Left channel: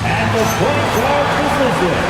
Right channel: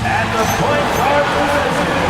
And the point guard position.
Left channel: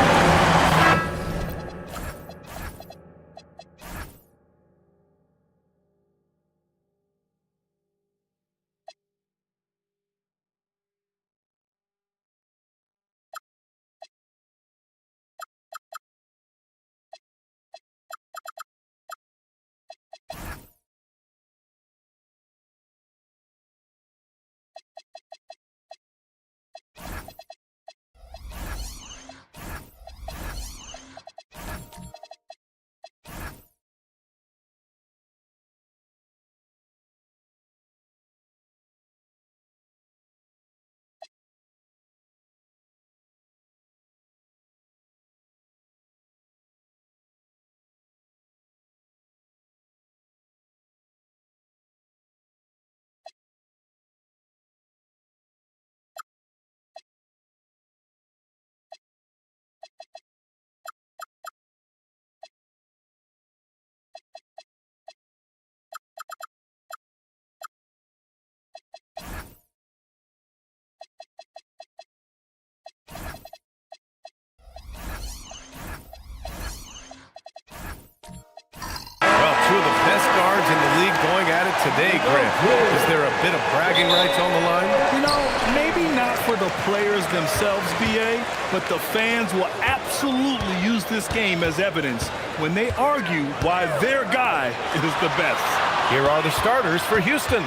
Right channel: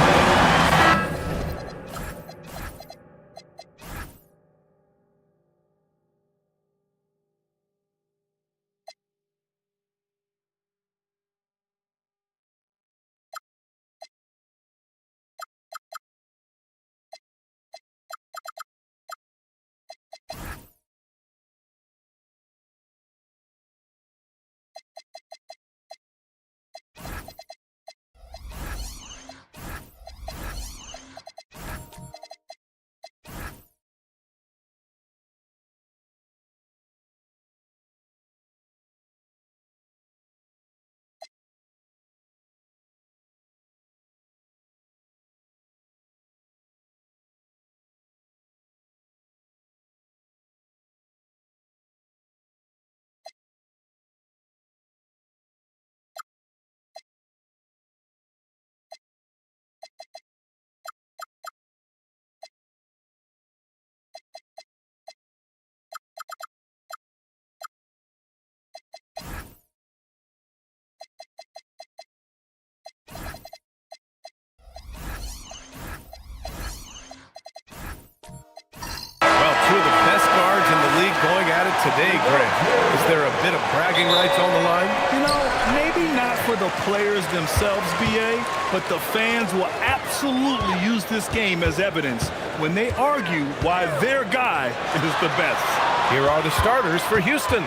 Two of the best guards in the league going at it today, Grant. Is there a bit of bragging rights on the line? You know, maybe not for the players themselves, B.A., but the fans will absolutely use this game as evidence when they argue why their guy is the best. Here are the starters for Houston.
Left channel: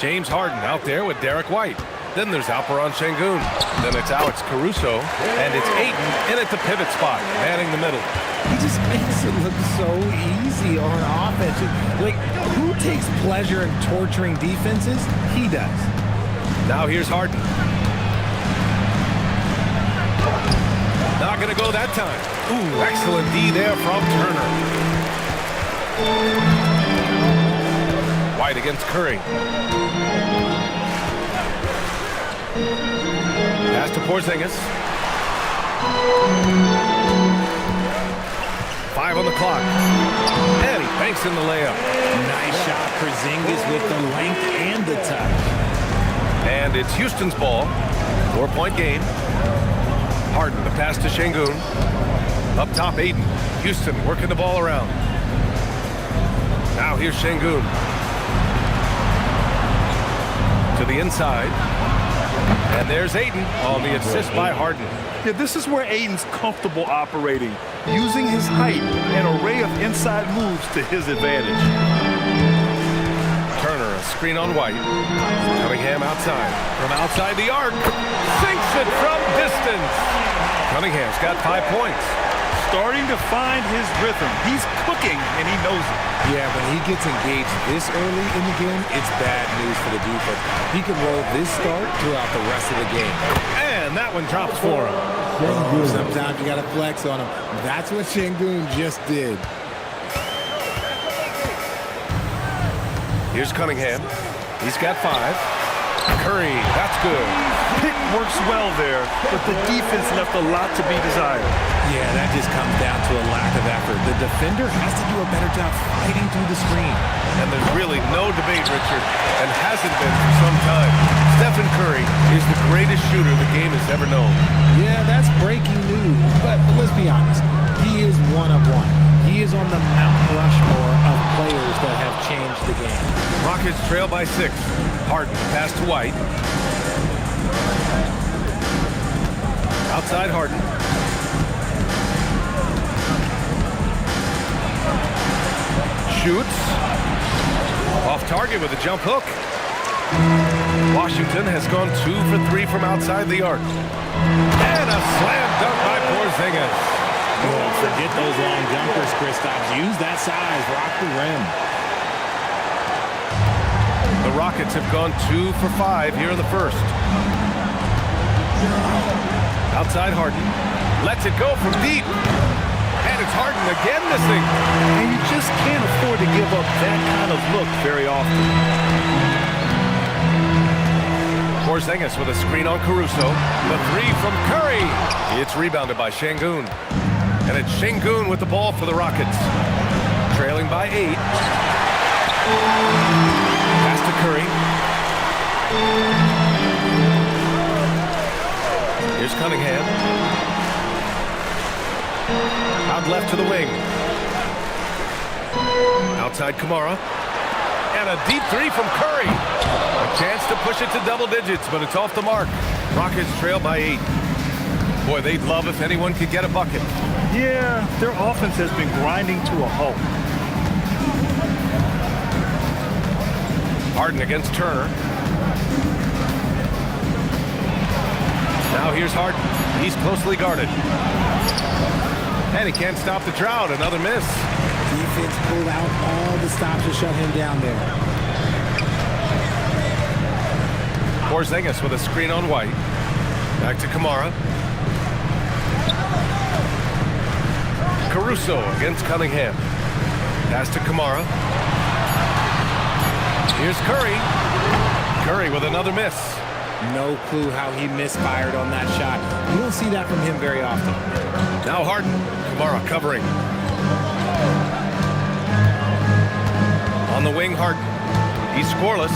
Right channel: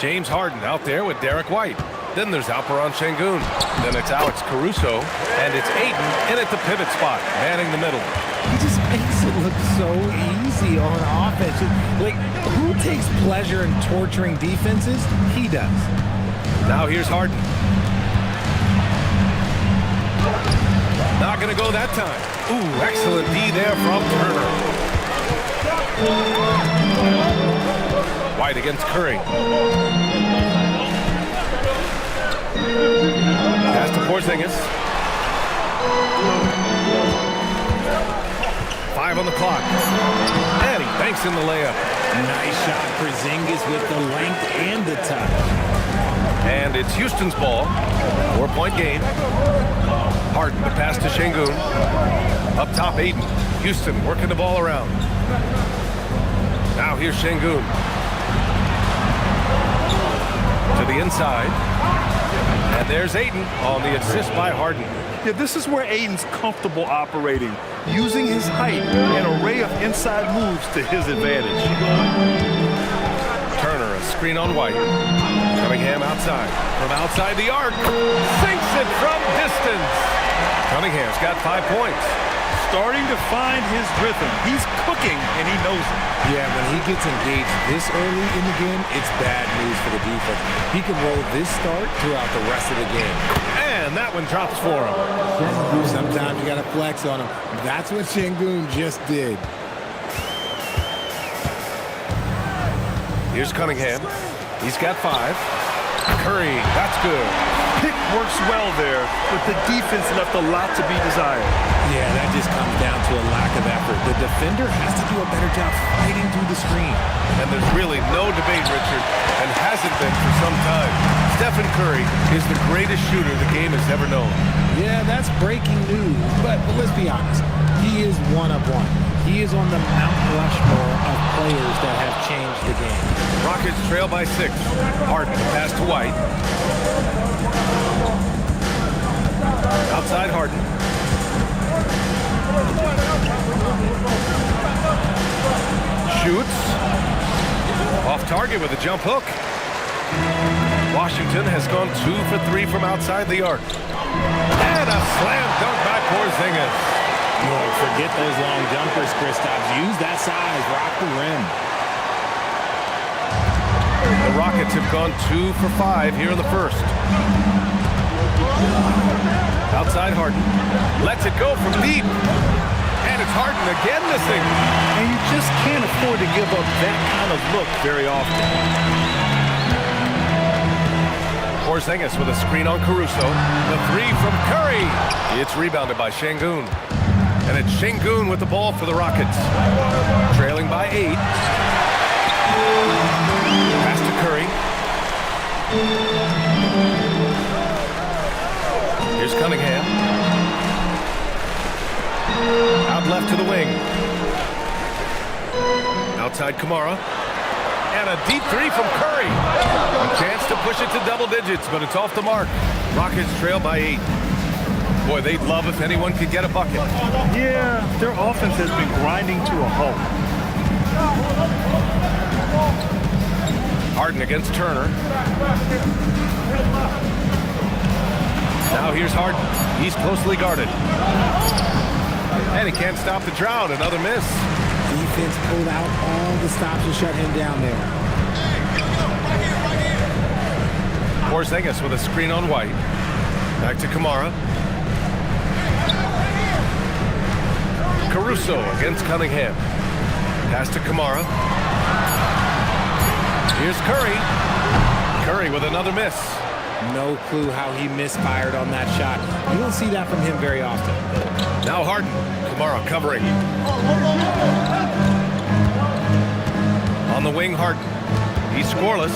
James Harden out there with Derek White. Then there's Alperen Şengün. Then it's Alex Caruso. And it's Ayton in at the pivot spot, manning the middle. He just makes it look so easy on offense. Like, who takes pleasure in torturing defenses? He does. Now here's Harden. Not going to go that time. Ooh, excellent D there from Turner. White against Curry. Pass to Porzingis. 5 on the clock. And he banks in the layup. Nice shot, Porzingis with the length and the touch. And it's Houston's ball. 4-point game. Harden, the pass to Şengün. Up top, Ayton. Houston working the ball around. Now here's Şengün. To the inside. And there's Ayton on the assist by Harden. Yeah, this is where Ayton's comfortable operating, using his height and array of inside moves to his advantage. Turner, a screen on White. Cunningham outside. From outside the arc. Sinks it from distance. Cunningham's got 5 points. Starting to find his rhythm. He's cooking, and he knows it. Yeah, when he gets engaged this early in the game, it's bad news for the defense. He can roll this start throughout the rest of the game. And that one drops for him. Oh, sometimes you got to flex on him. That's what Şengün just did. Here's Cunningham. He's got 5. Curry, that's good. pick works well there, but the defense left a lot to be desired. Yeah, that just comes down to a lack of effort. The defender has to do a better job fighting through the screen. And there's really no debate, Richard, and hasn't been for some time. Stephen Curry is the greatest shooter the game has ever known. Yeah, that's breaking news, but let's be honest. He is one of one. He is on the Mount Rushmore of players that have changed the game. Rockets trail by 6. Harden, the pass to White. Outside Harden. Shoots. Off target with a jump hook. Washington has gone 2 for 3 from outside the arc. And a slam dunk by Porzingis. Look, forget those long jumpers, Kristaps. Use that size. Rock the rim. The Rockets have gone 2 for 5 here in the first. Outside Harden. Lets it go from deep. And it's Harden again missing. And you just can't afford to give up that kind of look very often. Porzingis with a screen on Caruso. The 3 from Curry. It's rebounded by Şengün. And it's Şengün with the ball for the Rockets. Trailing by 8. Pass to Curry. Here's Cunningham. Out left to the wing. Outside Kamara. And a deep 3 from Curry. A chance to push it to double digits, but it's off the mark. Rockets trail by 8. Boy, they'd love if anyone could get a bucket. Yeah, their offense has been grinding to a halt. Harden against Turner. Now here's Harden. He's closely guarded. And he can't stop the drought. Another miss. Defense pulled out all the stops to shut him down there. Porzingis with a screen on White. Back to Kamara. Caruso against Cunningham. Pass to Kamara. Here's Curry. Curry with another miss. No clue how he misfired on that shot. You don't see that from him very often. Now Harden. Kamara covering. On the wing, Harden. He's scoreless.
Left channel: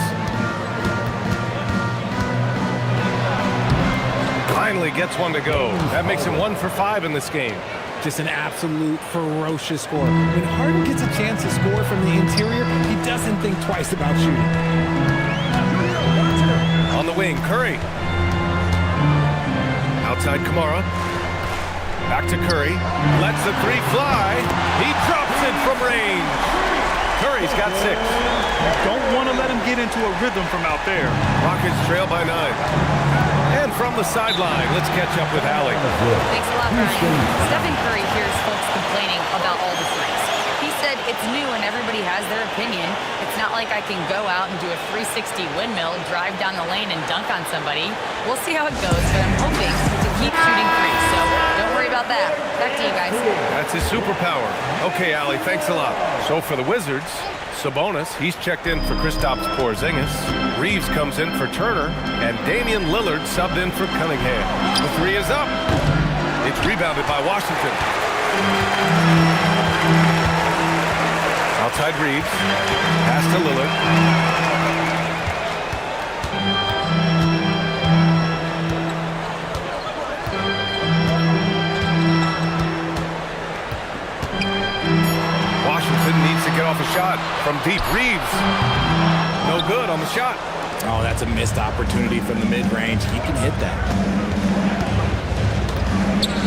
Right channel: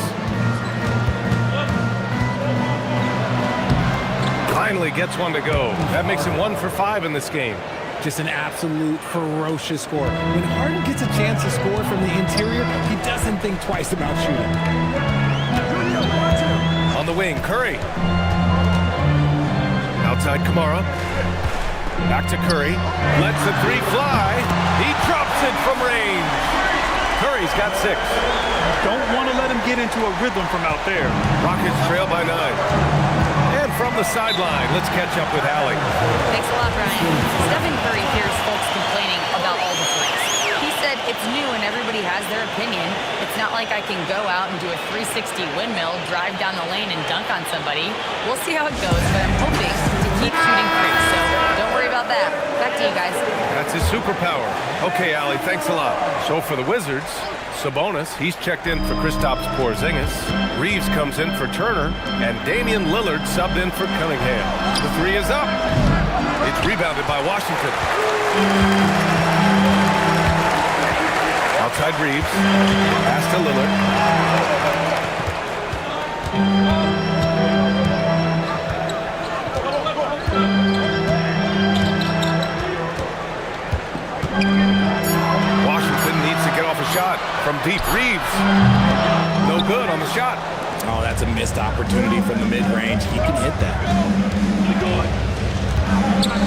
Finally gets one to go. That makes him 1 for 5 in this game. Just an absolute ferocious score. When Harden gets a chance to score from the interior, he doesn't think twice about shooting. On the wing, Curry. Outside Kamara. Back to Curry. Lets the 3 fly. He drops it from range. Curry's got 6. Don't want to let him get into a rhythm from out there. Rockets trail by 9. And from the sideline, let's catch up with Allie. Thanks a lot, Brian. Stephen Curry hears folks complaining about all the threes. He said it's new and everybody has their opinion. It's not like I can go out and do a 360 windmill, drive down the lane and dunk on somebody. We'll see how it goes, but I'm hoping to keep shooting threes, so don't worry about that. Back to you guys. That's his superpower. Okay, Allie, thanks a lot. So for the Wizards, Sabonis, he's checked in for Kristaps Porzingis. Reeves comes in for Turner, and Damian Lillard subbed in for Cunningham. The 3 is up. It's rebounded by Washington. Outside Reeves. Pass to Lillard. Washington needs to get off a shot from deep. Reeves. No good on the shot. Oh, that's a missed opportunity from the mid-range. He can hit that.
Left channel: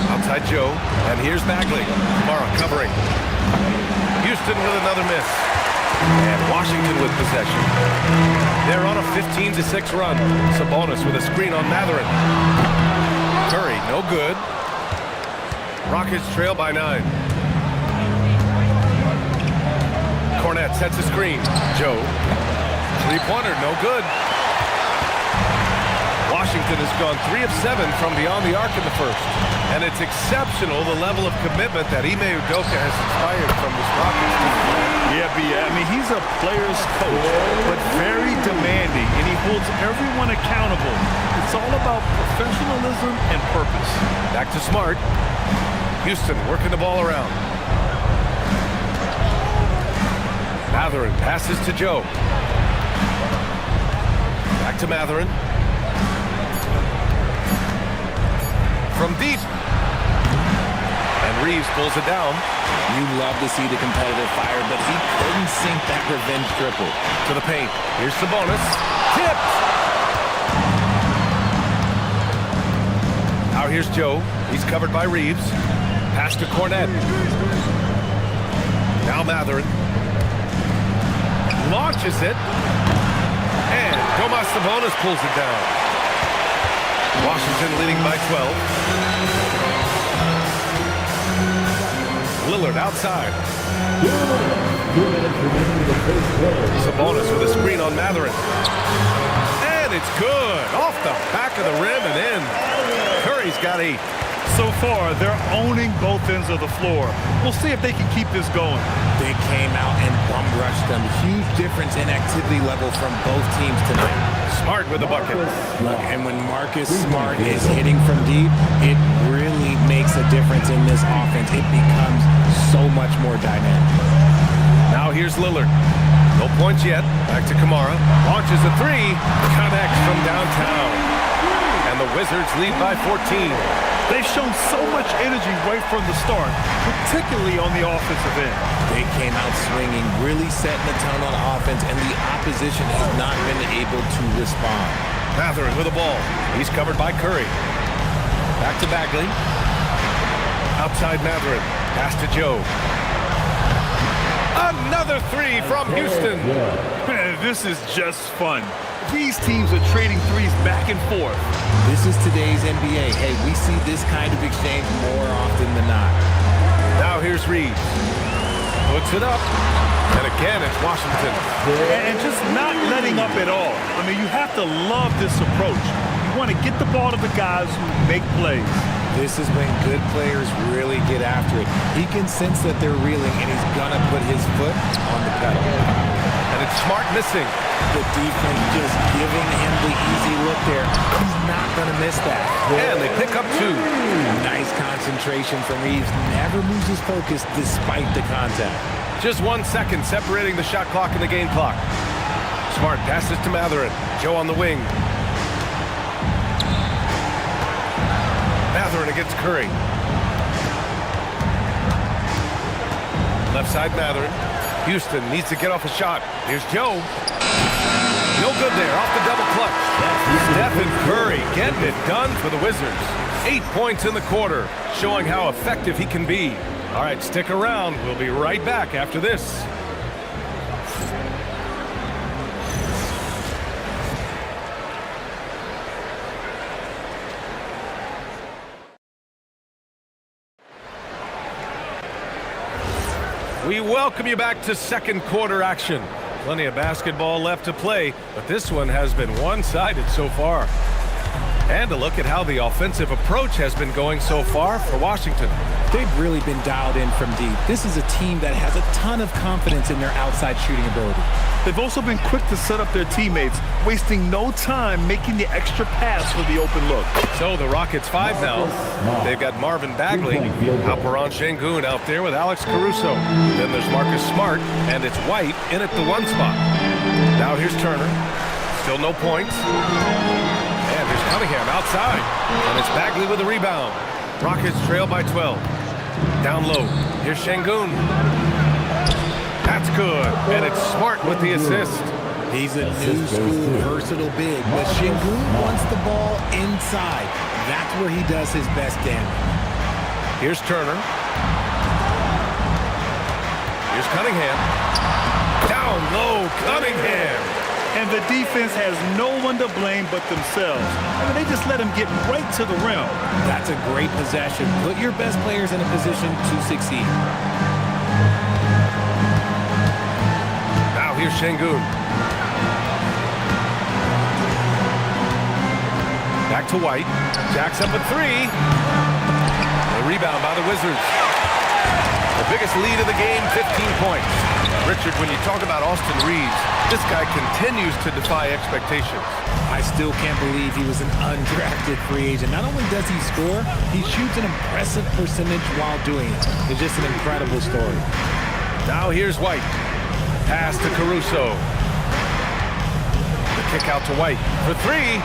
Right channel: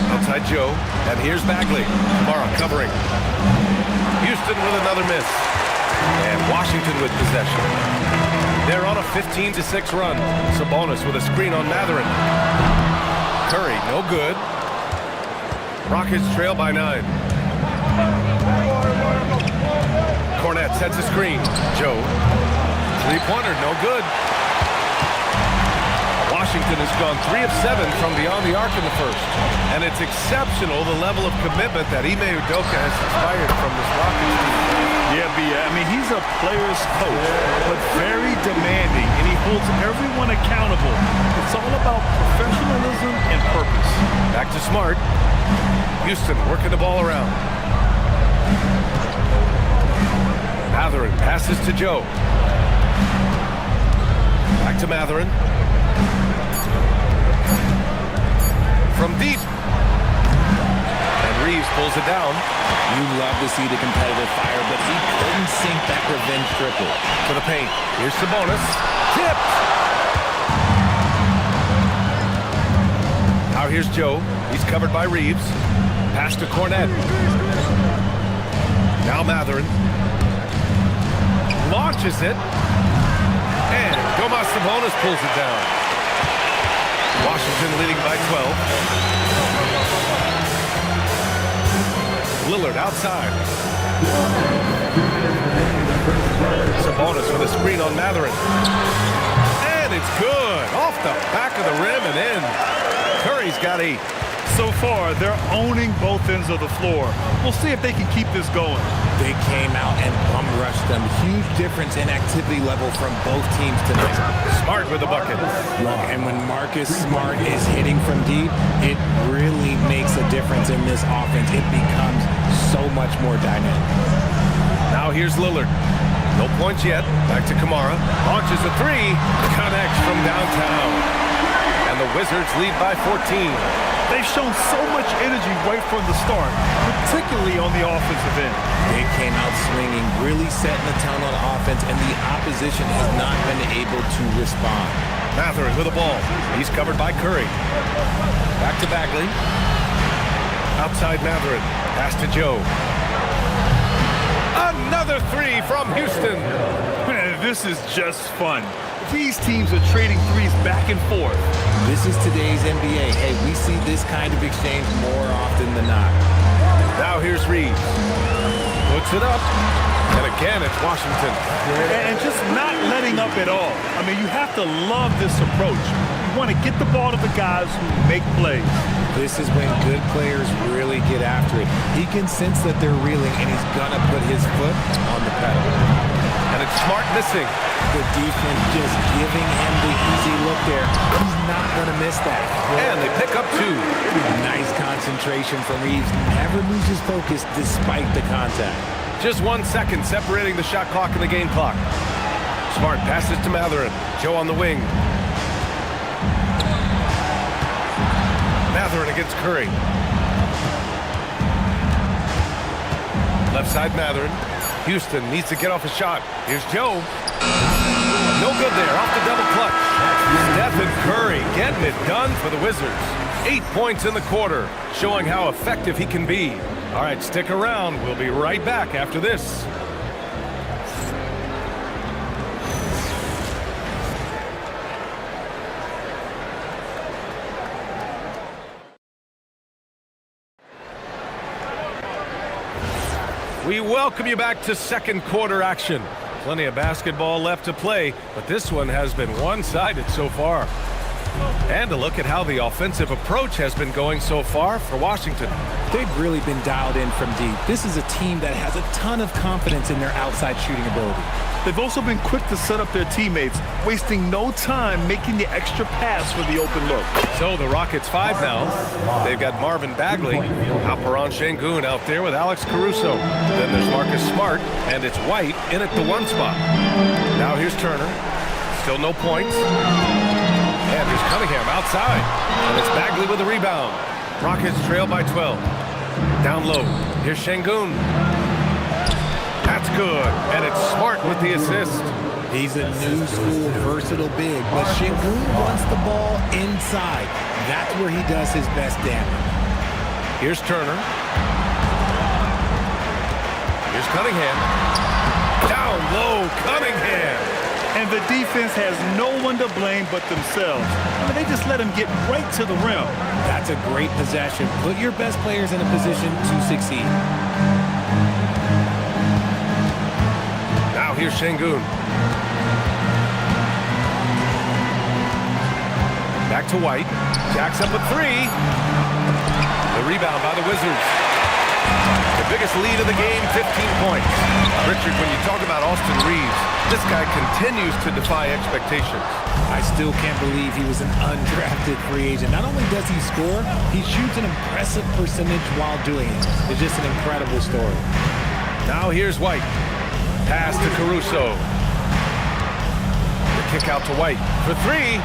Outside Joe. And here's Bagley. Kamara covering. Houston with another miss. And Washington with possession. They're on a 15-6 run. Sabonis with a screen on Mathurin. Curry, no good. Rockets trail by 9. Cornette sets a screen. Joe. Three-pointer, no good. Washington has gone 3 of 7 from beyond the arc in the first. And it's exceptional the level of commitment that Ime Udoka has inspired from this Rockets team. Yeah, I mean, he's a player's coach, but very demanding, and he holds everyone accountable. It's all about professionalism and purpose. Back to Smart. Houston working the ball around. Mathurin passes to Joe. Back to Mathurin. From deep. And Reeves pulls it down. You love to see the competitive fire, but he couldn't sink that revenge triple. To the paint. Here's Sabonis. Tipped. Now here's Joe. He's covered by Reeves. Pass to Cornette. Now Mathurin. Launches it. And Domas Sabonis pulls it down. Washington leading by 12. Lillard outside. Sabonis with a screen on Mathurin. And it's good. Off the back of the rim and in. Curry's got 8. So far, they're owning both ends of the floor. We'll see if they can keep this going. They came out and bum rushed them. Huge difference in activity level from both teams tonight. Smart with the bucket. Look, and when Marcus Smart is hitting from deep, it really makes a difference in this offense. It becomes so much more dynamic. Now here's Lillard. No points yet. Back to Kamara. Launches a 3. Connects from downtown. And the Wizards lead by 14. They've shown so much energy right from the start, particularly on the offensive end. They came out swinging, really setting the tone on offense, and the opposition has not been able to respond. Mathurin with the ball. He's covered by Curry. Back to Bagley. Outside Mathurin. Pass to Joe. Another 3 from Houston. Man, this is just fun. These teams are trading threes back and forth. This is today's NBA. Hey, we see this kind of exchange more often than not. Now here's Reeves. Puts it up. And again, it's Washington. And just not letting up at all. I mean, you have to love this approach. You want to get the ball to the guys who make plays. This is when good players really get after it. He can sense that they're reeling, and he's going to put his foot on the pedal. And it's Smart missing. The defense just giving him the easy look there. He's not going to miss that. And they pick up 2. Nice concentration from Reeves. Never loses focus despite the contact. Just 1 second separating the shot clock and the game clock. Smart passes to Mathurin. Joe on the wing. Mathurin against Curry. Left side Mathurin. Houston needs to get off a shot. Here's Joe. No good there. Off the double clutch. Stephen Curry getting it done for the Wizards. 8 points in the quarter, showing how effective he can be. All right, stick around. We'll be right back after this. We welcome you back to second quarter action. Plenty of basketball left to play, but this one has been one-sided so far. And a look at how the offensive approach has been going so far for Washington. They've really been dialed in from deep. This is a team that has a ton of confidence in their outside shooting ability. They've also been quick to set up their teammates, wasting no time making the extra pass for the open look. So the Rockets 5 now. They've got Marvin Bagley, Alperen Sengun out there with Alex Caruso. Then there's Marcus Smart, and it's White in at the 1 spot. Now here's Turner. Still no points. And here's Cunningham outside. And it's Bagley with the rebound. Rockets trail by 12. Down low. Here's Sengun. That's good. And it's Smart with the assist. He's a new school versatile big, but Sengun wants the ball inside. That's where he does his best damage. Here's Turner. Here's Cunningham. Down low, Cunningham. And the defense has no one to blame but themselves. I mean, they just let him get right to the rim. That's a great possession. Put your best players in a position to succeed. Now here's Sengun. Back to White. Jacks up a 3. The rebound by the Wizards. The biggest lead of the game, 15 points. Richard, when you talk about Austin Reeves, this guy continues to defy expectations. I still can't believe he was an undrafted free agent. Not only does he score, he shoots an impressive percentage while doing it. It's just an incredible story. Now here's White. Pass to Caruso. The kick out to White for three.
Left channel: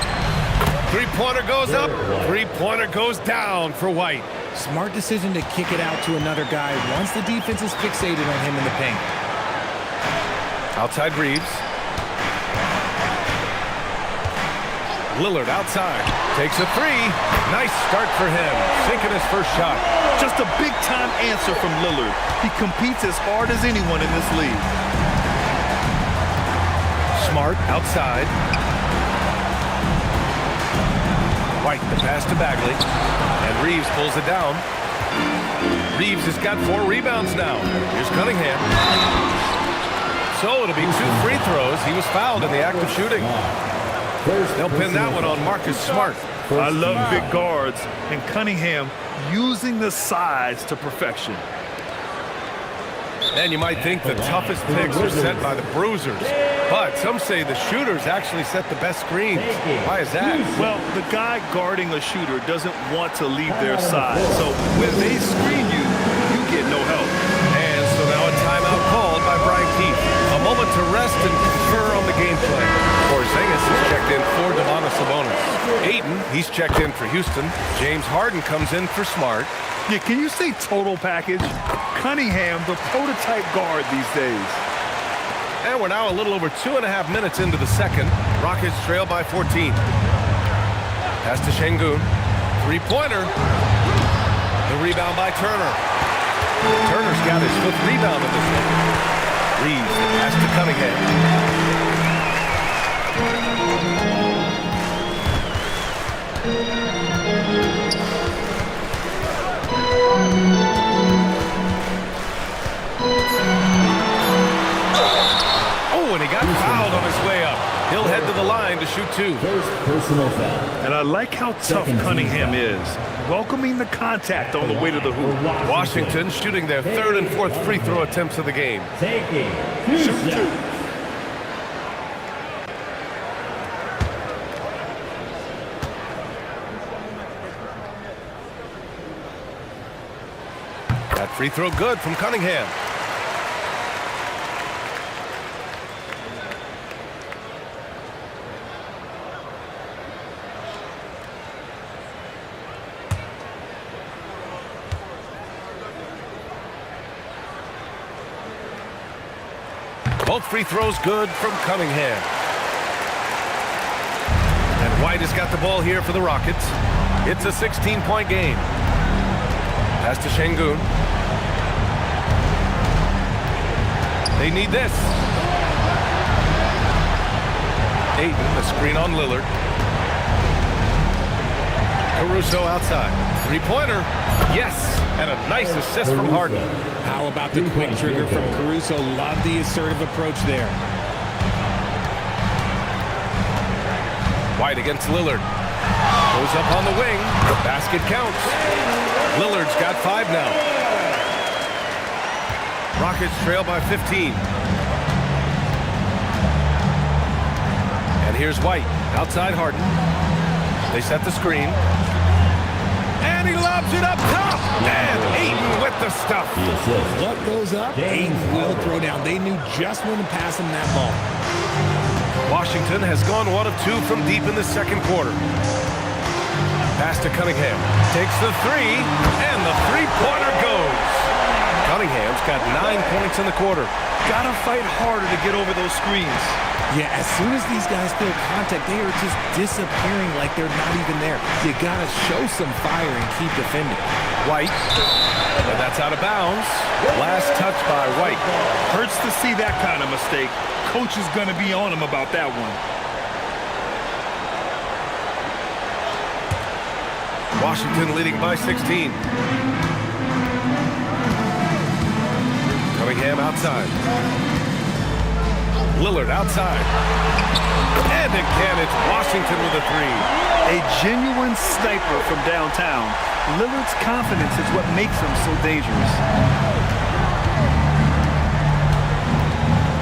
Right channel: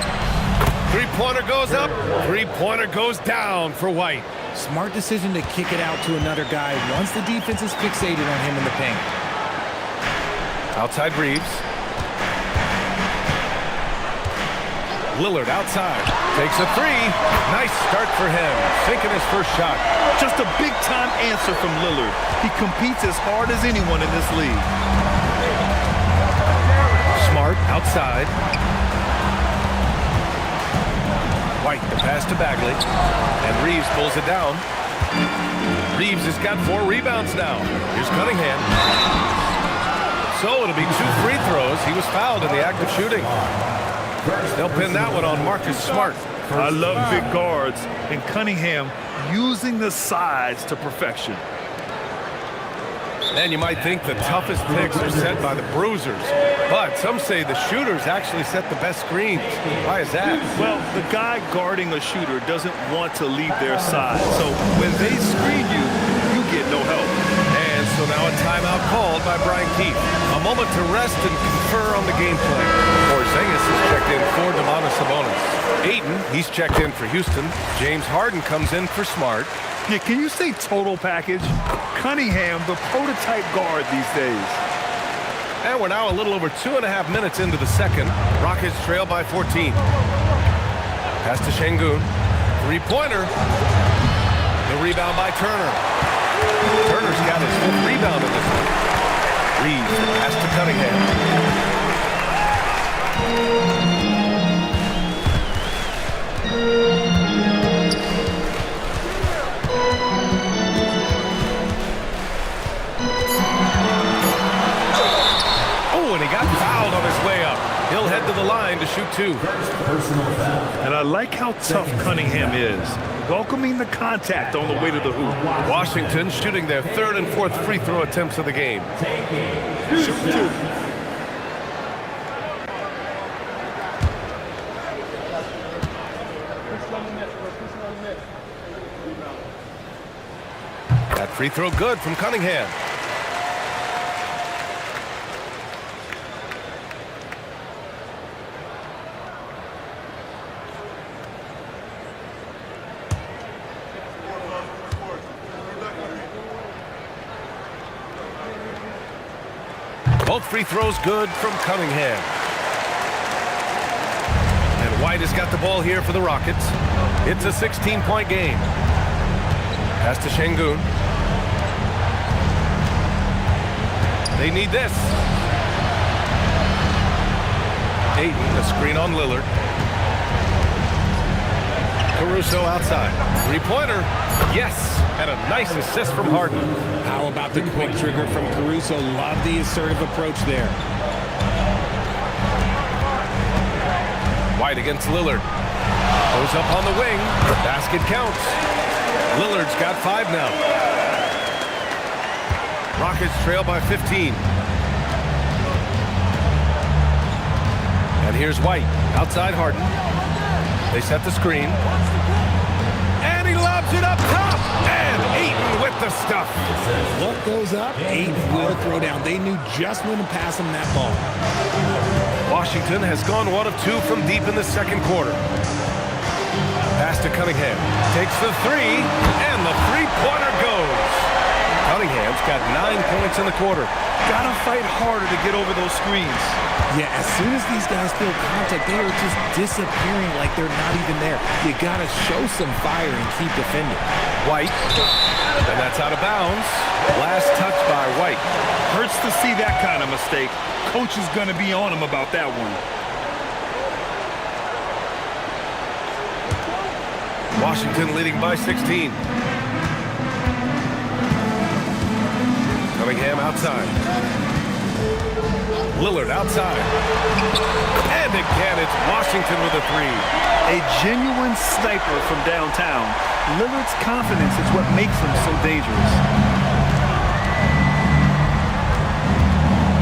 Three-pointer goes up. Three-pointer goes down for White. Smart decision to kick it out to another guy once the defense is fixated on him in the paint. Outside Reeves. Lillard outside. Takes a three. Nice start for him. Sinking his first shot. Just a big-time answer from Lillard. He competes as hard as anyone in this league. Smart outside. White, the pass to Bagley. And Reeves pulls it down. Reeves has got 4 rebounds now. Here's Cunningham. So it'll be 2 free throws. He was fouled in the act of shooting. They'll pin that one on Marcus Smart. I love big guards, and Cunningham using the size to perfection. And you might think the toughest picks are set by the bruisers, but some say the shooters actually set the best screens. Why is that? Well, the guy guarding a shooter doesn't want to leave their side, so when they screen you, you get no help. And so now a timeout called by Brian Keefe. A moment to rest and confer on the game plan. Porzingis is checked in for Domantas Sabonis. Ayton, he's checked in for Houston. James Harden comes in for Smart. Yeah, can you say total package? Cunningham, the prototype guard these days. And we're now a little over 2.5 minutes into the second. Rockets trail by 14. Pass to Şengün. Three-pointer. The rebound by Turner. Turner's got his 5th rebound in this one. Reeves, the pass to Cunningham. And he got fouled on his way up. He'll head to the line to shoot 2. And I like how tough Cunningham is, welcoming the contact on the way to the hoop. Washington shooting their 3rd and 4th free throw attempts of the game. Shoot 2. That free throw good from Cunningham. Both free throws good from Cunningham. And White has got the ball here for the Rockets. It's a 16-point game. Pass to Şengün. They need this. Ayton, the screen on Lillard. Caruso outside. Three-pointer. Yes. And a nice assist from Harden. How about the quick trigger from Caruso? Love the assertive approach there. White against Lillard. Goes up on the wing. Basket counts. Lillard's got 5 now. Rockets trail by 15. And here's White. Outside Harden. They set the screen. And he lobs it up top. And Ayton with the stuff. What goes up, Ayton will throw down. They knew just when to pass him that ball. Washington has gone 1 of 2 from deep in the second quarter. Pass to Cunningham. Takes the 3. And the three-pointer goes. Cunningham's got 9 points in the quarter. Gotta fight harder to get over those screens. Yeah, as soon as these guys feel contact, they are just disappearing like they're not even there. You gotta show some fire and keep defending. White, and that's out of bounds. Last touch by White. Hurts to see that kind of mistake. Coach is gonna be on him about that one. Washington leading by 16. Cunningham outside. Lillard outside. And again, it's Washington with a 3. A genuine sniper from downtown. Lillard's confidence is what makes him so dangerous.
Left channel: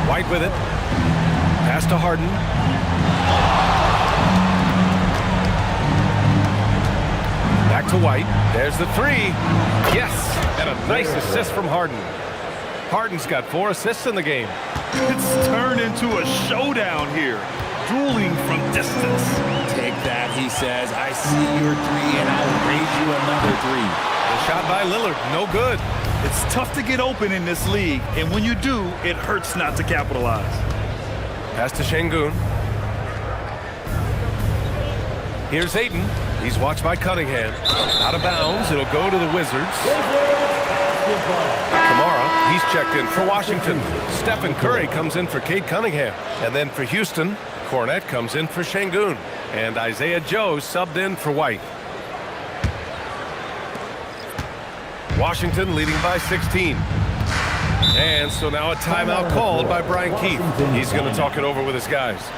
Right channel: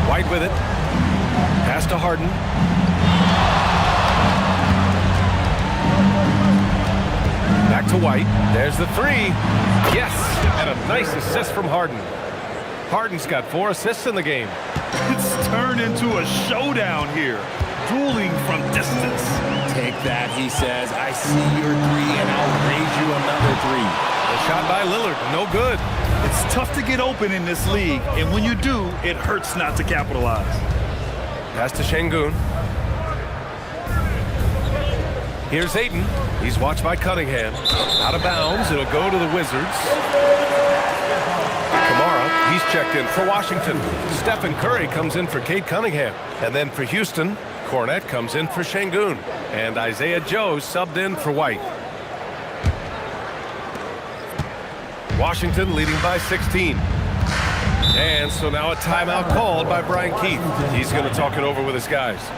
White with it. Pass to Harden. Back to White. There's the three. Yes, and a nice assist from Harden. Harden's got 4 assists in the game. It's turned into a showdown here. Dueling from distance. Take that, he says. I see your 3, and I'll raise you another 3. The shot by Lillard, no good. It's tough to get open in this league, and when you do, it hurts not to capitalize. Pass to Şengün. Here's Ayton. He's watched by Cunningham. Out of bounds. It'll go to the Wizards. Kamara, he's checked in for Washington. Stephen Curry comes in for Cade Cunningham. And then for Houston, Kornet comes in for Şengün. And Isaiah Joe subbed in for White. Washington leading by 16. And so now a timeout called by Brian Keith. He's going to talk it over with his guys.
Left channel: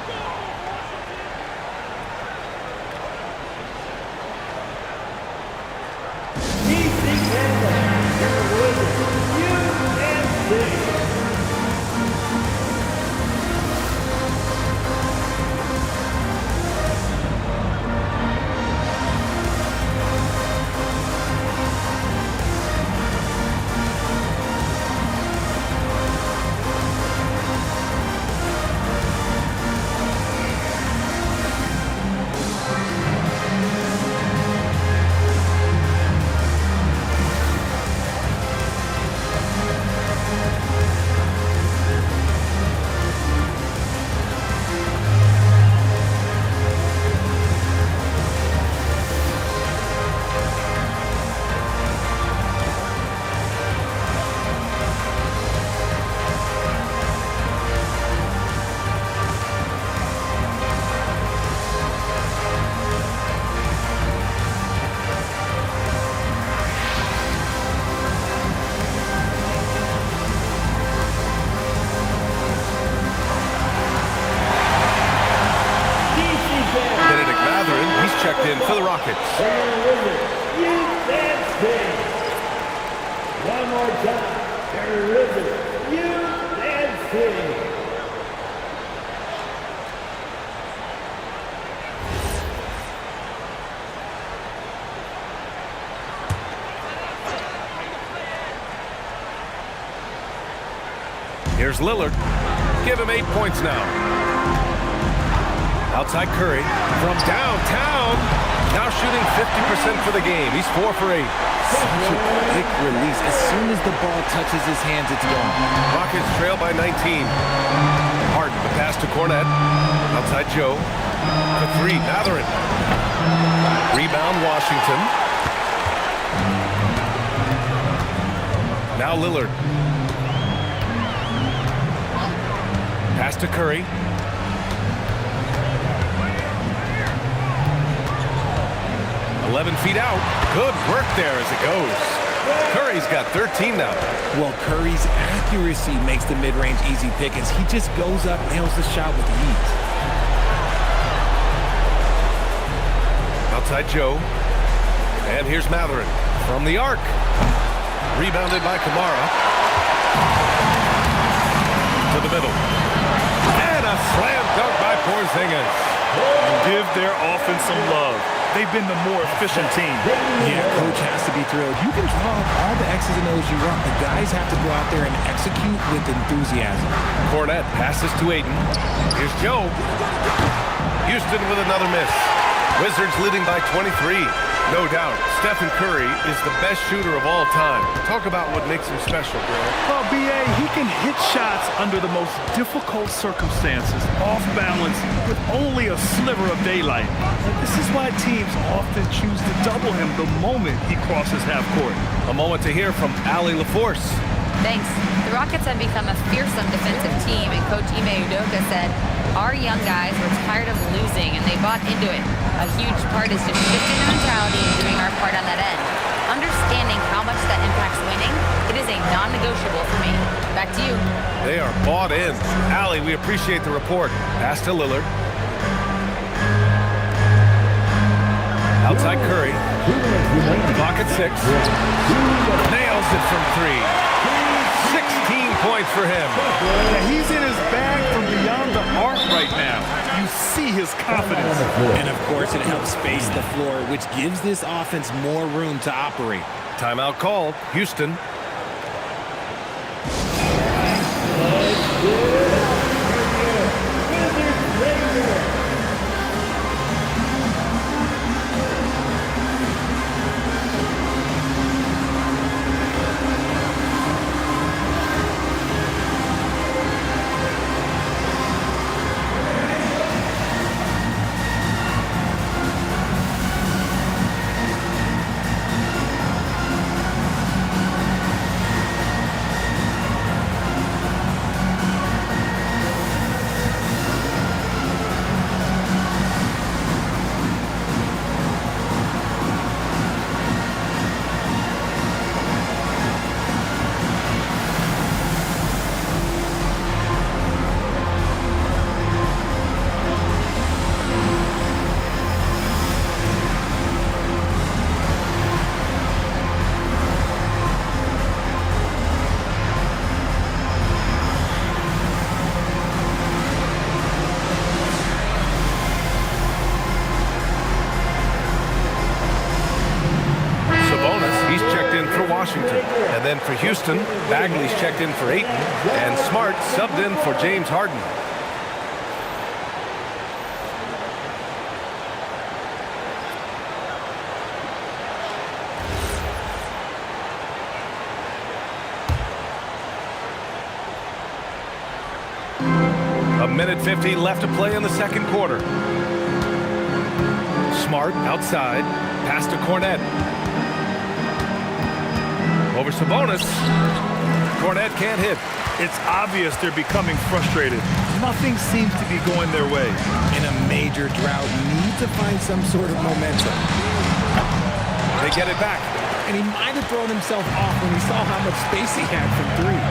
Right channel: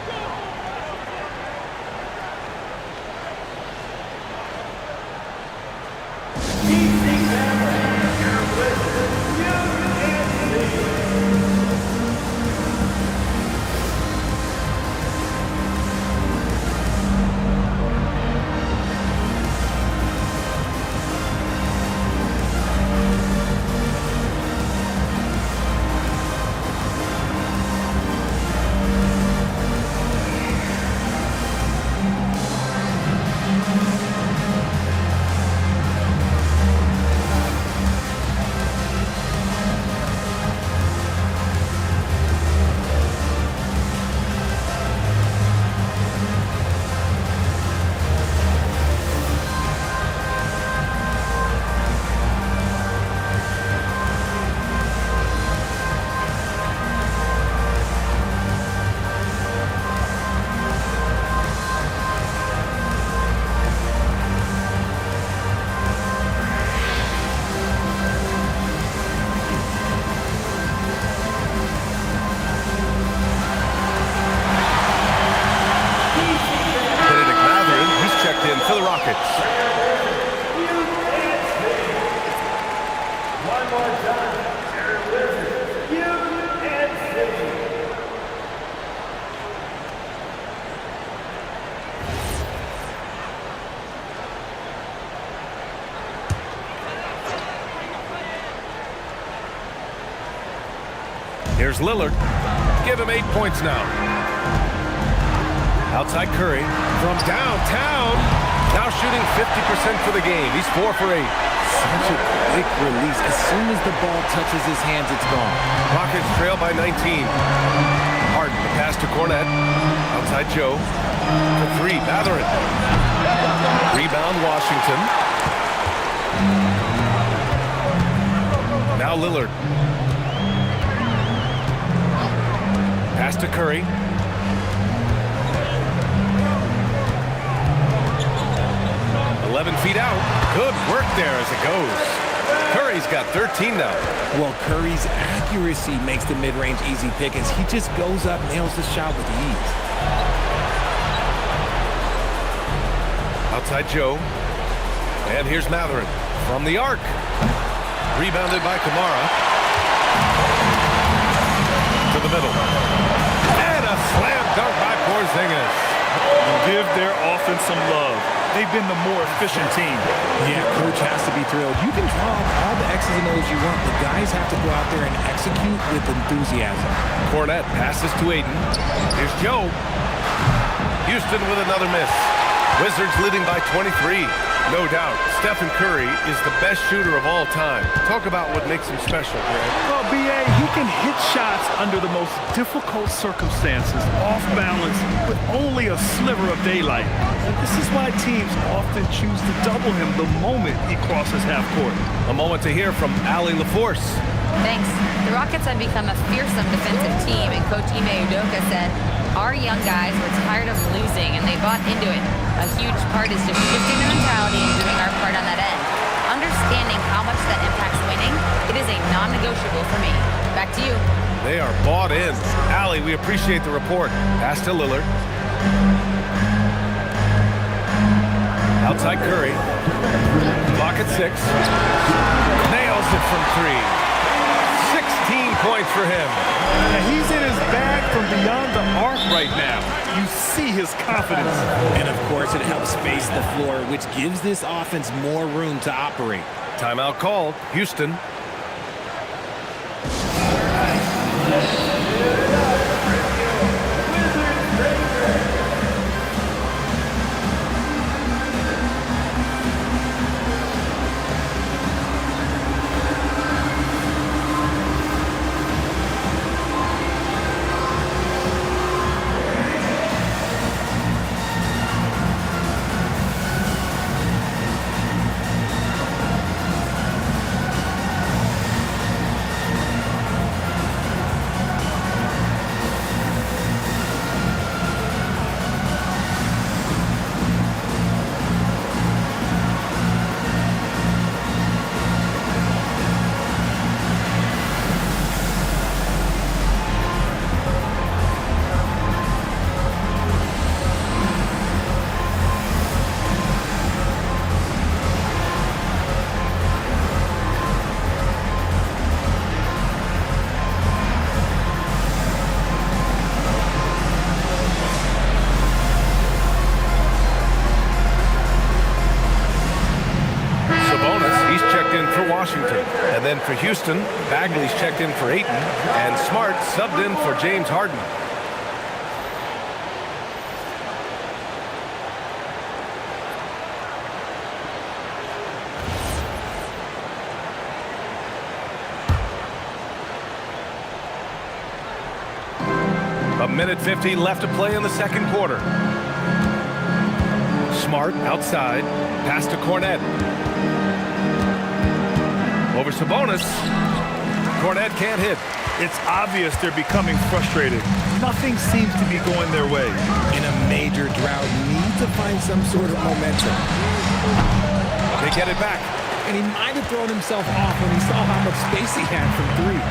Checked in for the Rockets. One more time. Terry Wizard, UNC. Here's Lillard. Give him 8 points now. Outside Curry from downtown. Now shooting 50% for the game. He's 4 for 8. Such a quick release. As soon as the ball touches his hands, it's gone. Rockets trail by 19. Harden, the pass to Kornet. Outside Joe. For 3, Mathurin. Rebound, Washington. Now Lillard. Pass to Curry. "11 feet out." Good work there as it goes. Curry's got 13 now. Well, Curry's accuracy makes the mid-range easy pickings. He just goes up, nails the shot with ease. Outside Joe. And here's Mathurin from the arc. Rebounded by Kamara. To the middle. And a slam dunk by Porzingis. And give their offense some love. They've been the more efficient team. Yeah, coach has to be thrilled. You can draw up all the X's and O's you want, but guys have to go out there and execute with enthusiasm. Kornet passes to Ayton. Here's Joe. Houston with another miss. Wizards leading by 23. No doubt, Stephen Curry is the best shooter of all time. Talk about what makes him special, Grant. Well, B.A., he can hit shots under the most difficult circumstances, off balance, with only a sliver of daylight. And this is why teams often choose to double him the moment he crosses half court. A moment to hear from Allie LaForce. Thanks. The Rockets have become a fearsome defensive team, and Coach Ime Udoka said, "Our young guys were tired of losing, and they bought into it. A huge part is just shifting the mentality and doing our part on that end. Understanding how much that impacts winning, it is a non-negotiable for me." Back to you. They are bought in. Allie, we appreciate the report. Pass to Lillard. Outside Curry. Clock at 6. Nails it from 3. 16 15 points for him. Yeah, he's in his bag from beyond the arc right now. You see his confidence. And, of course, it helps space the floor, which gives this offense more room to operate. Timeout called. Houston. He's checked in for Washington. And then for Houston, Bagley's checked in for Ayton. And Smart subbed in for James Harden. A minute 50 left to play in the second quarter. Smart outside. Pass to Cornet. Over Sabonis. Cornet can't hit. It's obvious they're becoming frustrated. Nothing seems to be going their way. In a major drought, need to find some sort of momentum. They get it back. And he might have thrown himself off when he saw how much space he had from three.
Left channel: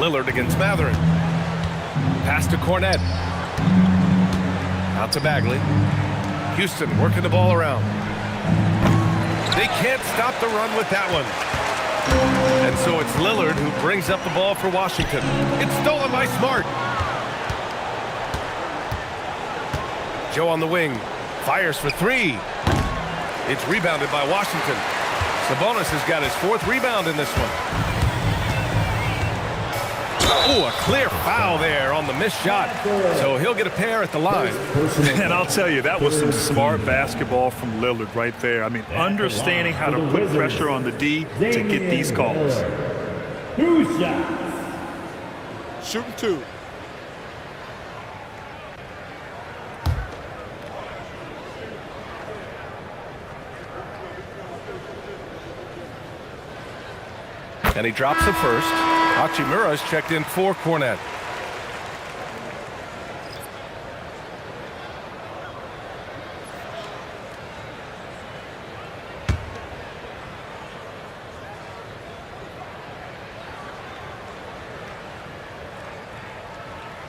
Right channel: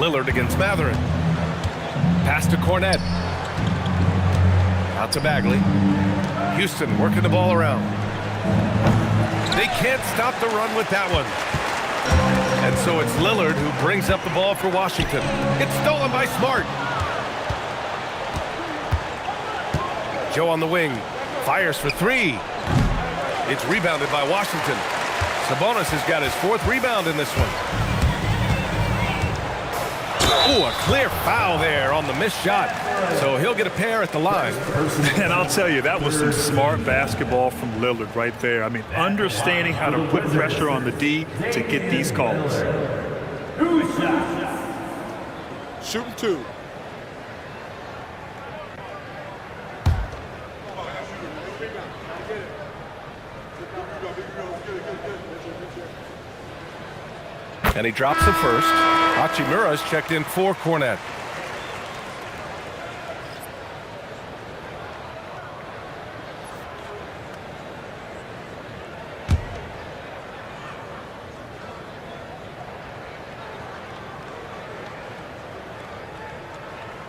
Lillard against Mathurin. Pass to Cornet. Out to Bagley. Houston working the ball around. They can't stop the run with that one. And so it's Lillard who brings up the ball for Washington. It's stolen by Smart. Joe on the wing. Fires for three. It's rebounded by Washington. Sabonis has got his fourth rebound in this one. Oh, a clear foul there on the missed shot. So he'll get a pair at the line. And I'll tell you, that was some smart basketball from Lillard right there. I mean, understanding how to put pressure on the D to get these calls. 2 shots. Shooting two. And he drops the first. Hachimura's checked in for Cornet.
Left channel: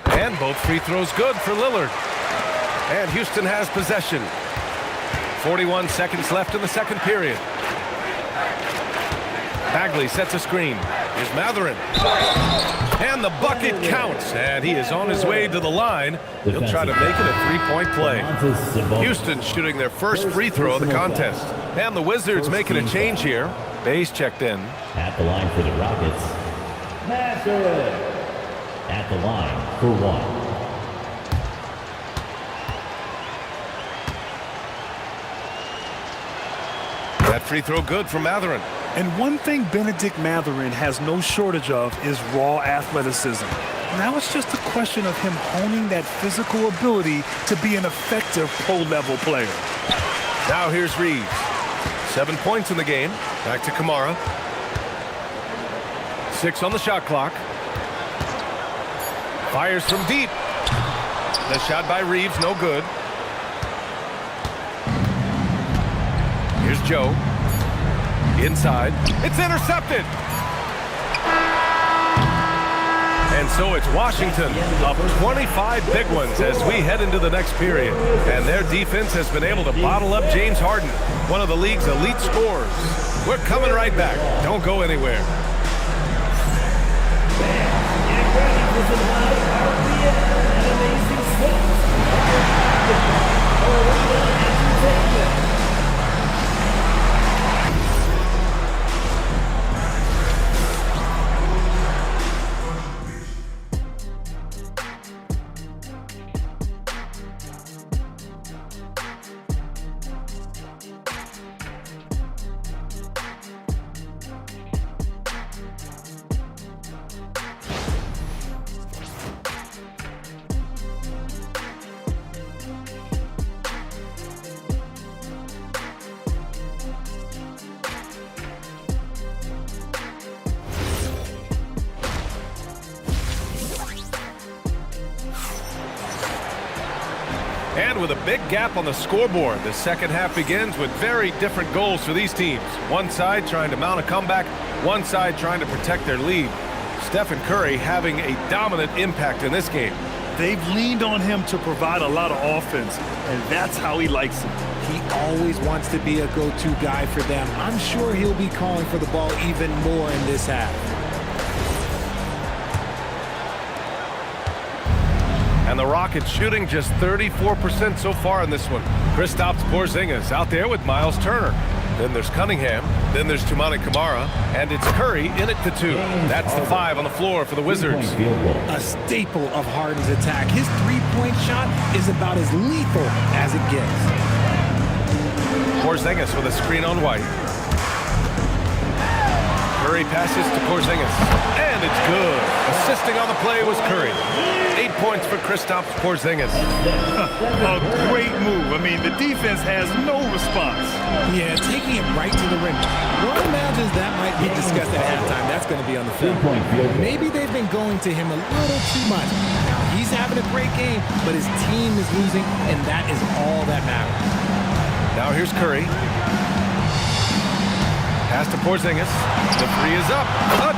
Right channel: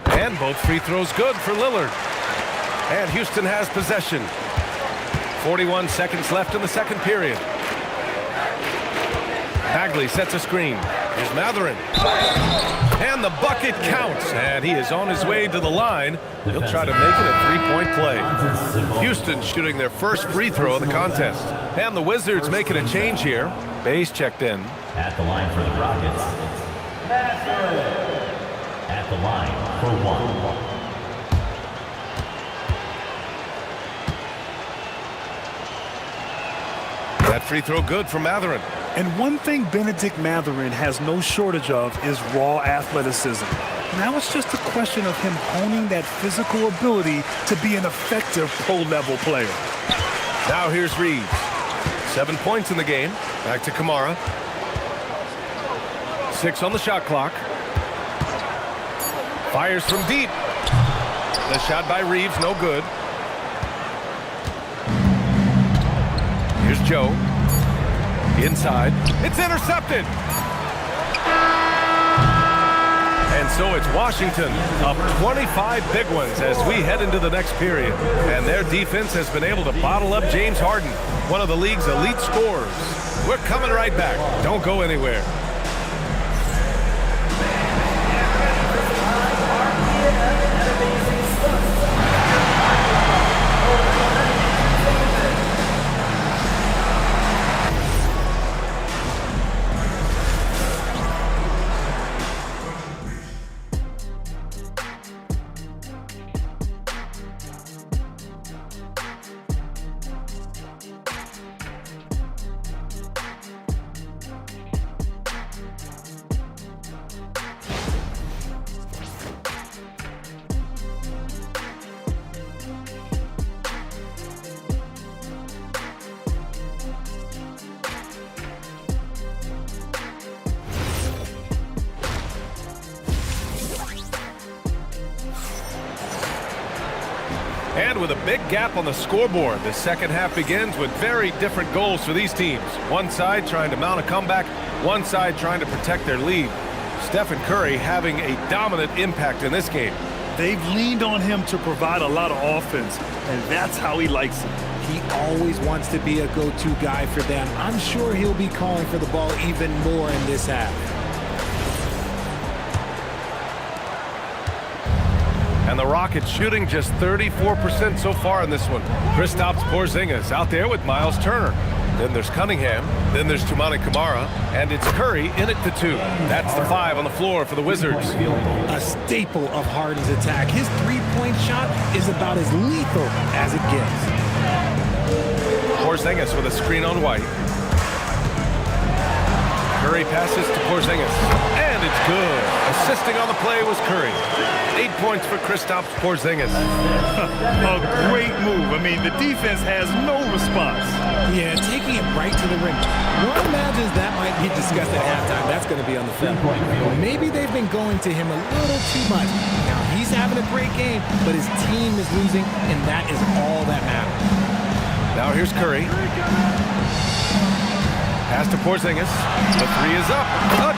And both free throws good for Lillard. And Houston has possession. 41 seconds left in the second period. Bagley sets a screen. Here's Mathurin. And the bucket counts. And he is on his way to the line. He'll try to make it a three-point play. Houston shooting their first free throw of the contest. And the Wizards making a change here. Bayes checked in. At the line for the Rockets. Mathurin. At the line for one. That free throw good for Mathurin. And one thing Benedict Mathurin has no shortage of is raw athleticism. Now it's just a question of him honing that physical ability to be an effective pro-level player. Now here's Reeves. 7 points in the game. Back to Kamara. 6 on the shot clock. Fires from deep. The shot by Reeves, no good. Here's Joe. Inside. It's intercepted. And so it's Washington up 25 big ones as we head into the next period. And their defense has been able to bottle up James Harden. one of the league's elite scorers. We're coming right back. Don't go anywhere. And with a big gap on the scoreboard, the second half begins with very different goals for these teams. One side trying to mount a comeback, one side trying to protect their lead. Stephen Curry having a dominant impact in this game. They've leaned on him to provide a lot of offense, and that's how he likes it. He always wants to be a go-to guy for them. I'm sure he'll be calling for the ball even more in this half. And the Rockets shooting just 34% so far in this one. Kristaps Porzingis out there with Miles Turner. Then there's Cunningham. Then there's Toumani Camara. And it's Curry in at the 2. That's the 5 on the floor for the Wizards. A staple of Harden's attack. His three-point shot is about as lethal as it gets. Porzingis with a screen on White. Curry passes to Porzingis. And it's good. Assisting on the play was Curry. 8 points for Kristaps Porzingis. A great move. I mean, the defense has no response. Yeah, taking it right to the rim. One imagines that might be discussed at halftime. That's going to be on the film. Maybe they've been going to him a little too much. Now, he's having a great game, but his team is losing, and that is all that matters. Now here's Curry. Pass to Porzingis. The 3 is up.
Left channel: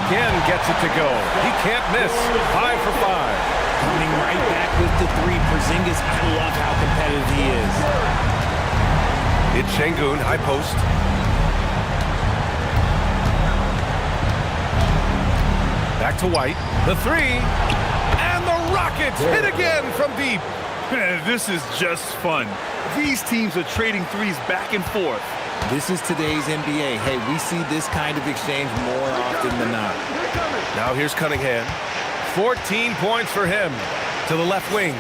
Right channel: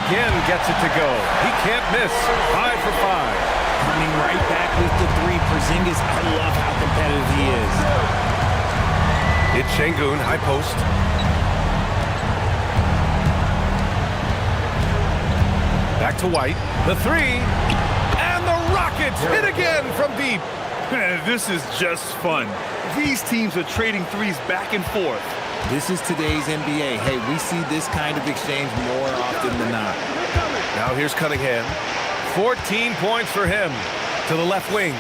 Again gets it to go. He can't miss. 5 for 5. Coming right back with the 3. Porzingis, I love how competitive he is. It's Şengün, high post. Back to White. The 3. And the Rockets hit again from deep. This is just fun. These teams are trading threes back and forth. This is today's NBA. Hey, we see this kind of exchange more often than not. Now here's Cunningham. 14 points for him to the left wing.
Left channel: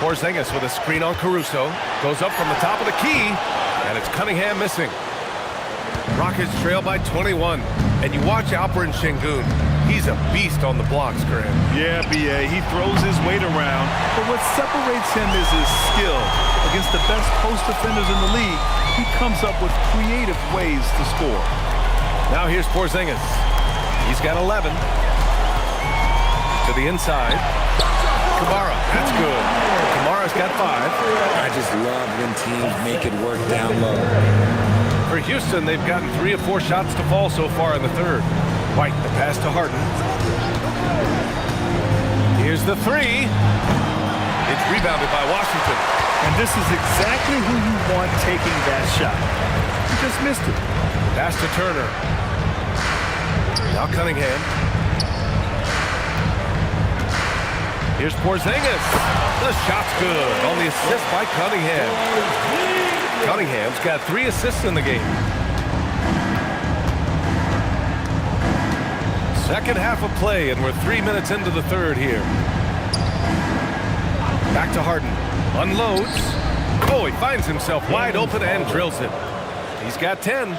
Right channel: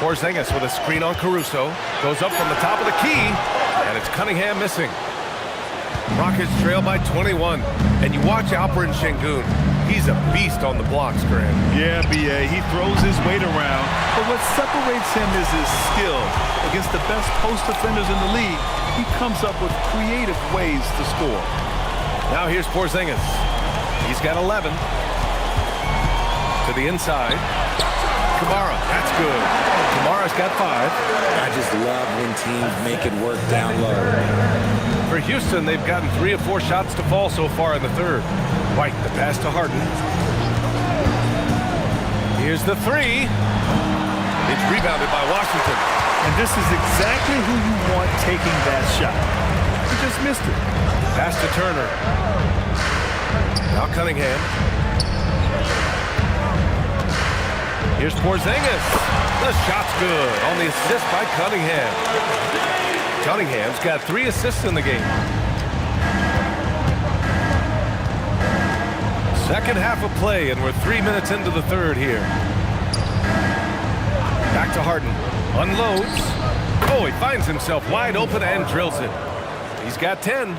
Porzingis with a screen on Caruso. Goes up from the top of the key, and it's Cunningham missing. Rockets trail by 21. And you watch Alperen Şengün. He's a beast on the blocks, Graham. Yeah, B.A., he throws his weight around, but what separates him is his skill. Against the best post defenders in the league, he comes up with creative ways to score. Now here's Porzingis. He's got 11. To the inside. Camara, that's good. Kamara's got 5. I just love when teams make it work down low. For Houston, they've gotten 3 of 4 shots to fall so far in the third. White, the pass to Harden. Here's the 3. It's rebounded by Washington. And this is exactly who you want taking that shot. He just missed it. Pass to Turner. Now Cunningham. Here's Porzingis. The shot's good on the assist by Cunningham. Cunningham's got 3 assists in the game. Second half of play, and we're 3 minutes into the third here. Back to Harden. Unloads. Oh, he finds himself wide open and drills it. He's got 10.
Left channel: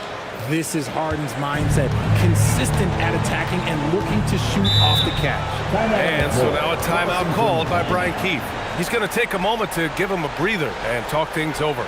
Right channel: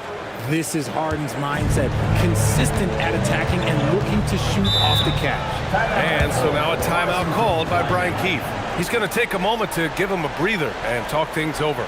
This is Harden's mindset. Consistent at attacking and looking to shoot off the catch. And so now a timeout called by Brian Keefe. He's going to take a moment to give him a breather and talk things over.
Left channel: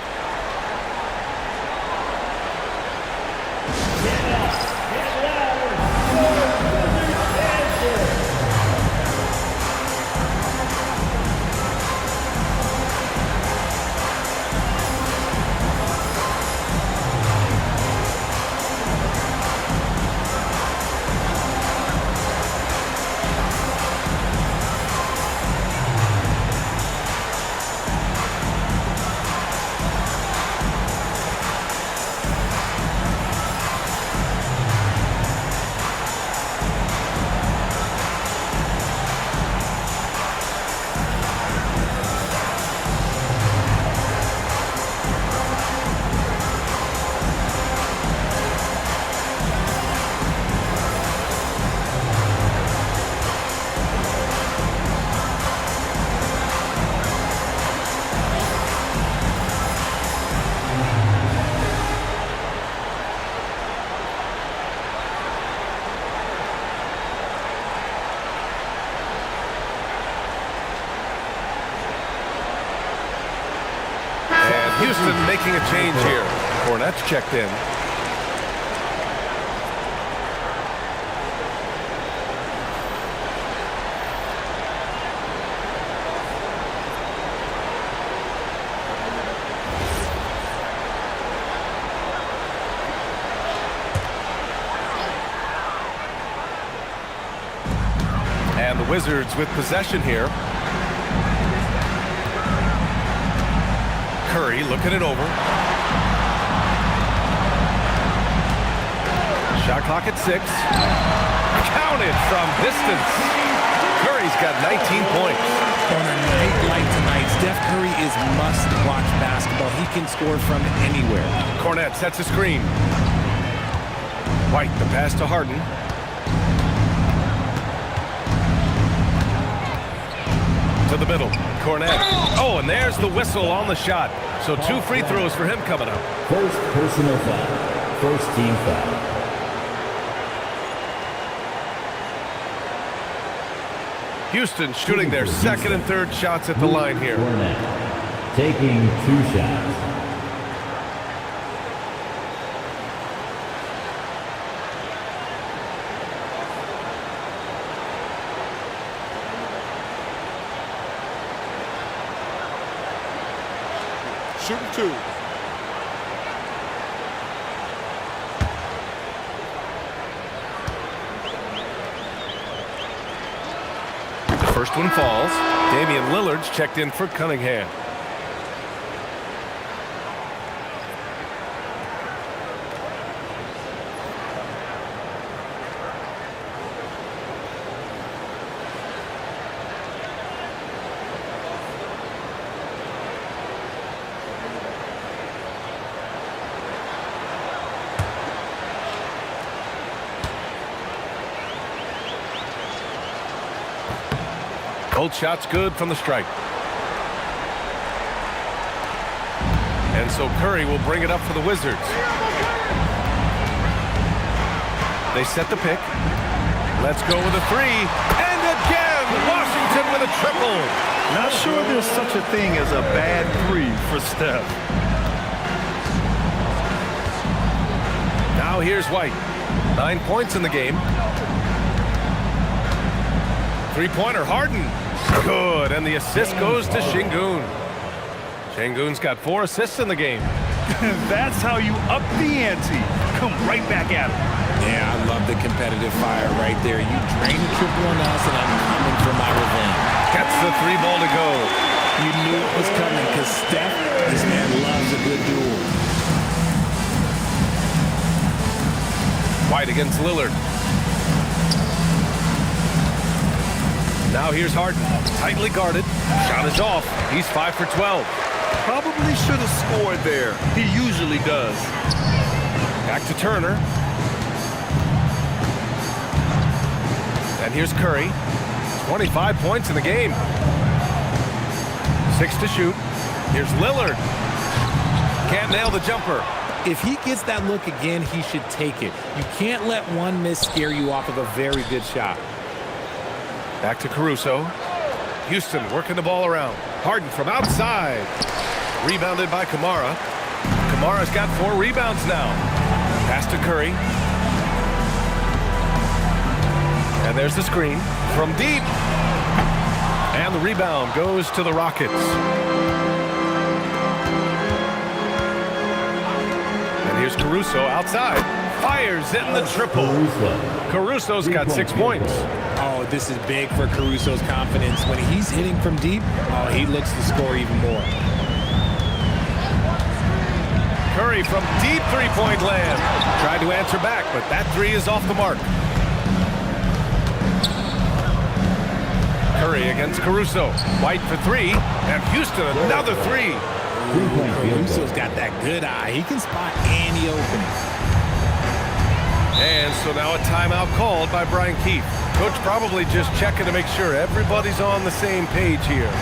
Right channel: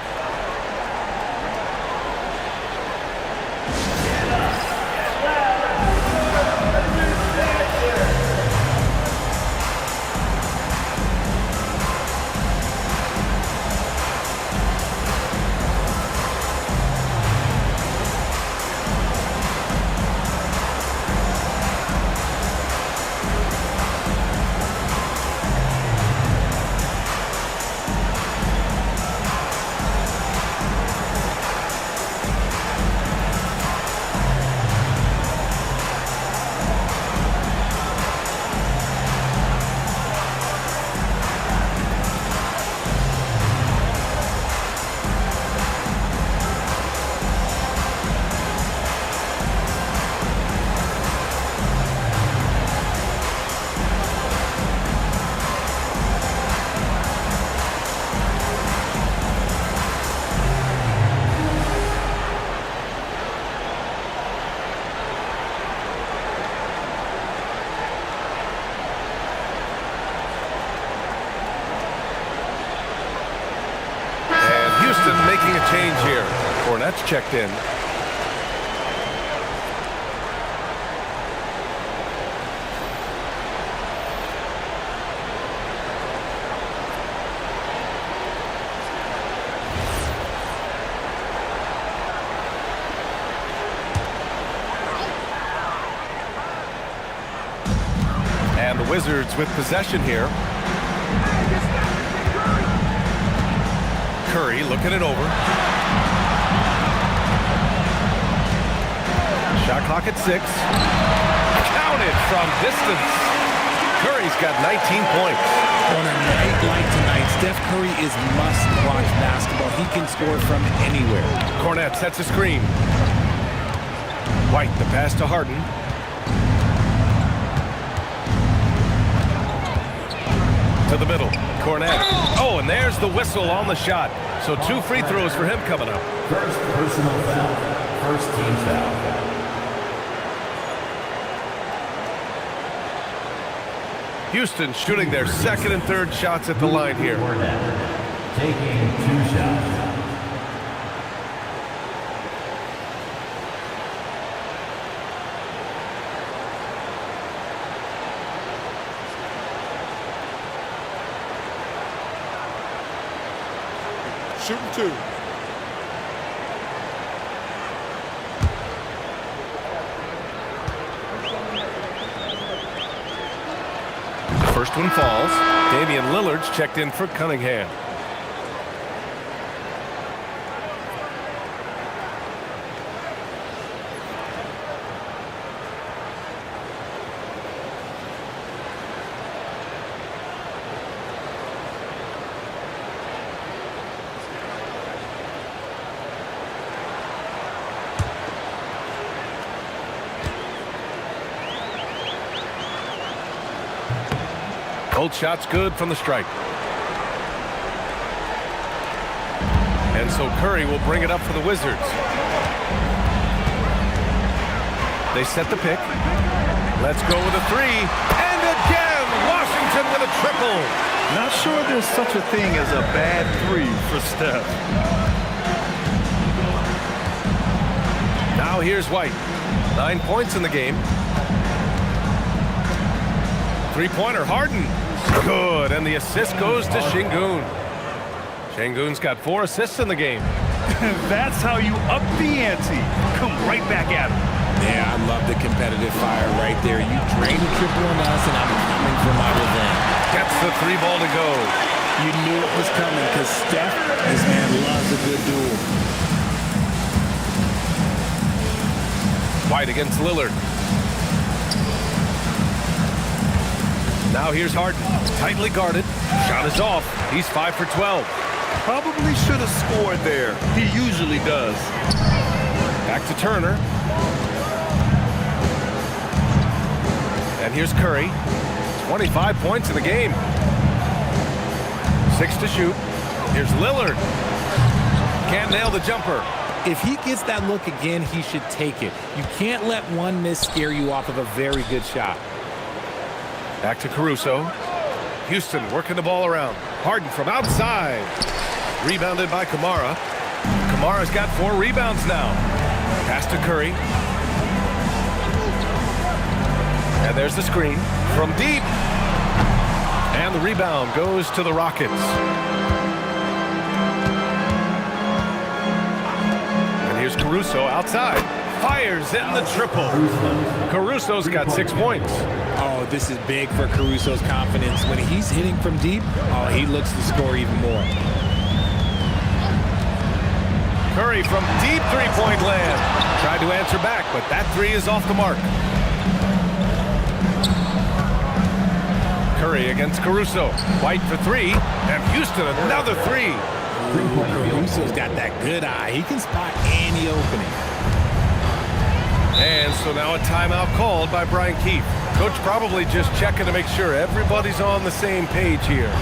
Houston making a change here. Cornette's checked in. And the Wizards with possession here. Curry looking it over. Shot clock at 6. Counted from distance. Curry's got 19 points. On a night like tonight, Steph Curry is must-watch basketball. He can score from anywhere. Cornette sets a screen. White, the pass to Harden. To the middle. Cornette. Oh, and there's the whistle on the shot. So 2 free throws for him coming up. First personal foul. First team foul. Houston shooting their second and third shots at the line here. Cornette taking 2 shots. Shooting 2. The first one falls. Damian Lillard's checked in for Cunningham. Both shots good from the stripe. And so Curry will bring it up for the Wizards. They set the pick. Let's go with a 3. And again, Washington with a triple. Not sure there's such a thing as a bad 3 for Steph. Now here's White. 9 points in the game. 3-pointer, Harden. Good, and the assist goes to Şengün. Şengün's got 4 assists in the game. That's how you up the ante. Come right back at him. Yeah, I love the competitive fire right there. You drain the triple on us, and I'm coming for my revenge. Gets the 3 ball to go. You knew it was coming because Steph, this man loves a good duel. White against Lillard. Now here's Harden. Tightly guarded. Shot is off. He's 5 for 12. Probably should have scored there. He usually does. Back to Turner. And here's Curry. 25 points in the game. 6 to shoot. Here's Lillard. Can't nail the jumper. If he gets that look again, he should take it. You can't let one miss scare you off of a very good shot. Back to Caruso. Houston working the ball around. Harden from outside. Rebounded by Camara. Kamara's got 4 rebounds now. Pass to Curry. And there's the screen from deep. And the rebound goes to the Rockets. And here's Caruso outside. Fires in the triple. Caruso's got 6 points. Oh, this is big for Caruso's confidence. When he's hitting from deep, oh, he looks to score even more. Curry from deep 3-point land. Tried to answer back, but that 3 is off the mark. Curry against Caruso. White for 3, and Houston another 3. Ooh, Caruso's got that good eye. He can spot any opening. And so now a timeout called by Brian Keefe. Coach probably just checking to make sure everybody's on the same page here.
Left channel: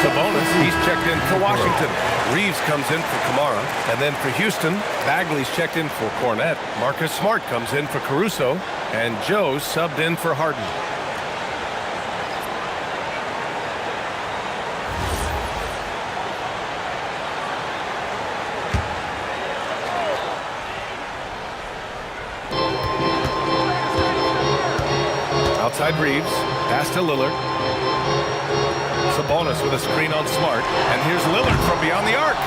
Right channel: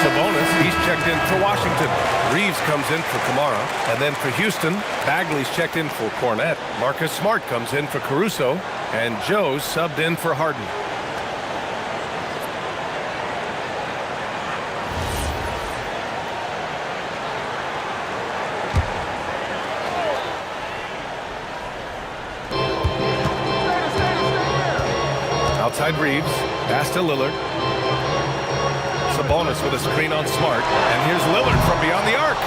Sabonis, he's checked in for Washington. Reeves comes in for Kamara. And then for Houston, Bagley's checked in for Cornette. Marcus Smart comes in for Caruso. And Joe's subbed in for Harden. Outside Reeves, pass to Lillard. Sabonis with a screen on Smart. And here's Lillard from beyond the arc.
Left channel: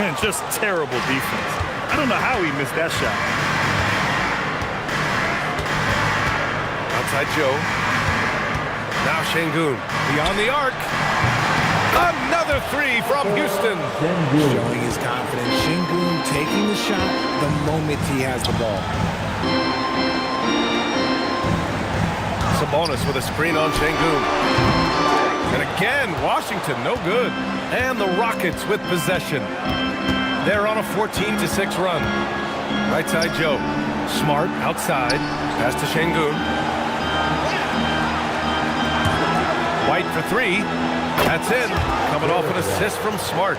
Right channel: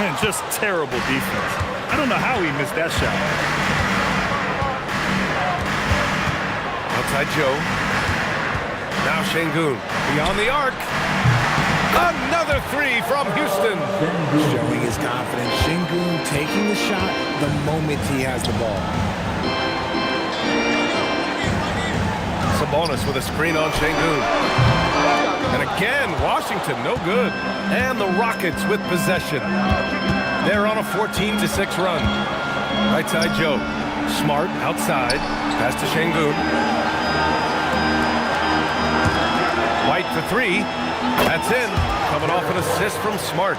And just terrible defense. I don't know how he missed that shot. Outside Joe. Now Şengün beyond the arc. Another three from Houston. Showing his confidence. Şengün taking the shot the moment he has the ball. Sabonis with a screen on Şengün. And again, Washington, no good. And the Rockets with possession. They're on a 14-6 run. Right side, Joe. Smart outside. Pass to Şengün. White for three. That's in. Coming off an assist from Smart.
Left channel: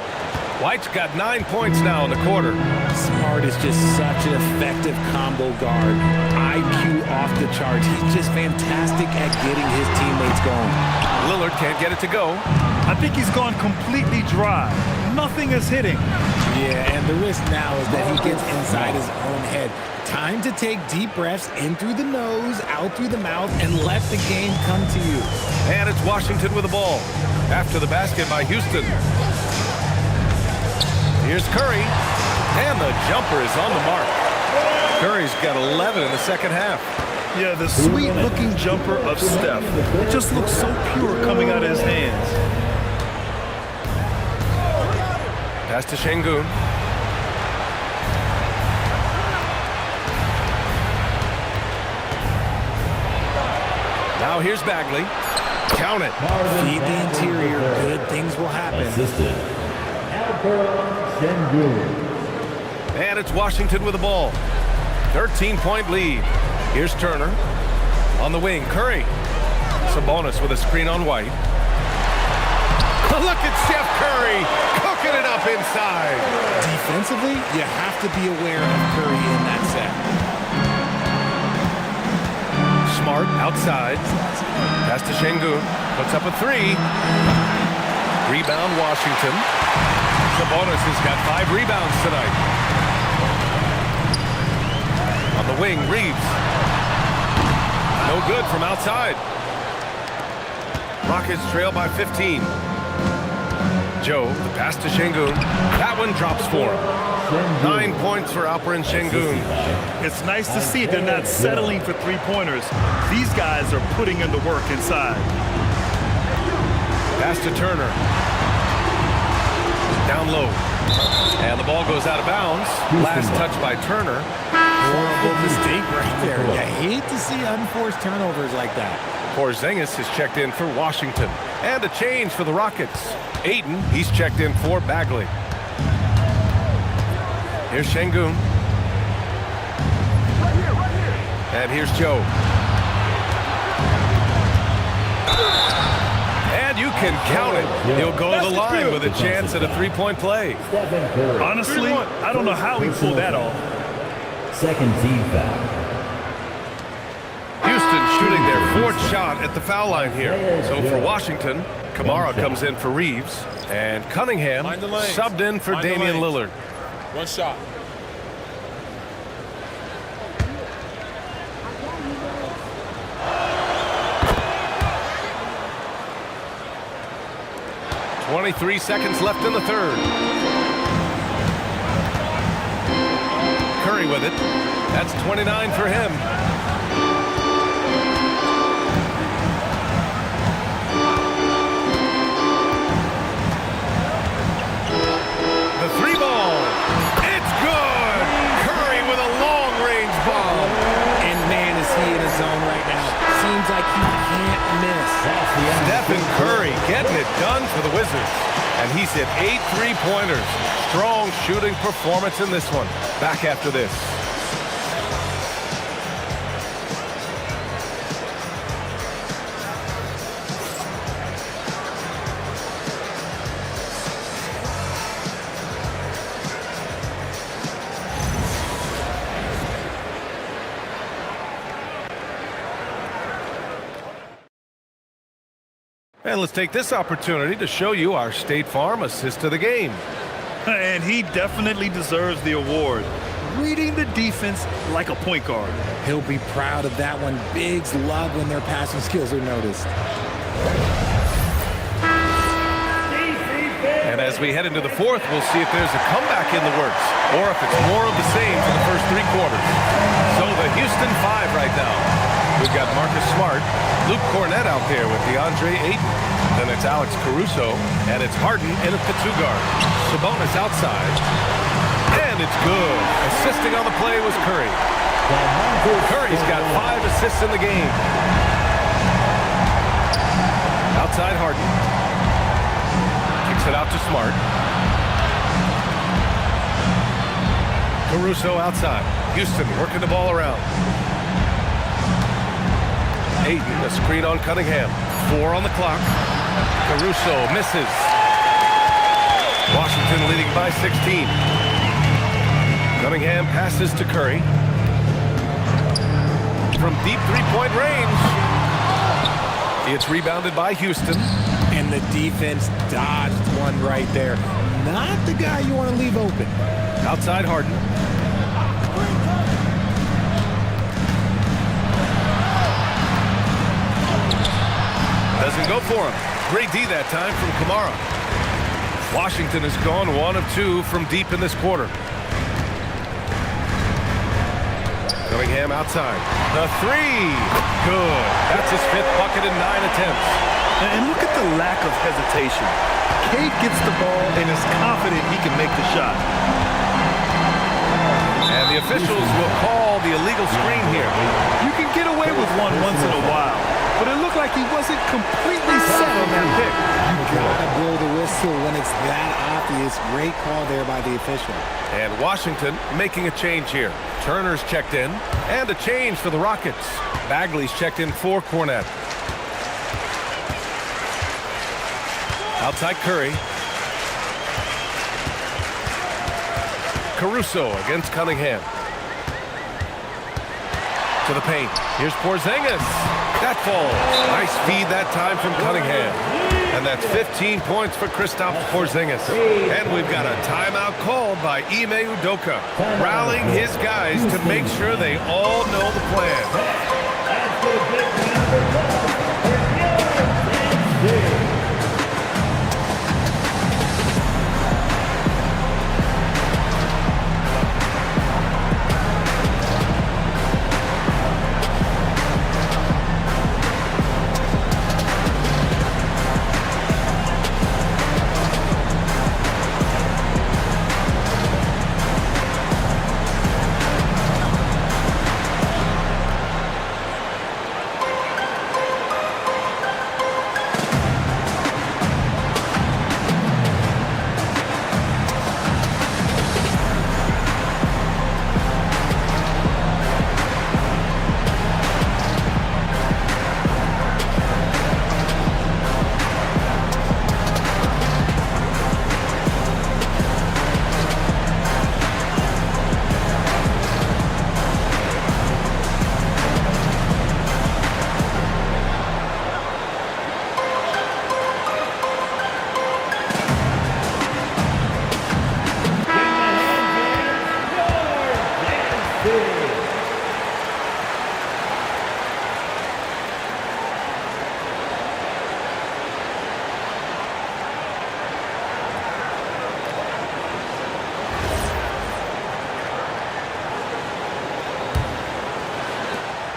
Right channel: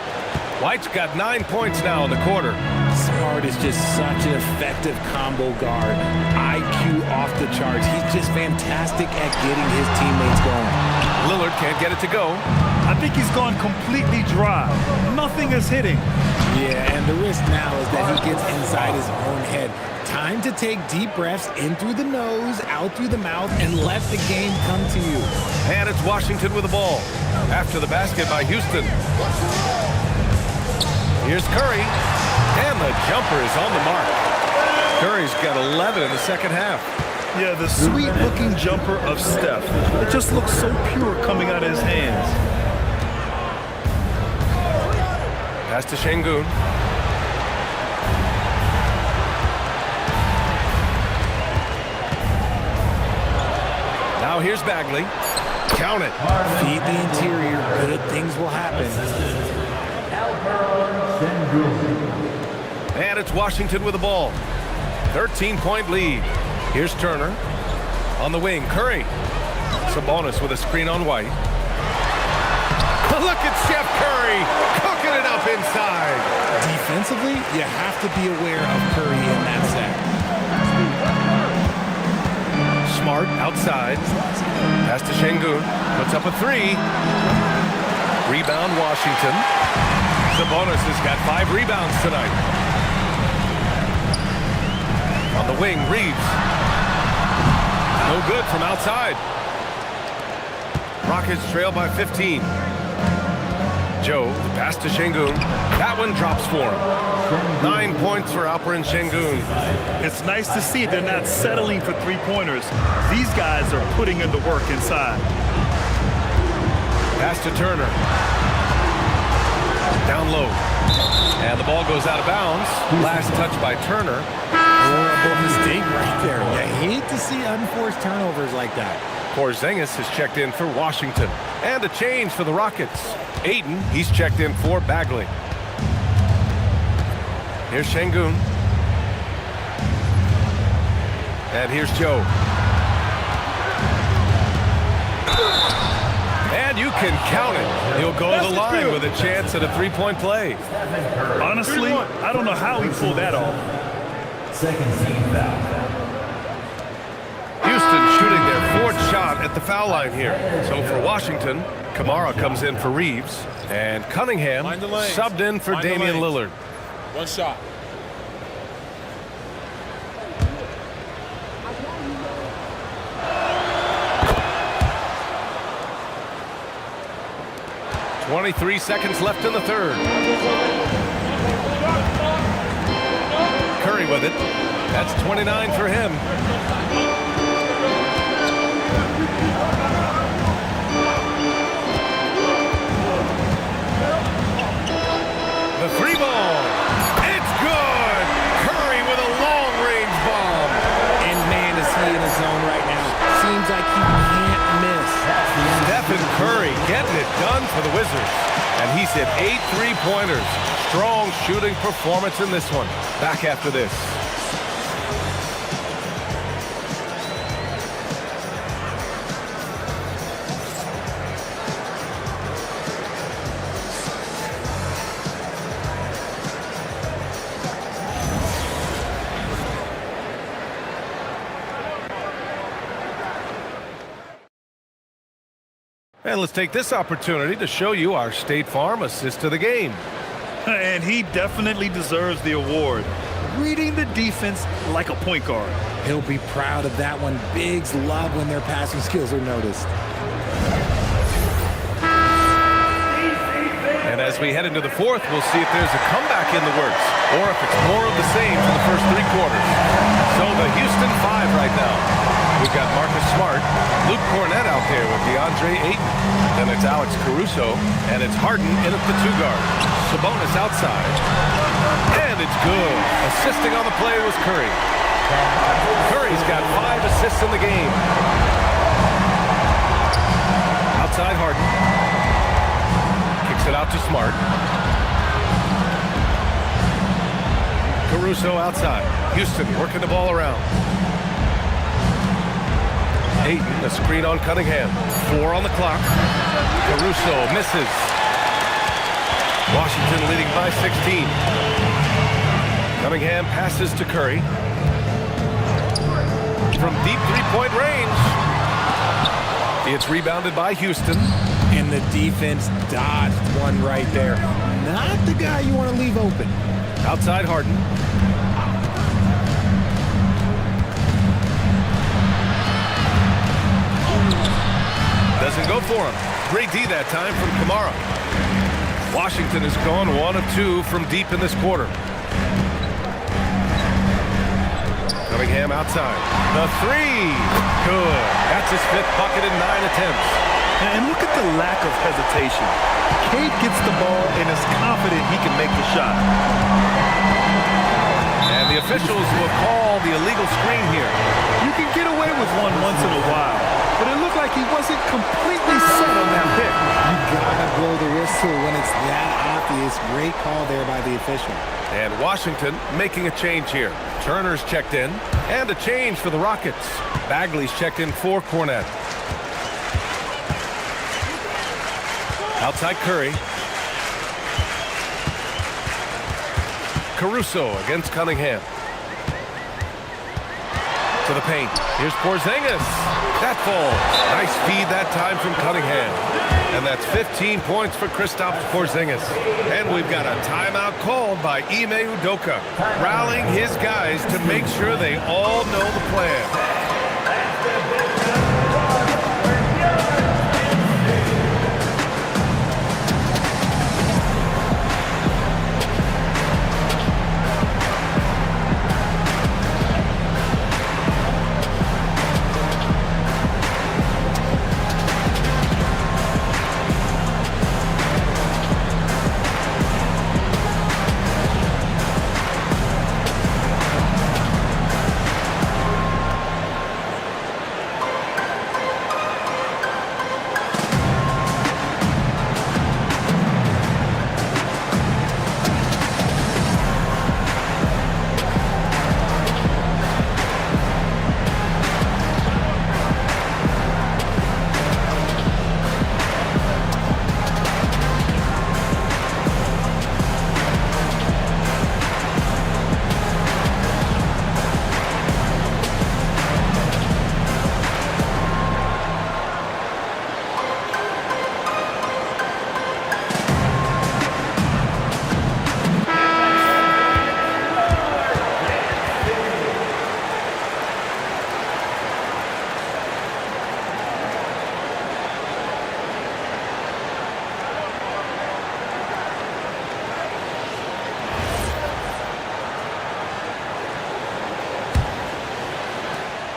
White's got 9 points now in the quarter. Smart is just such an effective combo guard. IQ off the charts. He's just fantastic at getting his teammates going. Lillard can't get it to go. I think he's gone completely dry. Nothing is hitting. Yeah, and the risk now is that he gets inside his own head. Time to take deep breaths in through the nose, out through the mouth, and let the game come to you. And it's Washington with the ball. After the basket by Houston. Here's Curry. And the jumper is on the mark. Curry's got 11 in the second half. Yeah, the sweet-looking jumper of Steph. It just looks so pure coming out of his hands. Pass to Şengün. Now here's Bagley. Count it. Feed the interior. Good things will happen. Assisted. Alperen Şengün. And it's Washington with the ball. 13-point lead. Here's Turner. On the wing, Curry. Sabonis with a screen on White. Look at Steph Curry cooking it up inside. Defensively, you have to be aware of Curry in that set. Smart outside. Pass to Şengün. Puts up a three. Rebound Washington. Sabonis has got 5 rebounds tonight. On the wing, Reeves. No good from outside. Rockets trail by 15. Joe, the pass to Şengün. That one drops for him. 9 points for Alperen Şengün. It's nice to see they're not settling for three-pointers. These guys are putting in the work inside. Pass to Turner. Down low. And the ball goes out of bounds. Last touch by Turner. Horrible mistake right there. You hate to see unforced turnovers like that. Porzingis is checked in for Washington. And a change for the Rockets. Ayton, he's checked in for Bagley. Here's Şengün. And here's Joe. And you can count it. He'll go to the line with a chance at a three-point play. Honestly, I don't know how he pulled that off. Second team foul. Houston shooting their 4th shot at the foul line here. So for Washington, Kamara comes in for Reeves. And Cunningham Mind the lanes. subbed in for Mind the Damian lanes. Lillard. One shot. .23 seconds left in the third. Curry with it. That's 29 for him. The three ball. It's good. Curry with a long-range bomb. And man, is he in his zone right now. Seems like he can't miss. Stephen Curry getting it done for the Wizards. And he's hit 8 3-pointers. Strong shooting performance in this one. Back after this. And let's take this opportunity to show you our State Farm assist of the game. And he definitely deserves the award. Reading the defense like a point guard. He'll be proud of that one. Bigs love when their passing skills are noticed. And as we head into the fourth, we'll see if there's a comeback in the works or if it's more of the same for the first 3 quarters. So the Houston 5 right now. We've got Marcus Smart, Luke Cornett out there with DeAndre Ayton. Then it's Alex Caruso, and it's Harden in at the 2 guard. Sabonis outside, and it's good. Assisting on the play was Curry. Curry's got 5 assists in the game. Outside Harden. Kicks it out to Smart. Caruso outside. Houston working the ball around. Ayton, a screen on Cunningham. 4 on the clock. Caruso misses. Washington leading by 16. Cunningham passes to Curry. From deep 3-point range. It's rebounded by Houston. And the defense dodged one right there. Not the guy you want to leave open. Outside Harden. Doesn't go for him. Great D that time from Kamara. Washington has gone 1 of 2 from deep in this quarter. Cunningham outside. The 3. Good. That's his 5th bucket in 9 attempts. And look at the lack of hesitation. Cade gets the ball and is confident he can make the shot. And the officials will call the illegal screen here. You can get away with one once in a while, but it looked like he wasn't completely set on that pick. You gotta blow the whistle when it's that obvious. Great call there by the official. And Washington making a change here. Turner's checked in, and a change for the Rockets. Bagley's checked in for Cornett. Outside Curry. Caruso against Cunningham. To the paint. Here's Porzingis. That falls. Nice feed that time from Cunningham. And that's 15 points for Kristaps Porzingis. And we've got a timeout called by Ime Udoka, rallying his guys to make sure they all know the plan.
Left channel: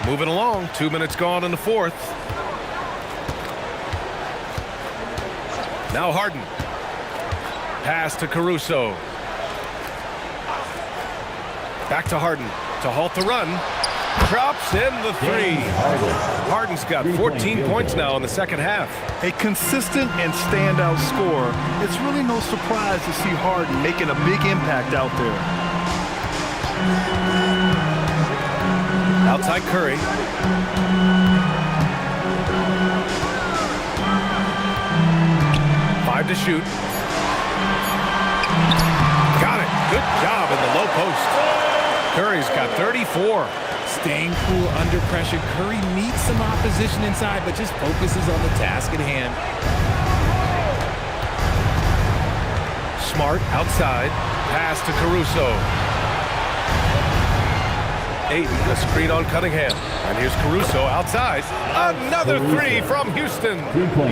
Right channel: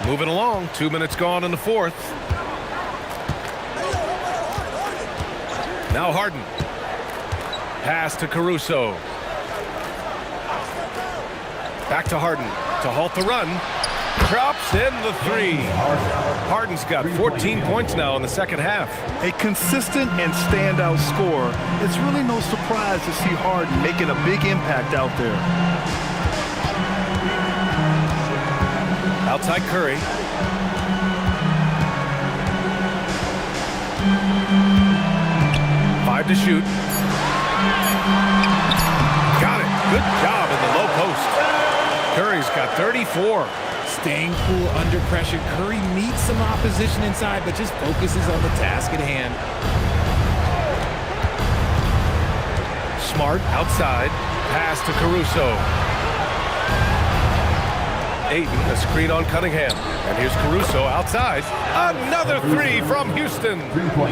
Moving along, 2 minutes gone in the fourth. Now Harden. Pass to Caruso. Back to Harden to halt the run. Drops in the 3. Harden's got 14 points now in the second half. A consistent and standout scorer. It's really no surprise to see Harden making a big impact out there. Outside Curry. Five to shoot. Got it. Good job in the low post. Curry's got 34. Staying cool under pressure, Curry meets some opposition inside, but just focuses on the task at hand. Smart outside. Pass to Caruso. Ayton, a screen on Cunningham. And here's Caruso outside. Another three from Houston.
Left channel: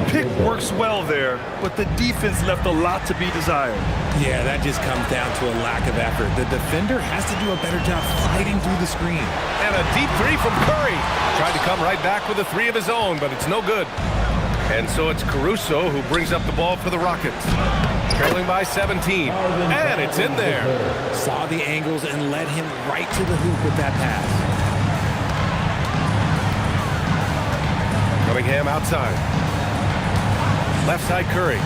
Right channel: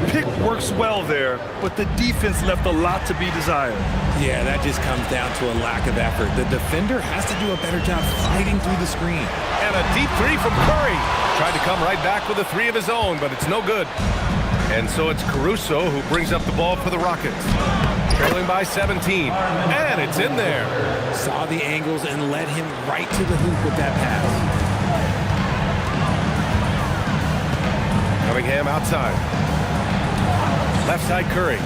Pick works well there, but the defense left a lot to be desired. Yeah, that just comes down to a lack of effort. The defender has to do a better job fighting through the screen. And a deep three from Curry. Tried to come right back with a three of his own, but it's no good. And so it's Caruso who brings up the ball for the Rockets. Trailing by 17. And it's in there. Saw the angles and led him right to the hoop with that pass. Cunningham outside. Left side Curry.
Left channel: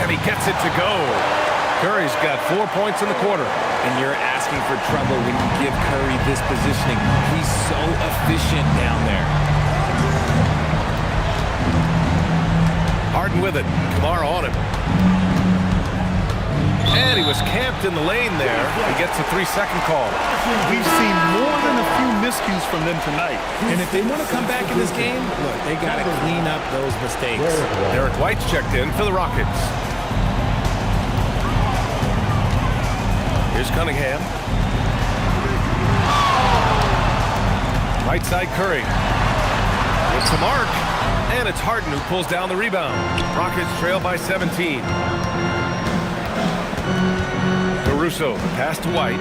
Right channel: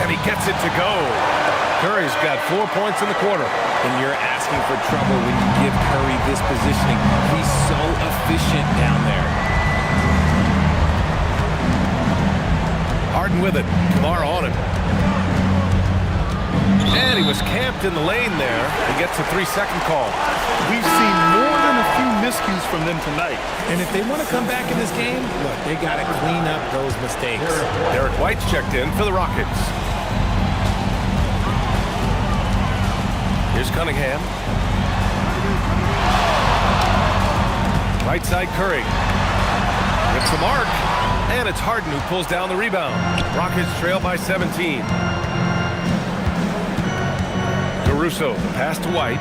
And he gets it to go. Curry's got 4 points in the quarter. And you're asking for trouble when you give Curry this positioning. He's so efficient down there. Harden with it. Kamara on him. And he was camped in the lane there. He gets a 3-second call. We've seen more than a few miscues from them tonight. And if they want to come back in this game, look, they got to clean up those mistakes. Derek White's checked in for the Rockets. Here's Cunningham. Right side Curry. With the mark. And it's Harden who pulls down the rebound. Rockets trail by 17. Caruso, the pass to White.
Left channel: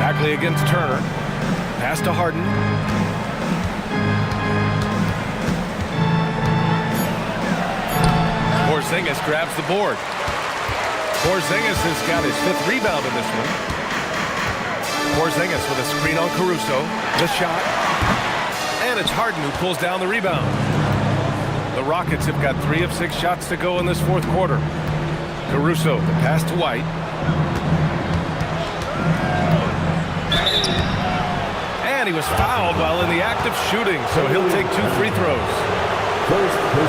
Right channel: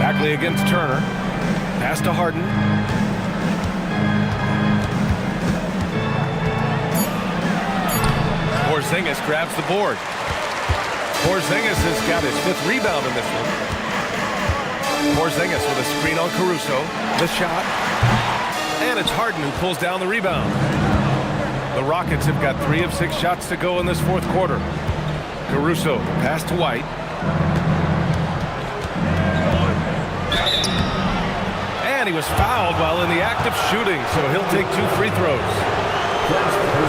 Bagley against Turner. Pass to Harden. Porzingis grabs the board. Porzingis has got his 5th rebound in this one. Porzingis with a screen on Caruso. The shot. And it's Harden who pulls down the rebound. The Rockets have got 3 of 6 shots to go in this 4th quarter. Caruso, the pass to White. And he was fouled while in the act of shooting, so he'll take 2 free throws.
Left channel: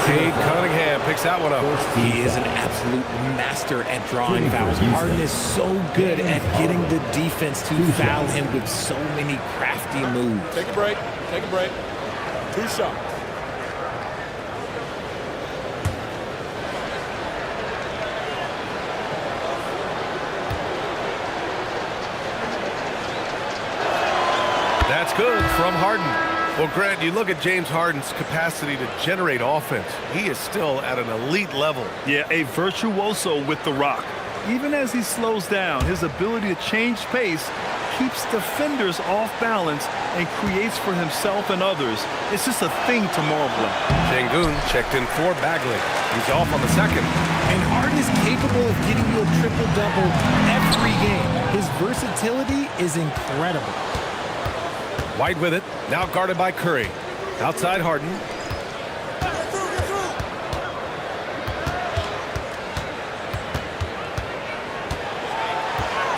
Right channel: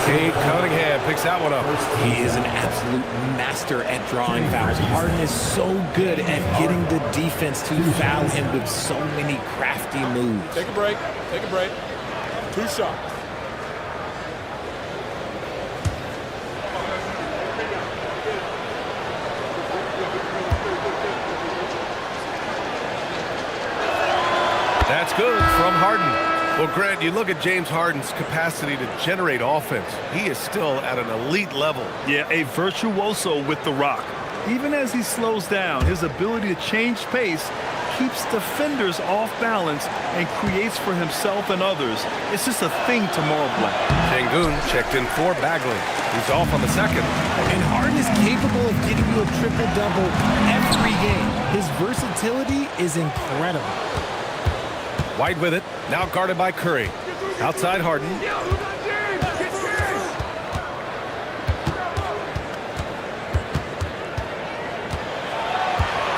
Cade Cunningham picks that one up. He is an absolute master at drawing fouls. Harden is so good at getting the defense to foul him with so many crafty moves. Take a break. Take a break. 2 shots. That's good from Harden. Well, Grant, you look at James Harden's capacity to generate offense. He is still at an elite level. Yeah, a virtuoso with the rock. Even as he slows down, his ability to change pace keeps defenders off balance and creates for himself and others. It's just a thing to marvel at. Şengün checked in for Bagley. He's off on the second. And Harden is capable of getting you a triple-double every game. His versatility is incredible. White with it, now guarded by Curry. Outside Harden.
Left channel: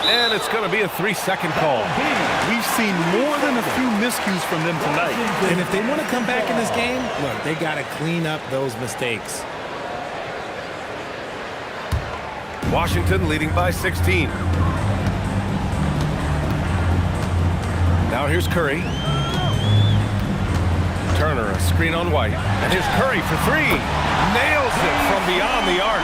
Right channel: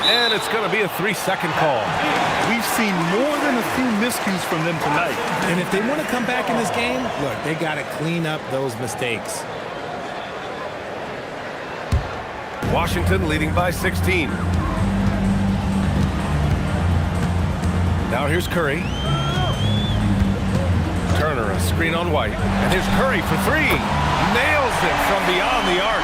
And it's going to be a 3-second call. We've seen more than a few miscues from them tonight. And if they want to come back in this game, look, they got to clean up those mistakes. Washington leading by 16. Now here's Curry. Turner, a screen on White. And here's Curry for 3. Nails it from beyond the arc.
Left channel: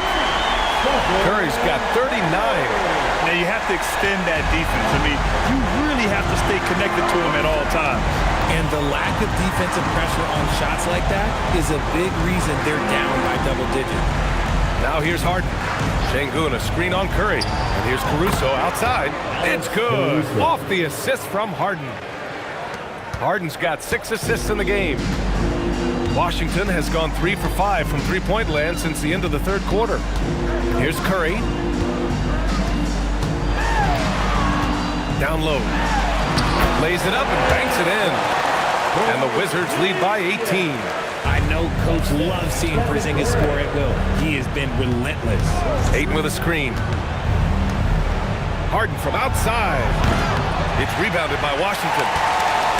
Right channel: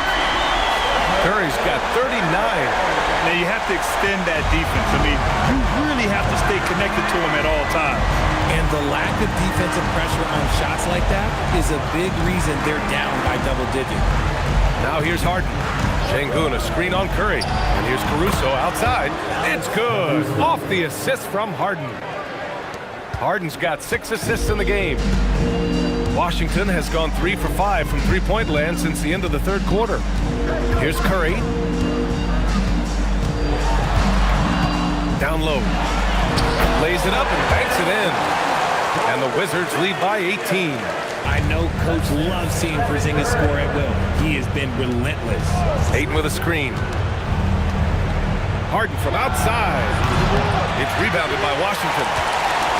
Curry's got 39. Now you have to extend that defense. I mean, you really have to stay connected to him at all times. And the lack of defensive pressure on shots like that is a big reason they're down by double digits. Now here's Harden. Şengün, a screen on Curry. And here's Caruso outside. It's good. Off the assist from Harden. Harden's got 6 assists in the game. Washington has gone 3 for 5 from three-point land since the end of the 3rd quarter. Here's Curry. Down low. Lays it up and banks it in. And the Wizards lead by 18. I know Coach loves seeing Porzingis score at will. He has been relentless. Ayton with a screen. Harden from outside. It's rebounded by Washington.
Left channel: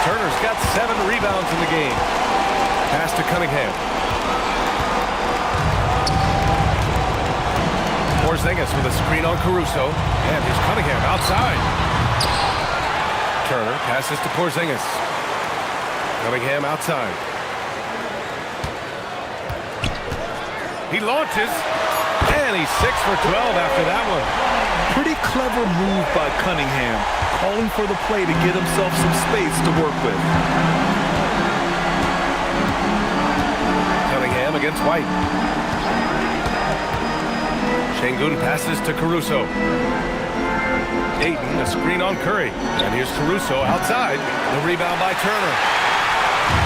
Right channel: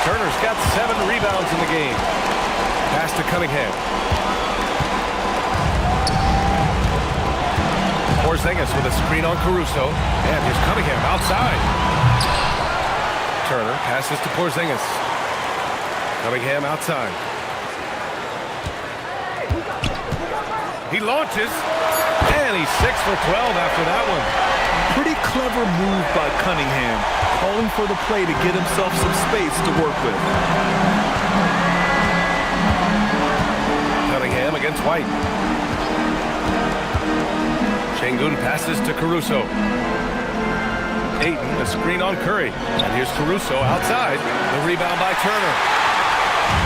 Turner's got 7 rebounds in the game. Pass to Cunningham. Porzingis with a screen on Caruso. And here's Cunningham outside. Turner passes to Porzingis. Cunningham outside. He launches. And he's 6 for 12 after that one. Pretty clever move by Cunningham, calling for the play to get himself some space to work with. Cunningham against White. Şengün passes to Caruso. Ayton, a screen on Curry. And here's Caruso outside. The rebound by Turner.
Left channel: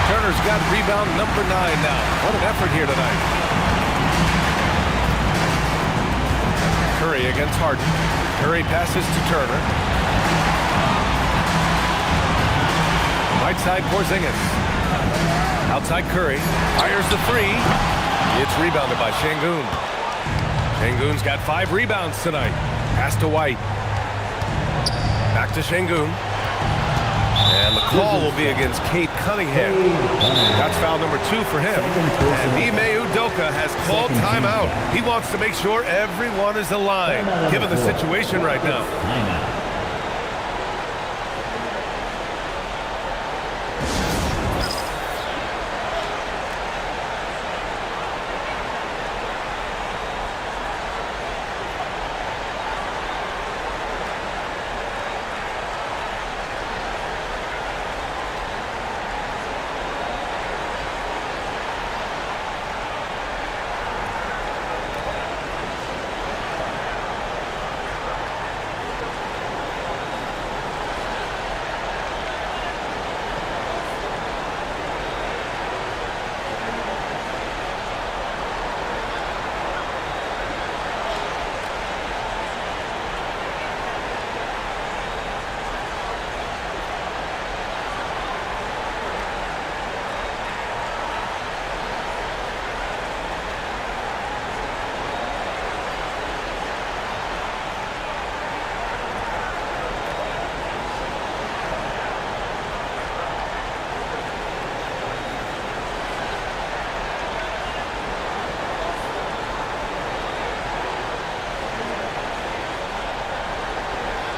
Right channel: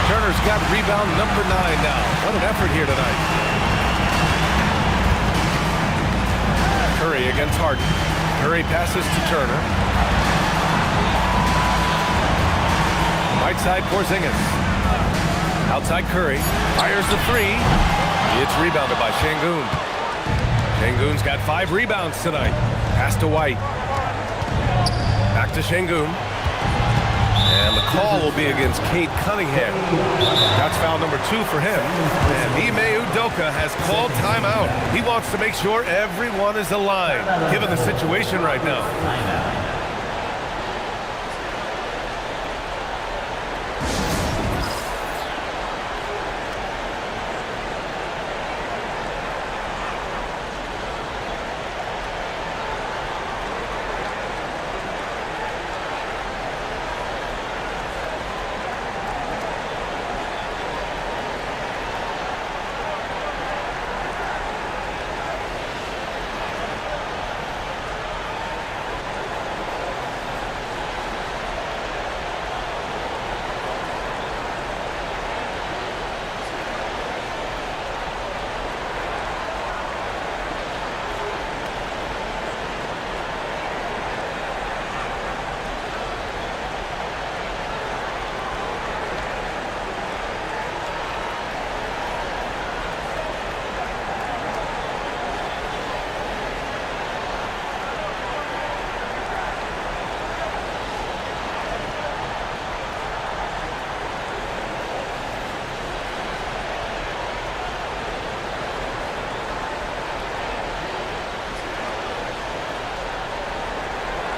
Turner's got rebound number 9 now. What an effort here tonight. Curry against Harden. Curry passes to Turner. Right side Porzingis. Outside Curry. Fires the 3. It's rebounded by Şengün. Şengün's got 5 rebounds tonight. Pass to White. Back to Şengün. And the call will be against Cade Cunningham. That's foul number 2 for him. And Ime Udoka has called timeout. He wants to make sure everyone is aligned, given the situation right now. Timeout.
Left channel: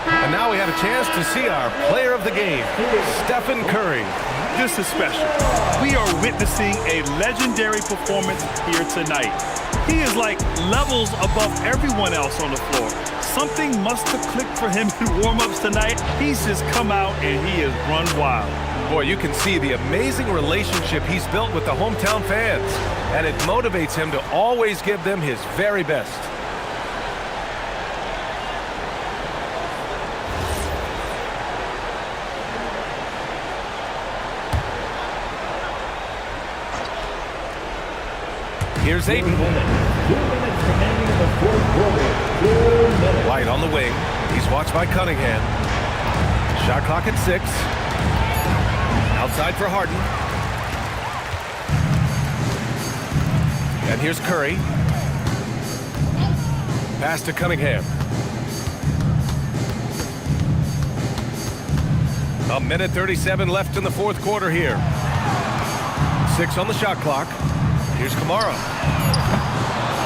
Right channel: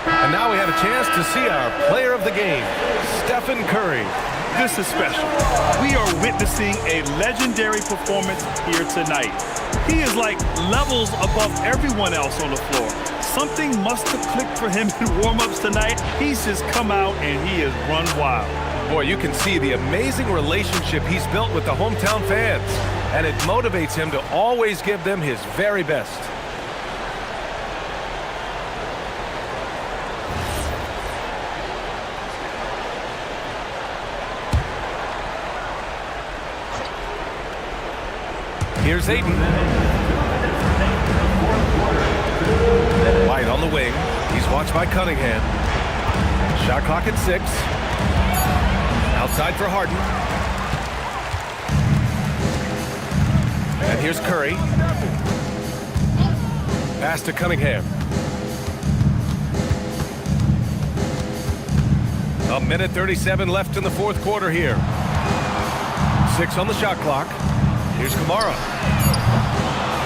And now we have a chance to see our player of the game, Stephen Curry. This is special. We are witnessing a legendary performance here tonight. He is like levels above everyone else on the floor. Something must have clicked for him in warm-ups tonight. He's just come out and he has run wild. Boy, you can see the amazing relationship he's built with the hometown fans, and it motivates him to always give them his very best. Here's Ayton. 2 minutes remaining in the fourth quarter. 2 minutes. White on the wing. He's watched by Cunningham. Shot clock at 6. Outside for Harden. And here's Curry. Pass to Cunningham. A minute 37 left in the fourth quarter here. 6 on the shot clock. Here's Kamara.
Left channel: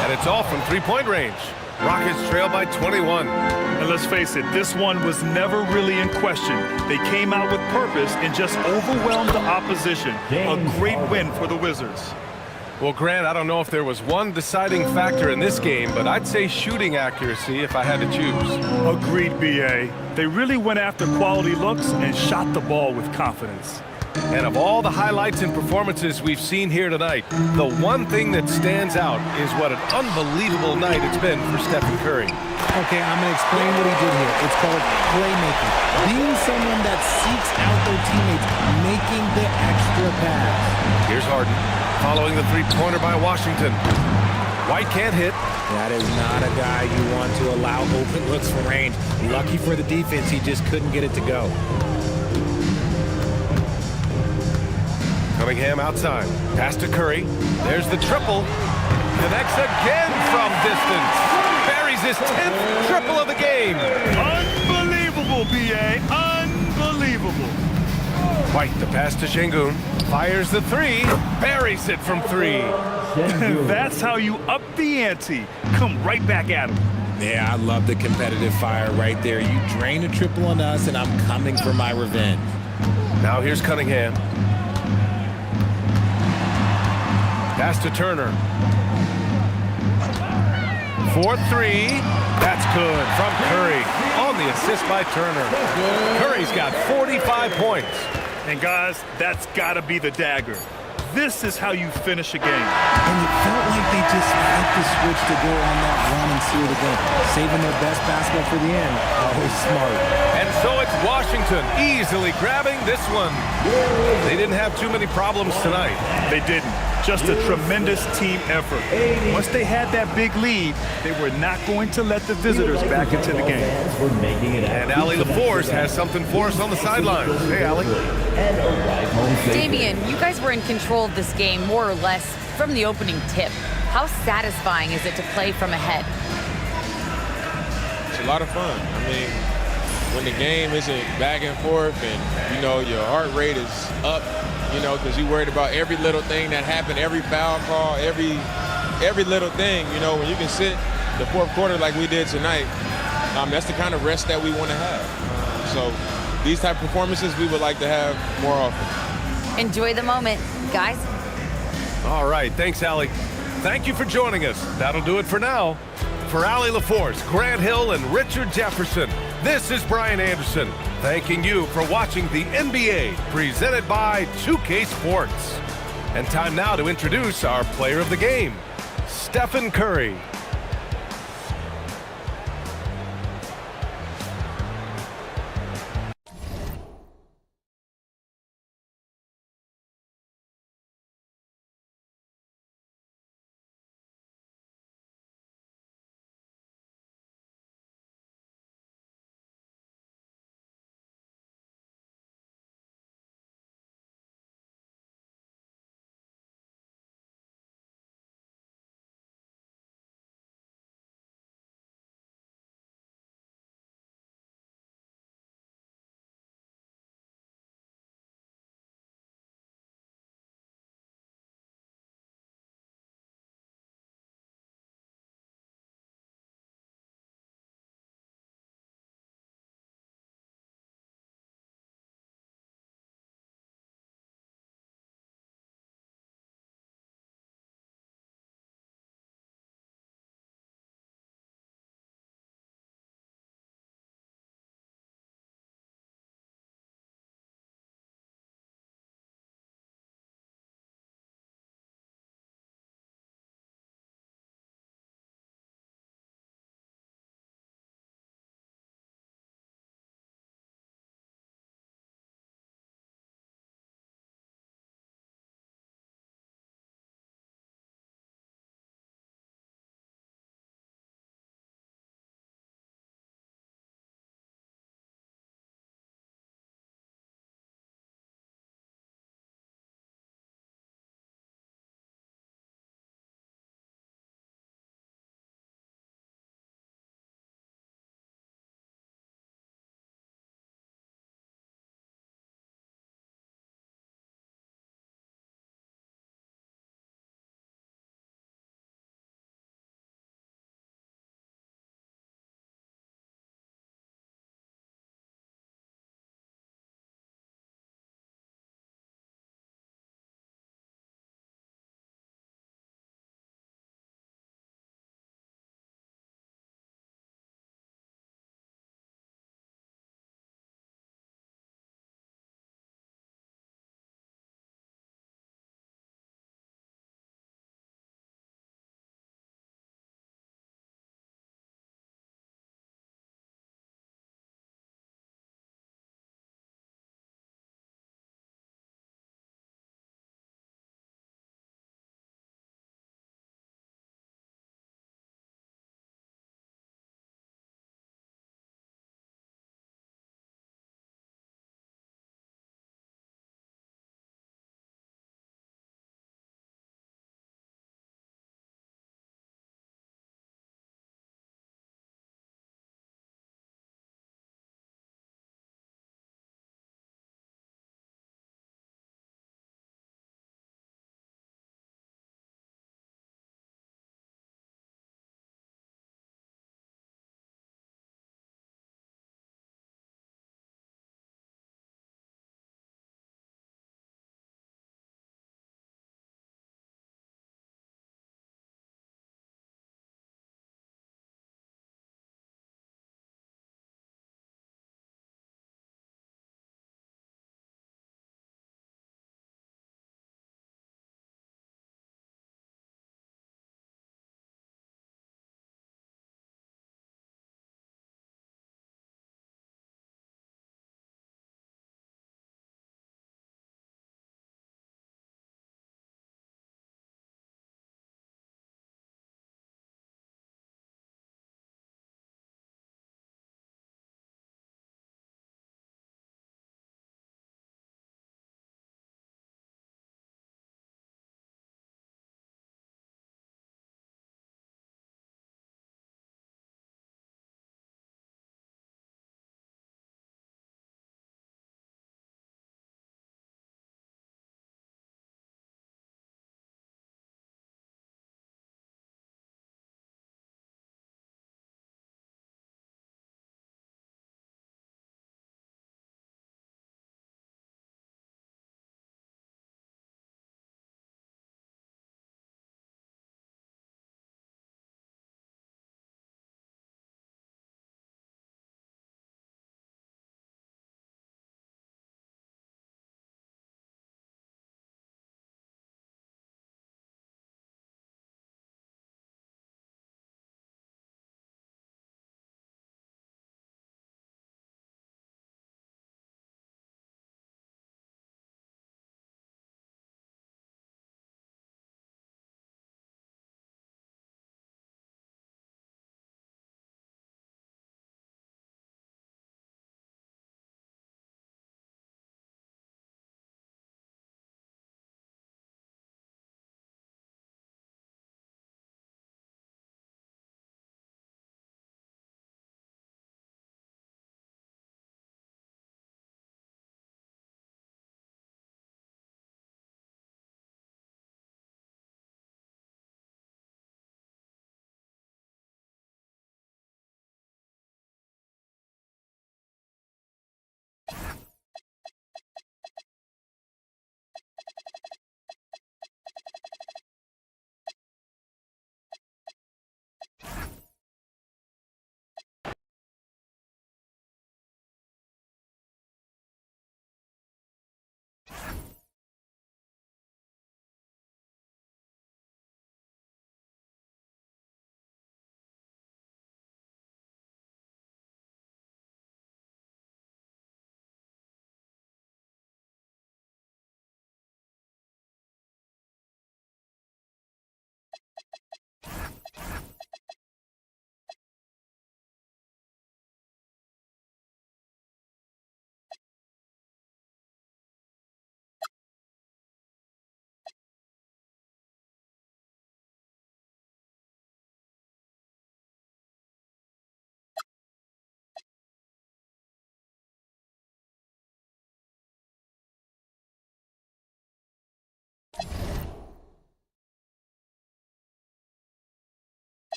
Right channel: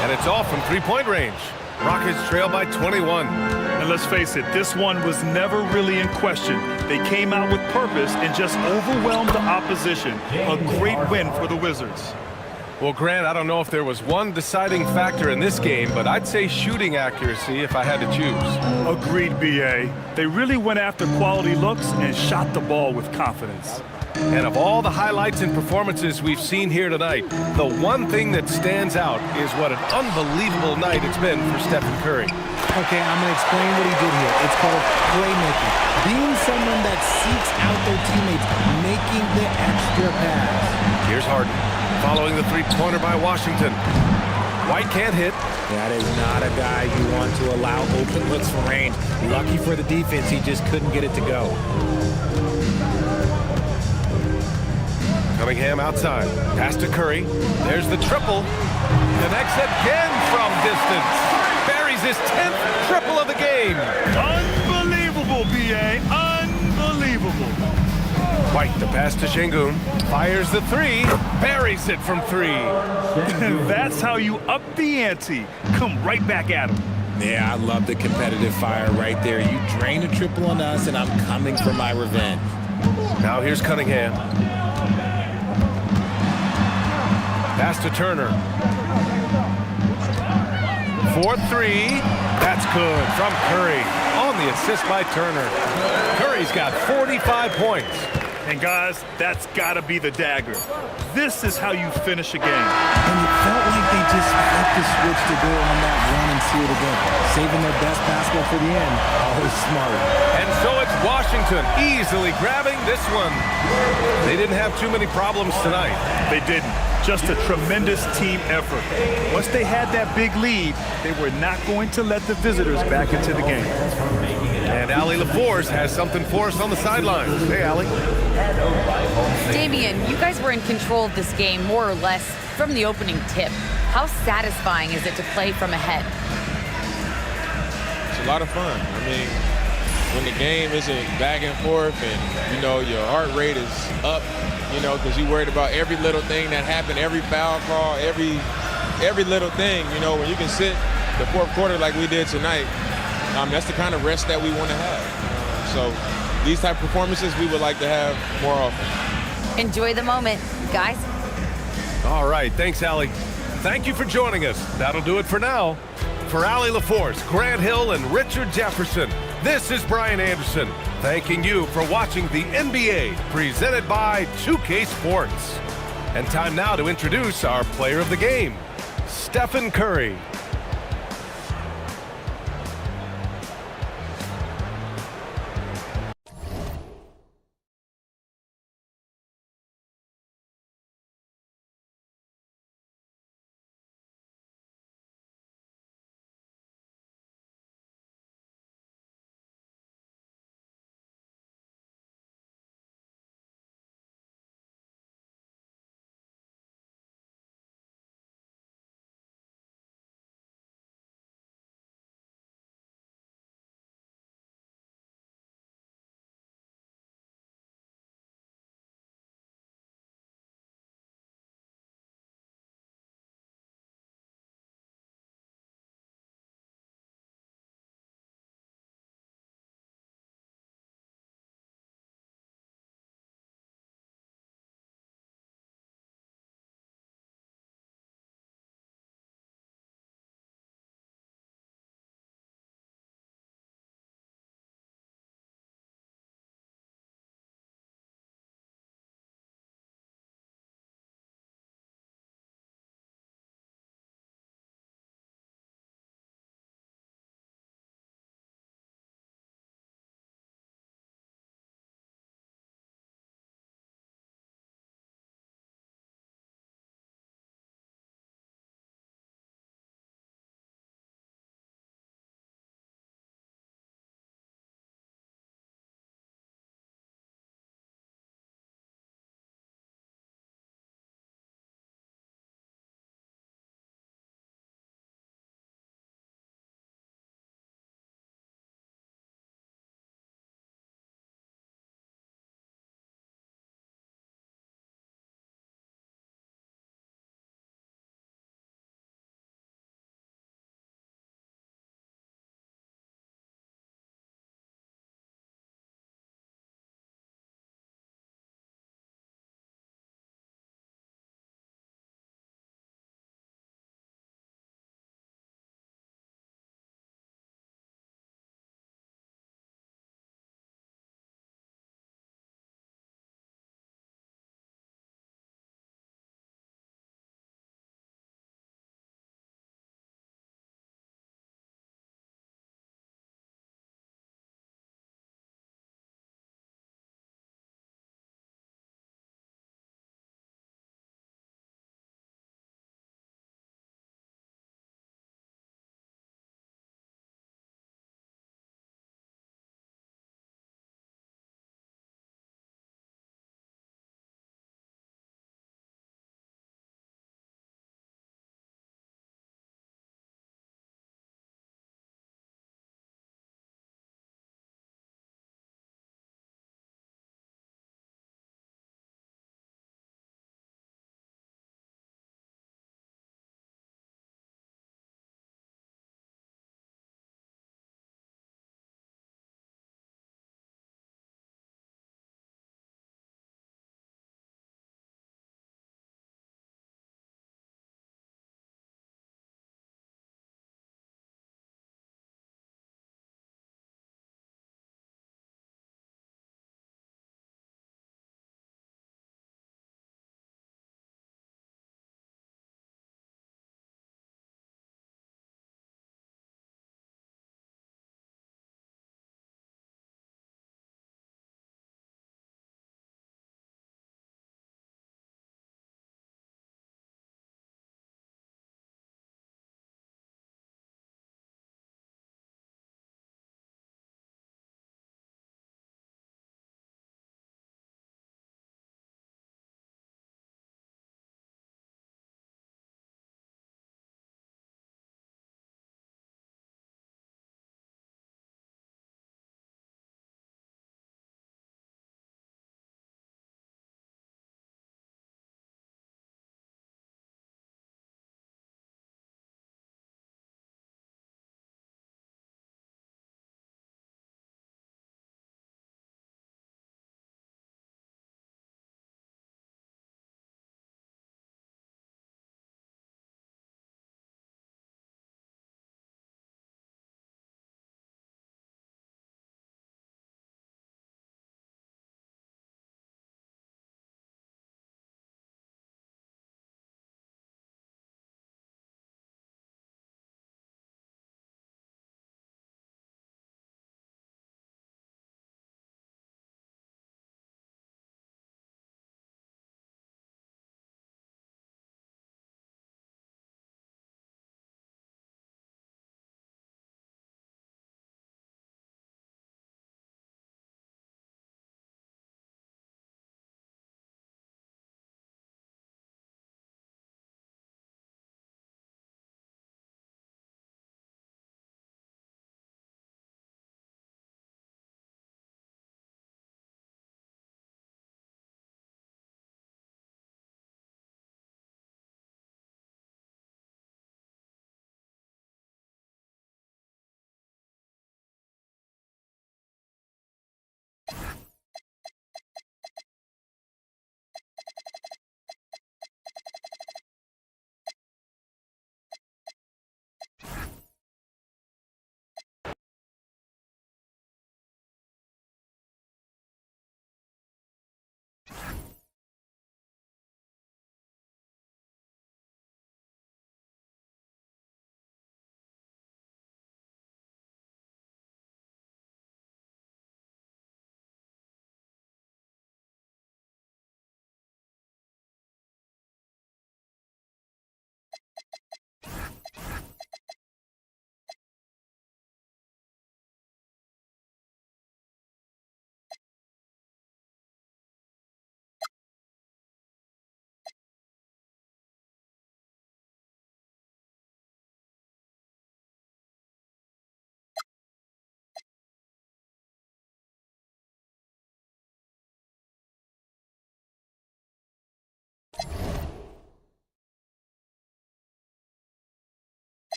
And it's off from three-point range. Rockets trail by 21. And let's face it, this one was never really in question. They came out with purpose and just overwhelmed the opposition. A great win for the Wizards. Well, Grant, I don't know if there was one deciding factor in this game, but I'd say shooting accuracy if I had to choose. Agreed, B.A. They really went after quality looks and shot the ball with confidence. And of all the highlights and performances we've seen here tonight, the one thing that stands out is what an unbelievable night it's been for Stephen Curry. Okay, I'm going to explain what he did here. It's called playmaking. Being someone that seeks out their teammates, making the extra pass. Here's Harden, following the three-pointer by Washington. White can't hit. That is not a guy you want to allow open looks from range. Lucky for the defense, he just couldn't get it to go. Cunningham outside. Pass to Curry. There's the triple. Connects again from distance. Buries his 10th triple of the game. Unbelievable, B.A. Unbelievable. White the pass to Şengün. Fires the 3. Buries it from 3. That's how you up the ante. Come right back at him. Yeah, I love the competitive fire right there. You drain a triple on us, and I'm coming for my revenge. Now here's Cunningham. Pass to Turner. 4-3. That's good from Curry on the assist by Turner. Curry's got 45 points. And guys, that's got to be the dagger. This is how you finish a game. And it felt like they just flipped the switch to go on that run and seal it again. Saving their best basketball for the end. Always smart. And so it's Washington easily grabbing this one. They didn't have too many problems tonight. They didn't. Just a tremendous team effort. Once they had that big lead, they were not going to let the visitors back into the game. And Allie LaForce has something for us on the sidelines. Hey, Allie. Damian, you guys were in control of this game more or less from the opening tip. How satisfying is it to play from ahead? It's a lot of fun. I mean, when the game isn't back and forth and, you know, your heart rate is up, you know, because you're worried about every little thing that happened, every foul call, every little thing, you know, when you can sit the fourth quarter like we did tonight, that's the kind of rest that we want to have. So these type of performances we would like to have more often. Enjoy the moment, guys. All right, thanks, Allie. Thank you for joining us. That'll do it for now. For Allie LaForce, Grant Hill, and Richard Jefferson, this is Brian Anderson, thanking you for watching the NBA presented by 2K Sports. And time now to introduce our player of the game, Stephen Curry.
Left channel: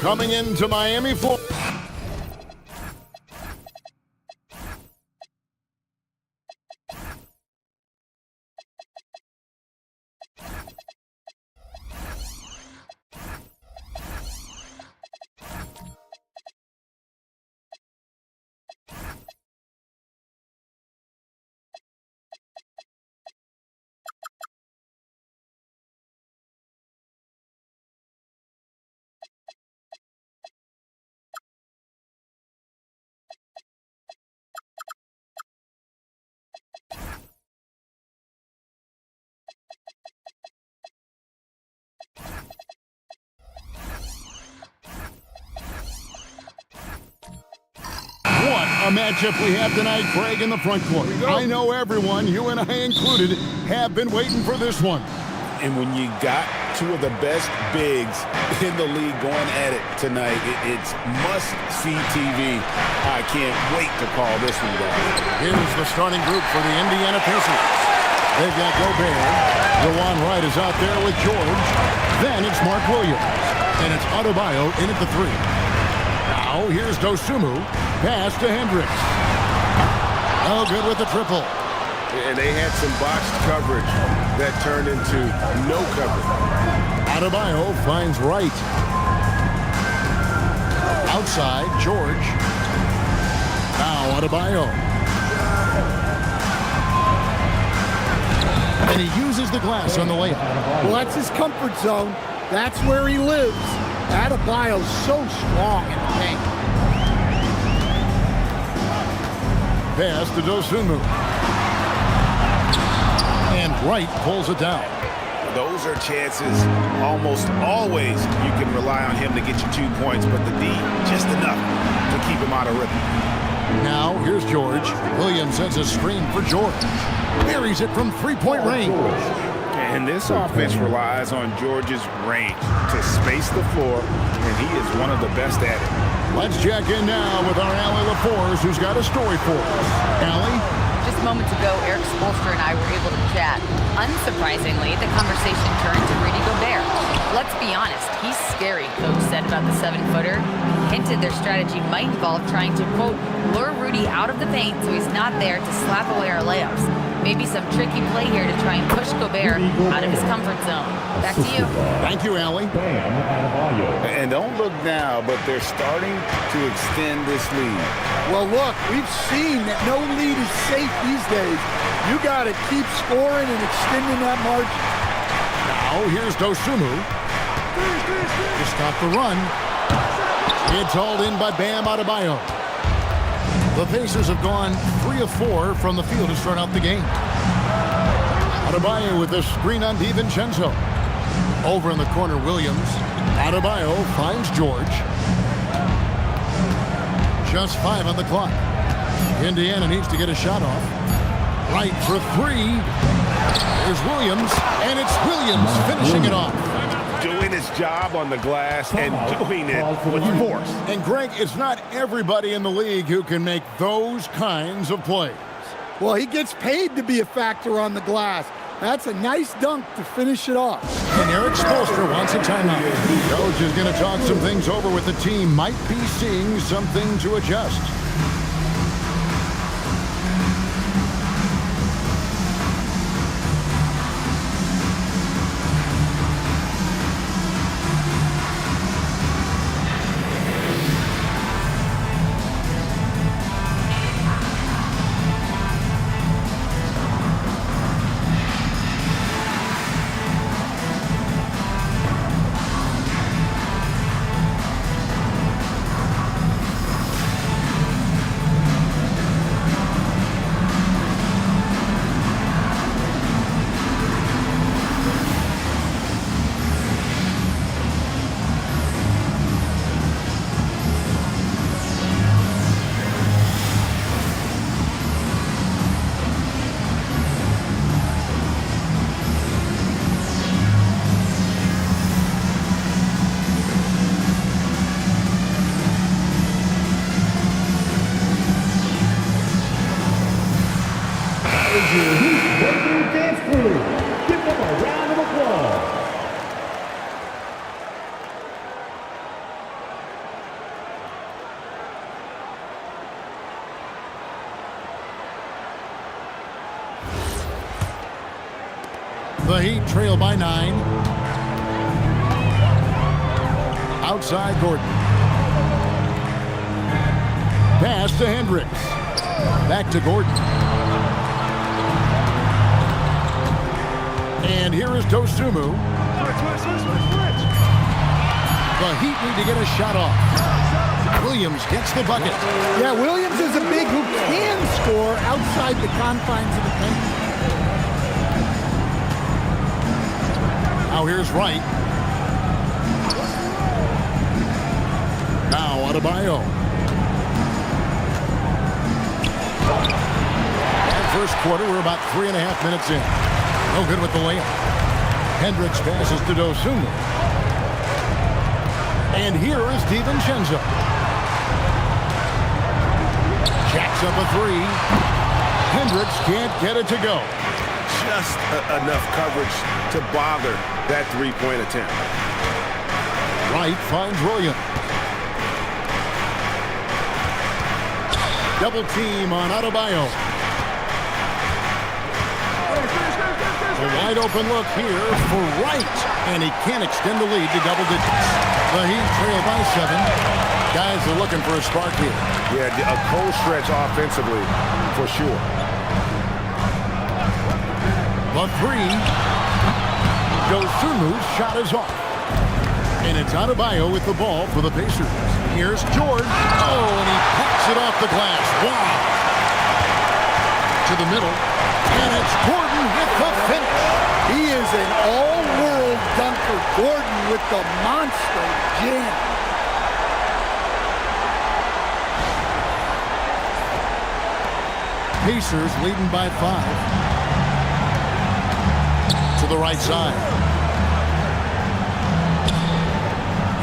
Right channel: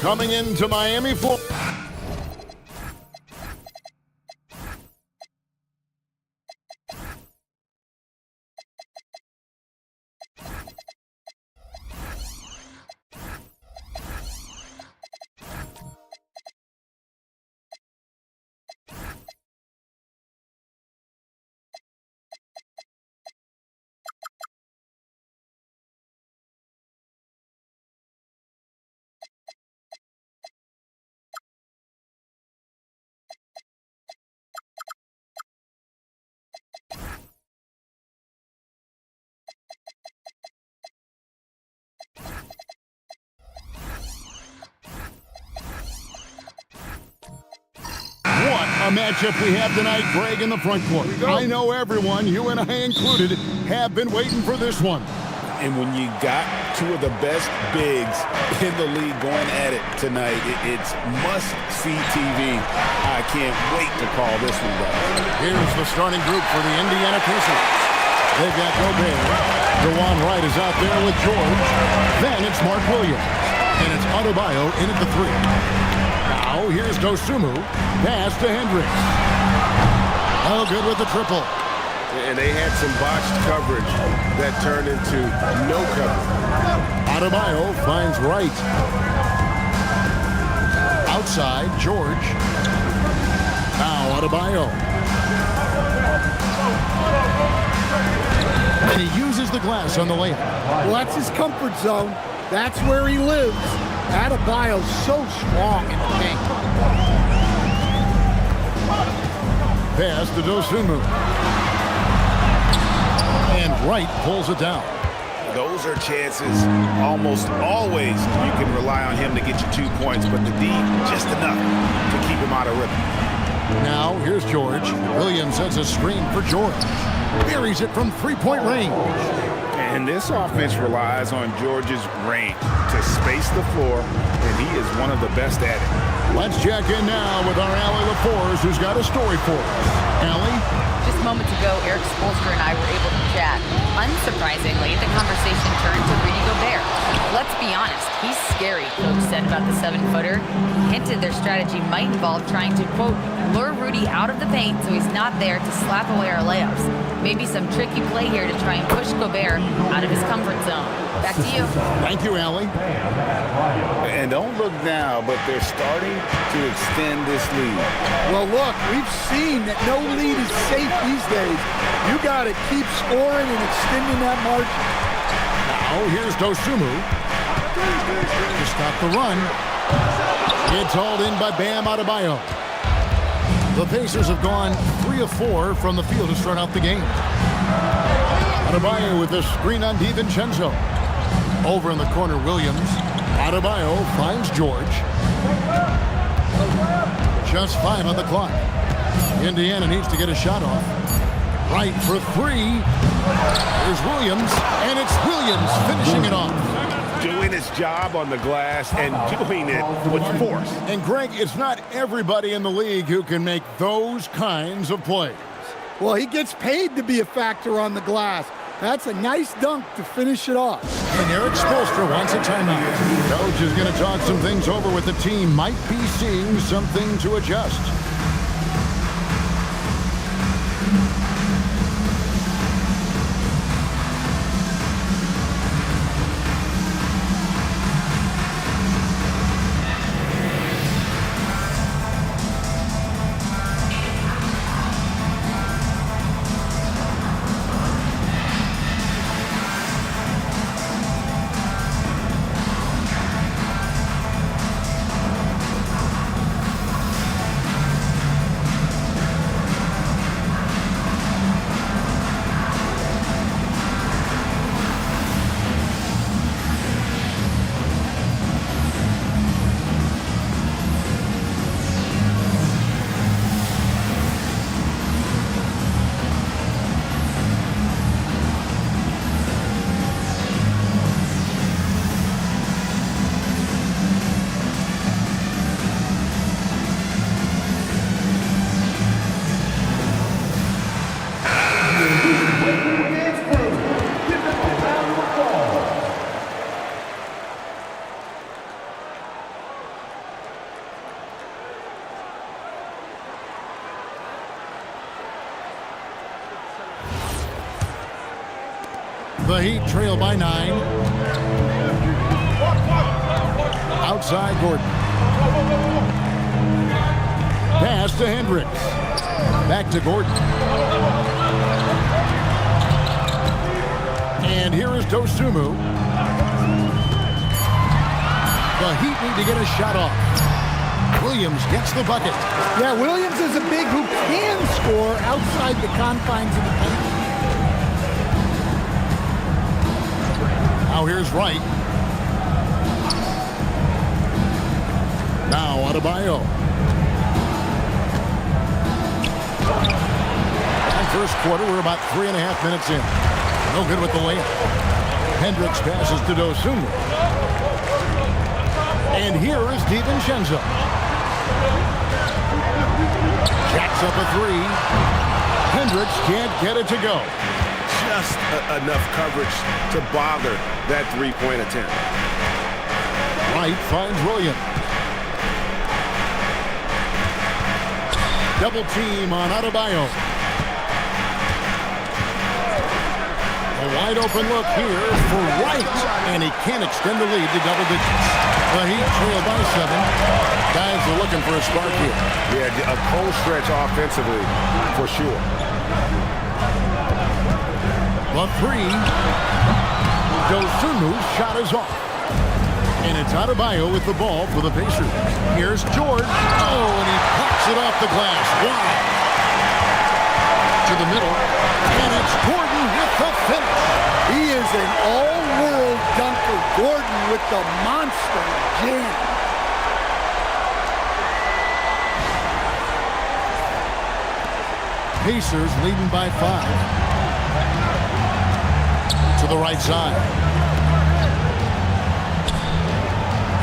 Coming into Miami, Florida. What a matchup we have tonight, Greg, in the front court. I know everyone, you and I included, have been waiting for this one. And when you got two of the best bigs in the league going at it tonight, it's must-see TV. I can't wait to call this one, guys. Here's the starting group for the Indiana Pacers. They've got Gobert. DeJuan Wright is out there with George. Then it's Mark Williams. And it's Adebayo in at the 3. Now here's Dosunmu. Pass to Hendricks. No good with the triple. And they had some botched coverage that turned into no coverage. Adebayo finds Wright. Outside, George. Now Adebayo. And he uses the glass on the layup. Well, that's his comfort zone. That's where he lives. Adebayo's so strong in the paint. Pass to Dosunmu. And Wright pulls it down. Those are chances almost always you can rely on him to get you 2 points, but the D, just enough to keep him out of rhythm. Now, here's George. Williams sets a screen for George. Buries it from three-point range. And this offense relies on George's range to space the floor, and he is one of the best at it. Let's check in now with our Allie LaForce, who's got a story for us. Allie? Just moments ago, Eric Spoelstra and I were able to chat. Unsurprisingly, the conversation turned to Rudy Gobert. Let's be honest, he's scary, Coach said about the 7-footer. He hinted their strategy might involve trying to, quote, lure Rudy out of the paint so he's not there to slap away our layups. Maybe some tricky play here to try and push Gobert out of his comfort zone. Back to you. Thank you, Allie. And don't look now, but they're starting to extend this lead. Well, look, we've seen that no lead is safe these days. You got to keep scoring and extending that margin. Now, here's Dosunmu to stop the run. It's hauled in by Bam Adebayo. The Pacers have gone 3 of 4 from the field to start out the game. Adebayo with the screen on DiVincenzo. Over in the corner, Williams. Adebayo finds George. Just 5 on the clock. Indiana needs to get a shot off. Right for 3. Here's Williams, and it's Williams finishing it off. Doing his job on the glass and doing it with force. And Greg, it's not everybody in the league who can make those kinds of plays. Well, he gets paid to be a factor on the glass. That's a nice dunk to finish it off. And Eric Spoelstra wants a timeout. Coach is going to talk some things over with the team. Might be seeing something to adjust. Give them a round of applause. The Heat trail by 9. Outside Gordon. Pass to Hendricks. Back to Gordon. And here is Dosunmu. The Heat need to get a shot off. Williams gets the bucket. Yeah, Williams is a big who can score outside the confines of the paint. Now here's Wright. Now Adebayo. And first quarter, we're about 3.5 minutes in. No good with the layup. Hendricks passes to Dosunmu. And here is DiVincenzo. Jacks up a 3. Hendricks can't get it to go. Just enough coverage to bother that three-point attempt. Wright finds Williams. Double team on Adebayo. A wide open look here for Wright, and he can't extend the lead to double digits. The Heat trail by 7. Guys are looking for a spark here. Yeah, a cold stretch offensively for sure. The 3. Dosunmu's shot is off. And it's Adebayo with the ball for the Pacers. Here's George. Oh, and he pops it off the glass. Wow. To the middle. And it's Gordon with the finish. He is an all-world dunker. Gordon with the monster jam. Pacers leading by 5. To the right side.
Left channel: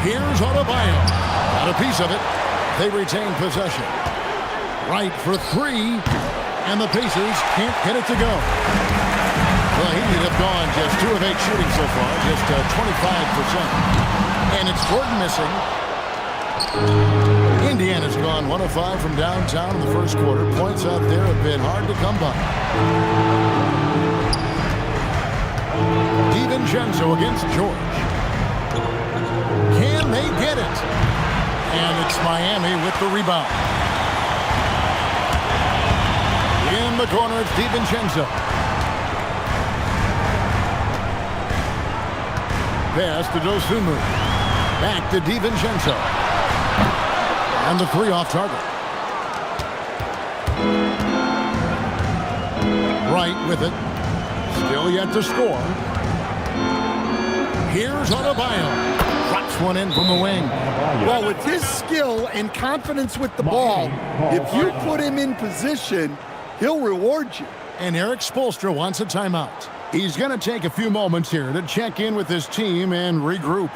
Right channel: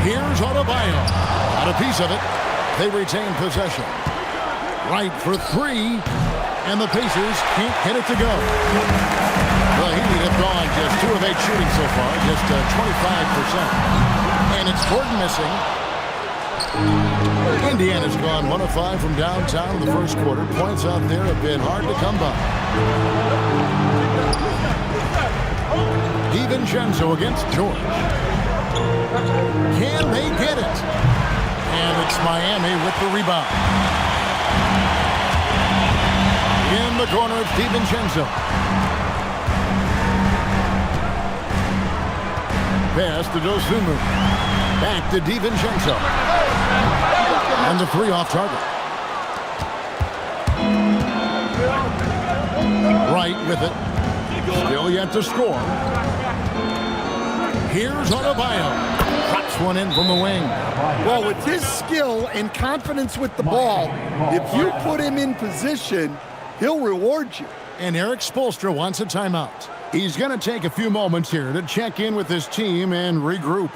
Here's Adebayo. Got a piece of it. They retain possession. Wright for 3. And the Pacers can't get it to go. The Heat have gone just 2 of 8 shooting so far, just 25%. And it's Gordon missing. Indiana's gone 1 of 5 from downtown in the first quarter. Points out there have been hard to come by. DiVincenzo against George. Can they get it? And it's Miami with the rebound. In the corner, it's DiVincenzo. Pass to Dosunmu. Back to DiVincenzo. And the 3 off target. Wright with it. Still yet to score. Here's Adebayo. Drops one in from the wing. Well, with his skill and confidence with the ball, if you put him in position, he'll reward you. And Eric Spoelstra wants a timeout. He's going to take a few moments here to check in with his team and regroup.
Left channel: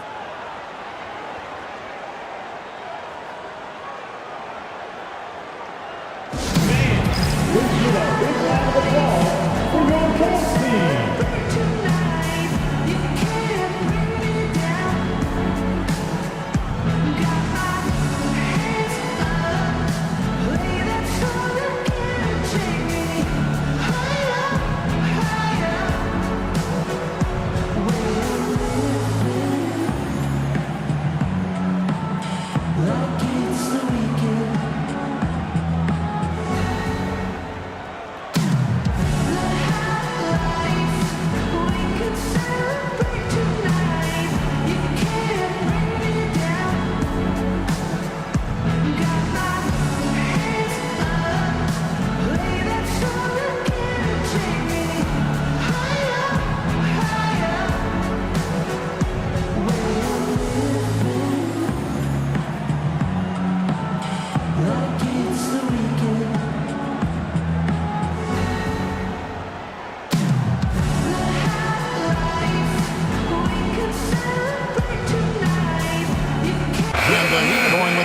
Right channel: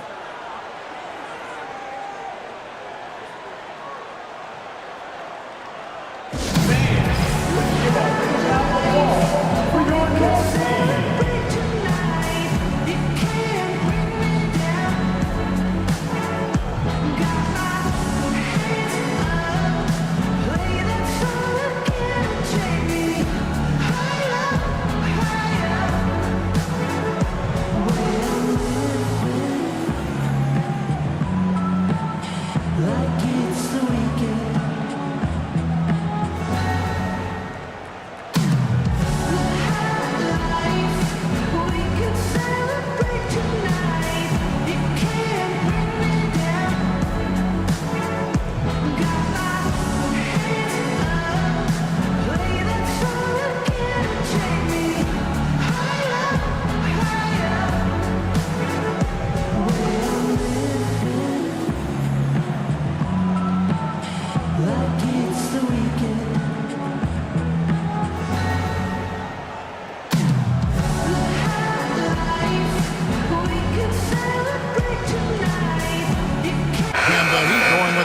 For your coach team,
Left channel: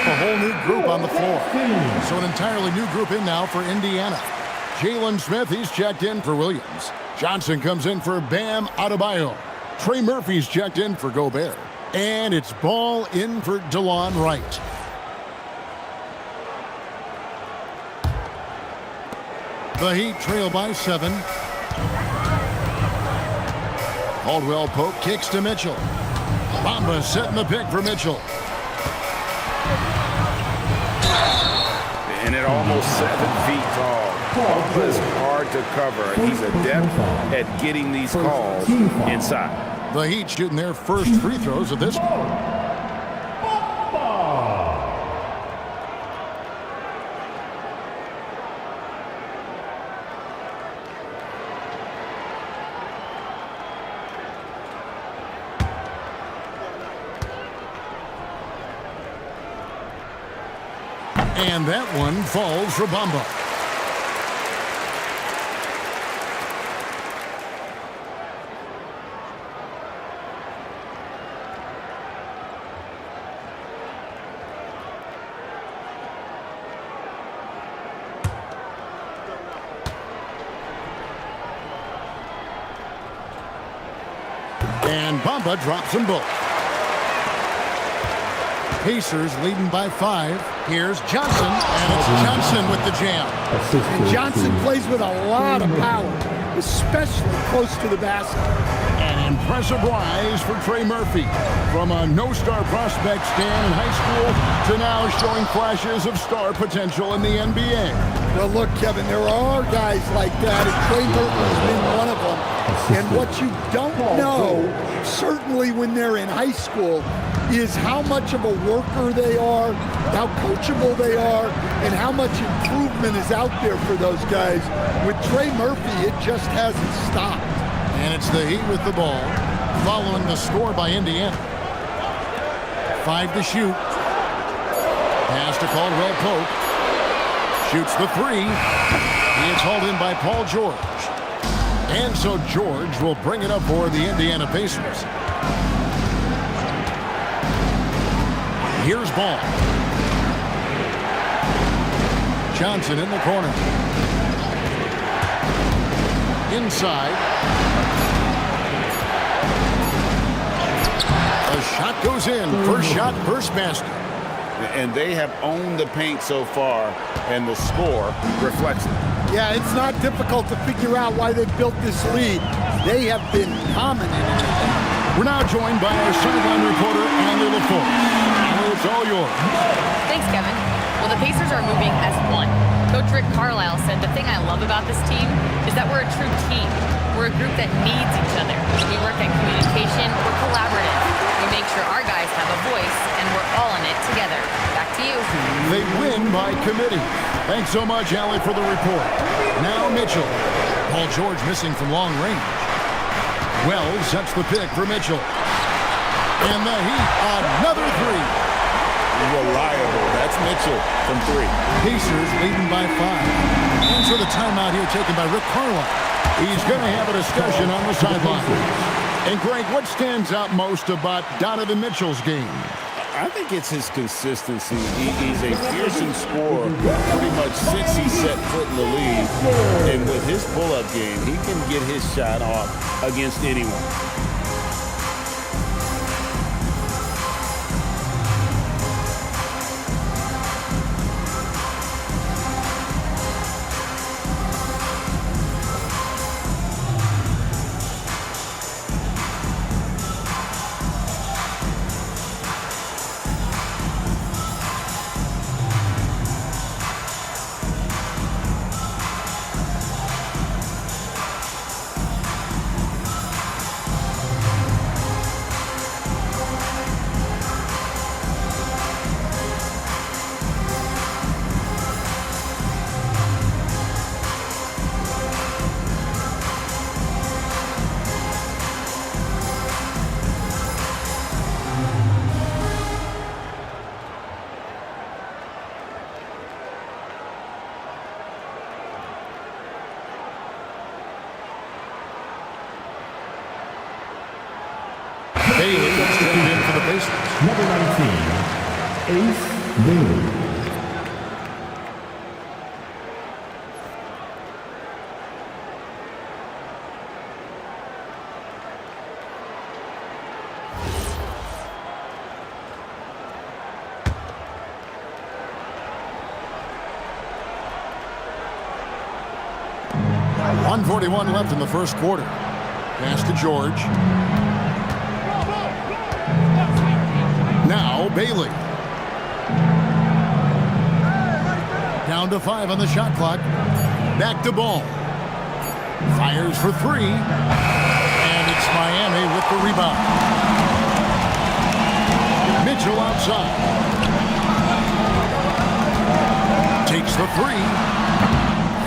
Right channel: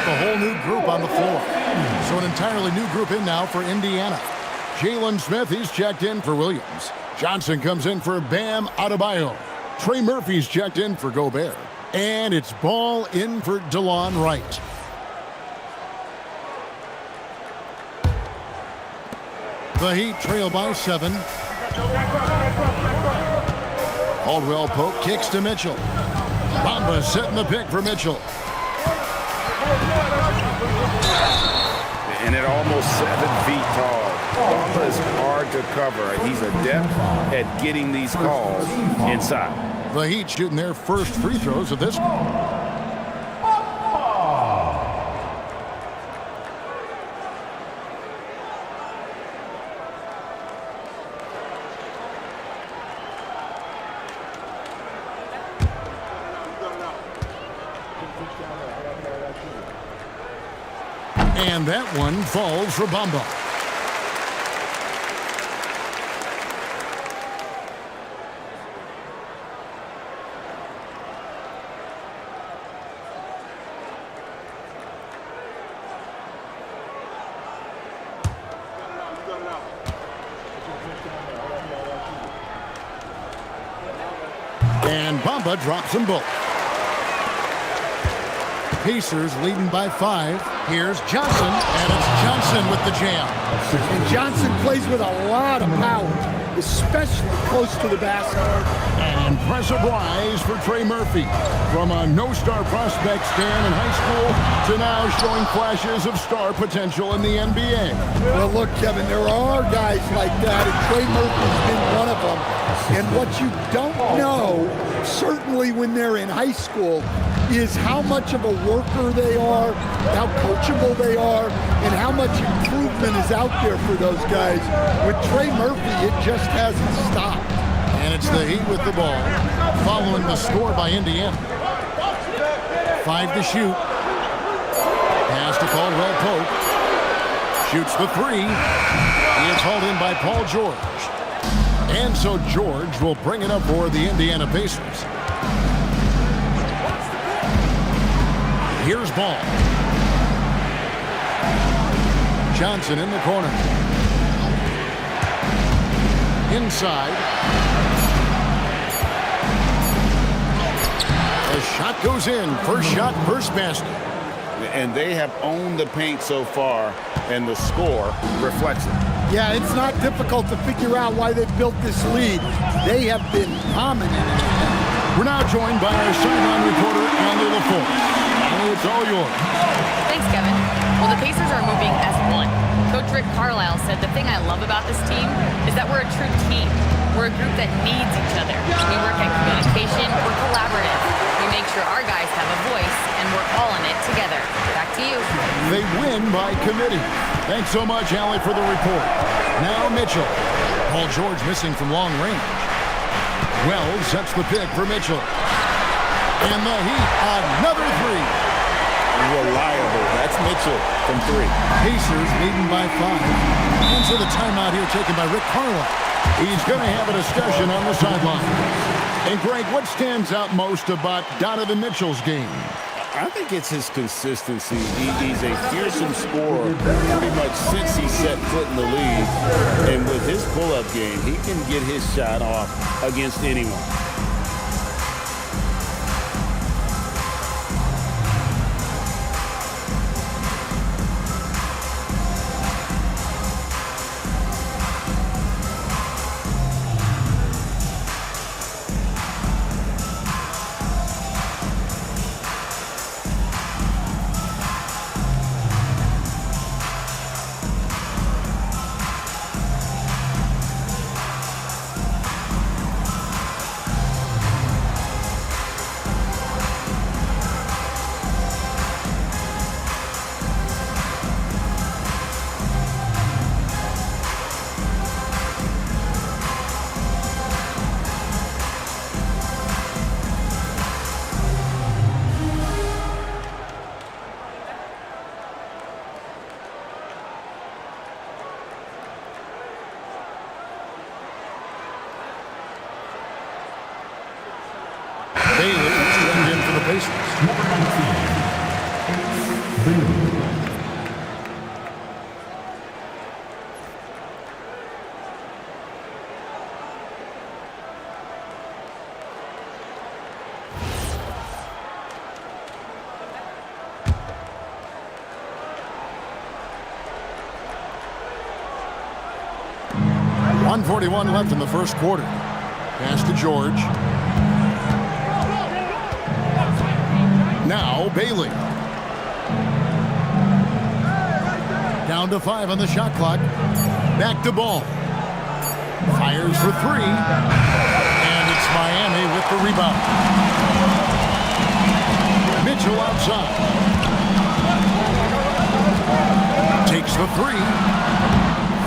a whole new group on the floor. So an entirely new group in now for Indiana. Jalen Smith, he's checked in for Williams. Johnson comes in for Bam Adebayo. Trey Murphy's checked in for Gobert. And it's Ball in for DeLon Wright. The Heat trail by 7. Caldwell Pope kicks to Mitchell. Bamba setting the pick for Mitchell. And at almost 7 feet tall, Bamba is hard to cover. He's adept at getting these calls inside. The Heat shooting their first free throws of this game. And that one falls for Bamba. And Bamba drops them both. Pacers leading by 5. Here's Johnson, and it's Johnson with the jam. And Johnson plays with a lot of power, especially close to the basket. An impressive rise for Trey Murphy. From a no-star prospect stand in high school to now showing flashes of star potential in the NBA. Well, look, Kevin, there are guys like that, and Trey Murphy's been one of them. And what you don't know, certainly when they're in high school, is how much of a worker they are, how coachable they are, and how much improvement is out there for those guys. With Trey Murphy, it just hasn't stopped. And it's the Heat with the ball, following the score by Indiana. 5 to shoot. Pass to Caldwell Pope. Shoots the 3. He is hauled in by Paul George. And so George will bring it up for the Indiana Pacers. Here's Ball. Johnson in the corner. Inside. A shot goes in. First shot, first basket. And they have owned the paint so far, and the score reflects it. Yeah, it's not difficult to figure out why they've built this lead. They have been dominant in the paint. We're now joined by our sideline reporter, Allie LaForce. Allie, it's all yours. Thanks, Kevin. Well, the Pacers are moving as one. Coach Rick Carlisle said the thing I love about this team is that we're a true team. We're a group that needs each other. We work at communication. We're collaborative. We make sure our guys have a voice, and we're all in it together. Back to you. They win by committee. Thanks so much, Allie, for the report. Now Mitchell. Paul George missing from long range. Wells sets the pick for Mitchell. And the Heat, another 3. Reliable. That's Mitchell from 3. Pacers leading by 5. And so the timeout here taken by Rick Carlisle. He's going to have a discussion on the sideline. And Greg, what stands out most about Donovan Mitchell's game? I think it's his consistency. He's a fearsome scorer pretty much since he set foot in the league. And with his pull-up game, he can get his shot off against anyone. Bailey is tuned in for the Pacers. Number 19. Ace Bailey. .141 left in the first quarter. Pass to George. Now Bailey. Down to 5 on the shot clock. Back to Ball. Fires for 3. And it's Miami with the rebound. Mitchell outside. Takes the 3.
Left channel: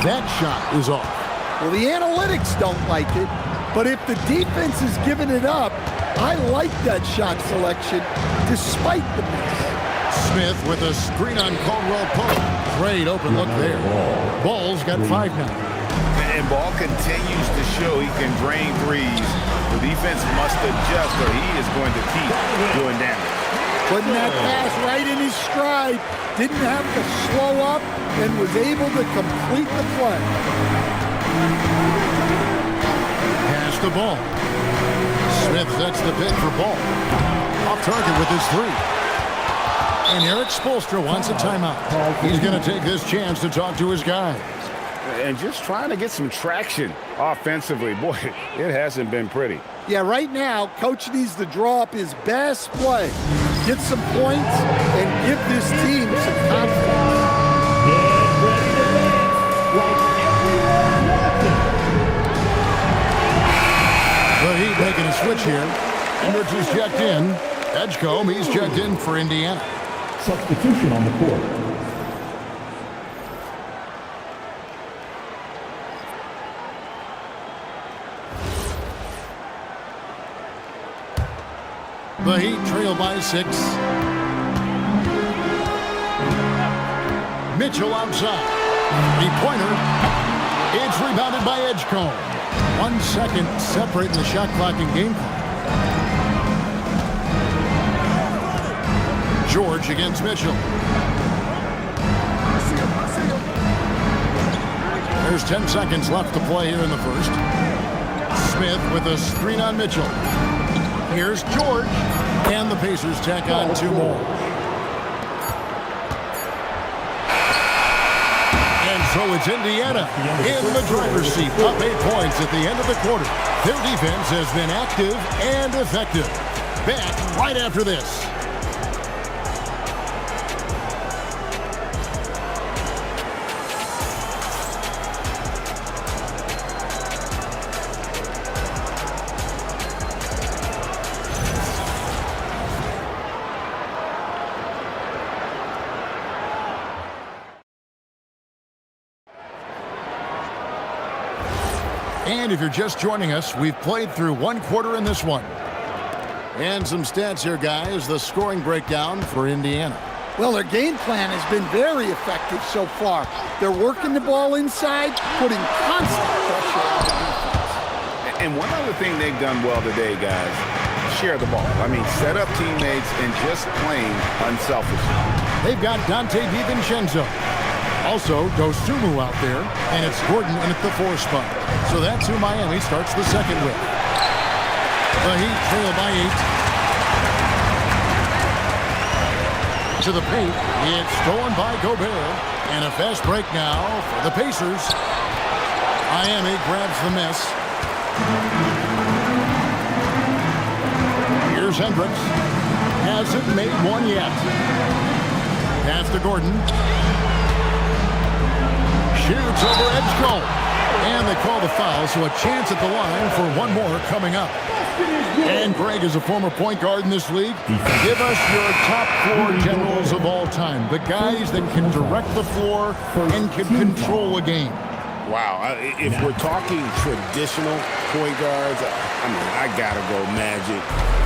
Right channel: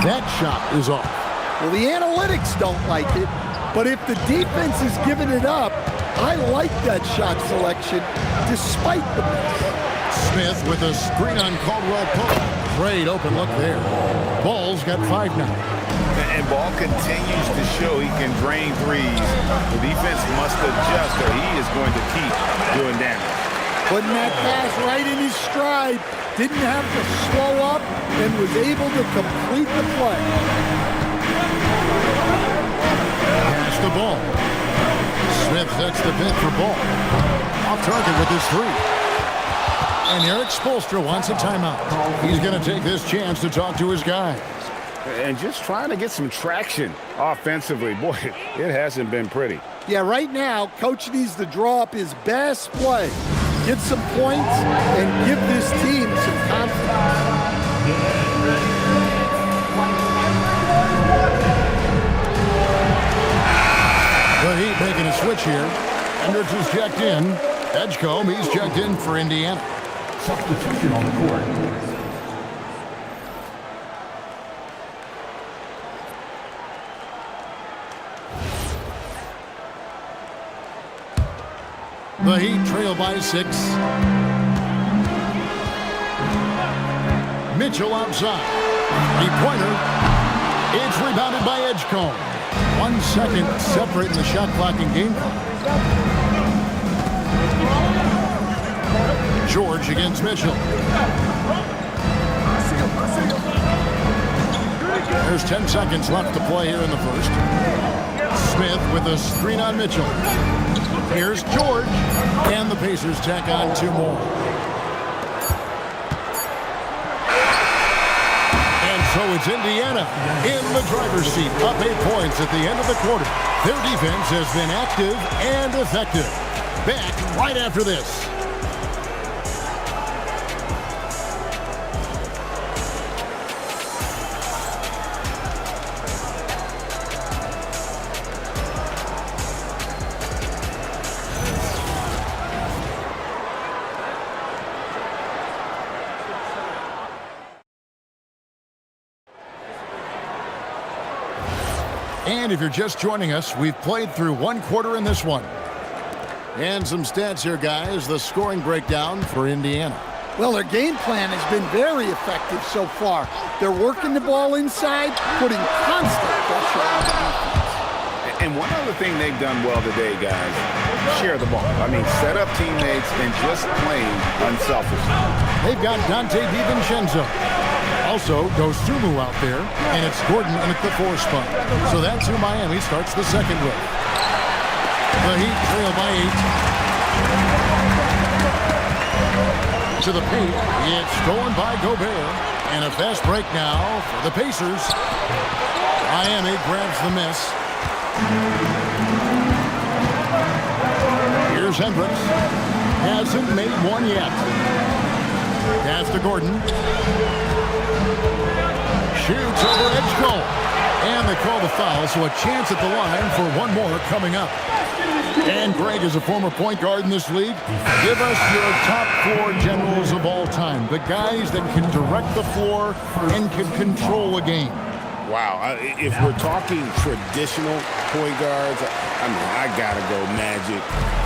That shot is off. Well, the analytics don't like it, but if the defense is giving it up, I like that shot selection despite the miss. Smith with a screen on Caldwell Pope. Great open look there. Ball's got 5 now. And Ball continues to show he can drain threes. The defense must adjust or he is going to keep doing damage. Putting that pass right in his stride. Didn't have to slow up and was able to complete the play. Pass the Ball. Smith sets the pick for Ball. Off target with his 3. And Eric Spoelstra wants a timeout. He's going to take this chance to talk to his guys. And just trying to get some traction offensively. Boy, it hasn't been pretty. Yeah, right now, Coach needs to draw up his best play. Get some points and give this team some confidence. The Heat making a switch here. Hendricks is checked in. Edgecombe, he's checked in for Indiana. Substitution on the court. The Heat trail by 6. Mitchell outside. 3-pointer. It's rebounded by Edgecombe. 1 second separating the shot clock and game clock. George against Mitchell. There's 10 seconds left to play here in the first. Smith with a screen on Mitchell. Here's George. And the Pacers tack on 2 more. And so it's Indiana in the driver's seat, up 8 points at the end of the quarter. Their defense has been active and effective. Back right after this. And if you're just joining us, we've played through 1 quarter in this one. And some stats here, guys. The scoring breakdown for Indiana. Well, their game plan has been very effective so far. They're working the ball inside, putting constant pressure on the defense. And one other thing they've done well today, guys, share the ball. I mean, set up teammates and just playing unselfishly. They've got Dante DiVincenzo. Also, Dosunmu out there, and it's Gordon in at the 4 spot. So that's who Miami starts the second with. The Heat trail by 8. To the paint, it's stolen by Gobert. And a fast break now for the Pacers. Miami grabs the miss. Here's Hendricks. Hasn't made one yet. Pass to Gordon. Shoots over Edgecombe. And they call the foul, so a chance at the line for 1 more coming up. And Greg is a former point guard in this league. Give us your top 4 generals of all time. The guys that can direct the floor and can control a game. Wow. If we're talking traditional point guards, I mean, I got to go Magic,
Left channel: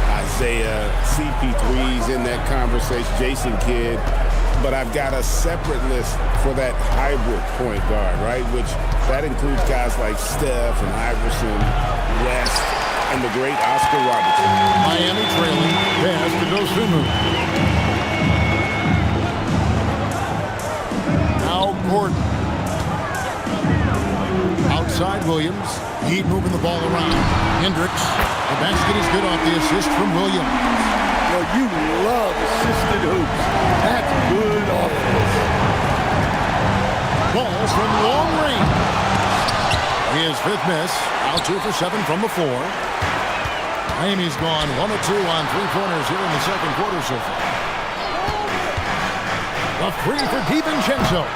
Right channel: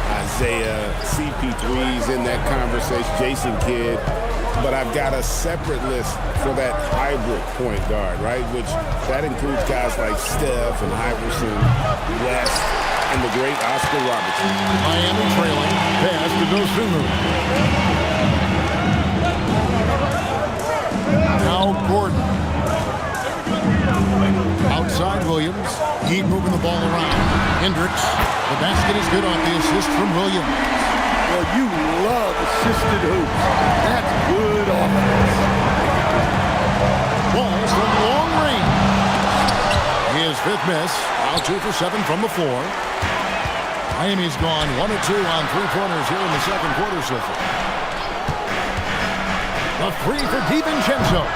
Isaiah, CP3's in that conversation, Jason Kidd. But I've got a separate list for that hybrid point guard, right? Which that includes guys like Steph and Iverson, West, and the great Oscar Robertson. Miami trailing. Pass to Dosunmu. Gordon. Outside Williams. Heat moving the ball around. Hendricks. The basket is good off the assist from Williams. Well, you love assisted hoops. That's good offense. Ball from long range. His fifth miss. Out 2 for 7 from the floor. Miami's gone 1 of 2 on three-pointers here in the second quarter so far. The three for DiVincenzo.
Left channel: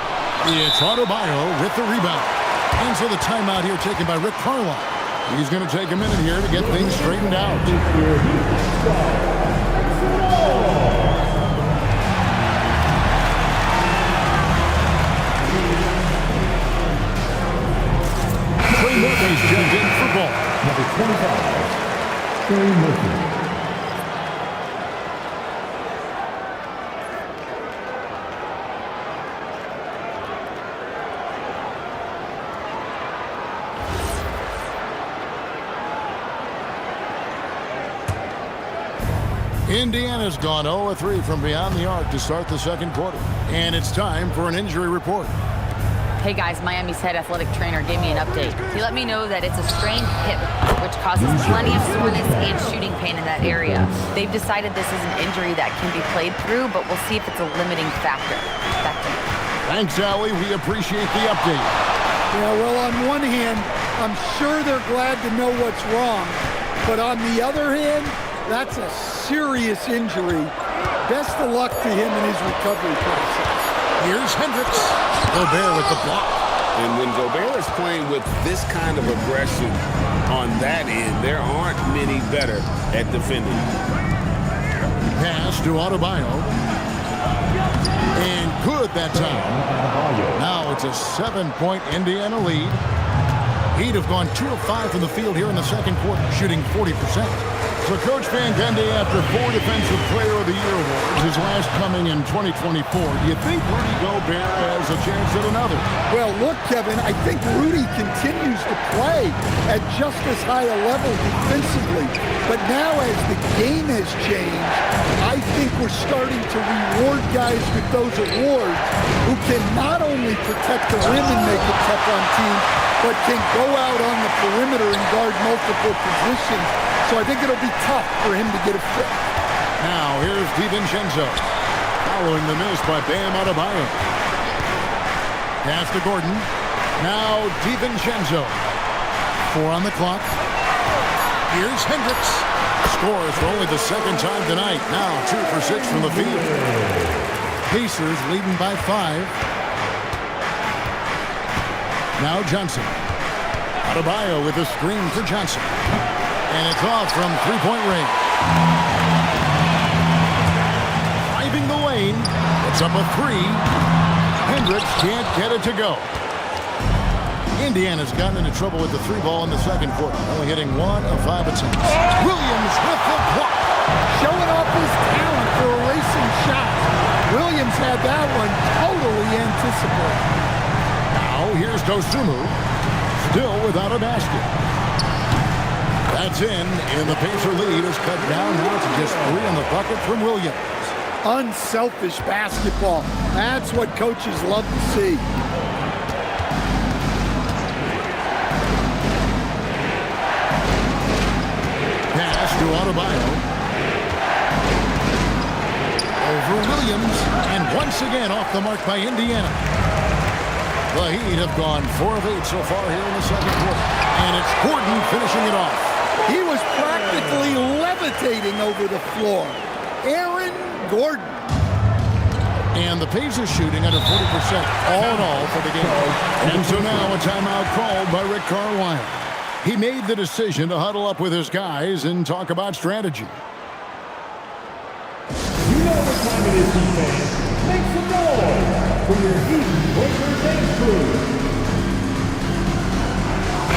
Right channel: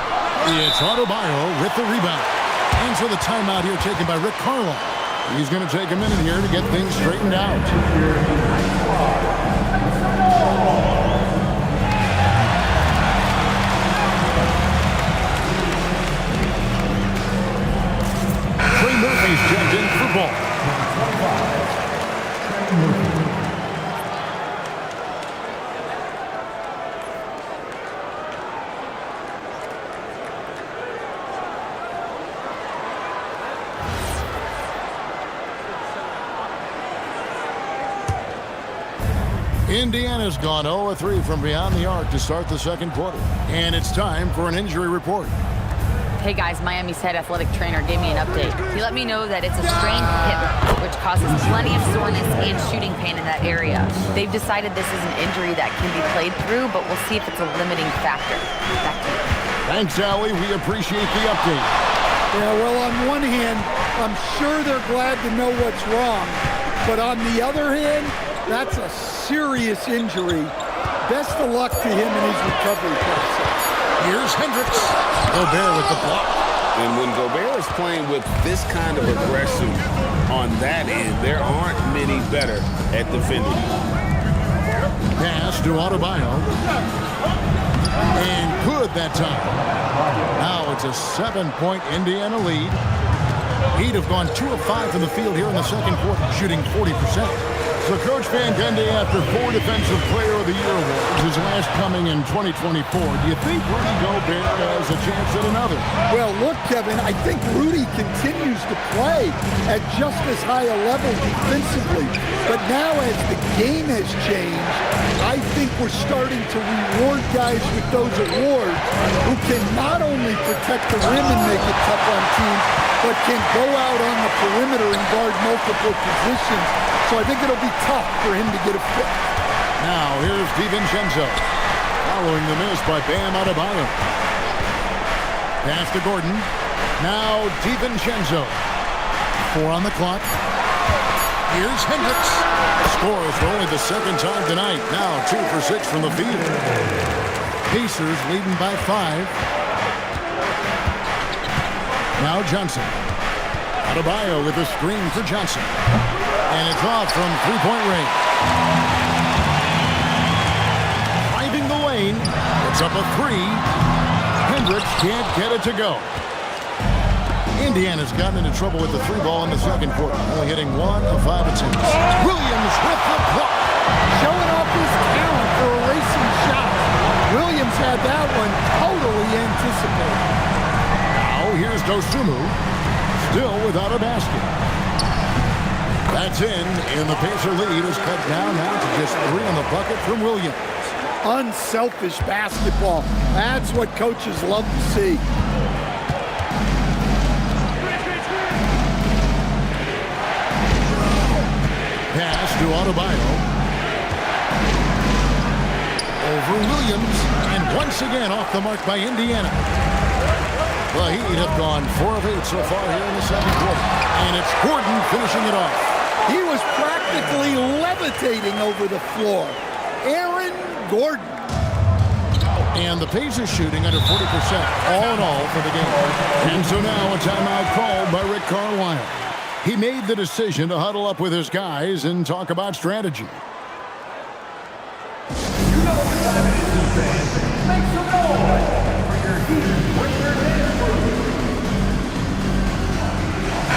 It's Adebayo with the rebound. And so the timeout here taken by Rick Carlisle. He's going to take a minute here to get things straightened out. Trey Murphy's checked in for ball. Number 25, Trey Murphy. Indiana's gone 0-3 from beyond the arc to start the second quarter. And it's time for an injury report. Hey guys, Miami's head athletic trainer gave me an update. He let me know that it's a strained hip, which causes plenty of soreness and shooting pain in that area. They've decided this is an injury that can be played through, but we'll see if it's a limiting factor. Back to you. Thanks, Allie. We appreciate the update. Yeah, well, on one hand, I'm sure they're glad to know what's wrong. But on the other hand, that's a serious injury. Best of luck to him in his recovery process. Here's Hendricks. Gobert with the block. And when Gobert is playing with this kind of aggression on that end, there aren't many better at defending. Pass to Adebayo. And good that time. Now it's a 7-point Indiana lead. Heat have gone 2 of 5 from the field here in the second quarter, shooting 40%. So Coach Van Gundy, after 4 Defensive Player of the Year awards, his last coming in 2024, do you think Rudy Gobert has a chance at another? Well, look, Kevin, I think Rudy continues to play at just as high a level defensively. But now as the game has changed, I think we're starting to reward guys with those awards who can not only protect the rim and make it tough on teams, but can go out on the perimeter and guard multiple positions. So I think it'll be tough for him to get a fifth. Now here's DiVincenzo. Following the miss by Bam Adebayo. Pass to Gordon. Now DiVincenzo. 4 on the clock. Here's Hendricks. Scores for only the second time tonight. Now 2 for 6 from the field. Pacers leading by 5. Now Johnson. Adebayo with a screen for Johnson. And it's off from three-point range. Driving the lane. It's up a 3. Hendricks can't get it to go. Indiana's gotten into trouble with the 3-ball in the second quarter. Only hitting 1 of 5 attempts. Williams with the block. Showing off his talent for erasing shots. Williams had that one totally anticipated. Now here's Dosunmu. Still without a basket. That's in, and the Pacer lead is cut down now to just 3 on the bucket from Williams. Unselfish basketball. That's what coaches love to see. Pass to Adebayo. Over Williams, and once again off the mark by Indiana. The Heat have gone 4 of 8 so far here in the second quarter. And it's Gordon finishing it off. He was practically levitating over the floor. Aaron Gordon. And the Pacers shooting under 40% all in all for the game. And so now a timeout called by Rick Carlisle. He made the decision to huddle up with his guys and talk about strategy. You know what time it is, Heat fans. Make some noise for your Heat Breaker Dance Crew.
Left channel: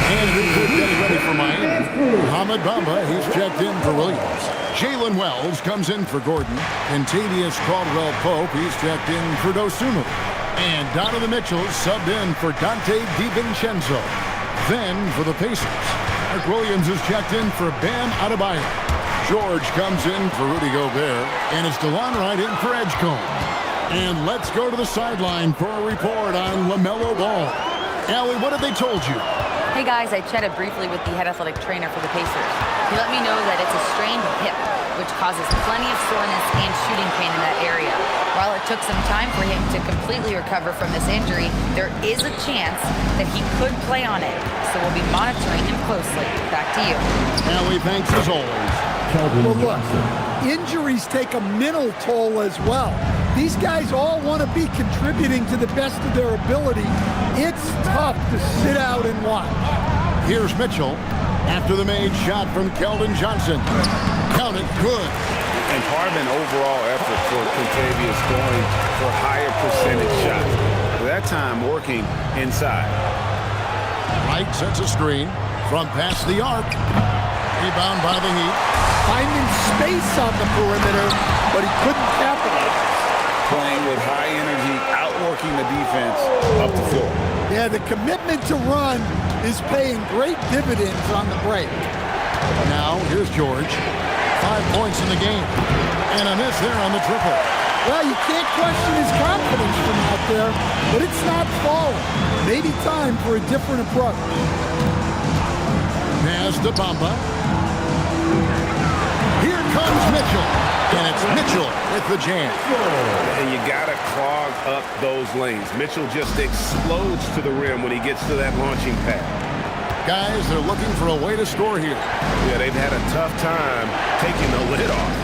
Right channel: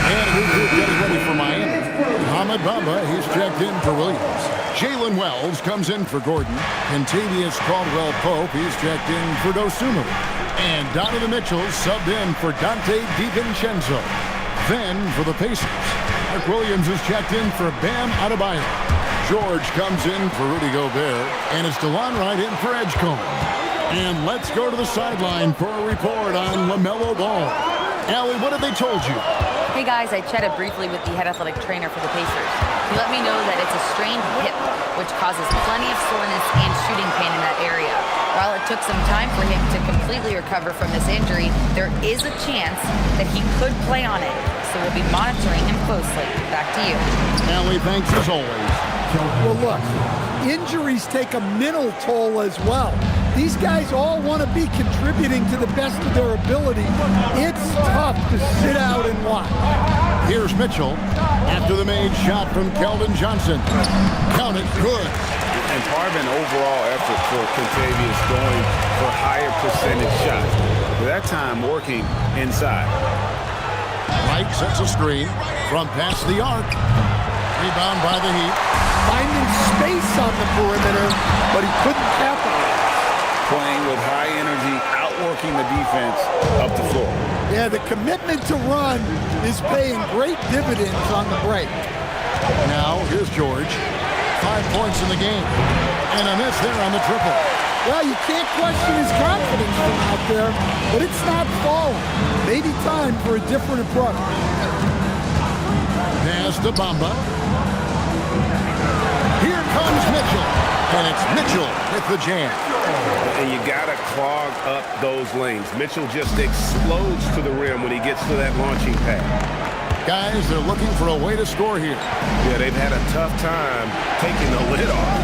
And a new group getting ready for Miami. Mohamed Bamba, he's checked in for Williams. Jalen Wells comes in for Gordon. Kentavious Caldwell-Pope, he's checked in for Dosunmu. And Donovan Mitchell subbed in for Dante DiVincenzo. Then for the Pacers, Mark Williams is checked in for Bam Adebayo. George comes in for Rudy Gobert. And it's DeLon Wright in for Edgecombe. And let's go to the sideline for a report on LaMelo Ball. Allie, what have they told you? Hey guys, I chatted briefly with the head athletic trainer for the Pacers. He let me know that it's a strained hip, which causes plenty of soreness and shooting pain in that area. While it took some time for him to completely recover from this injury, there is a chance that he could play on it. So we'll be monitoring him closely. Back to you. Allie, thanks as always. Well, look, injuries take a mental toll as well. These guys all want to be contributing to the best of their ability. It's tough to sit out and watch. Here's Mitchell after the made shot from Keldon Johnson. Count it, good. And part of an overall effort for Kentavious going for higher percentage shots. But that time working inside. Wright sets a screen from past the arc. Rebound by the Heat. Finding space on the perimeter, but he couldn't capitalize. Playing with high energy, outworking the defense up the floor. Yeah, the commitment to run is paying great dividends on the break. Now, here's George. 5 points in the game. And a miss there on the triple. Well, you can't question his confidence from out there, but it's not falling. Maybe time for a different approach. Pass to Bamba. Here comes Mitchell. And it's Mitchell with the jam. And you got to clog up those lanes. Mitchell just explodes to the rim when he gets to that launching pad. Guys, they're looking for a way to score here. Yeah, they've had a tough time taking the lid off.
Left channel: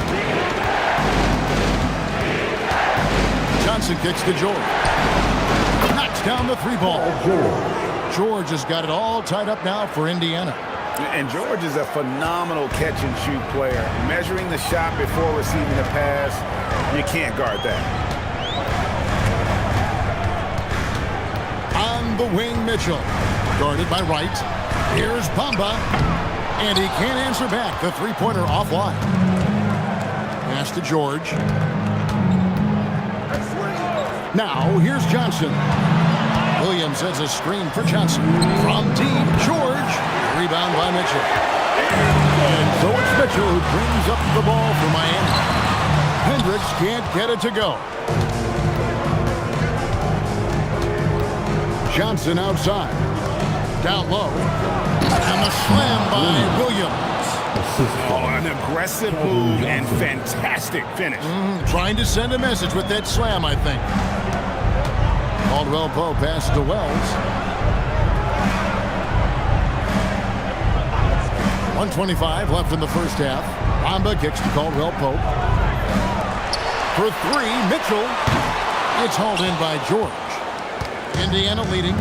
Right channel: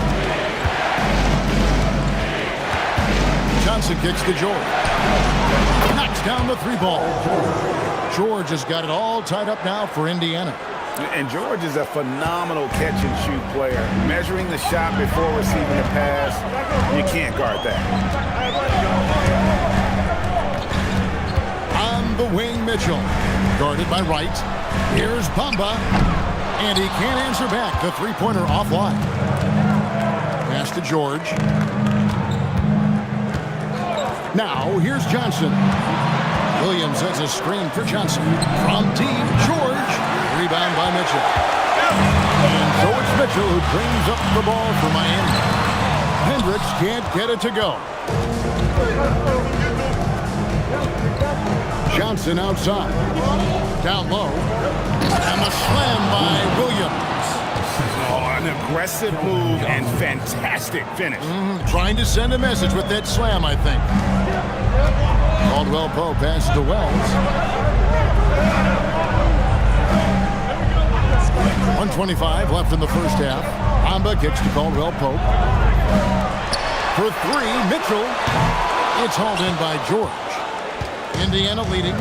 Johnson kicks to George. Knocks down the three ball. George has got it all tied up now for Indiana. And George is a phenomenal catch-and-shoot player. Measuring the shot before receiving the pass, you can't guard that. On the wing, Mitchell. Guarded by Wright. Here's Bamba. And he can't answer back. The three-pointer offline. Pass to George. Now, here's Johnson. Williams sets a screen for Johnson. From deep, George. Rebound by Mitchell. And so it's Mitchell who brings up the ball for Miami. Hendricks can't get it to go. Johnson outside. Down low. And the slam by Williams. Oh, an aggressive move and fantastic finish. Trying to send a message with that slam, I think. Caldwell Pope passes to Wells. 1:25 left in the first half. Bamba kicks to Caldwell Pope. For three, Mitchell. It's hauled in by George. Indiana leading.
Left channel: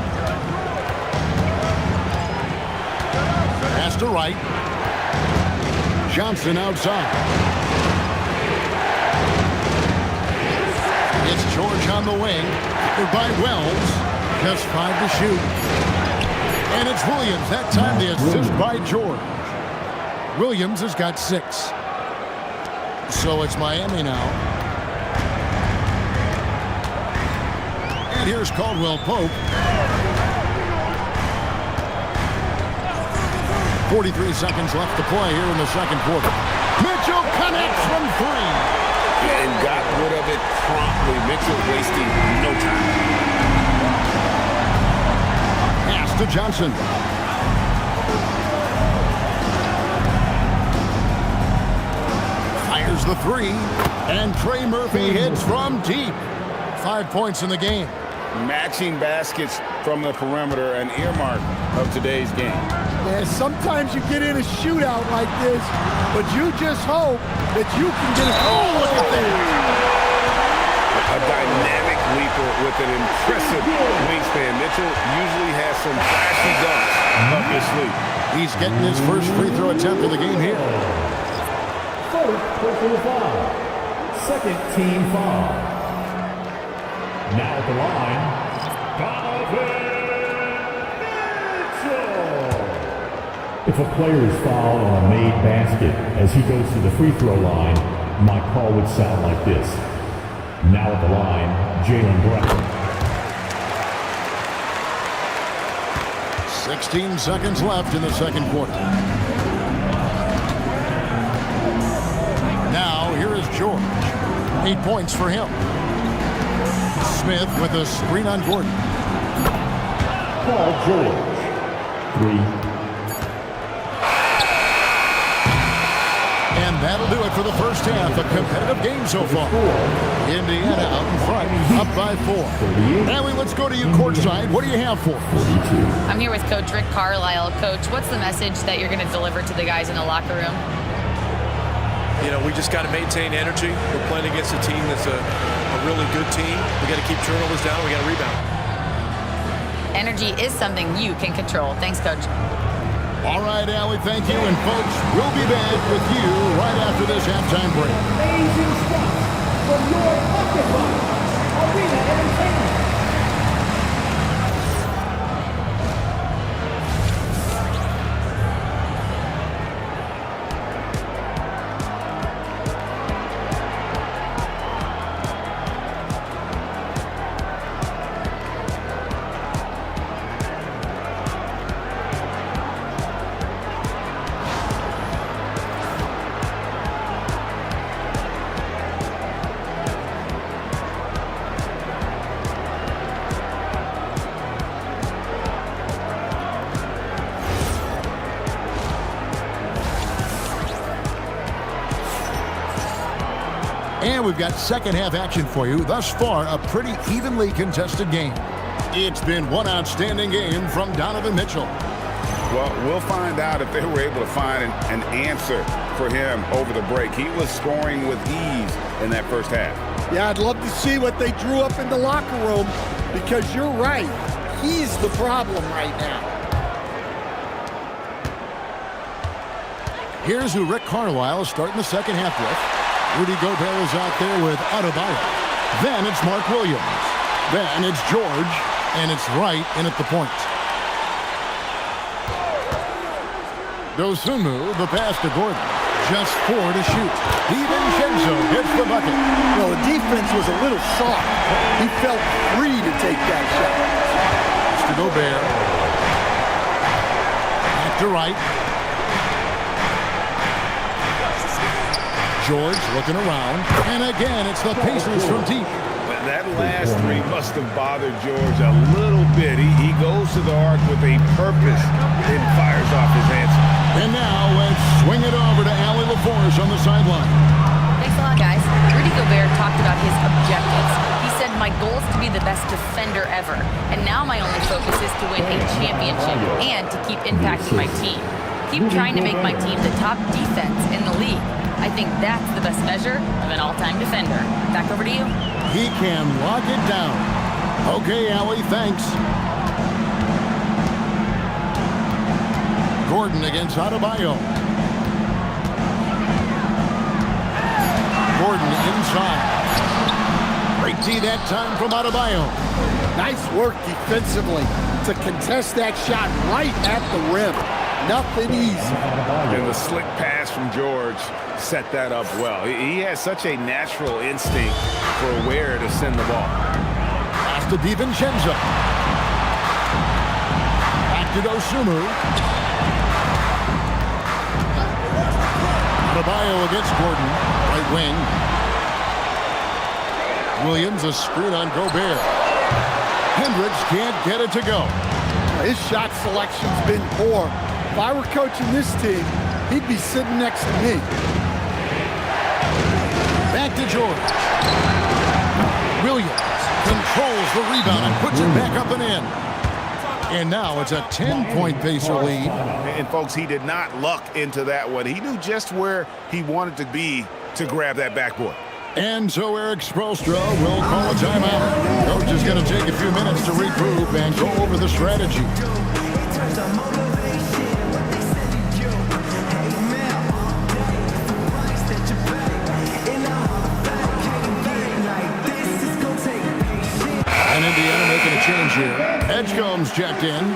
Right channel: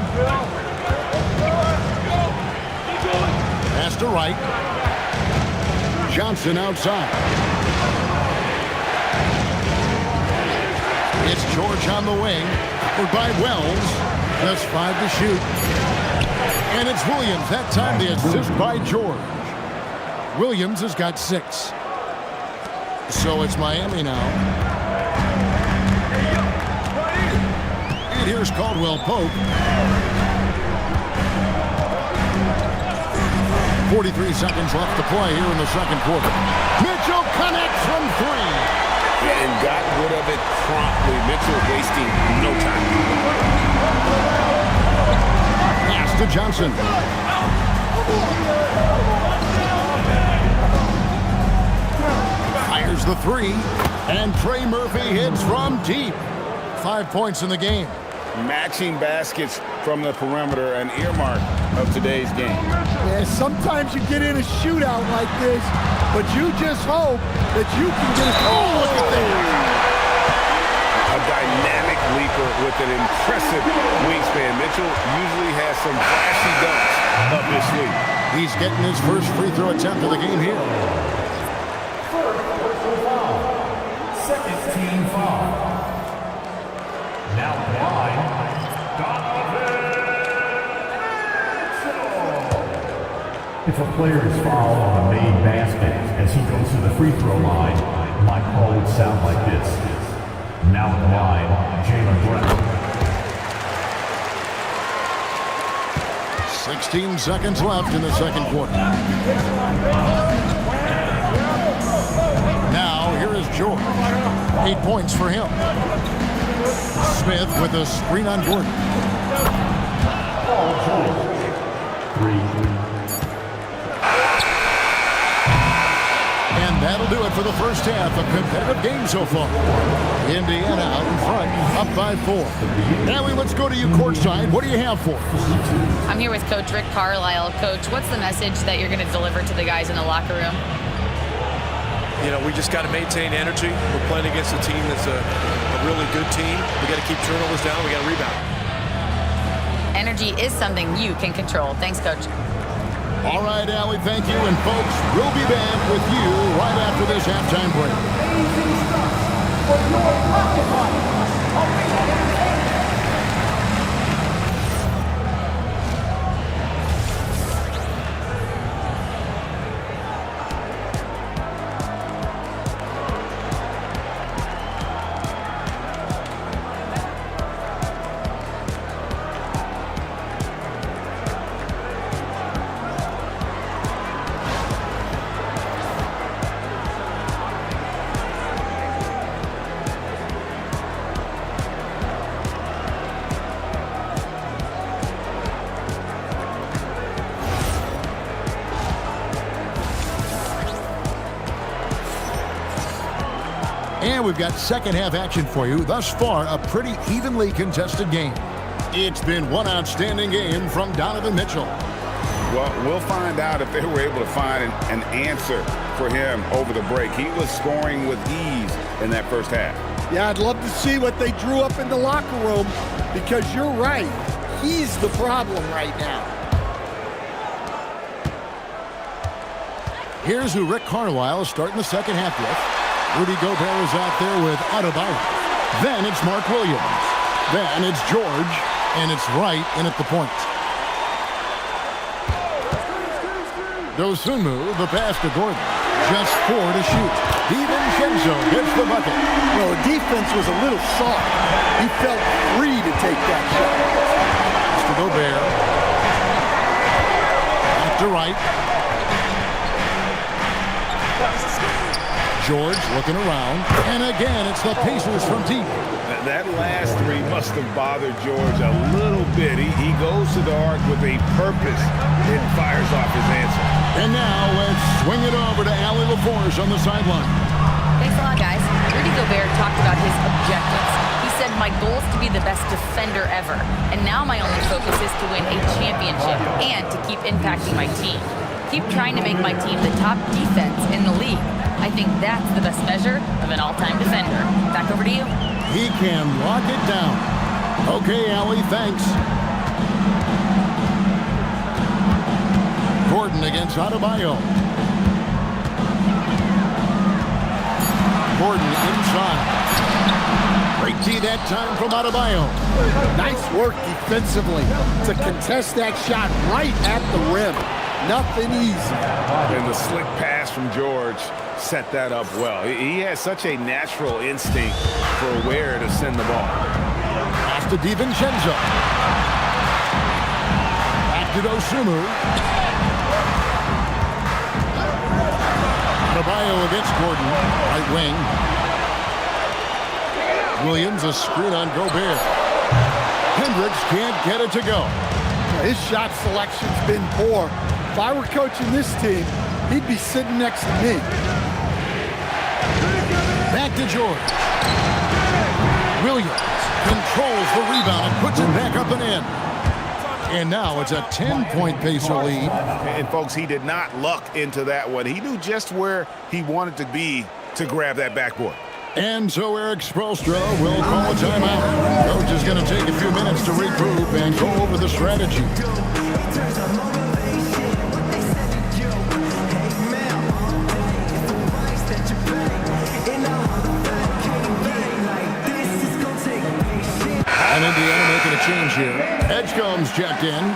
Pass to Wright. Johnson outside. It's George on the wing. Covered by Wells. Just 5 to shoot. And it's Williams. That time the assist by George. Williams has got 6. So it's Miami now. And here's Caldwell Pope. 43 seconds left to play here in the second quarter. Mitchell connects from 3. Yeah, and got rid of it promptly. Mitchell wasting no time. Pass to Johnson. Fires the 3. And Trey Murphy hits from deep. 5 points in the game. Matching baskets from the perimeter, an earmark of today's game. Yeah, sometimes you get in a shootout like this, but you just hope that you can get a goal. Look at that. A dynamic leaper with an impressive wingspan. Mitchell usually has some flashy dunks up his sleeve. He's getting his first free throw attempt of the game here. First personal foul. Second team foul. Now at the line, Donovan Mitchell. If a player is fouled on a made basket as he goes to the free throw line, my call would sound like this. Now at the line, Jaylen Brown. 16 seconds left in the second quarter. Now here is George. 8 points for him. Smith with a screen on Gordon. Paul George. 3. And that'll do it for the first half. A competitive game so far. Indiana out in front, up by 4. Allie, let's go to you courtside. What do you have for us? I'm here with Coach Rick Carlisle. Coach, what's the message that you're going to deliver to the guys in the locker room? You know, we just got to maintain energy. We're playing against a team that's a really good team. We got to keep turnovers down. We got to rebound. Energy is something you can control. Thanks, Coach. All right, Allie, thank you. And folks, we'll be back with you right after this halftime break. Amazing stuff for your pocket money. Arena Entertainment. And we've got second half action for you. Thus far, a pretty evenly contested game. It's been one outstanding game from Donovan Mitchell. Well, we'll find out if they were able to find an answer for him over the break. He was scoring with ease in that first half. Yeah, I'd love to see what they drew up in the locker room, because you're right. He's the problem right now. Here's who Rick Carlisle is starting the second half with. Rudy Gobert is out there with Adebayo. Then it's Mark Williams. Then it's George. And it's Wright in at the point. Dosunmu, the pass to Gordon. Just 4 to shoot. DiVincenzo gets the bucket. Well, the defense was a little soft. He felt free to take that shot. Pass to Gobert. Back to Wright. George looking around, and again, it's the Pacers from deep. That last three must have bothered George a little bit. He goes to the arc with a purpose and fires off his answer. And now let's swing it over to Allie LaForce on the sideline. Thanks a lot, guys. Rudy Gobert talked about his objectives. He said, my goal is to be the best defender ever. And now my only focus is to win a championship and to keep impacting my team. Keep trying to make my team the top defense in the league. I think that's the best measure of an all-time defender. Back over to you. He can lock it down. Okay, Allie, thanks. Gordon against Adebayo. Gordon inside. Great D that time from Adebayo. Nice work defensively to contest that shot right at the rim. Nothing easy. And the slick pass from George set that up well. He has such a natural instinct for where to send the ball. Pass to DiVincenzo. Back to Dosunmu. Adebayo against Gordon, right wing. Williams a screen on Gobert. Hendricks can't get it to go. Well, his shot selection's been poor. If I were coaching this team, he'd be sitting next to me. Back to George. Williams controls the rebound and puts it back up and in. And now it's a 10-point Pacer lead. And folks, he did not luck into that one. He knew just where he wanted to be to grab that backboard. And so Eric Spoelstra will call a timeout. Coach is going to take a few minutes to regroup and go over the strategy. And Indiana making a change here. Edgecombe's checked in.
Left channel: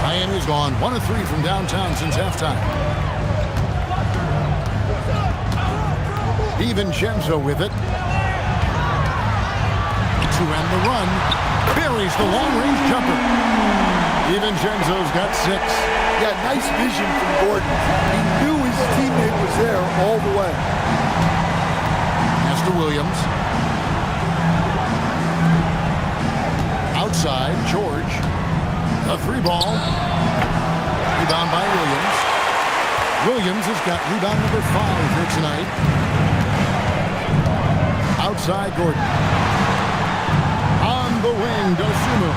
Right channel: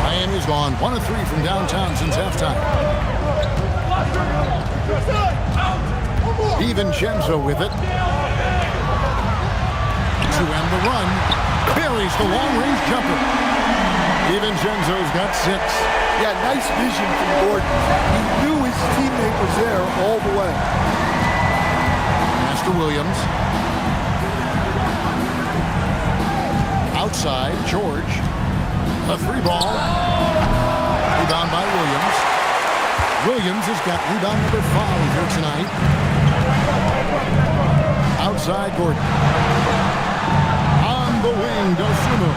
Miami's gone 1 of 3 from downtown since halftime. DiVincenzo with it. To end the run. Buries the long-range jumper. DiVincenzo's got 6. Yeah, nice vision from Gordon. He knew his teammate was there all the way. Pass to Williams. Outside, George. A 3-ball. Rebound by Williams. Williams has got rebound number 5 here tonight. Outside, Gordon. On the wing, Dosunmu.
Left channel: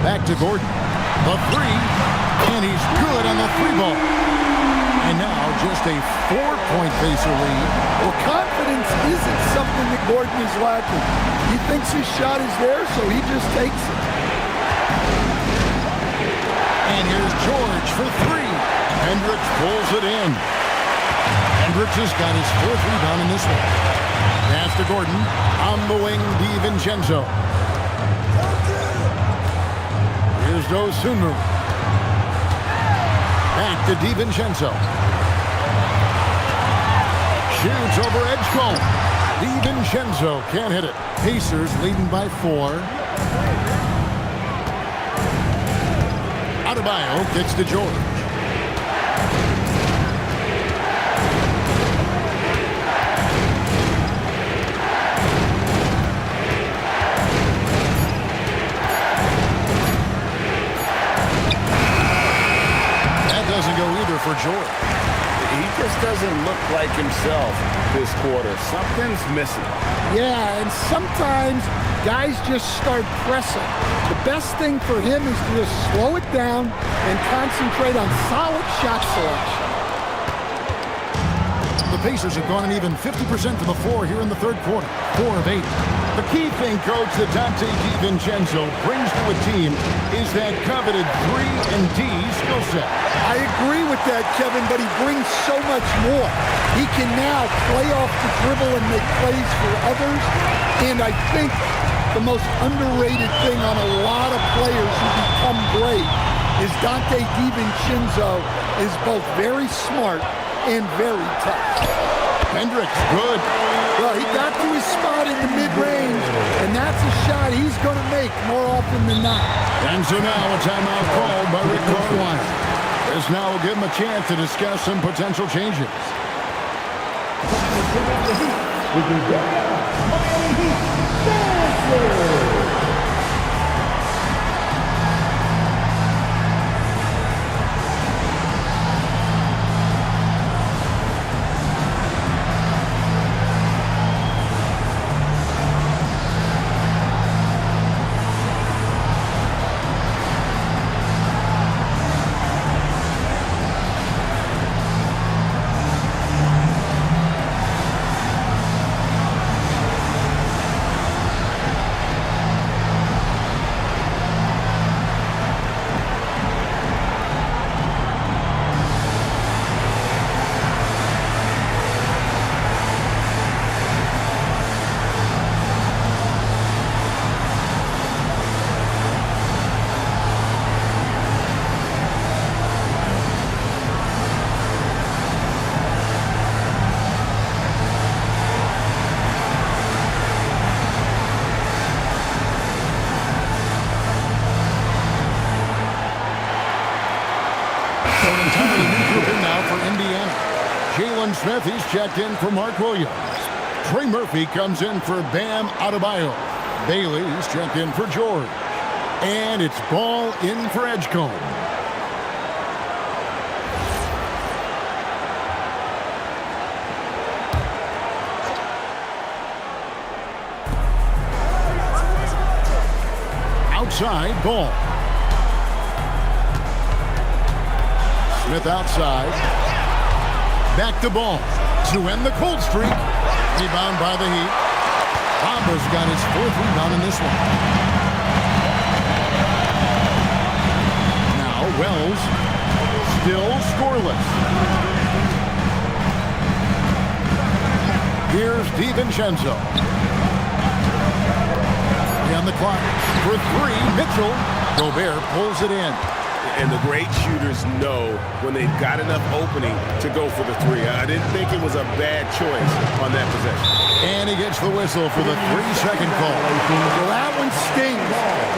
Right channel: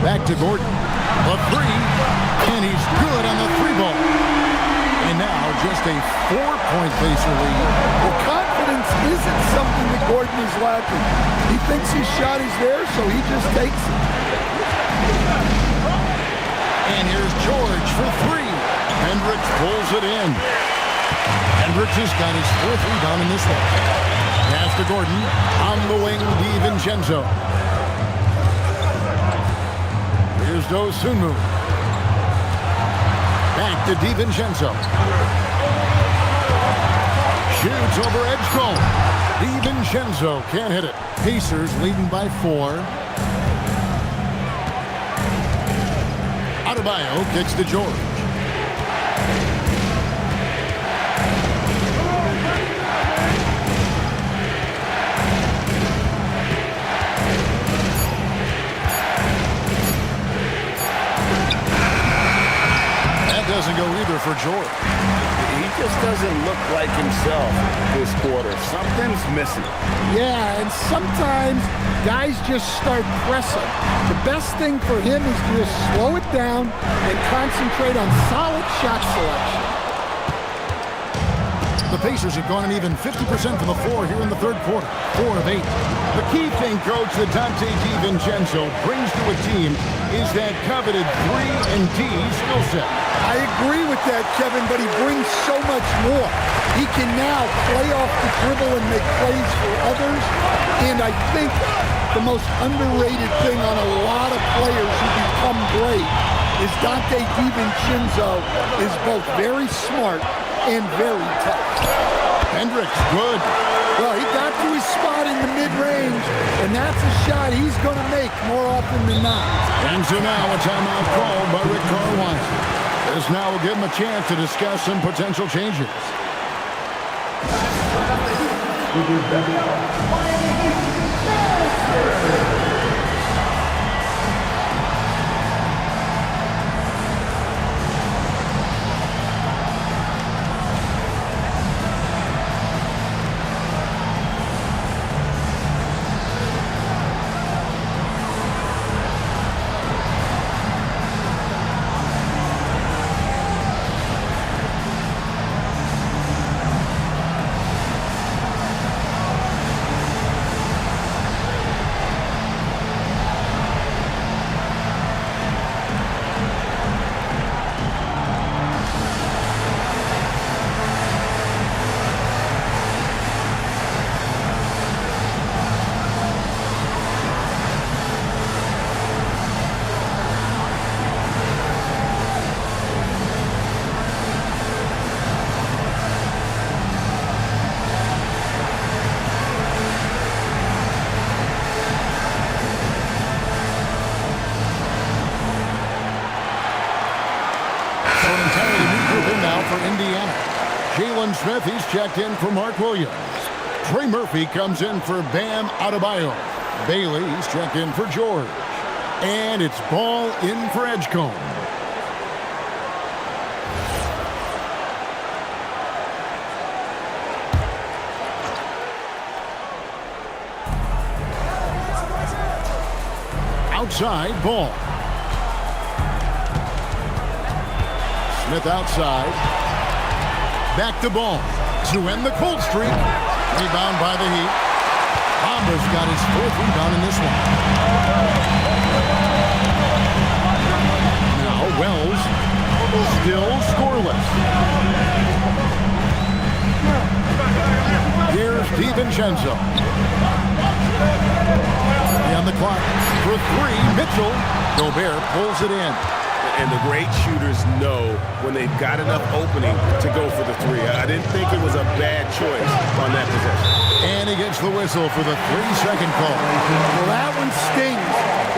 Back to Gordon. The 3, and he's good on the 3-ball. And now just a 4-point Pacer lead. Well, confidence isn't something that Gordon is lacking. He thinks his shot is there, so he just takes it. And here's George for 3. Hendricks pulls it in. Hendricks has got his 4th rebound in this one. Pass to Gordon. On the wing, DiVincenzo. Here's Dosunmu. Back to DiVincenzo. Shoots over Edgecombe. DiVincenzo can't hit it. Pacers leading by 4. Adebayo kicks to George. That doesn't go either for George. He just doesn't look like himself this quarter. Something's missing. Yeah, and sometimes guys just start pressing. The best thing for him is to just slow it down and concentrate on solid shot selection. The Pacers have gone an even 50% from the floor here in the third quarter. 4 of 8. The key thing, Coach, that Dante DiVincenzo brings to a team is that coveted 3-and-D skill set. I agree with that, Kevin, but he brings so much more. He can now play off the dribble and make plays for others. And I think the most underrated thing on a lot of players who become great is Dante DiVincenzo is both very smart and very tough. Hendricks, good. Well, he got to his spot in the mid-range, and that's a shot he's going to make more often than not. And so now a timeout called by Rick Carlisle. This now will give him a chance to discuss some potential changes. So an entirely new group in now for Indiana. Jalen Smith, he's checked in for Mark Williams. Trey Murphy comes in for Bam Adebayo. Bailey, he's checked in for George. And it's Ball in for Edgecombe. Outside, Ball. Smith outside. Back to Ball to end the cold streak. Rebound by the Heat. Bamba's got his 4th rebound in this one. Now Wells still scoreless. Here's DiVincenzo. On the clock for 3. Mitchell. Gobert pulls it in. And the great shooters know when they've got enough opening to go for the 3. I didn't think it was a bad choice on that possession. And he gets the whistle for the 3-second call. Well, that one stings.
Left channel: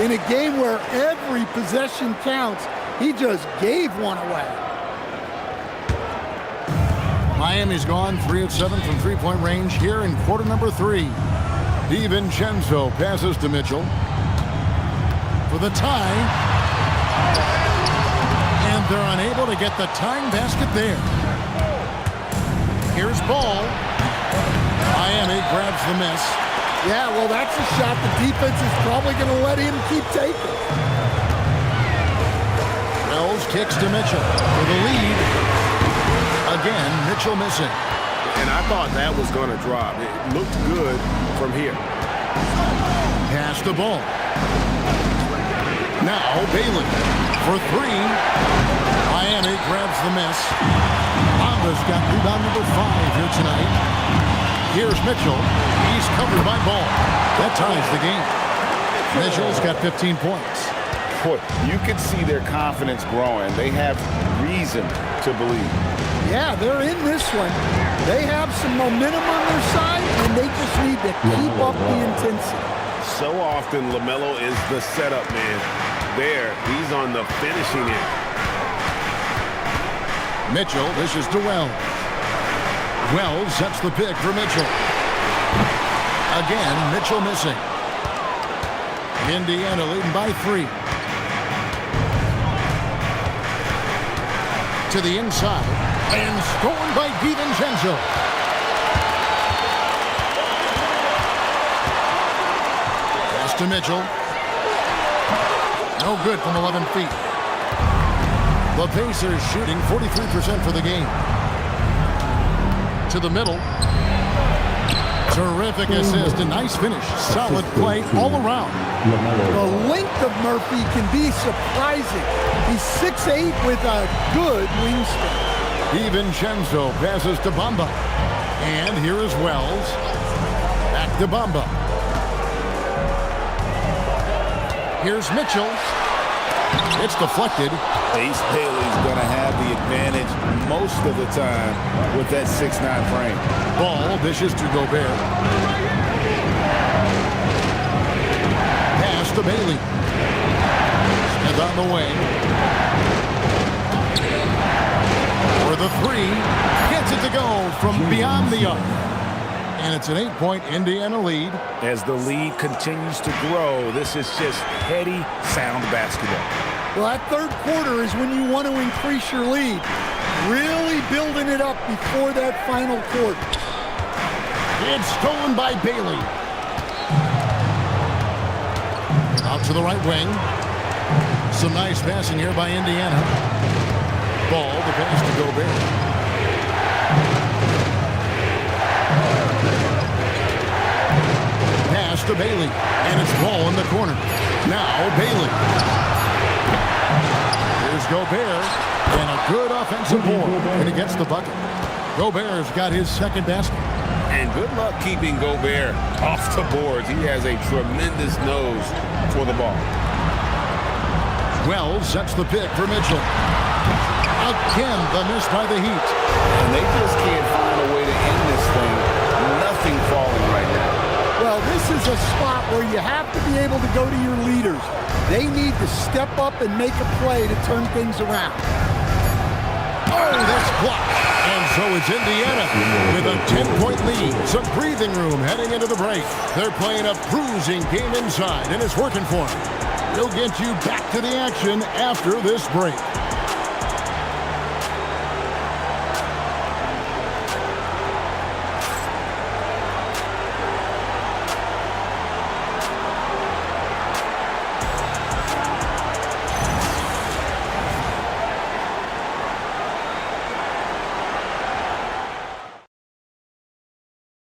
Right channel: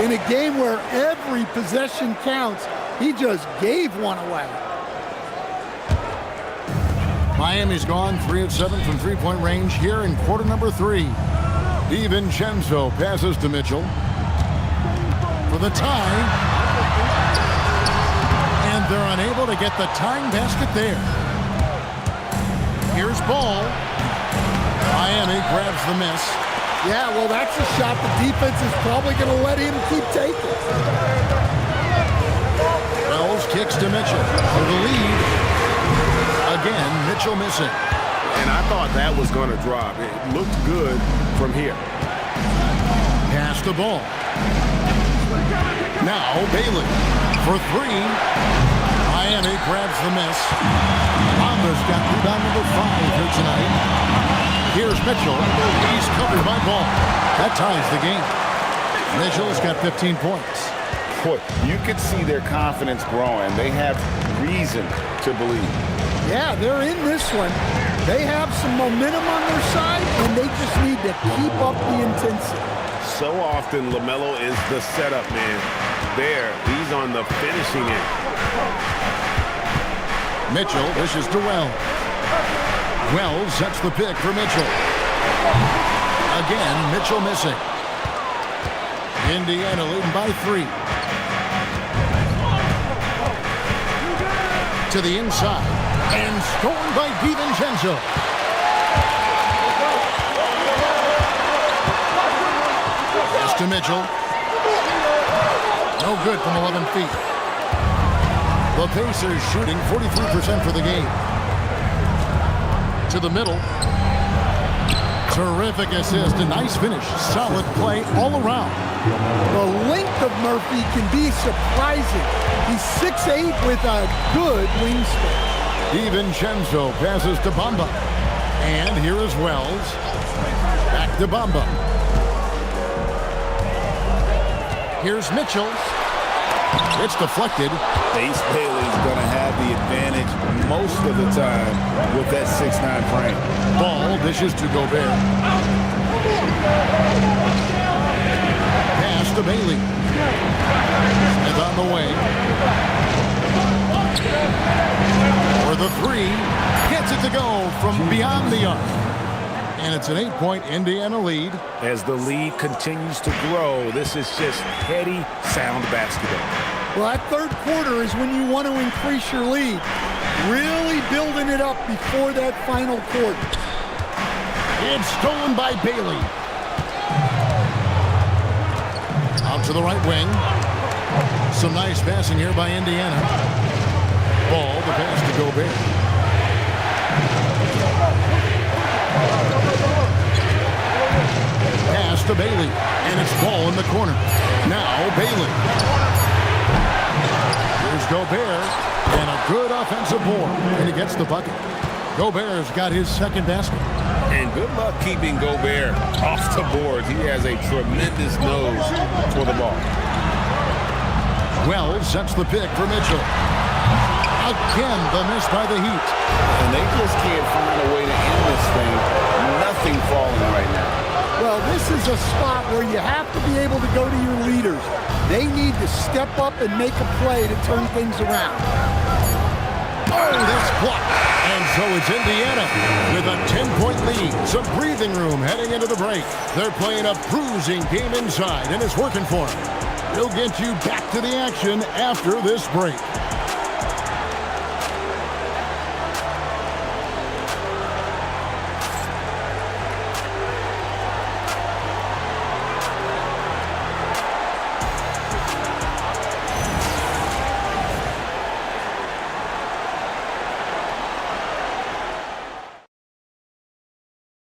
In a game where every possession counts, he just gave one away. Miami's gone 3 of 7 from 3-point range here in quarter number 3. DiVincenzo passes to Mitchell for the tie. And they're unable to get the tying basket there. Here's Ball. Miami grabs the miss. Yeah, well, that's a shot the defense is probably going to let him keep taking. Wells kicks to Mitchell for the lead. Again, Mitchell missing. And I thought that was going to drop. It looked good from here. Pass the ball. Now Bailey for three. Miami grabs the miss. Bamba's got rebound number 5 here tonight. Here's Mitchell. He's covered by Ball. That ties the game. Mitchell's got 15 points. Boy, you could see their confidence growing. They have reason to believe. Yeah, they're in this one. They have some momentum on their side, and they just need to keep up the intensity. So often, LaMelo is the setup man. There, he's on the finishing end. Mitchell dishes to Wells. Wells sets the pick for Mitchell. Again, Mitchell missing. Indiana leading by 3. To the inside, and stolen by DiVincenzo. Pass to Mitchell. No good from 11 feet. The Pacers shooting 43% for the game. To the middle. Terrific assist, a nice finish. Solid play all around. The length of Murphy can be surprising. He's 6'8" with a good wingspan. DiVincenzo passes to Bamba. And here is Wells. Back to Bamba. Here's Mitchell. It's deflected. Ace Bailey's going to have the advantage most of the time with that 6'9" frame. Ball dishes to Gobert. Pass to Bailey. Smith on the way. For the 3. Gets it to go from beyond the arc. And it's an 8-point Indiana lead. As the lead continues to grow, this is just heady, sound basketball. Well, that third quarter is when you want to increase your lead. Really building it up before that final quarter. It's stolen by Bailey. Out to the right wing. Some nice passing here by Indiana. Ball, the pass to Gobert. Pass to Bailey. And it's Ball in the corner. Now Bailey. Here's Gobert. And a good offensive board. And he gets the bucket. Gobert's got his second basket. And good luck keeping Gobert off the boards. He has a tremendous nose for the ball. Wells sets the pick for Mitchell. Again, the miss by the Heat. And they just can't find a way to end this thing. Nothing falling right now. Well, this is a spot where you have to be able to go to your leaders. They need to step up and make a play to turn things around. Oh, that's blocked. And so it's Indiana with a 10-point lead. Some breathing room heading into the break. They're playing a bruising game inside, and it's working for them. We'll get you back to the action after this break.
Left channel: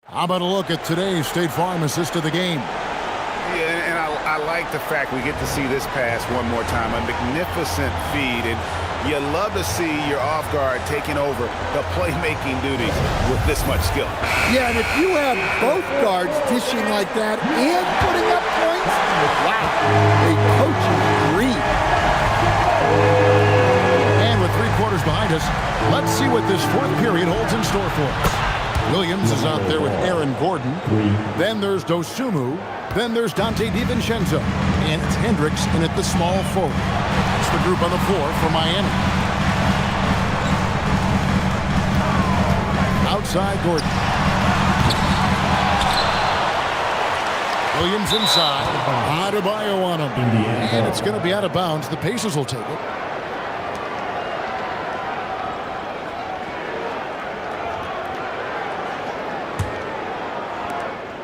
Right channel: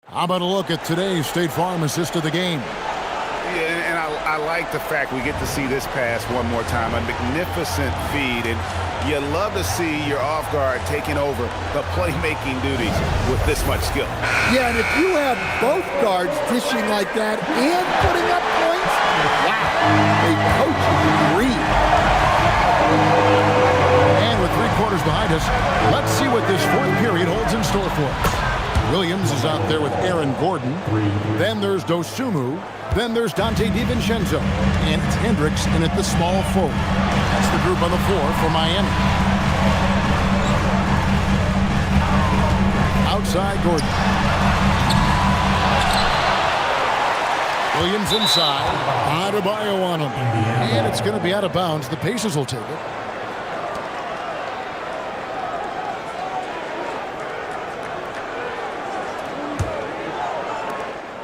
How about a look at today's State Farm assist of the game? Yeah, and I like the fact we get to see this pass one more time. A magnificent feed, and you love to see your off guard taking over the playmaking duties with this much skill. Yeah, and if you have both guards dishing like that and putting up points, wow, a coach's dream. And with 3 quarters behind us, let's see what this fourth period holds in store for us. Williams is out there with Aaron Gordon. Then there's Dosunmu. Then there's Dante DiVincenzo. And it's Hendricks in at the small forward. That's the group on the floor for Miami. Outside Gordon. Williams inside. Adebayo on him. And it's going to be out of bounds. The Pacers will take it.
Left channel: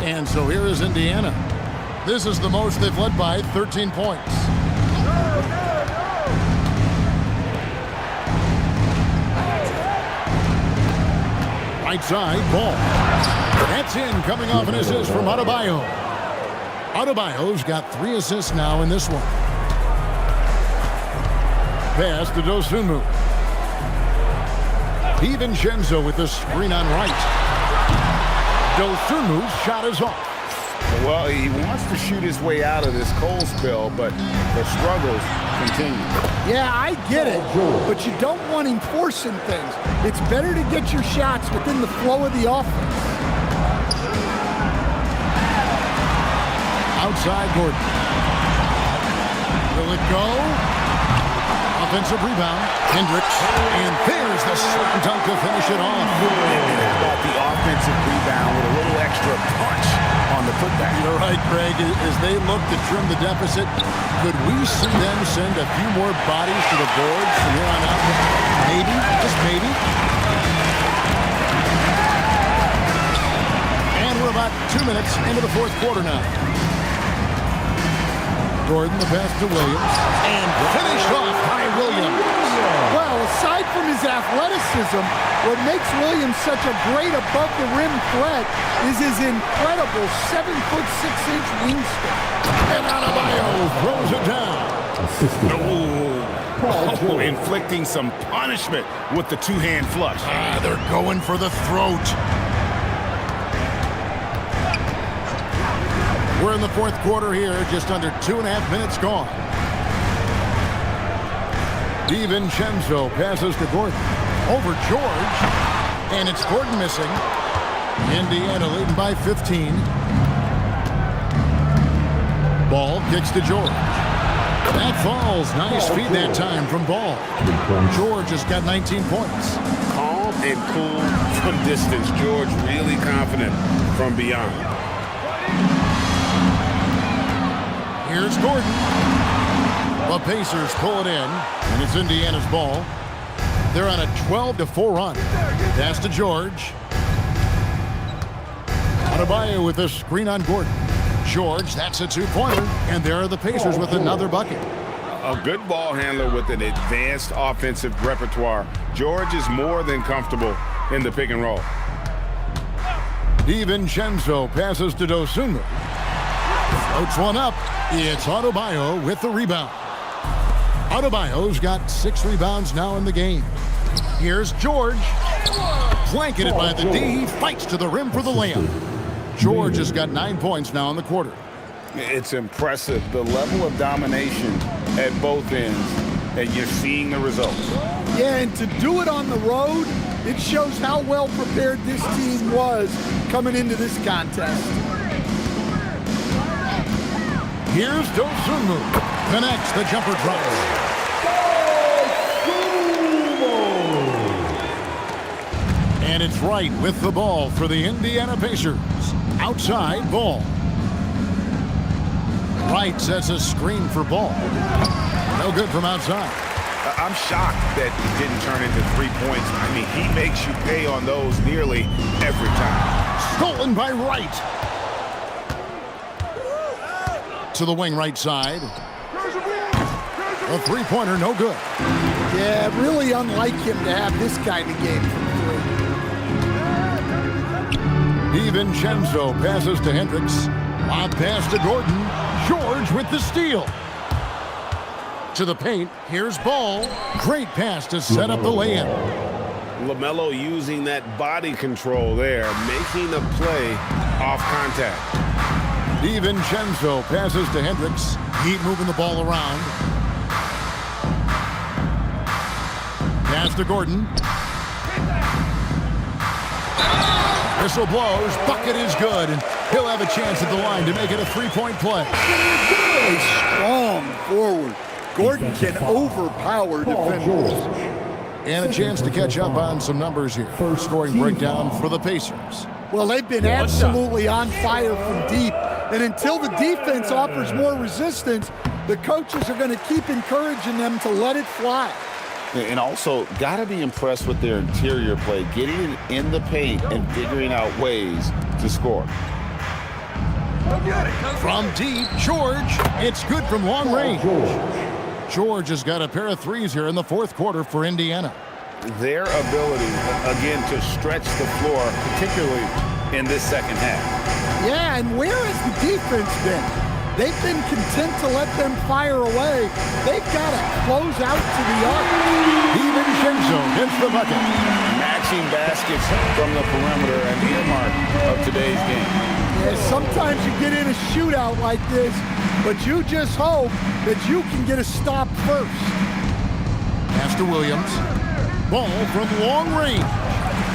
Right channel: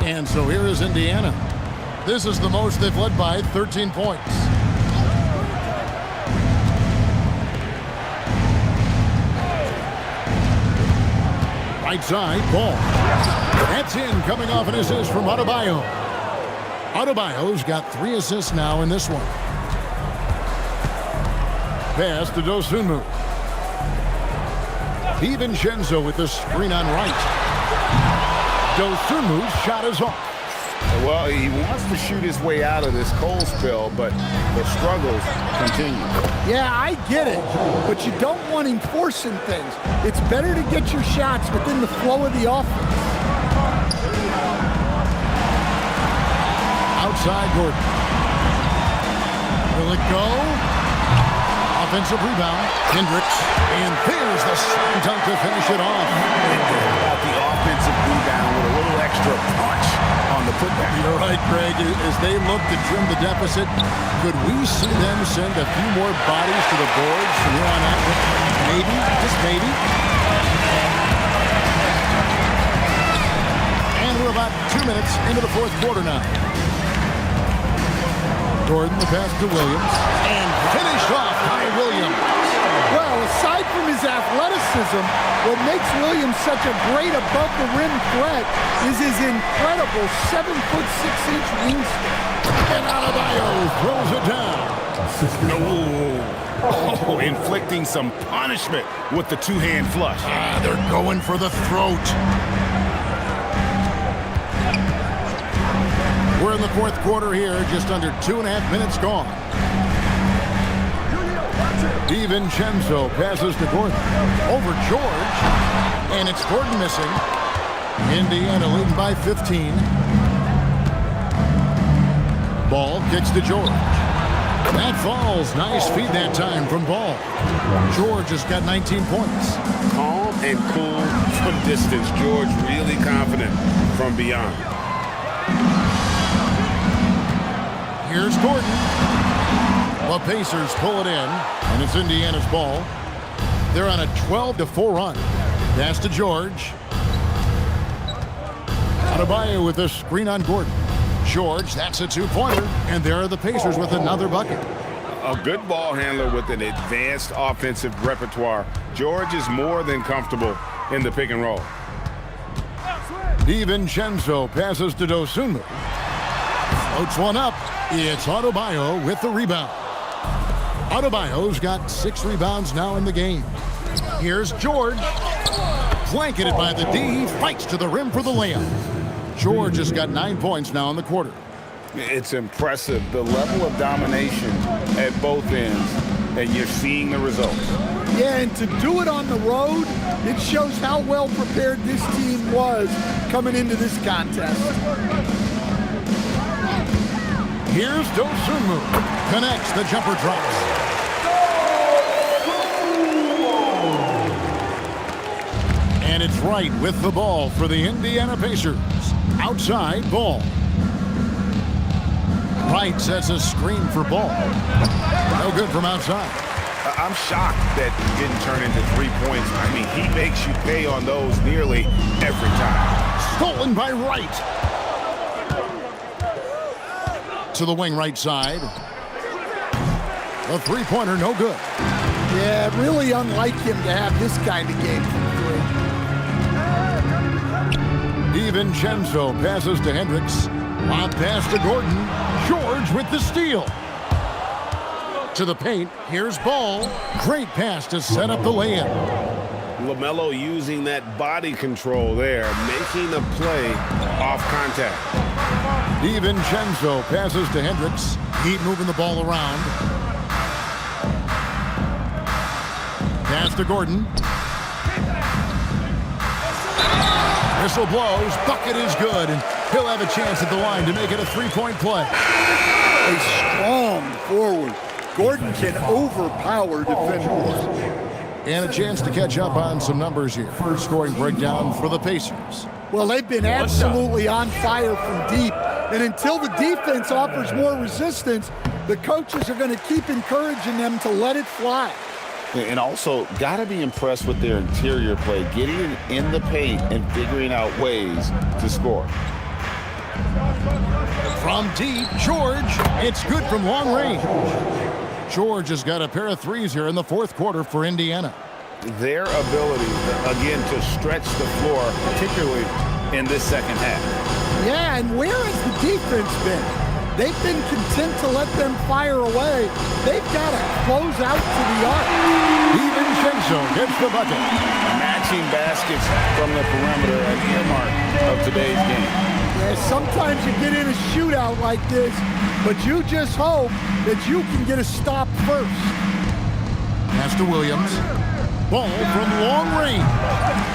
And so here is Indiana. This is the most they've led by, 13 points. Right side, ball. That's in, coming off an assist from Adebayo. Adebayo's got 3 assists now in this one. Pass to Dosunmu. DiVincenzo with the screen on right. Dosunmu's shot is off. Well, he wants to shoot his way out of this cold spell, but the struggles continue. Yeah, I get it, but you don't want him forcing things. It's better to get your shots within the flow of the offense. Outside Gordon. Will it go? Offensive rebound. Hendricks. And there's the slam dunk to finish it off. How about the offensive rebound with a little extra punch on the putback? You're right, Greg. As they look to trim the deficit, could we see them send a few more bodies to the boards from here on out? Maybe, just maybe. And we're about 2 minutes into the fourth quarter now. Gordon, the pass to Williams, and finished off by Williams. Well, aside from his athleticism, what makes Williams such a great above-the-rim threat is his incredible 7'6" wingspan. And Adebayo throws it down. Oh, inflicting some punishment with the two-hand flush. They're going for the throat. We're in the fourth quarter here, just under 2.5 minutes gone. DiVincenzo passes to Gordon. Over George. And it's Gordon missing. Indiana leading by 15. Ball kicks to George. That falls. Nice feed that time from Ball. George has got 19 points. Calm and cool from distance. George really confident from beyond. Here's Gordon. The Pacers pull it in, and it's Indiana's ball. They're on a 12-4 run. Pass to George. Adebayo with a screen on Gordon. George, that's a two-pointer, and there are the Pacers with another bucket. A good ball handler with an advanced offensive repertoire. George is more than comfortable in the pick and roll. DiVincenzo passes to Dosunmu. Floats one up. It's Adebayo with the rebound. Adebayo's got 6 rebounds now in the game. Here's George. Blanketed by the D. He fights to the rim for the layup. George has got 9 points now in the quarter. It's impressive, the level of domination at both ends, and you're seeing the results. Yeah, and to do it on the road, it shows how well prepared this team was coming into this contest. Here's Dosunmu. Connects, the jumper drops. And it's Wright with the ball for the Indiana Pacers. Outside, Ball. Wright sets a screen for Ball. No good from outside. I'm shocked that it didn't turn into 3 points. I mean, he makes you pay on those nearly every time. Stolen by Wright. To the wing right side. A three-pointer, no good. Yeah, really unlike him to have this kind of game from 3. DiVincenzo passes to Hendricks. Lob pass to Gordon. George with the steal. To the paint. Here's Ball. Great pass to set up the lay-in. LaMelo using that body control there, making the play off contact. DiVincenzo passes to Hendricks. Heat moving the ball around. Pass to Gordon. Whistle blows. Bucket is good, and he'll have a chance at the line to make it a 3-point play. A strong forward. Gordon can overpower defenders. And a chance to catch up on some numbers here. First scoring breakdown for the Pacers. Well, they've been absolutely on fire from deep. And until the defense offers more resistance, the coaches are going to keep encouraging them to let it fly. And also, got to be impressed with their interior play, getting it in the paint and figuring out ways to score. From deep, George. It's good from long range. George has got a pair of threes here in the fourth quarter for Indiana. Their ability, again, to stretch the floor, particularly in this second half. Yeah, and where has the defense been? They've been content to let them fire away. They've got to close out to the arc. DiVincenzo gets the bucket. Matching baskets from the perimeter, an earmark of today's game. Yeah, sometimes you get in a shootout like this, but you just hope that you can get a stop first. Pass to Williams. Ball from long range.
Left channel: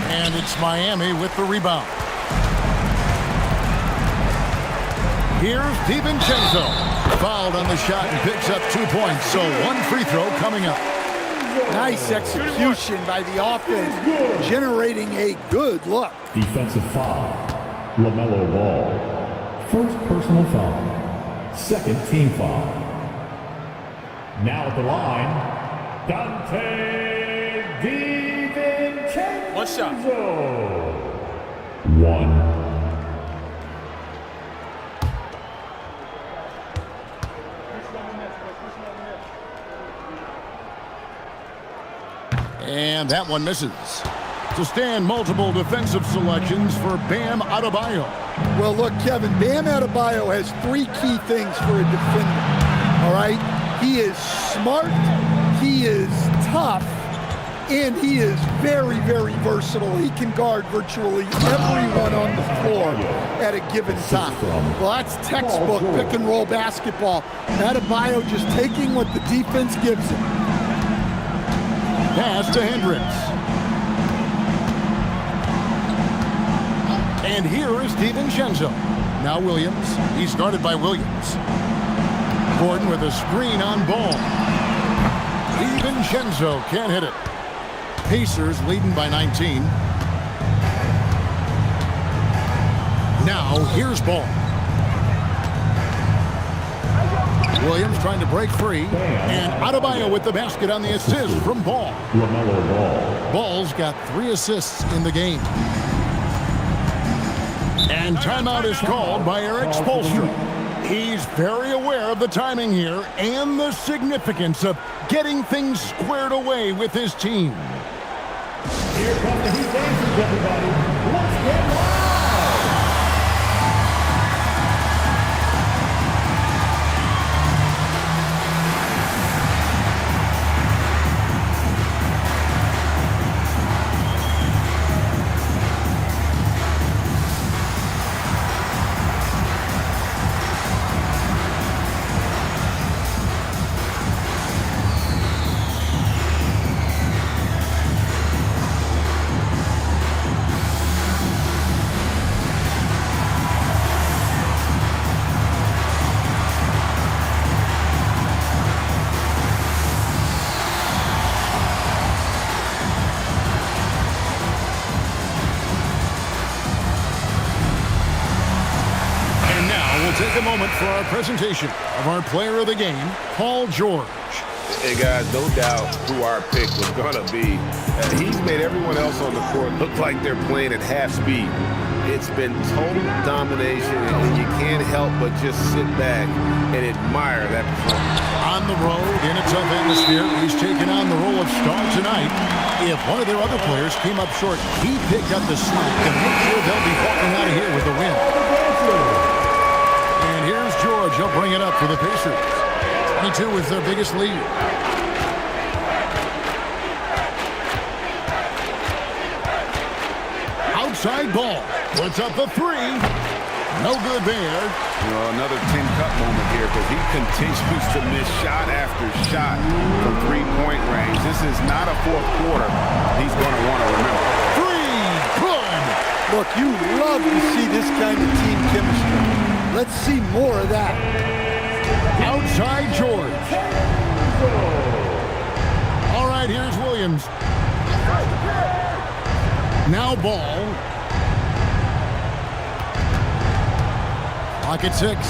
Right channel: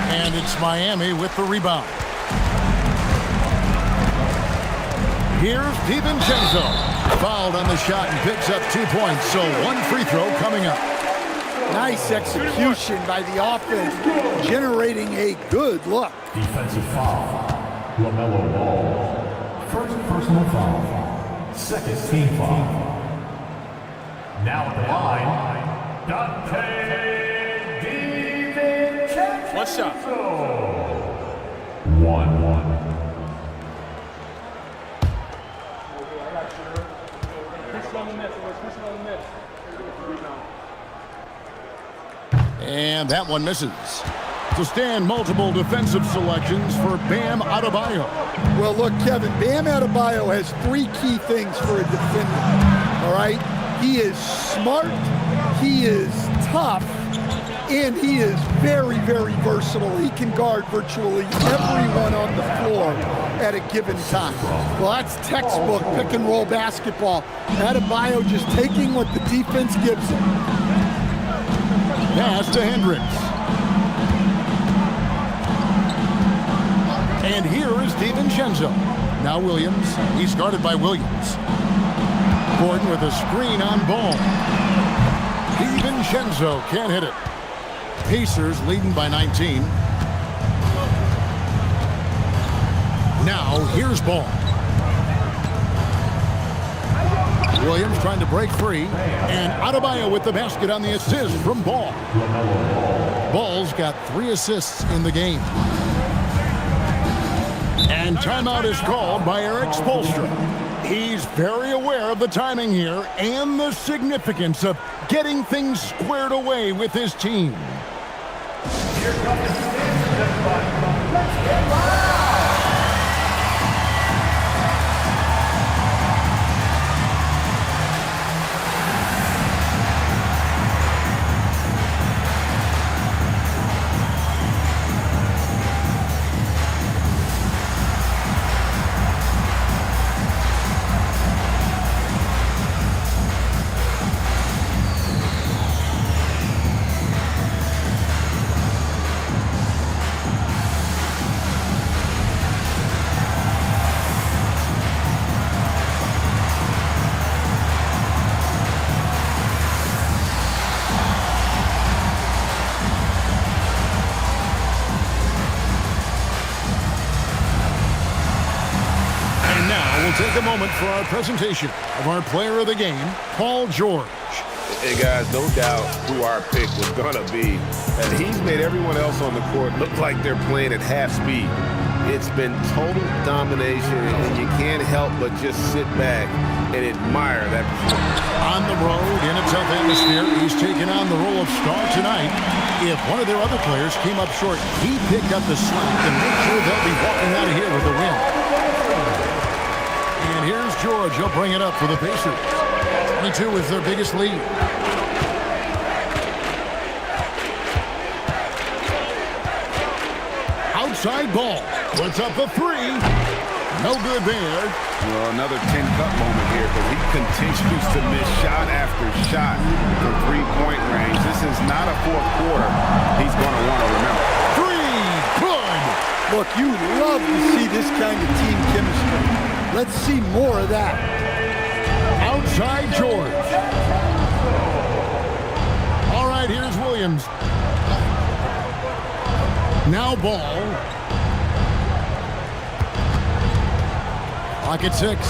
And it's Miami with the rebound. Here's DiVincenzo. Fouled on the shot and picks up 2 points, so one free throw coming up. Nice execution by the offense, generating a good look. Defensive foul. LaMelo Ball. First personal foul. Second team foul. Now at the line, Dante DiVincenzo. One shot. One. And that one misses. To stand multiple defensive selections for Bam Adebayo. Well, look, Kevin, Bam Adebayo has 3 key things for a defender, all right? He is smart, he is tough, and he is very, very versatile. He can guard virtually everyone on the floor at a given time. Well, that's textbook pick-and-roll basketball. Adebayo just taking what the defense gives him. Pass to Hendricks. And here is DiVincenzo. Now Williams. He's guarded by Williams. Gordon with a screen on Ball. DiVincenzo can't hit it. Pacers leading by 19. Now here's Ball. Williams trying to break free. And Adebayo with the basket on the assist from Ball. LaMelo Ball. Ball's got 3 assists in the game. And timeout is called by Eric Spoelstra. He's very aware of the timing here and the significance of getting things squared away with his team. Here come the Heat dancers, everybody. Let's get live. We'll take a moment for our presentation of our player of the game, Paul George. Hey, guys, no doubt who our pick was going to be. He's made everyone else on the court look like they're playing at half speed. It's been total domination, and you can't help but just sit back and admire that performance. On the road, in a tough atmosphere, he's taken on the role of star tonight. If one of their other players came up short, he picked up the slack to make sure they'll be walking out of here with the win. And here's George. He'll bring it up for the Pacers. 22 is their biggest lead. Outside Ball. Puts up the 3. No good there. Well, another Tin Cup moment here because he continues to miss shot after shot from three-point range. This is not a fourth quarter he's going to want to remember. 3. Good. Look, you love to see this kind of team chemistry. Let's see more of that. Outside George. All right, here's Williams. Now Ball. Clock at 6.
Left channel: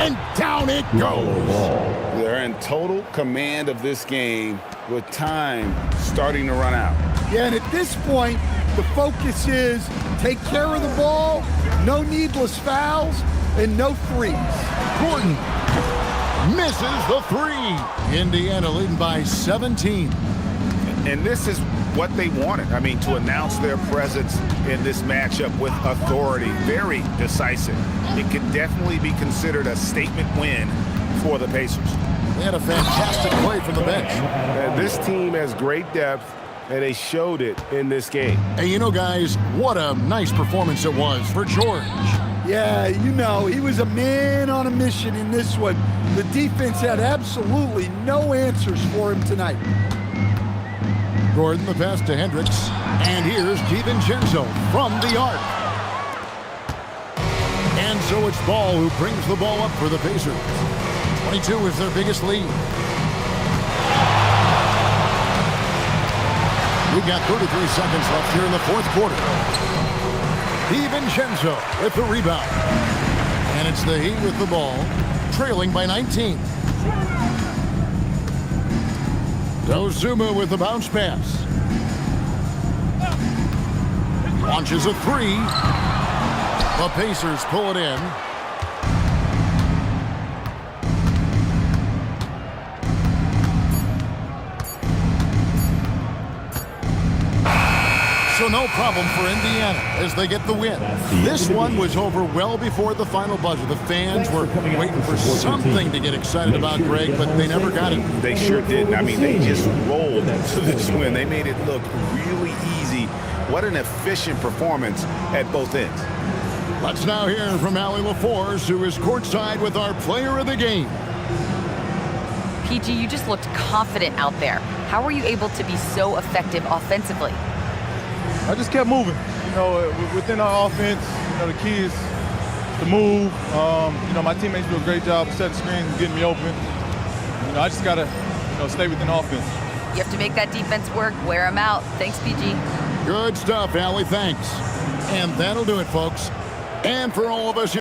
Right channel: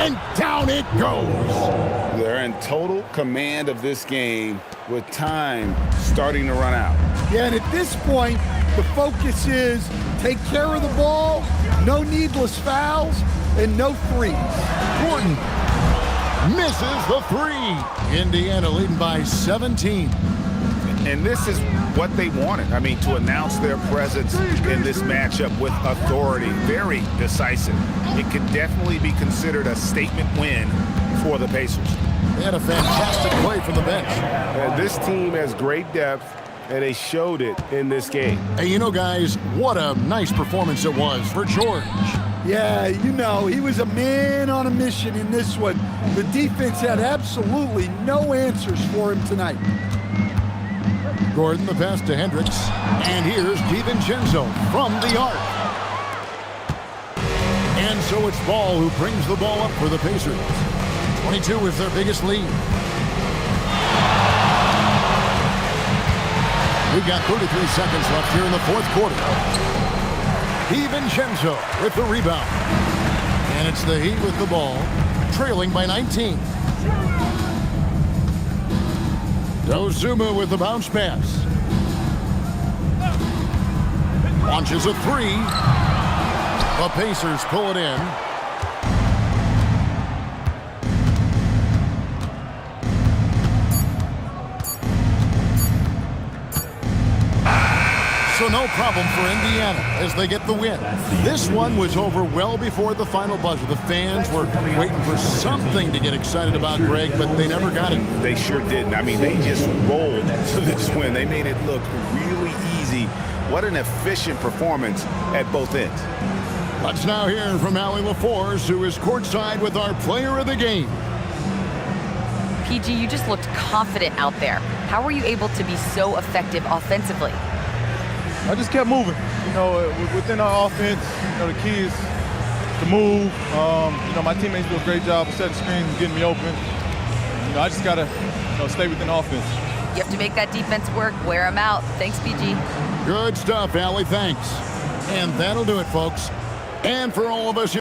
And down it goes. They're in total command of this game with time starting to run out. Yeah, and at this point, the focus is take care of the ball, no needless fouls, and no threes. Gordon misses the 3. Indiana leading by 17. And this is what they wanted. I mean, to announce their presence in this matchup with authority. Very decisive. It can definitely be considered a statement win for the Pacers. They had a fantastic play from the bench. This team has great depth, and they showed it in this game. Hey, you know, guys, what a nice performance it was for George. Yeah, you know, he was a man on a mission in this one. The defense had absolutely no answers for him tonight. Gordon the pass to Hendricks. And here's DiVincenzo from the arc. And so it's Ball who brings the ball up for the Pacers. 22 is their biggest lead. We've got 33 seconds left here in the fourth quarter. DiVincenzo with the rebound. And it's the Heat with the ball, trailing by 19. Dozuma with the bounce pass. Launches a 3. The Pacers pull it in. So no problem for Indiana as they get the win. This one was over well before the final buzzer. The fans were waiting for something to get excited about, Greg, but they never got it. They sure didn't. I mean, they just rolled to this win. They made it look really easy. What an efficient performance at both ends. Let's now hear from Allie LaForce, who is courtside with our player of the game. PG, you just looked confident out there. How were you able to be so effective offensively? I just kept moving. You know, within our offense, you know, the key is to move. You know, my teammates do a great job of setting screens and getting me open. You know, I just got to, you know, stay within offense. You have to make that defense work, wear them out. Thanks, PG. Good stuff, Allie. Thanks. And that'll do it, folks. And for all of us here.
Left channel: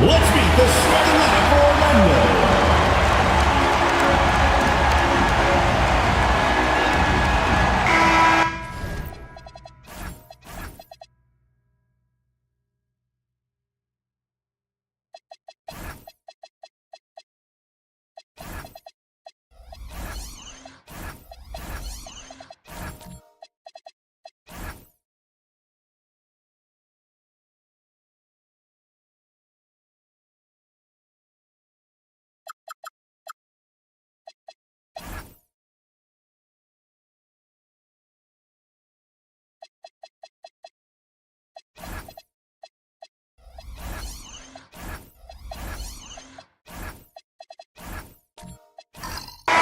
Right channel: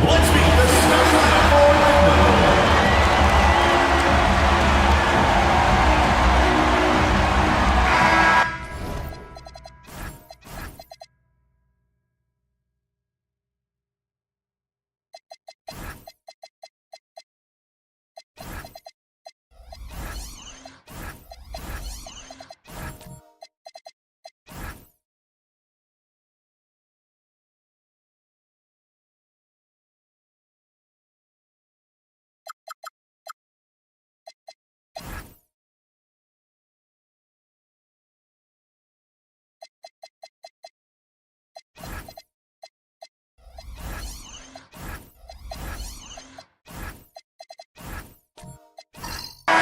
Let's meet the starting lineup for Orlando.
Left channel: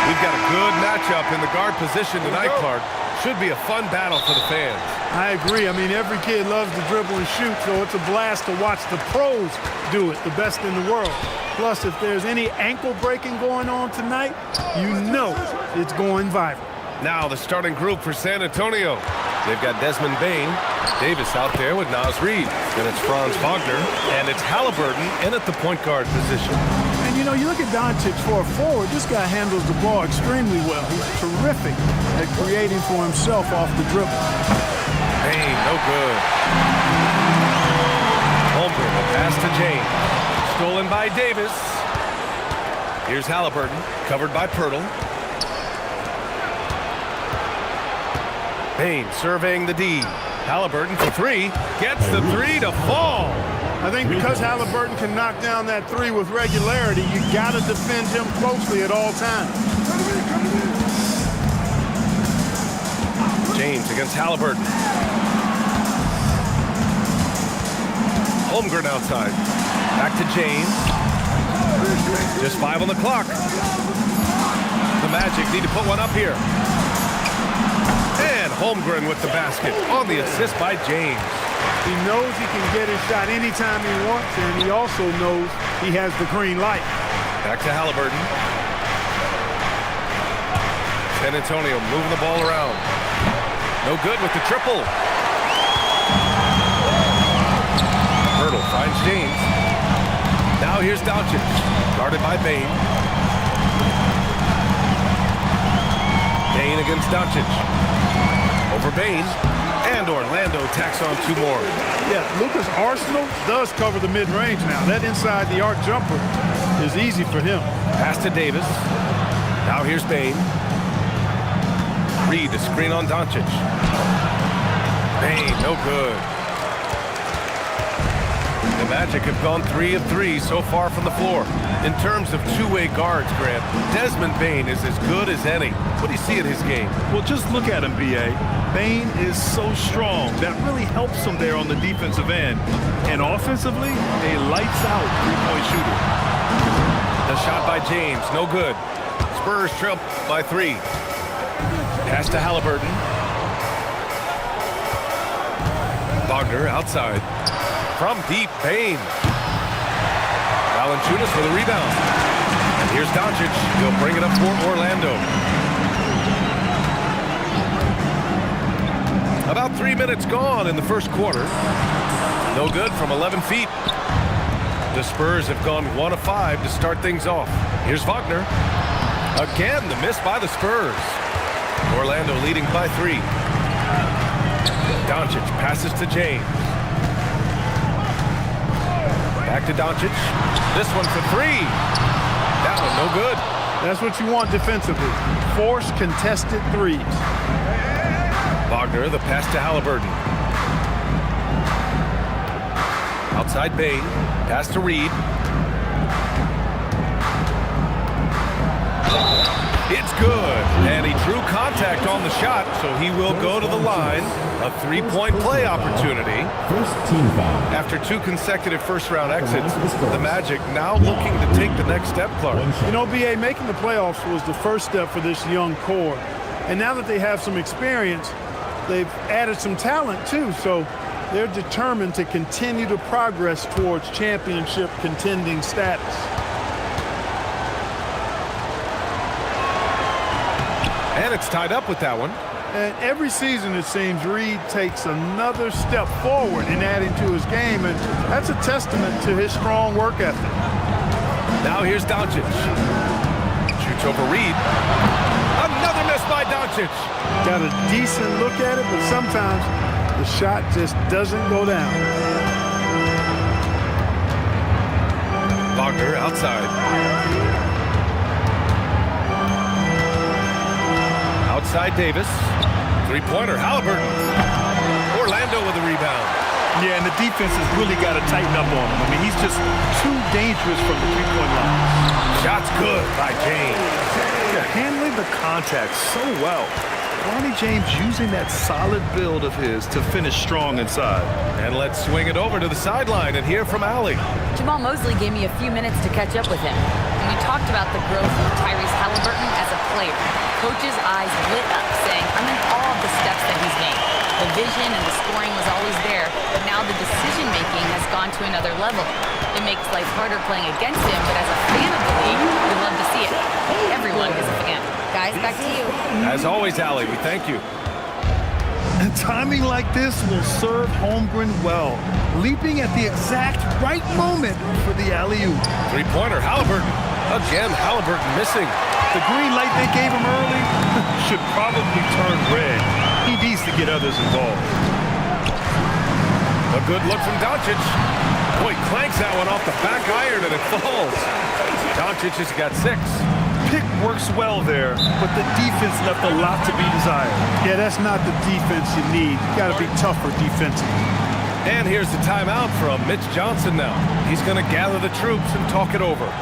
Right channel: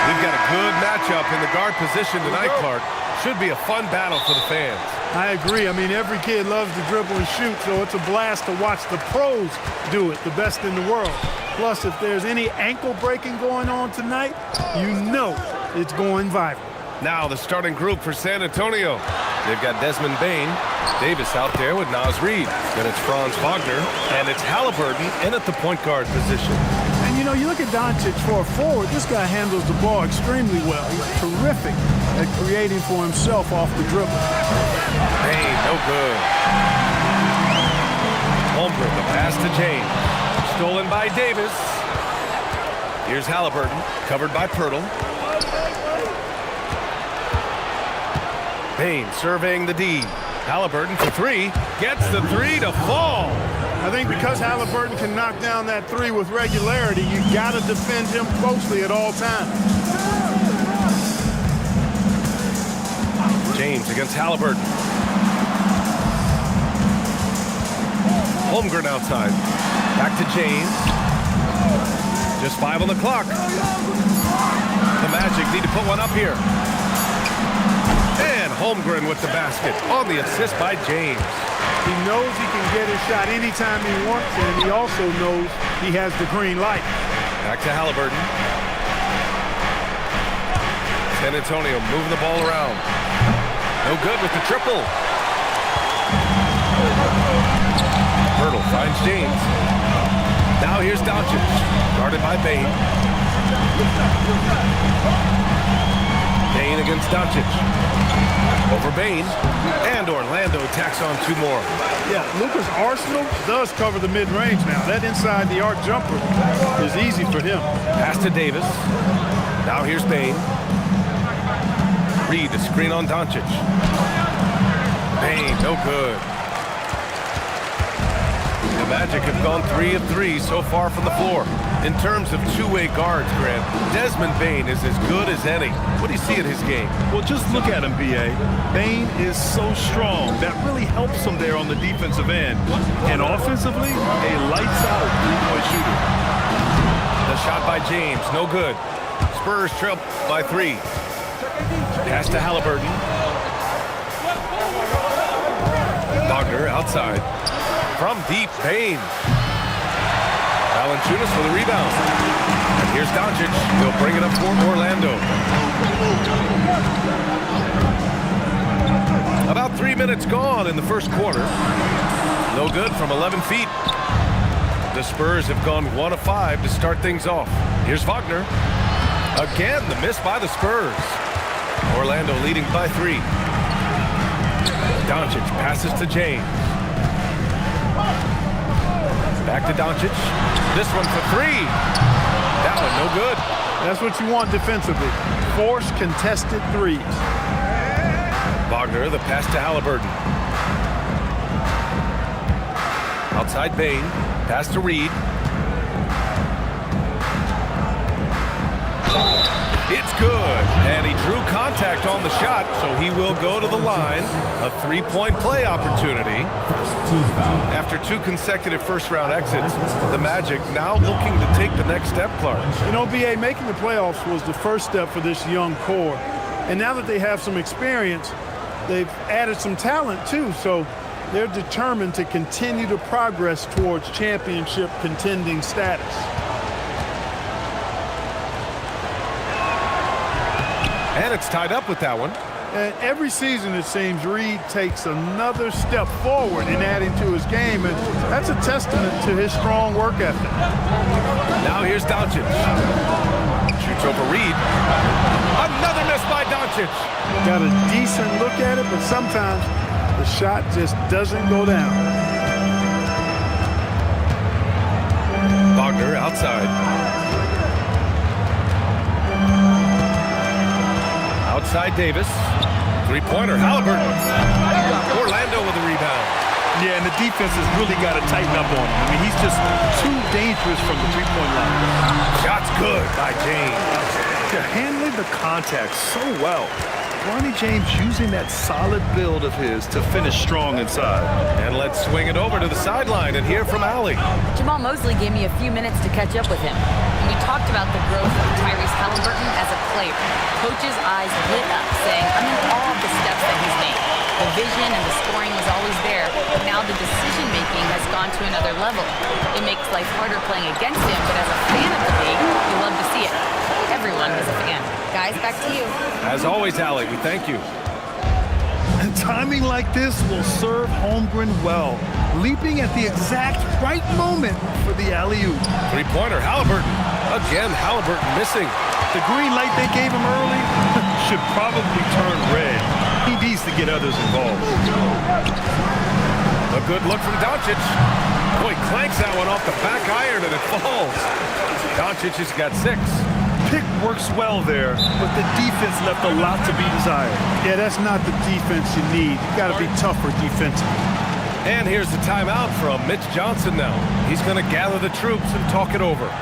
We've got a good matchup in the guard position tonight, Clark. Should be a fun battle for the fans. I agree. I mean, every kid loves to dribble and shoot, so it's a blast to watch the pros do it, the best in the world. Plus, if there's any ankle breaking going on tonight, you know it's going viral. Now the starting group for San Antonio. They've got Desmond Bane, Davis out there with Naz Reid. Then it's Franz Wagner, and it's Halliburton in at the point guard position. And, you know, you look at Doncic for a forward, this guy handles the ball extremely well. He's terrific at creating for himself off the dribble. Bane, no good. Holmgren, the pass to James. Stolen by Davis. Here's Halliburton, covered by Pirtle. Bane surveying the D. Halliburton for three. Gets the three to fall. I think because Halliburton can knock down that three with regularity, you got to defend him closely at all times. James against Halliburton. Holmgren outside. Back to James. Just 5 on the clock. The Magic need to put one up here. And Holmgren with the basket on the assist by James. He knows he can get his shot anytime he wants, and he also knows he has the green light. Back to Halliburton. San Antonio moving the ball around. No good with the triple. Pirtle finds James. Now here's Doncic, guarded by Bane. Bane against Doncic. Over Bane, and Orlando tacks on 2 more. Yeah, Luka's arsenal does cover the mid-range now. That inside the arc jumper is easy for him. Pass to Davis. Now here's Bane. Reid, the screen on Doncic. Bane, no good. The Magic have gone 3 of 3 so far from the floor. In terms of two-way guards, Grant, Desmond Bane is as good as any. What do you see in his game? Well, just look at him, B.A. Bane is so strong. That really helps him there on the defensive end. And offensively, a lights-out three-point shooter. The shot by James, no good. Spurs trail by 3. Pass to Halliburton. Wagner outside. From deep, Bain. Valanciunas for the rebound. And here's Doncic. He'll bring it up for Orlando. About 3 minutes gone in the first quarter. No good from 11 feet. The Spurs have gone 1 of 5 to start things off. Here's Wagner. Again, the miss by the Spurs. Orlando leading by 3. Doncic passes to James. Back to Doncic. This one for 3. That one no good. That's what you want defensively. Force contested threes. Wagner, the pass to Halliburton. Outside Bain. Pass to Reed. It's good. And he drew contact on the shot, so he will go to the line. A 3-point play opportunity. First team foul. After 2 consecutive first-round exits, the Magic now looking to take the next step, Clark. You know, B.A., making the playoffs was the first step for this young core. And now that they have some experience, they've added some talent, too. So they're determined to continue to progress towards championship contending status. And it's tied up with that one. And every season, it seems, Reed takes another step forward in adding to his game, and that's a testament to his strong work ethic. Now here's Doncic. Shoots over Reed. Another miss by Doncic. Got a decent look at it, but sometimes the shot just doesn't go down. Wagner outside. Outside Davis. 3-pointer, Halliburton. Orlando with the rebound. Yeah, and the defense has really got to tighten up on him. I mean, he's just too dangerous from the three-point line. Shot's good by James. Yeah, handling the contact so well. Bronny James using that solid build of his to finish strong inside. And let's swing it over to the sideline and hear from Allie. Jamal Mosley gave me a few minutes to catch up with him. And we talked about the growth of Tyrese Halliburton as a player. Coach's eyes lit up, saying, I'm in awe of the steps that he's made. The vision and the scoring was always there, but now the decision-making has gone to another level. It makes life harder playing against him, but as a fan of the league, you love to see it. Everyone is a fan. Guys, back to you. As always, Allie, we thank you. And timing like this will serve Holmgren well, leaping at the exact right moment for the alley-oop. 3-pointer, Halliburton. Again, Halliburton missing. The green light they gave him early should probably turn red. He needs to get others involved. A good look from Doncic. Boy, clanks that one off the back iron and it falls. Doncic has got 6. Pick works well there, but the defense left a lot to be desired. Yeah, that's not the defense you need. You got to be tougher defensively. And here's the timeout from Mitch Johnson now. He's going to gather the troops and talk it over.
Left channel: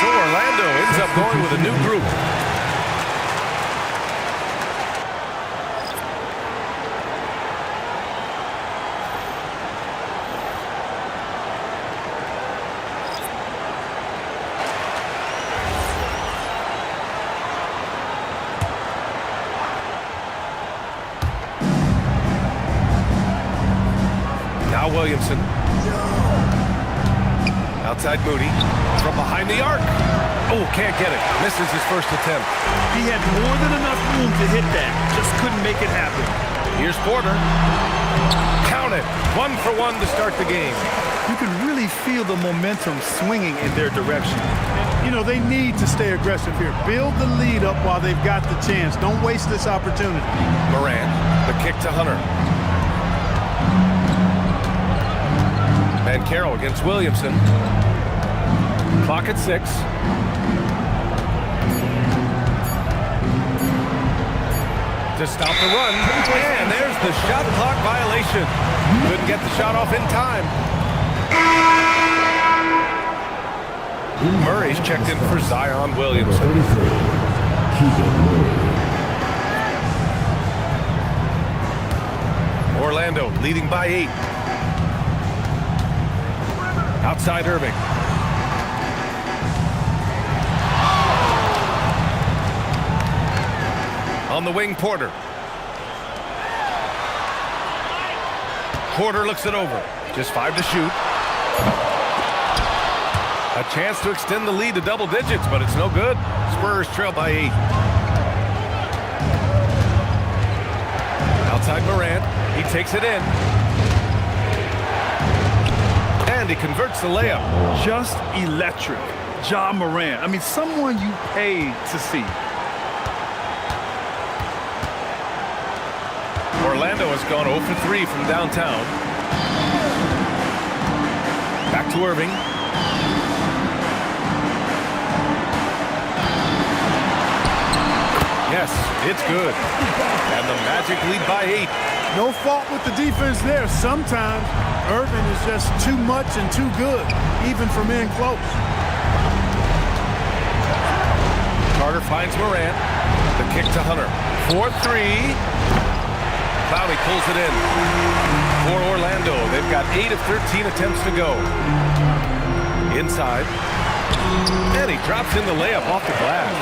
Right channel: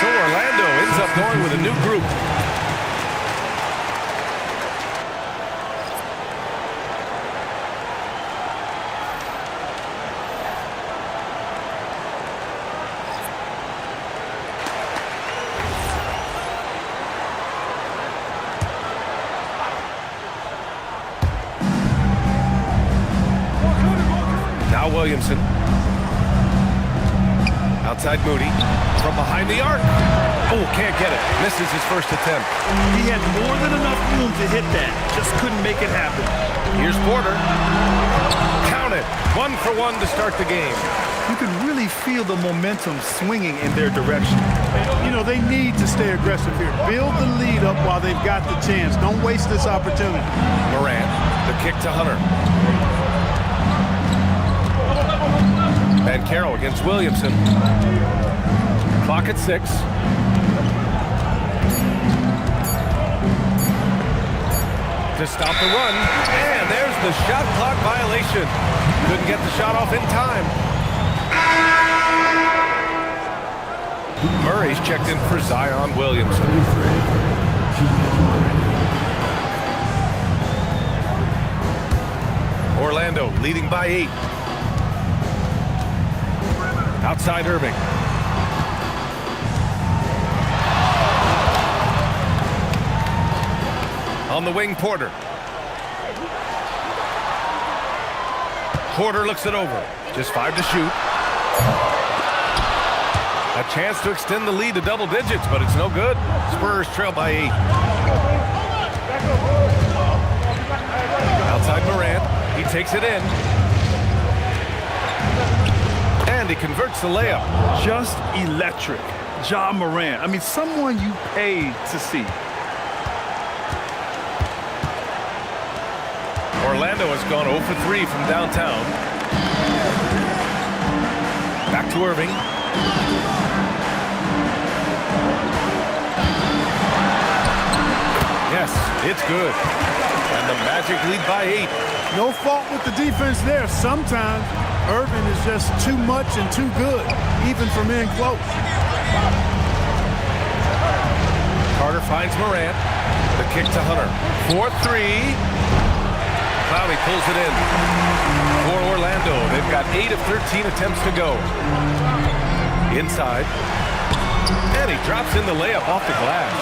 So Orlando ends up going with a new group. Now Williamson. Outside Moody. From behind the arc. Oh, can't get it. Misses his first attempt. He had more than enough room to hit that. Just couldn't make it happen. Here's Porter. Count it. 1 for 1 to start the game. You can really feel the momentum swinging in their direction. You know, they need to stay aggressive here. Build the lead up while they've got the chance. Don't waste this opportunity. Morant, the kick to Hunter. Banchero against Williamson. Clock at 6. To stop the run, and there's the shot clock violation. Couldn't get the shot off in time. Murray's checked in for Zion Williamson. Orlando leading by 8. Outside Irving. On the wing, Porter. Porter looks it over. Just 5 to shoot. A chance to extend the lead to double digits, but it's no good. Spurs trail by 8. Outside Morant. He takes it in. And he converts the layup. Just electric. Ja Morant. I mean, someone you pay to see. Orlando has gone 0 for 3 from downtown. Back to Irving. Yes, it's good. And the Magic lead by 8. No fault with the defense there. Sometimes Irving is just too much and too good, even from in close. Carter finds Morant. The kick to Hunter. 4-3. Clowney pulls it in. For Orlando, they've got 8 of 13 attempts to go. Inside. And he drops in the layup off the glass.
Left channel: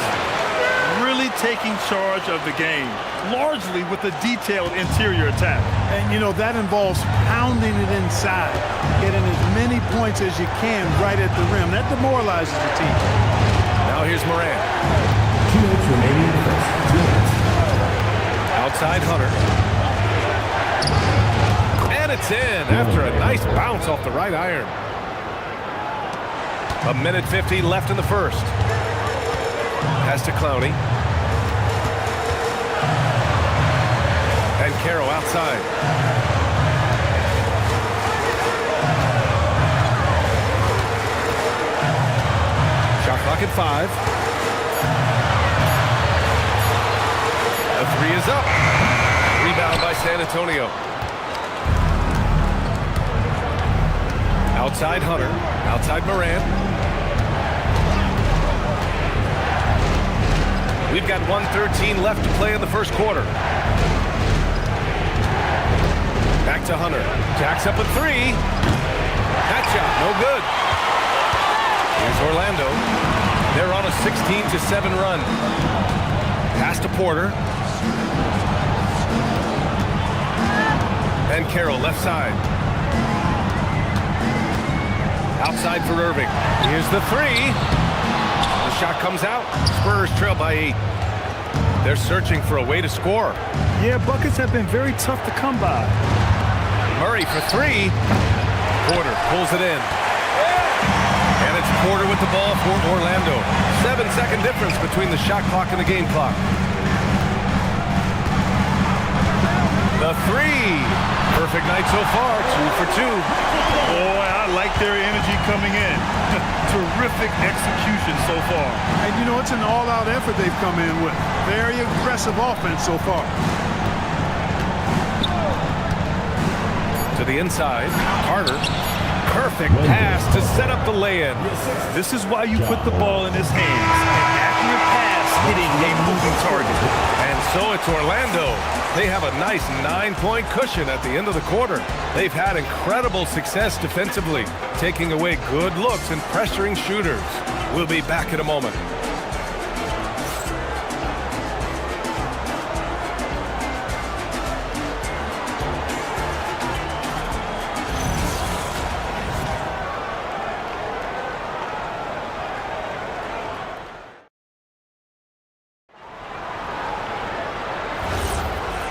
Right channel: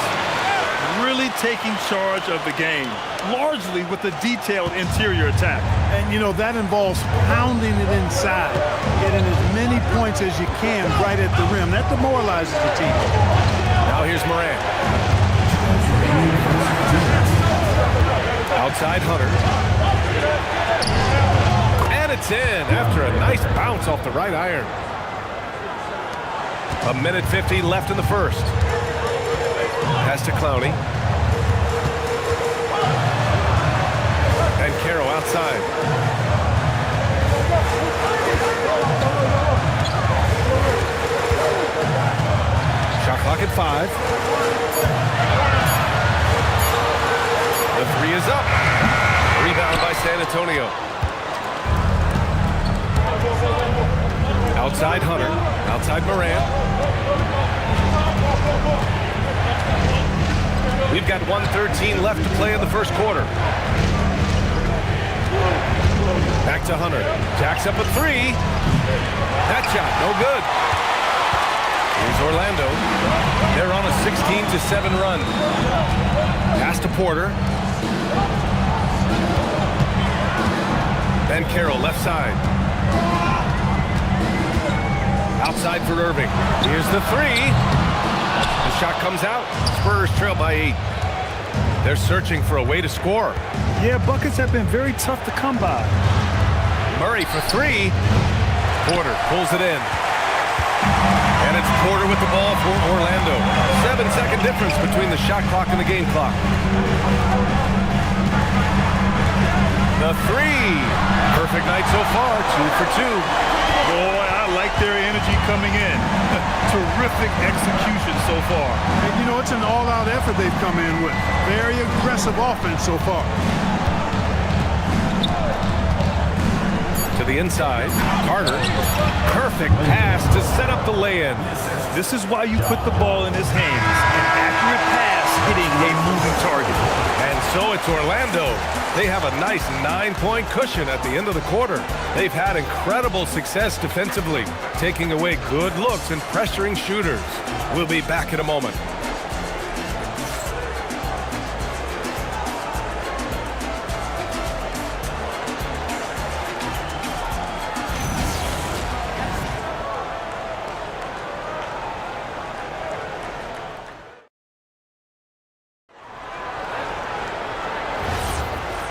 Really taking charge of the game, largely with a detailed interior attack. And, you know, that involves pounding it inside, getting as many points as you can right at the rim. That demoralizes the team. Now here's Morant. 2 minutes remaining in the first 2 minutes. Outside Hunter. And it's in after a nice bounce off the right iron. 1:50 left in the first. Pass to Clowney. And Banchero outside. Shot clock at 5. The 3 is up. Rebound by San Antonio. Outside Hunter. Outside Morant. We've got 1:13 left to play in the first quarter. Back to Hunter. Jacks up a 3. That shot, no good. Here's Orlando. They're on a 16-7 run. Pass to Porter. Banchero left side. Outside for Irving. Here's the 3. The shot comes out. Spurs trail by 8. They're searching for a way to score. Yeah, buckets have been very tough to come by. Murray for 3. Porter pulls it in. And it's Porter with the ball for Orlando. 7-second difference between the shot clock and the game clock. The 3. Perfect night so far, 2 for 2. Boy, I like their energy coming in. Terrific execution so far. And, you know, it's an all-out effort they've come in with. Very aggressive offense so far. To the inside, Carter. Perfect pass to set up the lay-in. This is why you put the ball in his hands. An accurate pass hitting a moving target. And so it's Orlando. They have a nice 9-point cushion at the end of the quarter. They've had incredible success defensively, taking away good looks and pressuring shooters. We'll be back in a moment.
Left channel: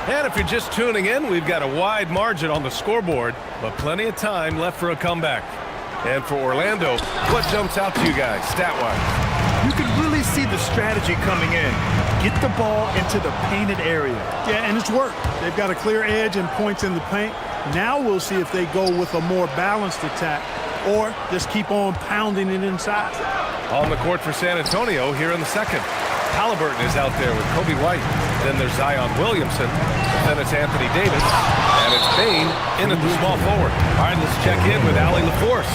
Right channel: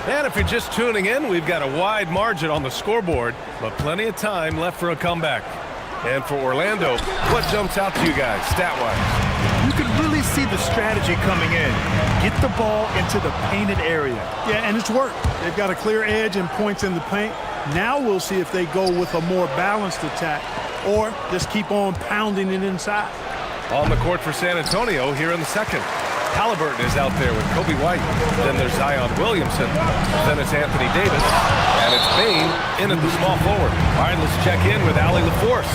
And if you're just tuning in, we've got a wide margin on the scoreboard, but plenty of time left for a comeback. And for Orlando, what jumps out to you guys, stat-wise? You can really see the strategy coming in. Get the ball into the painted area. Yeah, and it's worked. They've got a clear edge and points in the paint. Now we'll see if they go with a more balanced attack or just keep on pounding it inside. On the court for San Antonio here in the second. Halliburton is out there with Kobe White. Then there's Zion Williamson. Then it's Anthony Davis. And it's Bane in at the small forward. All right, let's check in with Allie LaForce.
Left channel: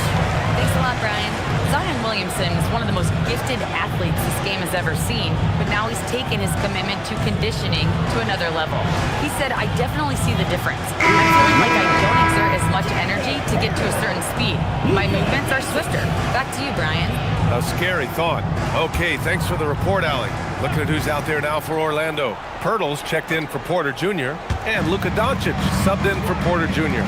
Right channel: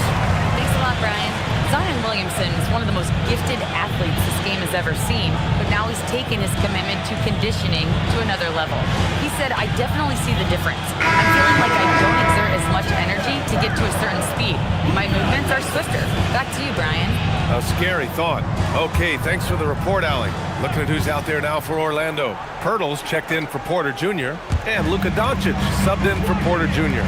Thanks a lot, Brian. Zion Williamson is one of the most gifted athletes this game has ever seen, but now he's taken his commitment to conditioning to another level. He said, I definitely see the difference. I'm feeling like I don't exert as much energy to get to a certain speed. My movements are swifter. Back to you, Brian. A scary thought. Okay, thanks for the report, Allie. Looking at who's out there now for Orlando. Pirtles checked in for Porter Jr. and Luka Doncic subbed in for Porter Jr.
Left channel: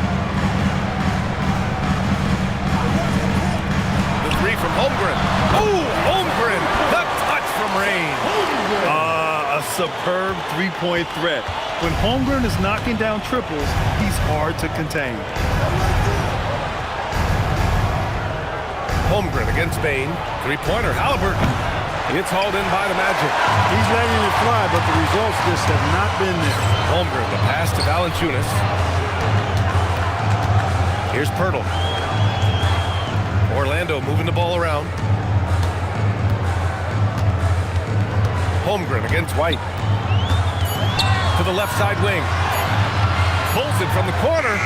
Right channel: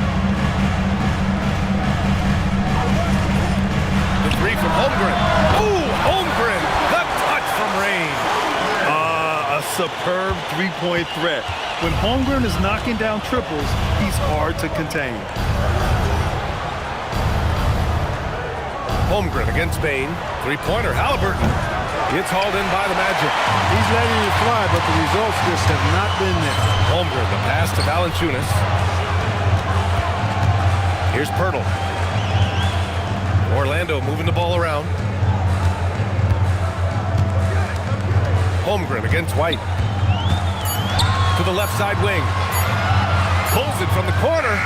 The three from Holmgren. Oh, Holmgren! The touch from Rain. A superb three-point threat. When Holmgren is knocking down triples, he's hard to contain. Holmgren against Bane. Three-pointer, Halliburton. It's hauled in by the Magic. He's letting it fly, but the results just have not been there. Holmgren, the pass to Valanciunas. Here's Pirtle. Orlando moving the ball around. Holmgren against White. To the left side wing. Pulls it from the corner.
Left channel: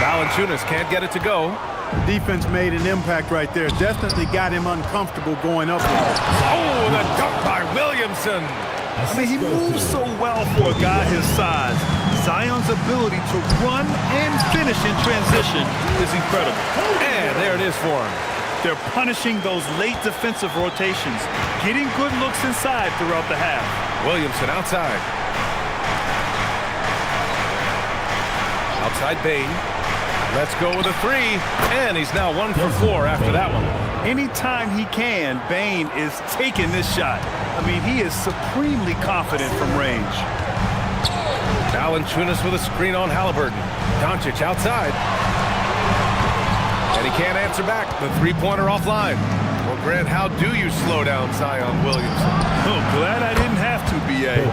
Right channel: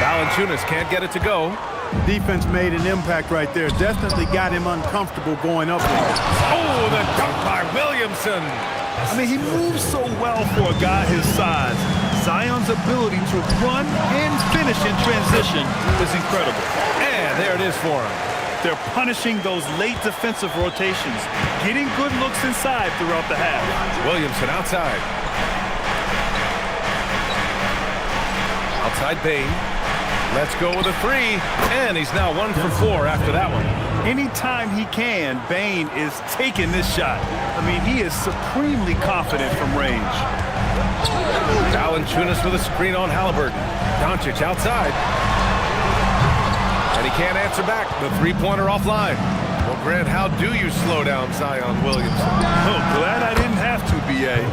Valanciunas can't get it to go. The defense made an impact right there. Definitely got him uncomfortable going up there. Oh, the dunk by Williamson. I mean, he moves so well for a guy his size. Zion's ability to run and finish in transition is incredible. And there it is for him. They're punishing those late defensive rotations, getting good looks inside throughout the half. Williamson outside. Outside Bane. Let's go with a three. And he's now 1 for 4 after that one. Anytime he can, Bane is taking this shot. I mean, he is supremely confident from range. Valanciunas with a screen on Halliburton. Doncic outside. And he can't answer back. The three-pointer offline. Well, Grant, how do you slow down Zion Williamson? Oh, glad I didn't have to, B.A.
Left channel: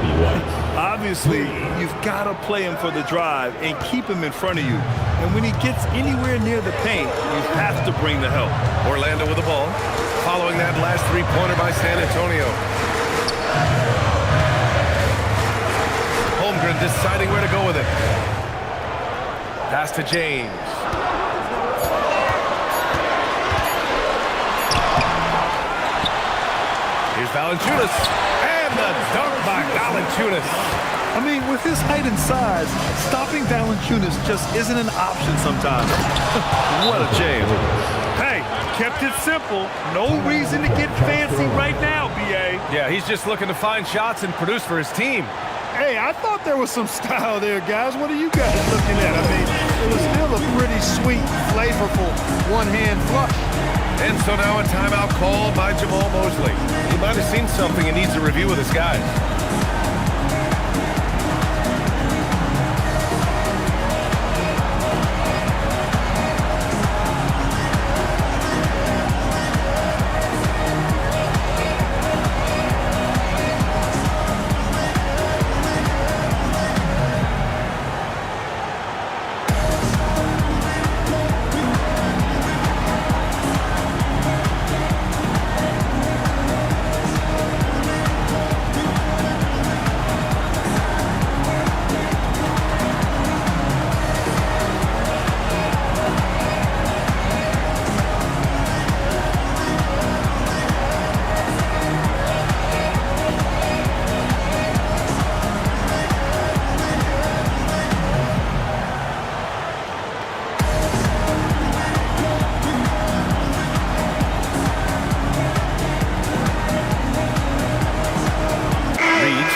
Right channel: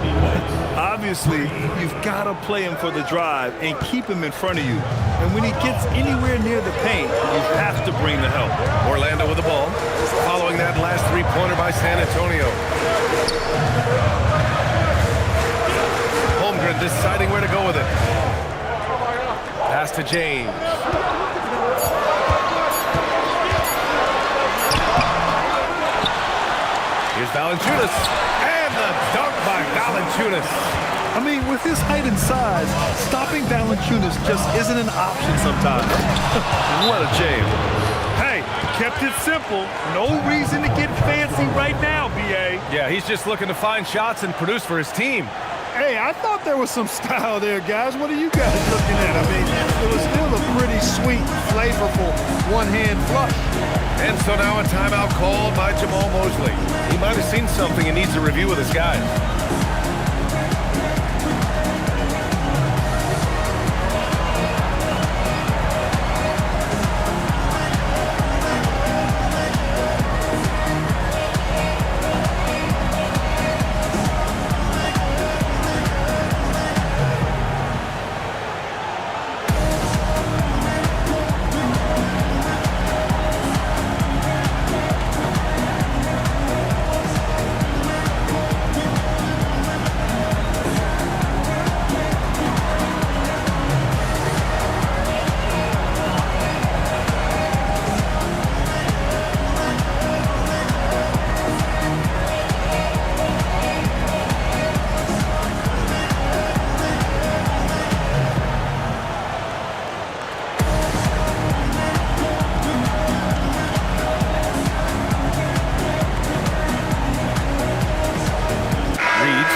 Obviously, you've got to play him for the drive and keep him in front of you. And when he gets anywhere near the paint, you have to bring the help. Orlando with the ball. Following that last three-pointer by San Antonio. Holmgren deciding where to go with it. Pass to James. Here's Valanciunas. And the dunk by Valanciunas. I mean, with his height and size, stopping Valanciunas just isn't an option sometimes. What a jam. Hey, kept it simple. No reason to get fancy right now, B.A. Yeah, he's just looking to find shots and produce for his team. Hey, I thought there was some style there, guys. What are you guys looking at? I mean, it was still a pretty sweet, flavorful one-hand flush. And so now a timeout called by Jamal Mosley. He might have seen something and needs a review with his guys.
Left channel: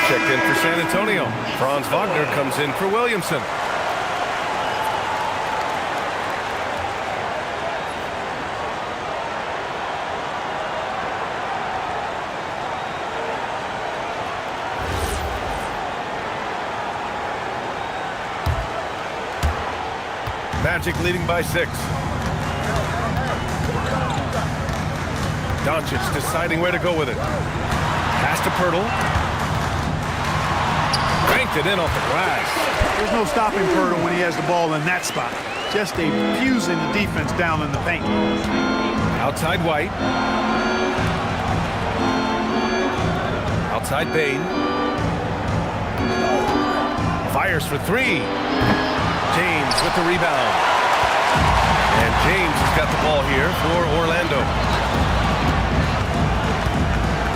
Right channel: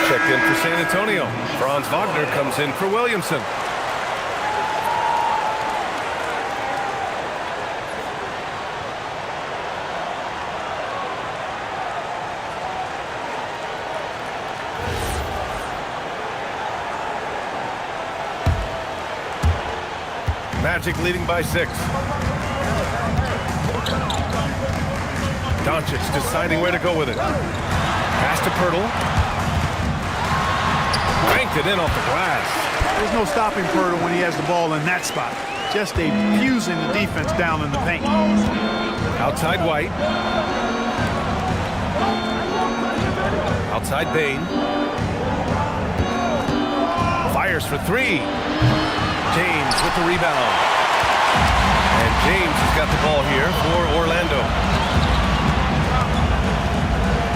Checked in for San Antonio. Franz Wagner comes in for Williamson. Magic leading by 6. Doncic deciding where to go with it. Pass to Pirtle. Banked it in off the glass. There's no stopping Pirtle when he has the ball in that spot. Just abusing the defense down in the paint. Outside White. Outside Bane. Fires for 3. James with the rebound. And James has got the ball here for Orlando.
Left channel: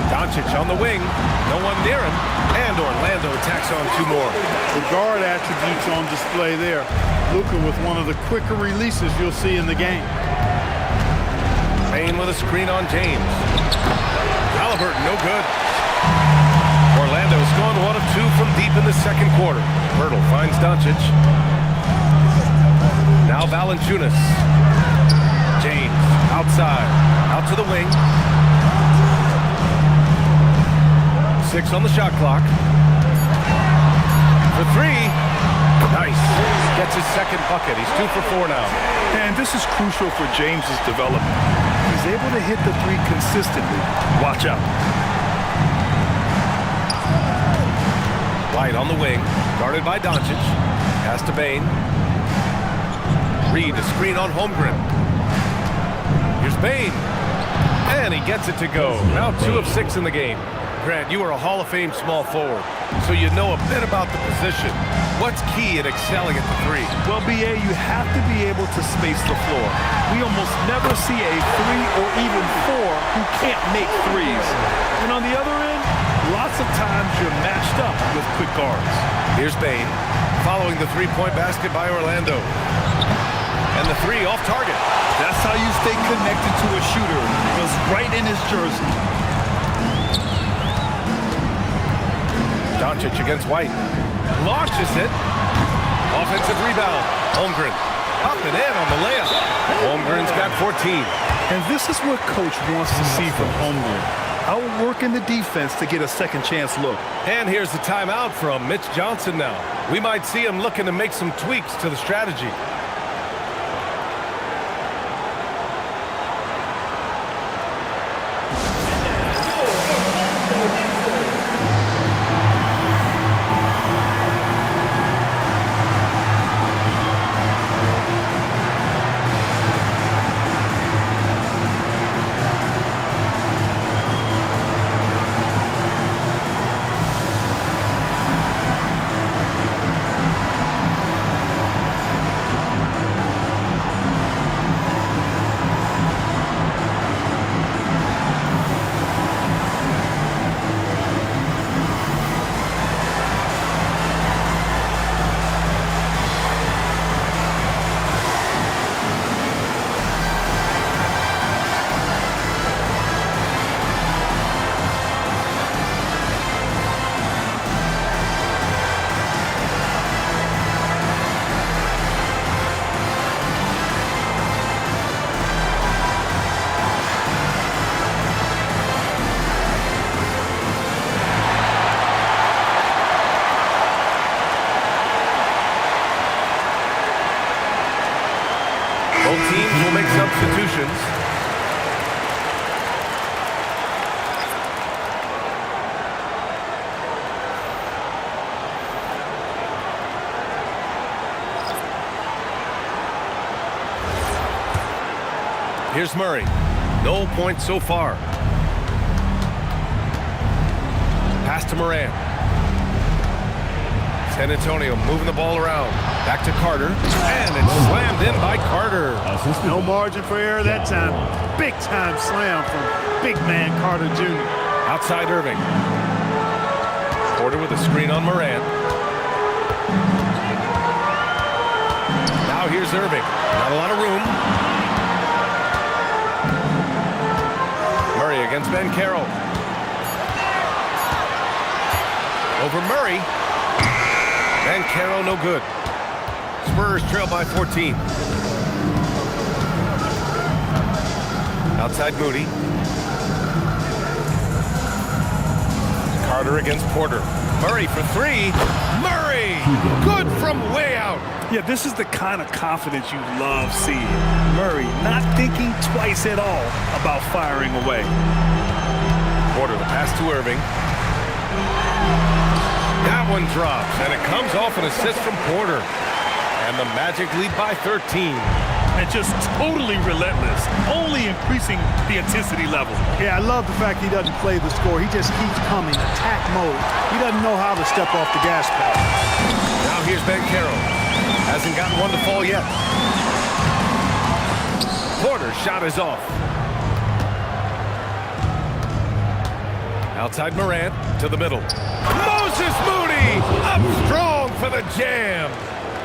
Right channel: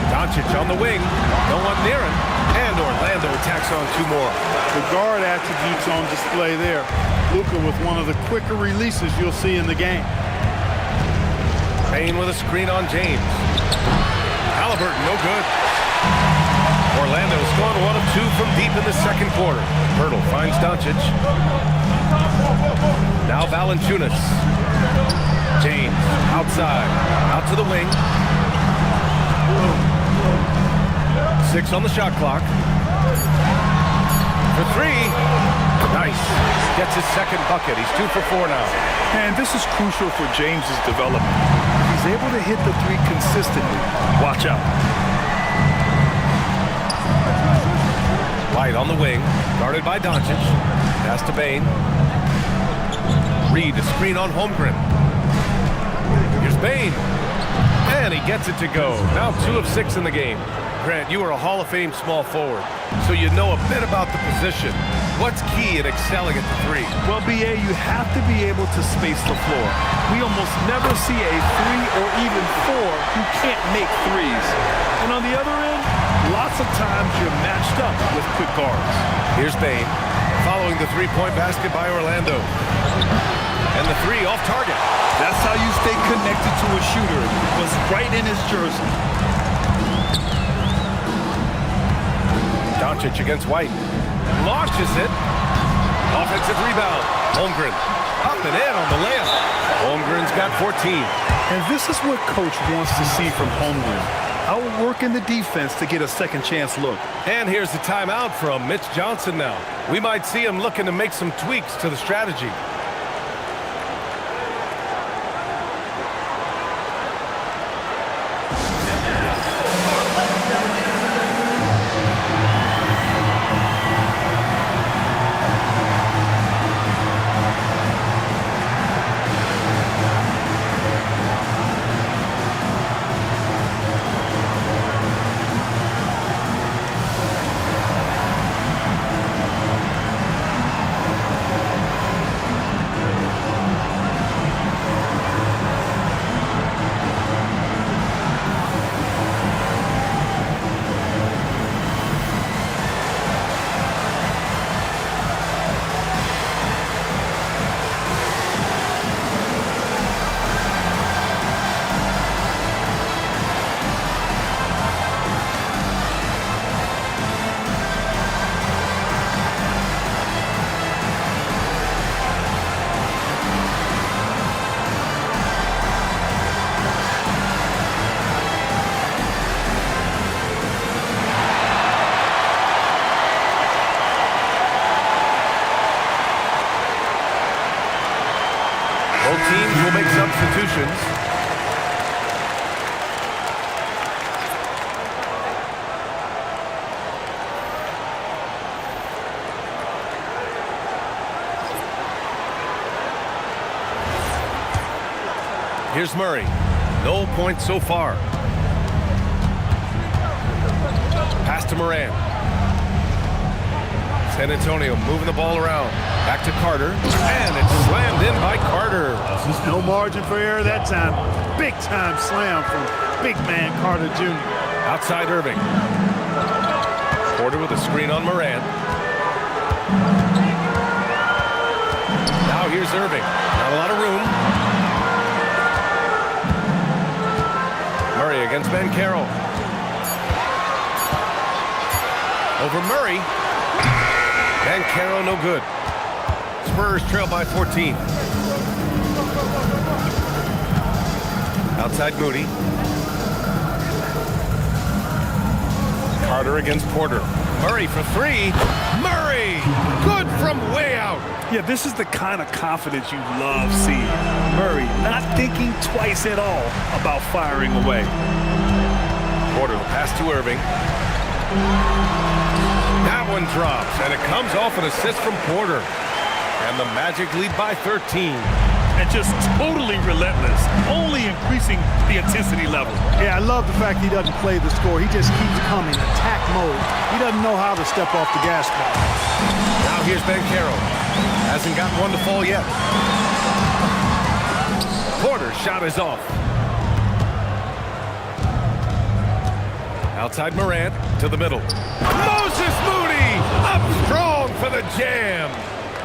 Doncic on the wing. No one near him. And Orlando tacks on 2 more. The guard attributes on display there. Luka with one of the quicker releases you'll see in the game. Payne with a screen on James. Halliburton, no good. Orlando's gone 1 of 2 from deep in the second quarter. Pirtle finds Doncic. Now Valanciunas. James outside. Out to the wing. 6 on the shot clock. For 3. Nice. Gets his second bucket. He's 2 for 4 now. And this is crucial for James's development. He's able to hit the 3 consistently. Watch out. White on the wing. Guarded by Doncic. Pass to Bane. Reed, a screen on Holmgren. Here's Bane. And he gets it to go. Now 2 of 6 in the game. Grant, you are a Hall of Fame small forward, so you know a bit about the position. What's key in excelling at the 3? Well, B.A., you have to be able to space the floor. We almost never see a 3 or even 4 who can't make 3s. And on the other end, lots of times you're matched up with quick guards. Here's Bane, following the 3-point basket by Orlando. And the 3 off target. That's how you stay connected to a shooter. It was right in his jersey. Doncic against White. Launches it. Offensive rebound. Holmgren up and in on the layup. Holmgren's got 14. And this is what Coach wants to see from Holmgren. Outworking the defense to get a second chance look. And here's the timeout from Mitch Johnson now. We might see him looking to make some tweaks to the strategy. Both teams will make substitutions. Here's Murray. No points so far. Pass to Moran. San Antonio moving the ball around. Back to Carter. And it's slammed in by Carter. No margin for error that time. Big time slam from big man Carter Jr. Outside Irving. Porter with a screen on Moran. Now here's Irving. Not a lot of room. Murray against Banchero. Over Murray. Banchero no good. Spurs trail by 14. Outside Moody. Carter against Porter. Murray for 3. Murray! Good from from way out. Yeah, this is the kind of confidence you love seeing. Murray not thinking twice at all about firing away. Porter, the pass to Irving. That one drops, and it comes off an assist from Porter. And the Magic lead by 13. And just totally relentless, only increasing the intensity level. Yeah, I love the fact he doesn't play the score. He just keeps coming, attack mode. He doesn't know how to step off the gas pedal. Now here's Banchero. Hasn't gotten one to fall yet. Porter's shot is off. Outside Morant to the middle. Moses Moody up strong for the jam.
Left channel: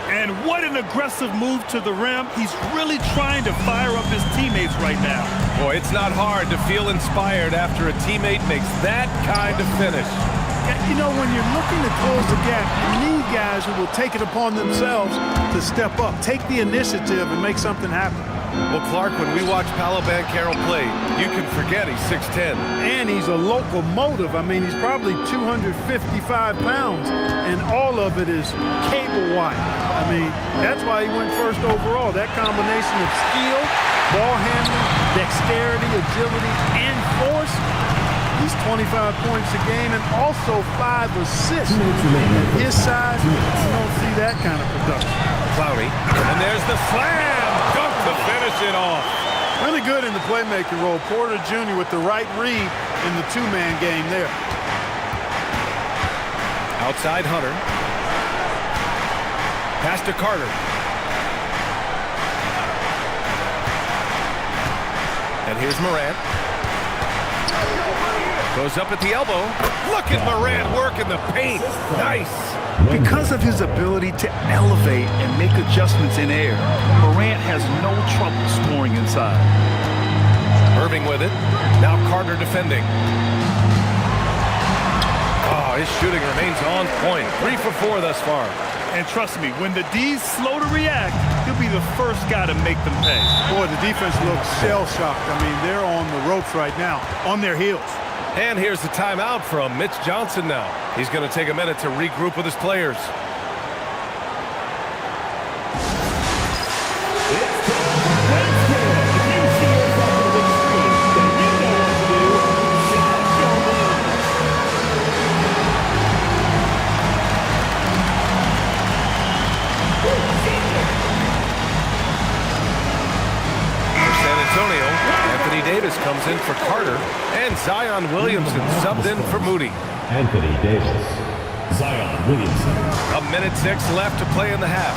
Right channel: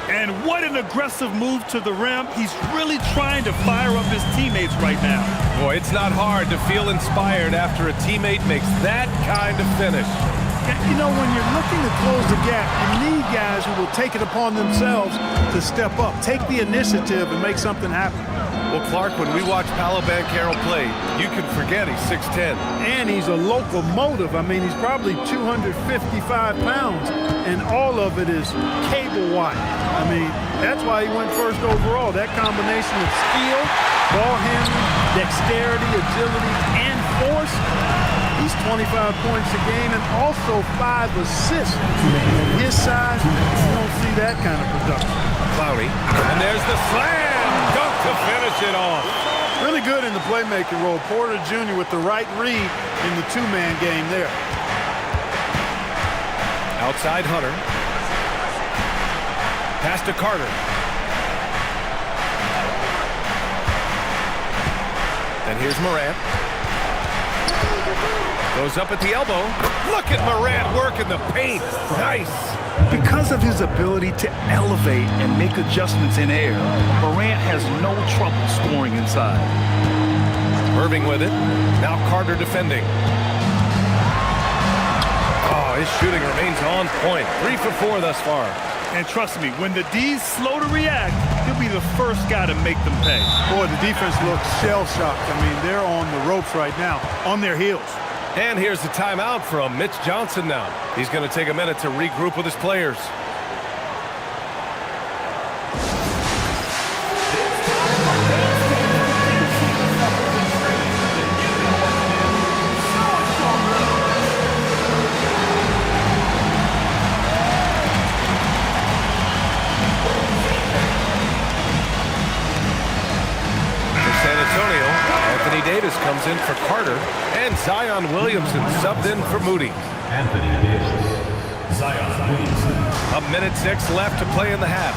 And what an aggressive move to the rim. He's really trying to fire up his teammates right now. Boy, it's not hard to feel inspired after a teammate makes that kind of finish. You know, when you're looking to close the gap, you need guys who will take it upon themselves to step up, take the initiative, and make something happen. Well, Clark, when we watch Paolo Banchero play, you can forget he's 6'10". And he's a locomotive. I mean, he's probably 255 pounds, and all of it is cable wire. I mean, that's why he went first overall. That combination of skill, ball handling, dexterity, agility, and force. He's 25 points a game and also 5 assists. At his size, you don't see that kind of production. Clowney, and there's the slam dunk to finish it off. Really good in the playmaking role. Porter Jr. with the right read in the two-man game there. Outside Hunter. Pass to Carter. And here's Morant. Goes up at the elbow. Look at Morant work in the paint. Nice. Because of his ability to elevate and make adjustments in air, Morant has no trouble scoring inside. Irving with it. Now Carter defending. Oh, his shooting remains on point. 3 for 4 thus far. And trust me, when the D's slow to react, he'll be the first guy to make them pay. Boy, the defense looks shell-shocked. I mean, they're on the ropes right now, on their heels. And here's the timeout from Mitch Johnson now. He's going to take a minute to regroup with his players. San Antonio, Anthony Davis comes in for Carter, and Zion Williamson subbed in for Moody. Anthony Davis, Zion Williamson. 1:06 left to play in the half.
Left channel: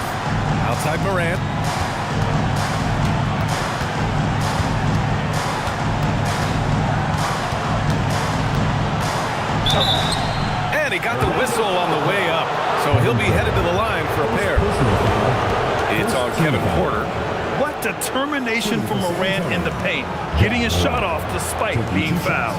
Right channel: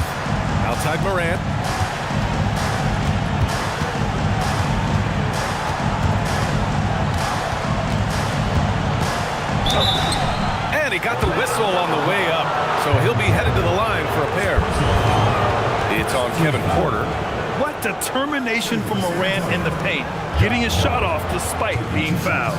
Outside Morant. And he got the whistle on the way up, so he'll be headed to the line for a pair. It's on Kevin Porter. What determination from Morant in the paint, getting his shot off despite being fouled.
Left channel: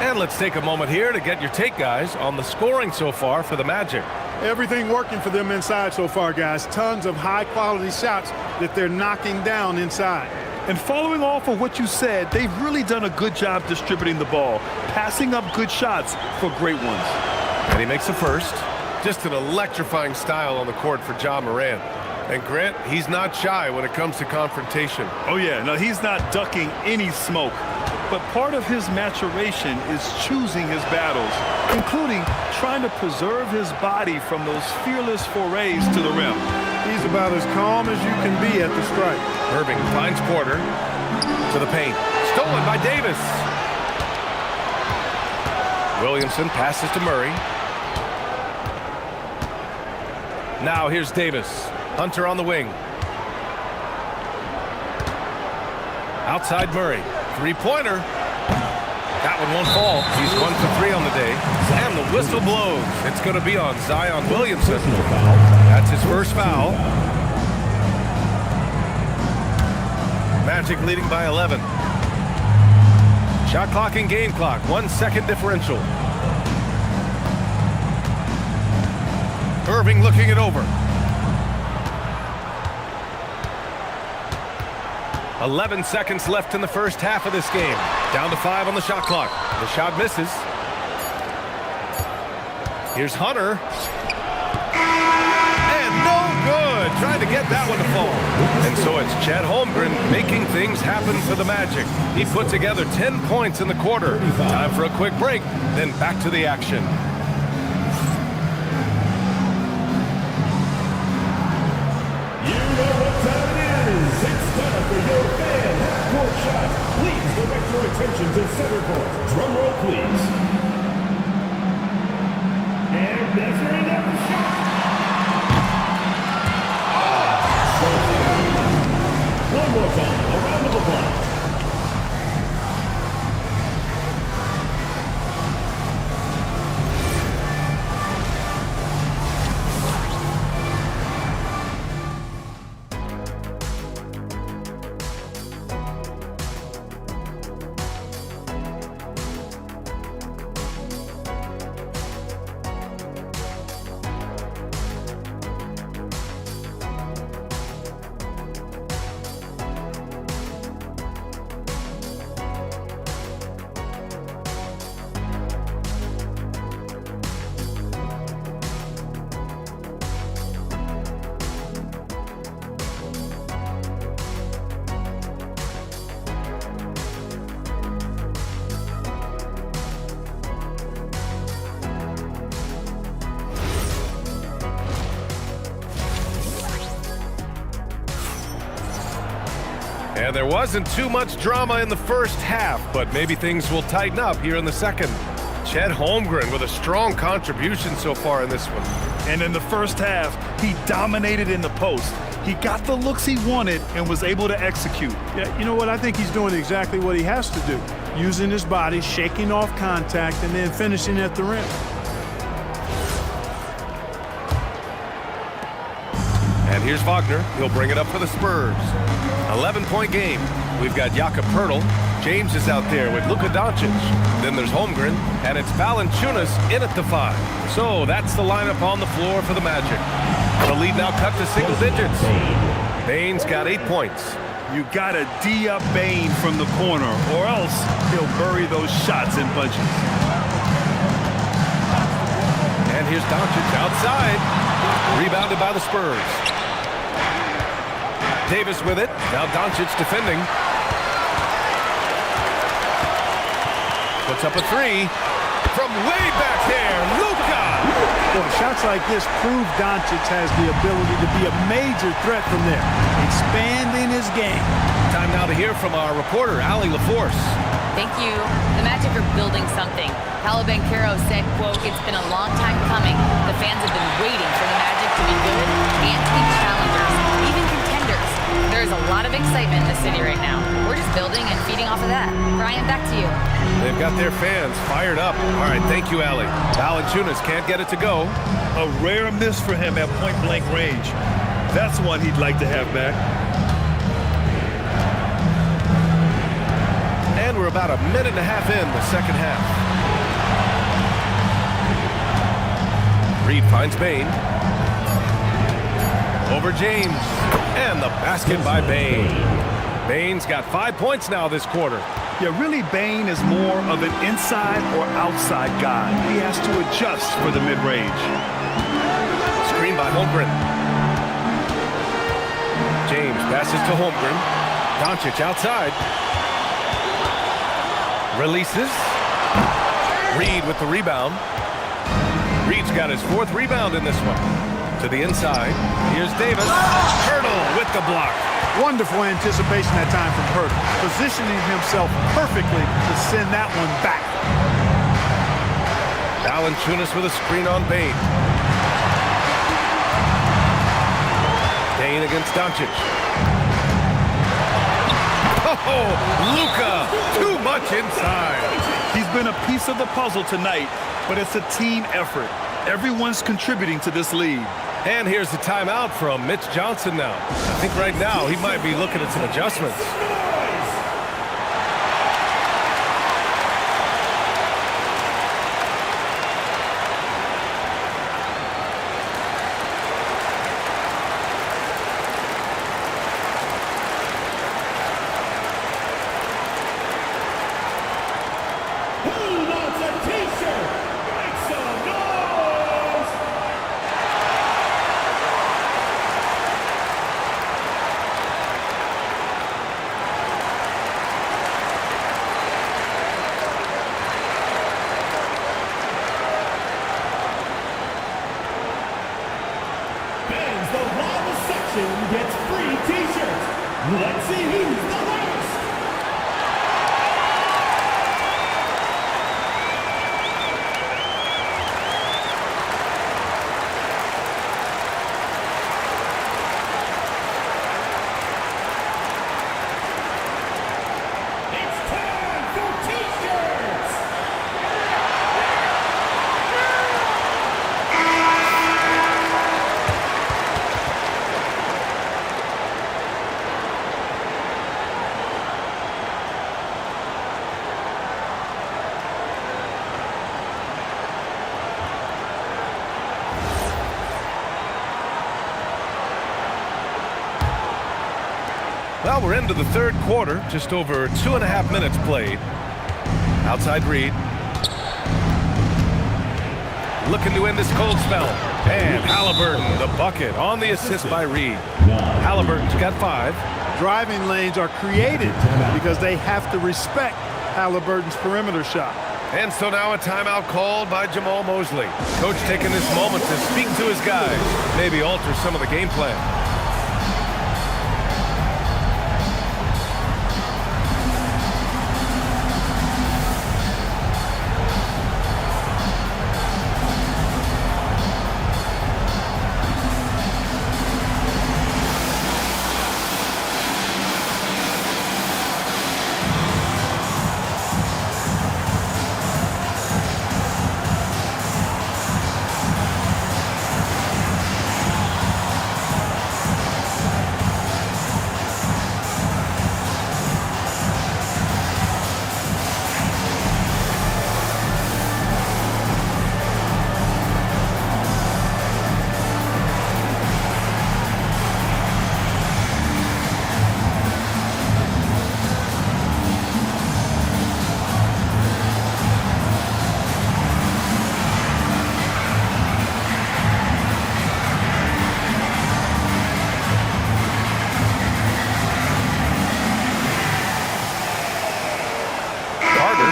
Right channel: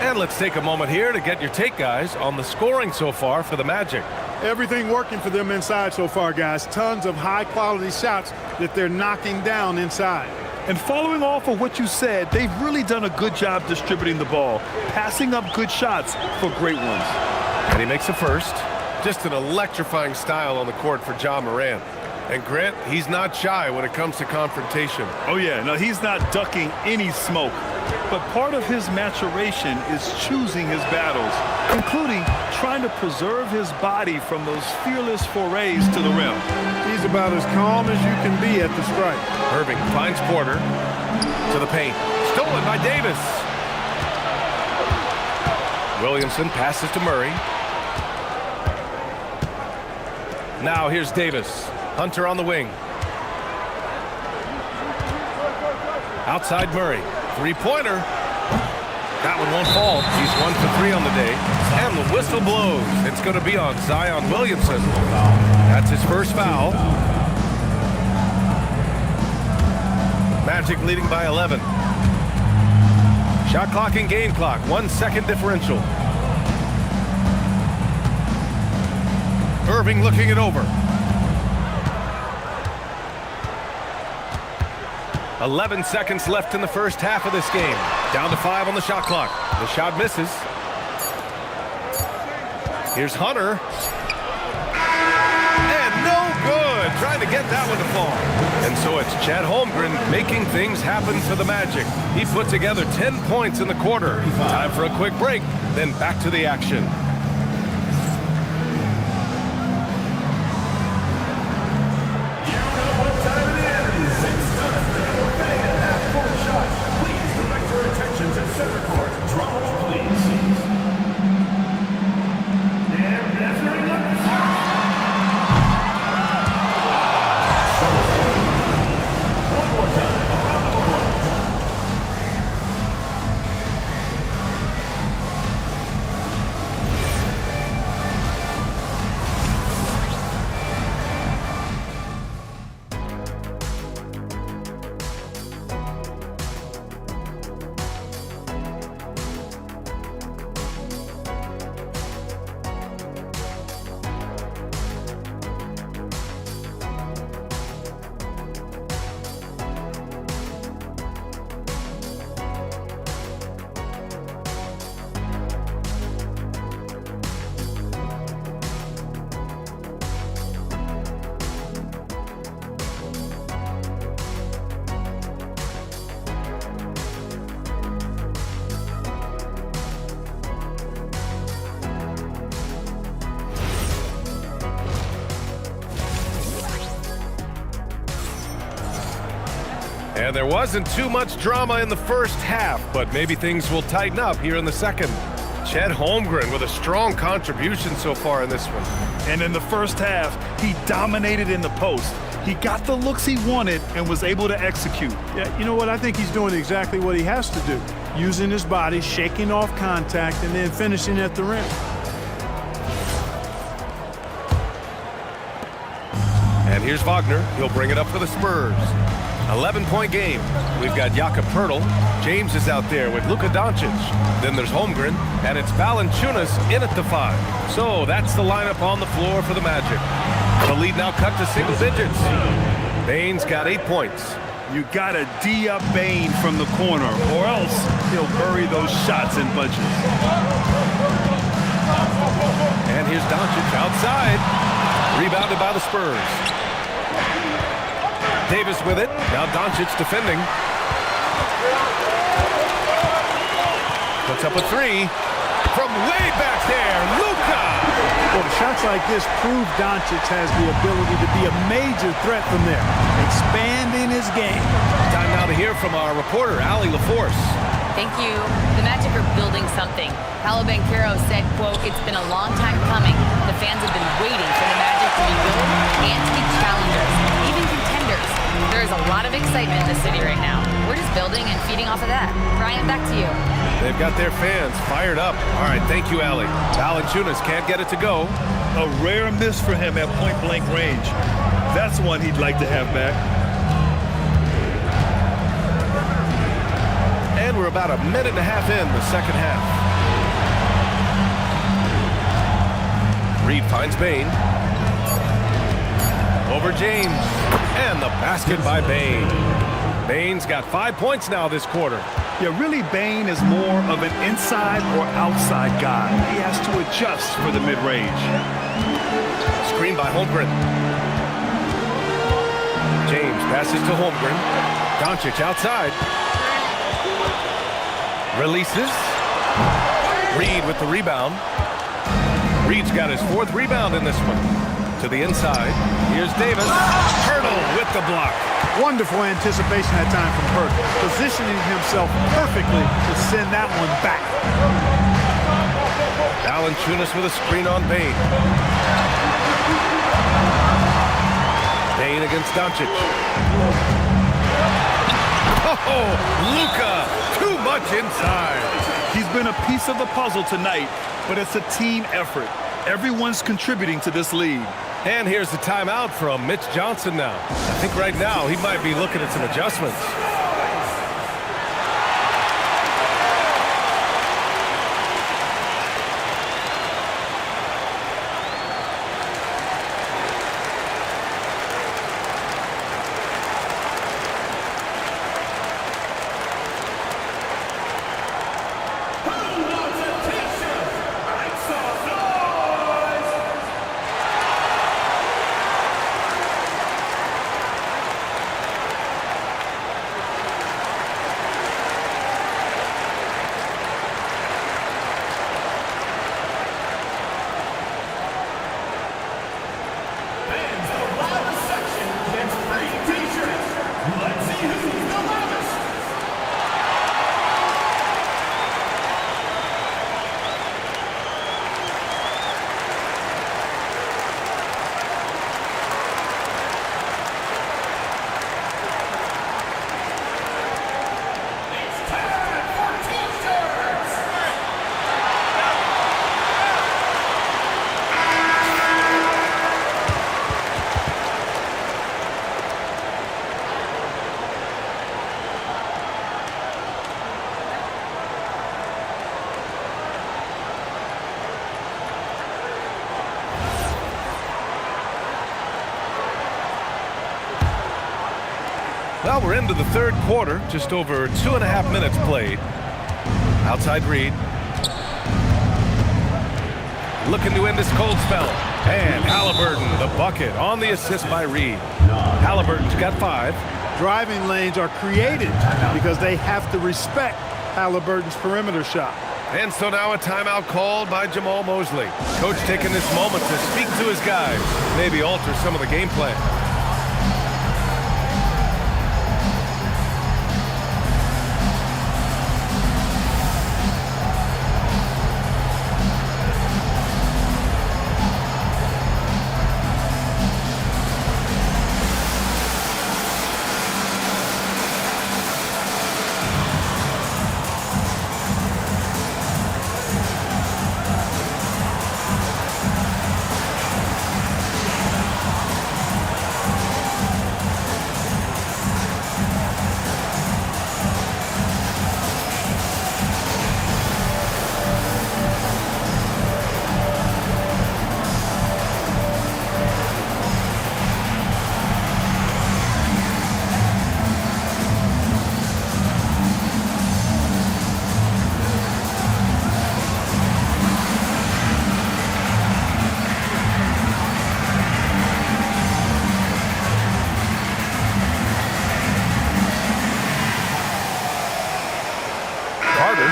And let's take a moment here to get your take, guys, on the scoring so far for the Magic. Everything working for them inside so far, guys. Tons of high-quality shots that they're knocking down inside. And following off of what you said, they've really done a good job distributing the ball, passing up good shots for great ones. And he makes the first. Just an electrifying style on the court for Ja Morant. And Grant, he's not shy when it comes to confrontation. Oh yeah, no, he's not ducking any smoke. But part of his maturation is choosing his battles, including trying to preserve his body from those fearless forays to the rim. He's about as calm as you can be at the stripe. Irving finds Porter to the paint. Stolen by Davis. Williamson passes to Murray. Now here's Davis. Hunter on the wing. Outside Murray. Three-pointer. That one won't fall. He's 1 for 3 on the day. And the whistle blows. It's going to be on Zion Williamson. That's his first foul. Magic leading by 11. Shot clock and game clock. 1 second differential. Irving looking it over. 11 seconds left in the first half of this game. Down to 5 on the shot clock. The shot misses. Here's Hunter. And trying to get that one to fall. And so it's Chet Holmgren making things happen for the Magic. He put together 10 points in the quarter. Time for a quick break, then back to the action. You know what time it is. It's time for your fan half-court shot. Please direct your attention to center court. Drum roll, please. And measuring up the shot. One more time. A round of applause. And there wasn't too much drama in the first half, but maybe things will tighten up here in the second. Chet Holmgren with a strong contribution so far in this one. And in the first half, he dominated in the post. He got the looks he wanted and was able to execute. Yeah, you know what? I think he's doing exactly what he has to do. Using his body, shaking off contact, and then finishing at the rim. And here's Wagner. He'll bring it up for the Spurs. 11-point game. We've got Jakob Poeltl. James is out there with Luka Doncic. Then there's Holmgren, and it's Valanciunas in at the 5. So that's the lineup on the floor for the Magic. The lead now cut to single digits. Bane's got 8 points. You gotta D up Bane from the corner, or else he'll bury those shots in bunches. And here's Doncic outside. Rebounded by the Spurs. Davis with it. Now Doncic defending. Puts up a 3 from way back there. Luka! Boy, shots like this prove Doncic has the ability to be a major threat from there, expanding his game. Time now to hear from our reporter, Allie LaForce. Thank you. The Magic are building something. Paolo Banchero said, quote, "It's been a long time coming. The fans have been waiting for the Magic to be good and to be challengers, even contenders. There is a lot of excitement in the city right now. We're just building and feeding off of that." Brian, back to you. They've got their fans fired up. All right, thank you, Allie. Valanciunas can't get it to go. A rare miss for him at point-blank range. That's one he'd like to have back. And we're about a minute and a half in the second half. Reed finds Bane. Over James. And the basket by Bane. Bane's got 5 points now this quarter. Yeah, really, Bane is more of an inside or outside guy. He has to adjust for the mid-range. Screen by Holmgren. James passes to Holmgren. Doncic outside. Releases. Reed with the rebound. Reed's got his 4th rebound in this one. To the inside. Here's Davis. Poeltl with the block. Wonderful anticipation that time from Poeltl, positioning himself perfectly to send that one back. Valanciunas with a screen on Bane. Bane against Doncic. Oh, Luka, too much inside. He's been a piece of the puzzle tonight, but it's a team effort. Everyone's contributing to this lead. And here's the timeout from Mitch Johnson now. I think right now he might be looking at some adjustments. Who wants a t-shirt? Make some noise! win gets free t-shirts. Let's see who's the loudest. It's time for t-shirts. Well, we're into the third quarter, just over 2.5 minutes played. Outside Reed. Looking to end this cold spell. And Halliburton, the bucket, on the assist by Reed. Halliburton's got 5. Driving lanes are created because they have to respect Halliburton's perimeter shot. And so now a timeout called by Jamal Mosley. Coach taking this moment to speak to his guys, maybe alter some of the game plan.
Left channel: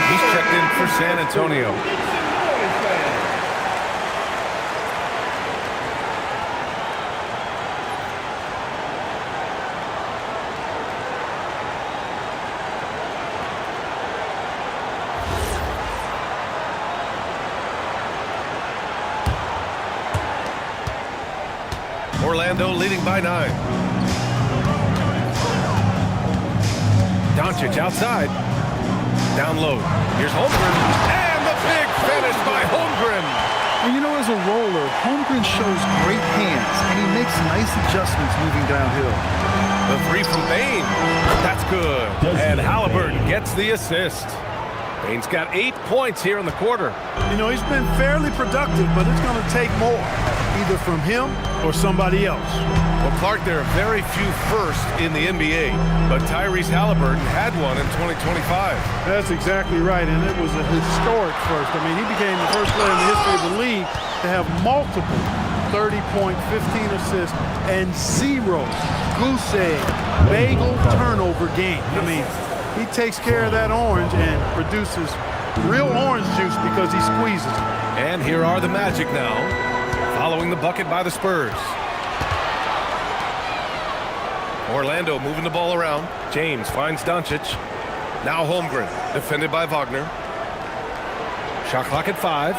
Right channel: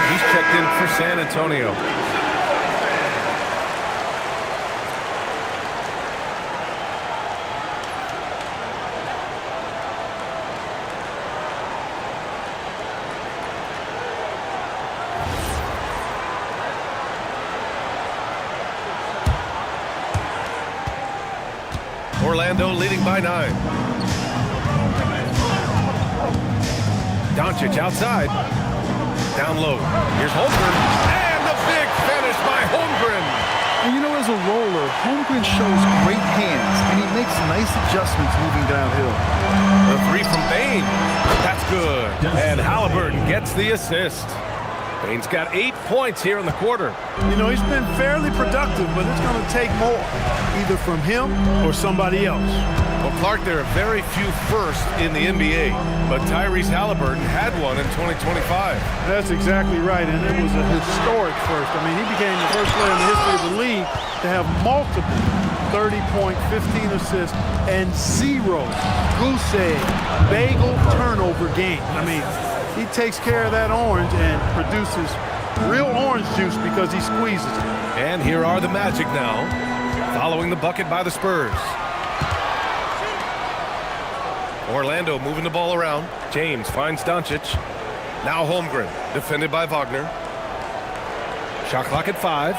He's checked in for San Antonio. Orlando leading by 9. Doncic outside. Down low. Here's Holmgren. And the big finish by Holmgren. And you know, as a roller, Holmgren shows great hands, and he makes nice adjustments moving downhill. The 3 from Bane. That's good. And Halliburton gets the assist. Bane's got 8 points here in the quarter. You know, he's been fairly productive, but it's going to take more, either from him or somebody else. Well, Clark, there are very few firsts in the NBA, but Tyrese Halliburton had one in 2025. That's exactly right, and it was a historic first. I mean, he became the first player in the history of the league to have multiple 30-point, 15 assists, and 0 goose egg, bagel turnover games. I mean, he takes care of that orange and produces real orange juice because he squeezes it. And here are the Magic now, following the bucket by the Spurs. Orlando moving the ball around. James finds Doncic. Now Holmgren, defended by Wagner. Shot clock at 5.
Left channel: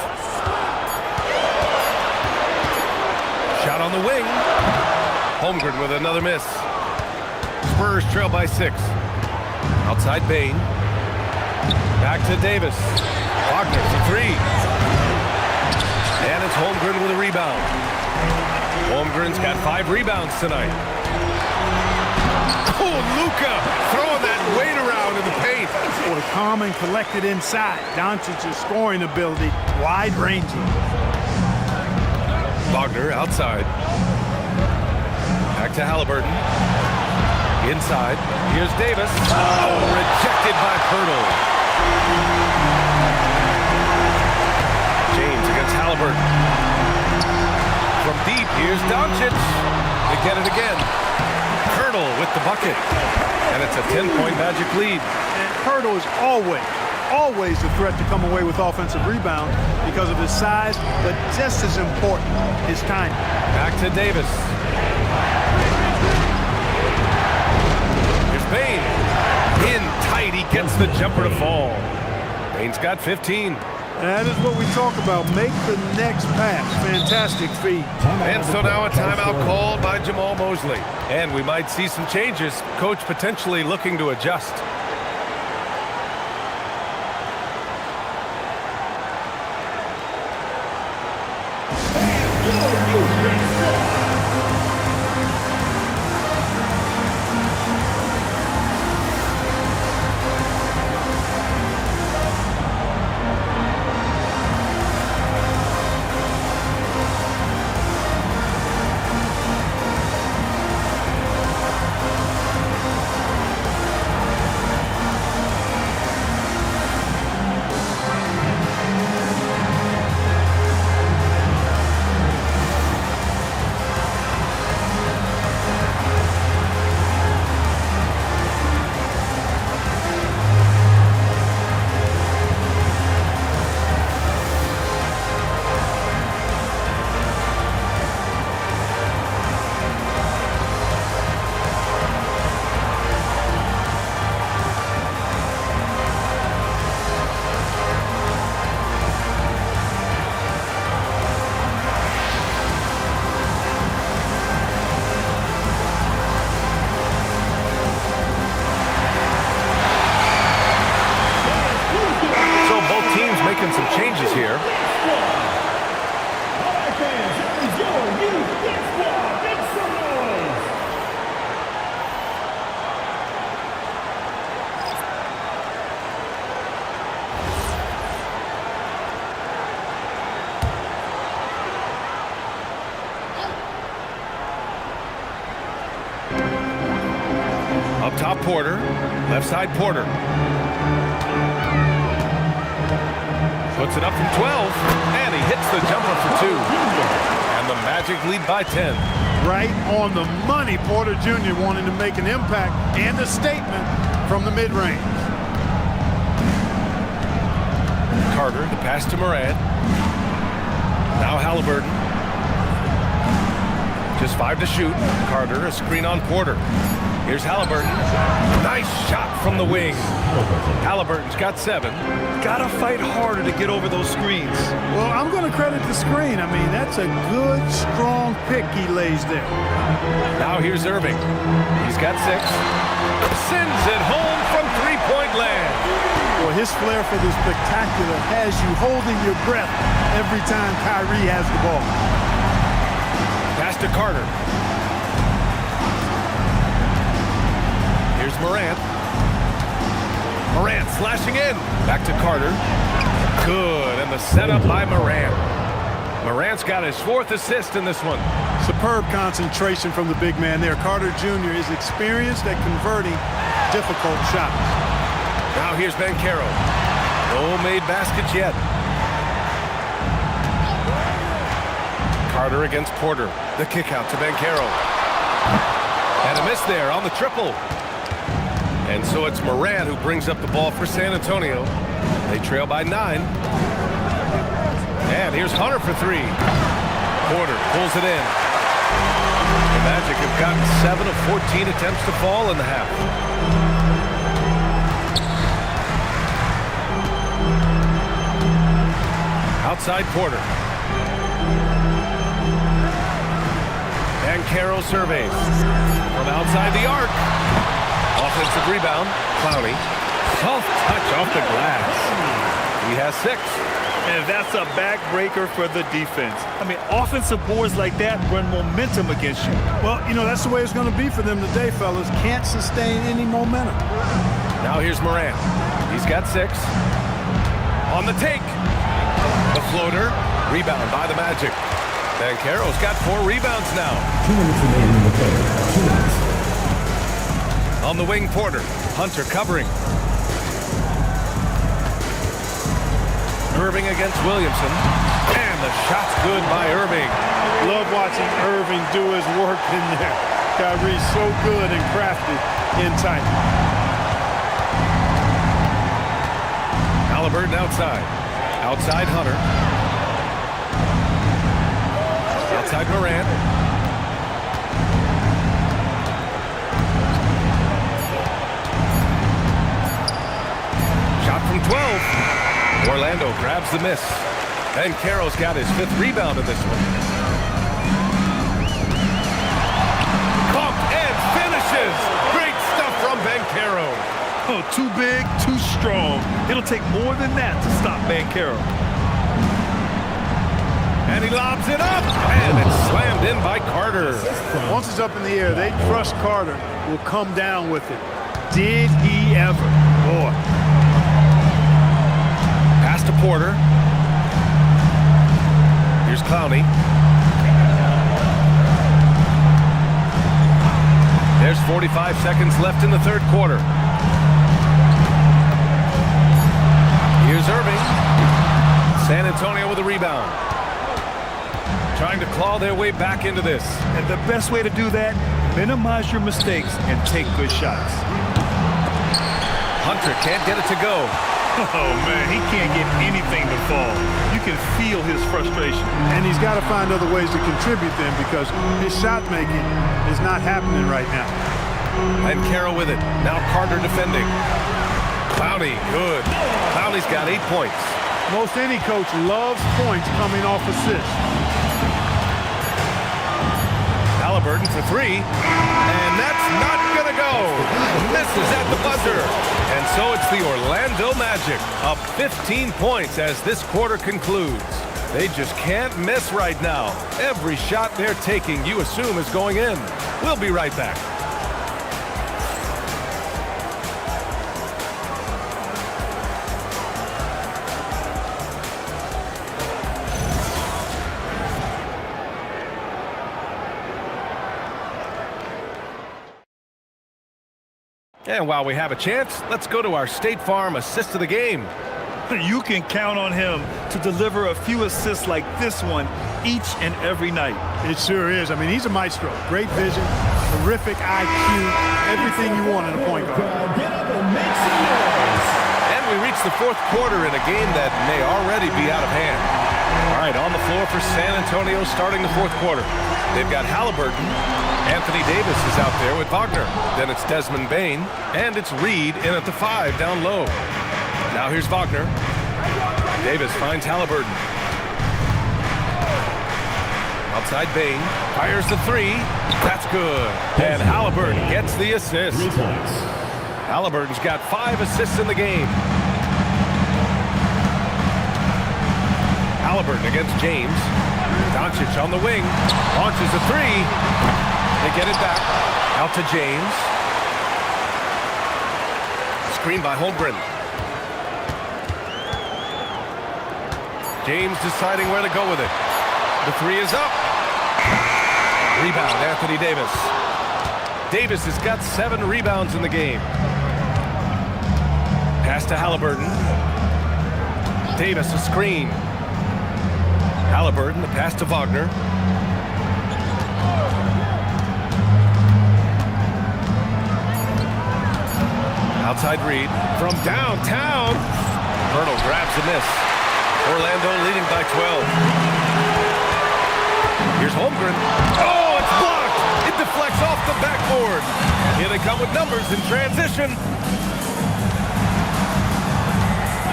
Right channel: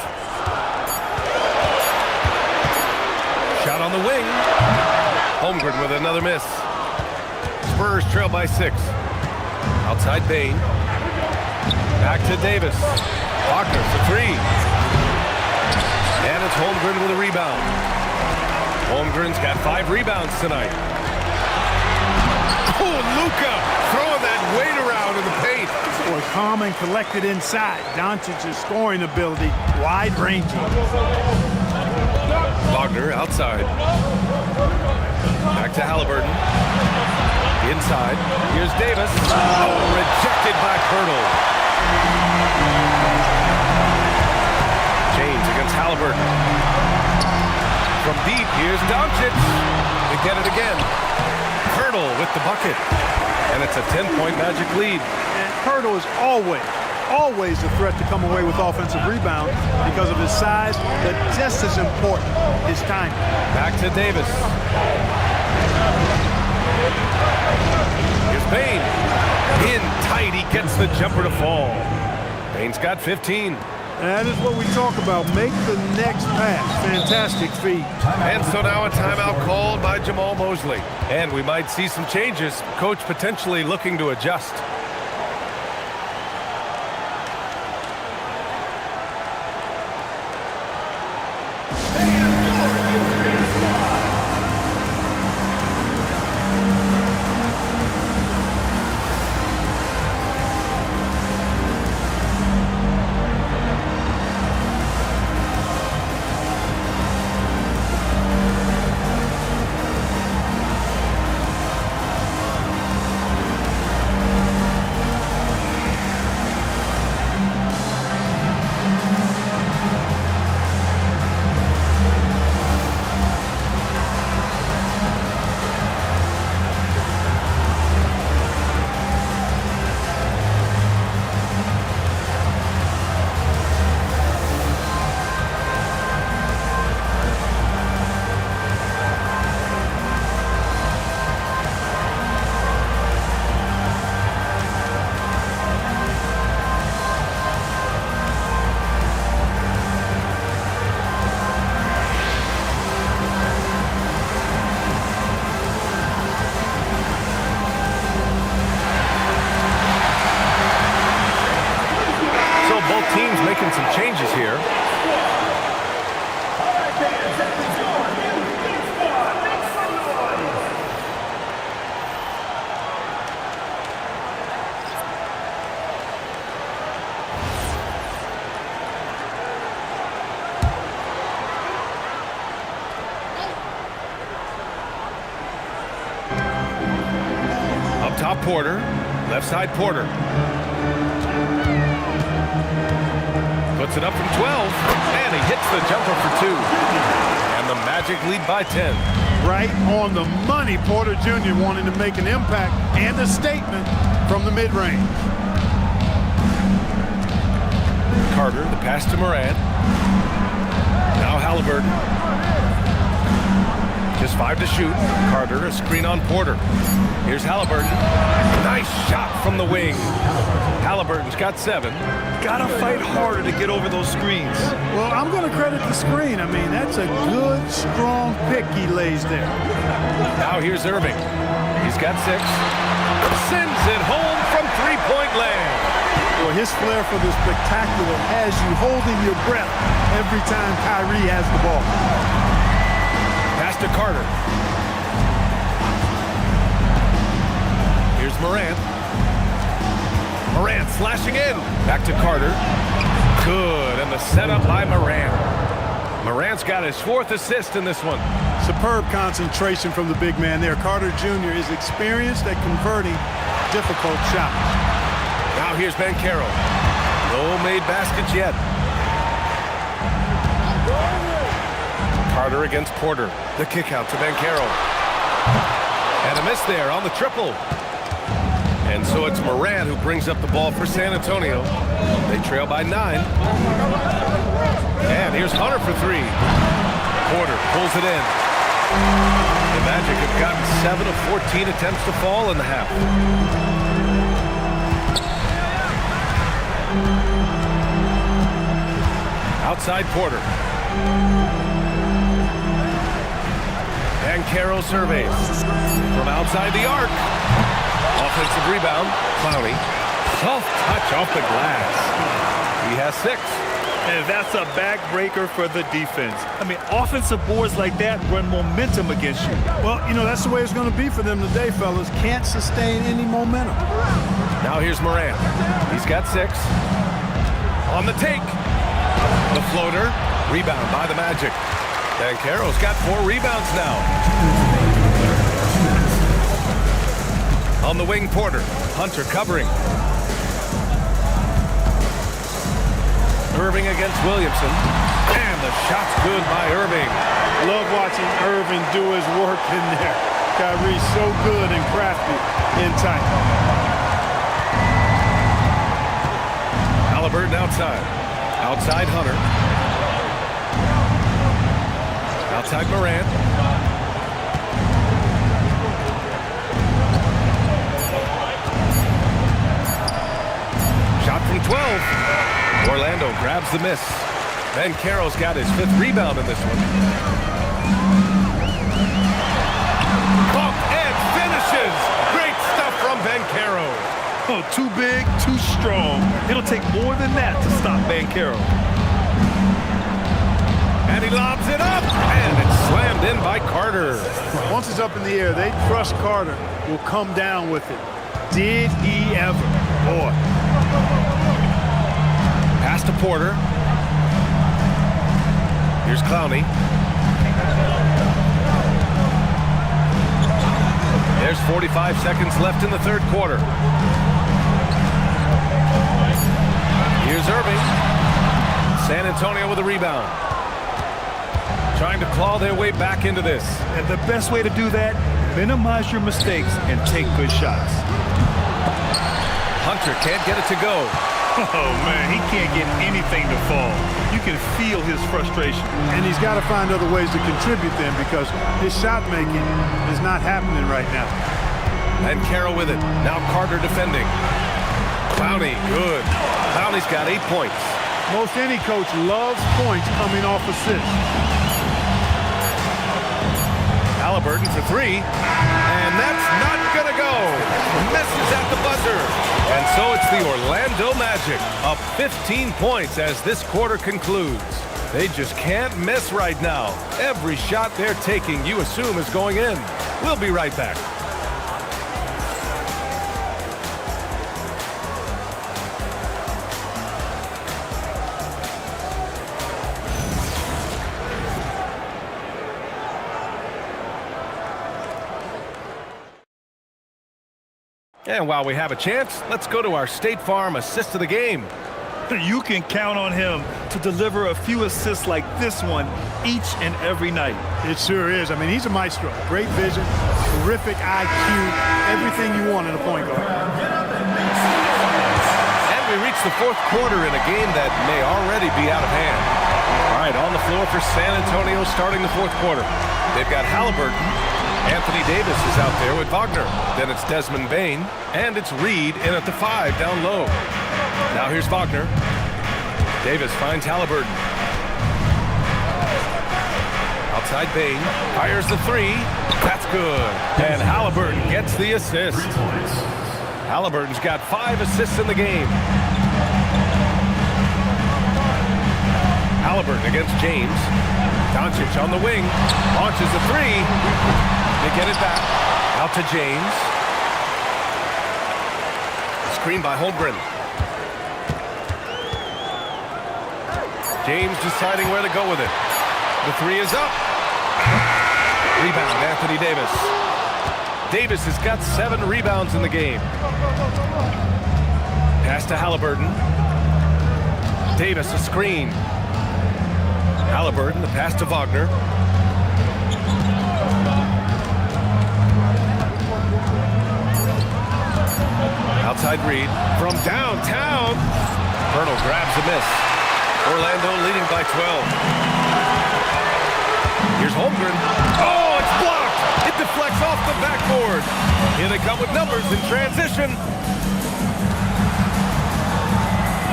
Shot on the wing. Holmgren with another miss. Spurs trail by 6. Outside Bane. Back to Davis. Wagner for 3. And it's Holmgren with a rebound. Holmgren's got 5 rebounds tonight. Oh, Luka throwing that weight around in the paint. Boy, calm and collected inside. Doncic's scoring ability, wide-ranging. Wagner outside. Back to Halliburton. Inside. Here's Davis. Oh, rejected by Pirtle. James against Halliburton. From deep, here's Doncic. They get it again. Pirtle with the bucket. And it's a 10-point Magic lead. And Pirtle is always a threat to come away with offensive rebound because of his size, but just as important, his timing. Back to Davis. Bane. In tight, he gets the jumper to fall. Bane's got 15. That is what we talk about. Make the next pass. Fantastic feed. And so now a timeout called by Jamal Mosley. And we might see some changes. Coach potentially looking to adjust. So both teams making some changes here. All right, fans, that was your new Big Squad. Make some noise. Up top, Porter. Left side, Porter. Puts it up from 12, and he hits the jumper for 2. And the Magic lead by 10. Right on the money. Porter Jr. wanting to make an impact and a statement from the mid-range. Carter, the pass to Morant. Now Halliburton. Just 5 to shoot. Carter, a screen on Porter. Here's Halliburton. Nice shot from the wing. Halliburton's got 7. Gotta fight harder to get over those screens. Well, I'm going to credit the screen. I mean, that's a good, strong pick he lays there. Now here's Irving. He's got 6. Sends it home from three-point land. Well, his flair for the spectacular has you holding your breath every time Kyrie has the ball. Pass to Carter. Here's Morant. Morant slashing in. Back to Carter. Good, and the setup by Morant. Morant's got his 4th assist in this one. Superb concentration from the big man there. Carter Jr. is experienced at converting difficult shots. Now here's Banchero. No made baskets yet. Carter against Porter. The kick out to Banchero. And a miss there on the triple. And so it's Morant who brings up the ball for San Antonio. They trail by 9. And here's Hunter for 3. Porter pulls it in. The Magic have gotten 7 of 14 attempts to fall in the half. Outside Porter. Banchero surveys. From outside the arc. Offensive rebound. Clowney. Soft touch off the glass. He has 6. And that's a backbreaker for the defense. I mean, offensive boards like that run momentum against you. Well, you know, that's the way it's going to be for them today, fellas. Can't sustain any momentum. Now here's Morant. He's got 6. On the take. The floater. Rebound by the Magic. Banchero's got 4 rebounds now. 2 minutes remaining in the third. 2 minutes. On the wing, Porter. Hunter covering. Irving against Williamson. And the shot's good by Irving. Love watching Irving do his work in there. Kyrie's so good and crafty in tight. Halliburton outside. Outside Hunter. Outside Morant. Shot from 12. Orlando grabs the miss. Banchero's got his 5th rebound in this one. Bumped and finishes. Great stuff from Banchero. Oh, too big, too strong. It'll take more than that to stop Banchero. And he lobs it up, and it's slammed in by Carter. Once it's up in the air, they trust Carter will come down with it. Did he ever? Boy. Pass to Porter. Here's Clowney. There's 45 seconds left in the 3rd quarter. Here's Irving. San Antonio with a rebound. Trying to claw their way back into this. And the best way to do that, minimize your mistakes and take good shots. Hunter can't get it to go. Oh, man, he can't get anything to fall. You can feel his frustration. And he's got to find other ways to contribute then because his shot making is not happening right now. And Carroll with it. Now Carter defending. Clowney, good. Clowney's got 8 points. Most any coach loves points coming off assists. Halliburton for 3. And that's not going to go. Misses at the buzzer. And so it's the Orlando Magic up 15 points as this quarter concludes. They just can't miss right now. Every shot they're taking, you assume, is going in. We'll be right back. And while we have a chance, let's go to our State Farm assist of the game. You can count on him to deliver a few assists like this one each and every night. It sure is. I mean, he's a maestro. Great vision, terrific IQ, everything you want in a point guard. And we reach the 4th quarter in a game that may already be out of hand. All right, on the floor for San Antonio starting the 4th quarter. They've got Halliburton. Anthony Davis is out there with Wagner. Then it's Desmond Bane. And it's Reed in at the 5 down low. Now here's Wagner. Davis finds Halliburton. Outside Bane. Fires the 3. That's good. And Halliburton gets the assist. Halliburton's got 5 assists in the game. Halliburton against James. Doncic on the wing. Launches the 3. They get it back. Out to James. Screen by Holmgren. James deciding where to go with it. The 3 is up. Rebound, Anthony Davis. Davis has got 7 rebounds in the game. Pass to Halliburton. Davis a screen. Halliburton, the pass to Wagner. Outside Reed from downtown. Pirtle grabs a miss. Orlando leading by 12. Here's Holmgren. Oh, it's blocked. It deflects off the backboard. Here they come with numbers in transition.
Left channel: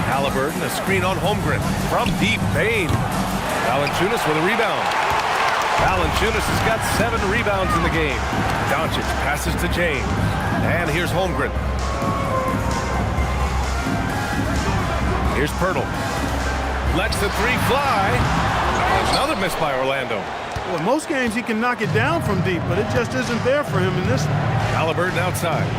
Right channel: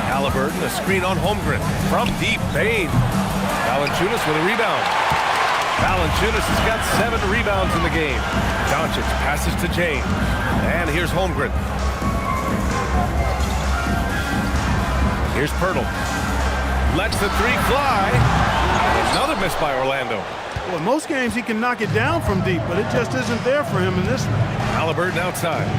Halliburton, a screen on Holmgren. From deep, Bane. Valanciunas with a rebound. Valanciunas has got 7 rebounds in the game. Doncic passes to James. And here's Holmgren. Here's Pirtle. Lets the 3 fly. Another miss by Orlando. Well, in most games he can knock it down from deep, but it just isn't there for him in this one. Halliburton outside.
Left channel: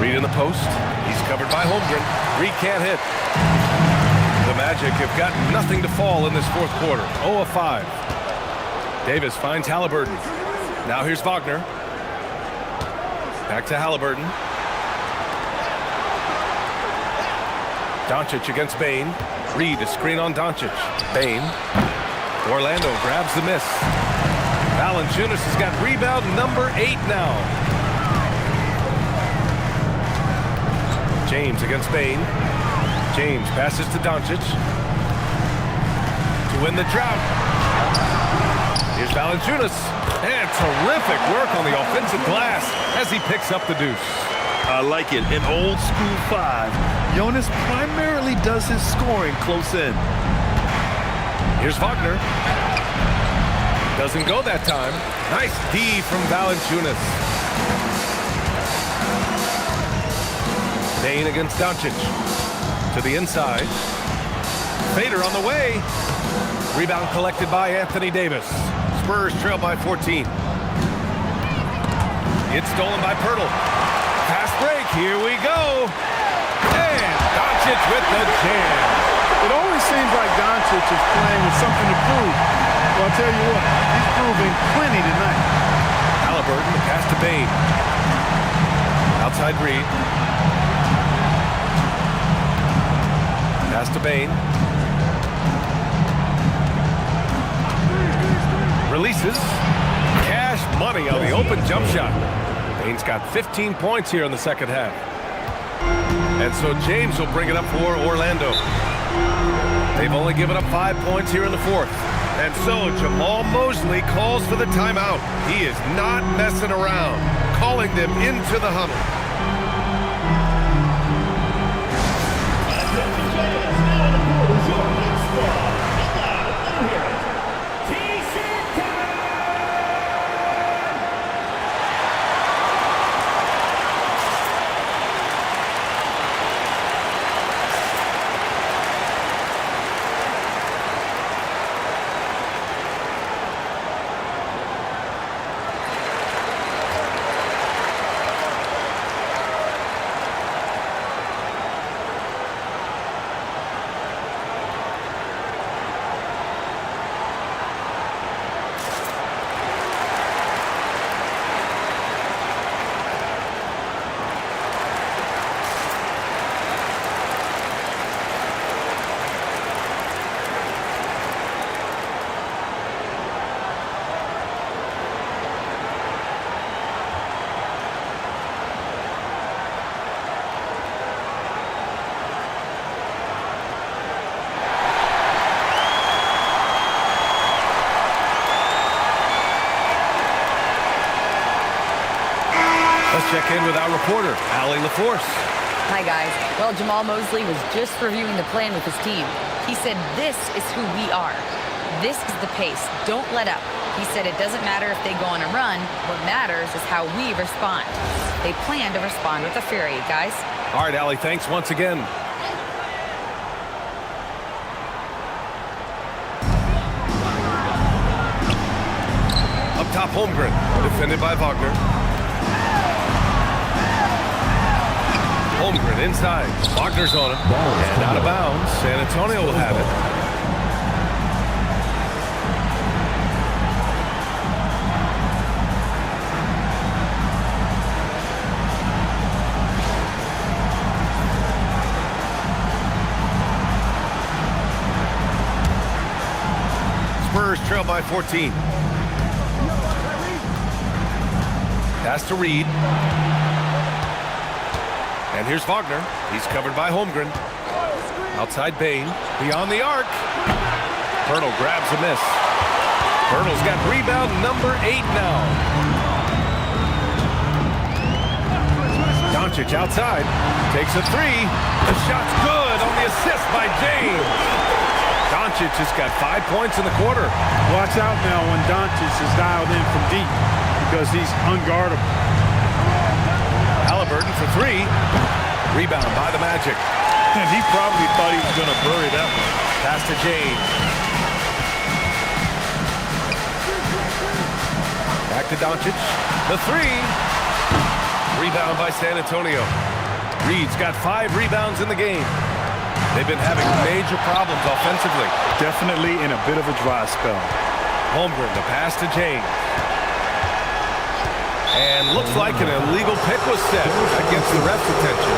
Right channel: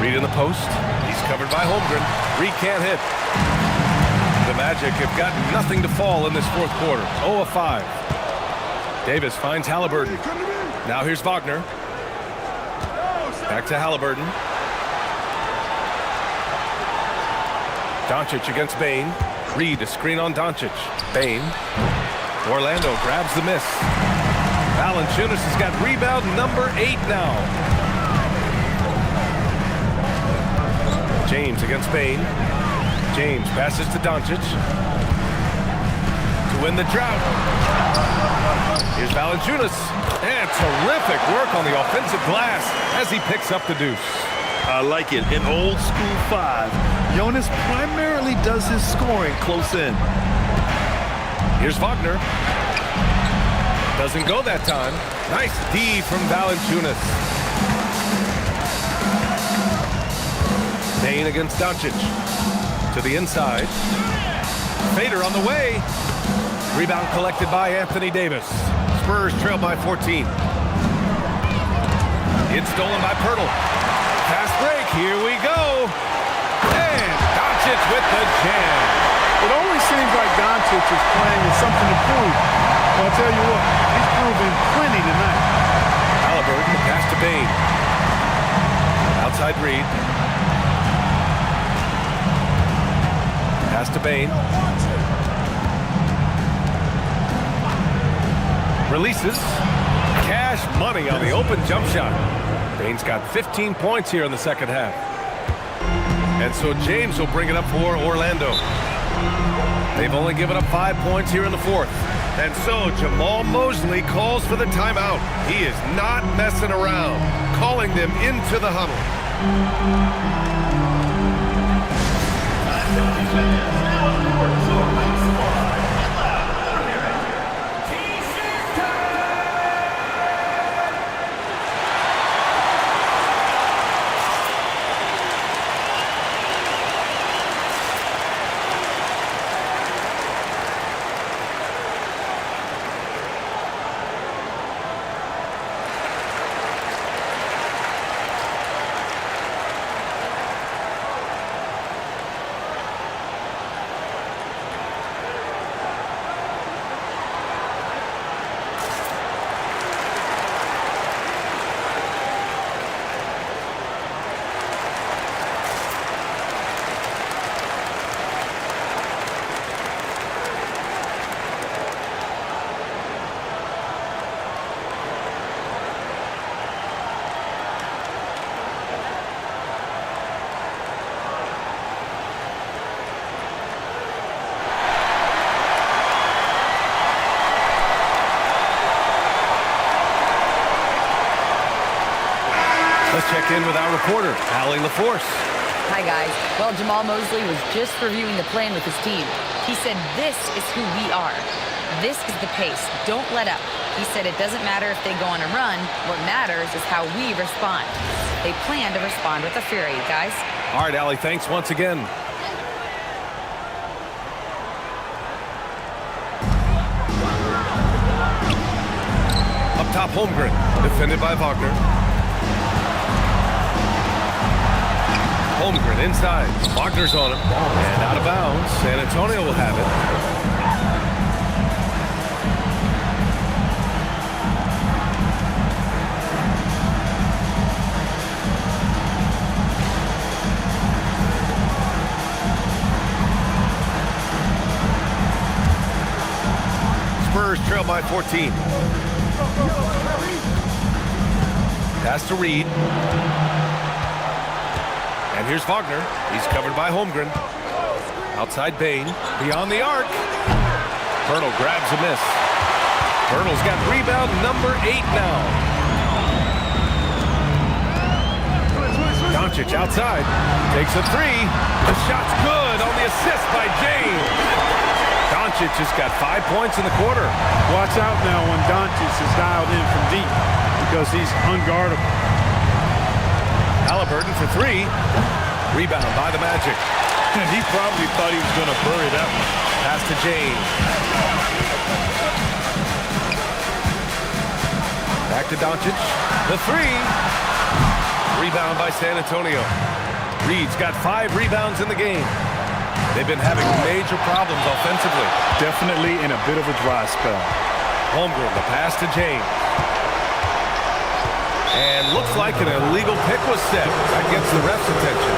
Reed in the post. He's covered by Holmgren. Reed can't hit. The Magic have got nothing to fall in this 4th quarter. 0 of 5. Davis finds Halliburton. Now here's Wagner. Back to Halliburton. Doncic against Bane. Reed, a screen on Doncic. Bane. Orlando grabs the miss. Valanciunas has got rebound number 8 now. James against Bane. James passes to Doncic. To win the drought. Here's Valanciunas. And terrific work on the offensive glass as he picks up the deuce. I like it. An old school 5. Jonas primarily does his scoring close in. Here's Wagner. Doesn't go that time. Nice D from Valanciunas. Bane against Doncic. To the inside. Fader on the way. Rebound collected by Anthony Davis. Spurs trail by 14. It's stolen by Pirtle. Fast break. Here we go. And Doncic with the jam. It always seems like Doncic is playing with something to prove. Well, I'll tell you what, he's proving plenty tonight. Halliburton, the pass to Bane. Outside Reed. Pass to Bane. Releases. Cash money on the open jump shot. Bane's got 15 points here in the second half. And so James will bring it up for Orlando. They've only given up 5 points here in the fourth. And so Jamal Mosley calls for the timeout. He is not messing around, calling them into the huddle. Let's check in with our reporter, Allie LaForce. Hi, guys. Well, Jamal Mosley was just reviewing the plan with his team. He said, this is who we are. This is the pace. Don't let up. He said it doesn't matter if they go on a run. What matters is how we respond. They plan to respond with a fury, guys. All right, Allie, thanks once again. Up top, Holmgren, defended by Wagner. Holmgren inside. Wagner's on him. And out of bounds. San Antonio will have it. Spurs trail by 14. Pass to Reed. And here's Wagner. He's covered by Holmgren. Outside Bane. Beyond the arc. Pirtle grabs a miss. Pirtle's got rebound number 8 now. Doncic outside. Takes a 3. The shot's good on the assist by James. Doncic just got 5 points in the quarter. Watch out now when Doncic is dialed in from deep because he's unguardable. Halliburton for 3. Rebound by the Magic. And he probably thought he was going to bury that one. Pass to James. Back to Doncic. The 3. Rebound by San Antonio. Reed's got 5 rebounds in the game. They've been having major problems offensively. Definitely in a bit of a dry spell. Holmgren, the pass to James. And looks like an illegal pick was set. That gets the ref's attention.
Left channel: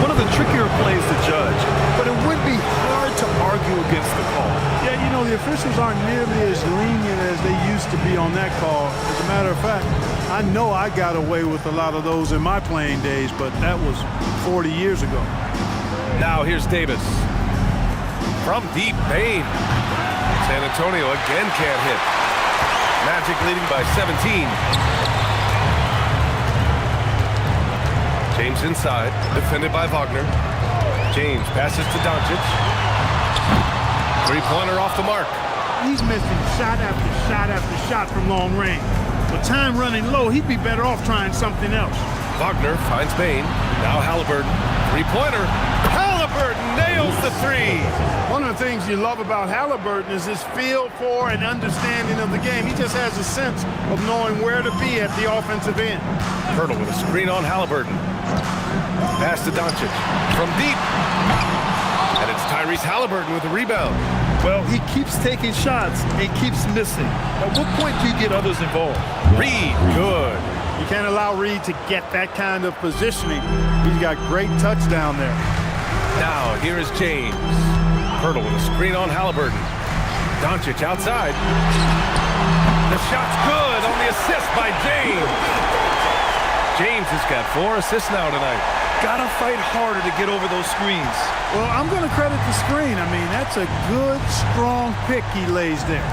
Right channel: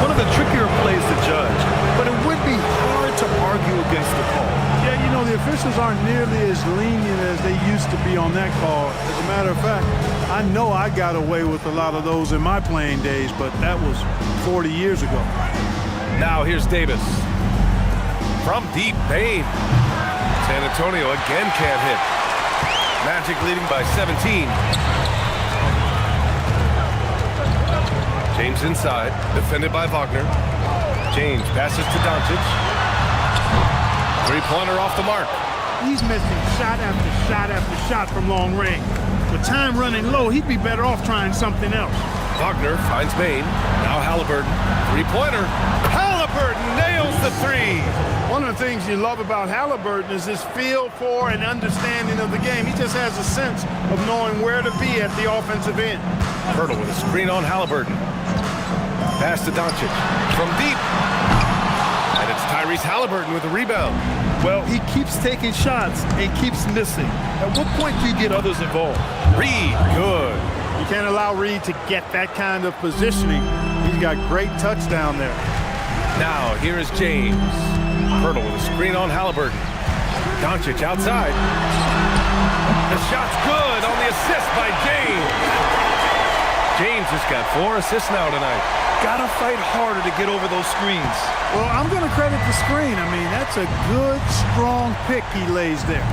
One of the trickier plays to judge, but it would be hard to argue against the call. Yeah, you know, the officials aren't nearly as lenient as they used to be on that call. As a matter of fact, I know I got away with a lot of those in my playing days, but that was 40 years ago. Now here's Davis. From deep, Bane. San Antonio again can't hit. Magic leading by 17. James inside, defended by Wagner. James passes to Doncic. Three-pointer off the mark. He's missing shot after shot after shot from long range. With time running low, he'd be better off trying something else. Wagner finds Bane. Now Halliburton. Three-pointer. Halliburton nails the three. One of the things you love about Halliburton is his feel for and understanding of the game. He just has a sense of knowing where to be at the offensive end. Hurdle with a screen on Halliburton. Pass to Doncic. From deep. And it's Tyrese Halliburton with the rebound. Well, he keeps taking shots and keeps missing. At what point do you get others involved? Reed, good. You can't allow Reed to get that kind of positioning. He's got great touch down there. Now, here is James. Hurdle with a screen on Halliburton. Doncic outside. The shot's good on the assist by James. James has got 4 assists now tonight. Gotta fight harder to get over those screens. Well, I'm going to credit the screen. I mean, that's a good, strong pick he lays there.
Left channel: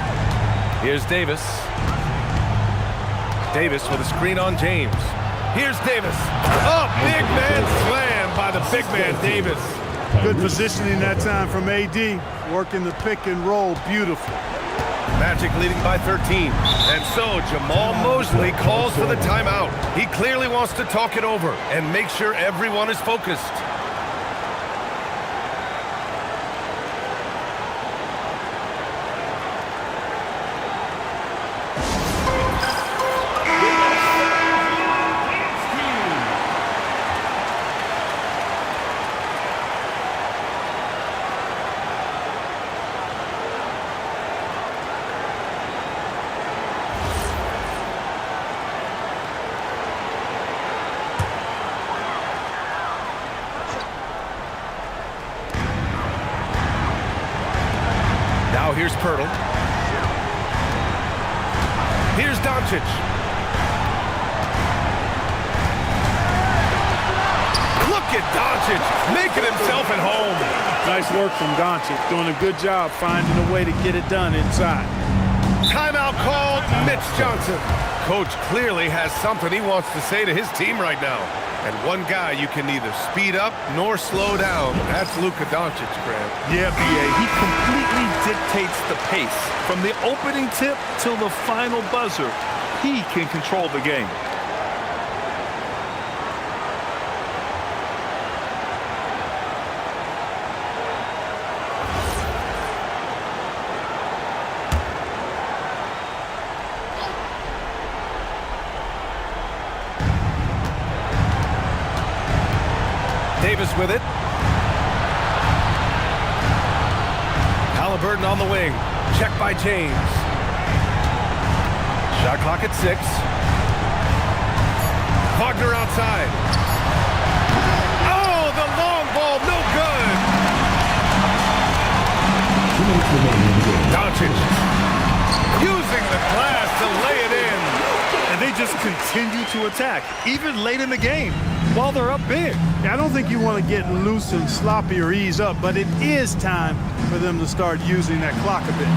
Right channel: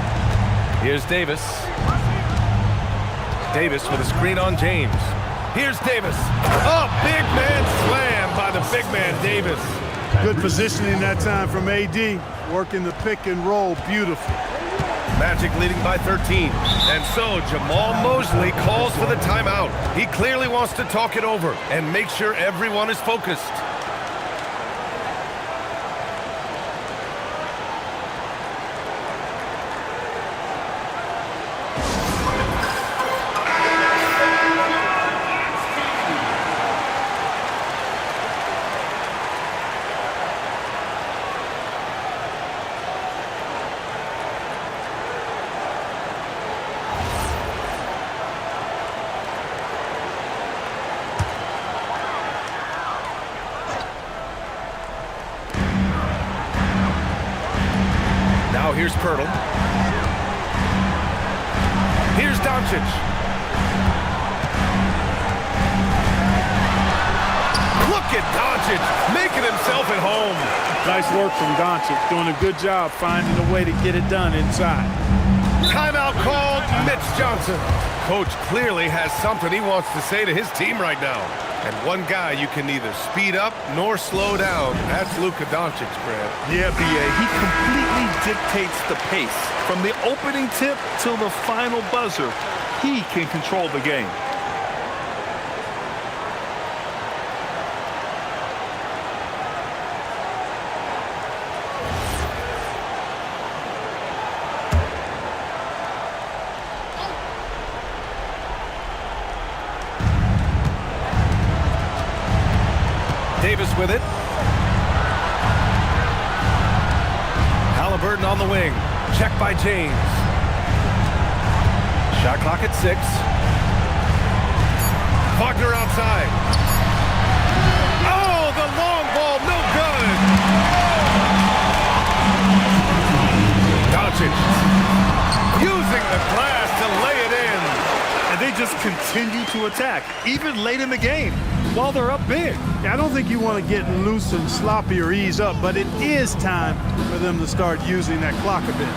Here's Davis. Davis with a screen on James. Here's Davis. Oh, big man slam by the big man Davis. Good positioning that time from AD. Working the pick and roll beautifully. Magic leading by 13. And so Jamal Mosley calls for the timeout. He clearly wants to talk it over and make sure everyone is focused. Now here's Pirtle. Here's Doncic. Look at Doncic making himself at home. Nice work from Doncic, doing a good job finding a way to get it done inside. Timeout called, Mitch Johnson. Coach clearly has something he wants to say to his team right now. And one guy you can neither speed up nor slow down. That's Luka Doncic, Grant. Yeah, B.A. He completely dictates the pace. From the opening tip till the final buzzer, he can control the game. Davis with it. Halliburton on the wing. Check by James. Shot clock at 6. Wagner outside. Oh, the long ball, no good. Doncic using the glass to lay it in. And they just continue to attack, even late in the game, while they're up big. Yeah, I don't think you want to get loose and sloppy or ease up, but it is time for them to start using that clock a bit.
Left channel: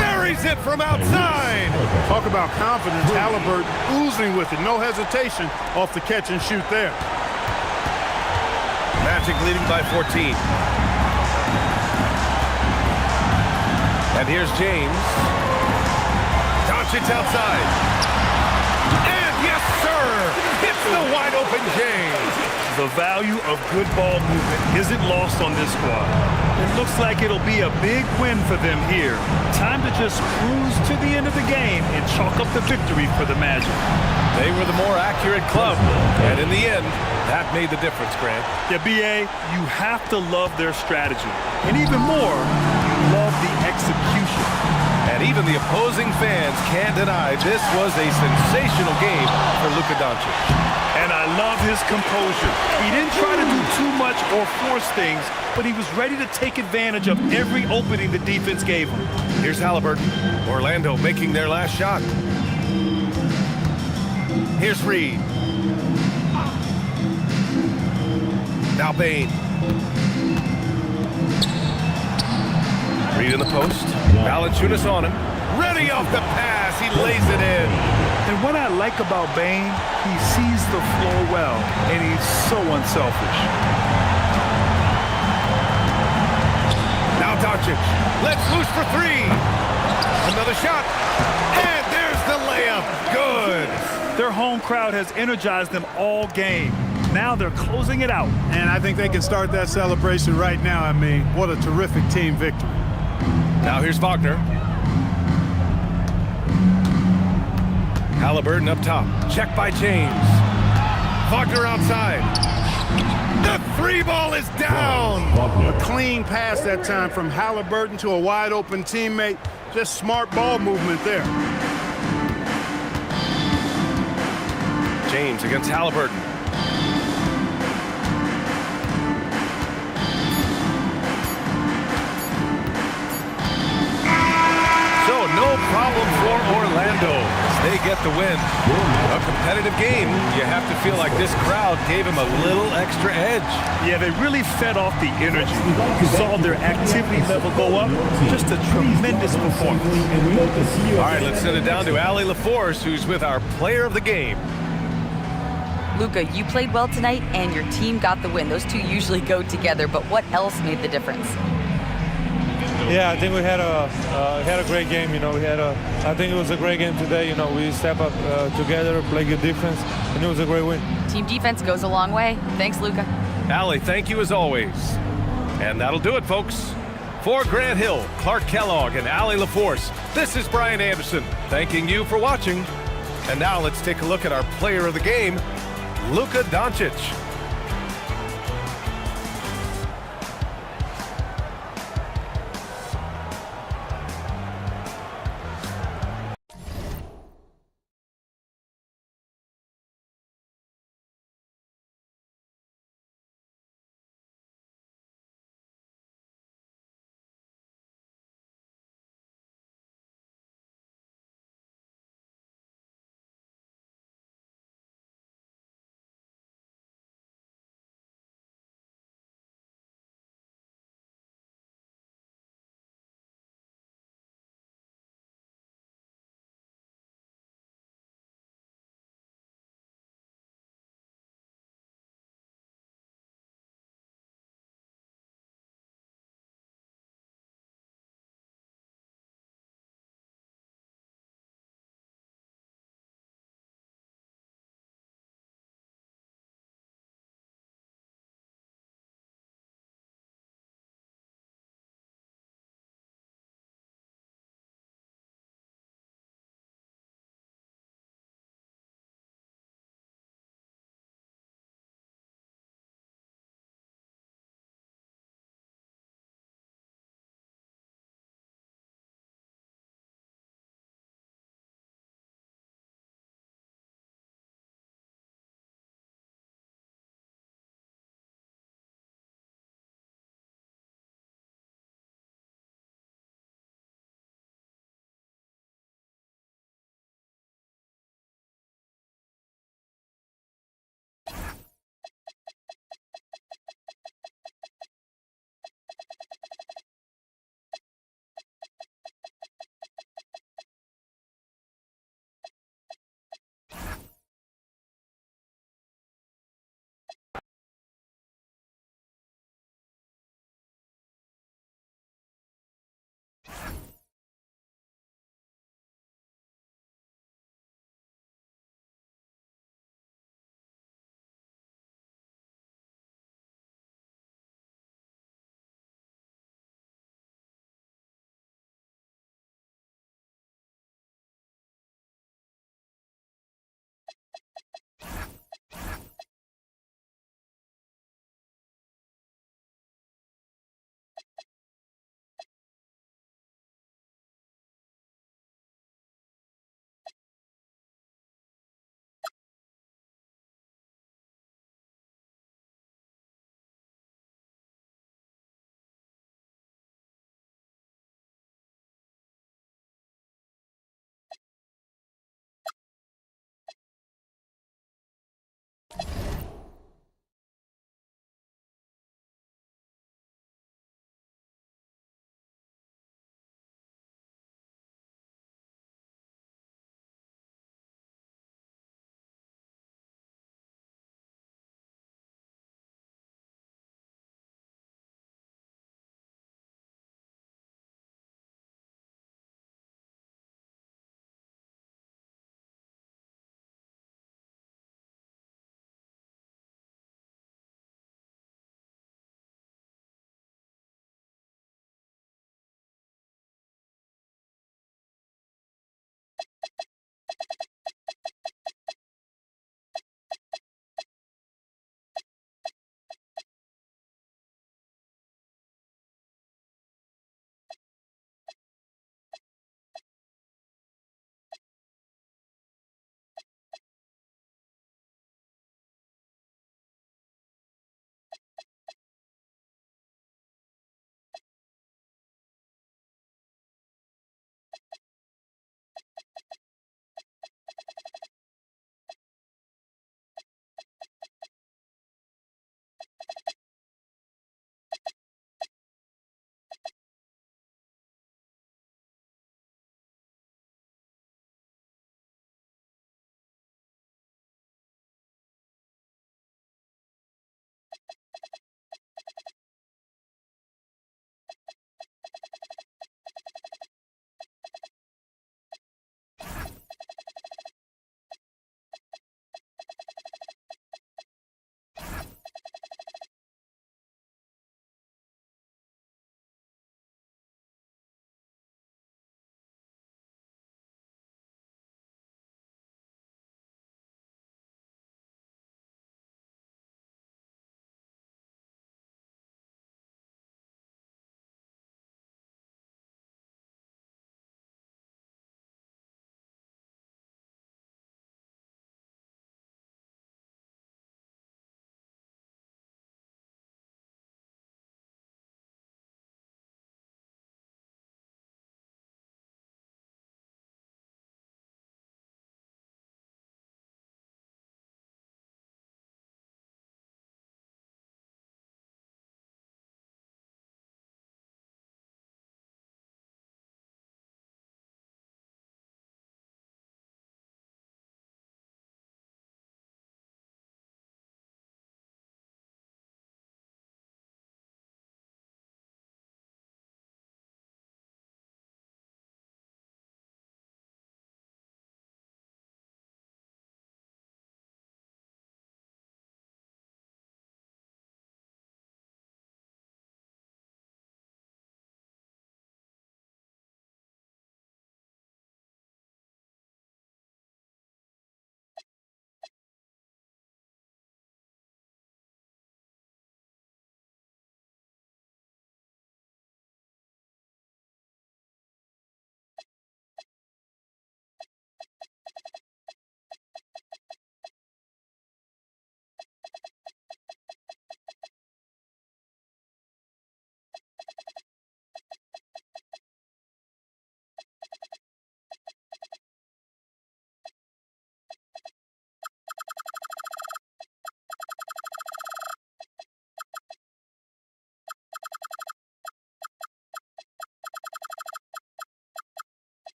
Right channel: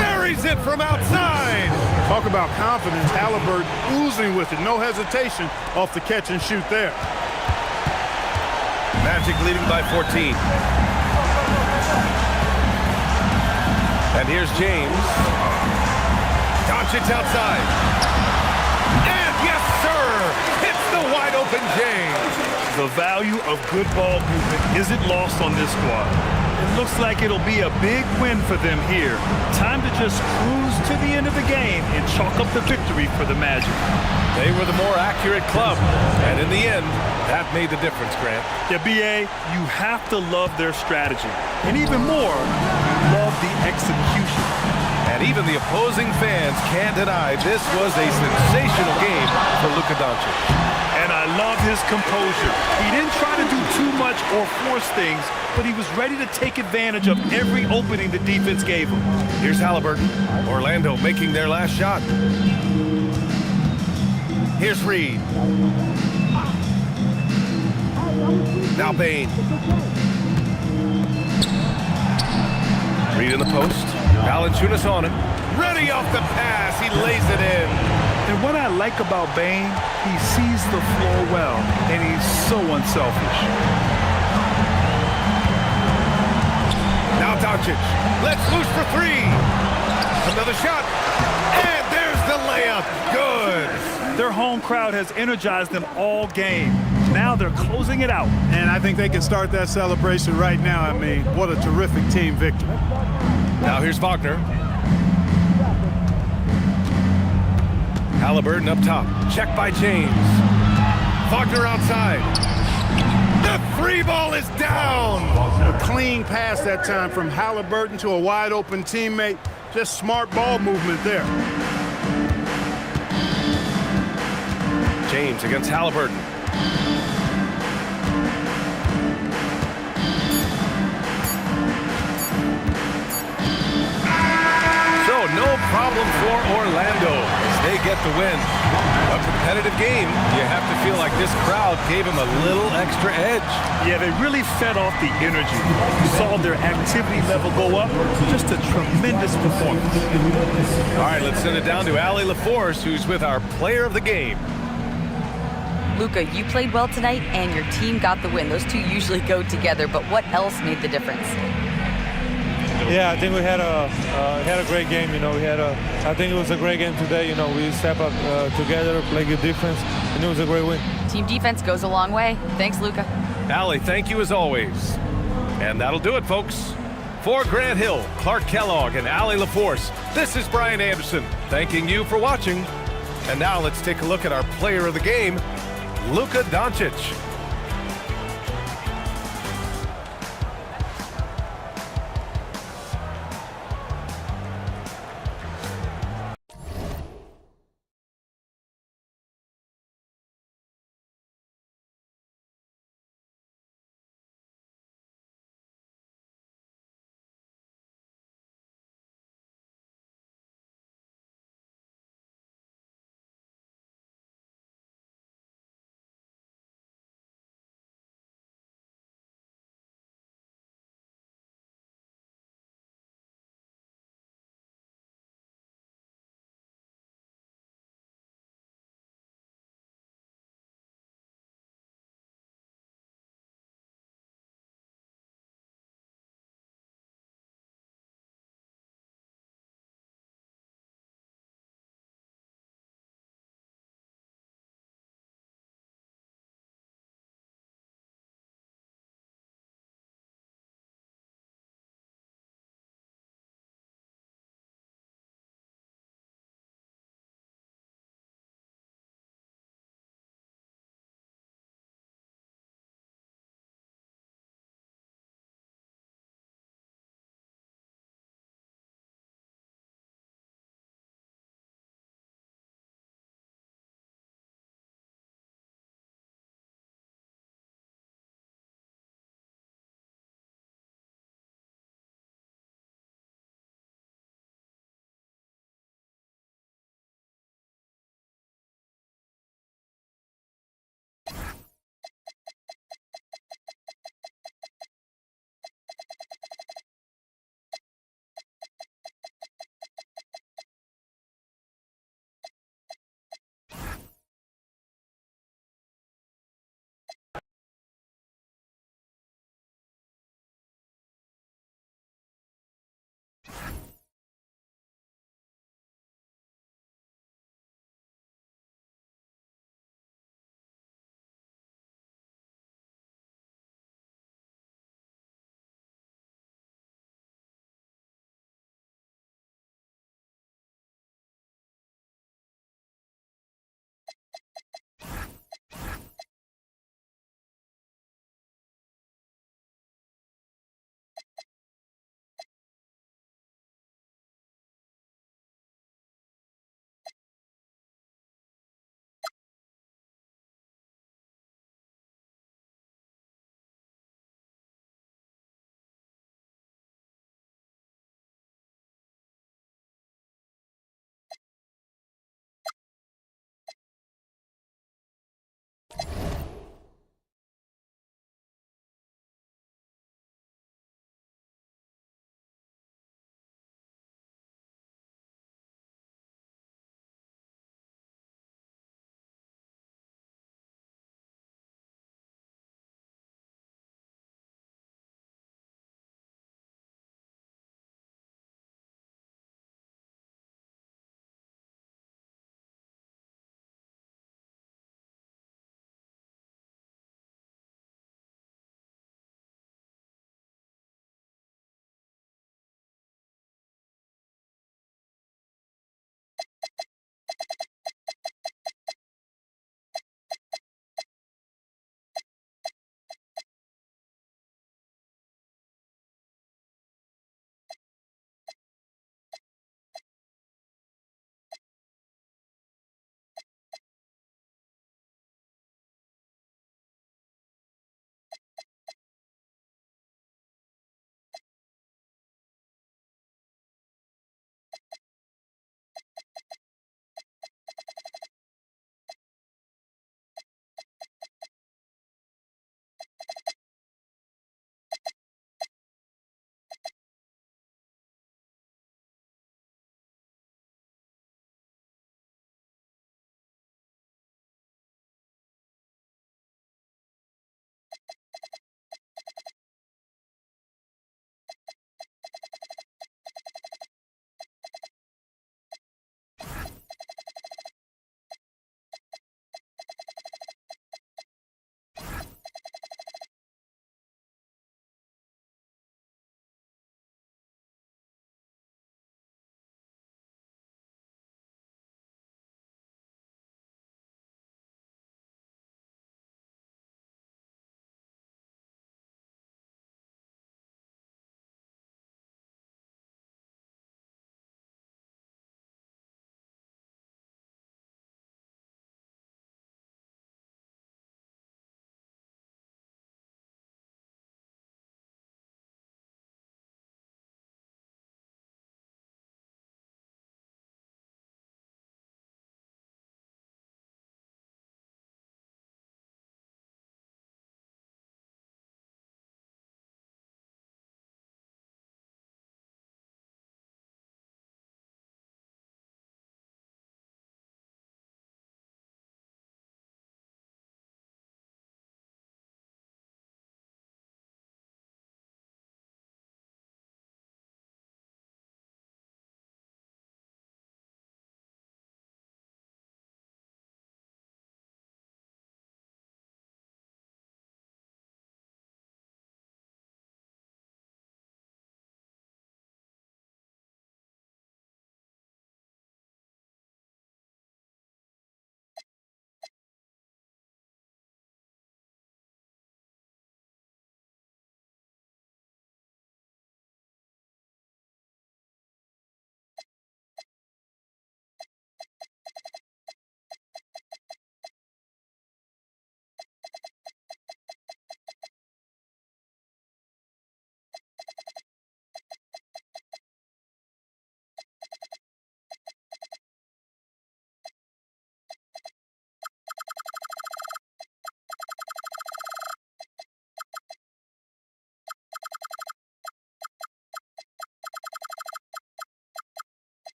Buries it from outside. Talk about confidence. Halliburton oozing with it. No hesitation off the catch and shoot there. Magic leading by 14. And here's James. Doncic outside. And yes, sir, it's the wide open James. The value of good ball movement isn't lost on this squad. It looks like it'll be a big win for them here. Time to just cruise to the end of the game and chalk up the victory for the Magic. They were the more accurate club, and in the end, that made the difference, Grant. Yeah, B.A., you have to love their strategy. And even more, you love the execution. And even the opposing fans can't deny this was a sensational game for Luka Doncic. And I love his composure. He didn't try to do too much or force things, but he was ready to take advantage of every opening the defense gave him. Here's Halliburton. Orlando making their last shot. Here's Reed. Now Bane. Reed in the post. Valanciunas on him. Ready off the pass. He lays it in. And what I like about Bane, he sees the floor well, and he's so unselfish. Now Doncic, let's loose for three. Another shot, and there's the layup. Good. Their home crowd has energized them all game. Now they're closing it out. And I think they can start that celebration right now. I mean, what a terrific team victory. Now here's Wagner. Halliburton up top. Check by James. Wagner outside. The three ball is down. A clean pass that time from Halliburton to a wide open teammate. Just smart ball movement there. James against Halliburton. So no problem for Orlando as they get the win. A competitive game. You have to feel like this crowd gave him a little extra edge. Yeah, they really fed off the energy. You saw their activity level go up. Just a tremendous performance. All right, let's send it down to Allie LaForce, who's with our player of the game. Luka, you played well tonight, and your team got the win. Those two usually go together, but what else made the difference? Yeah, I think we had a great game. You know, I think it was a great game today. You know, we step up together, play good defense, and it was a great win. Team defense goes a long way. Thanks, Luka. Allie, thank you as always. And that'll do it, folks. For Grant Hill, Clark Kellogg, and Allie LaForce, this is Brian Anderson, thanking you for watching. And now let's take a look at our player of the game, Luka Doncic.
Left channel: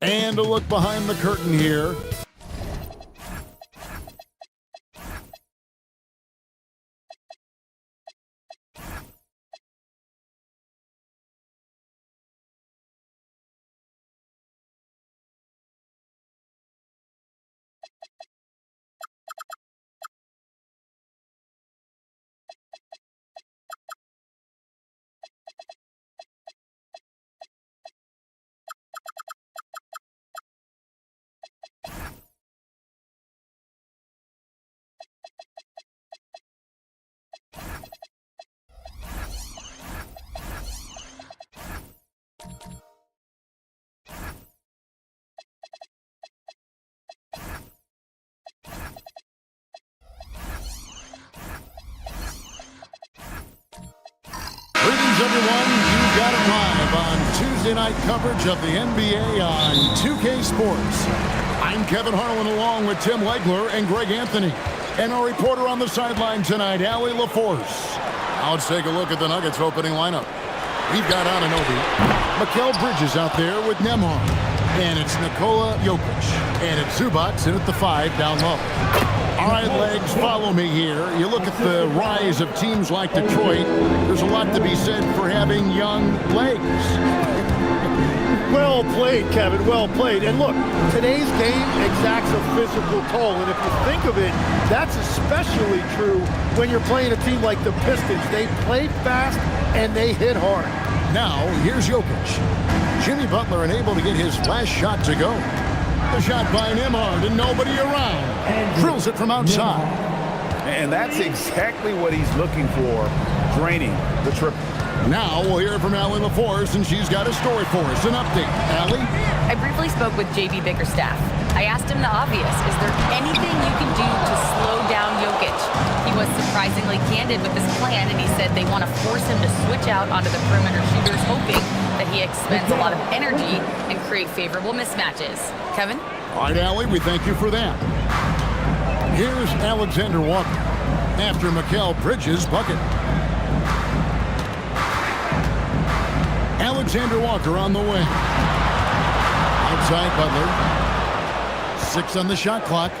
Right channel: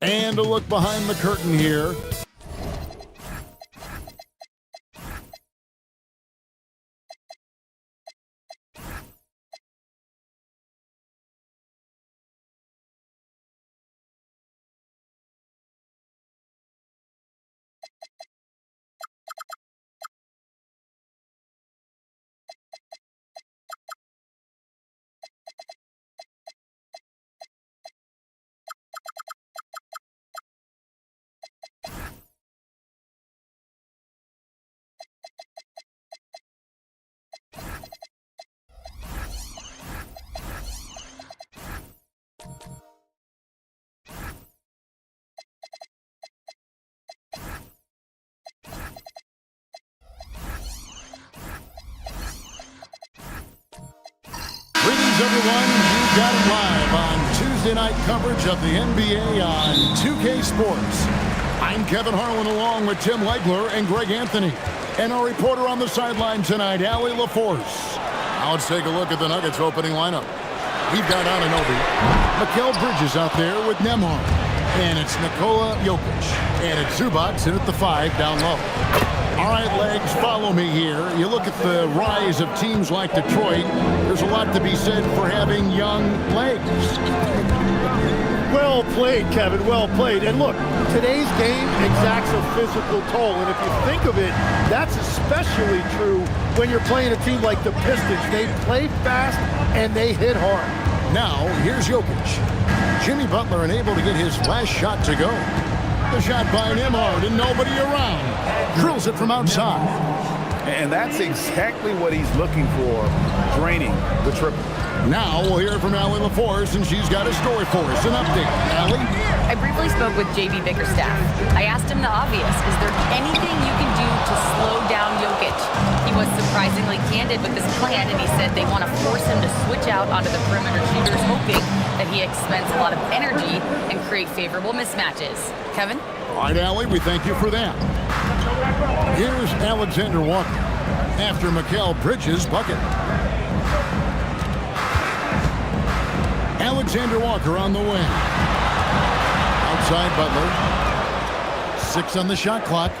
And a look behind the curtain here. Greetings, everyone. You got it live on Tuesday night coverage of the NBA on 2K Sports. I'm Kevin Harlan along with Tim Legler and Greg Anthony. And our reporter on the sideline tonight, Allie LaForce. Now let's take a look at the Nuggets opening lineup. We've got Anunoby, Mikal Bridges out there with Nembhard. And it's Nikola Jokic. And it's Zubac in at the 5 down low. All right, Legs, follow me here. You look at the rise of teams like Detroit, there's a lot to be said for having young legs. Well played, Kevin, well played. And look, today's game exacts a physical toll. And if you think of it, that's especially true when you're playing a team like the Pistons. They play fast and they hit hard. Now, here's Jokic. Jimmy Butler unable to get his last shot to go. The shot by Nembhard and nobody around. Drills it from outside. And that's exactly what he's looking for, draining the triple. Now we'll hear from Allie LaForce, and she's got a story for us. An update. Allie? I briefly spoke with J.B. Bickerstaff. I asked him the obvious. Is there anything you can do to slow down Jokic? He was surprisingly candid with this plan, and he said they want to force him to switch out onto the perimeter shooters, hoping that he expends a lot of energy and create favorable mismatches. Kevin? All right, Allie, we thank you for that. Here's Alexander Walker after Mikal Bridges' bucket. Alexander Walker on the wing. Outside Butler. 6 on the shot clock.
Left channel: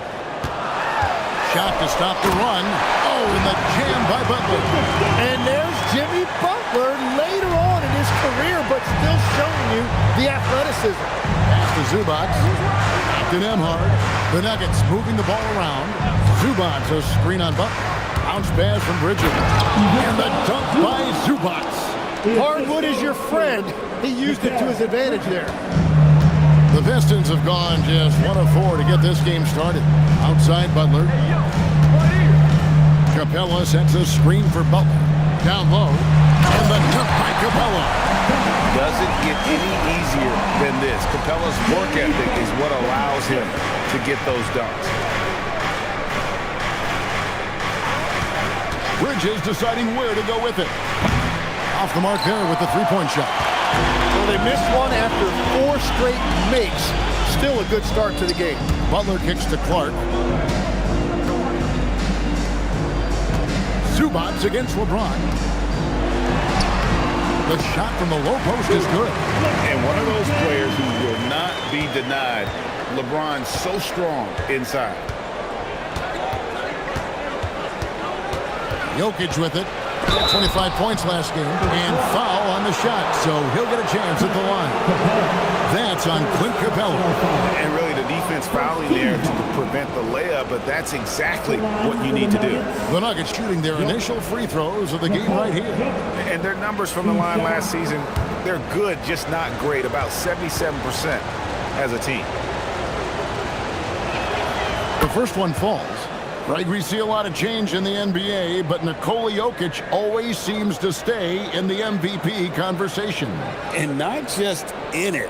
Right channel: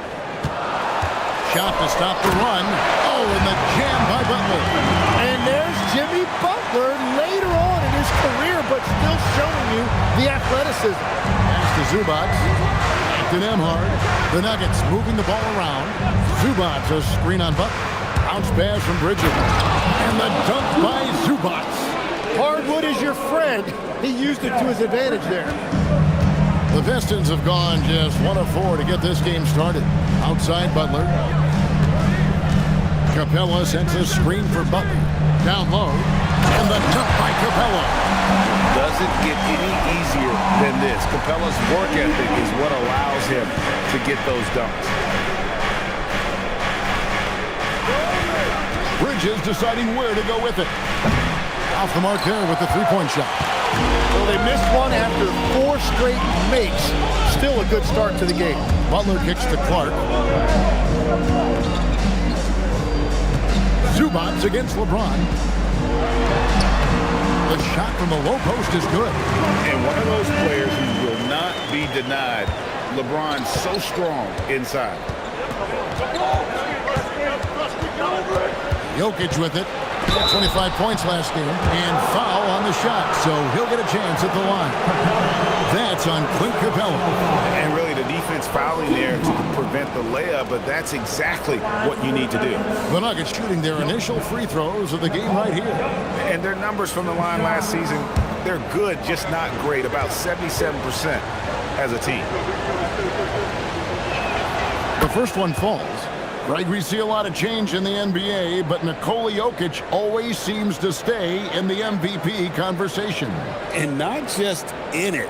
Shot to stop the run. Oh, and the jam by Butler. And there's Jimmy Butler later on in his career, but still showing you the athleticism. Pass to Zubac. Back to Nembhard. The Nuggets moving the ball around. Zubac, a screen on Butler. Bounce pass from Bridges. And the dunk by Zubac. Hardwood is your friend. He used it to his advantage there. The Pistons have gone just 1 of 4 to get this game started. Outside Butler. Capella sets a screen for Butler. Down low. And the dunk by Capella. It doesn't get any easier than this. Capella's work ethic is what allows him to get those dunks. Bridges deciding where to go with it. Off the mark there with the three-point shot. Well, they missed one after 4 straight makes. Still a good start to the game. Butler kicks to Clark. Zubac against LeBron. The shot from the low post is good. And one of those players who will not be denied. LeBron's so strong inside. Jokic with it. 25 points last game. And foul on the shot, so he'll get a chance at the line. That's on Clint Capella. And really the defense fouling there to prevent the layup, but that's exactly what you need to do. The Nuggets shooting their initial free throws of the game right here. And their numbers from the line last season, they're good, just not great. About 77% as a team. The first one falls. Greg, we see a lot of change in the NBA, but Nikola Jokic always seems to stay in the MVP conversation. And not just in it,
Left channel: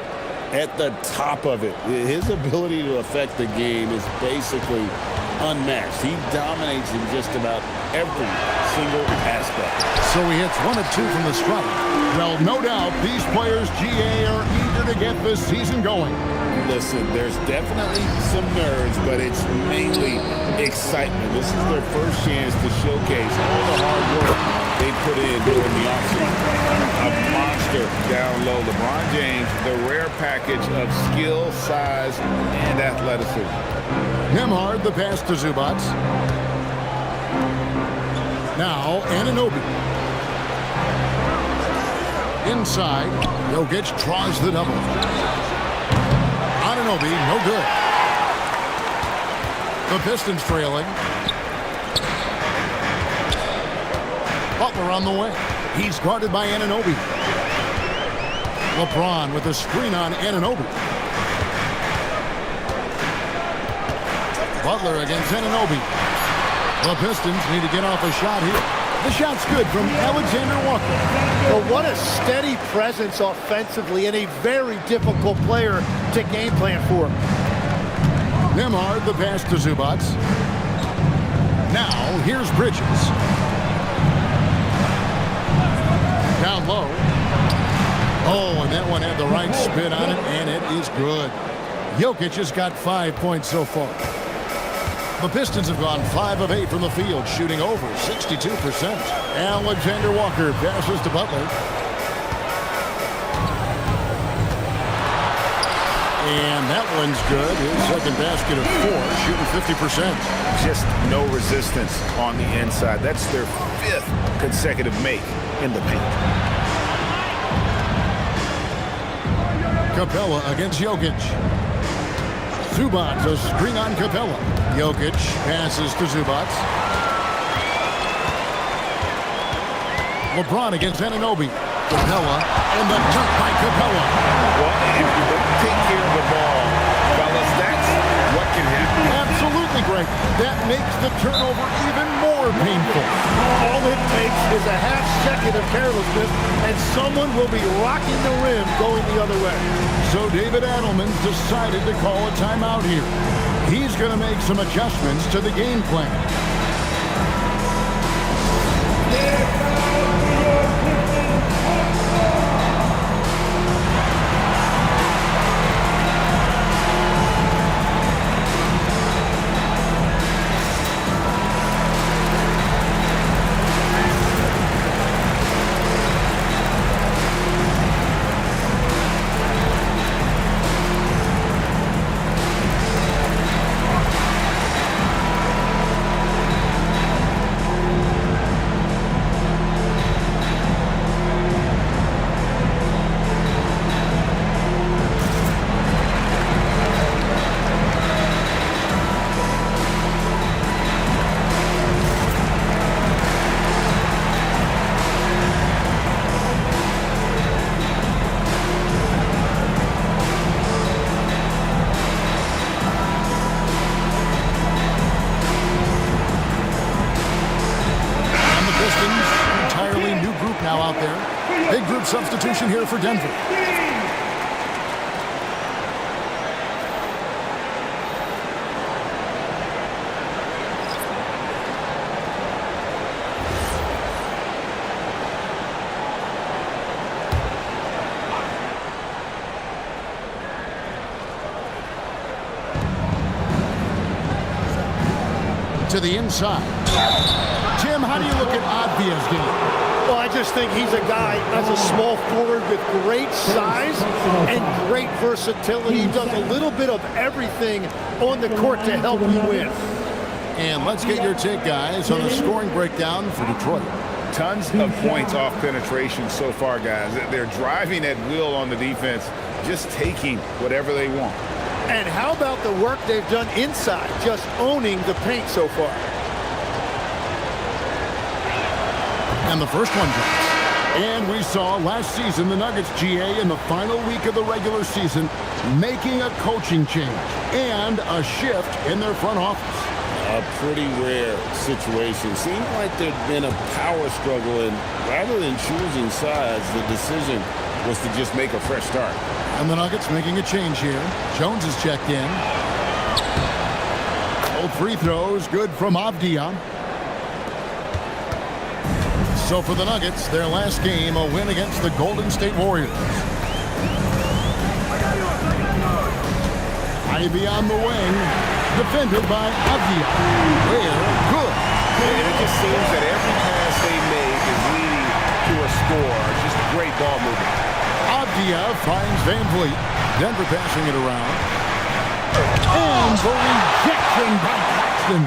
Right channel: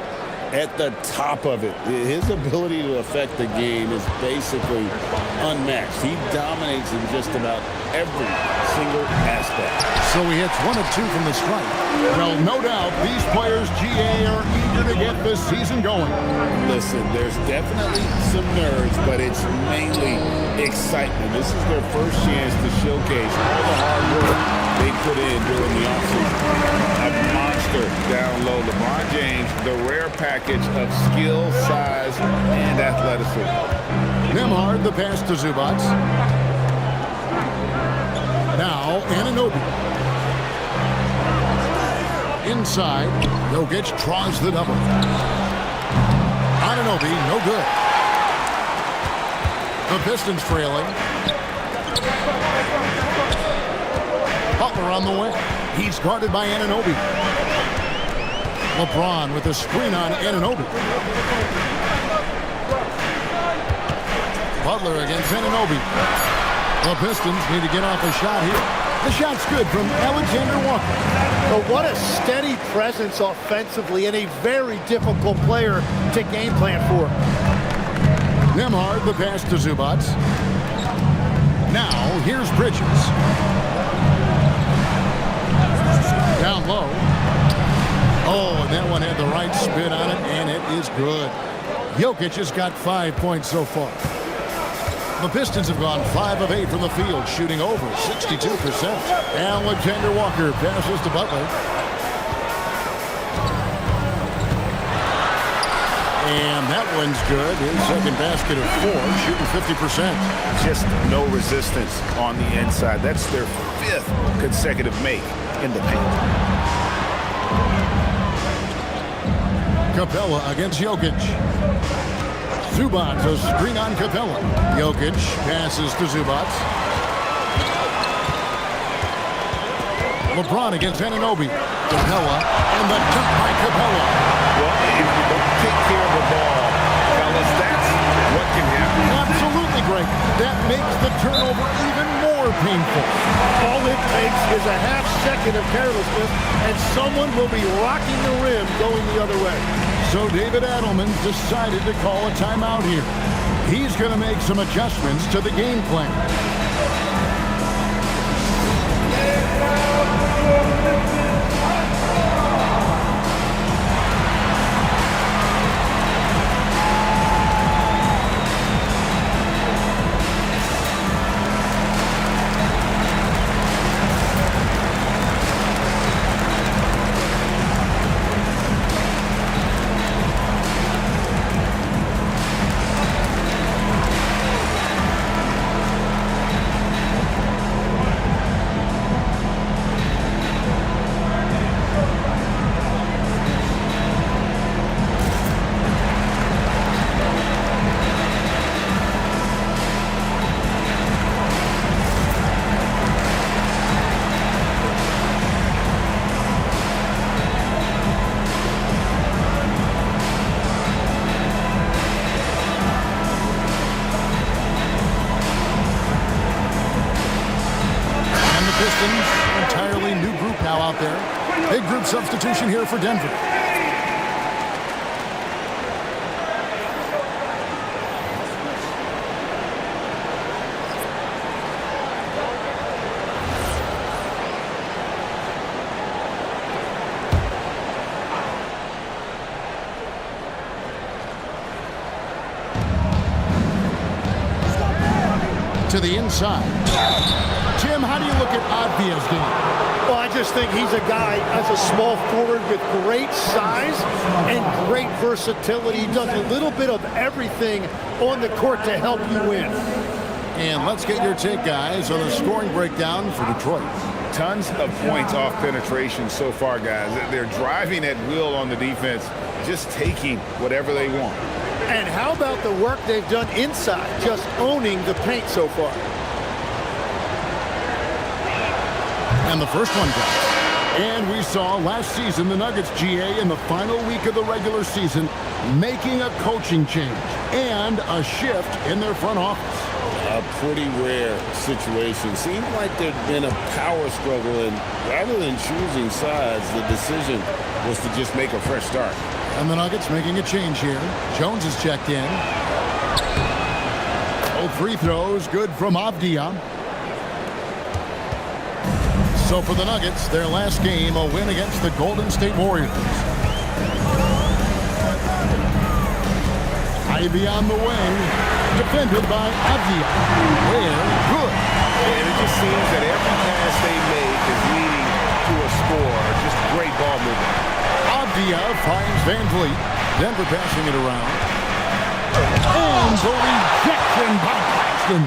at the top of it. His ability to affect the game is basically unmatched. He dominates in just about every single aspect. So he hits 1 of 2 from the stripe. Well, no doubt these players, GA, are eager to get this season going. Listen, there's definitely some nerves, but it's mainly excitement. This is their first chance to showcase all the hard work they put in during the offseason. A monster down low. LeBron James, the rare package of skill, size, and athleticism. Nembhard, the pass to Zubac. Now, Anunoby. Inside, Jokic draws the double. Anunoby, no good. The Pistons trailing. Butler on the way. He's guarded by Anunoby. LeBron with a screen on Anunoby. Butler against Anunoby. The Pistons need to get off a shot here. The shot's good from Alexander Walker. Well, what a steady presence offensively and a very difficult player to game plan for. Nembhard, the pass to Zubac. Now, here's Bridges. Down low. Oh, and that one had the right spin on it, and it is good. Jokic has got 5 points so far. The Pistons have gone 5 of 8 from the field, shooting over 62%. Alexander Walker passes to Butler. And that one's good. His second basket of 4, shooting 50%. Just no resistance on the inside. That's their 5th consecutive make in the paint. Capella against Jokic. Zubac, a screen on Capella. Jokic passes to Zubac. LeBron against Anunoby. Capella, and the dunk by Capella. Well, if you don't take care of the ball, fellas, that's what can happen. Absolutely, Greg. That makes the turnover even more painful. All it takes is a half second of carelessness, and someone will be rocking the rim going the other way. So David Adelman's decided to call a timeout here. He's going to make some adjustments to the game plan. Pistons, an entirely new group now out there. Big group substitution here for Denver. to the inside. Tim, how do you look at Avdia's game? Well, I just think he's a guy as a small forward with great size and great versatility. He does a little bit of everything on the court to help you win. And let's get your take, guys, on the scoring breakdown for Detroit. Tons of points off penetration so far, guys. They're driving at will on the defense, just taking whatever they want. And how about the work they've done inside, just owning the paint so far? And the first one drops. And we saw last season the Nuggets, GA, in the final week of the regular season, making a coaching change and a shift in their front office. A pretty rare situation. Seems like there'd been a power struggle, and rather than choosing sides, the decision was to just make a fresh start. And the Nuggets making a change here. Jones is checked in. Both free throws good from Avdia. So for the Nuggets, their last game, a win against the Golden State Warriors. Ivy on the wing, defended by Avdia. Where good. And it just seems that every pass they make is leading to a score. Just great ball movement. Avdia finds Van Vliet. Denver passing it around. And the rejection by Claxton.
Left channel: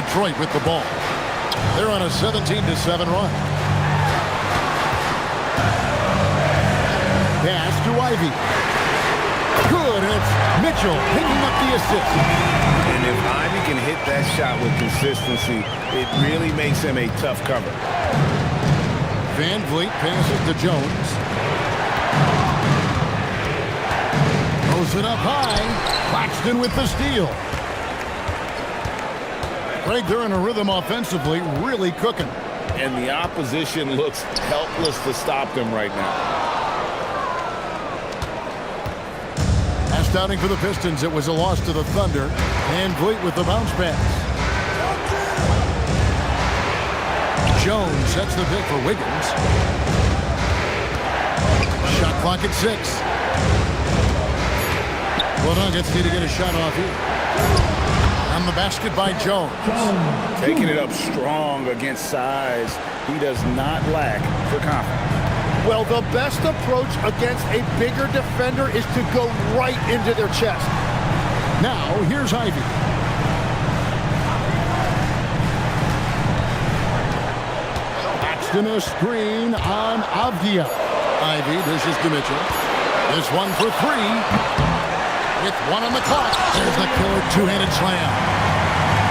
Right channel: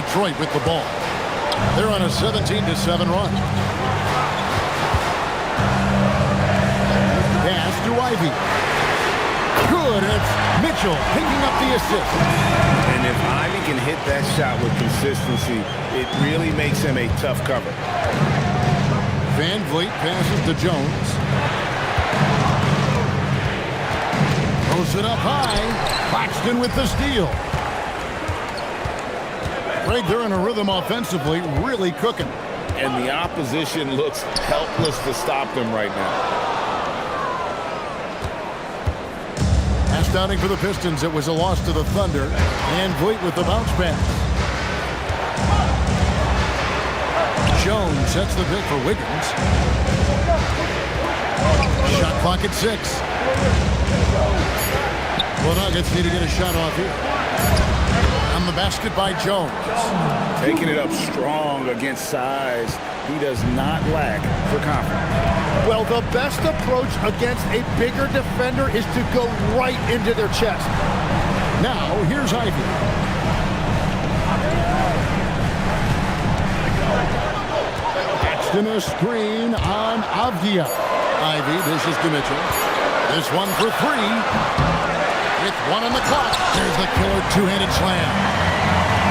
Detroit with the ball. They're on a 17-7 run. Pass to Ivy. Good. It's Mitchell picking up the assist. And if Ivy can hit that shot with consistency, it really makes him a tough cover. Van Vliet passes to Jones. Throws it up high. Claxton with the steal. Greg, they're in a rhythm offensively, really cooking. And the opposition looks helpless to stop them right now. Pass downing for the Pistons. It was a loss to the Thunder. Van Vliet with the bounce pass. Jones sets the pick for Wiggins. Shot clock at 6. The Nuggets need to get a shot off here. On the basket by Jones. Taking it up strong against size. He does not lack for confidence. Well, the best approach against a bigger defender is to go right into their chest. Now, here's Ivy. Paxton a screen on Avdia. Ivy dishes to Mitchell. This one for 3. With 1 on the clock, there's the killer two-handed slam.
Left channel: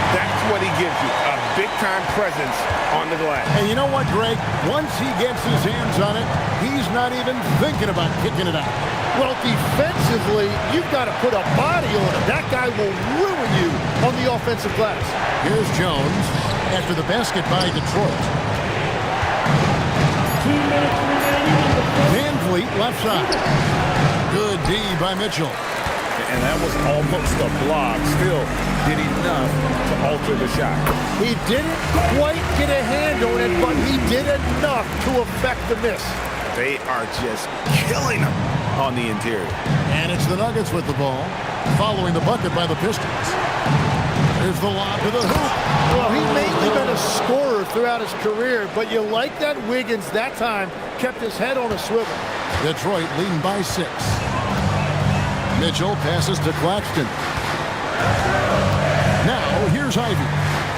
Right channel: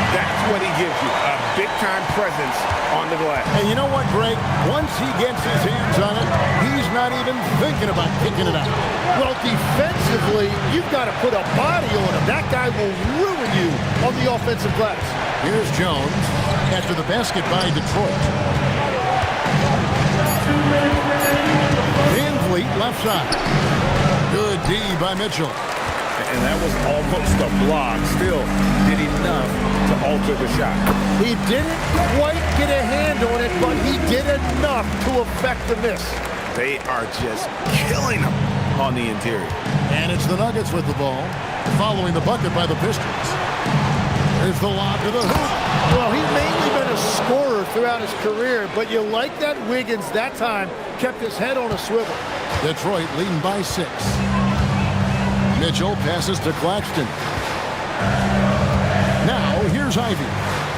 That's what he gives you, a big-time presence on the glass. And you know what, Greg? Once he gets his hands on it, he's not even thinking about kicking it out. Well, defensively, you've got to put a body on him. That guy will ruin you on the offensive glass. Here's Jones after the basket by Detroit. Van Vliet left side. Good D by Mitchell. And that was almost a block. Still did enough to alter the shot. He didn't quite get a hand on it, but he did enough to affect the miss. They are just killing him on the interior. And it's the Nuggets with the ball, following the bucket by the Pistons. There's the lob to the hoop. Well, he's mainly been a scorer throughout his career, but you like that Wiggins that time kept his head on a swivel. Detroit leading by 6. Mitchell passes to Claxton. Now, here's Ivy.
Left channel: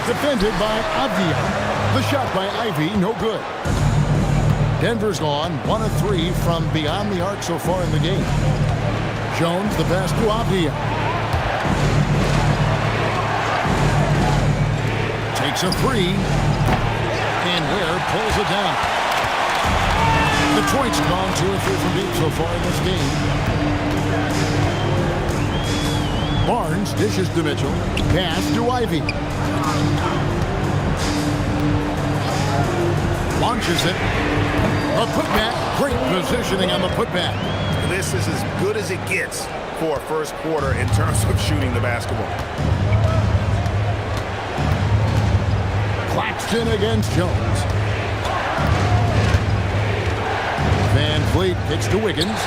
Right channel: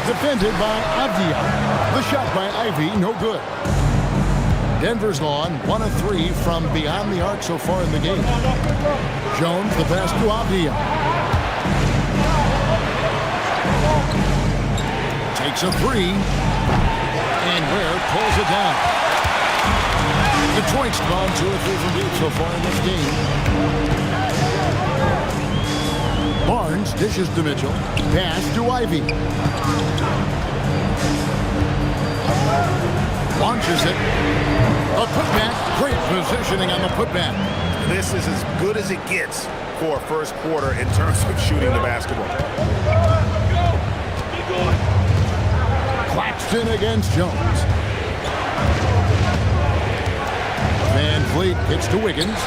Defended by Avdia. The shot by Ivy, no good. Denver's gone 1 of 3 from beyond the arc so far in the game. Jones, the pass to Avdia. Takes a 3. And Ware pulls it down. Detroit's gone 2 or 3 from deep so far in this game. Barnes dishes to Mitchell. Pass to Ivy. Launches it. A putback. Great positioning on the putback. This is as good as it gets for a first quarter in terms of shooting the basketball. Claxton against Jones. Van Vliet kicks to Wiggins.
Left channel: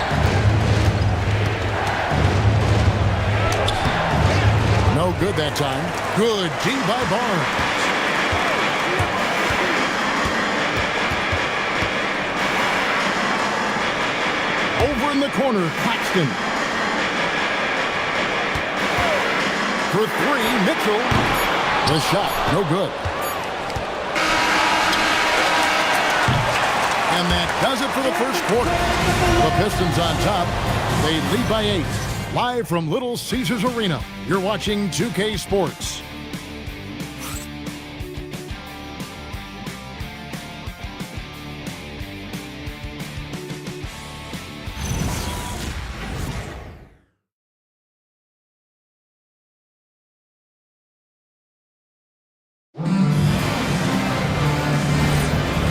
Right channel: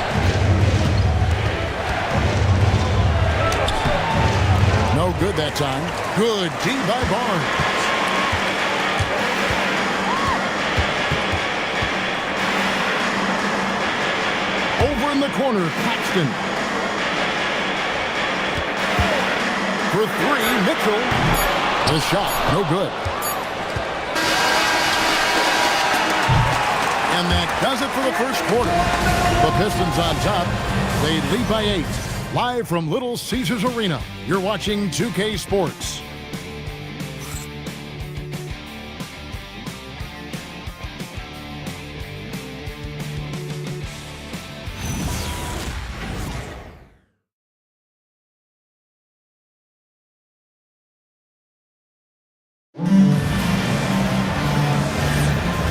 No good that time. Good D by Barnes. Over in the corner, Claxton. For three, Mitchell. The shot, no good. And that does it for the first quarter. The Pistons on top. They lead by 8. Live from Little Caesars Arena, you're watching 2K Sports.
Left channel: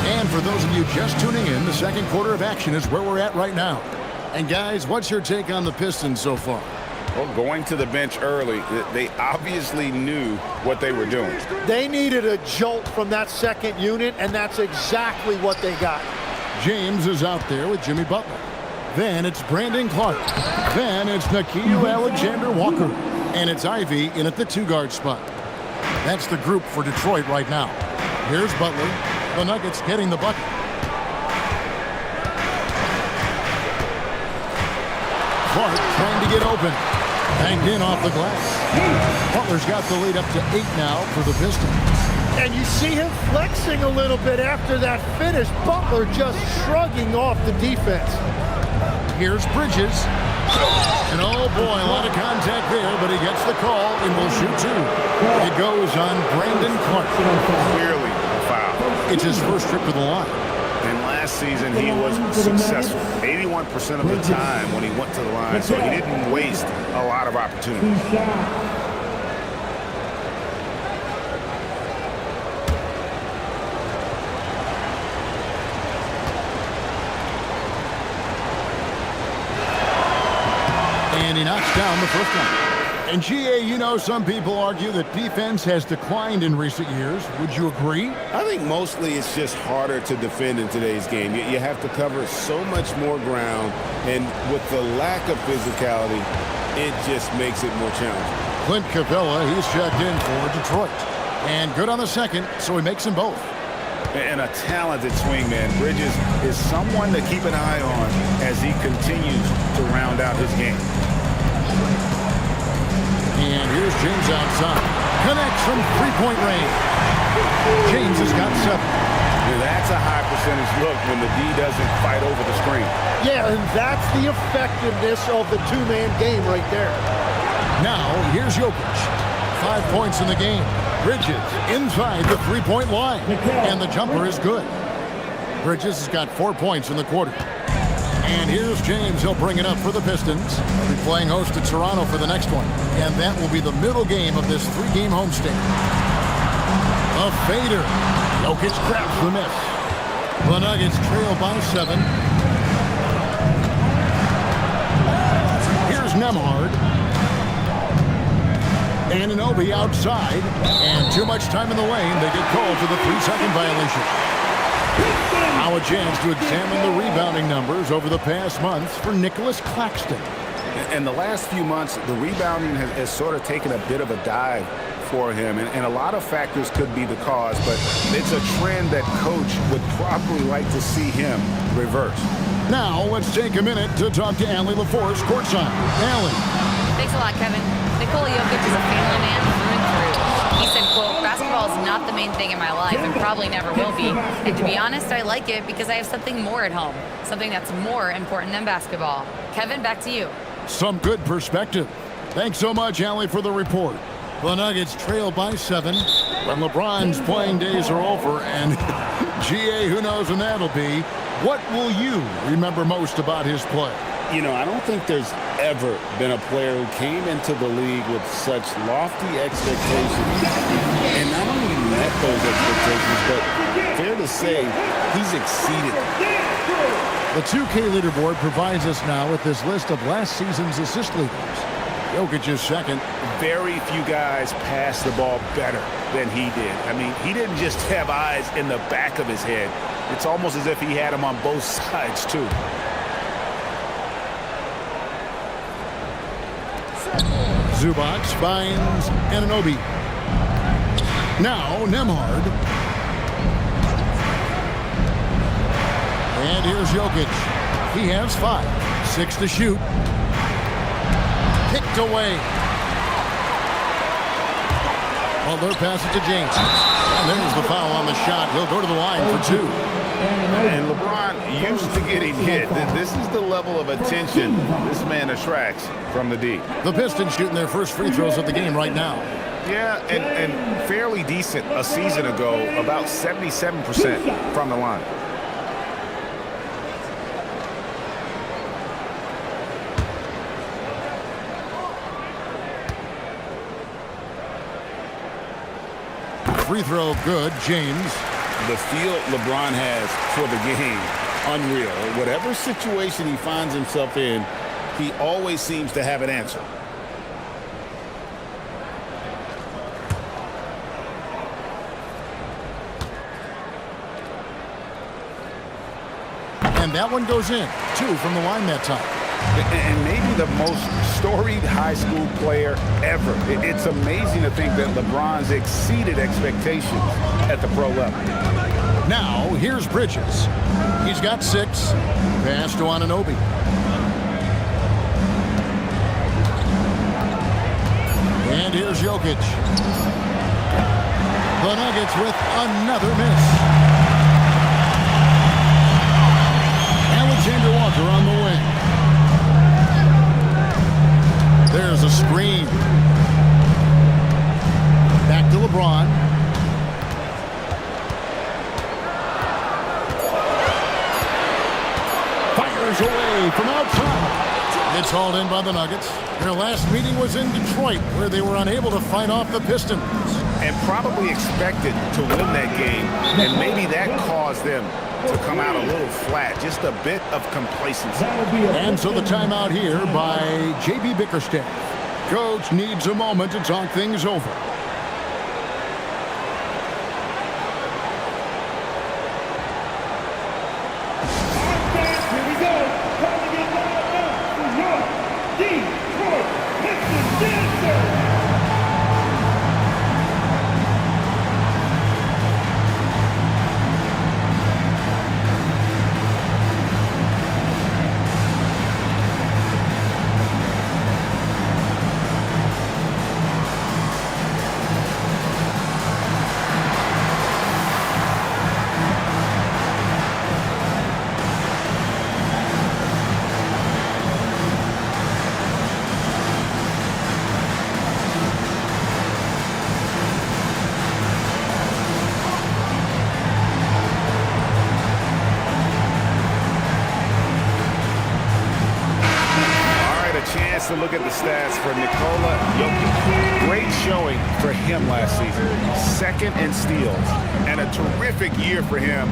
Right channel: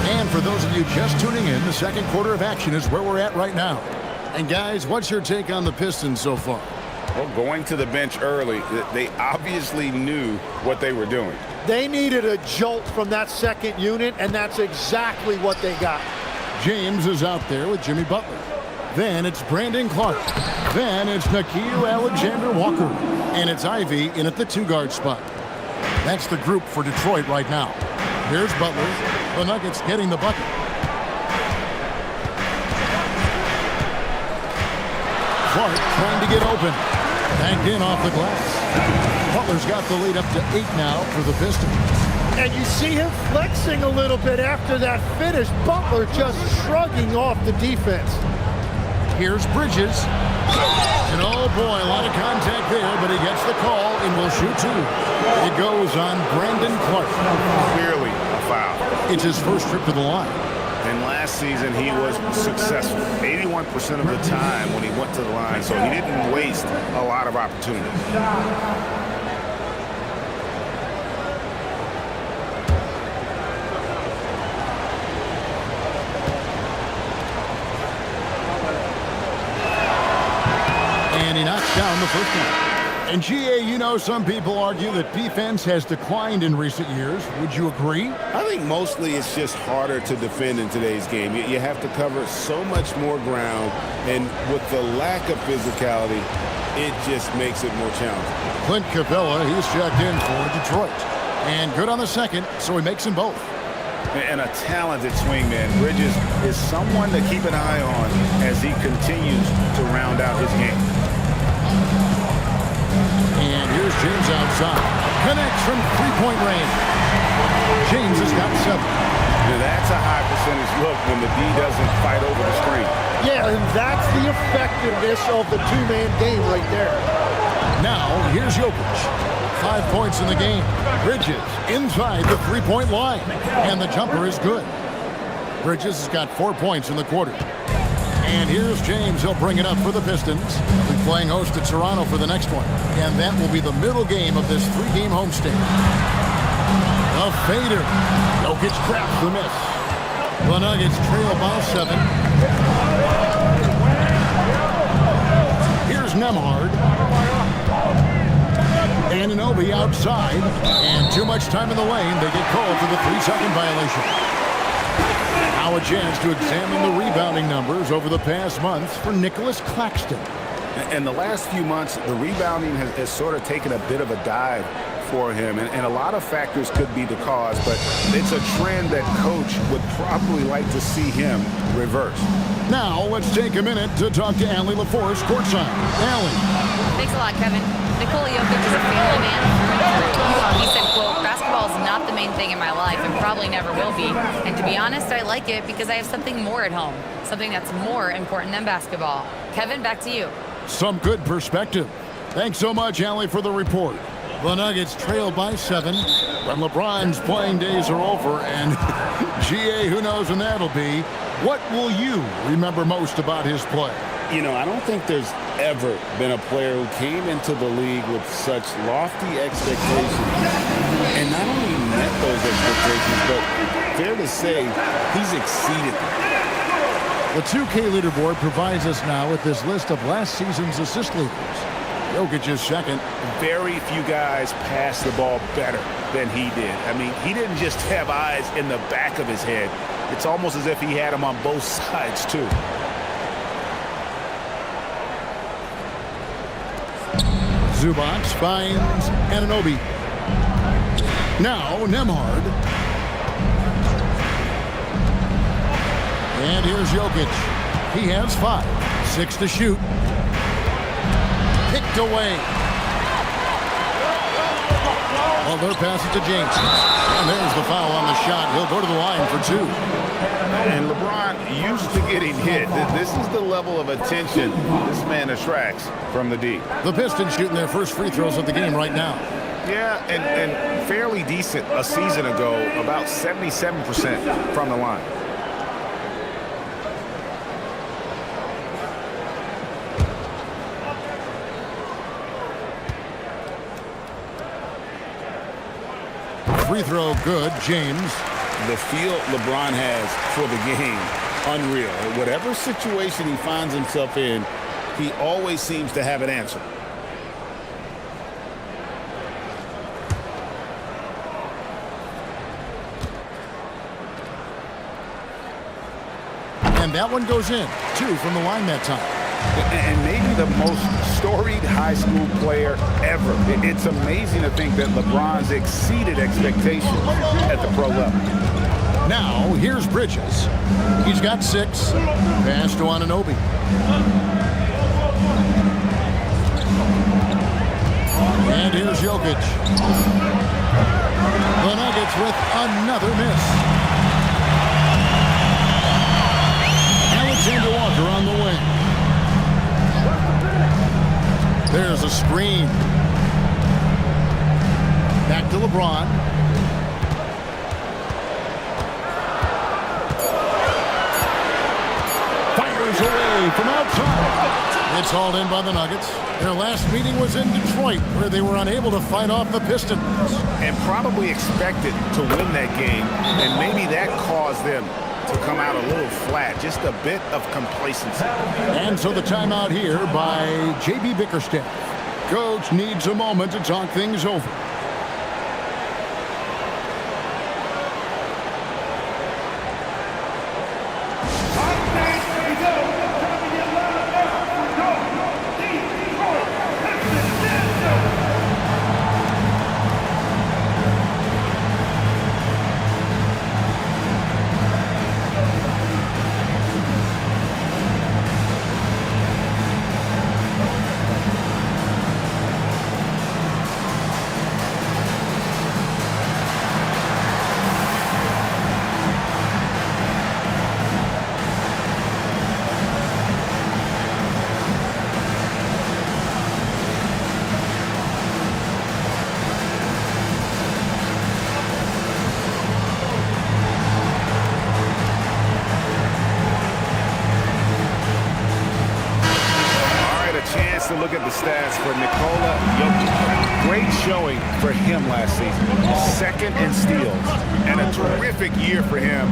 And for those of you just tuning in, the second quarter of action is where we're at right now. And guys, what's your take on the Pistons so far? Well, going to the bench early, they obviously knew what they were doing. They needed a jolt from that second unit, and that's exactly what they got. James is out there with Jimmy Butler. Then it's Brandon Clark. Then it's Nickeil Alexander-Walker. And it's Ivy in at the 2-guard spot. That's the group for Detroit right now. Here's Butler. The Nuggets getting the bucket. Clark trying to get open. Banked in off the glass. Butler's got the lead up to 8 now for the Pistons. And you see him flexing a little bit after that finish. Butler just shrugging off the defense. Here's Bridges. And oh boy, a lot of contact there, but he gets the call and will shoot 2. It goes on Brandon Clark. Clearly a foul. It's his first trip to the line. And last season, he was successful 81% of the time when he went to the line, so he didn't waste a lot of opportunities. And he knocks down the first one. And GA, you know, some people argue that defense has declined in recent years. Would you agree? I think mostly it's just harder to defend in today's game. You have to cover so much more ground, and with the lack of physicality, it just makes it more challenging. Clint Capella, he's checked in for Detroit. And good on the second, so he makes them both. And a talented swingman. Bridges is someone to keep an eye on as he continues to round out his game. And here's James outside. Connects from three-point range. James has got 7. Now that's a high percentage look when the D doesn't fight over the screen. Yeah, and that's the effectiveness of the two-man game right there. Now, here's Jokic. 5 points in the game. Bridges inside the three-point line. And the jumper is good. Bridges has got 4 points in the quarter. And here's James. He'll bring it up for the Pistons. They'll be playing host to Toronto for the next one. And that will be the middle game of this 3-game homestand. The fader. Jokic grabs the miss. The Nuggets trail by 7. Here's Nembhard. Anunoby outside. And too much time in the lane. They get called for the 3-second violation. Now a chance to examine the rebounding numbers over the past months for Nicholas Claxton. In the last few months, the rebounding has sort of taken a bit of a dive for him, and a lot of factors could be the cause, but it's a trend that coach would probably like to see him reverse. Now let's take a minute to talk to Allie LaForce courtside. Allie. Thanks a lot, Kevin. Nikola Jokic is a family man through and through. He said, quote, "Basketball is not the main thing in my life and probably never will be. And to be honest, I like it because I have something more at home, something that's more important than basketball." Kevin, back to you. Some good perspective. Thanks so much, Allie, for the report. The Nuggets trail by 7 when LeBron's playing days are over, and GA, who knows when that'll be. What will you remember most about his play? You know, I don't think there's ever been a player who came into the league with such lofty expectations and not only met those expectations, but fair to say, he's exceeded them. The 2K leaderboard provides us now with this list of last season's assist leaders. Jokic is second. Very few guys pass the ball better than he did. I mean, he didn't just have eyes in the back of his head. It's almost as if he had them on both sides, too. Zubac finds Anunoby. Now Nembhard. And here's Jokic. He has 5. 6 to shoot. Picked away. Butler passes to James. And there's the foul on the shot. He'll go to the line for 2. And LeBron used to getting hit. This is the level of attention this man attracts from the D. The Pistons shooting their first free throws of the game right now. Yeah, and fairly decent a season ago, about 77% from the line. Free throw good, James. The feel LeBron has for the game, unreal. Whatever situation he finds himself in, he always seems to have an answer. And that one goes in. 2 from the line that time. And maybe the most storied high school player ever. It's amazing to think that LeBron's exceeded expectations at the pro level. Now, here's Bridges. He's got 6. Pass to Anunoby. And here's Jokic. The Nuggets with another miss. Alexander Walker on the wing. There's a screen. Back to LeBron. Fires away from outside. It's hauled in by the Nuggets. Their last meeting was in Detroit, where they were unable to fight off the Pistons. And probably expected to win that game, and maybe that caused them to come out a little flat, just a bit of complacency. And so the timeout here by J.B. Bickerstaff. Coach needs a moment to talk things over. Chance to look at the stats for Nikola Jokic. Great showing for him last season. 2nd in steals and a terrific year for him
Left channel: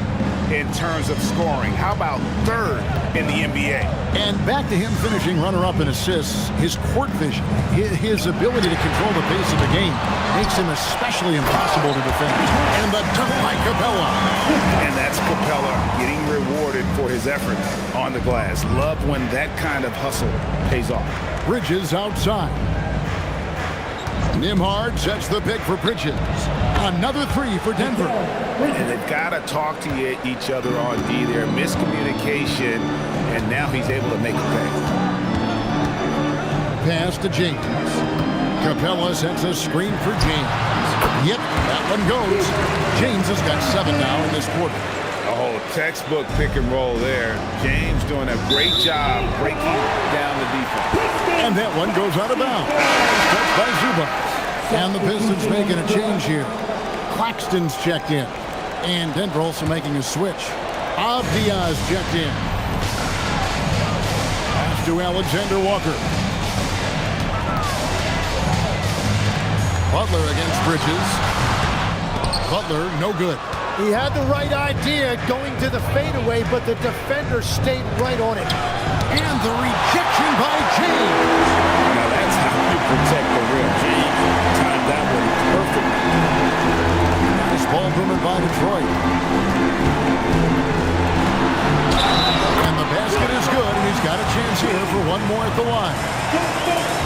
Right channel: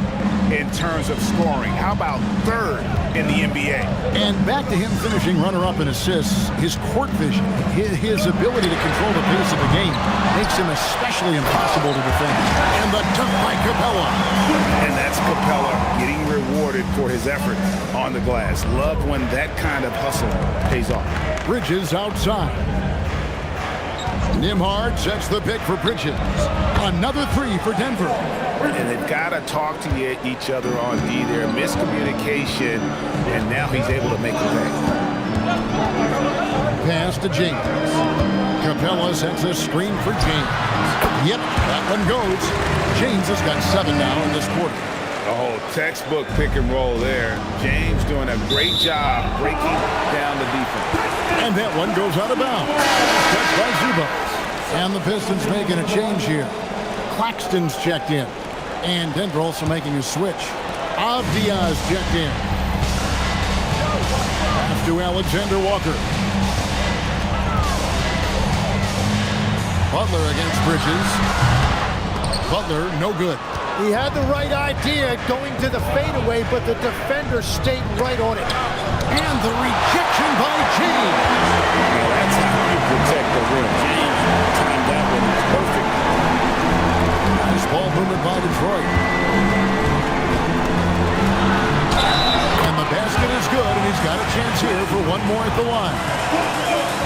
in terms of scoring. How about 3rd in the NBA? And back to him finishing runner-up in assists. His court vision, his ability to control the pace of the game makes him especially impossible to defend. And the dunk by Capella. And that's Capella getting rewarded for his effort on the glass. Love when that kind of hustle pays off. Bridges outside. Nembhard sets the pick for Bridges. Another 3 for Denver. And they've got to talk to each other on D there. Miscommunication, and now he's able to make a pay. Pass to James. Capella sets a screen for James. Yep, that one goes. James has got 7 now in this quarter. Oh, textbook pick and roll there. James doing a great job breaking down the defense. And that one goes out of bounds. Touched by Zubac. And the Pistons making a change here. Claxton's checked in. And Denver also making a switch. Diaz checked in. Pass to Alexander Walker. Butler against Bridges. Butler, no good. He had the right idea going to the fadeaway, but the defender stayed right on it. And the rejection by James. Now that's how you protect the rim. James timed that one perfect. Nice ball movement by Detroit. And the basket is good, and he's got a chance here for one more at the line.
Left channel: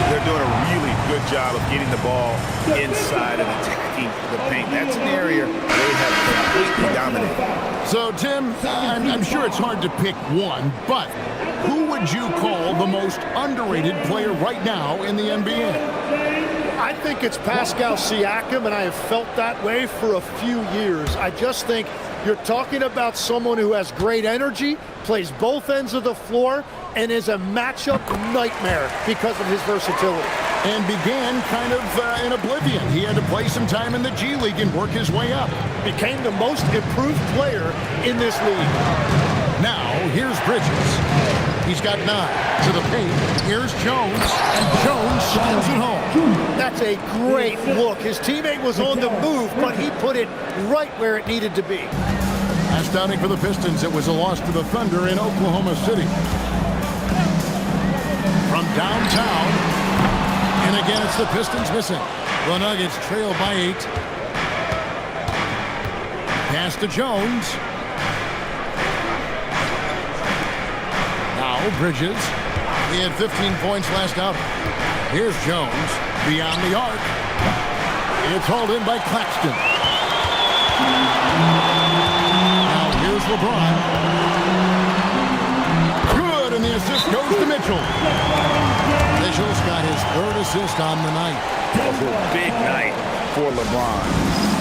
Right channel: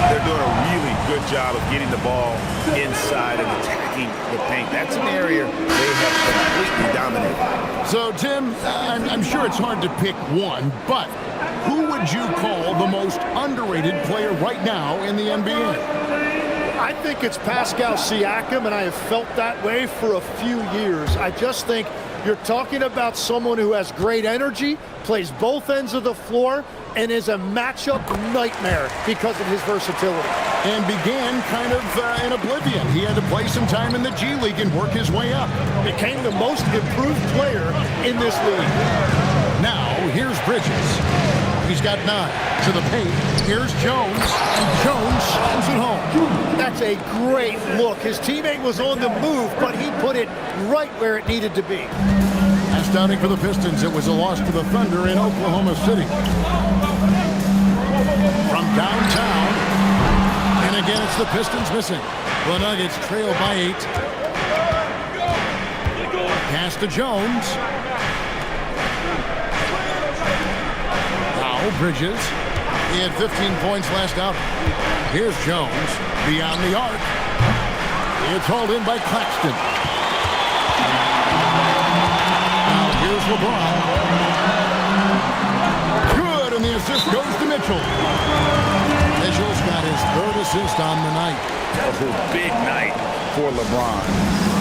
They're doing a really good job of getting the ball inside and attacking the paint. That's an area they have completely dominated. So, Tim, I'm sure it's hard to pick one, but who would you call the most underrated player right now in the NBA? I think it's Pascal Siakam, and I have felt that way for a few years. I just think you're talking about someone who has great energy, plays both ends of the floor, and is a matchup nightmare because of his versatility. And began kind of in oblivion. He had to play some time in the G League and work his way up. Became the most improved player in this league. Now, here's Bridges. He's got 9 to the paint. Here's Jones, and Jones slams it home. That's a great look. His teammate was on the move, but he put it right where it needed to be. Last outing for the Pistons, it was a loss to the Thunder in Oklahoma City. From downtown, and again it's the Pistons missing. The Nuggets trail by 8. Pass to Jones. Now Bridges. He had 15 points last outing. Here's Jones beyond the arc. It's hauled in by Claxton. Now here's LeBron. Good, and the assist goes to Mitchell. Mitchell's got his 3rd assist on the night. A big night for LeBron.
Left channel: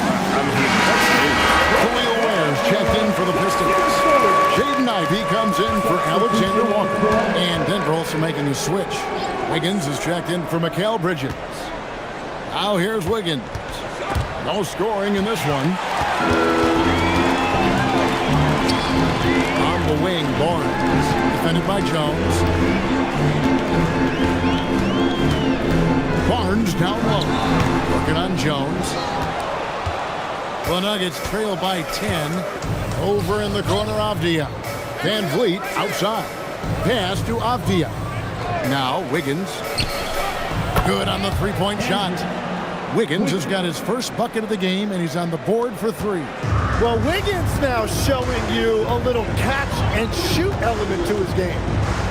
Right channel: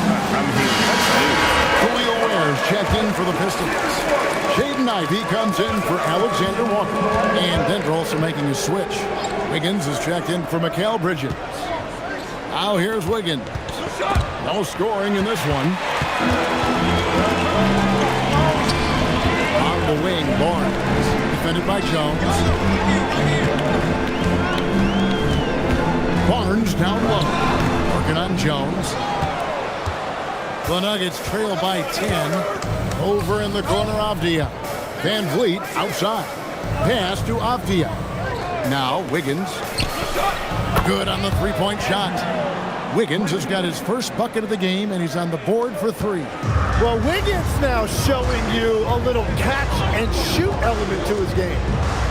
I mean, what's new? Khalil Ware's checked in for the Pistons. Jaden Ivey comes in for Alexander Walker. And Denver also making a switch. Wiggins is checked in for Mikal Bridges. Now here's Wiggins. No scoring in this one. On the wing, Barnes. Defended by Jones. Barnes down low. Working on Jones. The Nuggets trail by 10. Over in the corner, Avdia. Van Vliet outside. Pass to Avdia. Now Wiggins. Good on the three-point shot. Wiggins has got his first bucket of the game, and he's on the board for 3. Well, Wiggins now showing you a little catch and shoot element to his game.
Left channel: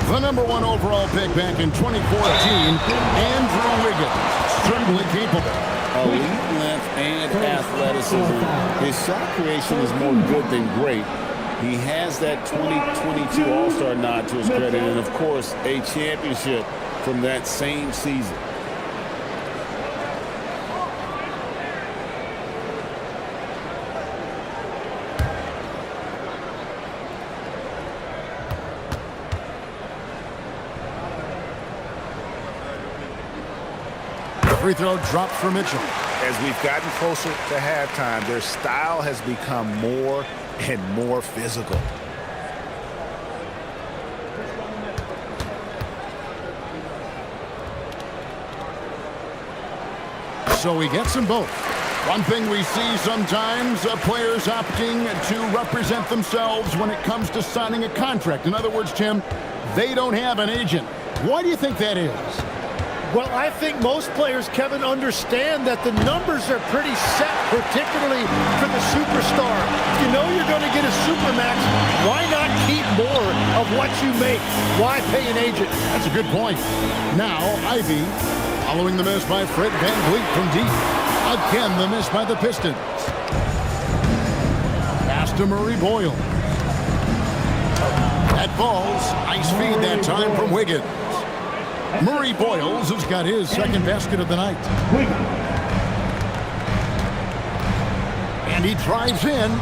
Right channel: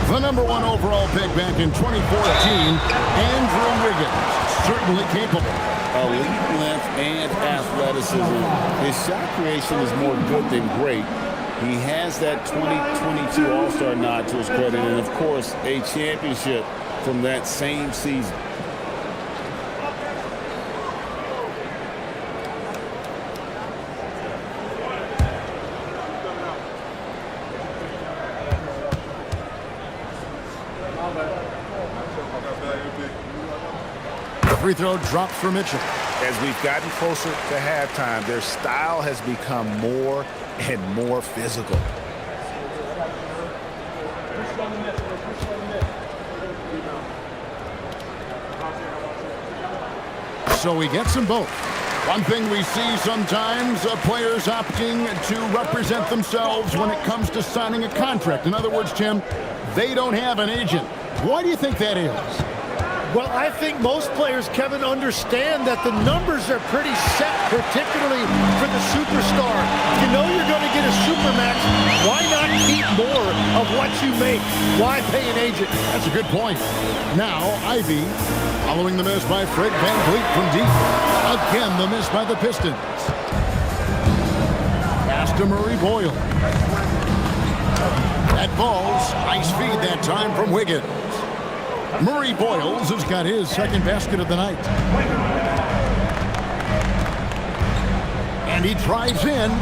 The number 1 overall pick back in 2014, Andrew Wiggins, certainly capable. Elite length and athleticism. His shot creation is more good than great. He has that 2022 All-Star nod to his credit, and of course, a championship from that same season. Free throw drops for Mitchell. As we've gotten closer to halftime, their style has become more and more physical. So he gets them both. One thing we see sometimes, players opting to represent themselves when it comes to signing a contract. In other words, Tim, they don't have an agent. Why do you think that is? Well, I think most players, Kevin, understand that the numbers are pretty set, particularly for the superstar. If you know you're going to get a supermax, why not keep more of what you make? Why pay an agent? That's a good point. Now, Ivy, following the miss by Fred VanVleet from deep. Again, the miss by the Pistons. Pass to Murray Boyle. That falls. Nice feed that time from Wiggins. Murray Boyles has got his second basket of the night. And he drives in.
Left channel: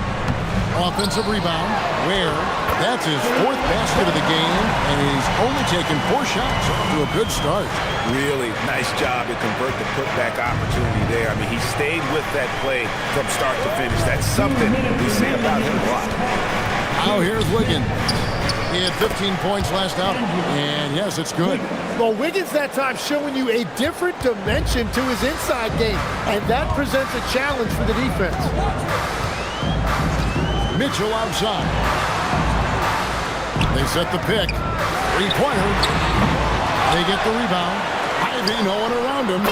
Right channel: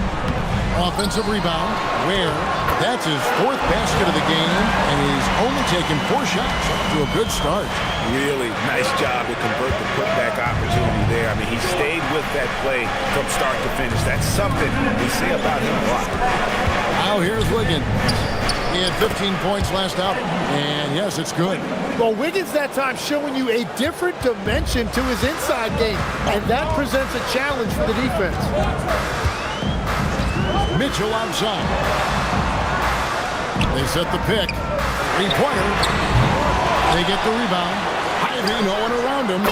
Offensive rebound. Ware. That's his 4th basket of the game, and he's only taken 4 shots. Off to a good start. Really nice job to convert the putback opportunity there. I mean, he stayed with that play from start to finish. That's something we say about him a lot. Now here's Wiggins. He had 15 points last outing, and yes, it's good. Well, Wiggins that time showing you a different dimension to his inside game, and that presents a challenge for the defense. Mitchell outside. They set the pick. 3-pointer. They get the rebound. Ivy, no one around him.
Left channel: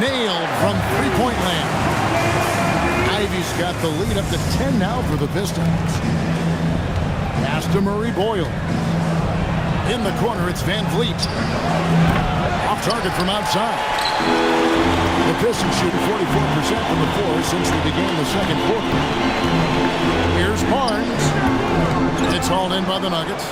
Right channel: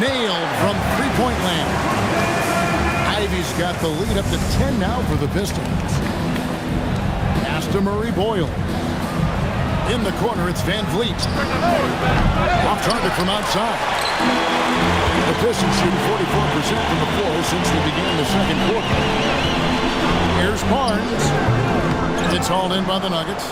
Nailed from 3-point land. Ivy's got the lead up to 10 now for the Pistons. Pass to Murray Boyle. In the corner, it's Van Vliet. Off target from outside. The Pistons shooting 44% from the floor since they began the second quarter. Here's Barnes. It's hauled in by the Nuggets.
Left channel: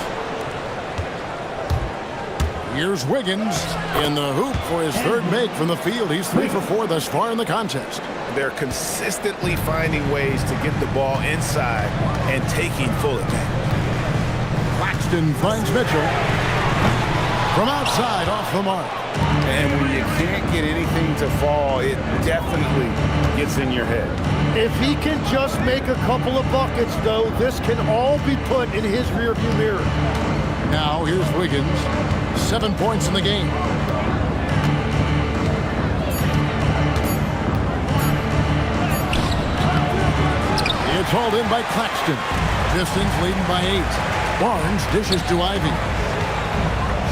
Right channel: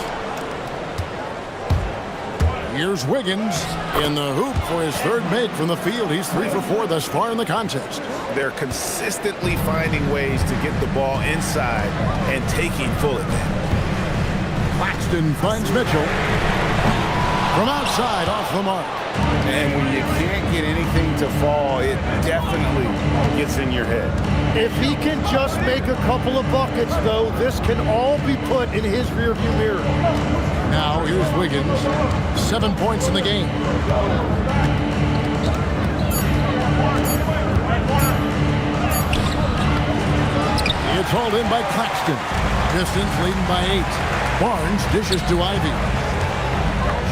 Here's Wiggins in the hoop for his third make from the field. He's 3 for 4 thus far in the contest. They're consistently finding ways to get the ball inside and taking full advantage. Claxton finds Mitchell. From outside, off the mark. And when you can't get anything to fall, it definitely gets in your head. If he can just make a couple of buckets, though, this can all be put in his rearview mirror. Now here's Wiggins. 7 points in the game. It's hauled in by Claxton. Pistons leading by 8. Barnes dishes to Ivy.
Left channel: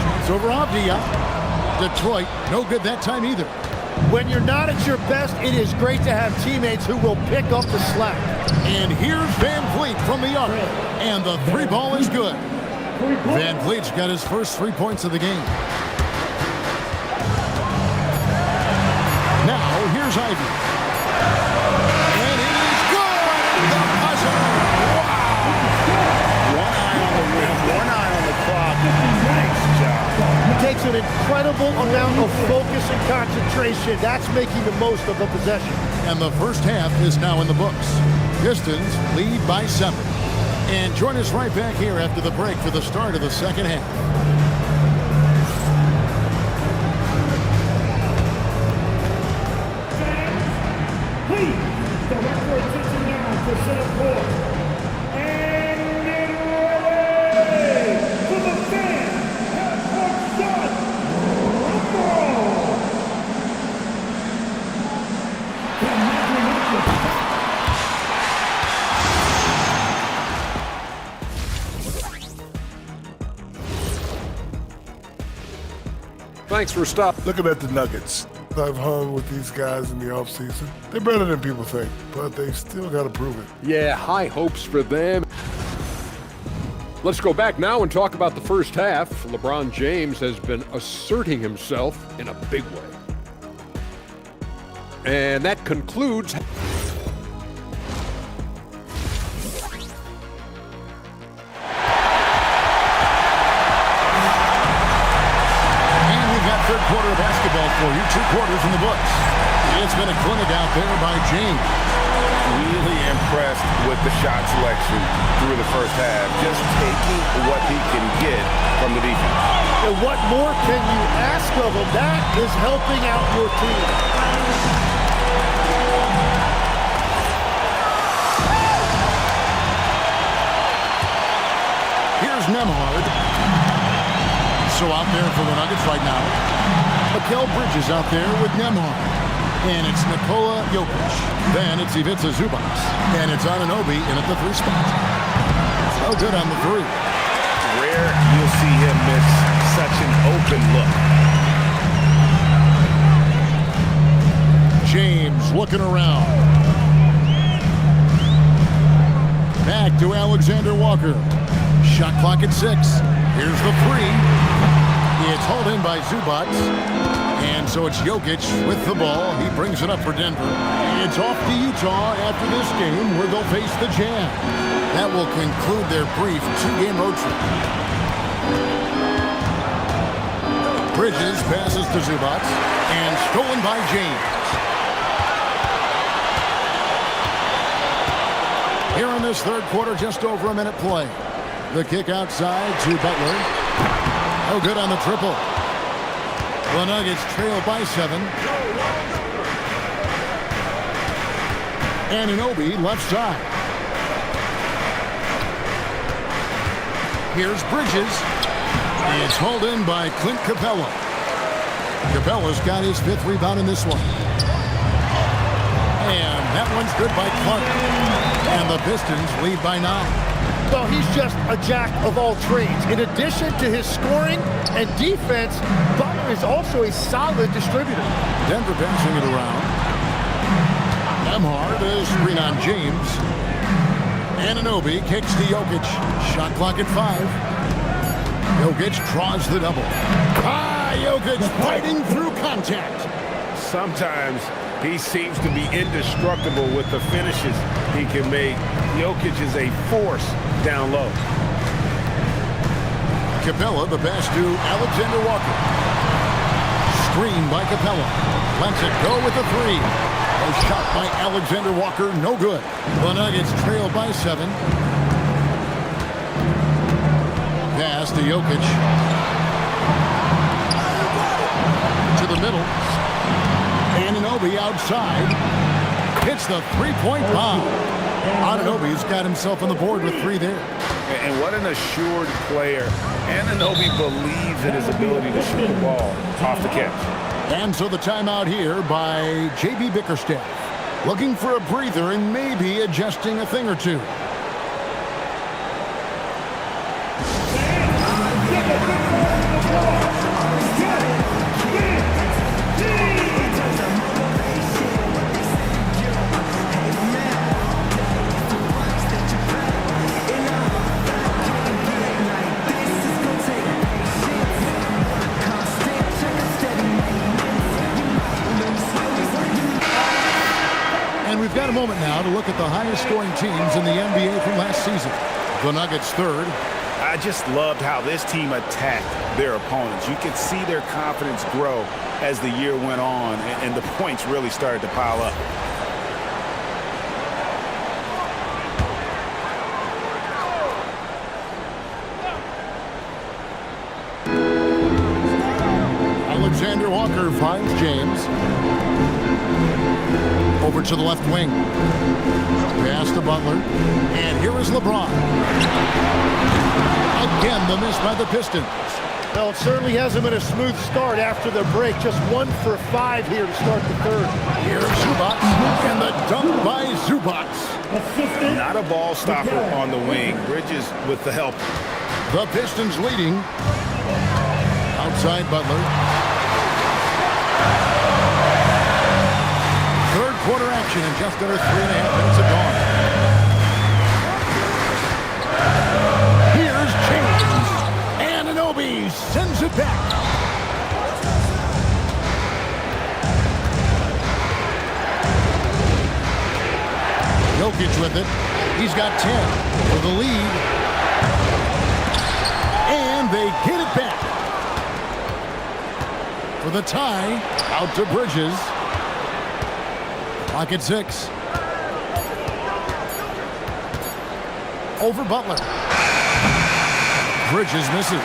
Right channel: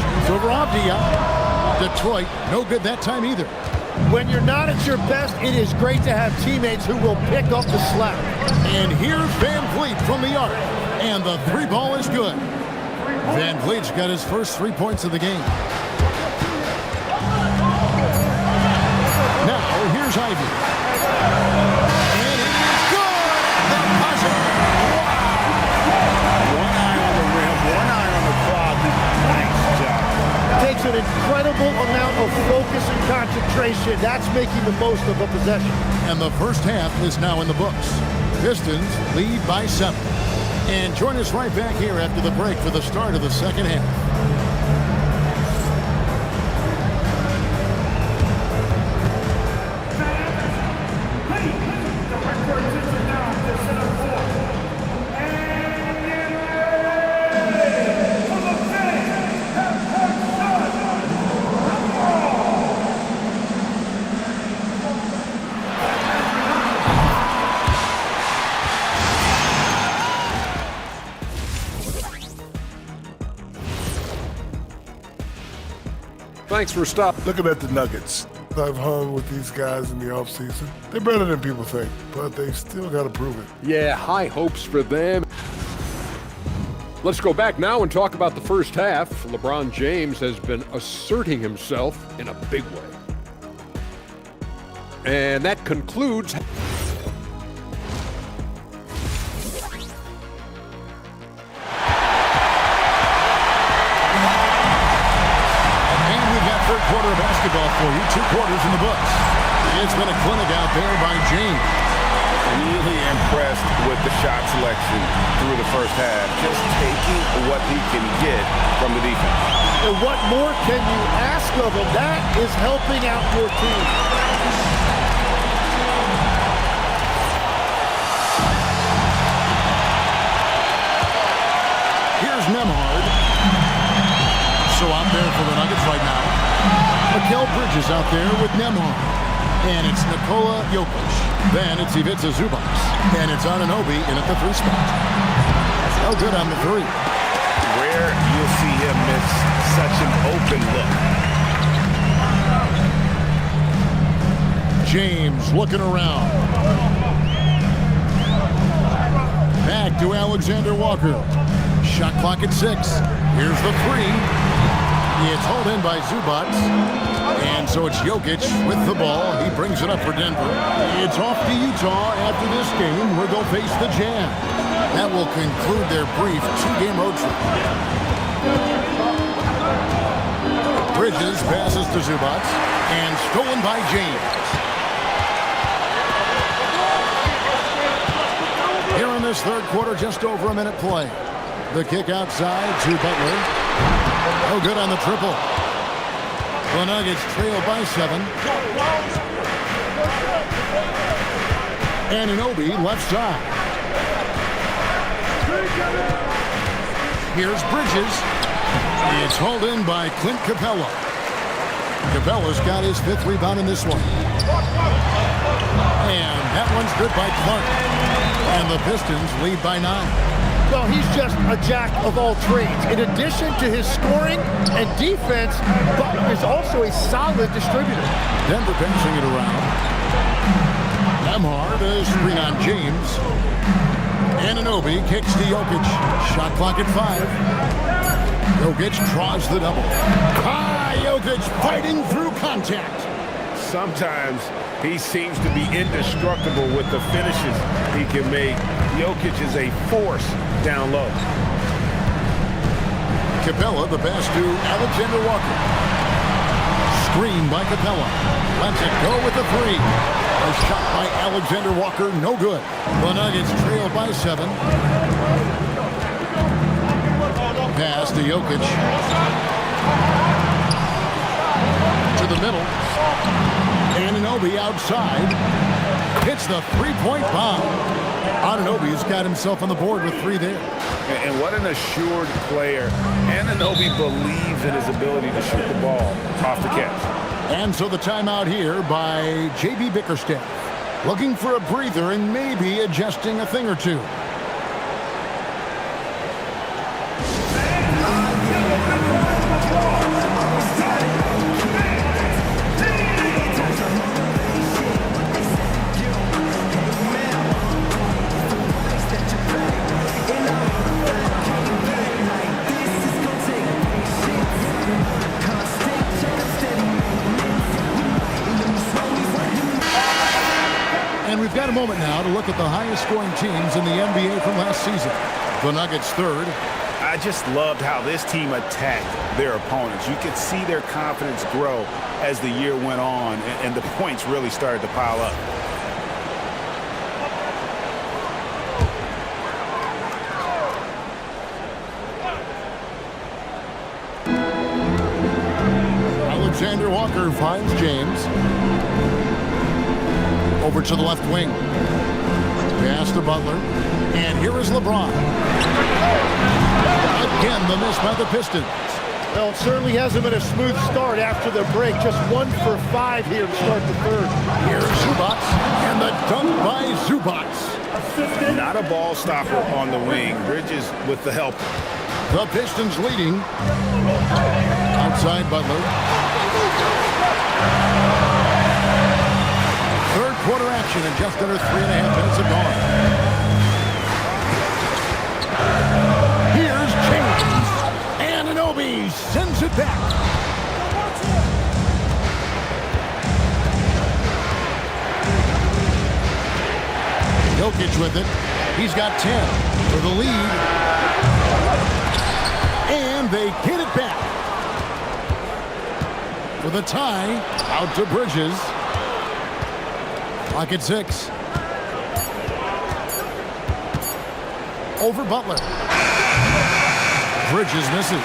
Shoots over Avdia. Detroit, no good that time either. When you're not at your best, it is great to have teammates who will pick up the slack. And here's Van Vliet from the arc. And the 3 ball is good. Van Vliet's got his first 3 points of the game. Now, here's Ivy. And it is good at the buzzer. Wow! One eye on the rim, one eye on the clock. Nice job. Takes an incredible amount of focus and concentration. That's making the most of a possession. And the first half is now in the books. Pistons lead by 7. And join us right back here after the break for the start of the second half. Please direct your attention now to center court. And get ready for the fan half-court shot. Thanks for stopping. Looking at the Nuggets, I've hung with these guys in the offseason. They're better than people think, but they still got to prove it. Yeah, high hopes for them. Let's go back now and talk about the first half. LeBron James has been asserting himself in a big way. And that concludes. Third quarter of basketball for you. 2 quarters in the books. It's been a clinic out there by James. Really impressed with the shot selection through the first half. Just taking what he can get from the defense. And what more can you ask of him? That is helping out your team. Here's Nembhard. So out there for the Nuggets right now. Mikal Bridges out there with Nembhard. And it's Nikola Jokic. Then it's Ivica Zubac. And it's Anunoby in at the 3 spot. Oh, good on the 3. Rare you'll see him miss such an open look. James looking around. Back to Alexander Walker. Shot clock at 6. Here's the 3. It's hauled in by Zubac. And so it's Jokic with the ball. He brings it up for Denver. It's off to Utah after this game where they'll face the Jazz. That will conclude their brief 2-game road trip. Bridges passes to Zubac. And stolen by James. Here in this third quarter, just over a minute play. The kick outside to Butler. No good on the triple. The Nuggets trail by 7. Anunoby left side. Here's Bridges. It's hauled in by Clint Capella. Capella's got his 5th rebound in this one. And that one's good by Clark. And the Pistons lead by 9. Well, he's just a jack of all trades. In addition to his scoring and defense, Butler is also a solid distributor. Denver passing it around. Nembhard, a screen on James. Anunoby kicks to Jokic. Shot clock at 5. Jokic draws the double. Jokic fighting through contact. Sometimes he seems to be indestructible with the finishes he can make. Jokic is a force down low. Capella, the pass to Alexander Walker. Screen by Capella. Lets it go with the 3. A shot by Alexander Walker, no good. The Nuggets trail by 7. Pass to Jokic. To the middle. Anunoby outside. Hits the three-point bomb. Anunoby's got himself on the board with 3 there. And what an assured player. Anunoby believes in his ability to shoot the ball off the catch. And so the timeout here by J.B. Bickerstaff. Looking for a breather and maybe adjusting a thing or two. And we've got a moment now to look at the highest scoring teams in the NBA from last season. The Nuggets third. I just loved how this team attacked their opponents. You could see their confidence grow as the year went on, and the points really started to pile up. Alexander Walker finds James. Over to the left wing. Pass to Butler. And here is LeBron. Again, the miss by the Pistons. Well, it certainly hasn't been a smooth start after the break. Just 1 for 5 here to start the third. Here's Zubac. And the dunk by Zubac. Not a ball stopper on the wing. Bridges with the help. The Pistons leading. Outside Butler. Third quarter action in just under 3.5 minutes have gone. Here's James. Anunoby sends it back. Jokic with it. He's got 10 for the lead. And they get it back. For the tie, out to Bridges. Clock at 6. Over Butler. Bridges misses.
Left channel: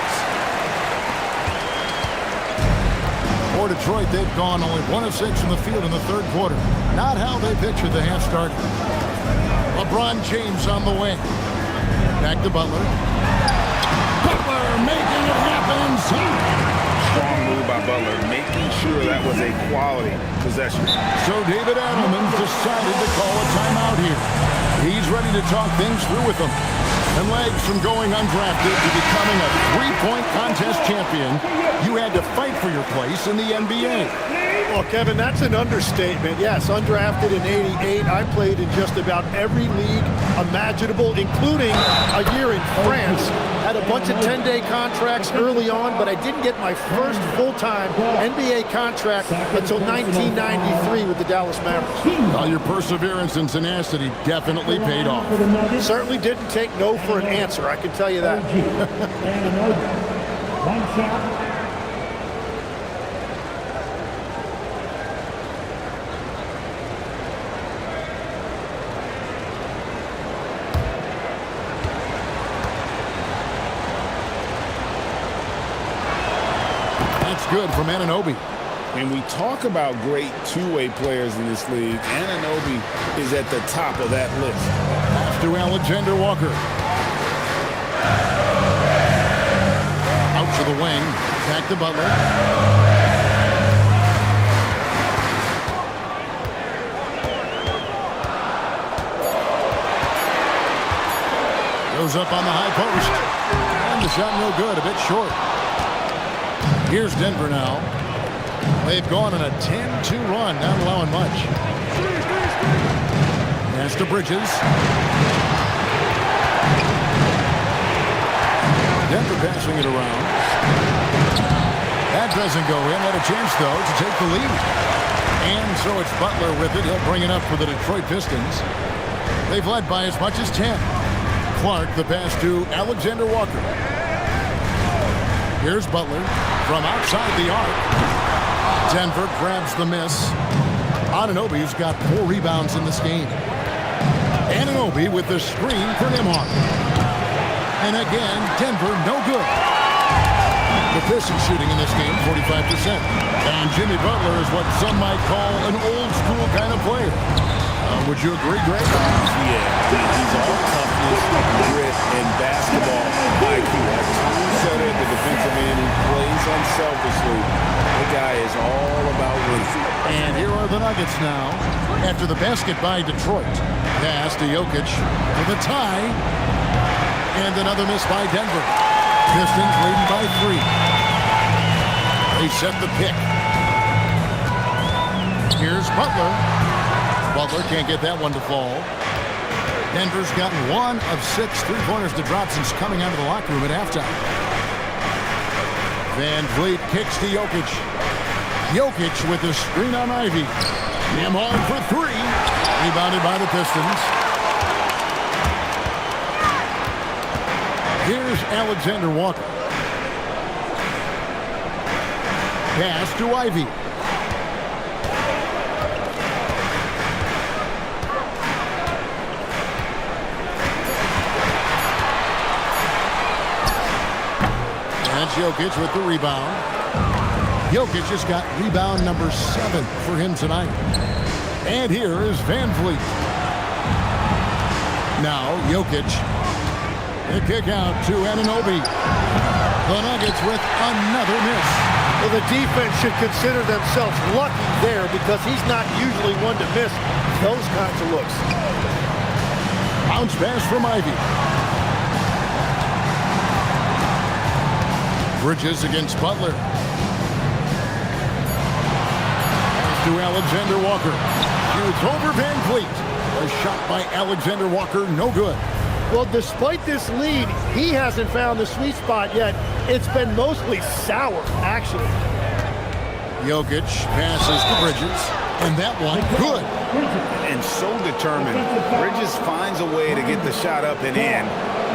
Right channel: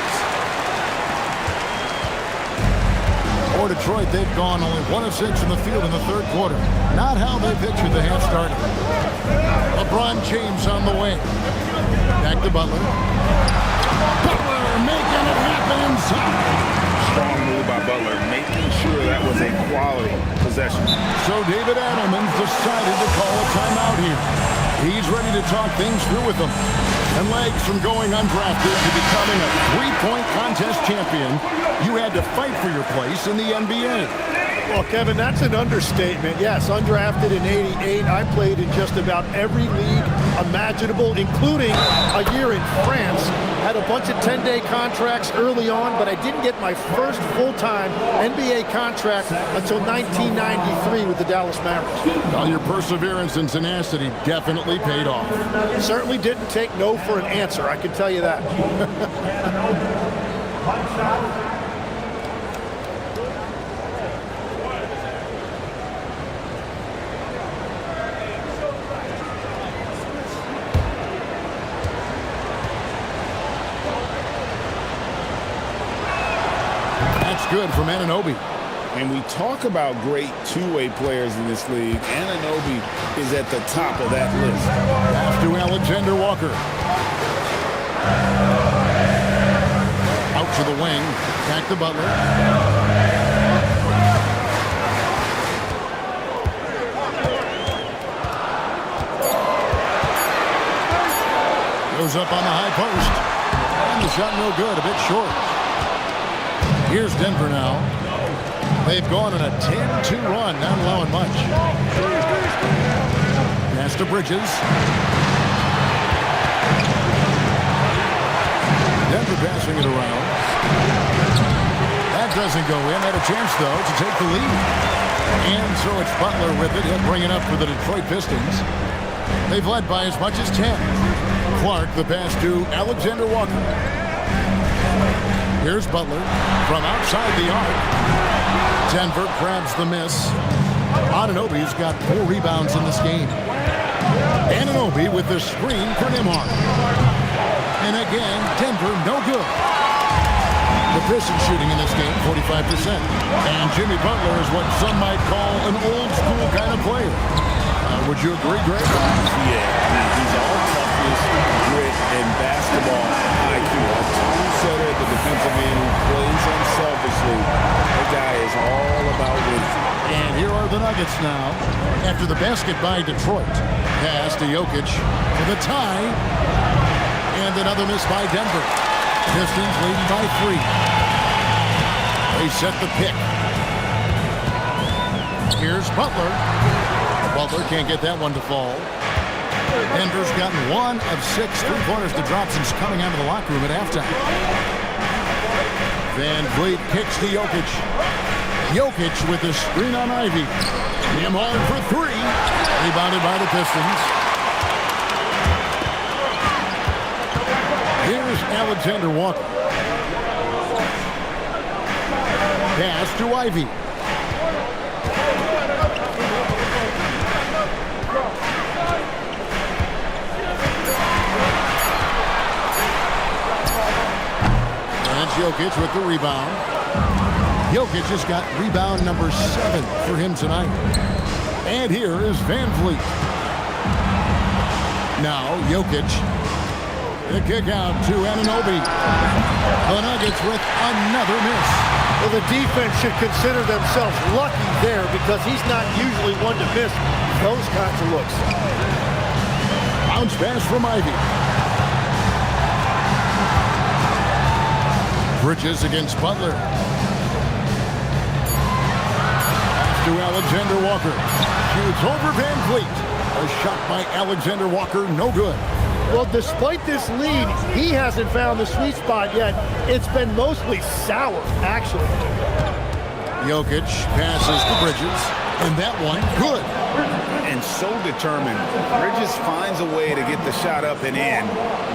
For Detroit, they've gone only 1 of 6 from the field in the third quarter. Not how they pictured the half starting. LeBron James on the wing. Back to Butler. Butler making it happen inside. Strong move by Butler, making sure that was a quality possession. So David Adelman's decided to call a timeout here. He's ready to talk things through with them. And legs from going undrafted to becoming a three-point contest champion, you had to fight for your place in the NBA. Well, Kevin, that's an understatement. Yes, undrafted in '88. I played in just about every league imaginable, including a year in France. Had a bunch of 10-day contracts early on, but I didn't get my first full-time NBA contract until 1993 with the Dallas Mavericks. Well, your perseverance and tenacity definitely paid off. Certainly didn't take no for an answer, I can tell you that. One shot. That's good from Anunoby. And we talk about great two-way players in this league. Anunoby is at the top of that list. Pass to Alexander Walker. Out to the wing. Back to Butler. Goes up on the high post. And the shot no good, a bit short. Here's Denver now. They've gone on a 10-2 run, not allowing much. Pass to Bridges. Denver passing it around. That doesn't go in. Had a chance, though, to take the lead. And so it's Butler with it. He'll bring it up for the Detroit Pistons. They've led by as much as 10. Clark, the pass to Alexander Walker. Here's Butler from outside the arc. Denver grabs the miss. Anunoby's got 4 rebounds in this game. Anunoby with the screen for Nembhard. And again, Denver no good. The Pistons shooting in this game, 45%. And Jimmy Butler is what some might call an old-school kind of player. Would you agree, Greg? Yeah, I mean, he's all toughness, grit, and basketball IQ. A true setter at the defensive end who plays unselfishly. The guy is all about winning. And here are the Nuggets now. After the basket by Detroit. Pass to Jokic for the tie. And another miss by Denver. Pistons leading by 3. They set the pick. Here's Butler. Butler can't get that one to fall. Denver's gotten 1 of 6 3-pointers to drop since coming out of the locker room at halftime. Van Vliet kicks to Jokic. Jokic with the screen on Ivy. Nembhard for 3. Rebounded by the Pistons. Here's Alexander Walker. Pass to Ivy. That's Jokic with the rebound. Jokic has got rebound number 7 for him tonight. And here is Van Vliet. Now Jokic. The kick out to Anunoby. The Nuggets with another miss. Well, the defense should consider themselves lucky there because he's not usually one to miss those kinds of looks. Bounce pass from Ivy. Bridges against Butler. Pass to Alexander Walker. Shoots over Van Vliet. A shot by Alexander Walker, no good. Well, despite this lead, he hasn't found the sweet spot yet. It's been mostly sour, actually. Jokic passes to Bridges, and that one, good. And so determined. Bridges finds a way to get the shot up and in.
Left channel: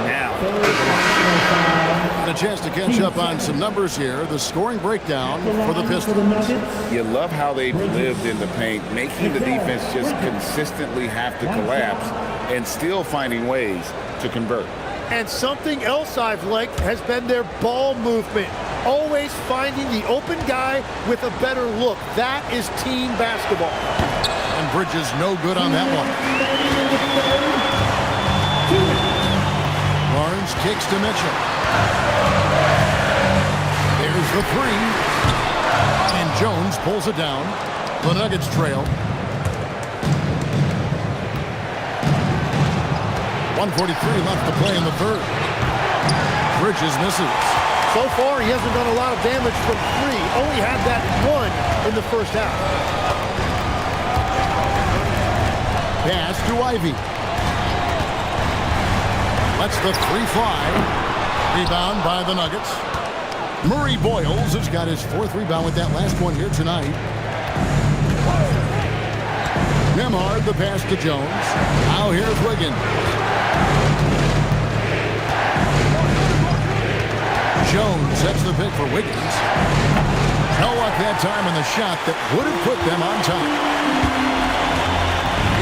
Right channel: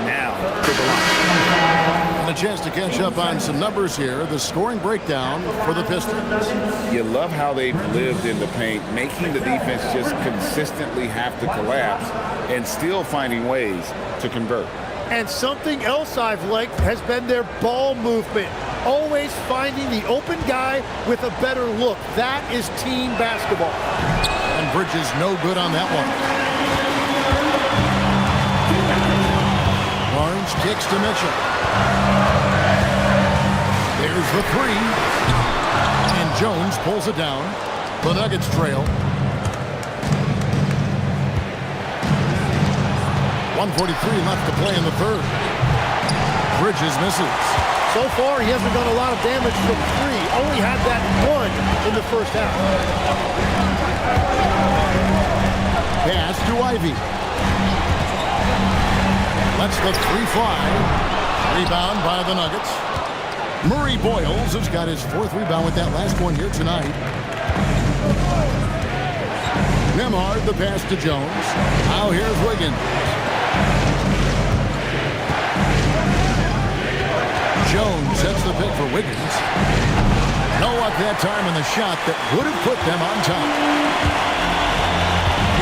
Now to the line. And a chance to catch up on some numbers here. The scoring breakdown for the Pistons. You love how they've lived in the paint, making the defense just consistently have to collapse and still finding ways to convert. And something else I've liked has been their ball movement. Always finding the open guy with a better look. That is team basketball. And Bridges no good on that one. Barnes kicks to Mitchell. There's the 3. And Jones pulls it down. The Nuggets trail. 1:43 left to play in the third. Bridges misses. So far, he hasn't done a lot of damage from 3. Only had that 1 in the first half. Pass to Ivy. Lets the 3 fly. Rebound by the Nuggets. Murray Boyles has got his 4th rebound with that last one here tonight. Nembhard, the pass to Jones. Now here's Wiggins. Jones sets the pick for Wiggins. No luck that time on the shot that would have put them on top.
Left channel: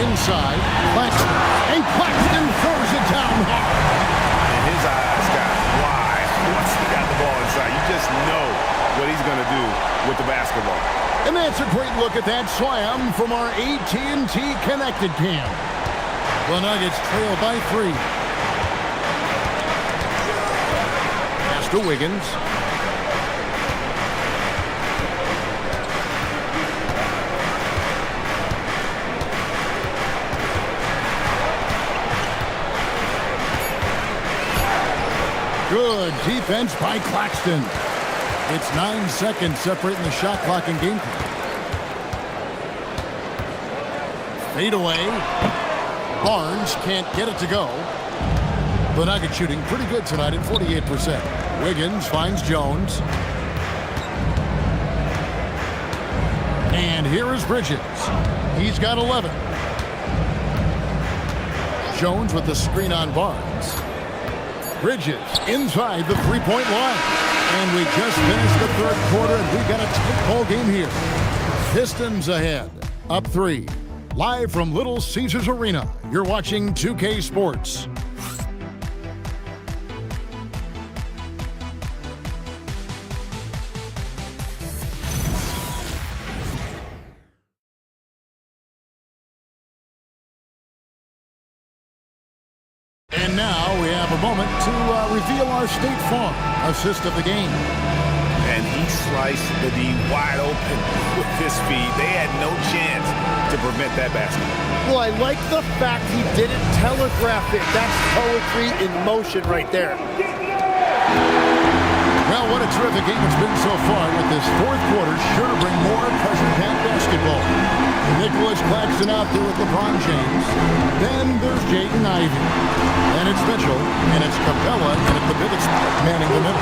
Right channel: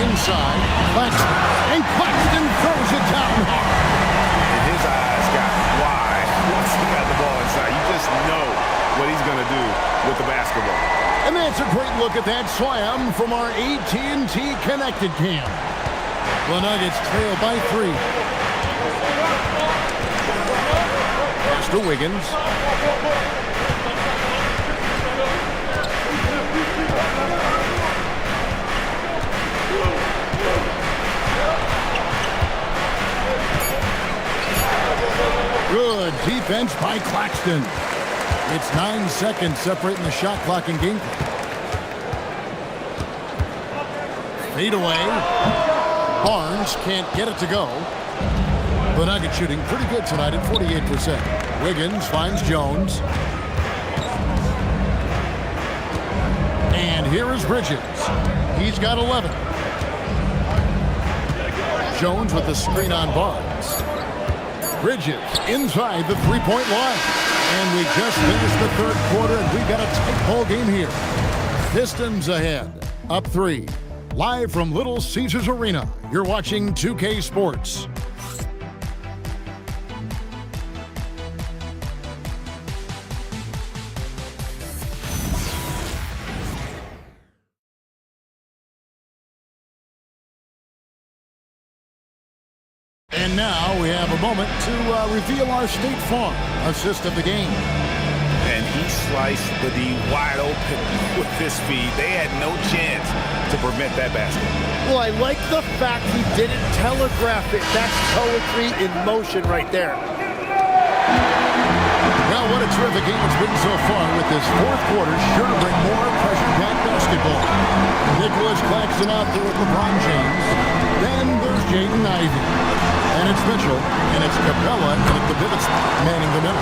Inside, Claxton. And Claxton throws it down hard. And his eyes got wide once he got the ball inside. You just know what he's going to do with the basketball. And that's a great look at that slam from our AT&T Connected Cam. The Nuggets trail by 3. Pass to Wiggins. Good defense by Claxton. It's 9 seconds separating the shot clock and game clock. Fade away. Barnes can't get it to go. The Nuggets shooting pretty good tonight at 48%. Wiggins finds Jones. And here is Bridges. He's got 11. Jones with the screen on Barnes. Bridges inside the three-point line. And we just finished the third quarter, and we've got a tight ball game here. Pistons ahead, up 3. Live from Little Caesars Arena, you're watching 2K Sports. And now we have a moment to reveal our State Farm assist of the game. And he sliced the D wide open with his feed. They had no chance to prevent that basket. Well, I like the fact he didn't telegraph it. That's poetry in motion right there. Well, what a terrific game it's been so far, with this fourth quarter sure to bring more pressure-packed basketball. Nicholas Claxton out there with LeBron James. Then there's Jaden Ivey. And it's Mitchell, and it's Capella, and at the pivot spot, manning the middle.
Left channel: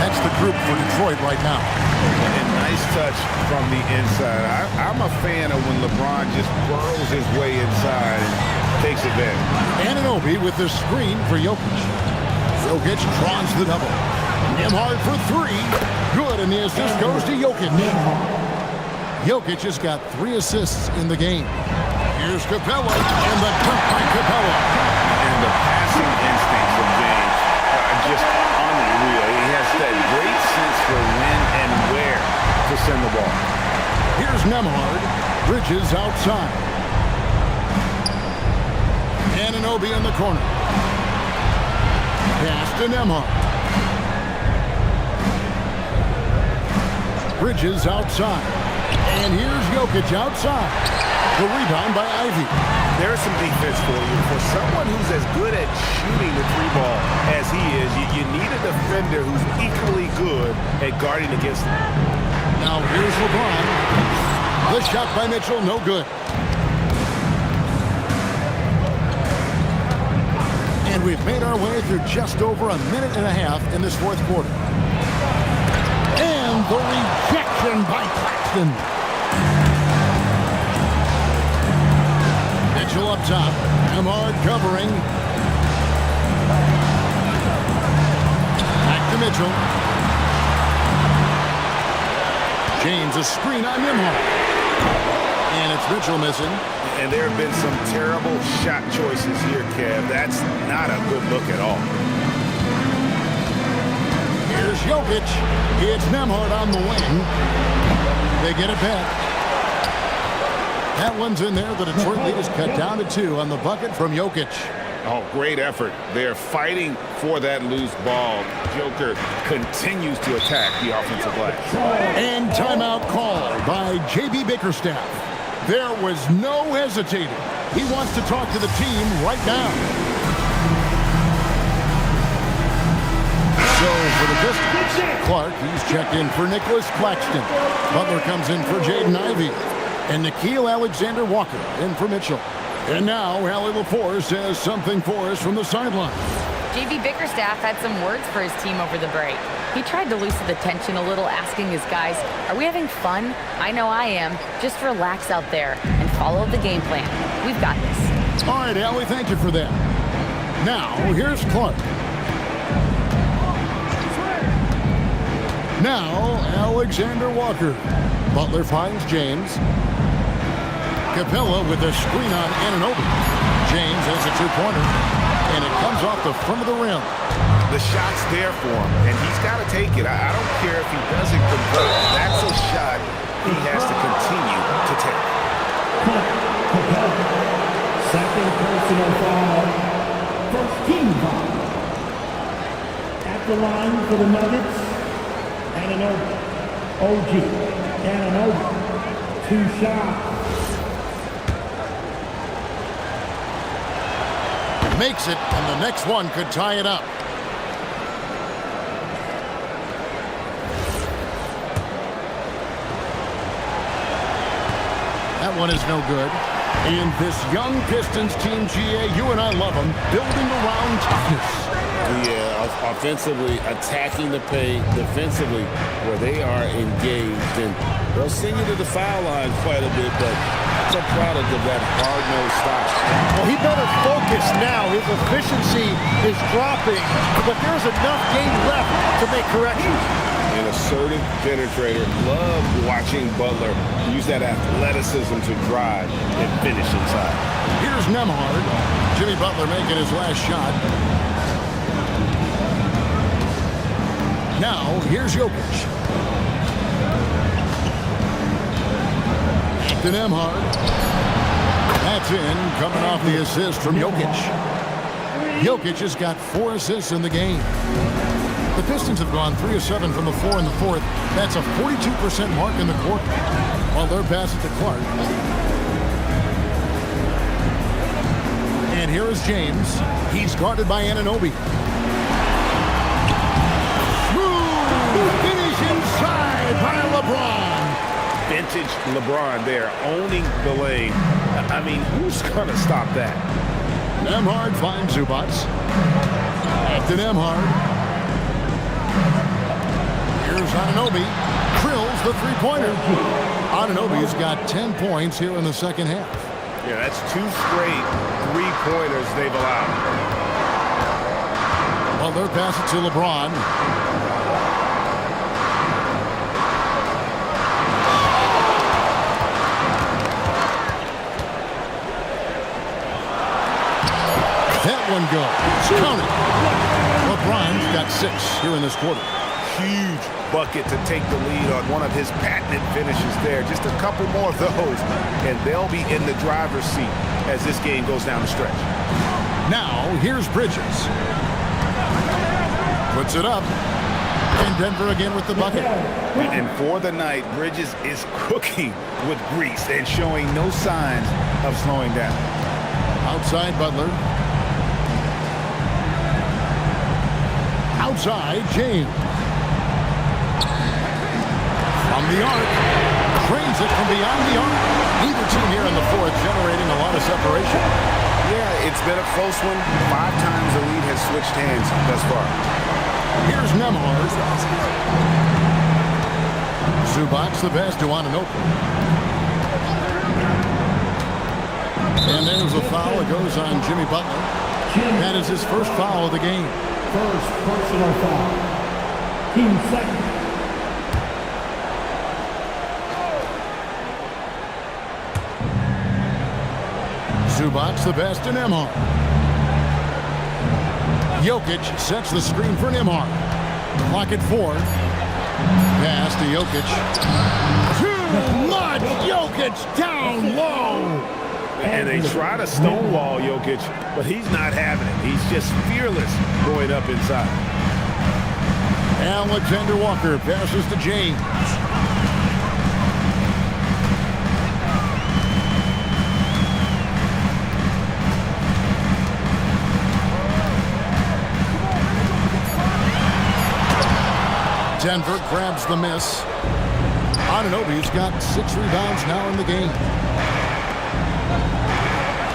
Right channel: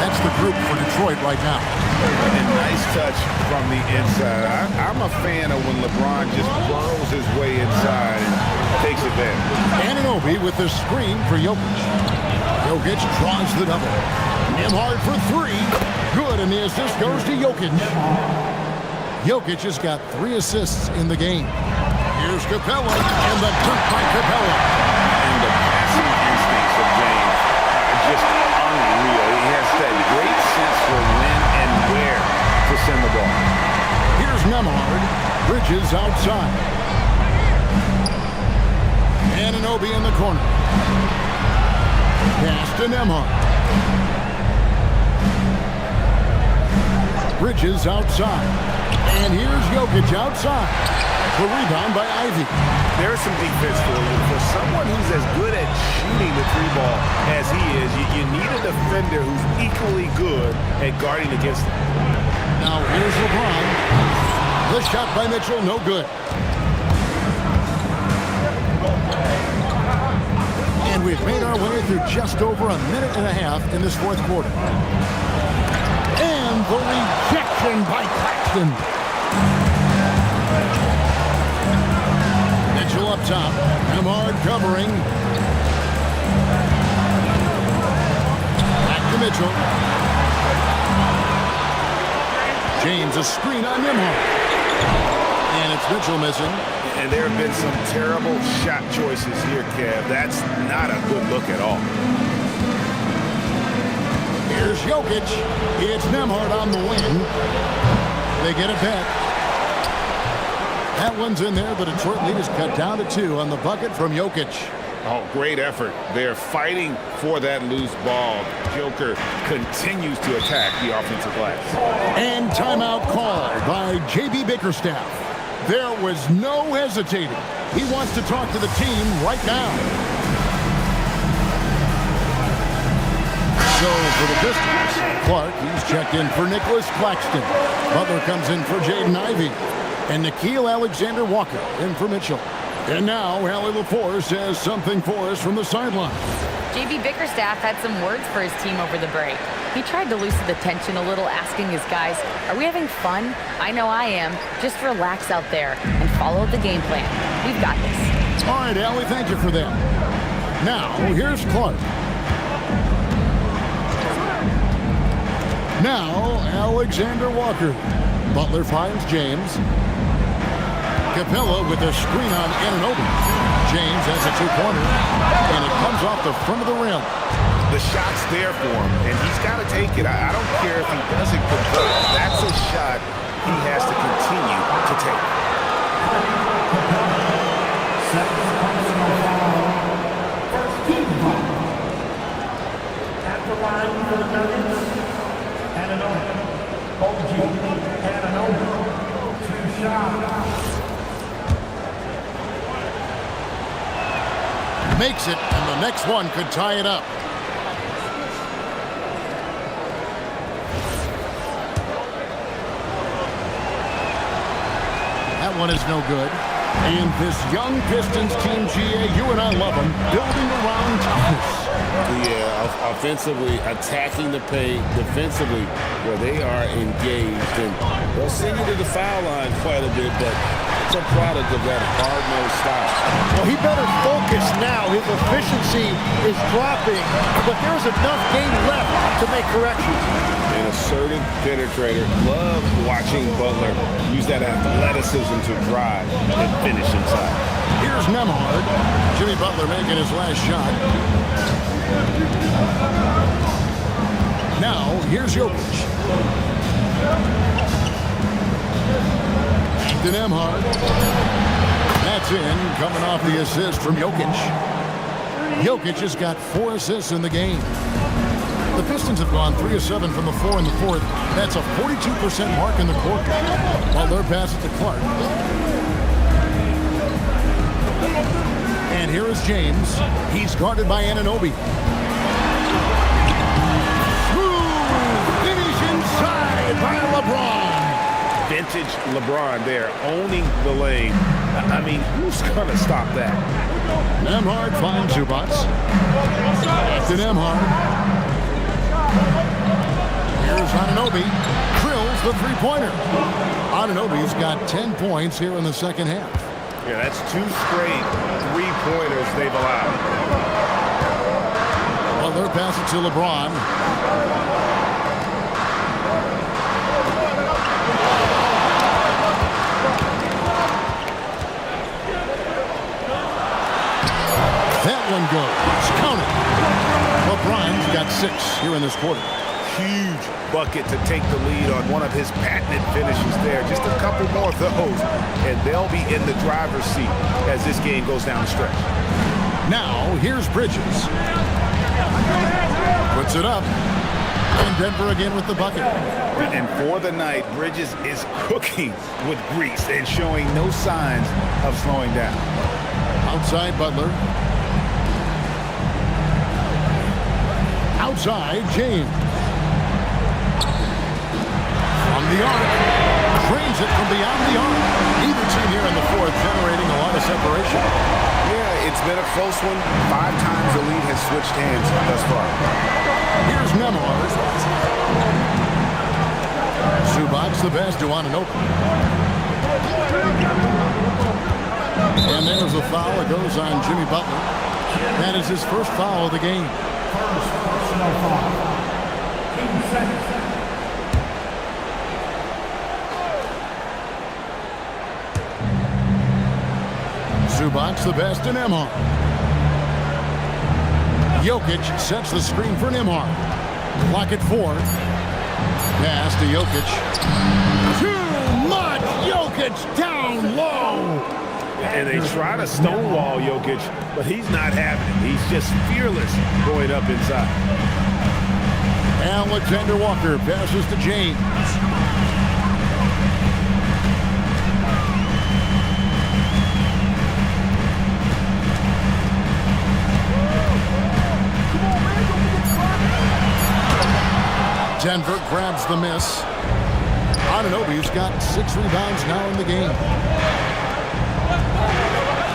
That's the group for Detroit right now. And nice touch from the inside. I'm a fan of when LeBron just burrows his way inside and takes advantage. Anunoby with the screen for Jokic. Jokic draws the double. Nembhard for 3. Good, and the assist goes to Jokic. Jokic has got 3 assists in the game. Here's Capella, and the dunk by Capella. And the passing instincts of James are just unreal. He has that great sense for when and where to send the ball. Here's Nembhard. Bridges outside. Anunoby in the corner. Pass to Nembhard. Bridges outside. And here's Jokic outside. The rebound by Ivey. There's some defense for you. For someone who's as good at shooting the 3-ball as he is, you need a defender who's equally good at guarding against him. Now here's LeBron. The shot by Mitchell, no good. And we've made our way through just over a minute and a half in this fourth quarter. And the rejection by Claxton. Mitchell up top. Nembhard covering. Back to Mitchell. James, a screen on Nembhard. And it's Mitchell missing. And there have been some terrible shot choices here, Kev. That's not a good look at all. Here's Jokic. It's Nembhard on the wing. They get it back. That one's in there. The Detroit lead is cut down to 2 on the bucket from Jokic. Oh, great effort. They're fighting for that loose ball. Joker continues to attack the offensive glass. And timeout called by J.B. Bickerstaff. There was no hesitating. He wants to talk to the team right now. So for the Pistons, Clark, he's checked in for Nicholas Claxton. Butler comes in for Jaden Ivey. And Nickeil Alexander-Walker in for Mitchell. And now Allie LaForce says something for us from the sideline. J.B. Bickerstaff had some words for his team over the break. He tried to loosen the tension a little, asking his guys, are we having fun? I know I am. Just relax out there and follow the game plan. We've got this. All right, Allie, thank you for that. Now, here's Clark. Now, Alexander-Walker. Butler finds James. Capella with a screen on Anunoby. James has a 2-pointer, and it comes off the front of the rim. The shot's there for him, and he's got to take it. I don't care if he doesn't convert. That's a shot he has to continue to take. Second personal foul. First team foul. At the line for the Nuggets, Anunoby. OG Anunoby. 2 shots. Makes it, and the next one could tie it up. That one is no good. And this young Pistons team, GA, you and I love them, building around toughness. Yeah, offensively, attacking the paint, defensively, where they are engaged. And they'll send you to the foul line quite a bit, but it's a product of that hard-nosed style. Well, he better focus now. His efficiency is dropping, but there's enough game left to make corrections. An assertive penetrator. Love watching Butler use that athleticism to drive and finish inside. Here's Nembhard. Jimmy Butler making his last shot. Now, here's Jokic. Back to Nembhard. That's in, coming off the assist from Jokic. Jokic has got 4 assists in the game. The Pistons have gone 3 of 7 from the floor in the fourth. That's a 42% mark in the quarter. While they're passing to Clark. And here is James. He's guarded by Anunoby. Smooth finish inside by LeBron. Vintage LeBron there, owning the lane. I mean, who's going to stop that? Nembhard finds Zubac. Back to Nembhard. Here's Anunoby. Drills the three-pointer. Anunoby's got 10 points here in the second half. Yeah, that's 2 straight three-pointers they've allowed. Well, they're passing to LeBron. That one goes. Count it. LeBron's got 6 here in this quarter. Huge bucket to take the lead on one of his patented finishes there. Just a couple more of those, and they'll be in the driver's seat as this game goes down the stretch. Now, here's Bridges. Puts it up. And Denver again with the bucket. And for the night, Bridges is cooking with grease and showing no signs of slowing down. Outside Butler. Outside James. From the arc. Drains it from beyond the arc. Neither team here in the fourth generating a lot of separation. Yeah, it's been a close one. 5 times the lead has switched hands thus far. Here's Nembhard. Zubac the pass to Anunoby. And there's a foul that goes on Jimmy Butler. That is his first foul of the game. First personal foul. Team second. Zubac the pass to Nembhard. Jokic sets the screen for Nembhard. Clock at 4. Pass to Jokic. Too much! Jokic down low! And they try to stonewall Jokic, but he's not having it. He's just fearless going up inside. Alexander Walker passes to James. Denver grabs the miss. Anunoby's got 6 rebounds now in the game.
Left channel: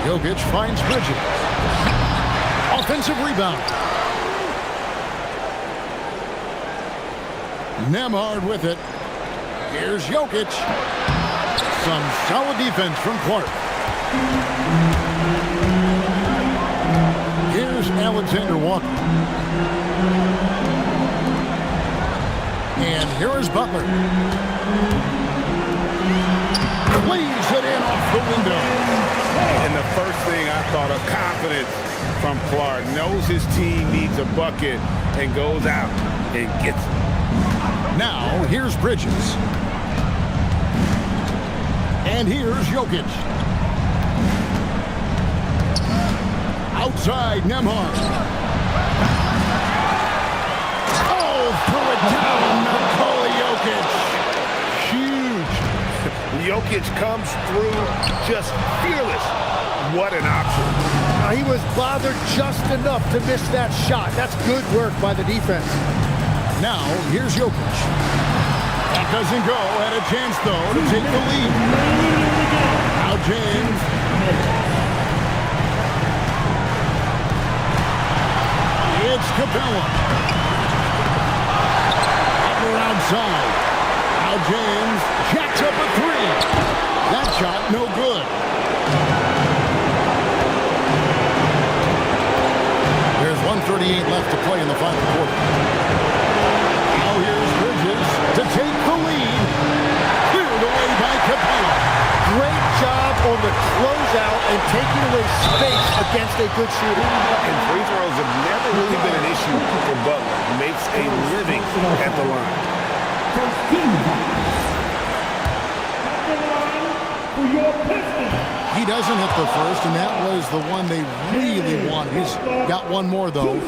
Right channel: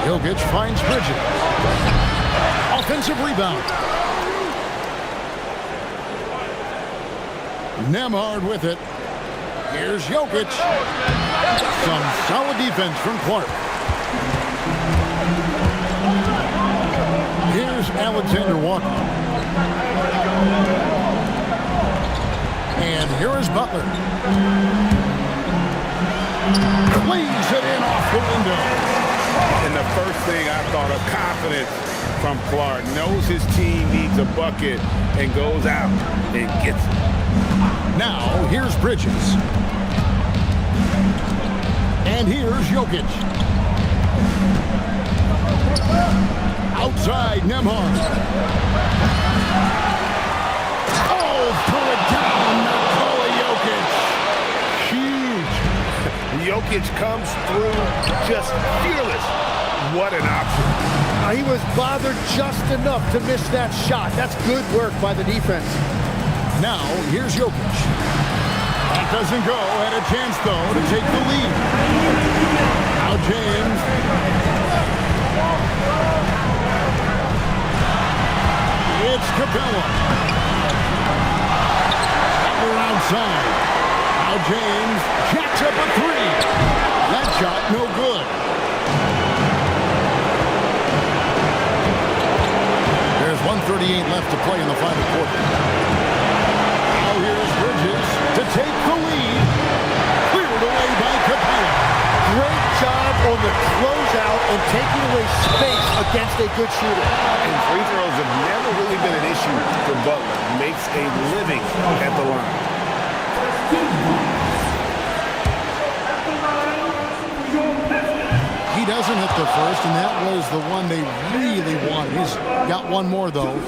Jokic finds Bridges. Offensive rebound. Nembhard with it. Here's Jokic. Some solid defense from Clark. Here's Alexander Walker. And here is Butler. Lays it in off the window. And the first thing I thought of, confidence from Clark. Knows his team needs a bucket and goes out and gets it. Now, here's Bridges. And here's Jokic. Outside, Nembhard. Throw it down, Nikola Jokic. Huge. Jokic comes through just fearless. What an option. He was bothered just enough to miss that shot. That's good work by the defense. Now, here's Jokic. That doesn't go. Had a chance, though, to take the lead. Now James. It's Capella. Butler outside. Now James jacks up a three. That shot no good. There's 1:38 left to play in the final quarter. Now here's Bridges to take the lead. Cleared away by Capella. Great job on the closeout and taking away space against a good shooter. And free throws have never really been an issue for Butler. Makes a living at the line. He doesn't hit the first, and that was the one they really wanted. He's got one more, though.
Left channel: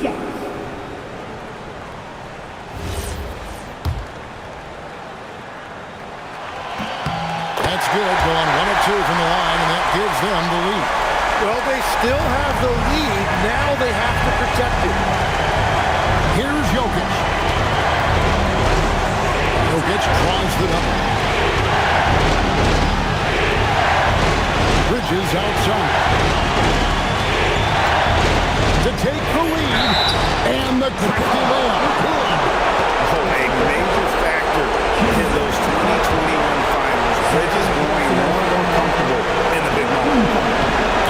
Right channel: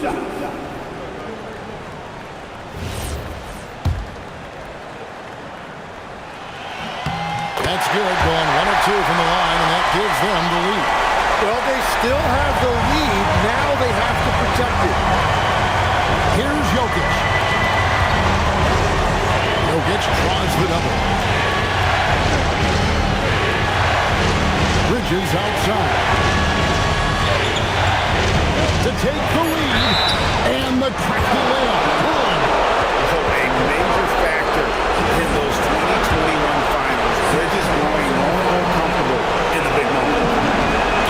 That's good, going 1 of 2 from the line, and that gives them the lead. Well, they still have the lead. Now they have to protect it. Here's Jokic. Jokic draws the double. Bridges outside. To take the lead, and the crafty layup. Good. Oh, a major factor in those 2021 finals. Bridges growing more and more comfortable in the big moment.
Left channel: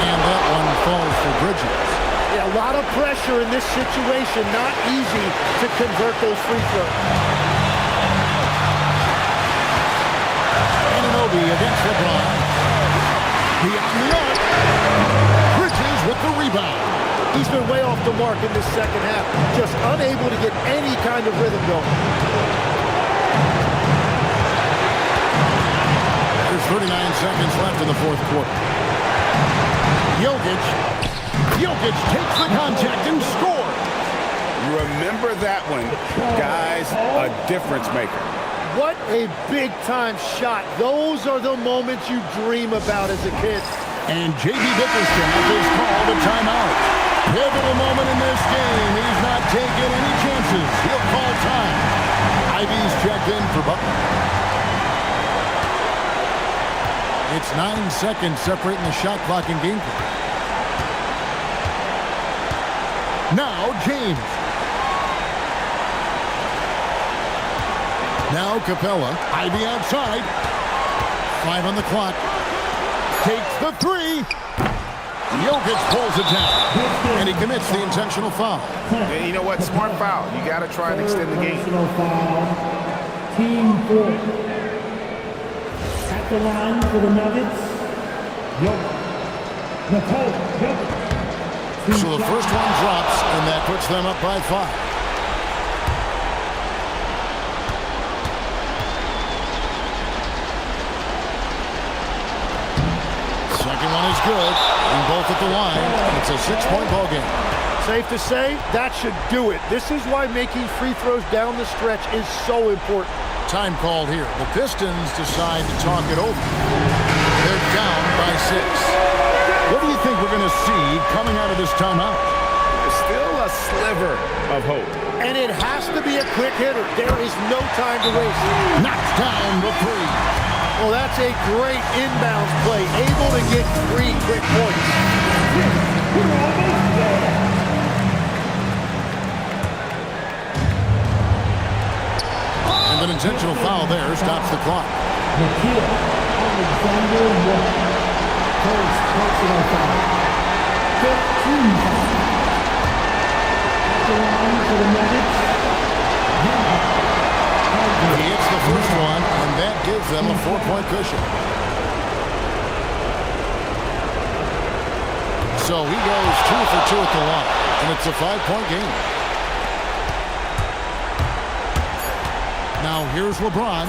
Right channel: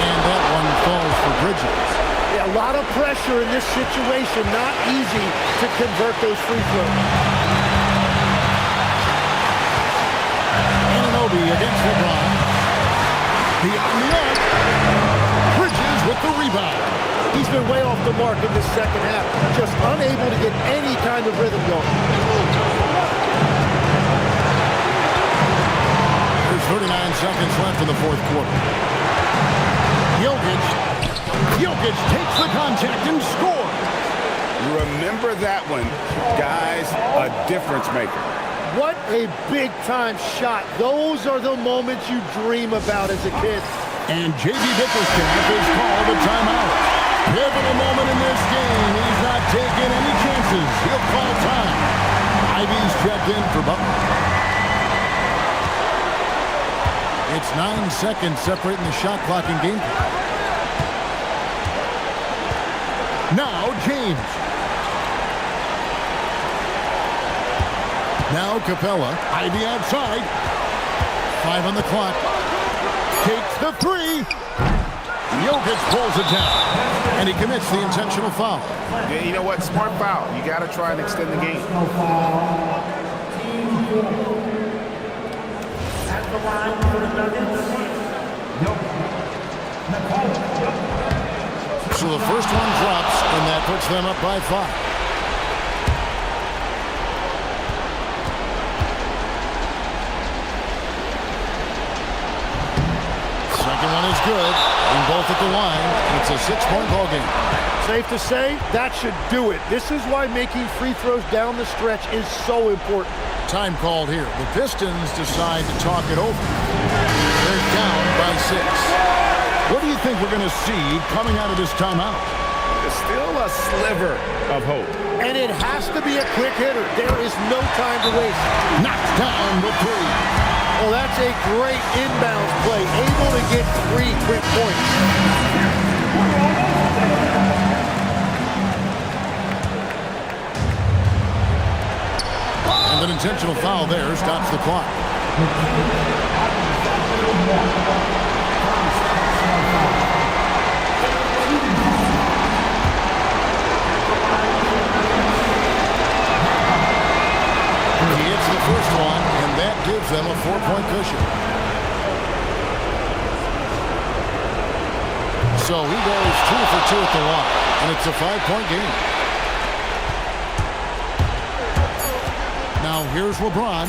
And that one falls for Bridges. Yeah, a lot of pressure in this situation. Not easy to convert those free throws. Anunoby against LeBron. Beyond the arc. Bridges with the rebound. He's been way off the mark in this second half. Just unable to get any kind of rhythm going. There's 39 seconds left in the fourth quarter. Jokic takes the contact and scores. Remember that one. Guys, a difference maker. What a big-time shot. Those are the moments you dream about as a kid. And J.B. Bickerstaff is called a timeout. Pivotal moment in this game. He's not taking any chances. He'll call time. Ivy's checked in for Butler. It's 9 seconds separating the shot clock and game clock. Now James. Now Capella. Ivy outside. 5 on the clock. Takes the three. Jokic pulls it down. And he commits the intentional foul. Yeah, you know what? Smart foul. You got to try and extend the game. Team 4. At the line for the Nuggets. So the first one drops, and that puts them up by 5. Second one is good. Being both at the line, and it's a 6-point ball game. Safe to say, that should do it. This is why making free throws down the stretch is so important. Time called here. The Pistons decide to talk it over. They're down by 6. What do you think we're going to see coming out of this timeout? There's still a sliver of hope. And it has to be a quick hitter. There is no time to waste. Knocks down the 3. Well, that's a great inbounds play. Able to get 3 quick points. And an intentional foul there stops the clock. He hits the first one, and that gives them a 4-point cushion. So he goes 2 for 2 at the line, and it's a 5-point game. Now here's LeBron.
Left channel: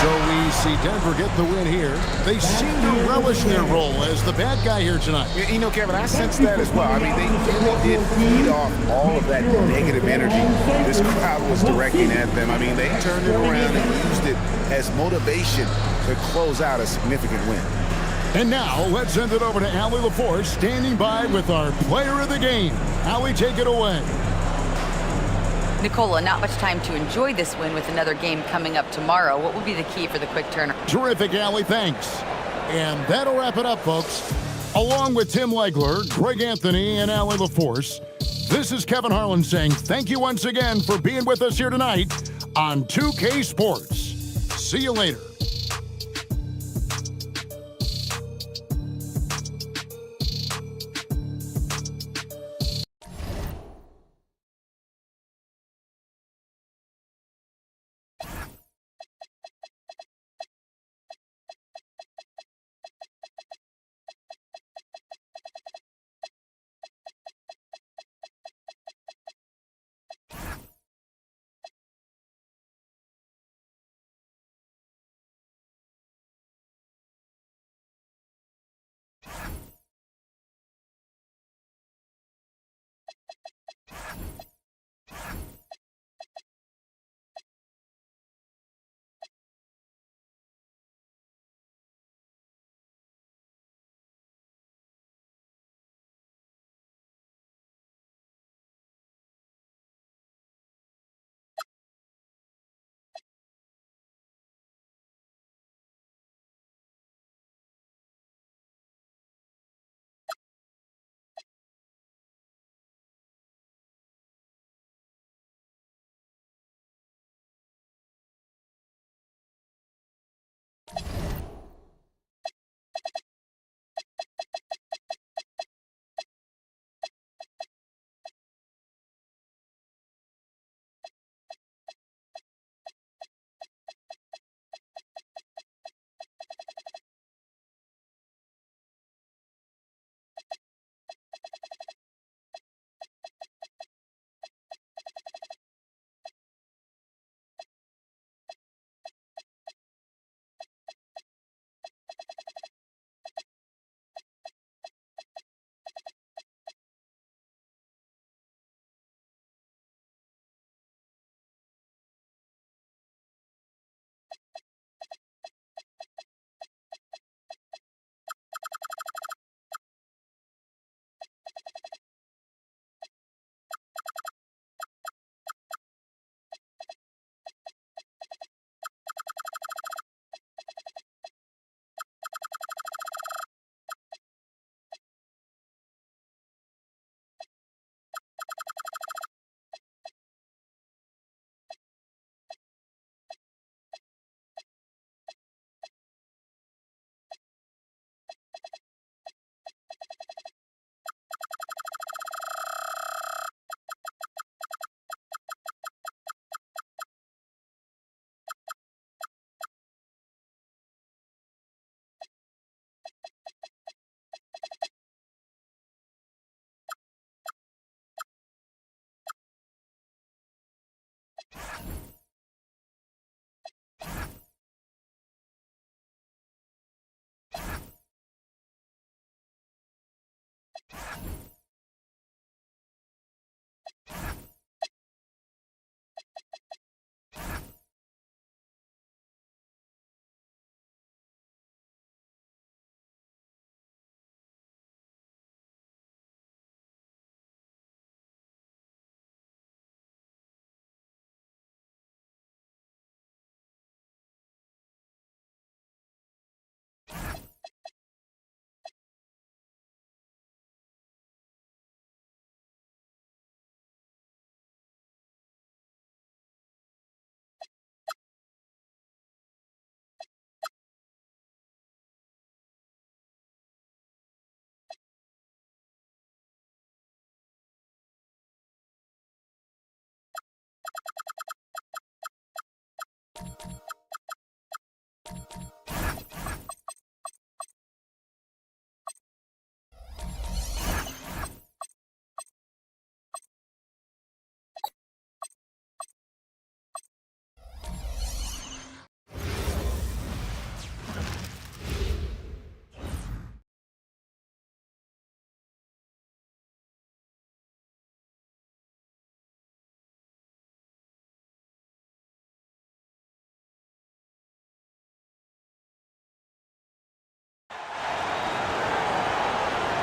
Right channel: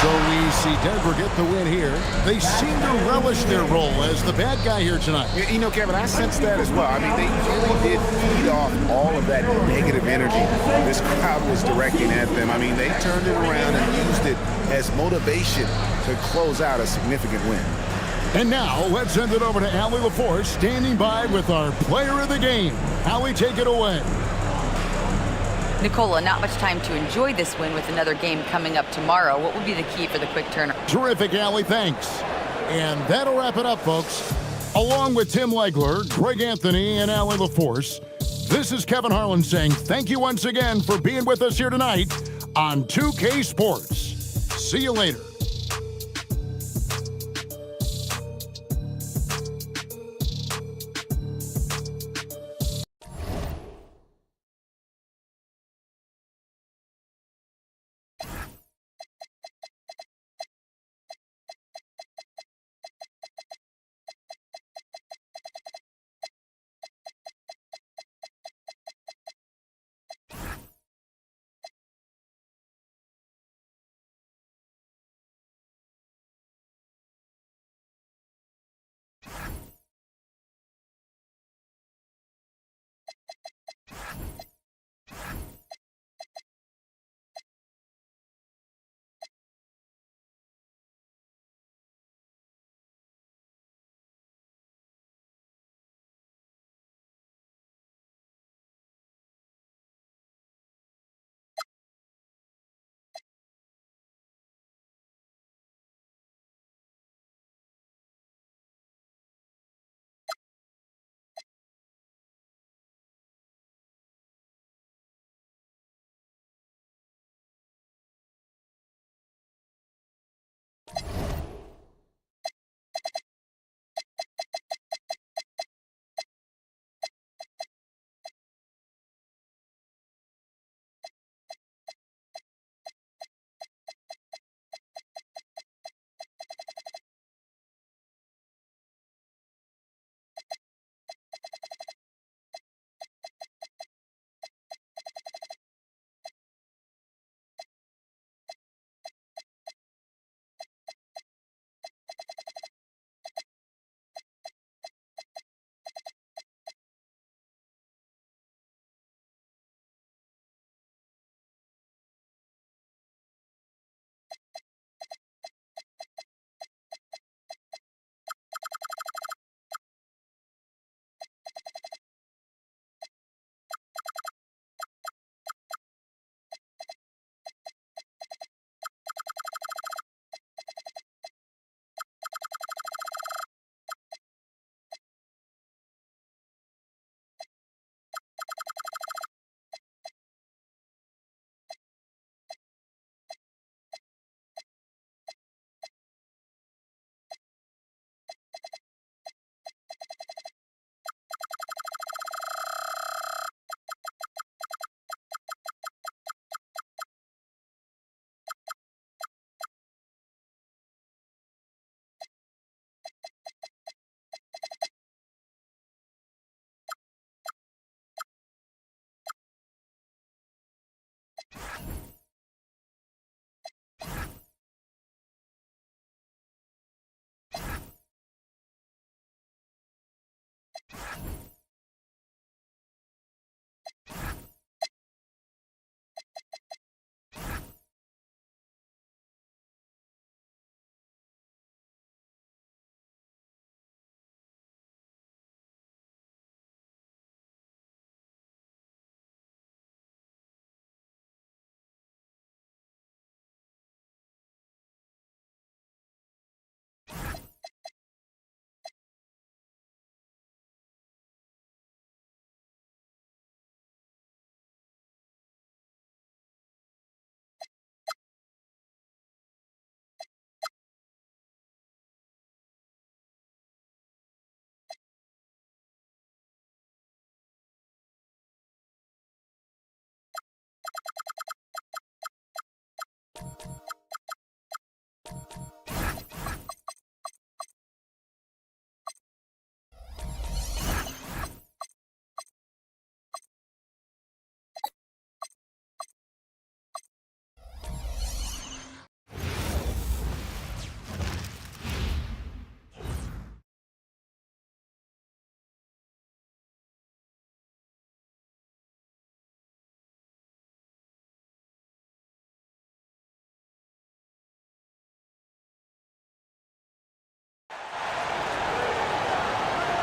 So we see Denver get the win here. They seem to relish their role as the bad guy here tonight. You know, Kevin, I sense that as well. I mean, they really did feed off all of that negative energy this crowd was directing at them. I mean, they turned it around and used it as motivation to close out a significant win. And now let's send it over to Allie LaForce, standing by with our player of the game. Allie, take it away. Nicola, not much time to enjoy this win with another game coming up tomorrow. What will be the key for the quick turnaround? Terrific, Allie. Thanks. And that'll wrap it up, folks. Along with Tim Legler, Greg Anthony, and Allie LaForce, this is Kevin Harlan saying thank you once again for being with us here tonight on 2K Sports. See you later.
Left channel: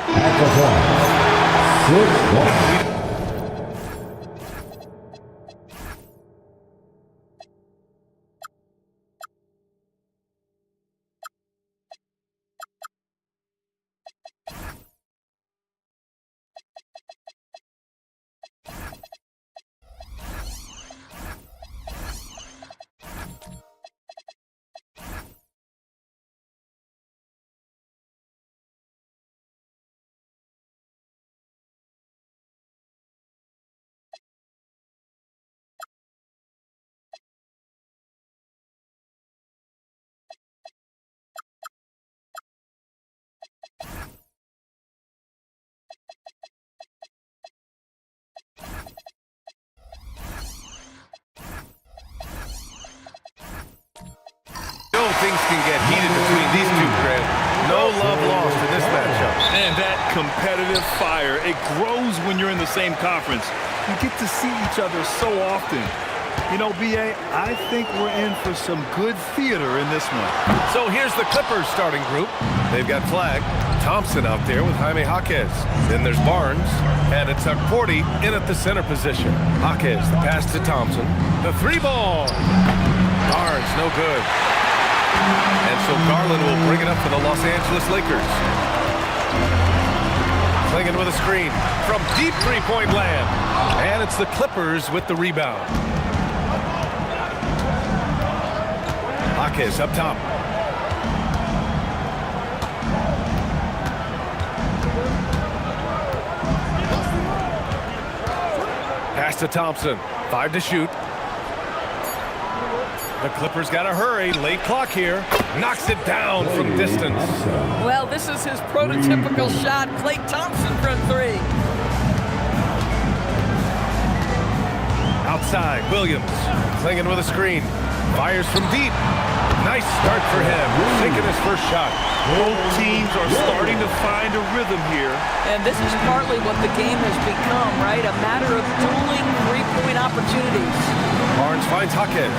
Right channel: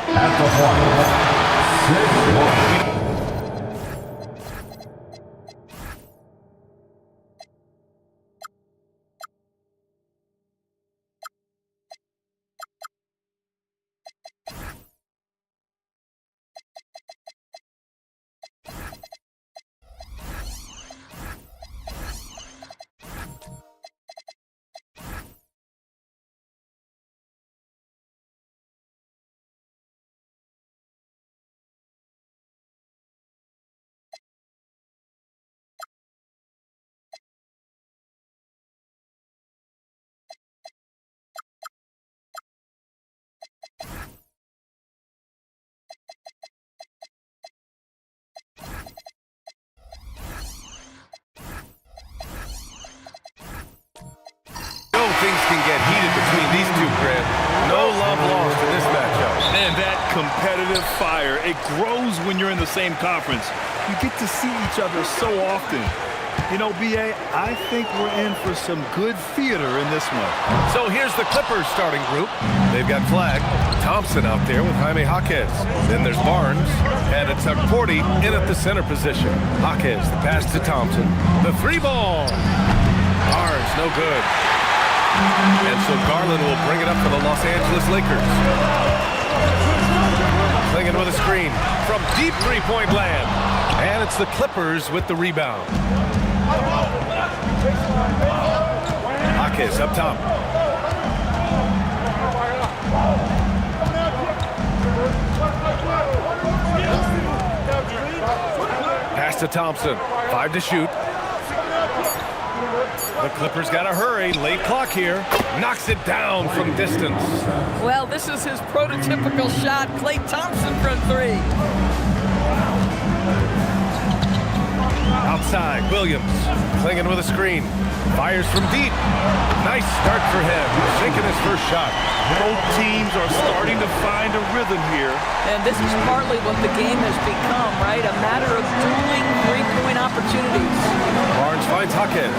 At the point, 6-1. Things can get heated between these two, Graham. No love lost in this matchup. And that competitive fire, it grows when you're in the same conference. You get to see each other so often. You know, B.A., I think we're in for some good theater in this one. So here's the Clippers starting group. They've got Flagg, Thompson out there with Jaime Jaquez. Then there's Barnes, and it's Porty in at the center position. Jaquez, the pass to Thompson. The three ball. Barnes, no good. And so Garland will bring it up for the Los Angeles Lakers. Slinging with a screen from deep three-point land. And it's the Clippers with the rebound. Jaquez up top. Pass to Thompson. 5 to shoot. The Clippers got to hurry. Late clock here. Knocks it down from distance. Well, this is his prototypical shot. Klay Thompson from 3. Outside, Williams. Clinging with a screen. Fires from deep. Nice start for him. Sinking his first shot. Both teams are starting to find a rhythm here. And this is partly what the game has become, right? A matter of dueling three-point opportunities. Barnes finds Jaquez.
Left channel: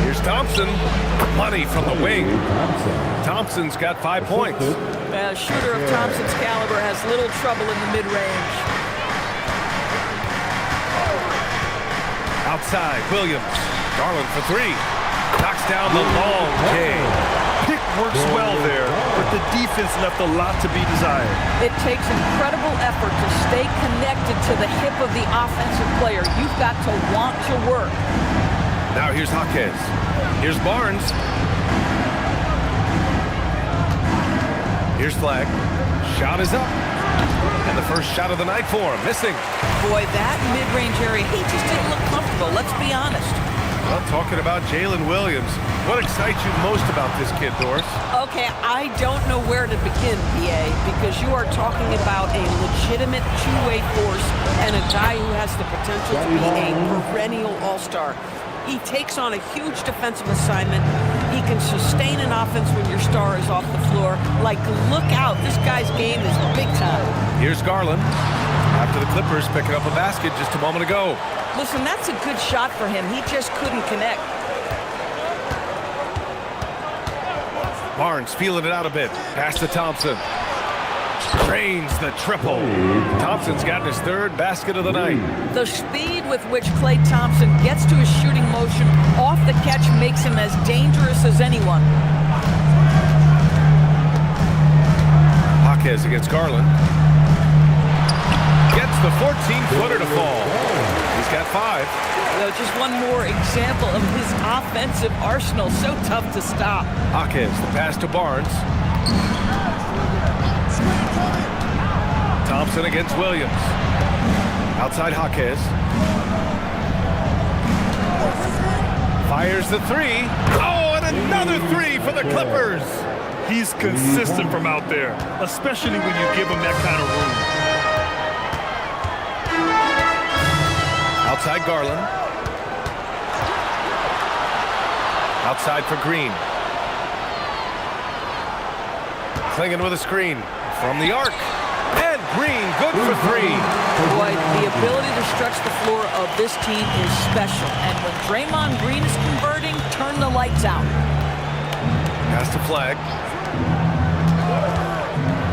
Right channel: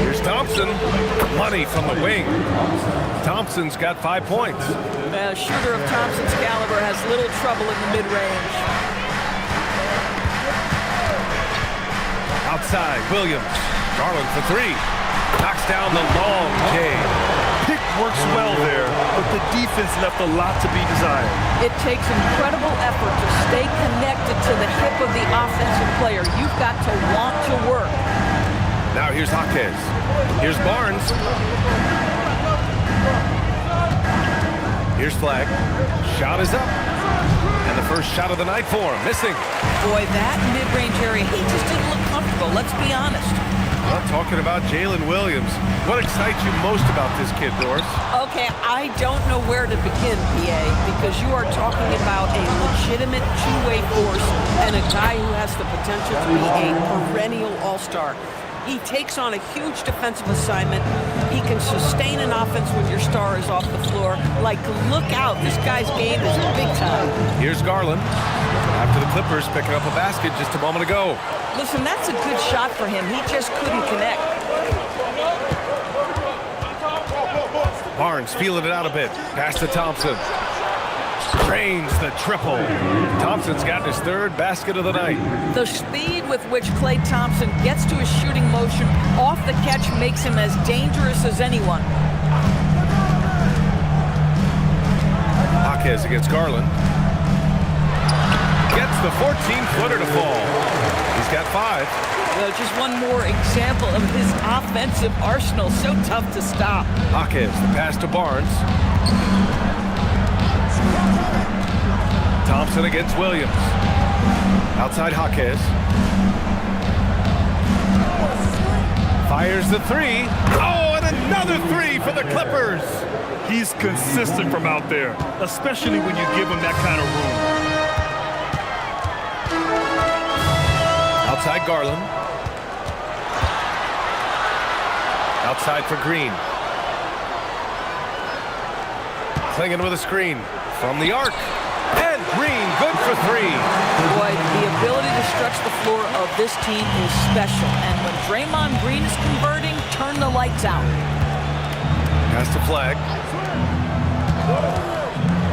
Here's Thompson. Money from the wing. Thompson's got 5 points. A shooter of Thompson's caliber has little trouble in the mid-range. Outside, Williams. Garland for 3. Knocks down the long J. Pick works well there, but the defense left a lot to be desired. It takes incredible effort to stay connected to the hip of the offensive player. You've got to want to work. Now here's Jaquez. Here's Barnes. Here's Flagg. Shot is up. And the first shot of the night for him. Missing. Boy, that mid-range area, he just didn't look comfortable. Let's be honest. Well, talking about Jalen Williams, what excites you most about this kid, Doris? Okay, I don't know where to begin, PA, because you are talking about a legitimate two-way force and a guy who has the potential to be a perennial all-star. He takes on a huge defensive assignment. He can sustain an offense when your star is off the floor. Like, look out. This guy's game is big time. Here's Garland. After the Clippers picking up a basket just a moment ago. Listen, that's a good shot for him. He just couldn't connect. Barnes feeling it out a bit. Pass to Thompson. Drains the triple. Thompson's gotten his 3rd basket of the night. The speed with which Klay Thompson gets to his shooting motion off the catch makes him as dangerous as anyone. Jaquez against Garland. Gets the 14-footer to fall. He's got 5. Well, just one more example of his offensive arsenal. So tough to stop. Jaquez, the pass to Barnes. Thompson against Williams. Outside Jaquez. Fires the 3. Oh, and another 3 for the Clippers. He's consistent from out there, especially when you give him that kind of room. Outside Garland. Outside for Green. Clinging with a screen from the arc. And Green, good for 3. Boy, the ability to stretch the floor of this team is special. And when Draymond Green is converting, turn the lights out. Pass to Flagg.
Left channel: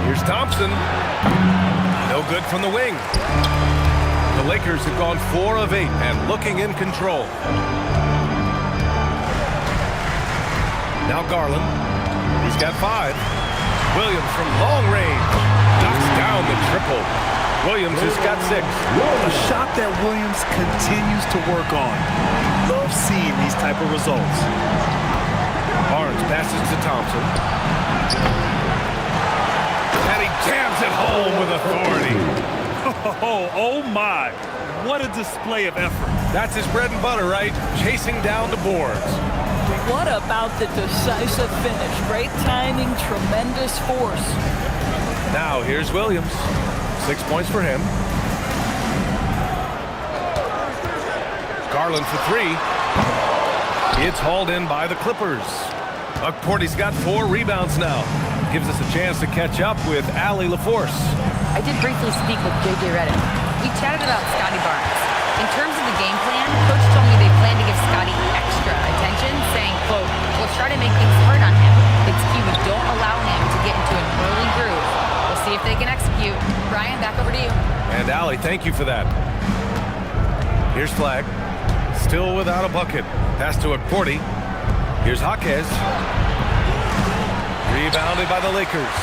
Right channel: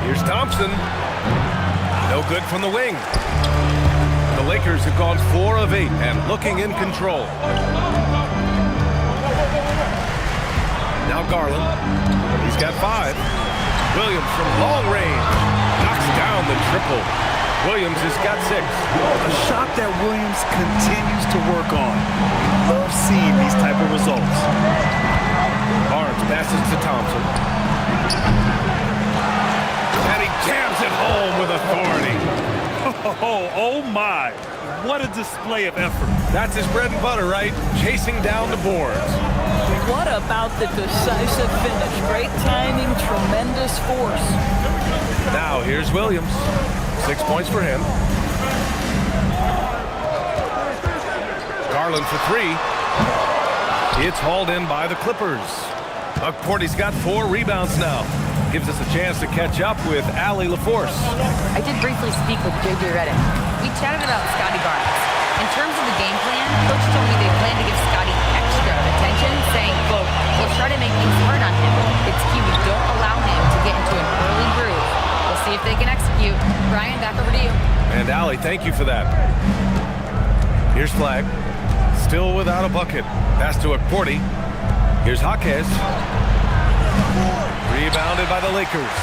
Here's Thompson. No good from the wing. The Lakers have gone 4 of 8 and looking in control. Now Garland. He's got 5. Williams from long range. Knocks down the triple. Williams has got 6. A shot that Williams continues to work on. You love seeing these type of results. Barnes passes to Thompson. And he jams it home with authority. Oh my. What a display of effort. That's his bread and butter, right? Chasing down the boards. What about the decisive finish? Great timing, tremendous force. Now here's Williams. 6 points for him. Garland for 3. It's hauled in by the Clippers. Porty's got 4 rebounds now. Gives us a chance to catch up with Allie LaForce. I did briefly speak with J.J. Redick. We chatted about Scotty Barnes. In terms of the game plan, Coach told me they plan to give Scotty extra attention, saying, quote, we'll try to make things hard on him. It's key we don't allow him to get into an early groove. We'll see if they can execute. Brian, back over to you. And Allie, thank you for that. Here's Flag. Still without a bucket. Pass to Porty. Here's Jaquez. Rebounded by the Lakers.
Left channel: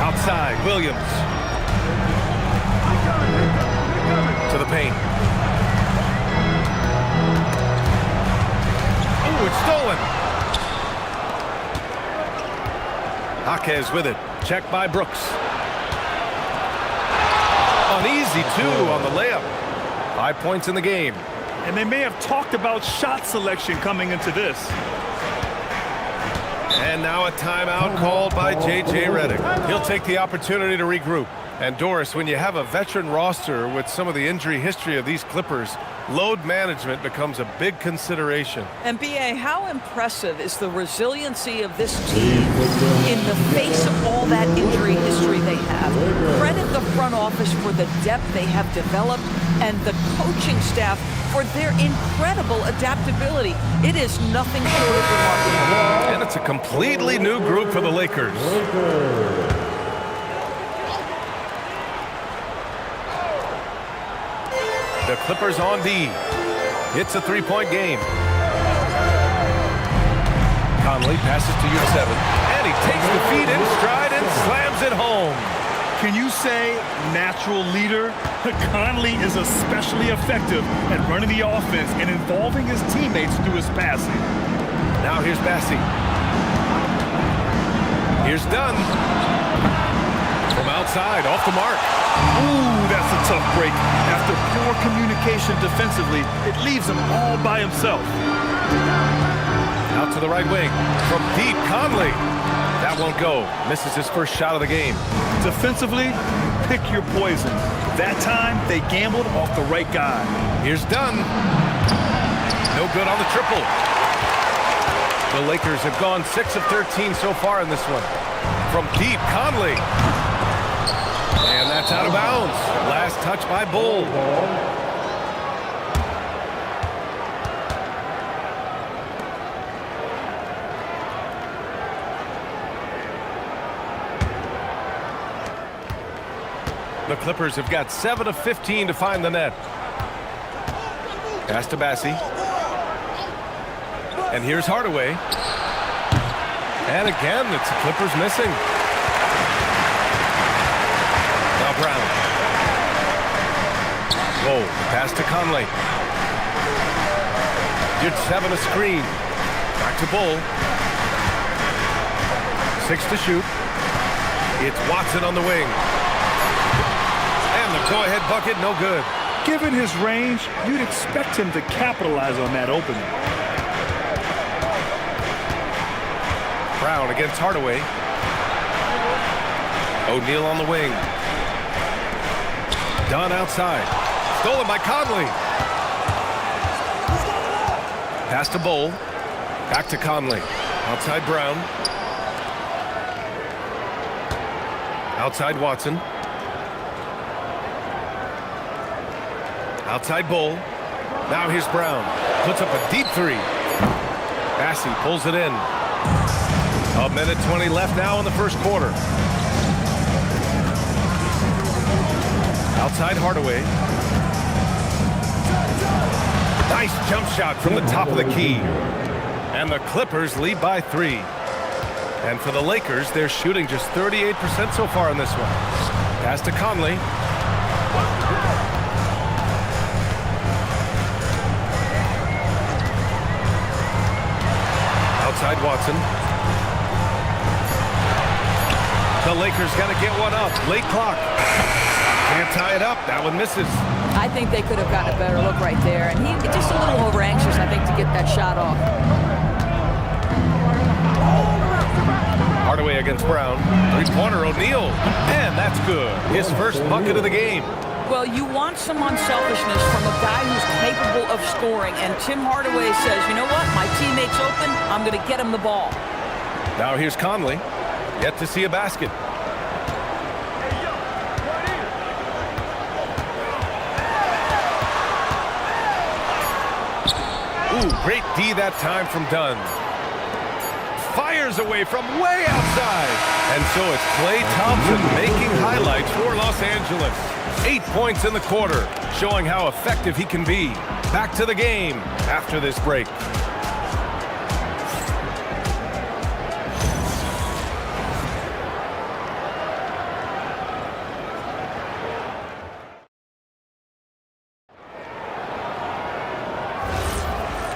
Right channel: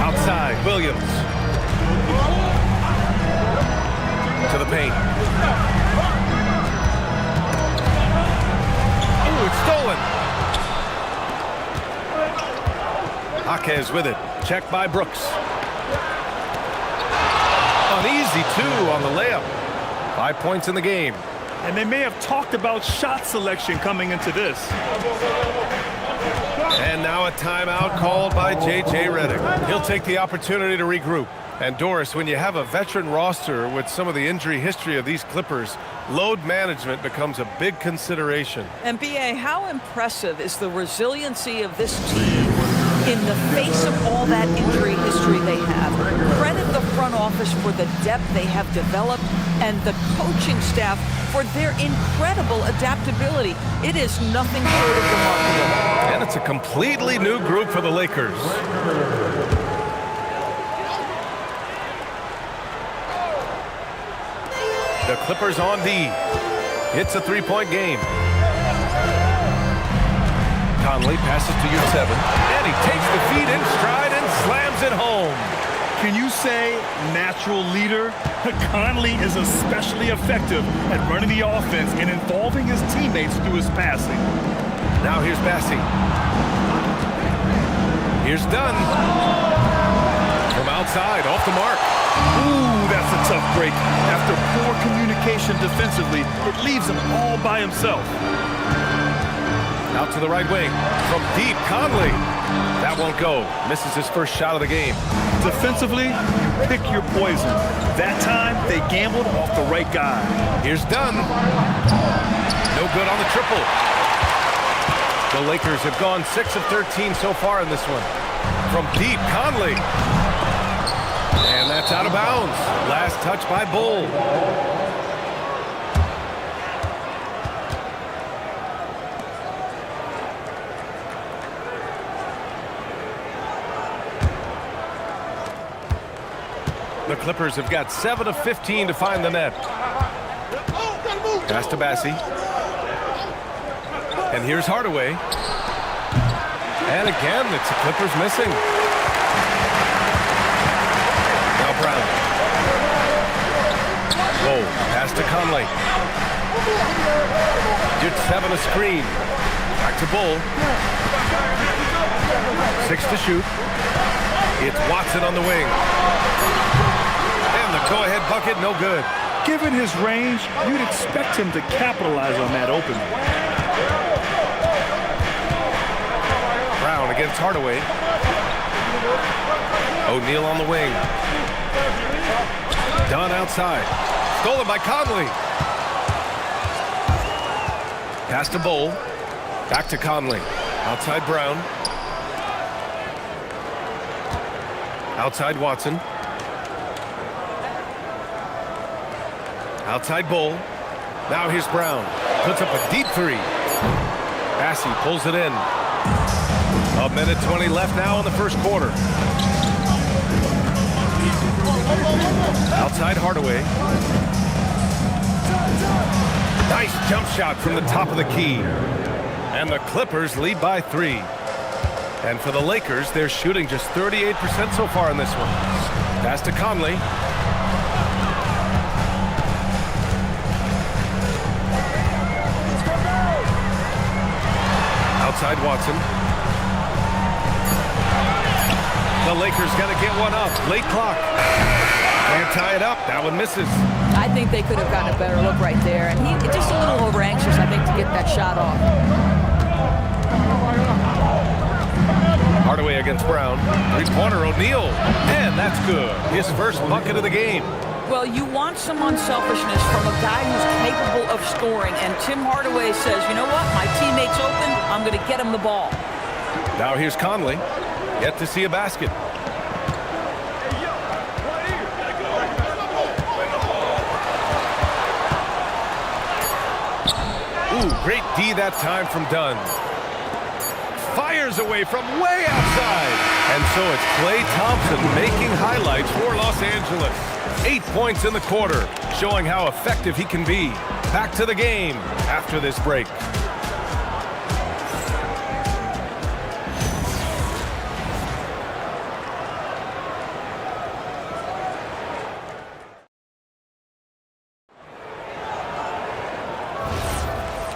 Outside, Williams. To the paint. Oh, it's stolen. Jaquez with it. Checked by Brooks. An easy 2 on the layup. 5 points in the game. And they may have talked about shot selection coming into this. And now a timeout called by J.J. Redick. He'll take the opportunity to regroup. And Doris, when you have a veteran roster with some of the injury history of these Clippers, load management becomes a big consideration. And B.A., how impressive is the resiliency of this team in the face of all that injury history they have? Credit the front office for the depth they have developed and the coaching staff for their incredible adaptability. It is nothing short of remarkable. And it's a completely new group for the Lakers. The Clippers on D. It's a 3-point game. Conley passes to Yurtseven, and he takes the feed in stride and slams it home. Can you say natural leader? Conley is especially effective at running the offense and involving his teammates through his passing. Now here's Bassi. Here's Dunn. From outside, off the mark. Ooh, that's a tough break. After poor communication defensively, it leaves him all by himself. Out to the right wing. From deep, Conley. That won't go. Misses his first shot of the game. Defensively, you pick your poison. That time, they gambled off the right guy. Here's Dunn. No good on the triple. The Lakers have gone 6 of 13 so far in this one. From deep, Conley. And that's out of bounds. Last touch by Bull. The Clippers have got 7 of 15 to find the net. Pass to Bassi. And here's Hardaway. And again, it's the Clippers missing. Now Brown. Whoa, pass to Conley. Yurtseven a screen. Back to Bull. 6 to shoot. It's Watson on the wing. And the go-ahead bucket, no good. Given his range, you'd expect him to capitalize on that opening. Brown against Hardaway. O'Neal on the wing. Dunn outside. Stolen by Conley. Pass to Bull. Back to Conley. Outside Brown. Outside Watson. Outside Bull. Now here's Brown. Puts up a deep 3. Bassi pulls it in. 1:20 left now in the first quarter. Outside Hardaway. Nice jump shot from the top of the key. And the Clippers lead by 3. And for the Lakers, they're shooting just 38% so far in this one. Pass to Conley. Outside Watson. The Lakers got to get one up. Late clock. Can't tie it up. That one misses. I think they could have gotten a better look right there. And he just a little over anxious, I think, to get that shot off. Hardaway against Brown. Three-pointer, O'Neal. And that's good. His first bucket of the game. Well, you want some unselfishness from a guy who's capable of scoring. And Tim Hardaway says, you know what? My teammate's open. I'm going to get him the ball. Now here's Conley. Yet to see a basket. Ooh, great D that time from Dunn. Fires away from way outside. And so it's Klay Thompson making highlights for Los Angeles. 8 points in the quarter, showing how effective he can be. Back to the game after this break.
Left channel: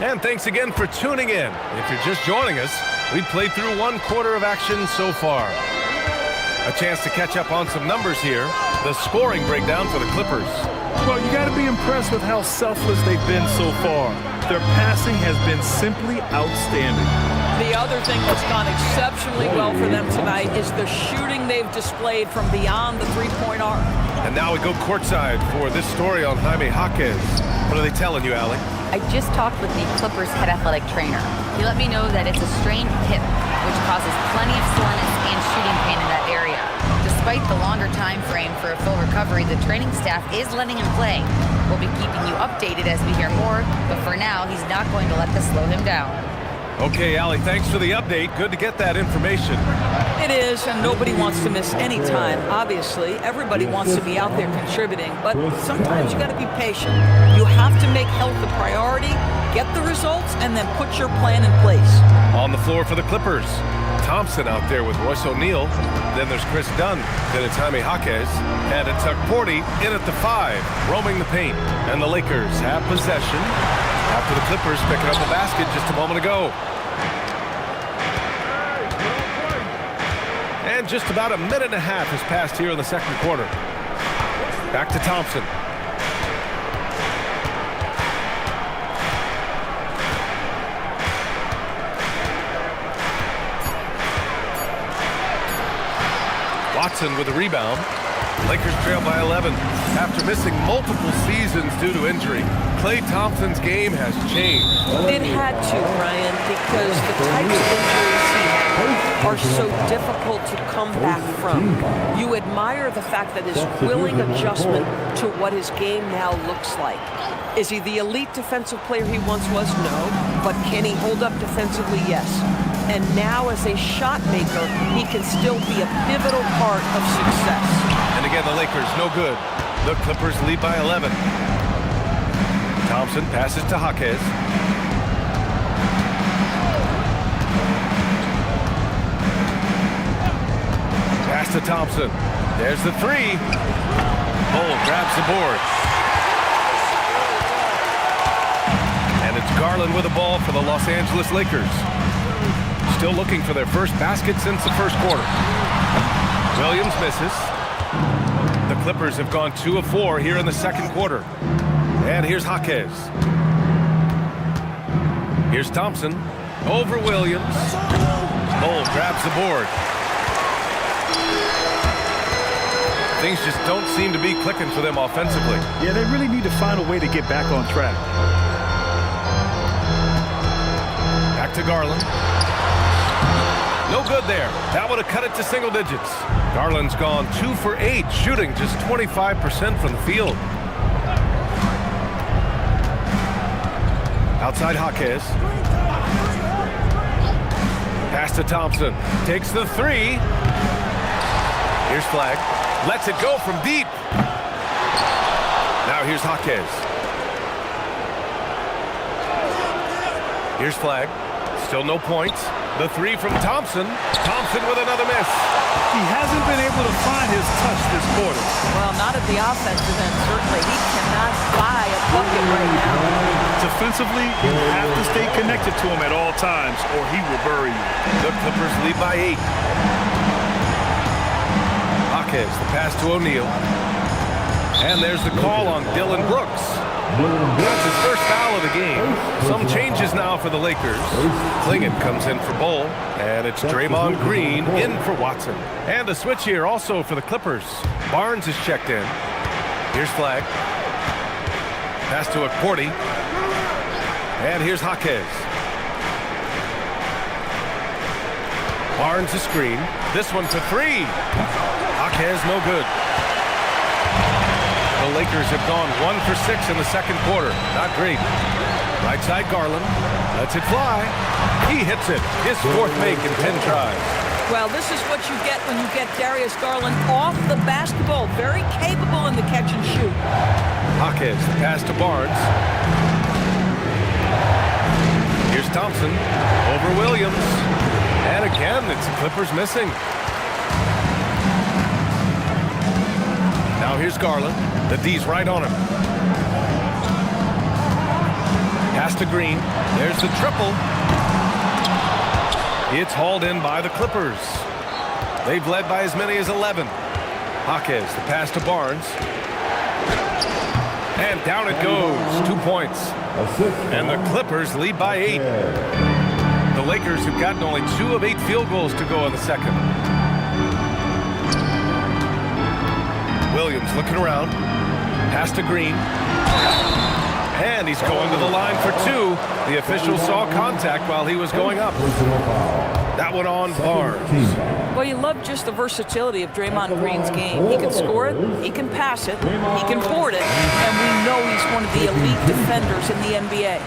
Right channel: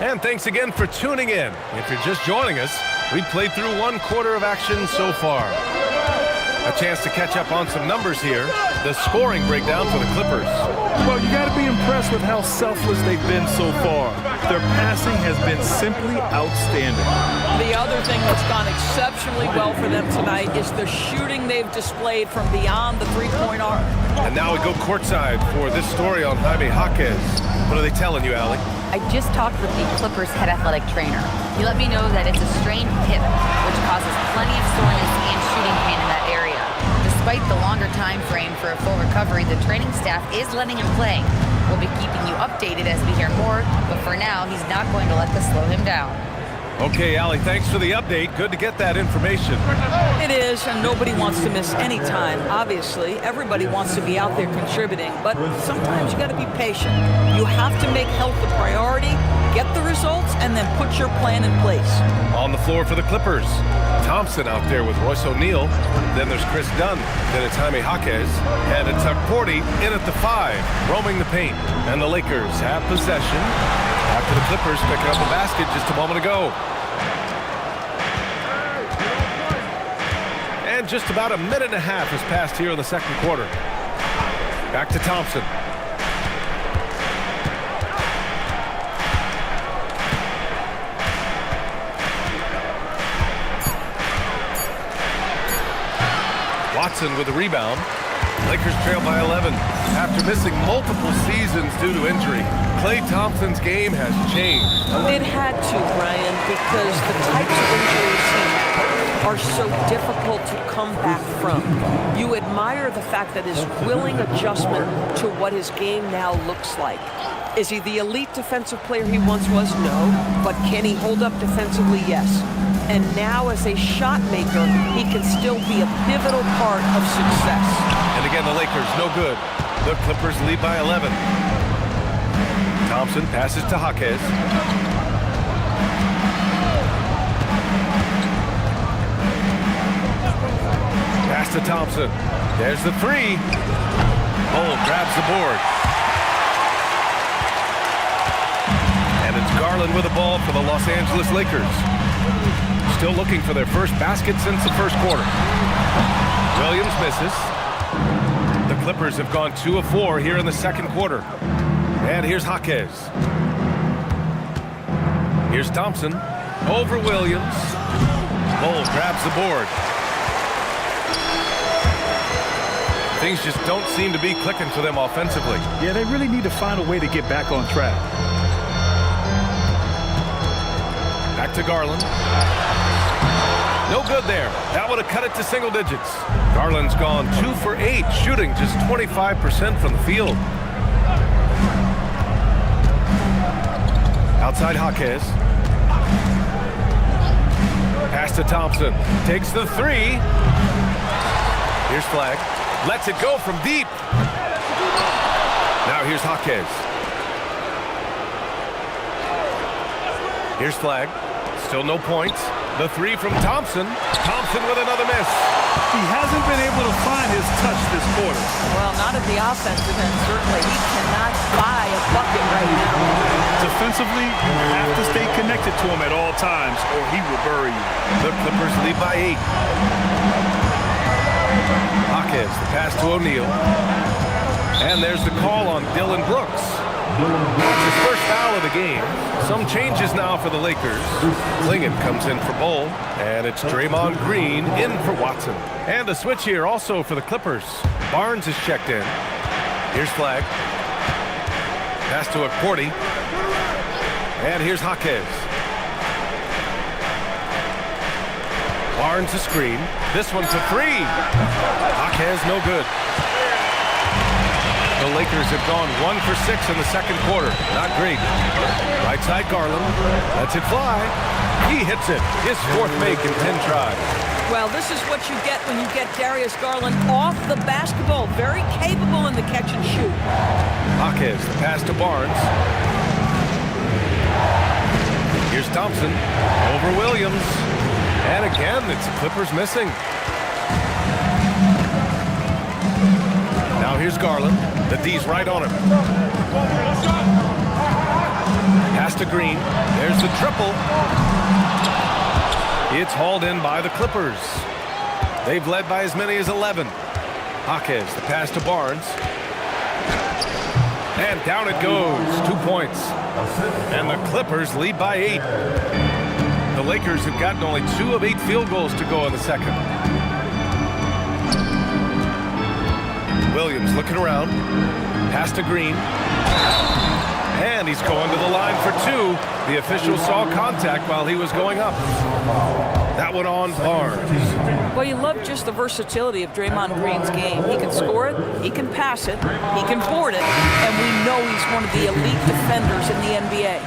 And thanks again for tuning in. If you're just joining us, we've played through 1 quarter of action so far. A chance to catch up on some numbers here. The scoring breakdown for the Clippers. Well, you got to be impressed with how selfless they've been so far. Their passing has been simply outstanding. The other thing that's gone exceptionally well for them tonight is the shooting they've displayed from beyond the three-point arc. And now we go courtside for this story on Jaime Jaquez. What are they telling you, Allie? I just talked with the Clippers head athletic trainer. He let me know that it's a strained hip, which causes plenty of soreness and shooting pain in that area. Despite the longer time frame for a full recovery, the training staff is letting him play. We'll be keeping you updated as we hear more, but for now, he's not going to let this slow him down. Okay, Allie, thanks for the update. Good to get that information. It is, and nobody wants to miss any time. Obviously, everybody wants to be out there contributing, but sometimes you got to be patient. You have to make health a priority, get the results, and then put your plan in place. On the floor for the Clippers, Thompson out there with Royce O'Neal. Then there's Chris Dunn. Then it's Jaime Jaquez. And it's Porty in at the 5, roaming the paint. And the Lakers have possession after the Clippers picking up a basket just a moment ago. And just about a minute and a half has passed here in the second quarter. Back to Thompson. Watson with the rebound. Lakers trail by 11. After missing multiple seasons due to injury, Klay Thompson's game has changed. It had to, Brian, because the types of injuries he had are so difficult to come back from. You admire the fact that his willing adjustment to what his game now looks like. Is he the elite defensive player he once was? No. But can he hold up defensively? Yes. And now as a shot maker, he can still be a pivotal part of success. And again, the Lakers no good. The Clippers lead by 11. Thompson passes to Jaquez. Pass to Thompson. There's the 3. Bull grabs the board. And it's Garland with the ball for the Los Angeles Lakers. Still looking for their first basket since the first quarter. Williams misses. The Clippers have gone 2 of 4 here in the second quarter. And here's Jaquez. Here's Thompson. Over Williams. Bull grabs the board. Things just don't seem to be clicking for them offensively. Yeah, they really need to find a way to get back on track. Back to Garland. No good there. That would have cut it to single digits. Garland's gone 2 for 8, shooting just 25% from the field. Outside Jaquez. Pass to Thompson. Takes the 3. Here's Flag. Lets it go from deep. Now here's Jaquez. Here's Flag. Still no points. The 3 from Thompson. Thompson with another miss. He hasn't been able to find his touch this quarter. Well, not at the offensive end, certainly. He cannot buy a bucket right now. Defensively, you have to stay connected to him at all times, or he will bury you. The Clippers lead by 8. Jaquez, the pass to O'Neal. And there's the call on Dylan Brooks. That's his first foul of the game. Some changes now for the Lakers. Klingon comes in for Bull, and it's Draymond Green in for Watson. And a switch here also for the Clippers. Barnes is checked in. Here's Flag. Pass to Akordi. And here's Jaquez. Barnes a screen. This one for three. Jaquez no good. The Lakers have gone 1 for 6 in the second quarter. Not great. Right side Garland. Lets it fly. He hits it. His fourth make in 10 tries. Well, this is what you get when you get Darius Garland off the basketball. Very capable in the catch and shoot. Jaquez, the pass to Barnes. Here's Thompson. Over Williams. And again, it's the Clippers missing. Now here's Garland. The D's right on him. Pass to Green. There's the triple. It's hauled in by the Clippers. They've led by as many as 11. Jaquez, the pass to Barnes. And down it goes. 2 points. And the Clippers lead by 8. The Lakers have gotten only 2 of 8 field goals to go in the second. Williams looking around. Pass to Green. And he's going to the line for 2. The official saw contact while he was going up. That one on Barnes. Well, you love just the versatility of Draymond Green's game. He can score it, he can pass it, he can board it, and we know he's one of the elite defenders in the NBA.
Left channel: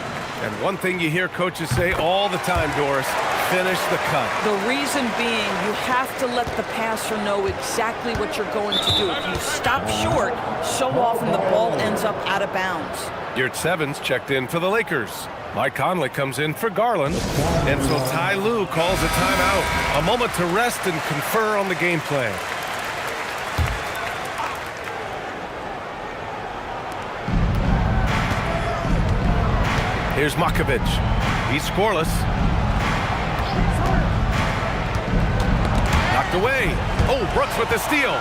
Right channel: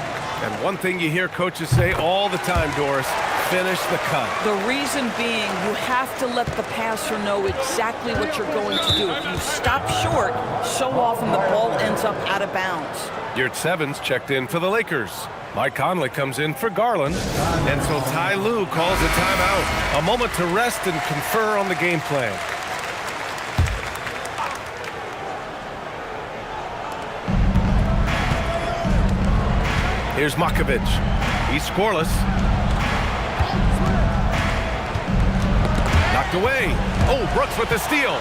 And one thing you hear coaches say all the time, Doris, finish the cut. The reason being, you have to let the passer know exactly what you're going to do. If you stop short, so often the ball ends up out of bounds. Yurtseven's checked in for the Lakers. Mike Conley comes in for Garland. And so Ty Lue calls a timeout. A moment to rest and confer on the game plan. Here's Makovic. He's scoreless. Knocked away. Oh, Brooks with the steal.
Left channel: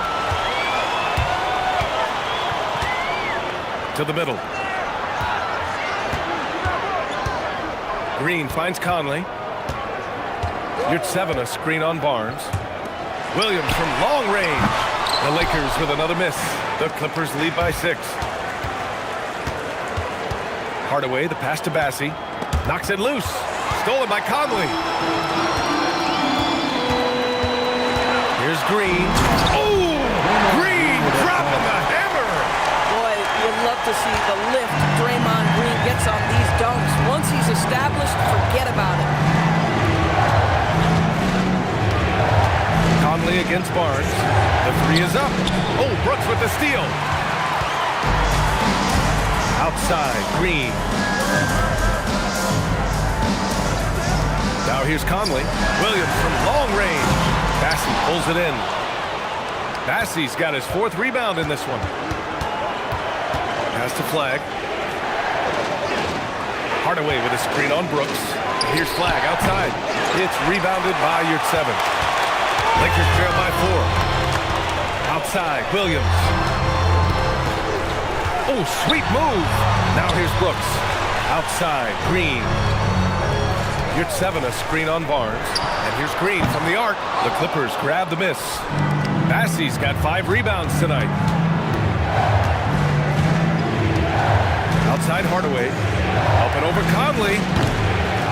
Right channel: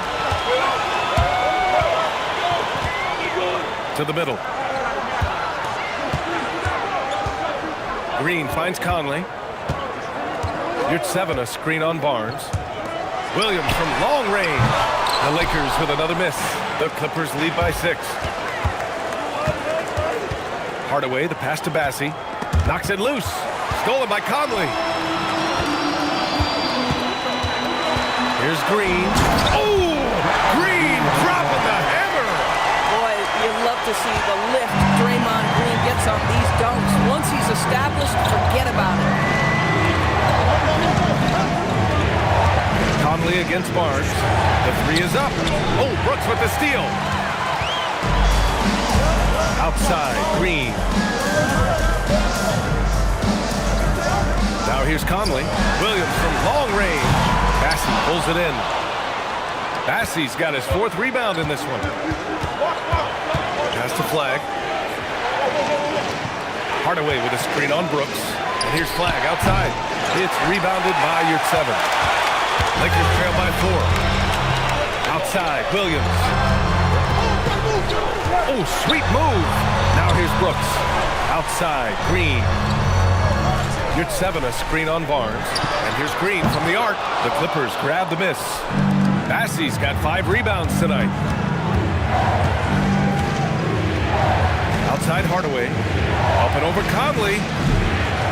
To the middle. Green finds Conley. Yurtseven, a screen on Barnes. Williams from long range. The Lakers with another miss. The Clippers lead by 6. Hardaway, the pass to Bassie. Knocks it loose. Stolen by Conley. Here's Green. Oh! Green dropping the hammer! Boy, you love to see the lift Draymond Green gets on these dunks. Once he's established, forget about it. Conley against Barnes. The 3 is up. Oh, Brooks with the steal. Outside, Green. Now here's Conley. Williams from long range. Bassie pulls it in. Bassie's got his 4th rebound in this one. Pass to Flag. Hardaway with a screen on Brooks. And here's Flag outside. It's rebounded by Yurtseven. Lakers trail by 4. Outside, Williams. Oh, sweet move. Now here's Brooks. Outside, Green. Yurtseven, a screen on Barnes. And here's Green from the arc. The Clippers grab the miss. Bassie's got 5 rebounds tonight. Outside Hardaway. Up and over Conley.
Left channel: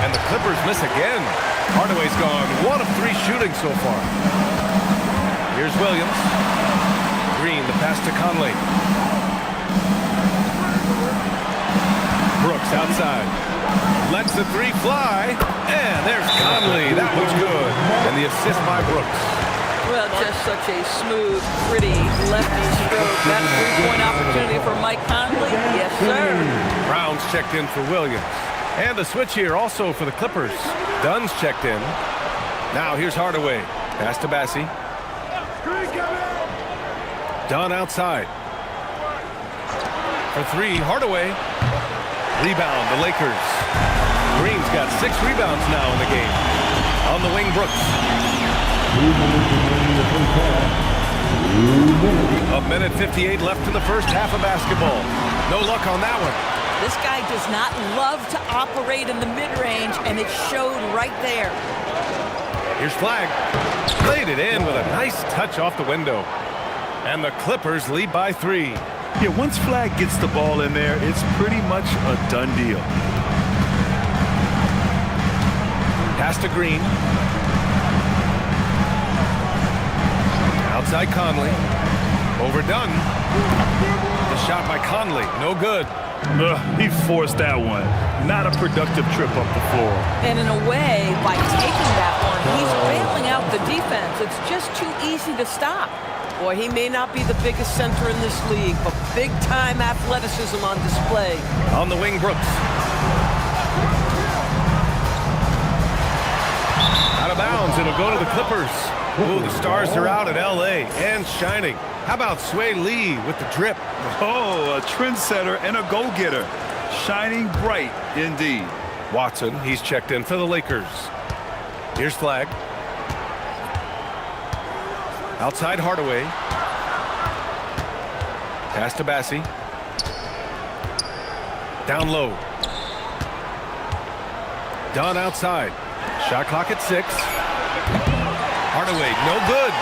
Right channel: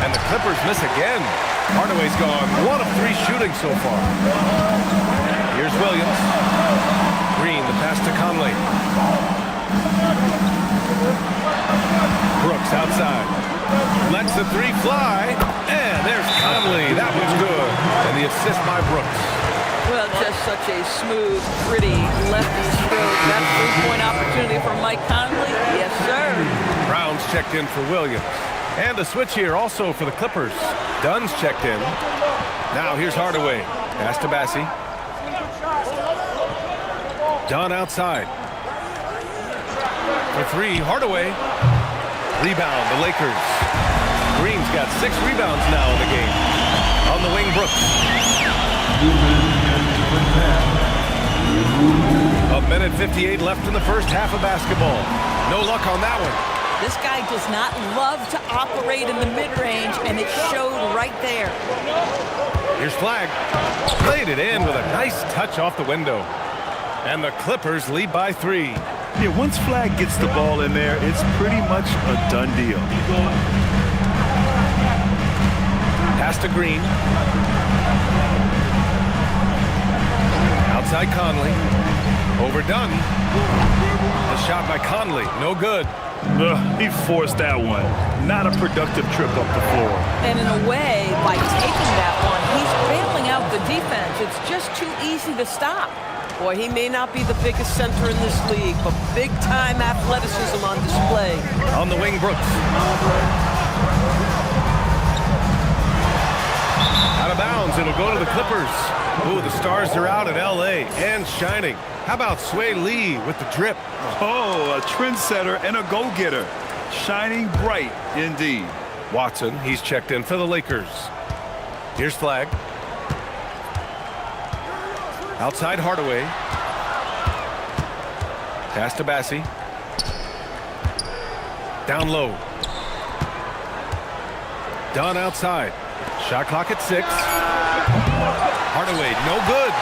And the Clippers miss again. Hardaway's gone 1 of 3 shooting so far. Here's Williams. Green, the pass to Conley. Brooks outside. Lets the 3 fly. And there's Conley. That one's good. And the assist by Brooks. Well, just such a smooth, pretty lefty stroke. That 3-point opportunity for Mike Conley? Yes, sir. Brown's checked in for Williams. And a switch here also for the Clippers. Dunn's checked in. Now here's Hardaway. Pass to Bassie. Dunn outside. For 3, Hardaway. Rebound, the Lakers. Green's got 6 rebounds now in the game. On the wing, Brooks. A minute 58 left in the first half of basketball. No luck on that one. This guy does not love to operate in the mid-range, and it showed right there. Here's Flagg. Played it in with a nice touch off the window. And the Clippers lead by 3. Yeah, once Flagg gets the ball in there, it's pretty much a done deal. Pass to Green. Outside Conley. Overdone. The shot by Conley. No good. He forced that one. Not a productive trip up the floor. And in a way, by taking that one, he's bailing out the defense. It's just too easy to stop. Boy, he may not be the biggest center in this league, but big-time athleticism on display. On the wing, Brooks. Out of bounds. It'll go to the Clippers. Ooh, the Stars are out at L.A. and shining. How about Sway Lee with the drip? Oh, a trendsetter and a go-getter. Shining bright indeed. Watson, he's checked in for the Lakers. Here's Flagg. Outside Hardaway. Pass to Bassie. Down low. Dunn outside. Shot clock at 6. Hardaway, no good.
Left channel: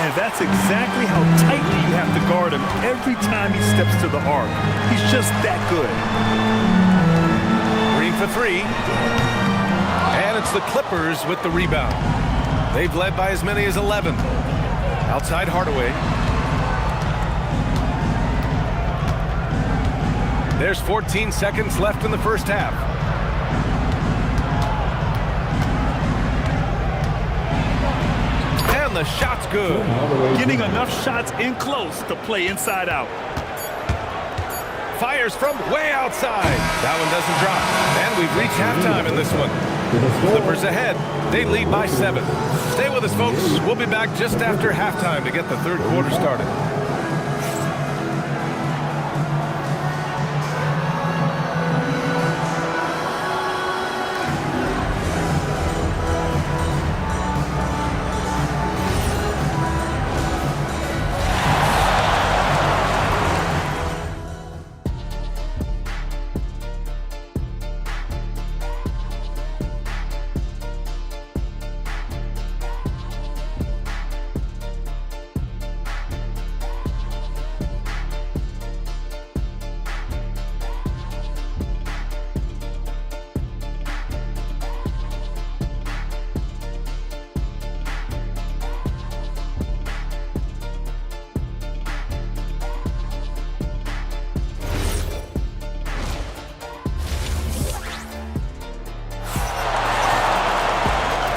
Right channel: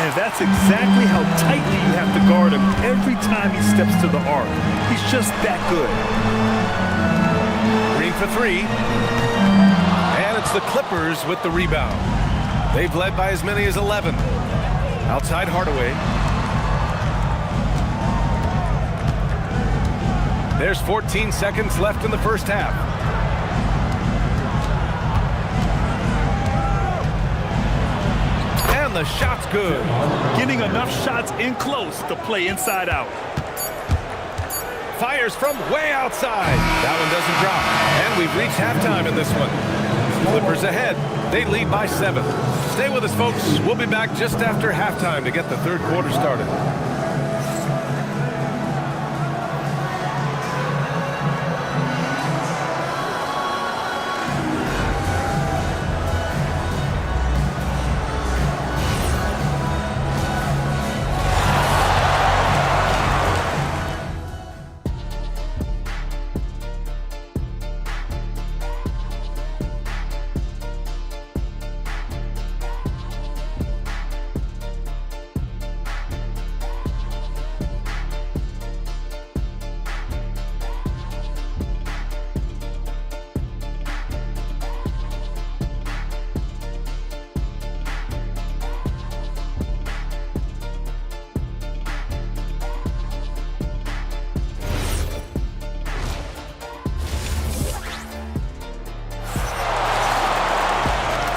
And that's exactly how tightly you have to guard him every time he steps to the arc. He's just that good. Green for 3. And it's the Clippers with the rebound. They've led by as many as 11. Outside Hardaway. There's 14 seconds left in the first half. And the shot's good. Getting enough shots in close to play inside out. Fires from way outside. That one doesn't drop. And we've reached halftime in this one. Clippers ahead. They lead by 7. Stay with us, folks. We'll be back just after halftime to get the third quarter started.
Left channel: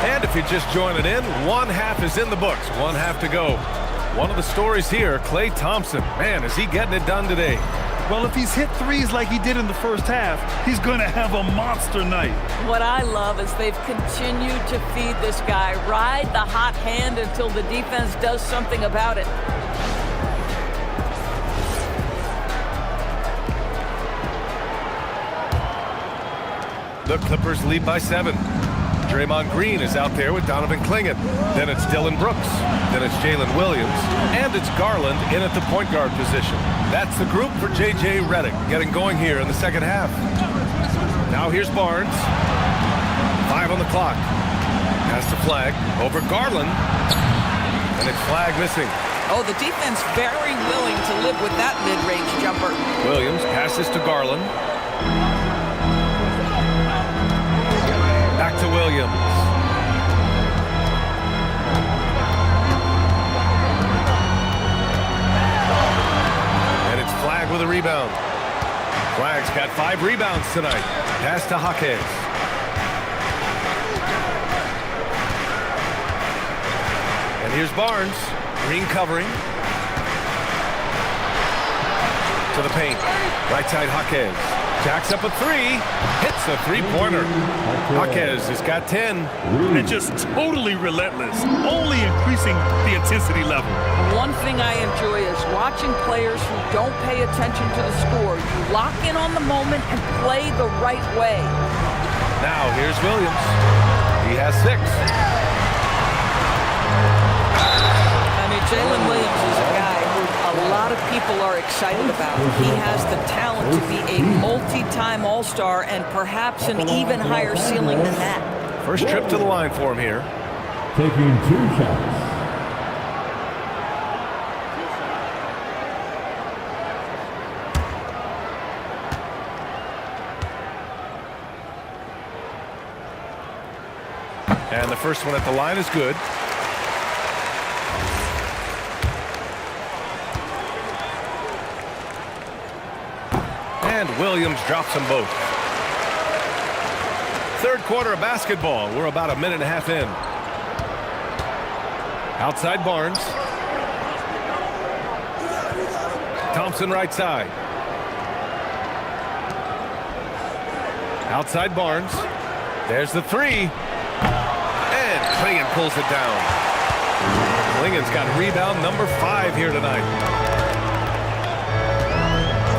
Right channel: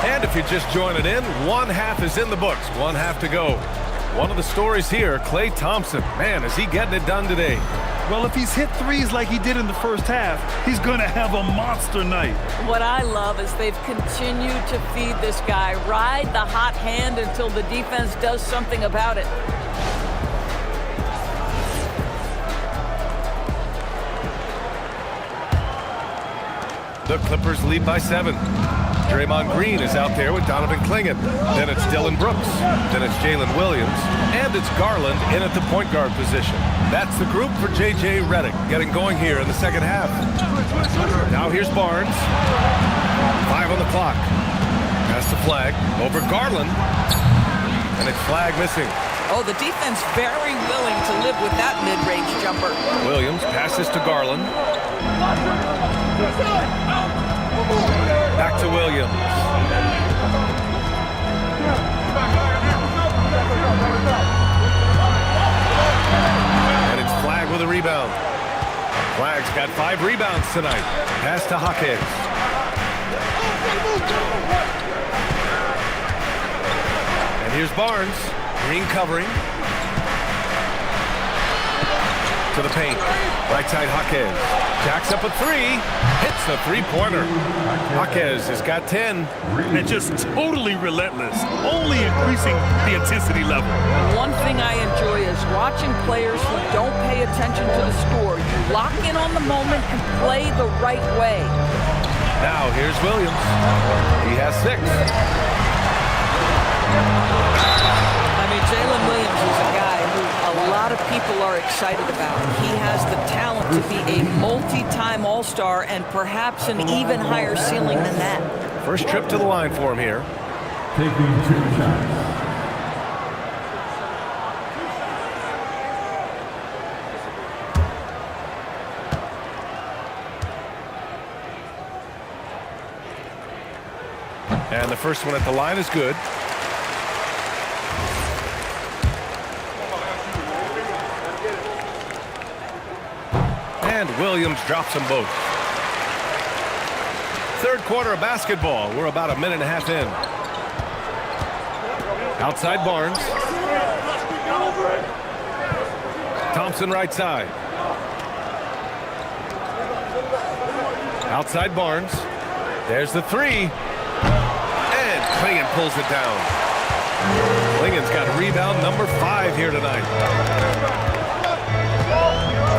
And if you're just joining in, one half is in the books, one half to go. One of the stories here, Klay Thompson. Man, is he getting it done today? Well, if he's hit threes like he did in the first half, he's going to have a monster night. What I love is they've continued to feed this guy, ride the hot hand until the defense does something about it. The Clippers lead by 7. Draymond Green is out there with Donovan Clingan. Then it's Dylan Brooks. Then it's Jalen Williams. And it's Garland in at the point guard position. That's the group for J.J. Redick getting going here in the second half. Now here's Barnes. 5 on the clock. Pass to Flagg. Over Garland. And it's Flagg missing. Oh, the defense very willing to live with that mid-range jumper. Williams passes to Garland. Back to Williams. And it's Flagg with a rebound. Flagg's got 5 rebounds tonight. Pass to Jaquez. And here's Barnes. Green covering. To the paint. Right side Jaquez. Jacks up a 3. Hits the three-pointer. Jaquez has got 10. And just totally relentless. Only increasing the intensity level. One thing I enjoy is watching players who don't pay attention to the score. You lock in on the moment and play the right way. Now here's Williams. He has 6. I mean, Jalen Williams is a guy who a lot of people are excited about. He has the talent to be a multi-time All-Star and perhaps an even higher ceiling than that. First trip to the line for him here. Taking 2 shots. And the first one at the line is good. And Williams drops them both. Third quarter of basketball. We're about a minute and a half in. Outside Barnes. Thompson right side. Outside Barnes. There's the three. And Clingan pulls it down. Clingan's got rebound number 5 here tonight.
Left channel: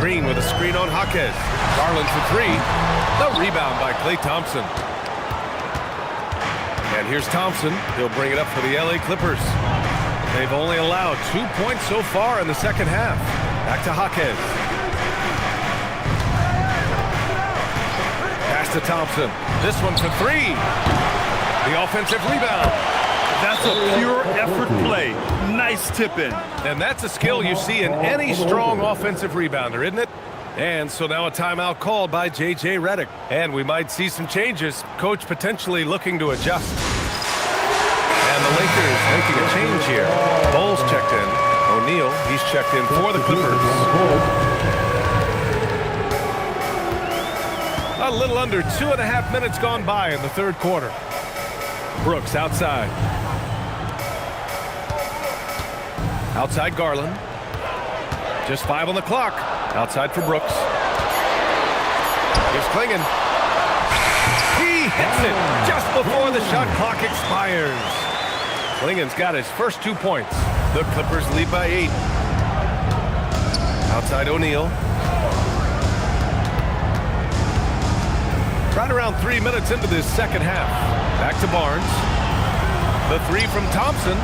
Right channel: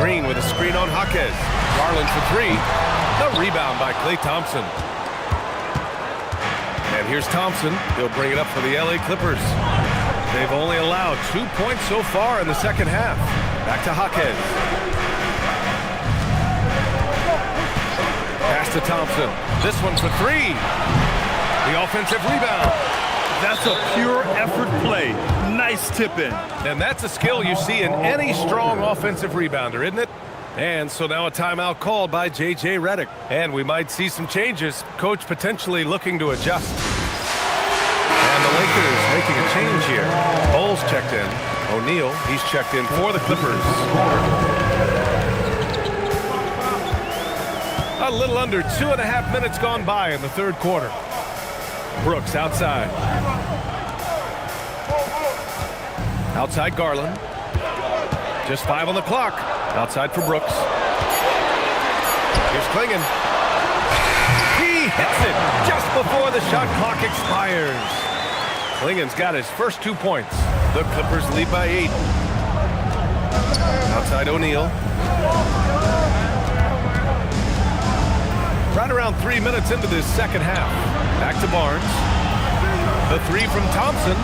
Green with a screen on Jaquez. Garland for 3. The rebound by Klay Thompson. And here's Thompson. He'll bring it up for the LA Clippers. They've only allowed 2 points so far in the second half. Back to Jaquez. Pass to Thompson. This one for 3. The offensive rebound. That's a pure effort play. Nice tip in. And that's a skill you see in any strong offensive rebounder, isn't it? And so now a timeout called by J.J. Redick. And we might see some changes. Coach potentially looking to adjust. And the Lakers making a change here. Bowles checked in. O'Neal, he's checked in for the Clippers. A little under 2.5 minutes gone by in the third quarter. Brooks outside. Outside Garland. Just 5 on the clock. Outside for Brooks. Here's Clingan. He hits it just before the shot clock expires. Clingan's got his first 2 points. The Clippers lead by 8. Outside O'Neal. Right around 3 minutes into this second half. Back to Barnes. The 3 from Thompson.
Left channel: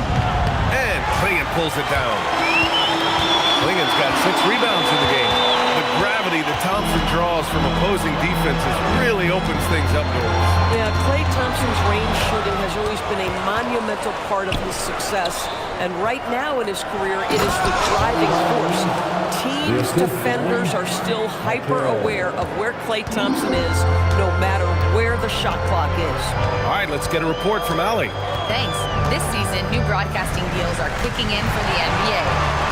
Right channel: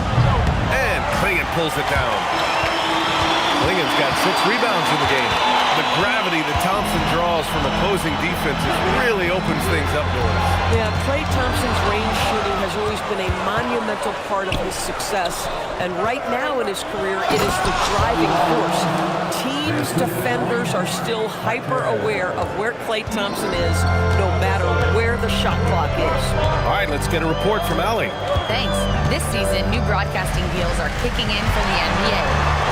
And Clingan pulls it down. Clingan's got 6 rebounds in the game. The gravity that Thompson draws from opposing defenses really opens things up, Doris. Yeah, Klay Thompson's range shooting has always been a monumental part of his success. And right now in his career, it is the driving force. Teams' defenders are still hyper-aware of where Klay Thompson is, no matter where the shot clock is. All right, let's get a report from Allie. Thanks. This season, new broadcasting deals are kicking in for the NBA.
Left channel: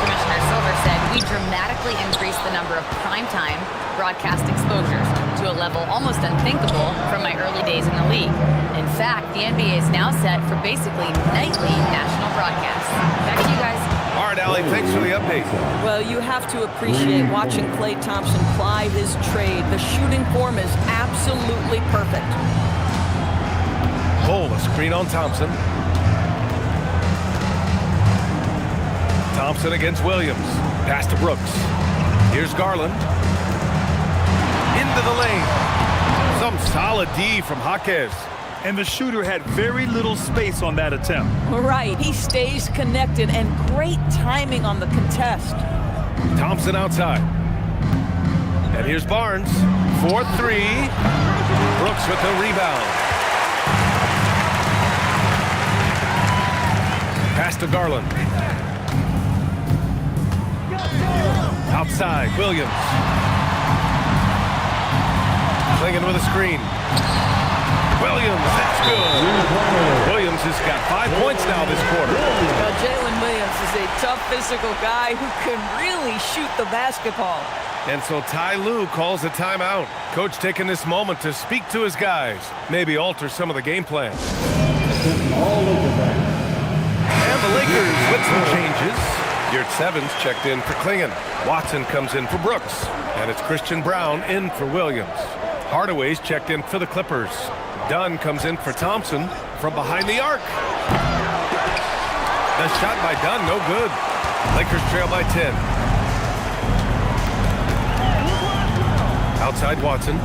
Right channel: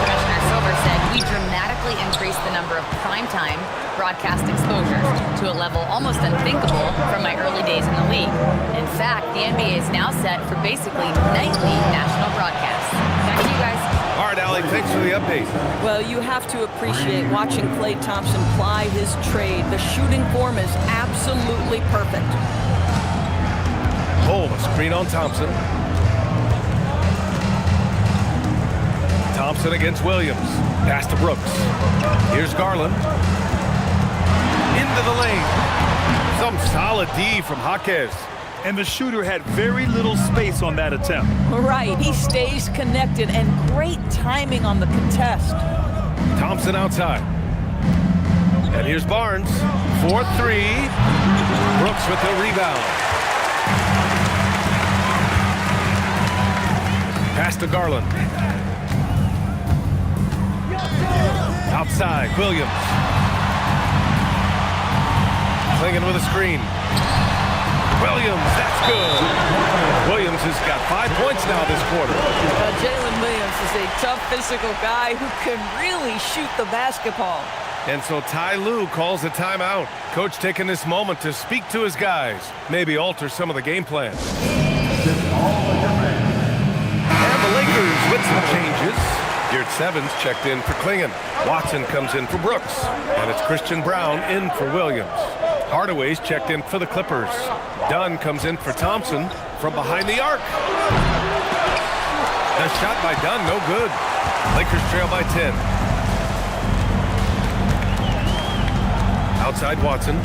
Commissioner Silver said we dramatically increased the number of primetime broadcast exposures to a level almost unthinkable from my early days in the league. In fact, the NBA is now set for basically nightly national broadcasts. Back to you guys. All right, Allie, thanks for the update. Well, you have to appreciate watching Klay Thompson ply his trade. The shooting form is absolutely perfect. Pull a screen on Thompson. Thompson against Williams. Pass to Brooks. Here's Garland. Into the lane. Some solid D from Jaquez. And the shooter had very little space on that attempt. Right, he stays connected and great timing on the contest. Thompson outside. And here's Barnes. 4-3. Brooks with the rebound. Pass to Garland. Outside, Williams. Clingan with a screen. Williams, that's good. Williams has got 5 points now this quarter. Jalen Williams is a tough physical guy who can really shoot the basketball. And so Ty Lue calls a timeout. Coach taking this moment to speak to his guys, maybe alter some of the game plan. And the Lakers with some changes. Yurt Evans checked in for Clingan. Watson comes in for Brooks. And it's Christian Braun in for Williams. Hardaway's checked in for the Clippers. Dunn comes in for Thompson from behind the arc. The shot by Dunn, no good. Lakers trail by 10. Outside Watson.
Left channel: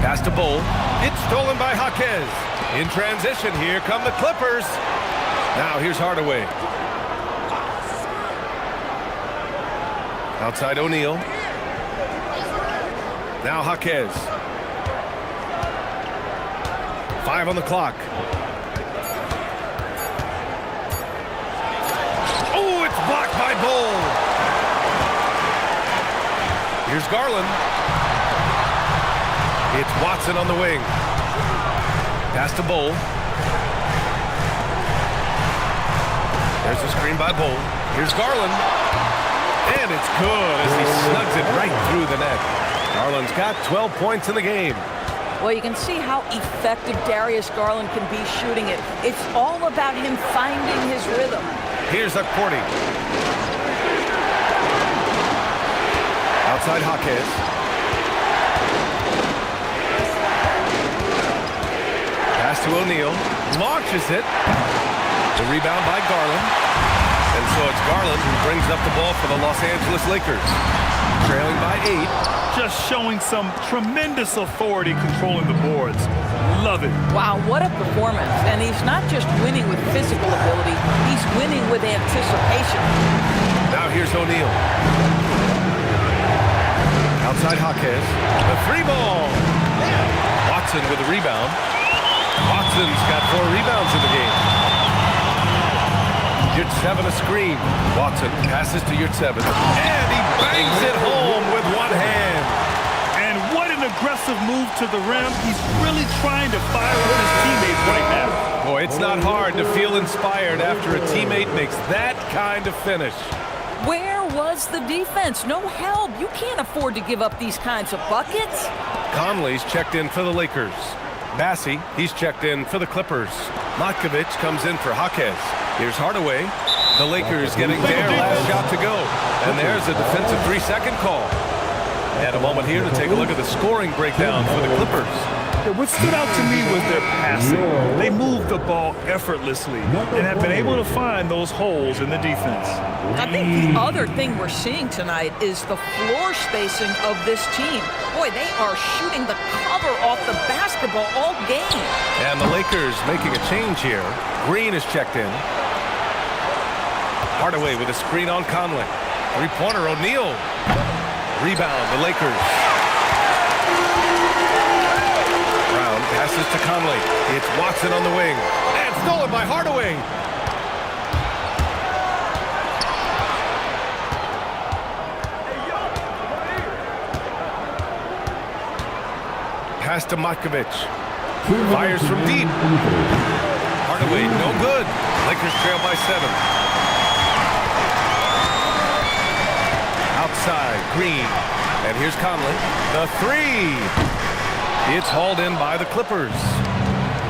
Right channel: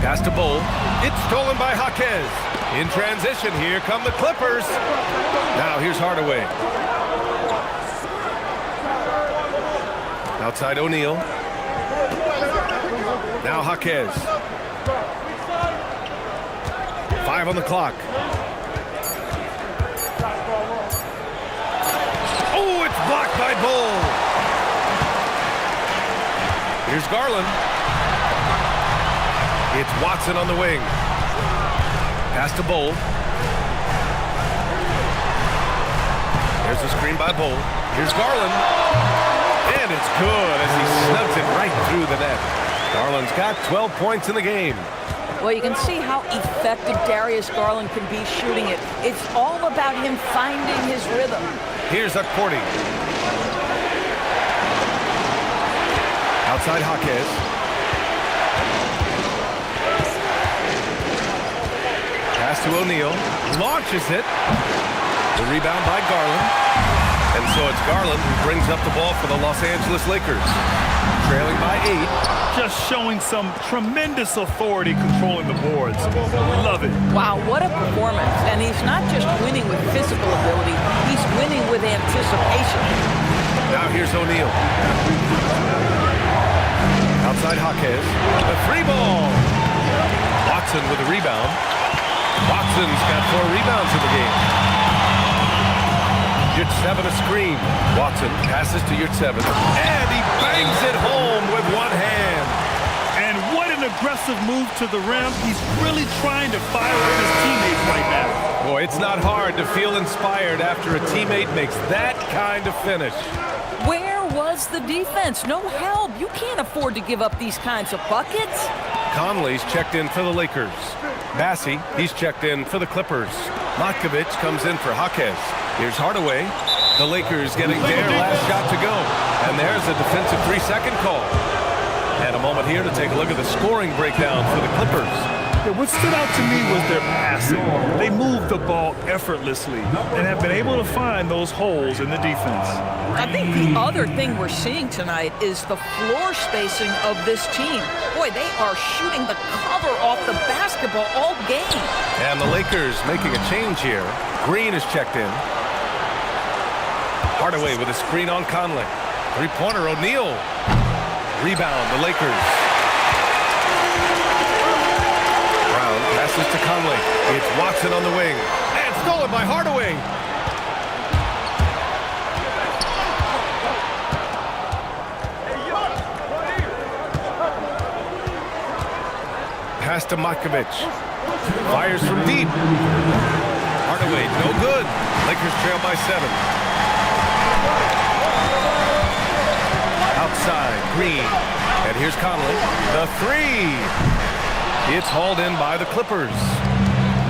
Pass to Bol. It's stolen by Jaquez. In transition, here come the Clippers. Now here's Hardaway. Outside O'Neal. Now Jaquez. 5 on the clock. Oh, it's blocked by Bull. Here's Garland. It's Watson on the wing. Pass to Bull. There's the screen by Bull. Here's Garland. And it's good as he snugs it right through the net. Garland's got 12 points in the game. Well, you can see how effective Darius Garland can be shooting it. It's all about him finding his rhythm. Here's Okporti. Outside Jaquez. Pass to O'Neal. Launches it. The rebound by Garland. And so it's Garland who brings up the ball for the Los Angeles Lakers. Trailing by 8. Just showing some tremendous authority controlling the boards. Love it. Wow, what a performance. And he's not just winning with physical ability, he's winning with anticipation. Now here's O'Neal. Outside Jaquez. The 3 ball. Watson with the rebound. Watson's got 4 rebounds in the game. Yurtseven a screen. Watson passes to Yurtseven. And he bangs it home with one hand. And what an aggressive move to the rim. He's really trying to fire up his teammates right now. Boy, it's not hard to feel inspired after a teammate makes that kind of finish. Where was the defense? No help. You can't afford to give up these kinds of buckets. Conley's checked in for the Lakers. Bassey, he's checked in for the Clippers. Matkovic comes in for Jaquez. Here's Hardaway. The Lakers getting their last shot to go. And there's a defensive 3-second call. And a moment here to take a look at the scoring breakdown for the Clippers. Yeah, what stood out to me was their passing. They moved the ball effortlessly and have been able to find those holes in the defense. I think the other thing we're seeing tonight is the floor spacing of this team. Boy, they are shooting the cover off the basketball all game. And the Lakers making a change here. Green is checked in. Hardaway with a screen on Conley. 3-pointer, O'Neal. Rebound, the Lakers. Brown passes to Conley. It's Watson on the wing. And stolen by Hardaway. Pass to Matkovic. Fires from deep. Hardaway, no good. Lakers trail by 7. Outside, Green. And here's Conley. The 3. It's hauled in by the Clippers.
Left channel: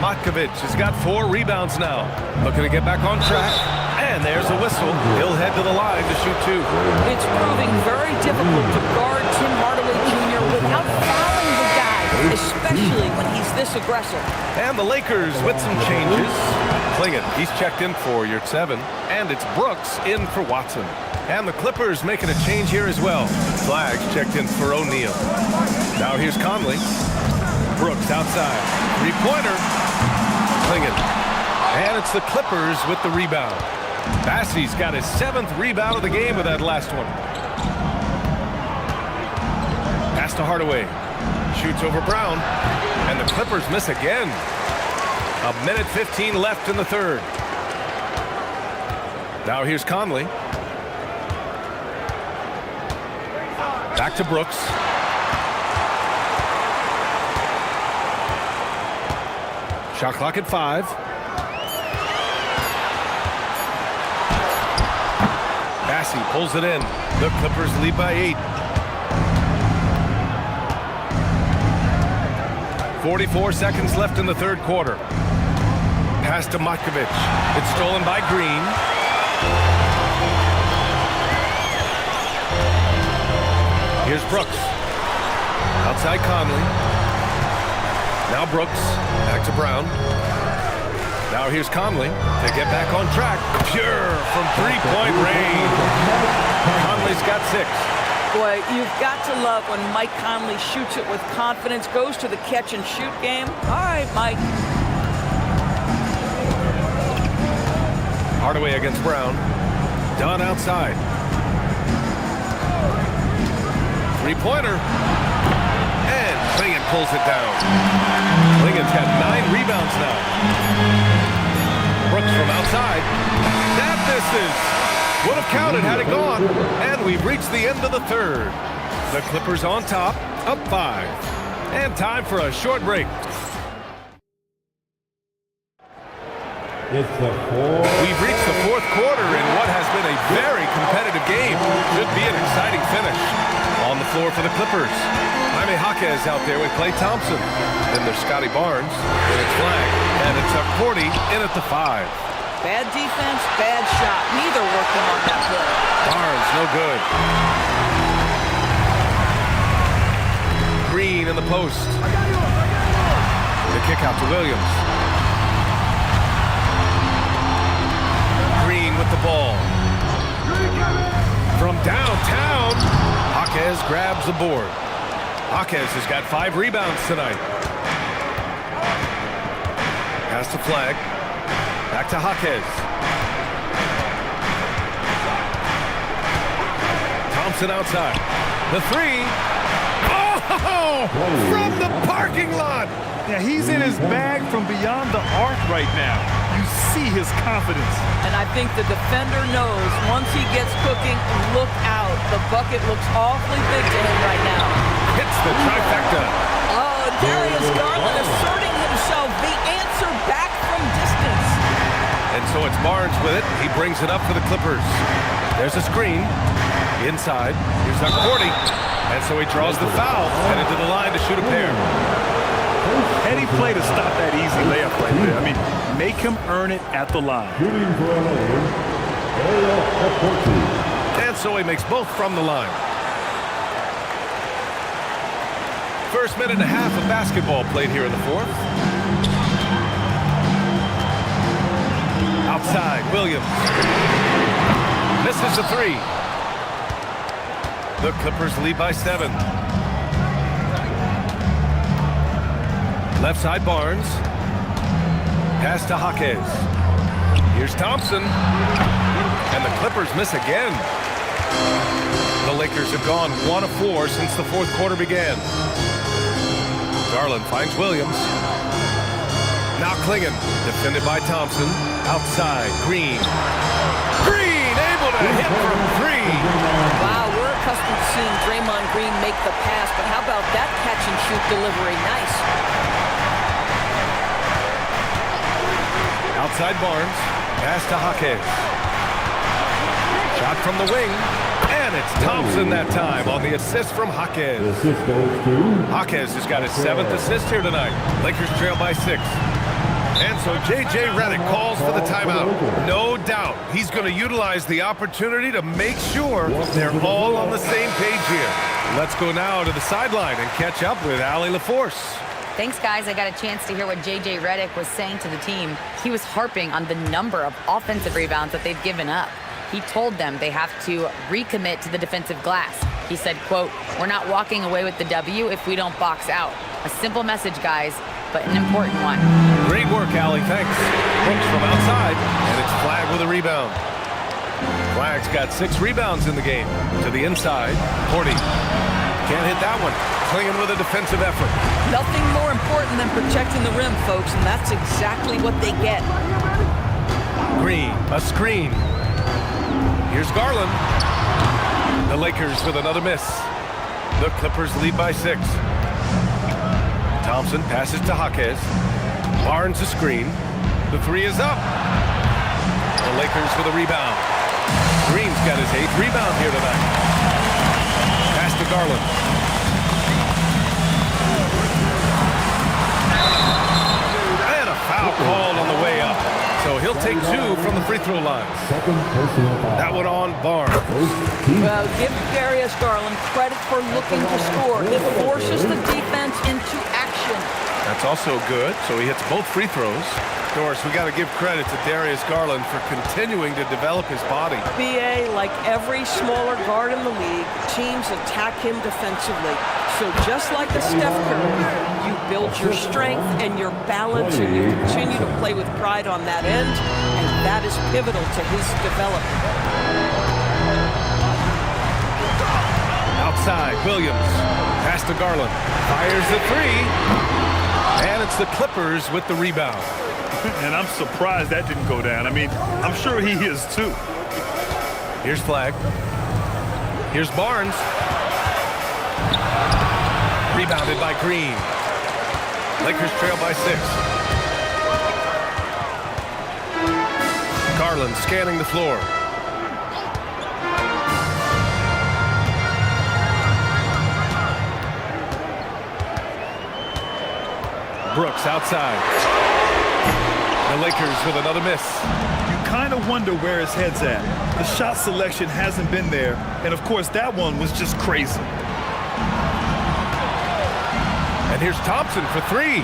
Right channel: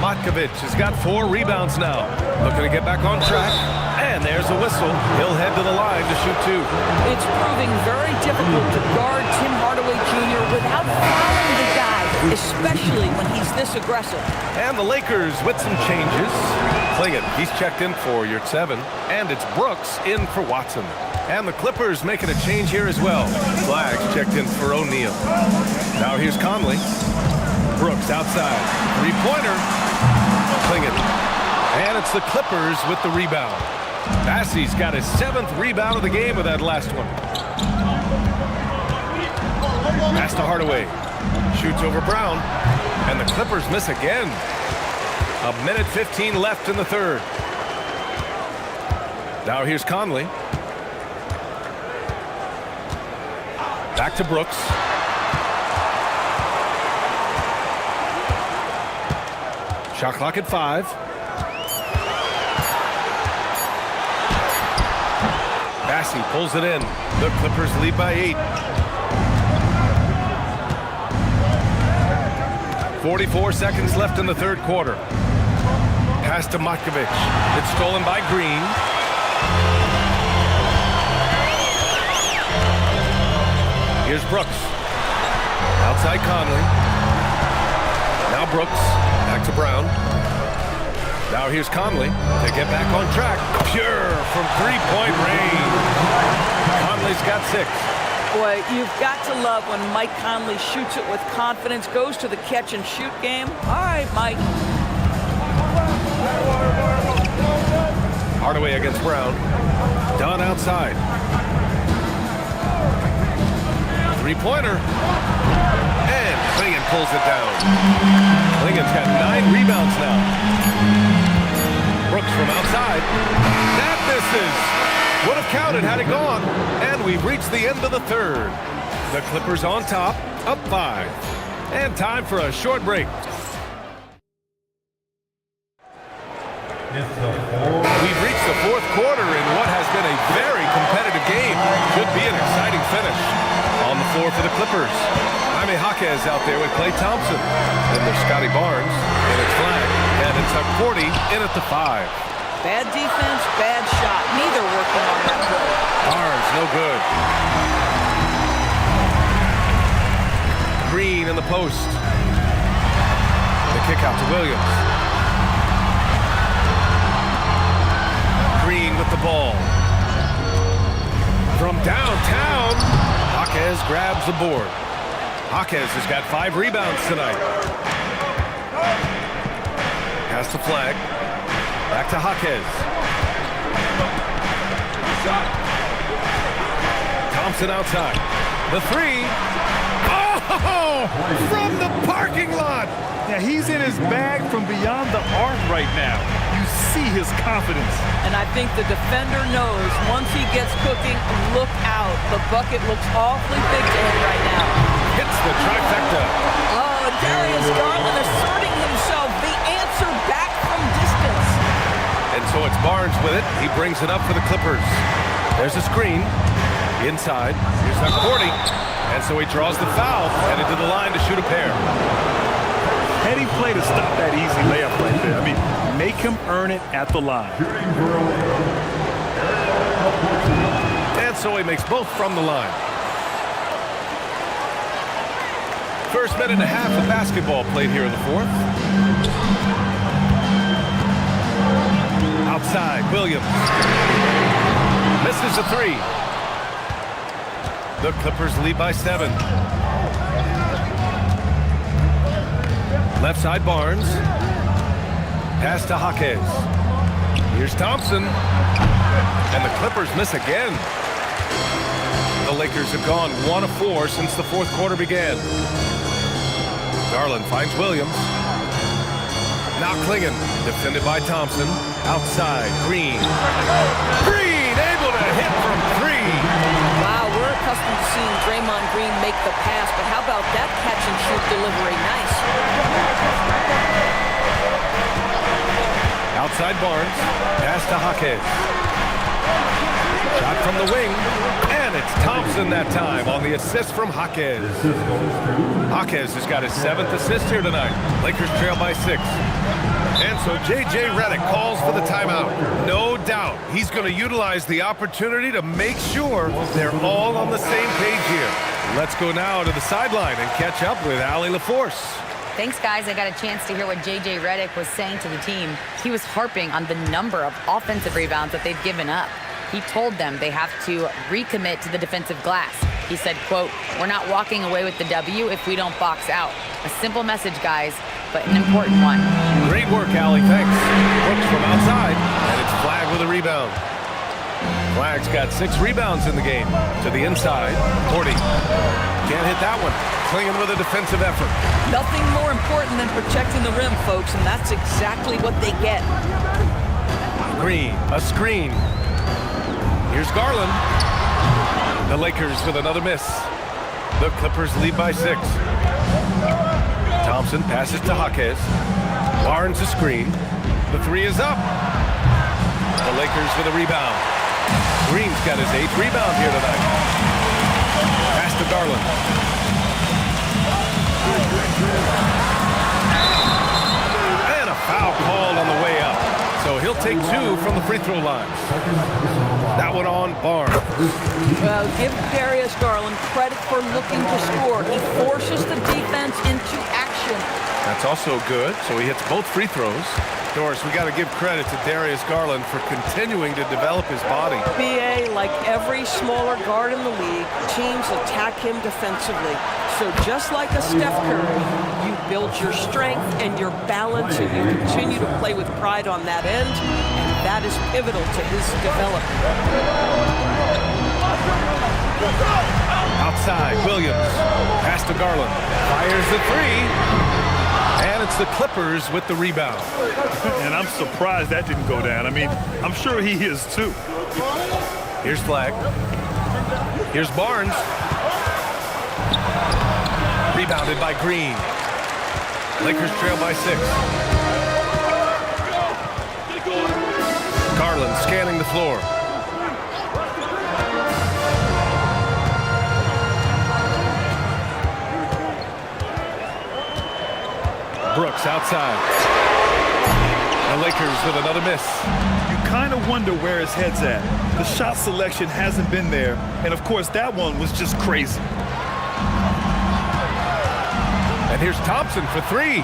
Matkovic has got 4 rebounds now. Looking to get back on track. And there's a whistle. He'll head to the line to shoot 2. It's proving very difficult to guard Tim Hardaway Jr. without fouling the guy, especially when he's this aggressive. And the Lakers with some changes. Clingan, he's checked in for Yurtseven. And it's Brooks in for Watson. And the Clippers making a change here as well. Flags checked in for O'Neal. Now here's Conley. Brooks outside. 3-pointer. Clingan. And it's the Clippers with the rebound. Bassey's got his 7th rebound of the game with that last one. Pass to Hardaway. Shoots over Brown. And the Clippers miss again. 1:15 left in the 3rd. Now here's Conley. Back to Brooks. Shot clock at 5. Bassey pulls it in. The Clippers lead by 8. 44 seconds left in the 3rd quarter. Pass to Matkovic. It's stolen by Green. Here's Brooks. Outside Conley. Now Brooks. Back to Brown. Now here's Conley to get back on track. Pure from 3-point range. Conley's got 6. Boy, you've got to love when Mike Conley shoots it with confidence, goes to the catch-and-shoot game. All right, Mike. Hardaway against Brown. Dunn outside. Three-pointer. And Clingan pulls it down. Clingan's got 9 rebounds now. Brooks from outside. That misses. Would have counted had it gone. And we've reached the end of the third. The Clippers on top, up 5. And time for a short break. We've reached the fourth quarter in what has been a very competitive game. Should be an exciting finish. On the floor for the Clippers, Jaime Jaquez out there with Klay Thompson. Then there's Scotty Barnes, and it's Flag, and it's a 40 in at the 5. Bad defense, bad shot. Neither working on that play. Barnes, no good. Green in the post. The kick out to Williams. Green with the ball. From downtown, Jaquez grabs the board. Jaquez has got 5 rebounds tonight. Pass to Flag. Back to Jaquez. Thompson outside. The 3. Oh! From the parking lot! Yeah, he's in his bag from beyond the arc right now. You see his confidence. And I think the defender knows once he gets cooking, look out. The bucket looks awfully big to him right now. Hits the trifecta. Oh, Darius Garland asserting himself. The answer back from distance. And so it's Barnes with it. He brings it up for the Clippers. There's a screen. Inside. Here's that 40. And so he draws the foul. Headed to the line to shoot a pair. Heady play to stop that easy layup right there. I mean, make him earn it at the line. And so he makes both from the line. First minute and a half of basketball played here in the fourth. Outside, Williams. Misses the 3. The Clippers lead by 7. Left side, Barnes. Pass to Jaquez. Here's Thompson. And the Clippers miss again. The Lakers have gone 1 of 4 since the fourth quarter began. Garland finds Williams. Now Clingan, defended by Thompson. Outside, Green. Green able to hit from 3. Wow, we're accustomed to seeing Draymond Green make the pass, but how about that catch and shoot delivery? Nice. Outside Barnes, pass to Jaquez. Shot from the wing, and it's Thompson that time on the assist from Jaquez. Jaquez has got his 7th assist here tonight. Lakers trail by 6. And so J.J. Redick calls for the timeout. No doubt he's going to utilize the opportunity to make sure they're all on the same page here. Let's go now to the sideline and catch up with Allie LaForce. Thanks, guys. I got a chance to hear what J.J. Redick was saying to the team. He was harping on the number of offensive rebounds that they've given up. He told them they have to recommit to the defensive glass. He said, quote, "We're not walking away with the W if we don't box out." A simple message, guys, but an important one. Great work, Allie. Thanks. Brooks from outside, and it's Flag with a rebound. Flag's got 6 rebounds in the game. To the inside, 40. Can't hit that one. Clingan with a defensive effort. Nothing more important than protecting the rim, folks, and that's exactly what they get. Green, a screen. Here's Garland. The Lakers with another miss. The Clippers lead by 6. Thompson passes to Jaquez. Barnes a screen. The 3 is up. The Lakers with a rebound. Green's got his 8th rebound here tonight. Pass to Garland. And a foul called on the way up. So he'll take 2 from the free throw line. That one on Barnes. Well, give Darius Garland credit for looking to score. He forces the defense into action. That's also good. So he hits both free throws. Doris, we got to give credit to Darius Garland for continuing to develop his body. BA, like every smaller guard in the league, teams attack him defensively. So just like a Steph Curry, you build your strength and your balance, and you continue to play with pride on that end, and that is pivotal to his development. Outside, Williams. Pass to Garland. Fires the three. And it's the Clippers with the rebound. And I'm surprised that didn't go down. I mean, I'm sure he is too. Here's Flagg. Here's Barnes. Rebounded by Green. Lakers trail by 6. Garland scanning the floor. Brooks outside. The Lakers with another miss. You kind of wonder where his head's at. The shot selection hasn't been there, and of course that one was just crazy. And here's Thompson for 3.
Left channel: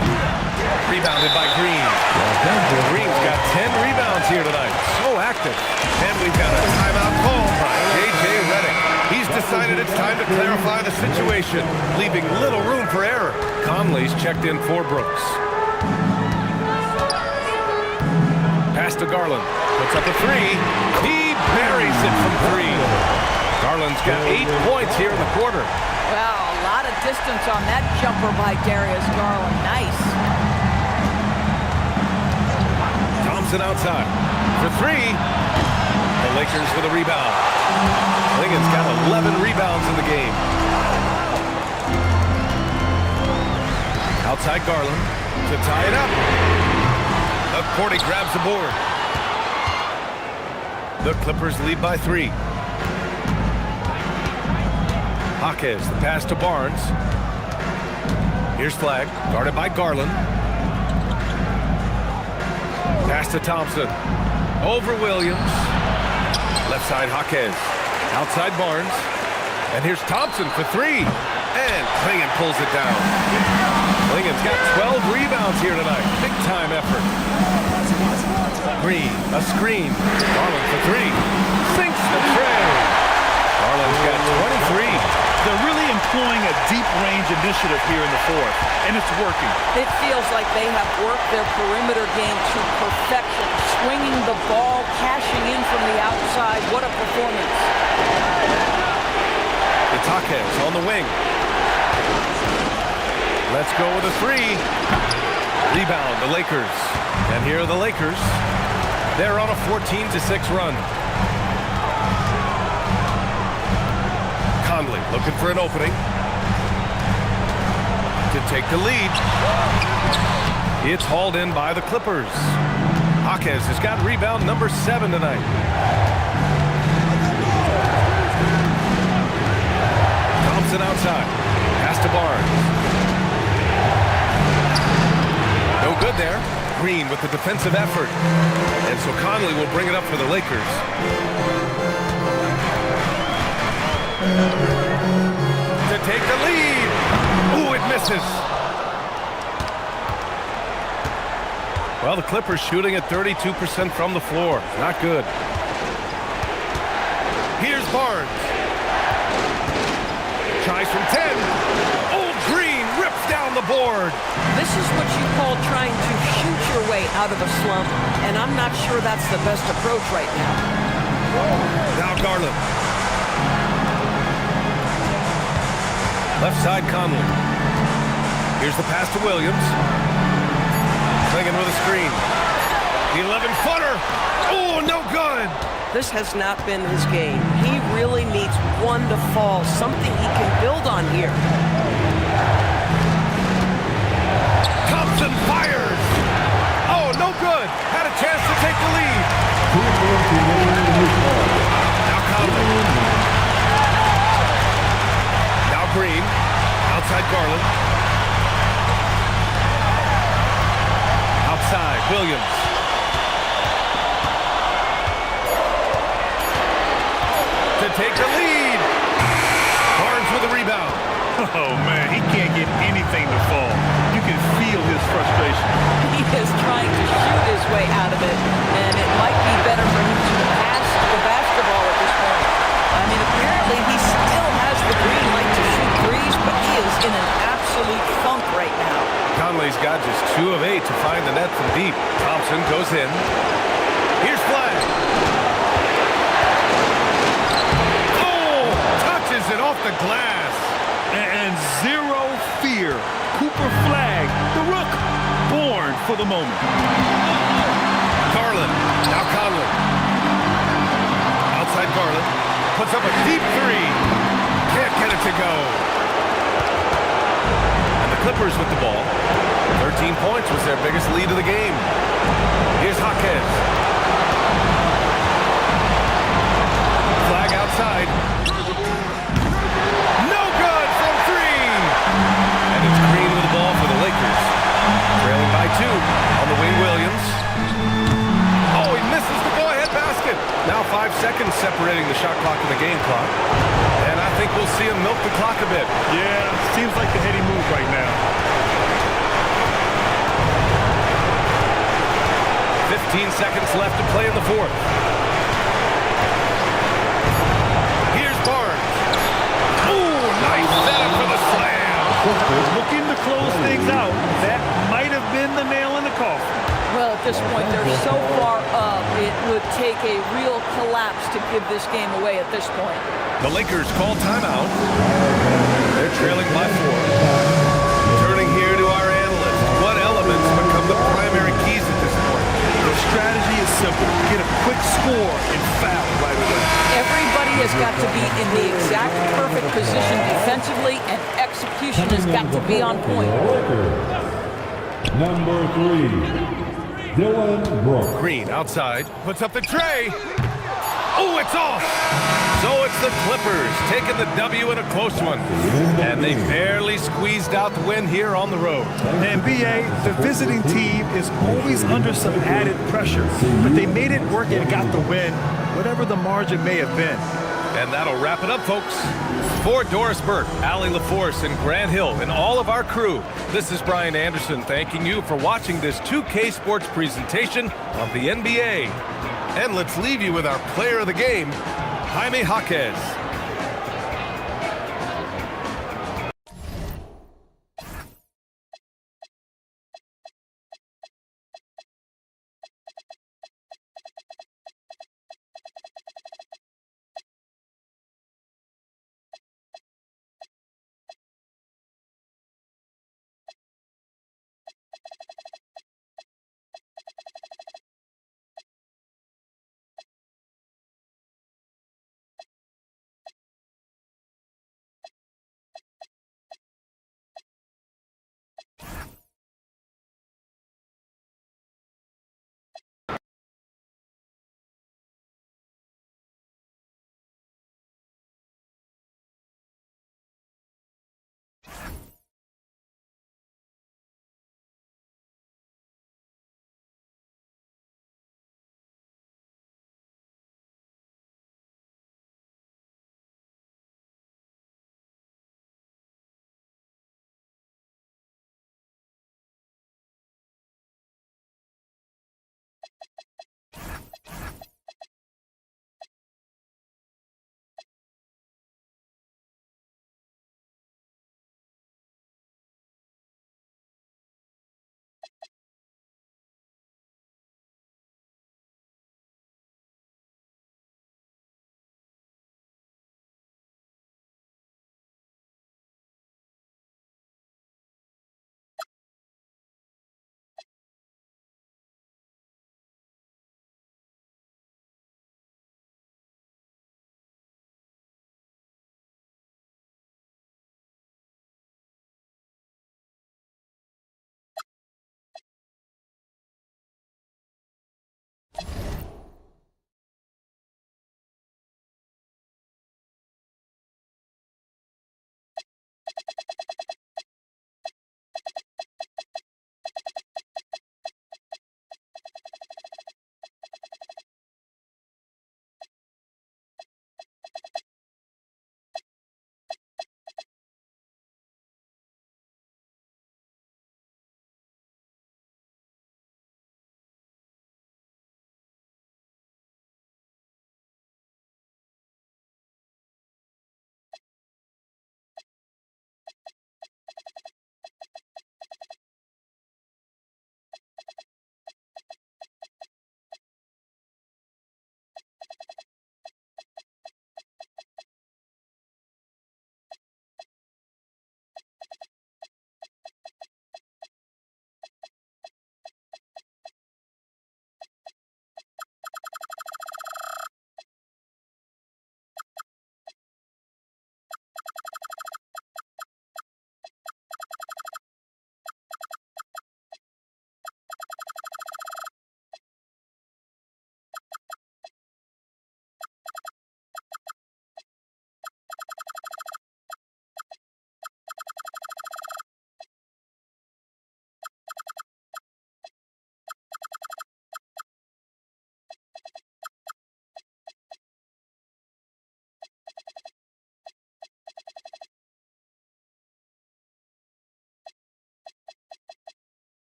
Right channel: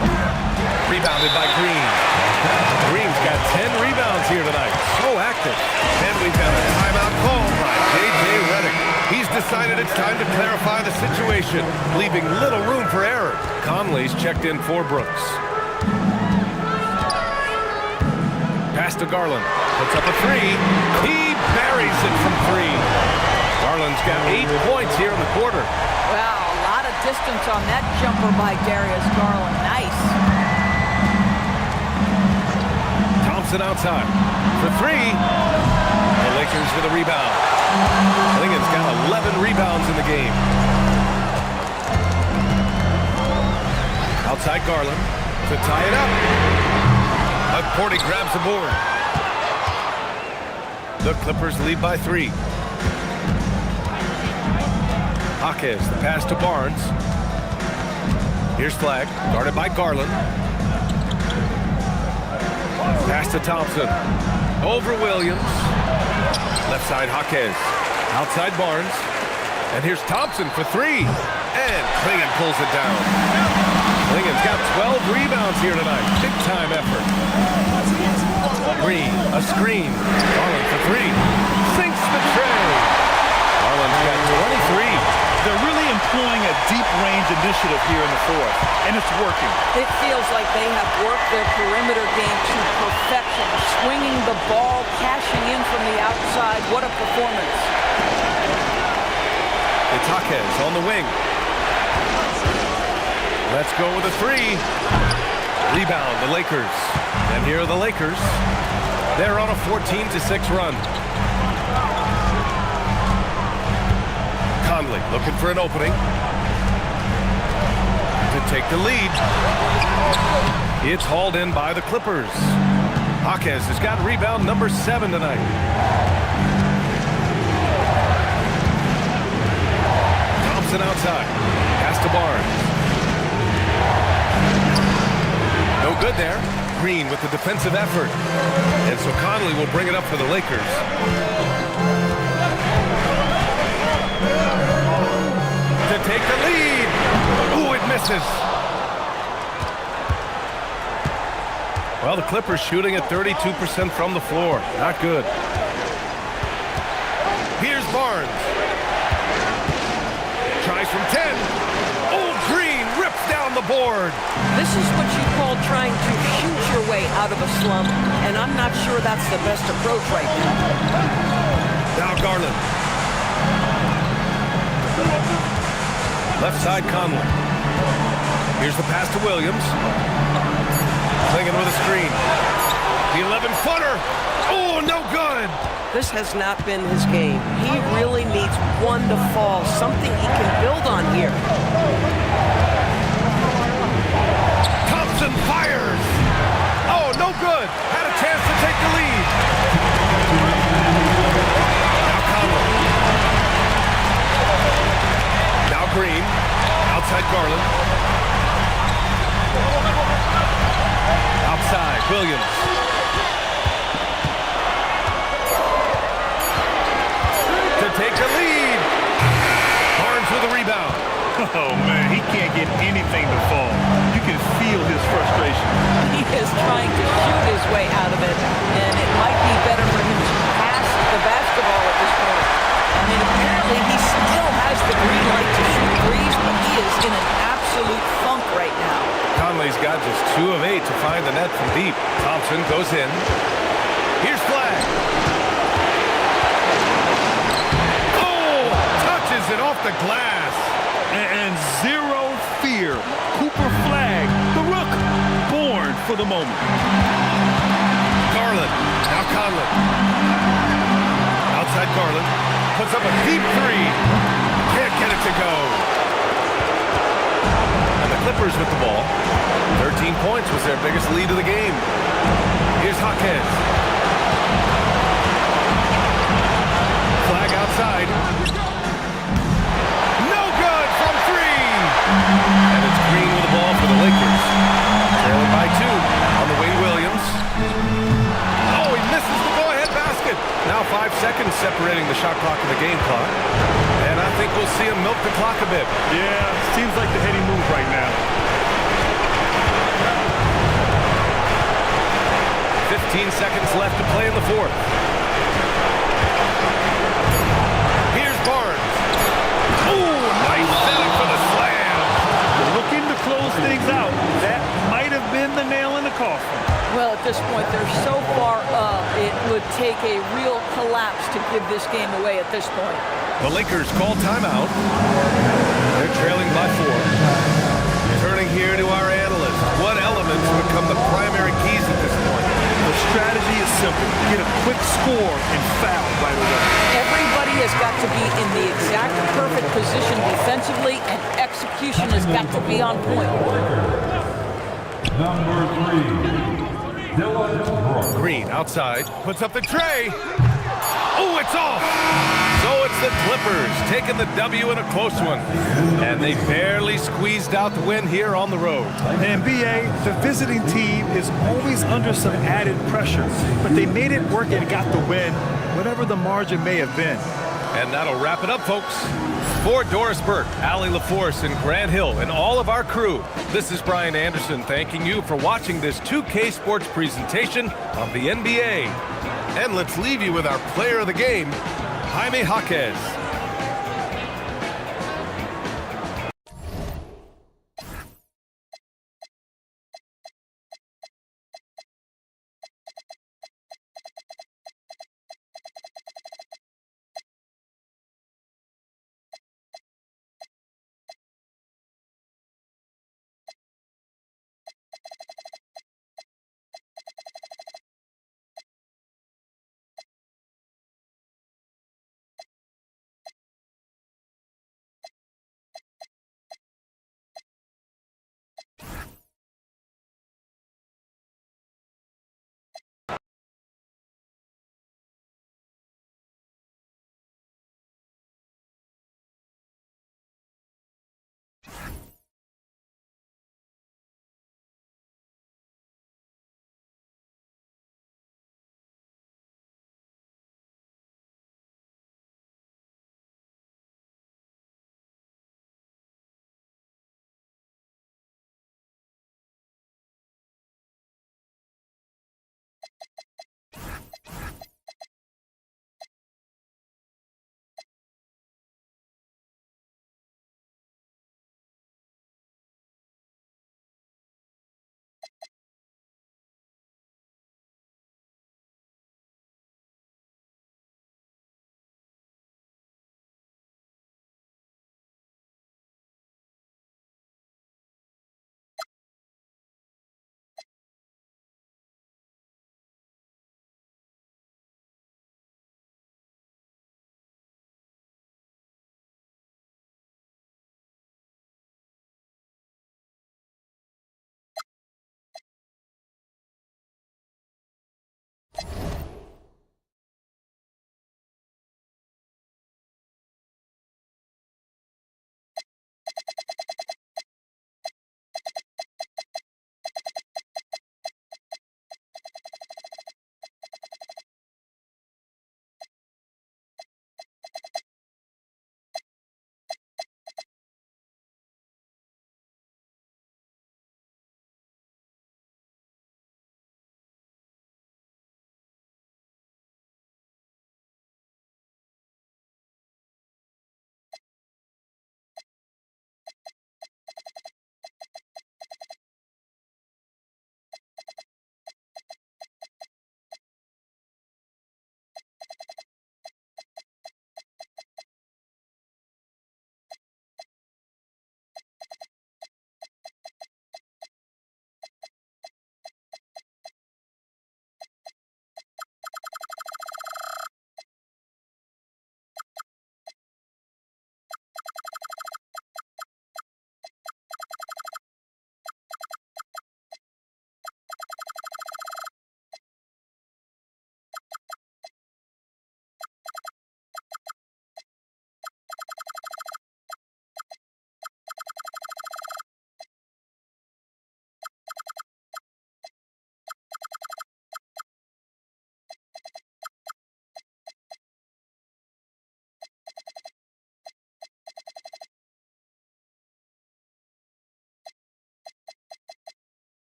Rebounded by Green. Green's got 10 rebounds here tonight. So active. And we've got a timeout called by J.J. Redick. He's decided it's time to clarify the situation, leaving little room for error. Conley's checked in for Brooks. Pass to Garland. Puts up a 3. He buries it from 3. Garland's got 8 points here in the quarter. Wow, a lot of distance on that jumper by Darius Garland. Nice. Thompson outside for 3. The Lakers with a rebound. Lincoln's got 11 rebounds in the game. Outside Garland to tie it up. Porty grabs the board. The Clippers lead by 3. Jaquez, the pass to Barnes. Here's Flagg, guarded by Garland. Pass to Thompson. Over Williams. Left side, Jaquez. Outside Barnes. And here's Thompson for 3. And Klingon pulls it down. Klingon's got 12 rebounds here tonight. Big time effort. Green, a screen. Garland for 3. Sinks the tray. Garland's got 23. They're really employing a deep range initiative here in the fourth, and it's working. It feels like they have worked their perimeter game to perfection, swinging the ball, cashing in from the outside. What a performance. It's Jaquez on the wing. Let's go with a 3. Rebound, the Lakers. And here are the Lakers. They're on a 14-6 run. Conley looking for an opening to take the lead. It's hauled in by the Clippers. Jaquez has got rebound number 7 tonight. Thompson outside. Pass to Barnes. No good there. Green with the defensive effort. And so Conley will bring it up for the Lakers. To take the lead. Ooh, it misses. Well, the Clippers shooting at 32% from the floor. Not good. Here's Barnes. Tries from 10. Old Green rips down the board. This is what you call trying to shoot your way out of a slump, and I'm not sure that's the best approach right now. Now Garland. Left side, Conley. Here's the pass to Williams. Klingon with a screen. The 11-footer. Oh, no good. This has not been his game. He really needs one to fall, something he can build on here. Thompson fires. Oh, no good. Had a chance to take the lead. Now Conley. Now Green, outside Garland. Outside, Williams. To take the lead. Barnes with a rebound. Oh, man, he can't get anything to fall. You can feel his frustration. He is trying to shoot his way out of it, and it might be better for him to pass the basketball at this point. I mean, apparently he still has the green light to shoot threes, but he is in an absolute funk right now. Conley's got just 2 of 8 to find the net from deep. Thompson goes in. Here's Flagg. Oh, touches it off the glass. And zero fear. Cooper Flagg, the Rook, born for the moment. Garland, now Conley. Outside Garland, puts up a deep three. Can't get it to go. And the Clippers with the ball. 13 points was their biggest lead of the game. Here's Jaquez. Flag outside. No good from three. And it's Green with the ball for the Lakers. Trailing by 2 on the wing, Williams. Oh, he misses the go-ahead basket. Now 5 seconds separating the shot clock and the game clock. And I think we'll see him milk the clock a bit. Yeah, seems like the heady move right now. 15 seconds left to play in the fourth. Here's Barnes. Ooh, nice setup for the slam. Looking to close things out. That might have been the nail in the coffin. Well, at this point, they're so far up, it would take a real collapse to give this game away at this point. The Lakers call timeout. They're trailing by 4. Turning here to our analyst. What elements become the primary keys at this point? The strategy is simple. Get a quick score and foul right away. Everybody has got to be in the exact perfect position defensively, and execution has got to be on point. Number 3. Dylan Brooks. Green outside, puts up the tray. Oh, it's off. So it's the Clippers taking the W in a close one. And they barely squeezed out the win here on the road. And BA, the visiting team is always under some added pressure, but they made it work and got the win, whatever the margin may have been. And that'll wrap it up, folks. For Doris Burke, Allie LaForce, and Grant Hill, and all of our crew, this is Brian Anderson thanking you for watching this 2K Sports presentation of the NBA. And let's leave you with our player of the game, Jaime Jaquez.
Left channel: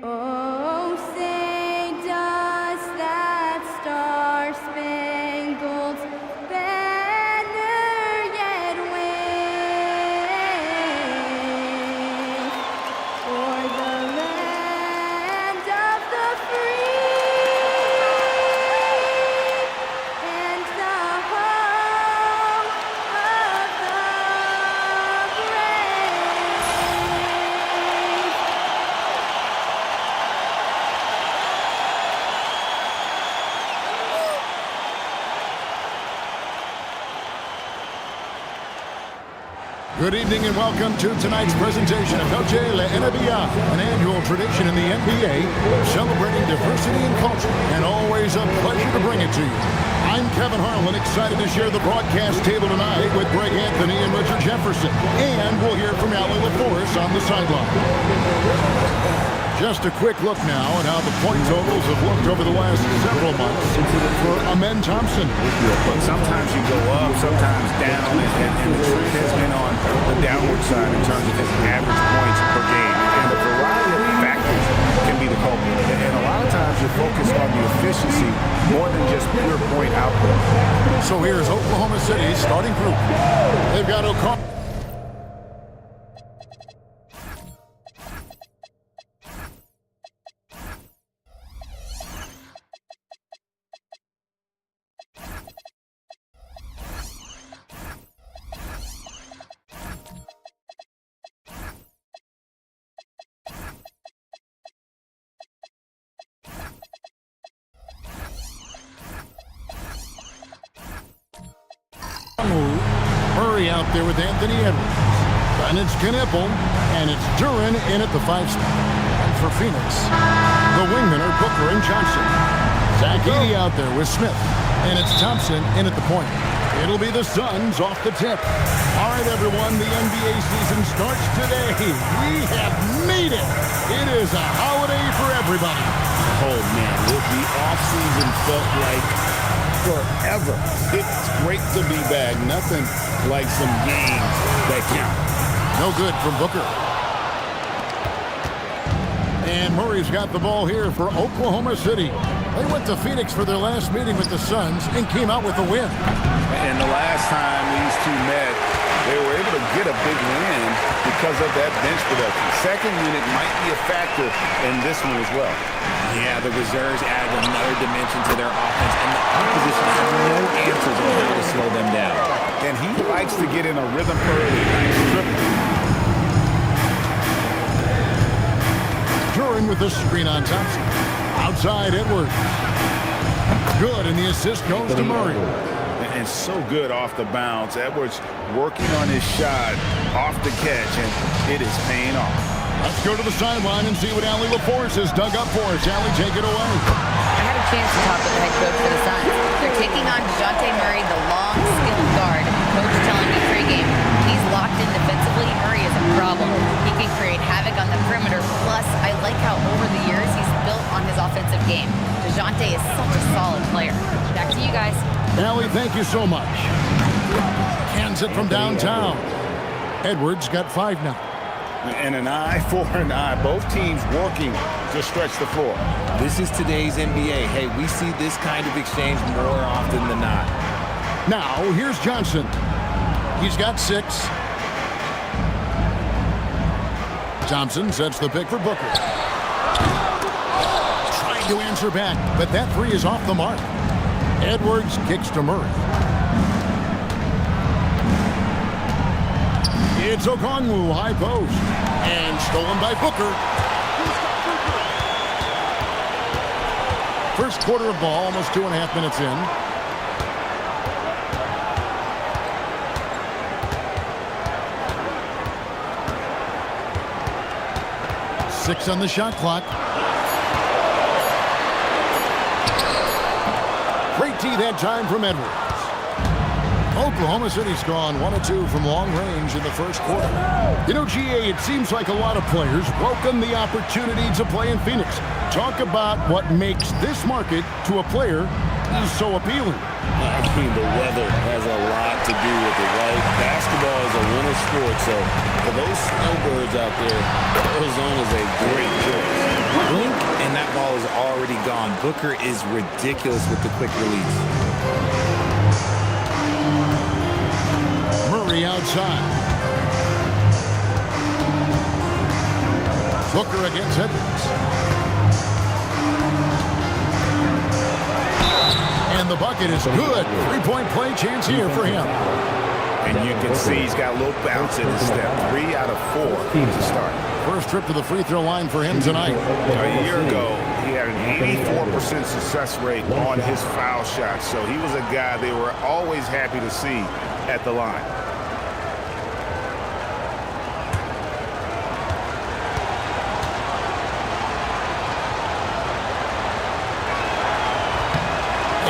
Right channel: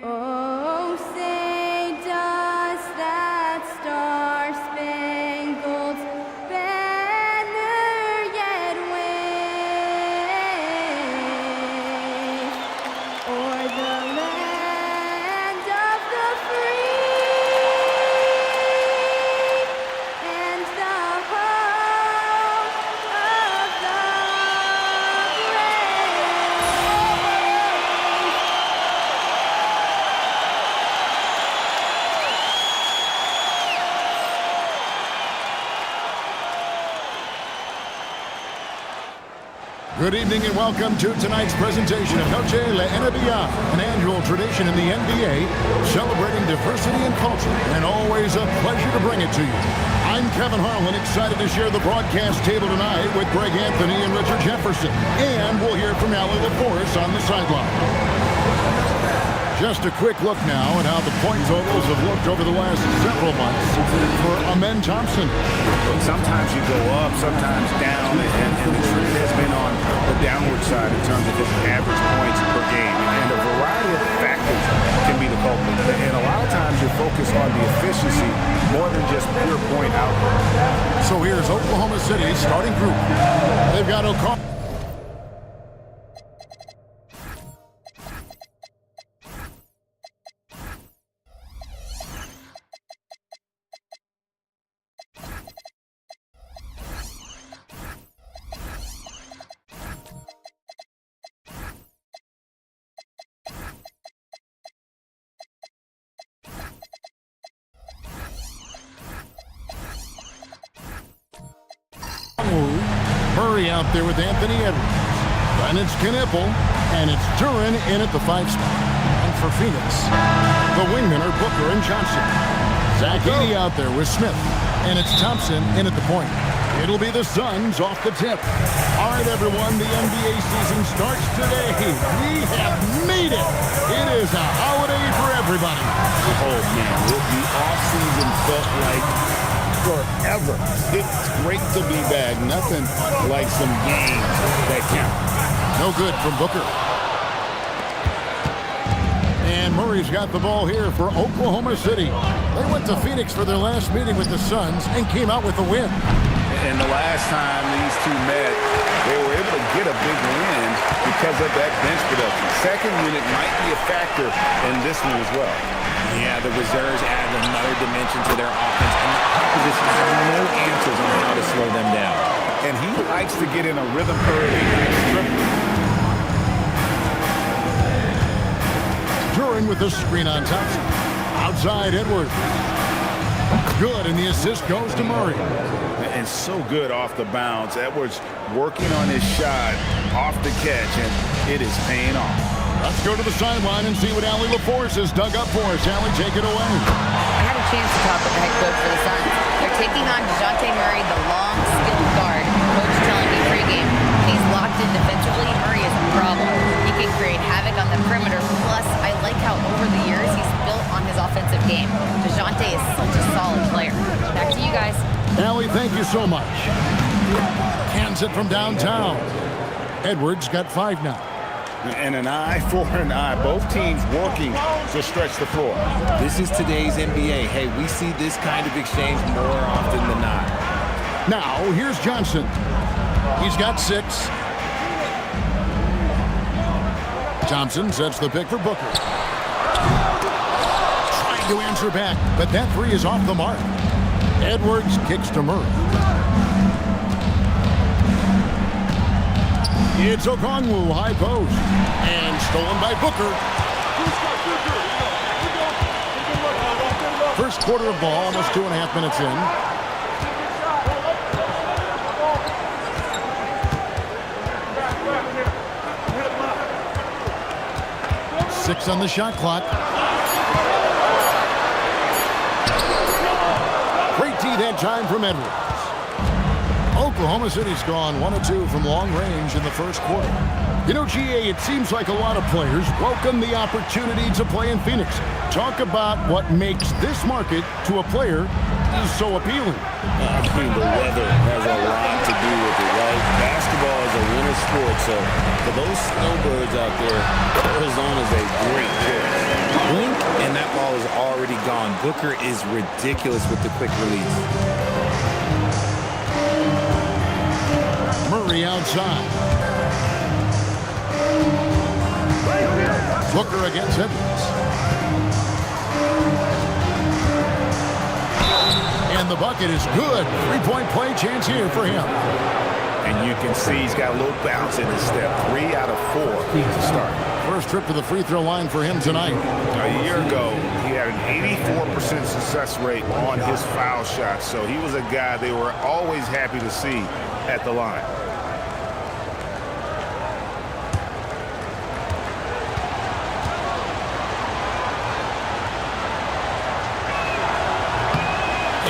Oh, say does that star-spangled banner yet wave o'er the land of the free and the home of the brave? Good evening and welcome to tonight's presentation of Noche La NBA, an annual tradition in the NBA celebrating diversity and culture, and always a pleasure to bring it to you. I'm Kevin Harlan, excited to share the broadcast table tonight with Greg Anthony and Richard Jefferson, and we'll hear from Allie LaForce on the sideline. Just a quick look now at how the point totals have looked over the last several months for Amen Thompson. Look, sometimes you go up, sometimes down, and the trend has been on the downward side in terms of his average points per game. And a variety of factors can be the culprit. And a lot of times you focus on the efficiency more than just pure point output. So here's Oklahoma City's starting group. They've got O'Connor. Murray out there with Anthony Edwards. Then it's Knipple, and it's Duren in at the 5 spot. And for Phoenix, the wingmen are Booker and Johnson. Zach Edey out there with Smith, and it's Thompson in at the point. It'll be the Suns off the tip. All right, everyone, the NBA season starts today. We have made it. It is a holiday for everybody. Oh, man, the offseason felt like forever. It's great to be back. Nothing like some games that count. No good from Booker. And Murray's got the ball here for Oklahoma City. They went to Phoenix for their last meeting with the Suns and came out with a win. And the last time these two met, they were able to get a big win because of that bench production. Second unit might be a factor in this one as well. Yeah, the reserves add another dimension to their offense, and the opposition has no answers on how to slow them down. And he likes to get in a rhythm early. Nice triple. Duren with the screen on Thompson. Outside Edwards. Good, and the assist goes to Murray. And so good off the bounce. Edwards working on his shot off the catch, and it is paying off. Let's go to the sideline and see what Allie LaForce has dug up for us. Allie, take it away. I had a chance to talk with the head coach for the Suns. They're taking on DeJounte Murray, the long, skilled guard. Coach telling me pregame, he's locked in defensively. Murray is a problem. He can create havoc on the perimeter. Plus, I like how over the years he's built on his offensive game. DeJounte is such a solid player. Back to you guys. Allie, thank you so much. Cans it from downtown. Edwards got 5 now. And an eye for an eye. Both teams working to stretch the floor. This is today's NBA. Hey, we see this kind of exchange more often than not. Now, here's Johnson. He's got 6. Thompson sets the pick for Booker. Trying to answer back, but that 3 is off the mark. Edwards kicks to Murray. It's Okongwu, high post. And stolen by Booker. First quarter of ball, almost 2.5 minutes in. Six on the shot clock. Great D that time from Edwards. Oklahoma City's gone 1 of 2 from long range in the first quarter. You know, GA, it seems like a lot of players welcome the opportunity to play in Phoenix. Talk about what makes this market to a player so appealing. I mean, the weather has a lot to do with it, right? Basketball is a winter sport, so for those snowbirds out there, Arizona's a great choice. Blink, and that ball is already gone. Booker is ridiculous with the quick release. Murray outside. Booker against Edwards. And the bucket is good. 3-point play chance here for him. And you can see he's got a little bounce in his step. 3 out of 4 to start. First trip to the free throw line for him tonight. A year ago, he had an 84% success rate on his foul shots. So he was a guy they were always happy to see at the line.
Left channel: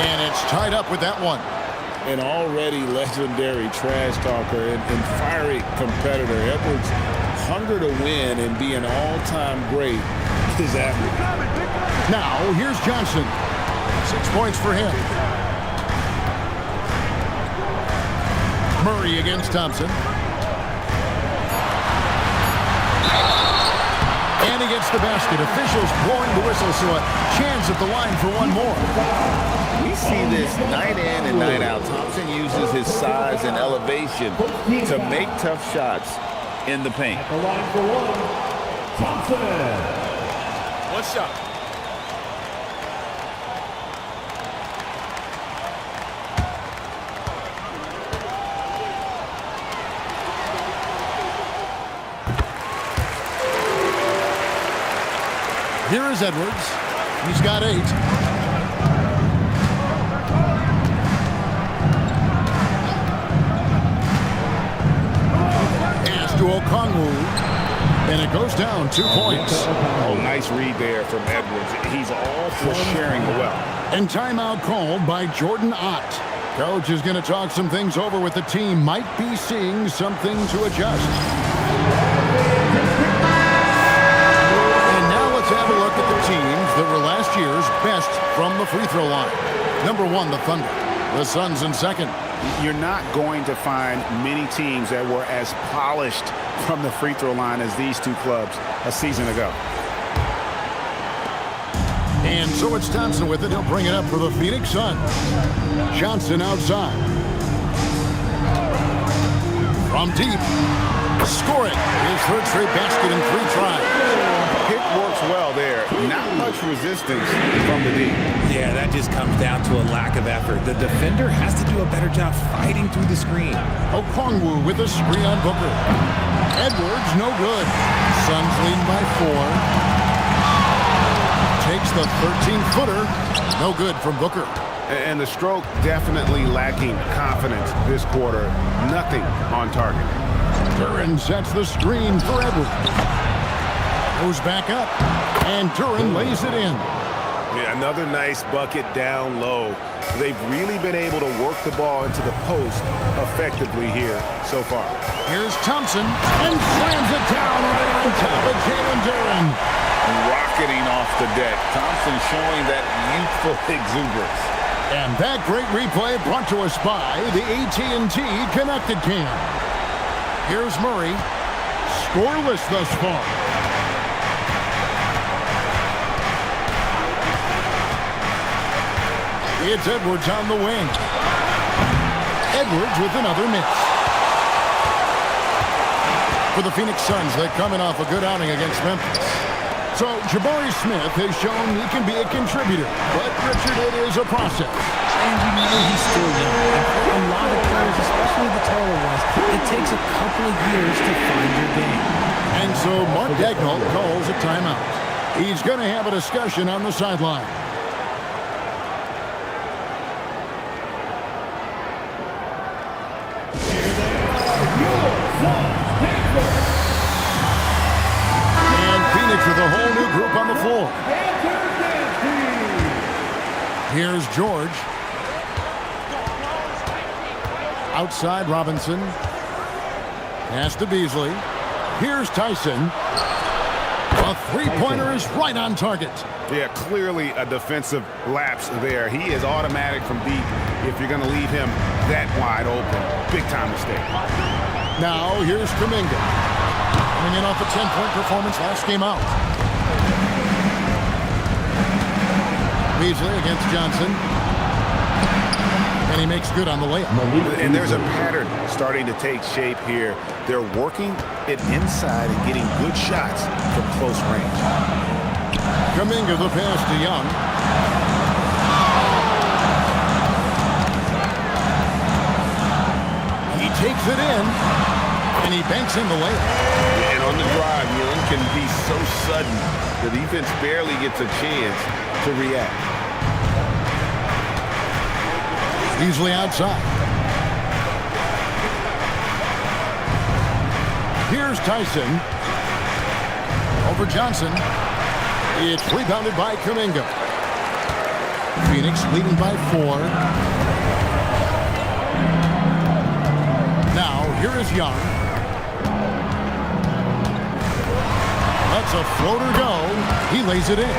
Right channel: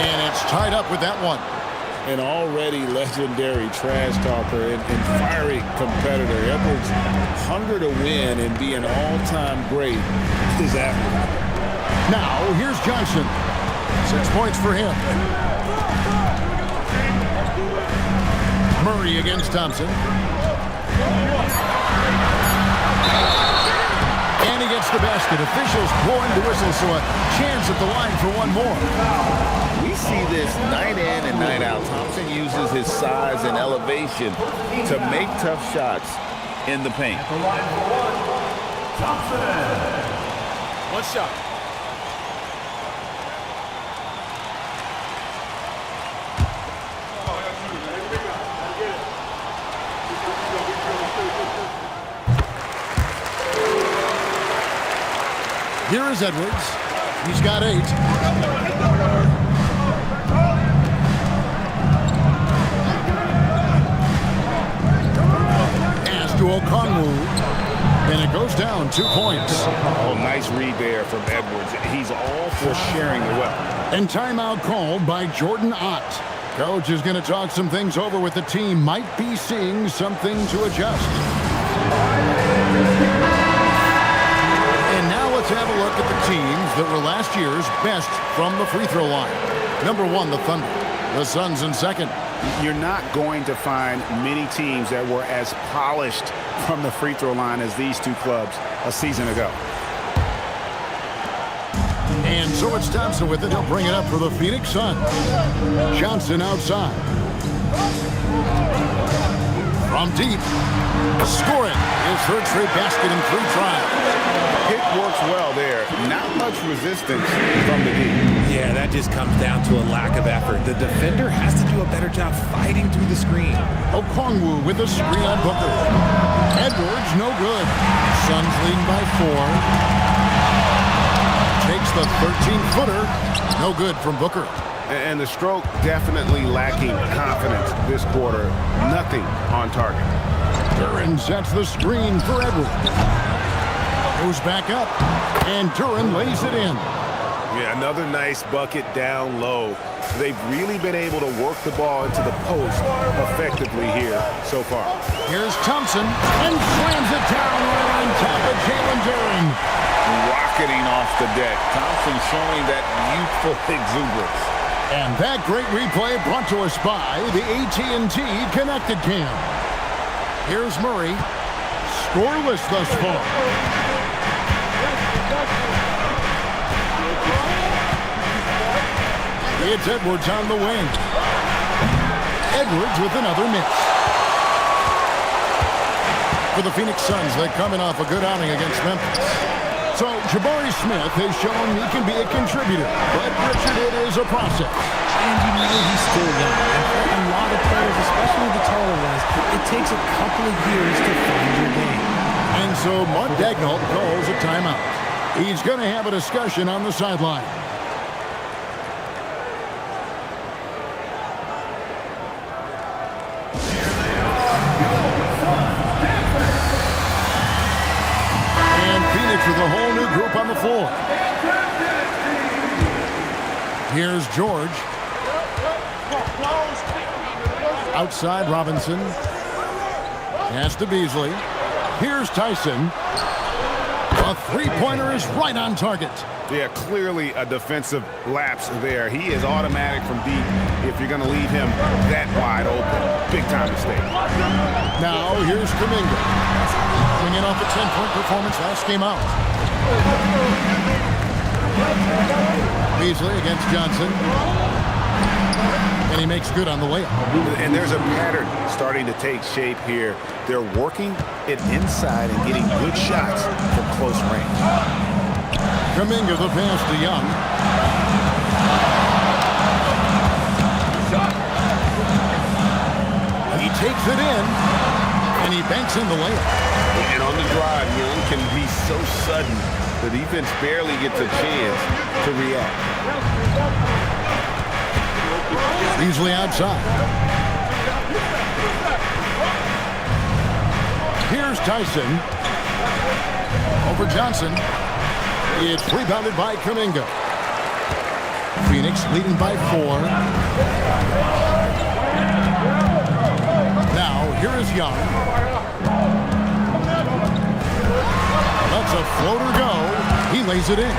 And it's tied up with that one. An already legendary trash talker and fiery competitor. Edwards' hunger to win and be an all-time great is admirable. Now, here's Johnson. 6 points for him. Murray against Thompson. And he gets the basket. Officials blowing the whistle, so a chance at the line for one more. We see this night in and night out. Thompson uses his size and elevation to make tough shots in the paint. At the line for one, Thompson. One shot. Here is Edwards. He's got 8. Pass to Okongwu. And it goes down 2 points. Oh, nice read there from Edwards. He's all for sharing the wealth. And timeout called by Jordan Ott. Coach is going to talk some things over with the team. Might be seeing something to adjust. And now let's have a look at the teams that were last year's best from the free throw line. Number 1, the Thunder. The Suns in second. You're not going to find many teams that were as polished from the free throw line as these two clubs a season ago. And so it's Thompson with it. He'll bring it up for the Phoenix Suns. Johnson outside. From deep. Score it. His third straight basket in 3 tries. Pick works well there. Not much resistance from the D. Yeah, that just comes down to a lack of effort. The defender has to do a better job fighting through the screen. Okongwu with a screen on Booker. Edwards, no good. Suns leading by 4. Takes the 13-footer. No good from Booker. And the stroke definitely lacking confidence this quarter. Nothing on target. Duren sets the screen for Edwards. Goes back up. And Duren lays it in. Yeah, another nice bucket down low. They've really been able to work the ball into the post effectively here so far. Here's Thompson and slams it down right on top of Jalen Duren. Rocketing off the deck. Thompson showing that youthful exuberance. And that great replay brought to us by the AT&T Connected Cam. Here's Murray. Scoreless thus far. It's Edwards on the wing. Edwards with another miss. For the Phoenix Suns, they're coming off a good outing against Memphis. So Jabari Smith has shown he can be a contributor, but Richard, it is a process. And you know he's still young. And for a lot of players, especially the taller ones, it takes a couple of years to find your game. And so Mark Daigneault calls a timeout. He's going to have a discussion on the sideline. And Phoenix with a whole new group on the floor. Here's George. Outside Robinson. Pass to Beasley. Here's Tyson. A three-pointer is right on target. Yeah, clearly a defensive lapse there. He is automatic from deep if you're going to leave him that wide open. Big-time mistake. Now here's Kuminga. Coming in off a 10-point performance last game out. Beasley against Johnson. And he makes good on the layup. And there's a pattern starting to take shape here. They're working it inside and getting good shots from close range. Kuminga the pass to Young. He takes it in, and he banks in the layup. And on the drive, Young can be so sudden, the defense barely gets a chance to react. Beasley outside. Here's Tyson. Over Johnson. It's rebounded by Kuminga. Phoenix leading by 4. Now, here is Young. Lets a floater go. He lays it in.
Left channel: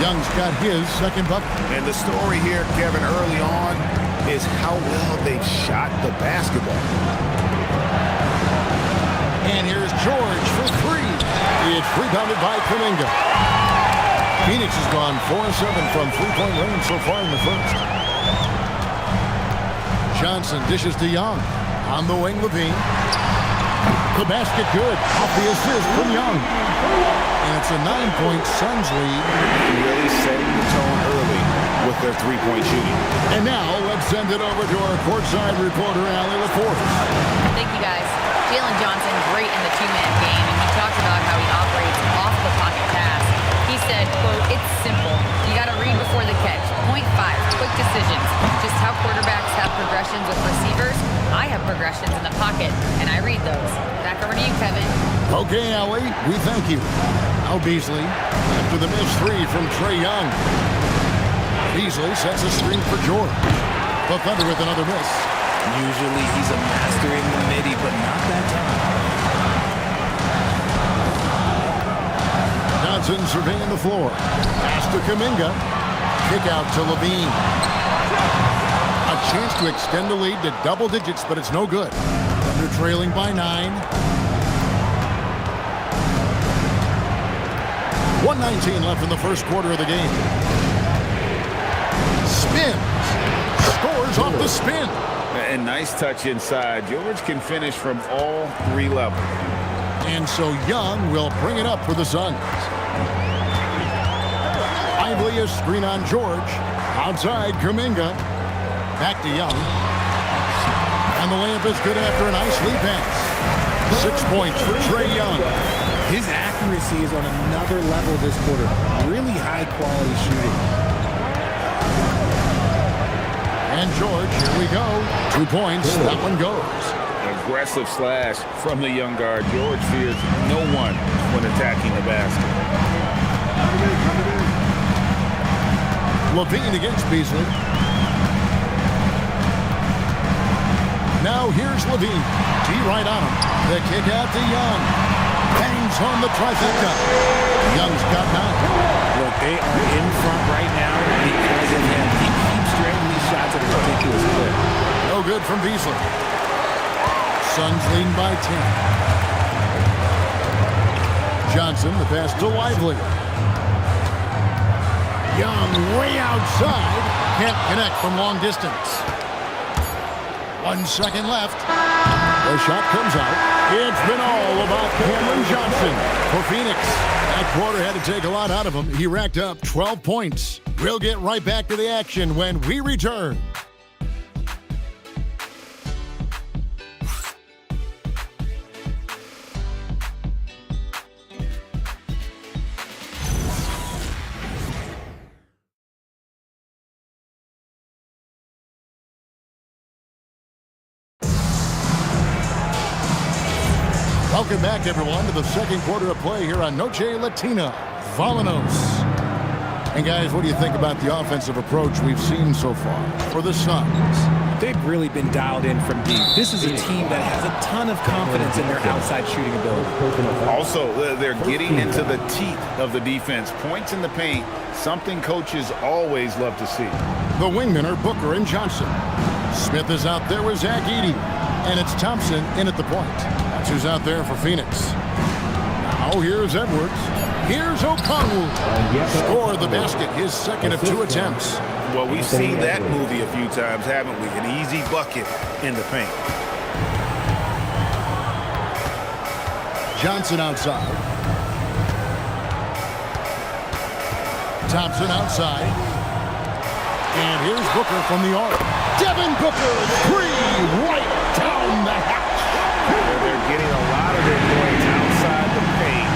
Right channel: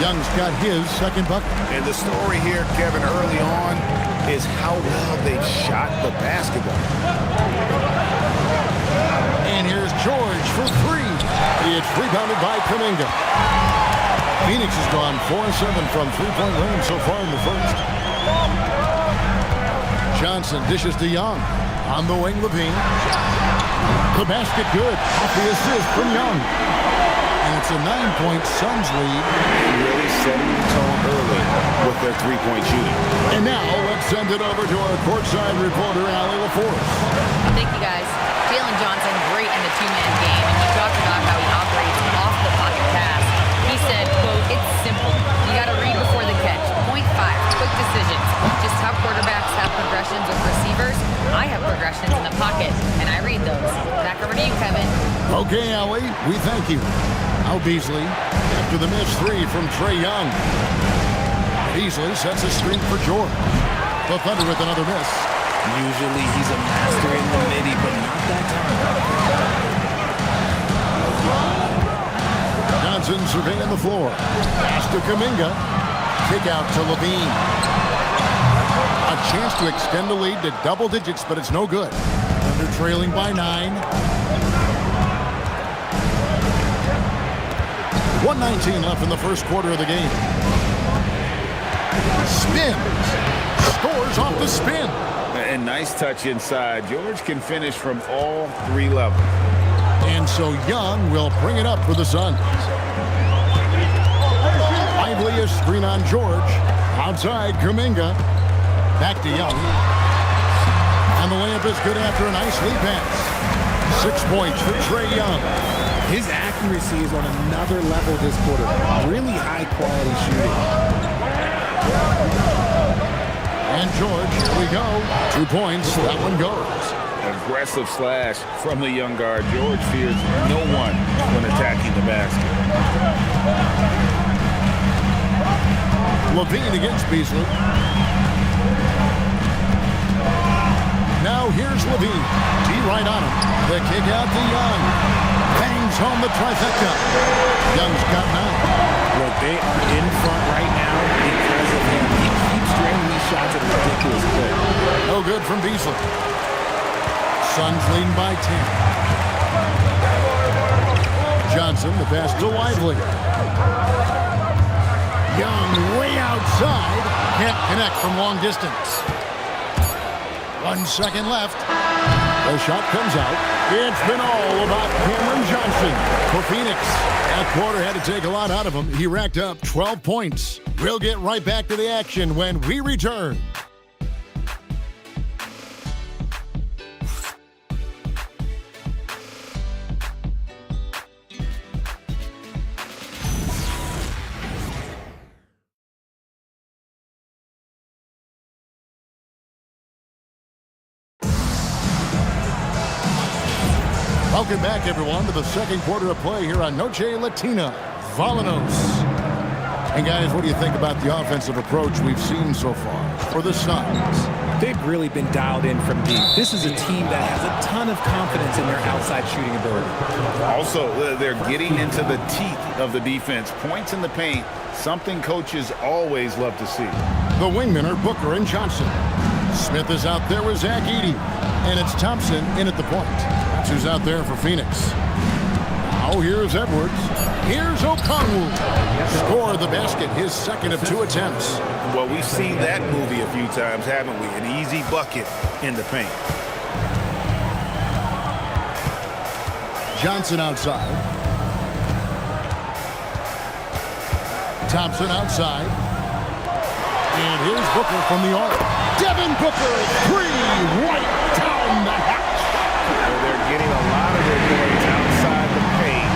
Young's got his second bucket. And the story here, Kevin, early on is how well they've shot the basketball. And here's George for 3. It's rebounded by Kuminga. Phoenix has gone 4-7 from three-point range so far in the first. Johnson dishes to Young. On the wing, Levine. The basket good. Off the assist from Young. And it's a 9-point Suns lead. Really setting the tone early with their three-point shooting. And now let's send it over to our courtside reporter, Allie LaForce. Thank you, guys. Jalen Johnson, great in the two-man game, and he talked about how he operates off the pocket pass. He said, quote, "It's simple. You got to read before the catch. Point 5, quick decisions. Just how quarterbacks have progressions with receivers, I have progressions in the pocket, and I read those." Back over to you, Kevin. Okay, Allie, we thank you. Now Beasley, after the missed 3 from Trae Young. Beasley sets a screen for George. The Thunder with another miss. Usually he's a master in the midi, but not that time. Johnson surveying the floor. Pass to Kuminga. Kick out to Levine. A chance to extend the lead to double digits, but it's no good. Thunder trailing by 9. 1:19 left in the first quarter of the game. Spins. Scores off the spin. And nice touch inside. George can finish from all 3 levels. And so Young will bring it up for the Suns. Lively a screen on George. Outside Kuminga. Back to Young. And the layup is good after a nice lead pass. 6 points for Trae Young. His accuracy is on another level this quarter. Really high quality shooting. And George, here we go. 2 points. That one goes. Aggressive slash from the young guard. George fears no one when attacking the basket. Levine against Beasley. Now here's Levine. D right on him. The kick out to Young. Bangs home the trifecta. Young's got 9. Look, they are in front right now because of him. He keeps draining these shots at a ridiculous clip. No good from Beasley. Suns leading by 10. Johnson, the pass to Lively. Young way outside. Can't connect from long distance. 1 second left. The shot comes out. It's been all about Cameron Johnson for Phoenix. That quarter had to take a lot out of him. He racked up 12 points. We'll get right back to the action when we return. Welcome back, everyone, to the second quarter of play here on Noche Latina, Volanos. And guys, what do you think about the offensive approach we've seen so far for the Suns? They've really been dialed in from deep. This is a team that has a ton of confidence in their outside shooting ability. Also, they're getting into the teeth of the defense. Points in the paint, something coaches always love to see. The wingmen are Booker and Johnson. Smith is out there with Zach Edey. And it's Thompson in at the point. That's who's out there for Phoenix. Now here's Edwards. Here's Okongwu. Scored the basket, his second of 2 attempts. Well, we've seen that movie a few times, haven't we? An easy bucket in the paint. Johnson outside. Thompson outside. And here's Booker from the arc. Devin Booker, 3 right down the hatch. They're getting a lot of their points outside the paint.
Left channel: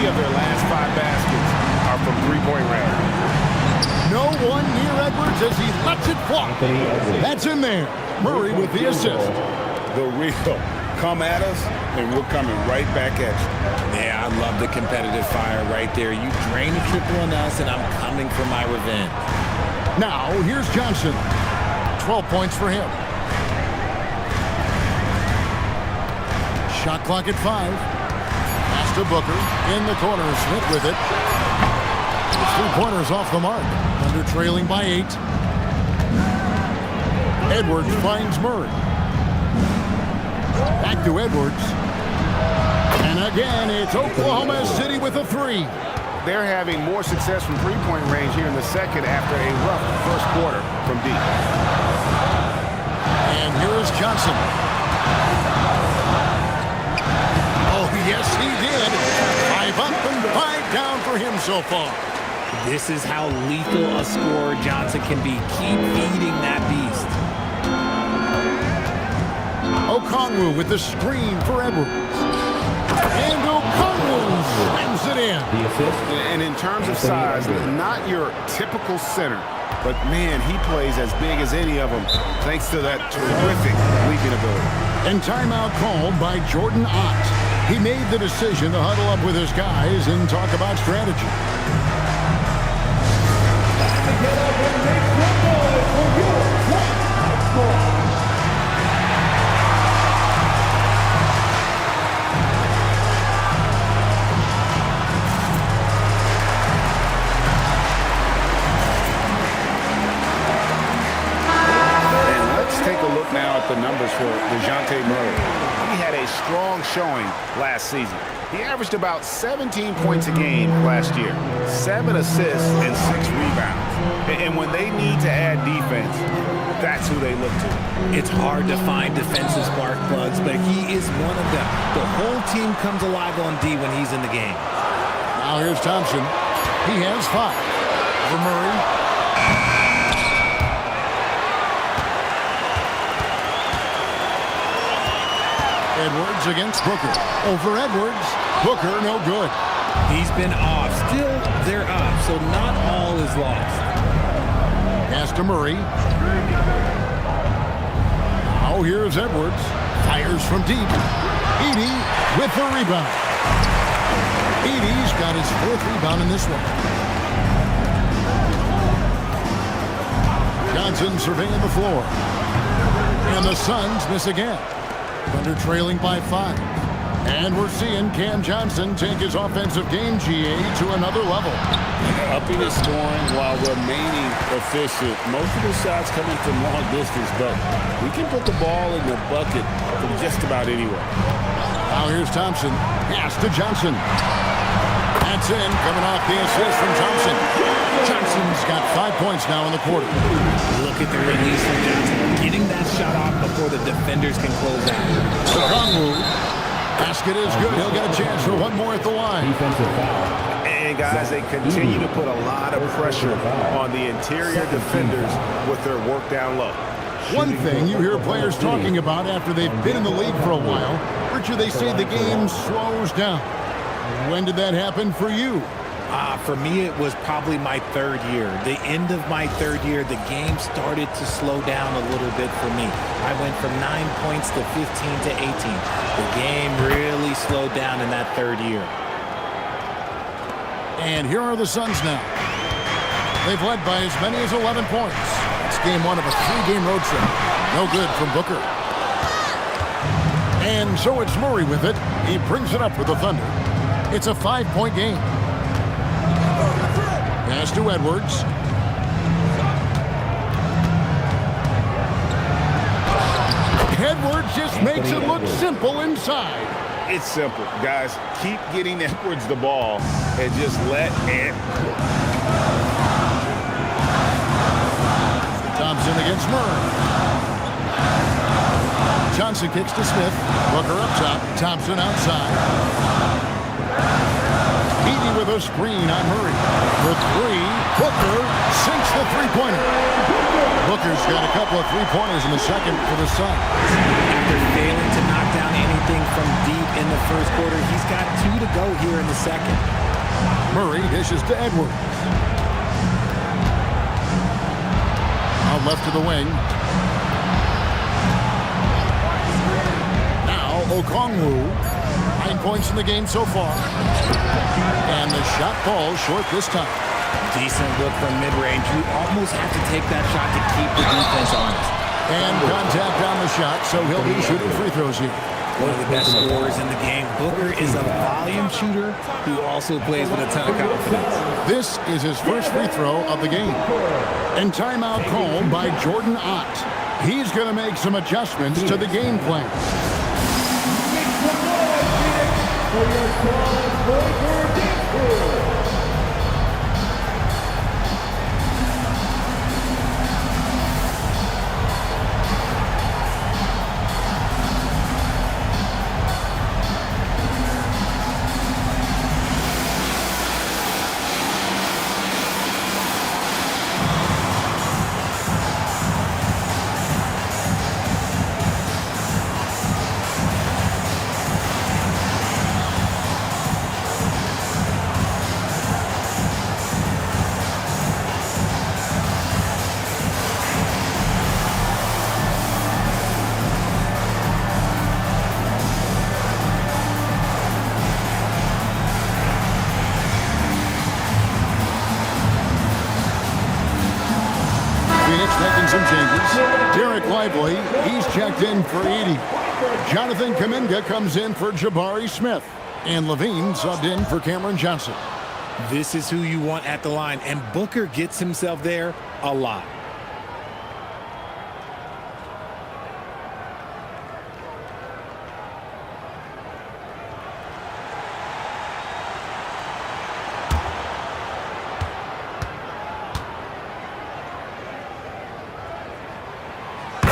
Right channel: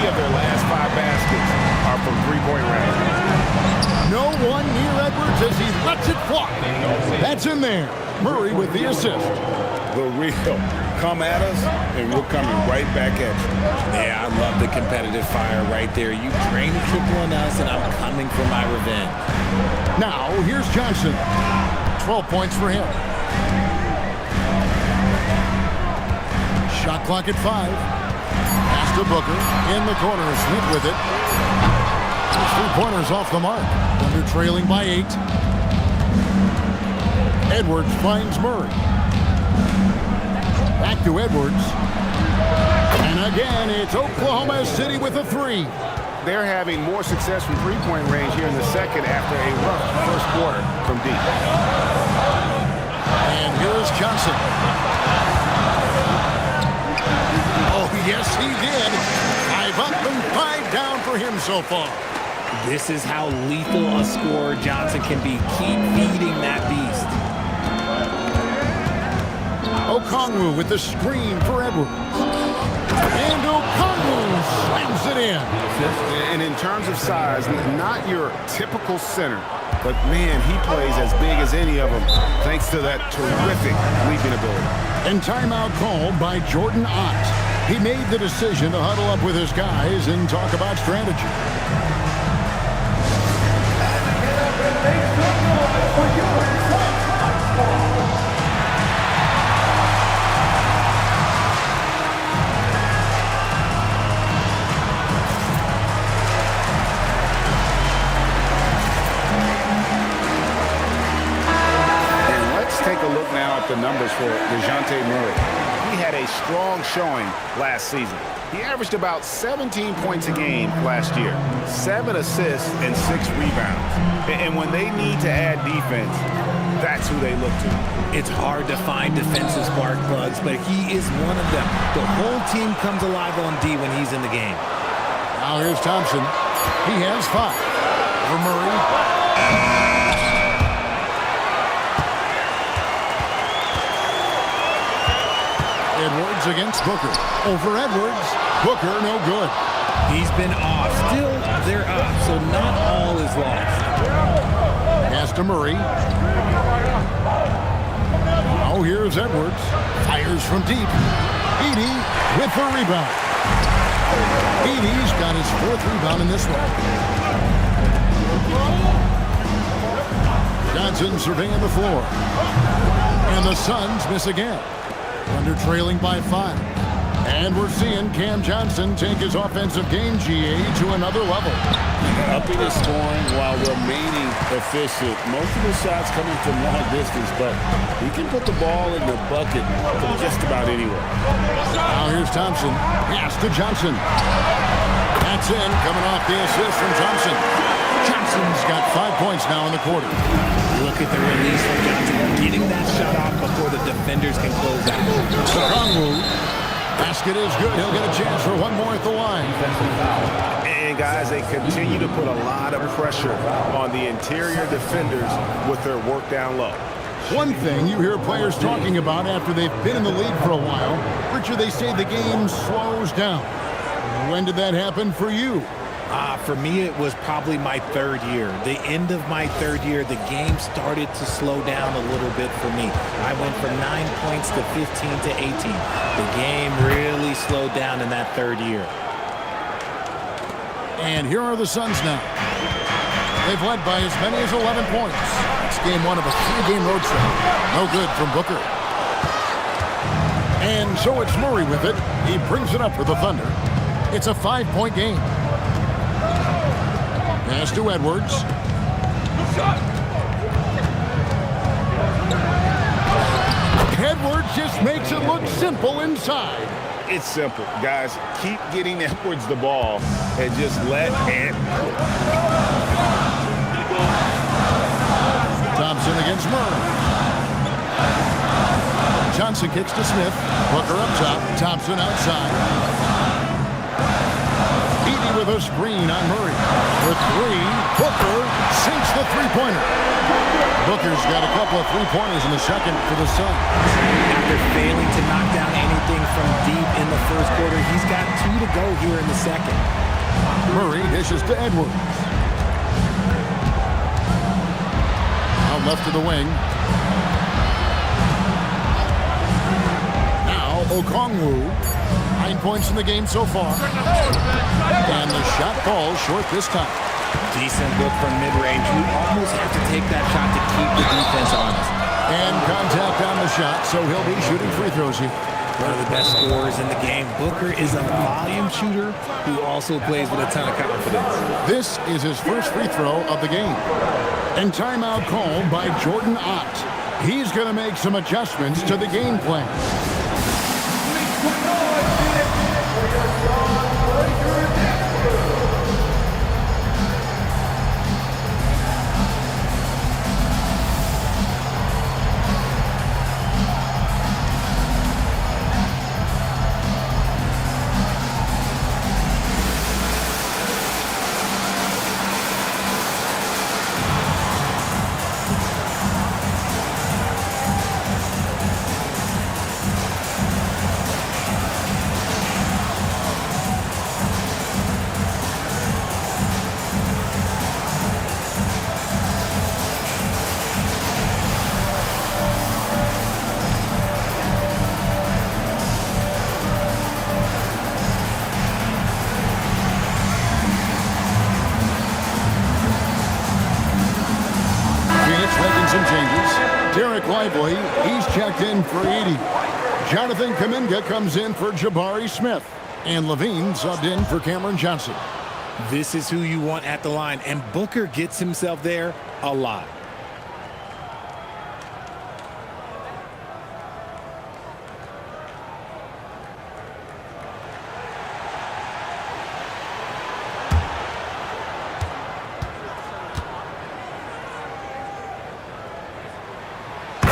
3 of their last 5 baskets are from three-point range. No one near Edwards as he lets it fly. That's in there. Murray with the assist. The real. Come at us, and we're coming right back at you. Yeah, I love the competitive fire right there. You drain a triple on us, and I'm coming for my revenge. Now, here's Johnson. 12 points for him. Shot clock at 5. Pass to Booker. In the corner. Smith with it. Those 3-pointers off the mark. Thunder trailing by 8. Edwards finds Murray. Back to Edwards. And again, it's Oklahoma City with a 3. They're having more success from three-point range here in the second after a rough first quarter from deep. And here's Johnson. Oh, yes, he did. 5 up and 5 down for him so far. This is how lethal a scorer Johnson can be. Keep feeding that beast. Okongwu with the screen for Edwards. And Okongwu slams it in. And in terms of size, not your typical center, but man, he plays as big as any of them thanks to that terrific leaping ability. And timeout called by Jordan Ott. He made the decision to huddle up with his guys and talk about strategy. Take a look now at the numbers for DeJounte Murray. He had a strong showing last season. He averaged about 17 points a game last year, 7 assists and 6 rebounds. And when they need to add defense, that's who they look to. It's hard to find defensive spark plugs, but he is one of them. The whole team comes alive on D when he's in the game. Now here's Thompson. He has 5 for Murray. Edwards against Booker. Over Edwards. Booker, no good. He's been off. Still, they're up, so not all is lost. Pass to Murray. Now here's Edwards. Fires from deep. Edey with the rebound. Edey's got his 4th rebound in this one. Johnson surveying the floor. And the Suns miss again. Thunder trailing by 5. And we're seeing Cam Johnson take his offensive game, GA, to another level. Upping his scoring while remaining efficient. Most of his shots coming from long distance, but he can put the ball in the bucket from just about anywhere. Now here's Thompson. Pass to Johnson. That's in, coming off the assist from Thompson. Johnson's got 5 points now in the quarter. Look at the release from Johnson, getting that shot off before the defenders can close out. Okongwu. Basket is good. He'll get a chance for one more at the line. And guys, they continue to put a lot of pressure on the interior defenders with their work down low. One thing you hear players talking about after they've been in the league for a while, Richard, they say the game slows down. When did that happen for you? For me, it was probably my third year. The end of my third year, the game started to slow down a little bit for me. I went from 9 points to 15 to 18. The game really slowed down in that third year. And here are the Suns now. They've led by as many as 11 points. It's game 1 of a 3-game road trip. No good from Booker. And so it's Murray with it. He brings it up for the Thunder. It's a 5-point game. Pass to Edwards. Edwards just makes it look simple inside. It's simple, guys. Keep getting Edwards the ball and just let it cook. Thompson against Murray. Johnson kicks to Smith. Booker up top. Thompson outside. Edey with a screen on Murray. For 3, Booker sinks the three-pointer. Booker's got a couple of three-pointers in the second for the Suns. After failing to knock down anything from deep in the first quarter, he's got 2 to go here in the second. Murray dishes to Edwards. Out left to the wing. Now Okongwu. 9 points in the game so far. And the shot falls short this time. Decent look from mid-range. You almost have to take that shot to keep the defense honest. And contact on the shot, so he'll be shooting free throws here. One of the best scorers in the game. Booker is a volume shooter who also plays with a ton of confidence. This is his first free throw of the game. And timeout called by Jordan Ott. He's going to make some adjustments to the game plan. Phoenix making some changes. Derek Lively, he's checked in for Edey. Jonathan Kuminga comes in for Jabari Smith. And Levine subbed in for Cameron Johnson. This is who you want at the line, and Booker gets himself there a lot.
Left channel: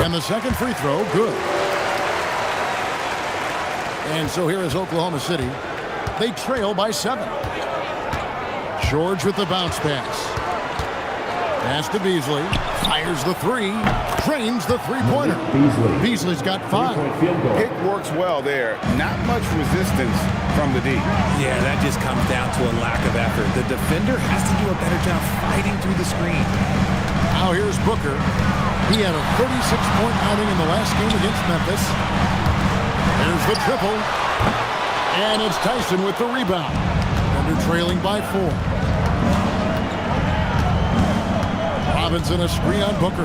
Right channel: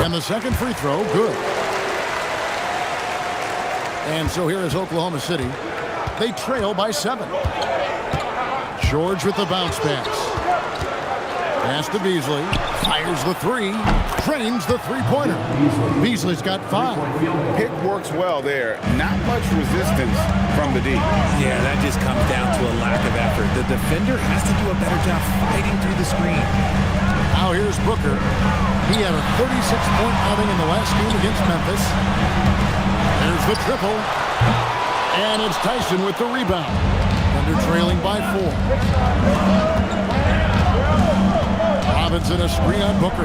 And the second free throw, good. And so here is Oklahoma City. They trail by 7. George with the bounce pass. Pass to Beasley. Fires the 3. Drains the three-pointer. Beasley's got 5. Pick works well there. Not much resistance from the D. Yeah, that just comes down to a lack of effort. The defender has to do a better job fighting through the screen. Now here's Booker. He had a 36-point outing in the last game against Memphis. There's the triple. And it's Tyson with the rebound. Thunder trailing by 4. Robinson, a screen on Booker.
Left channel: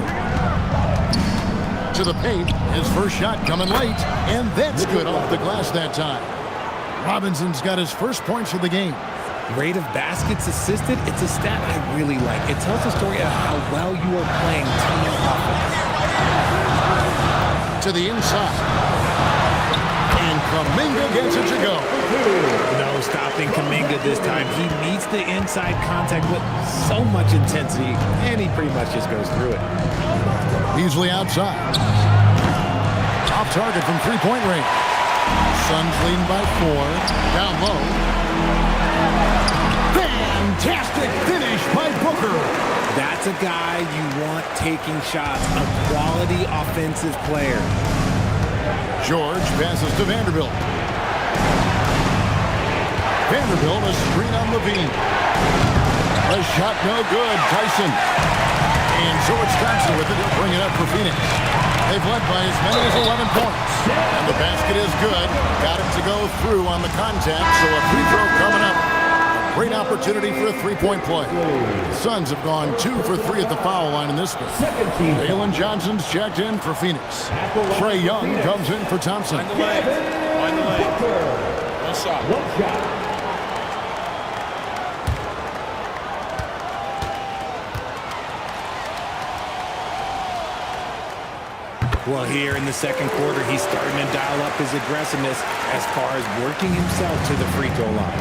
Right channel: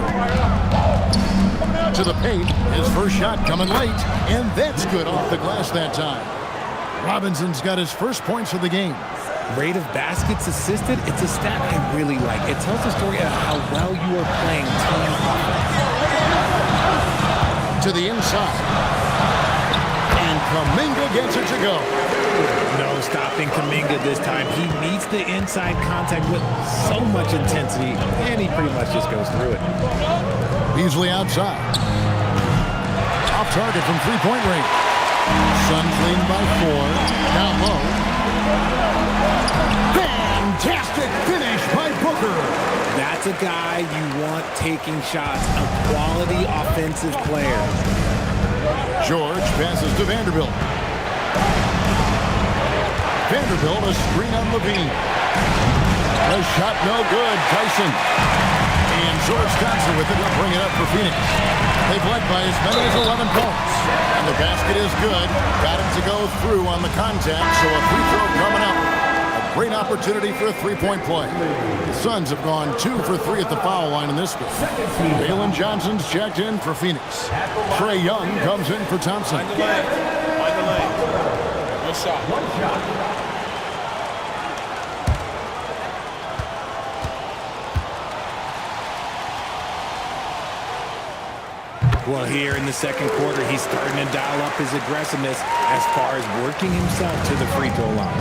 To the paint, his first shot coming late, and that's good off the glass that time. Robinson's got his first points of the game. Rate of baskets assisted, it's a stat I really like. It tells the story of how well you are playing team offense. To the inside. And Kuminga gets it to go. No stopping Kuminga this time. He meets the inside contact with so much intensity, and he pretty much just goes through it. Beasley outside. Off target from three-point range. Suns leading by 4. Down low. Fantastic finish by Booker. That's a guy you want taking shots, a quality offensive player. George passes to Vanderbilt. Vanderbilt, a screen on Levine. A shot no good. Tyson. And George Thompson with it. He'll bring it up for Phoenix. They've led by as many as 11 points. And the basket is good. Got it to go through on the contact, so a free throw coming up. A great opportunity for a three-point play. The Suns have gone 2 for 3 at the foul line in this game. Jalen Johnson's checked in for Phoenix. Trae Young comes in for Thompson. Find the lane. Find the lane. One shot. Well, here in the second quarter, he's starting to dial up his aggressiveness as far as working himself to the free throw line.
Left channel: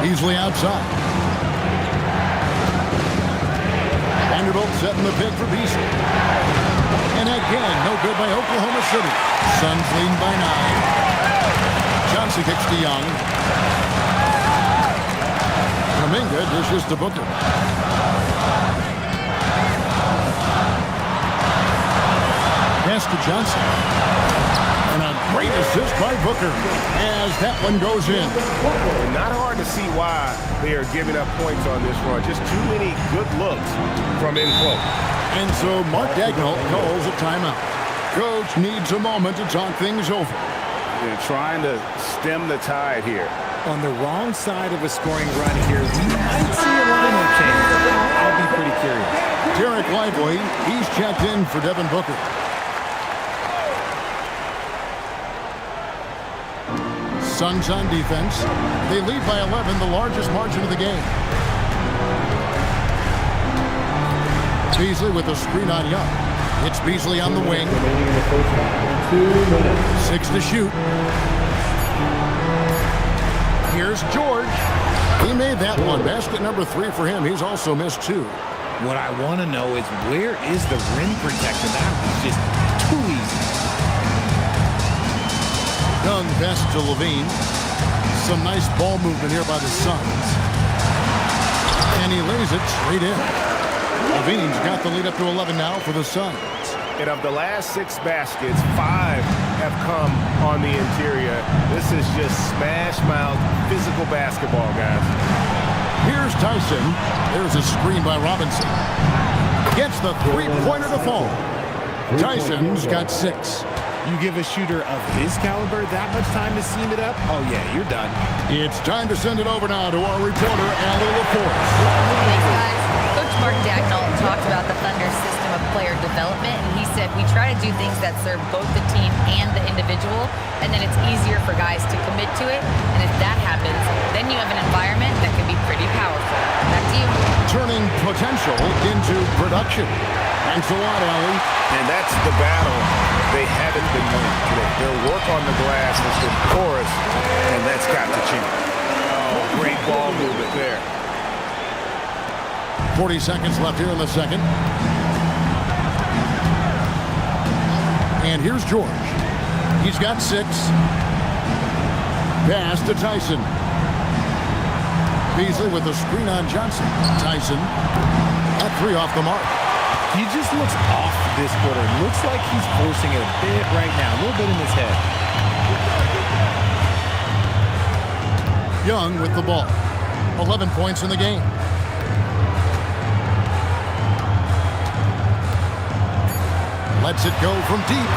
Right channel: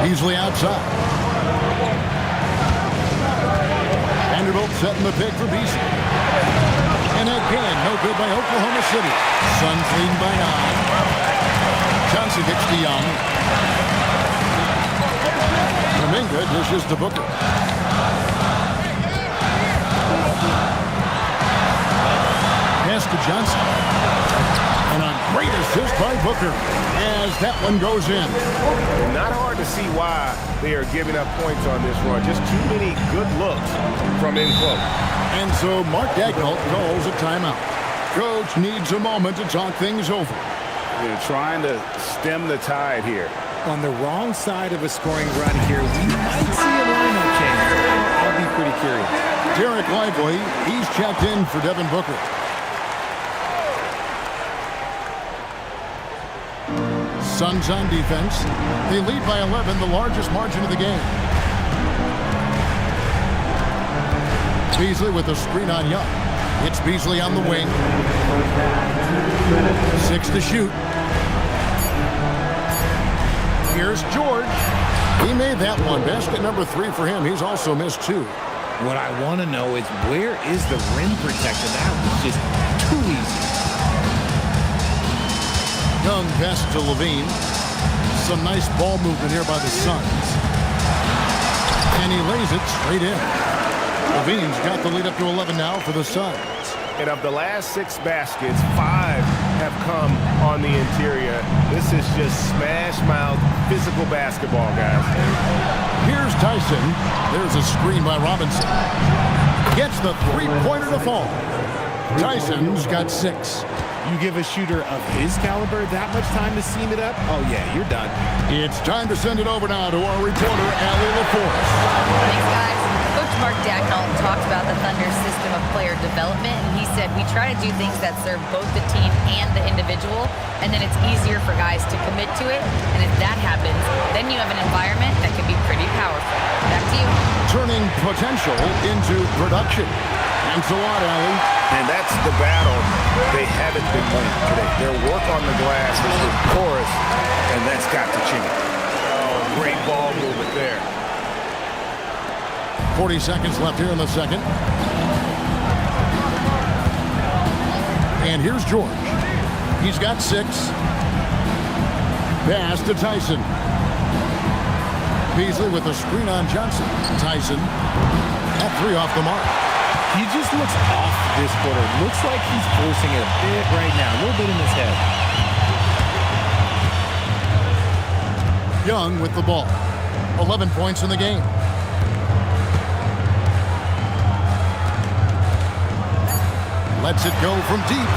Beasley outside. Vanderbilt setting the pick for Beasley. And again, no good by Oklahoma City. Suns leading by 9. Johnson kicks to Young. Kuminga dishes to Booker. Pass to Johnson. And a great assist by Booker as that one goes in. And not hard to see why they are giving up points on this run. Just too many good looks from in close. And so Mark Daigneault calls a timeout. Coach needs a moment to talk things over. They're trying to stem the tide here. On the wrong side of a scoring run here, we might see a lineup change. I'll be pretty curious. Derek Lively, he's checked in for Devin Booker. Suns on defense. They lead by 11, the largest margin of the game. Beasley with a screen on Young. It's Beasley on the wing. 6 to shoot. Here's George. He made that one. Basket number 3 for him. He's also missed 2. What I want to know is where is the rim protection? That was just too easy. Young pass to Levine. Some nice ball movement here by the Suns. And he lays it straight in. Levine's got the lead up to 11 now for the Suns. And of the last 6 baskets, 5 have come on the interior. This is just smash-mouth physical basketball, guys. Here's Tyson. There's a screen by Robinson. Gets the three-pointer to fall. Tyson's got 6. You give a shooter of his caliber that much time to seam it up? Oh, yeah, you're done. It's time to send it over now to our reporter, Allie LaForce. Thanks, guys. Coach Mark Daigneault talked about the Thunder's system of player development, and he said, we try to do things that serve both the team and the individual, and then it's easier for guys to commit to it. And if that happens, then you have an environment that can be pretty powerful. Back to you. Turning potential into production. Thanks a lot, Allie. And that's the battle they haven't been winning today. Their work on the glass has been porous, and that's got to change. Oh, great ball movement there. 40 seconds left here in the second. And here's George. He's got 6. Pass to Tyson. Beasley with a screen on Johnson. Tyson at 3 off the mark. He just looks off this quarter. Looks like he's forcing it a bit right now. A little bit in his head. Young with the ball. 11 points in the game. Lets it go from deep.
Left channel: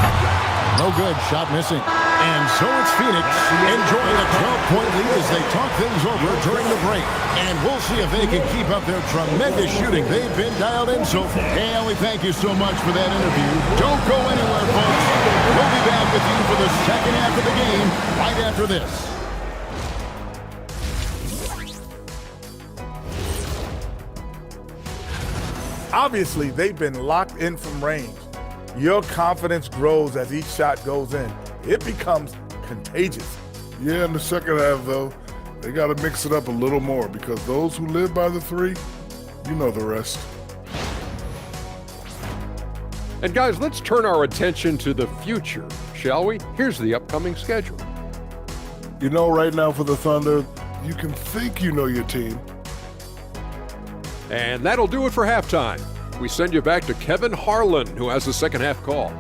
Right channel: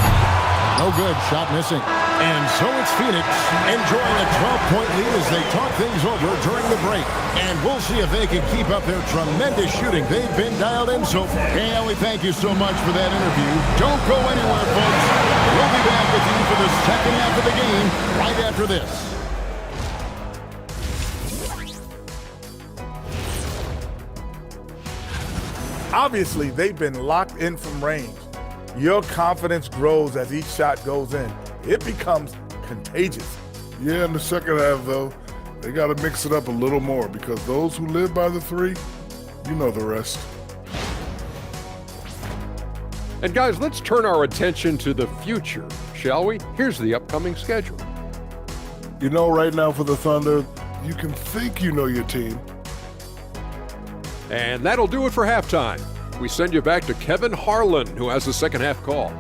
No good. Shot missing. And so it's Phoenix enjoying a 12-point lead as they talk things over during the break. And we'll see if they can keep up their tremendous shooting. They've been dialed in so far. And we thank you so much for that interview. Don't go anywhere, folks. We'll be back with you for the second half of the game right after this. Obviously, they've been locked in from range. Your confidence grows as each shot goes in. It becomes contagious. Yeah, in the second half, though, they got to mix it up a little more because those who live by the three, you know the rest. And guys, let's turn our attention to the future, shall we? Here's the upcoming schedule. You know, right now for the Thunder, you can think you know your team. And that'll do it for halftime. We send you back to Kevin Harlan, who has the second half call.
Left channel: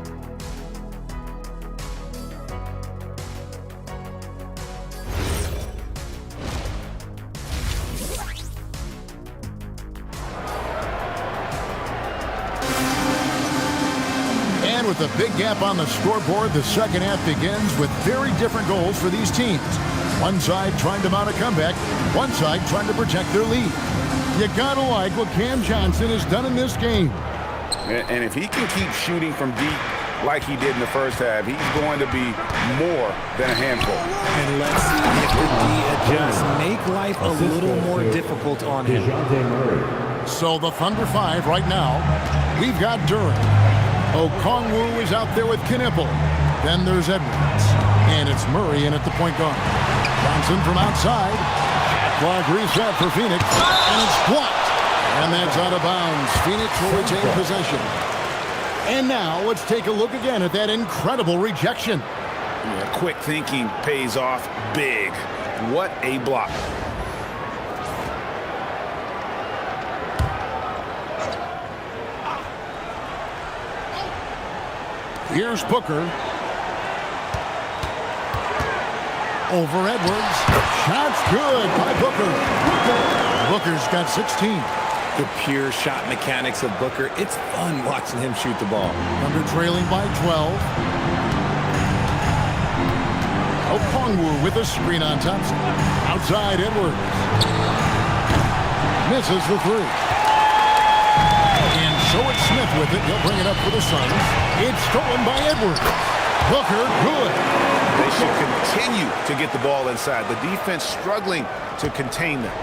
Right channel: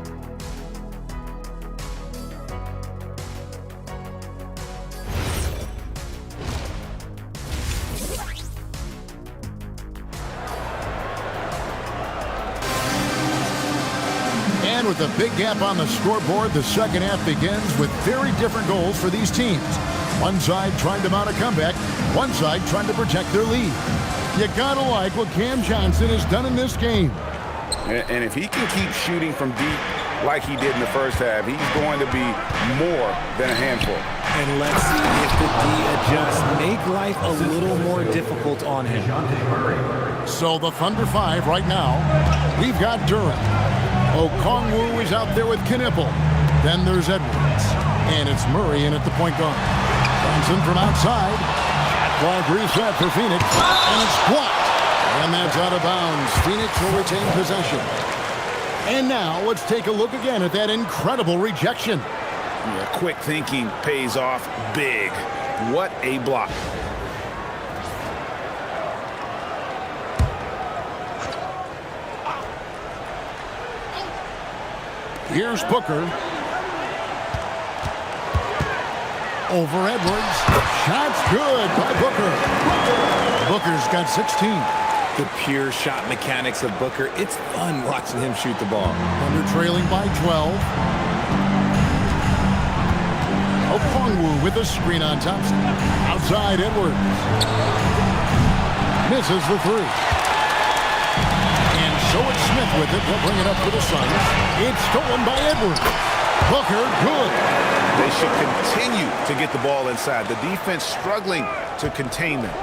And with a big gap on the scoreboard, the second half begins with very different goals for these teams. One side trying to mount a comeback, one side trying to protect their lead. You gotta like what Cam Johnson has done in this game. And if he can keep shooting from deep like he did in the first half, he's going to be more than a handful. And let's see if the D adjusts, make life a little more difficult on him. So the Thunder 5 right now, we've got Duren. Okongwu is out there with Knipple. Then there's Edwards. And it's Murray in at the point guard. Johnson from outside. Shot clock reset for Phoenix. And it's blocked. And that's out of bounds. Phoenix will retain possession. And now let's take a look again at that incredible rejection. Yeah, quick thinking pays off big. What a block. Here's Booker. Over Edwards. Shot's good by Booker. Booker's got 16. The pure shot mechanics of Booker. It's fun watching him shoot the ball. Thunder trailing by 12. Okongwu with a screen on Thompson. Outside Edwards. Misses the three. And so it's Smith with it. He'll bring it up for the Suns. It's stolen by Edwards. Booker, good. They should continue to get the ball inside. The defense struggling to contain them.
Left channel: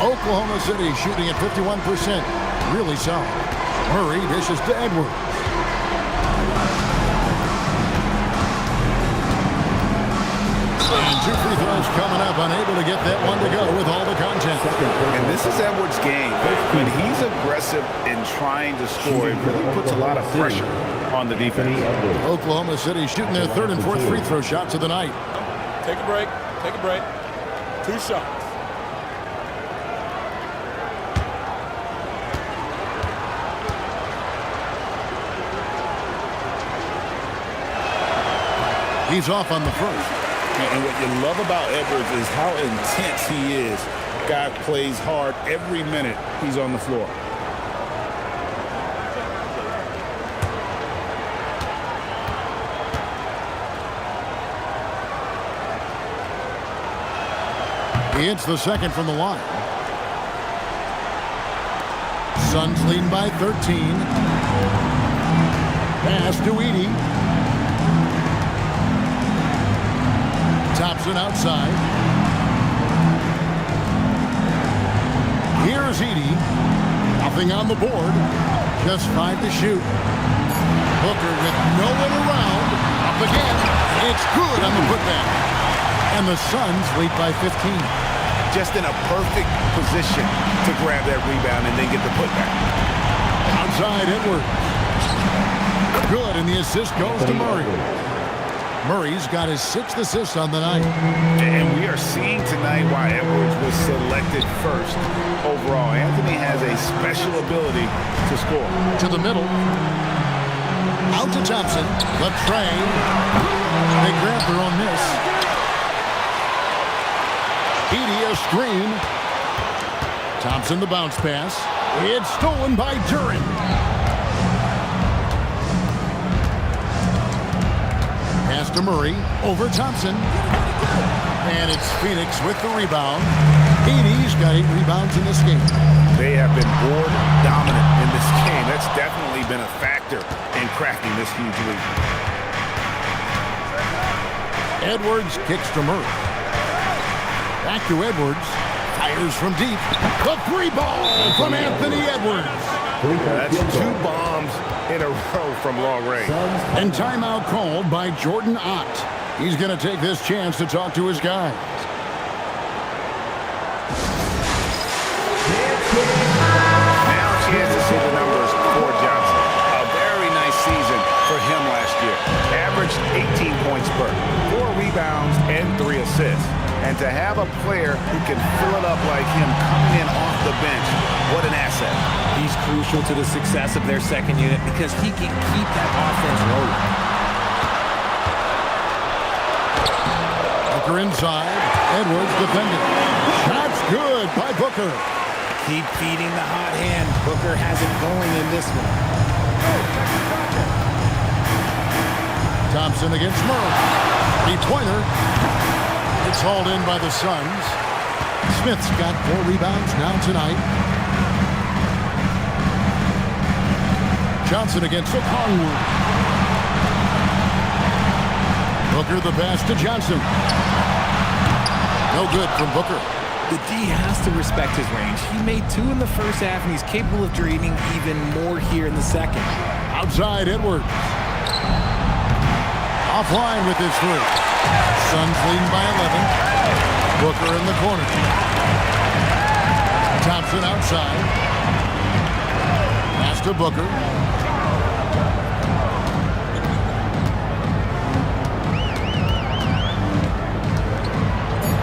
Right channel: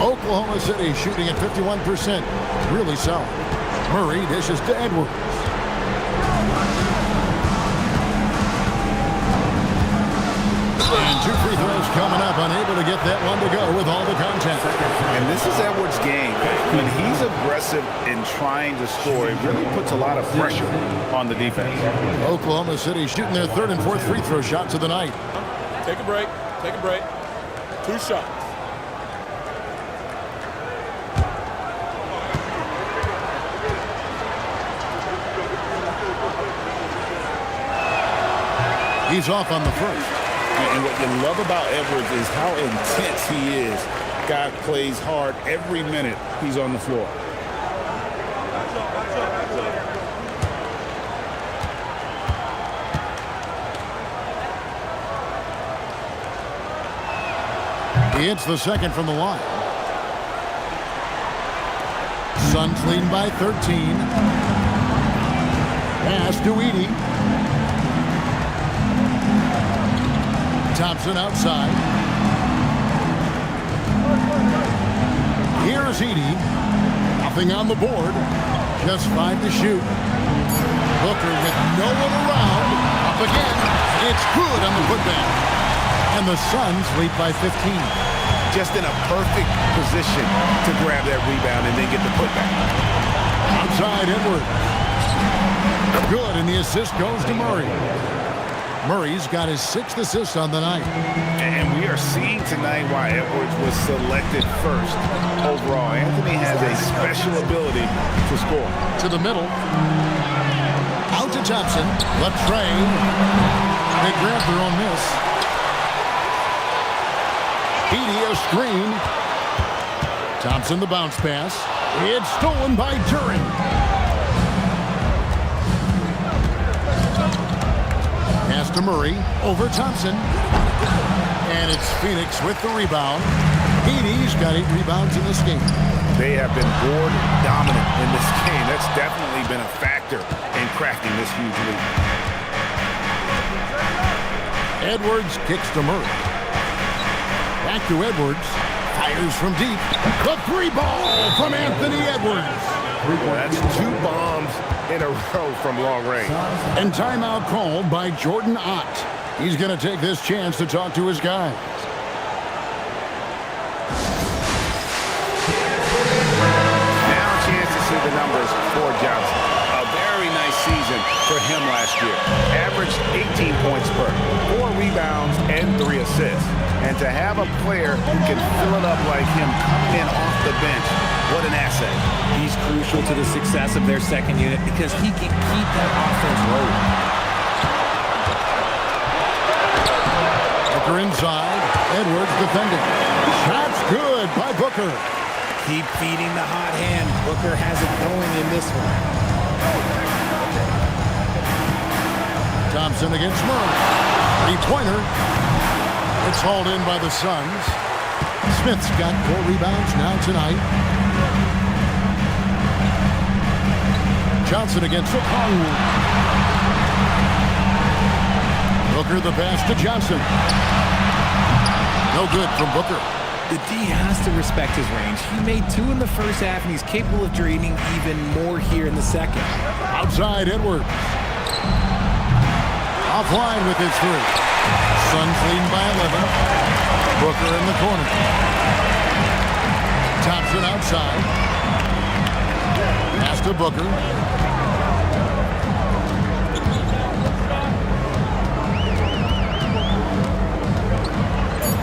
Oklahoma City shooting at 51%. Really solid. Murray dishes to Edwards. And two free throws coming up. Unable to get that one to go with all the contact. And this is Edwards' game. When he's aggressive in trying to score, it really puts a lot of pressure on the defense. Oklahoma City shooting their third and fourth free throw shots of the night. Take a break. Take a break. 2 shots. He's off on the first. And what you love about Edwards is how intense he is. Guy plays hard every minute he's on the floor. He hits the second from the line. Suns leading by 13. Pass to Edey. Thompson outside. Here's Edey. Nothing on the board. Just 5 to shoot. Booker with no one around. Up again. It's good on the putback. And the Suns lead by 15. Just in a perfect position to grab that rebound and then get the putback. Outside Edwards. Good, and the assist goes to Murray. Murray's got his 6th assist on the night. And we are seeing tonight why Edwards was selected first overall. Anthony has a special ability to score. To the middle. Out to Thompson. Latrey. They grab their own miss. Edey a screen. Thompson the bounce pass. It's stolen by Duren. Pass to Murray. Over Thompson. And it's Phoenix with the rebound. Edey's got 8 rebounds in this game. They have been board dominant in this game. That's definitely been a factor in crafting this huge lead. Edwards kicks to Murray. Back to Edwards. Fires from deep. The 3 ball from Anthony Edwards. Yeah, that's 2 bombs in a row from long range. And timeout called by Jordan Ott. He's going to take this chance to talk to his guys. Now a chance to see the numbers for Johnson. A very nice season for him last year. Averaged 18 points per, 4 rebounds, and 3 assists. And to have a player who can fill it up like him coming in off the bench, what an asset. He's crucial to the success of their second unit because he can keep that offense rolling. Booker inside. Edwards defending. Shots good by Booker. Keep feeding the hot hand. Booker has it going in this one. Thompson against Murray. 3-pointer. It's hauled in by the Suns. Smith's got 4 rebounds now tonight. Johnson against Okongwu. Booker the pass to Johnson. No good from Booker. The D has to respect his range. He made 2 in the first half, and he's capable of draining even more here in the second. Outside Edwards. Offline with his 3. Suns leading by 11. Booker in the corner. Thompson outside. Pass to Booker.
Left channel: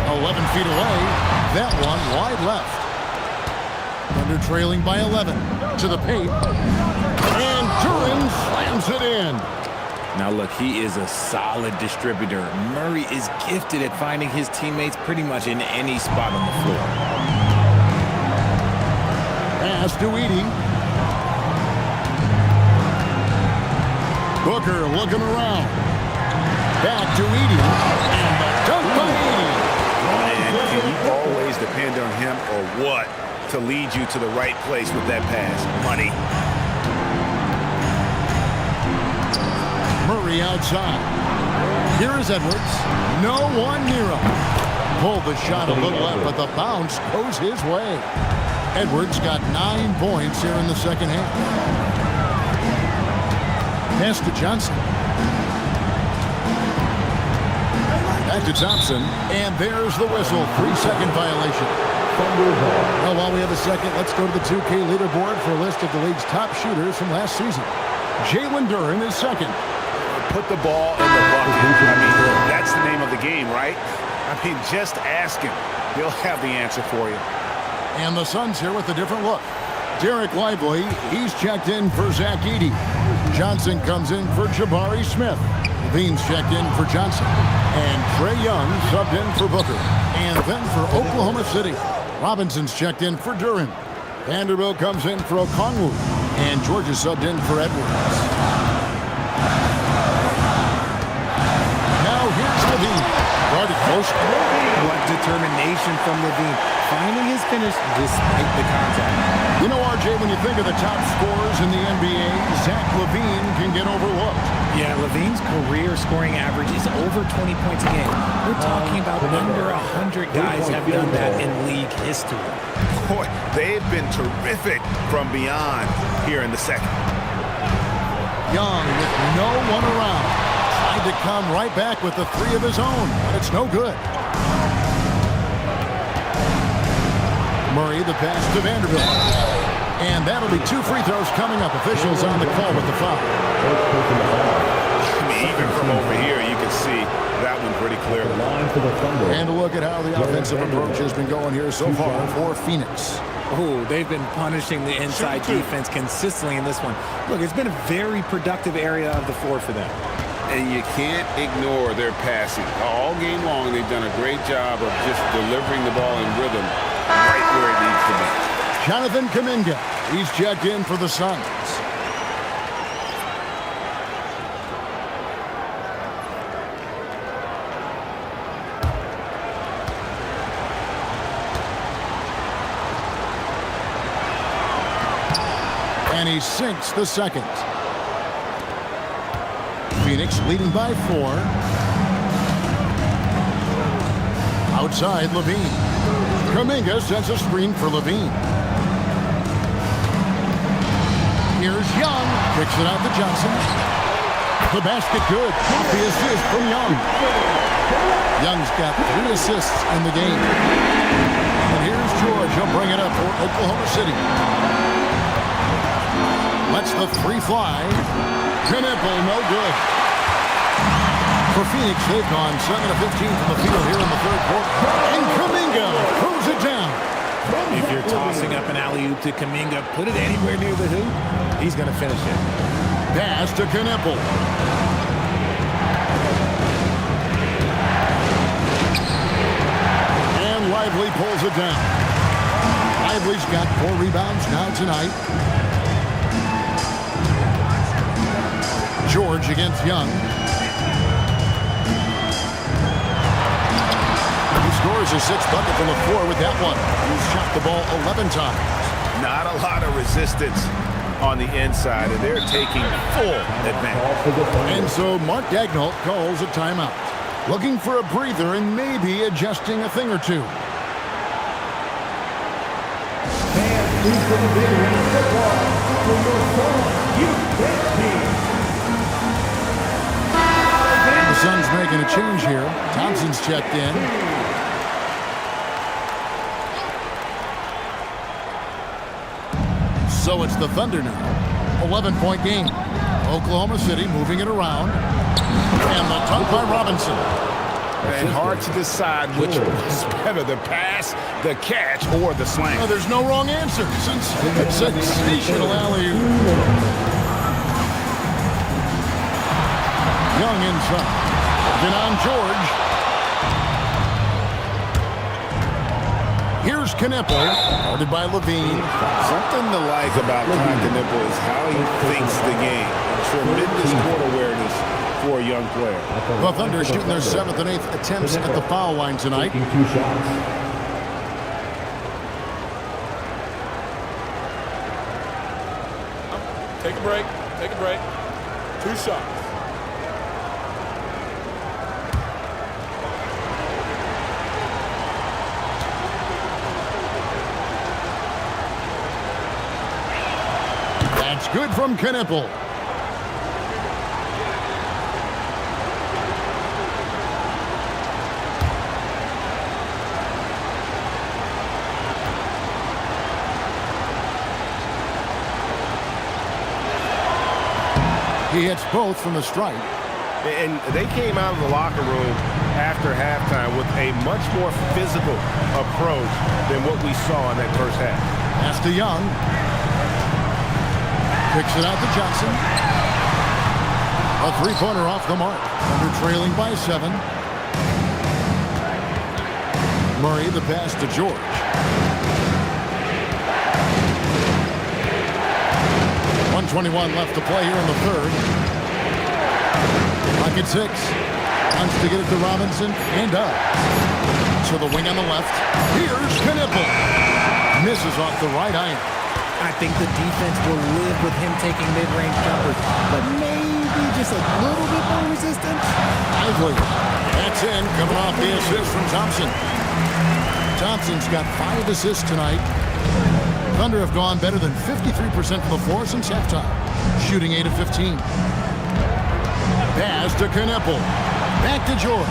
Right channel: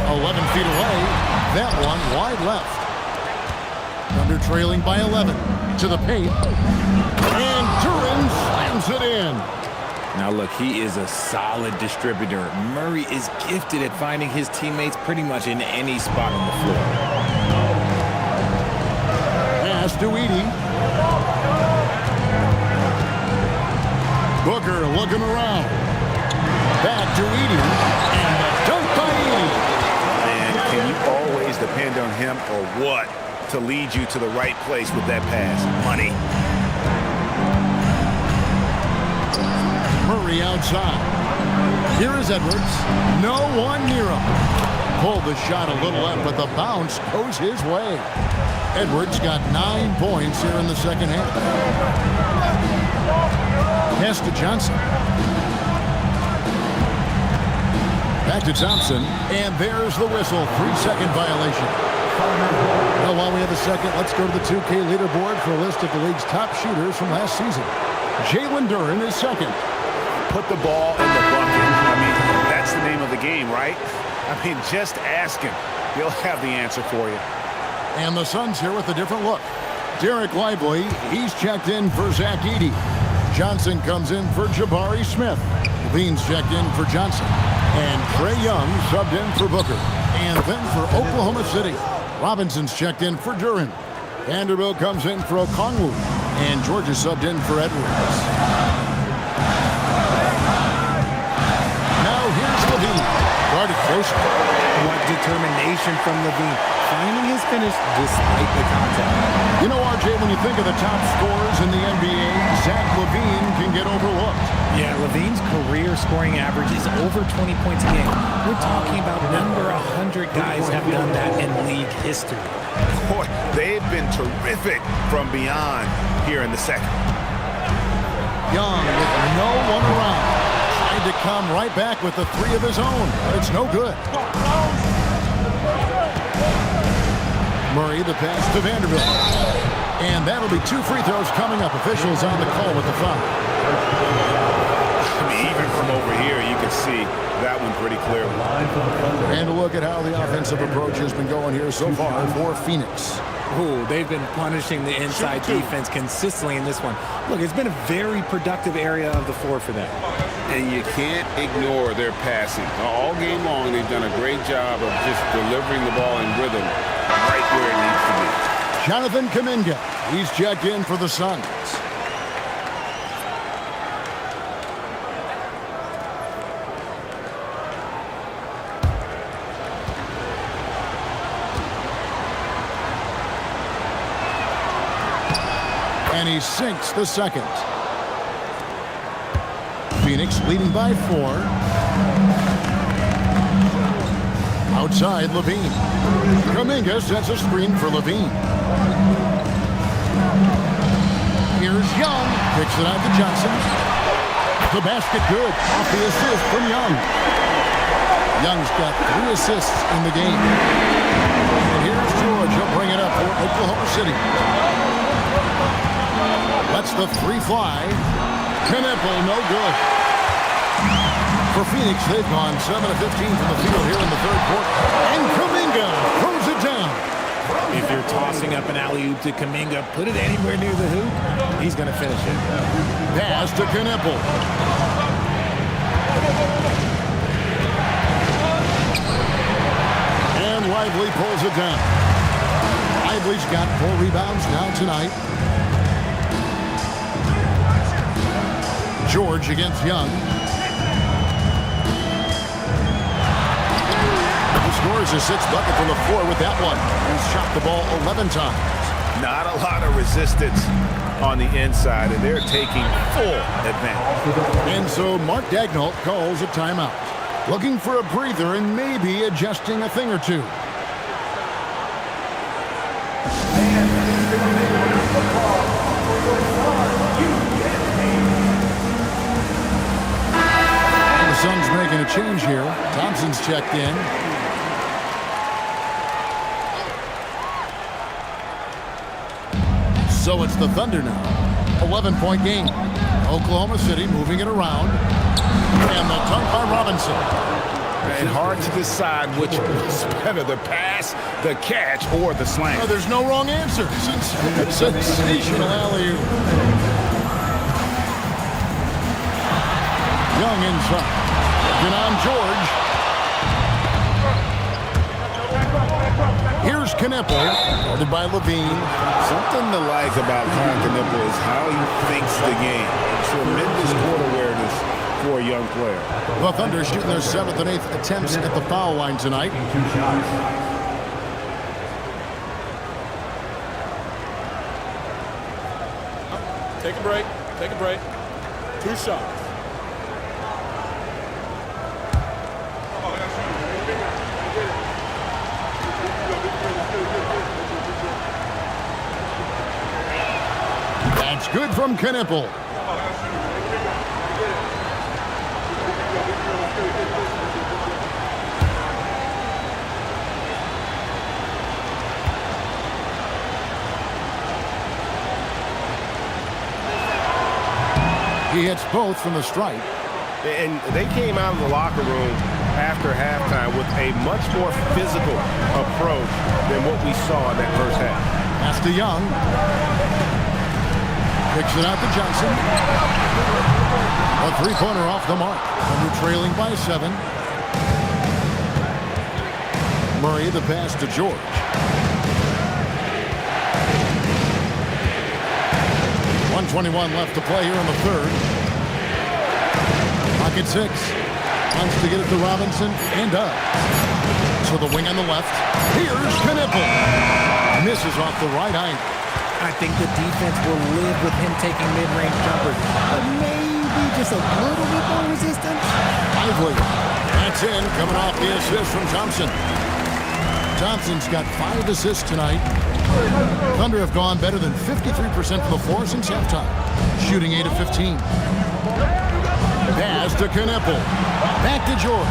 $11 feet away. That one wide left. Thunder trailing by 11. To the paint. And Duren slams it in. Now look, he is a solid distributor. Murray is gifted at finding his teammates pretty much in any spot on the floor. Pass to Edey. Booker looking around. Back to Edey. And the dunk by Edey. Man, can you always depend on him or what to lead you to the right place with that pass? Money. Murray outside. Here is Edwards. No one near him. Pulled the shot a little left, but the bounce goes his way. Edwards got 9 points here in the second half. Pass to Johnson. Back to Thompson. And there's the whistle. 3-second violation. Well, while we have a second, let's go to the 2K leaderboard for a list of the league's top shooters from last season. Jalen Duren is second. Put the ball in the bucket. I mean, that's the name of the game, right? I mean, just ask him. He'll have the answer for you. And the Suns here with a different look. Derek Lively, he's checked in for Zach Edey. Johnson comes in for Jabari Smith. Levine's checked in for Johnson. And Trae Young subbed in for Booker. And then for Oklahoma City, Robinson's checked in for Duren. Vanderbilt comes in for Okongwu. And Georgia subbed in for Edwards. Now here's Levine. Guarded close. What determination from Levine. Finding his finish despite the contact. You know, RJ, when you think of the top scorers in the NBA, Zach LaVine can get overlooked. Yeah, Levine's career scoring average is over 20 points a game. We're talking about under 100 guys have done that in league history. Boy, they've been terrific from beyond here in the second. Young with no one around. Tried to come right back with the 3 of his own, but it's no good. Murray, the pass to Vanderbilt. And that'll be 2 free throws coming up. Officials on the call with the foul. I mean, even from over here, you can see that one pretty clearly. And a look at how the offensive approach has been going here so far for Phoenix. Oh, they've been punishing the inside defense consistently in this one. Look, it's been a very productive area of the floor for them. And you can't ignore their passing. All game long, they've done a great job of just delivering the ball in rhythm right where it needs to be. Jonathan Kuminga, he's checked in for the Suns. And he sinks the second. Phoenix leading by 4. Outside, Levine. Kuminga sets a screen for Levine. Here's Young. Kicks it out to Johnson. The basket good. Off the assist from Young. Young's got 3 assists in the game. And here's George. He'll bring it up for Oklahoma City. Lets the 3 fly. Knueppel, no good. For Phoenix, they've gone 7 of 15 from the field here in the third quarter. And Kuminga throws it down. If you're tossing up an alley-oop to Kuminga, put it anywhere near the hoop, he's going to finish it. Pass to Knueppel. And Lively pulls it down. Lively's got 4 rebounds now tonight. George against Young. He scores his 6th bucket from the floor with that one. He's shot the ball 11 times. Not a lot of resistance on the inside, and they're taking full advantage. And so Mark Daigneault calls a timeout. Looking for a breather and maybe adjusting a thing or two. The Suns making a change here. Thompson's checked in. So it's the Thunder now. 11-point game. Oklahoma City moving it around. And the dunk by Robinson. And hard to decide which was better, the pass, the catch, or the slam. Oh, there's no wrong answer. Sensational alley-oop. Young inside. Working on George. Here's Knueppel, guarded by Levine. Something to like about Con Knueppel is how he thinks the game. Tremendous court awareness for a young player. The Thunder shooting their 7th and 8th attempts at the foul line tonight. 2 shots. Take a break. Take a break. 2 shots. That's good from Knueppel. He hits both from the stripe. And they came out of the locker room after halftime with a much more physical approach than what we saw in that first half. Pass to Young. Kicks it out to Johnson. A 3-pointer off the mark. Thunder trailing by 7. Murray the pass to George. .121 left to play here in the third. Pocket 6. Wants to get it to Robinson and does. So the wing on the left. Here's Knueppel. Misses off the right iron. I think the defense will live with him taking mid-range jumpers, but maybe just a little bit more resistance. Lively. That's in, coming off the assist from Thompson. Thompson's got 5 assists tonight. Thunder have gone better than 53% from the floor since halftime, shooting 8 of 15. Pass to Knueppel. Back to George.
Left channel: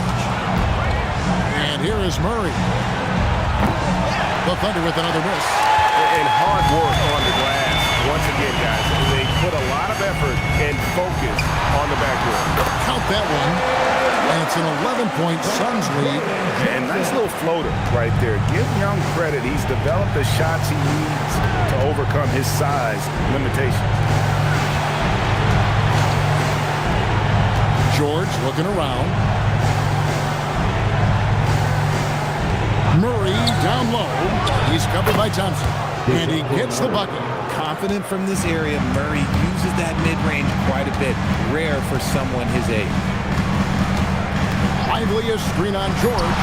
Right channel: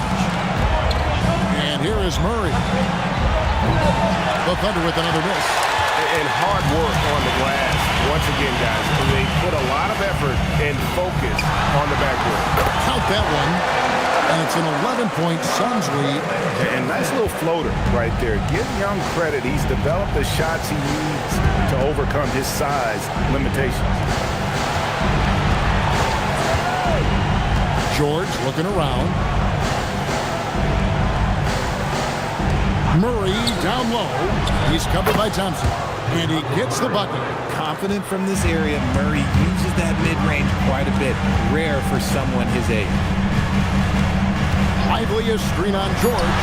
And here is Murray. The Thunder with another miss. And hard work on the glass. Once again, guys, they put a lot of effort and focus on the backboard. Count that one. And it's an 11-point Suns lead. And nice little floater right there. Give Young credit. He's developed the shots he needs to overcome his size limitations. George looking around. Murray down low. He's covered by Thompson. And he gets the bucket. Confident from this area, Murray uses that mid-range quite a bit. Rare for someone his age. Lively a screen on George.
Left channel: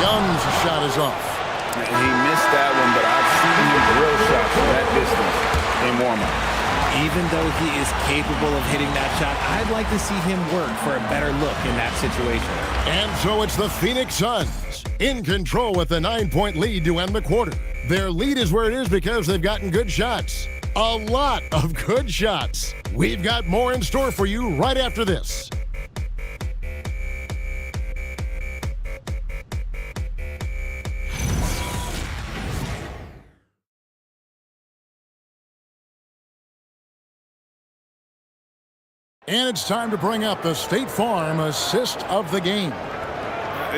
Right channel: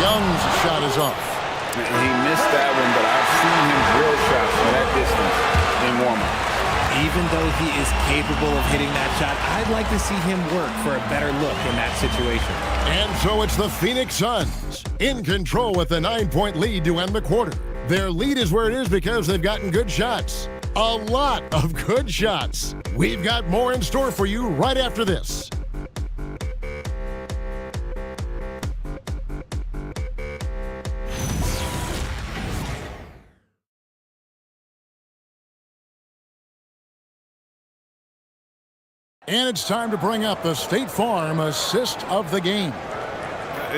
Young's shot is off. He missed that one, but I've seen him drill shots from that distance in warm-up. Even though he is capable of hitting that shot, I'd like to see him work for a better look in that situation. And so it's the Phoenix Suns in control with a 9-point lead to end the quarter. Their lead is where it is because they've gotten good shots. A lot of good shots. We've got more in store for you right after this. And it's time to bring up the State Farm assist of the game.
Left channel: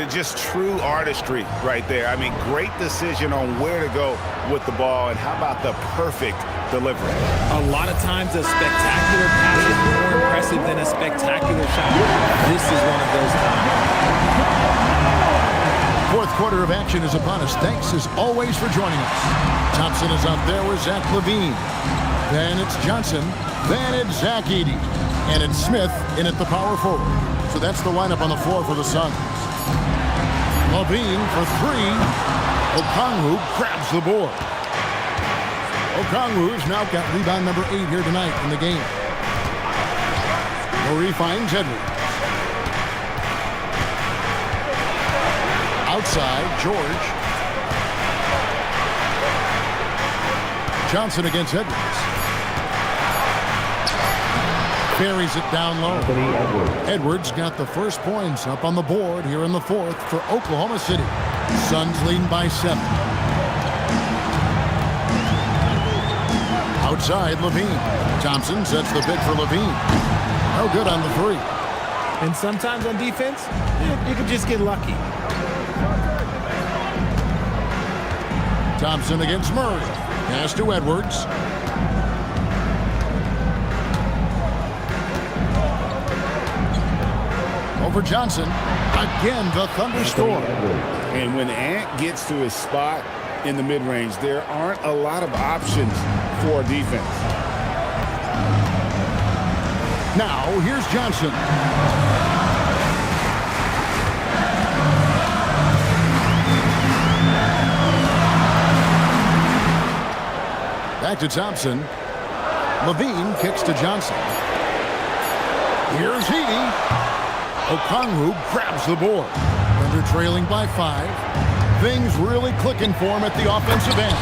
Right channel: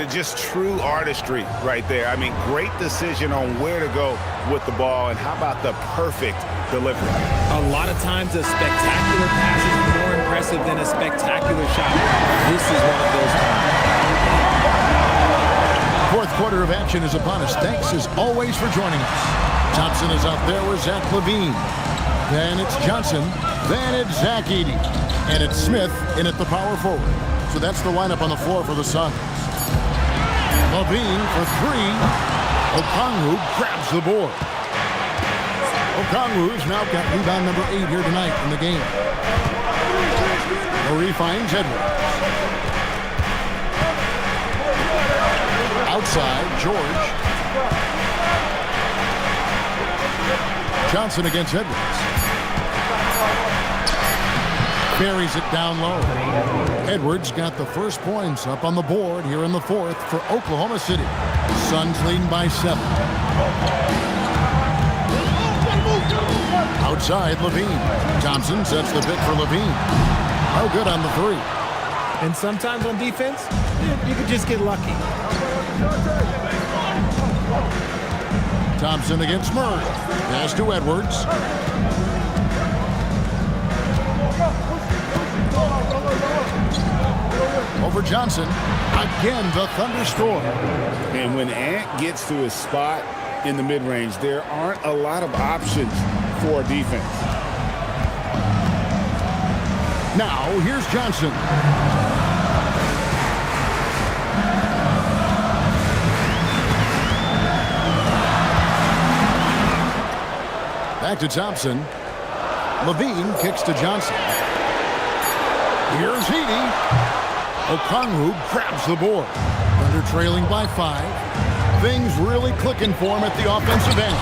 Just true artistry right there. I mean, great decision on where to go with the ball, and how about the perfect delivery? A lot of times a spectacular pass is more impressive than a spectacular shot. This is one of those times. Fourth quarter of action is upon us. Thanks as always for joining us. Thompson is out there with Zach LaVine. Then it's Johnson. Then it's Zach Edey. And it's Smith in at the power forward. So that's the lineup on the floor for the Suns. LaVine for three. Okongwu grabs the board. Okongwu's now got rebound number 8 here tonight in the game. Murray finds Edwards. Outside, George. Johnson against Edwards. Buries it down low. Edwards got the first points up on the board here in the fourth for Oklahoma City. Suns leading by 7. Outside, LaVine. Thompson sets the pick for LaVine. No good on the 3. And sometimes on defense, you could just get lucky. Thompson against Murray. Pass to Edwards. Over Johnson. Again, the thunderstorm. And when Ant gets to his spot in the mid-range, there aren't a lot of options for defense. Now, here's Johnson. Back to Thompson. LaVine kicks to Johnson. Here's Edey. Okongwu grabs the board. Thunder trailing by 5. Things really clicking for him at the offensive end.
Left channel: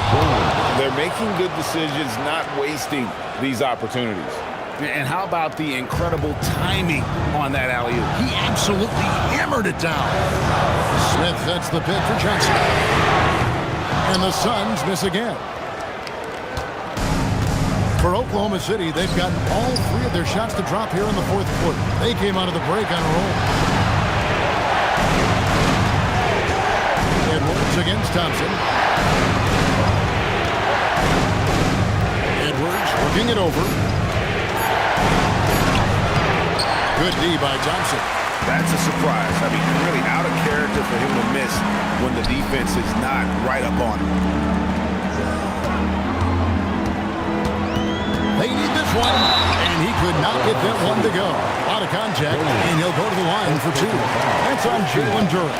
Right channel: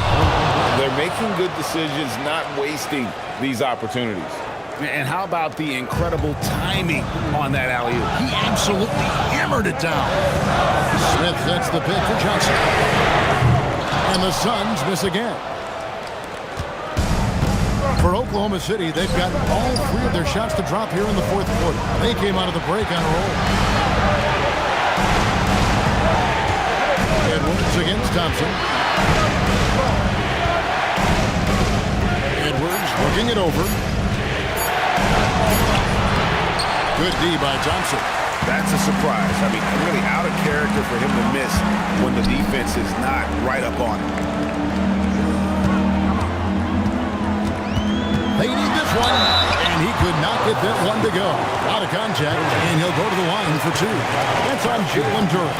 They're making good decisions, not wasting these opportunities. And how about the incredible timing on that alley-oop? He absolutely hammered it down. Smith sets the pick for Johnson. And the Suns miss again. For Oklahoma City, they've gotten all 3 of their shots to drop here in the fourth quarter. They came out of the break on a roll. Edwards against Thompson. Edwards working it over. Good D by Thompson. That's a surprise. I mean, really out of character for him to miss when the defense is not right up on him. They need this one, and he could not get that one to go. Out of contact, and he'll go to the line for 2. That's on Jalen Duren.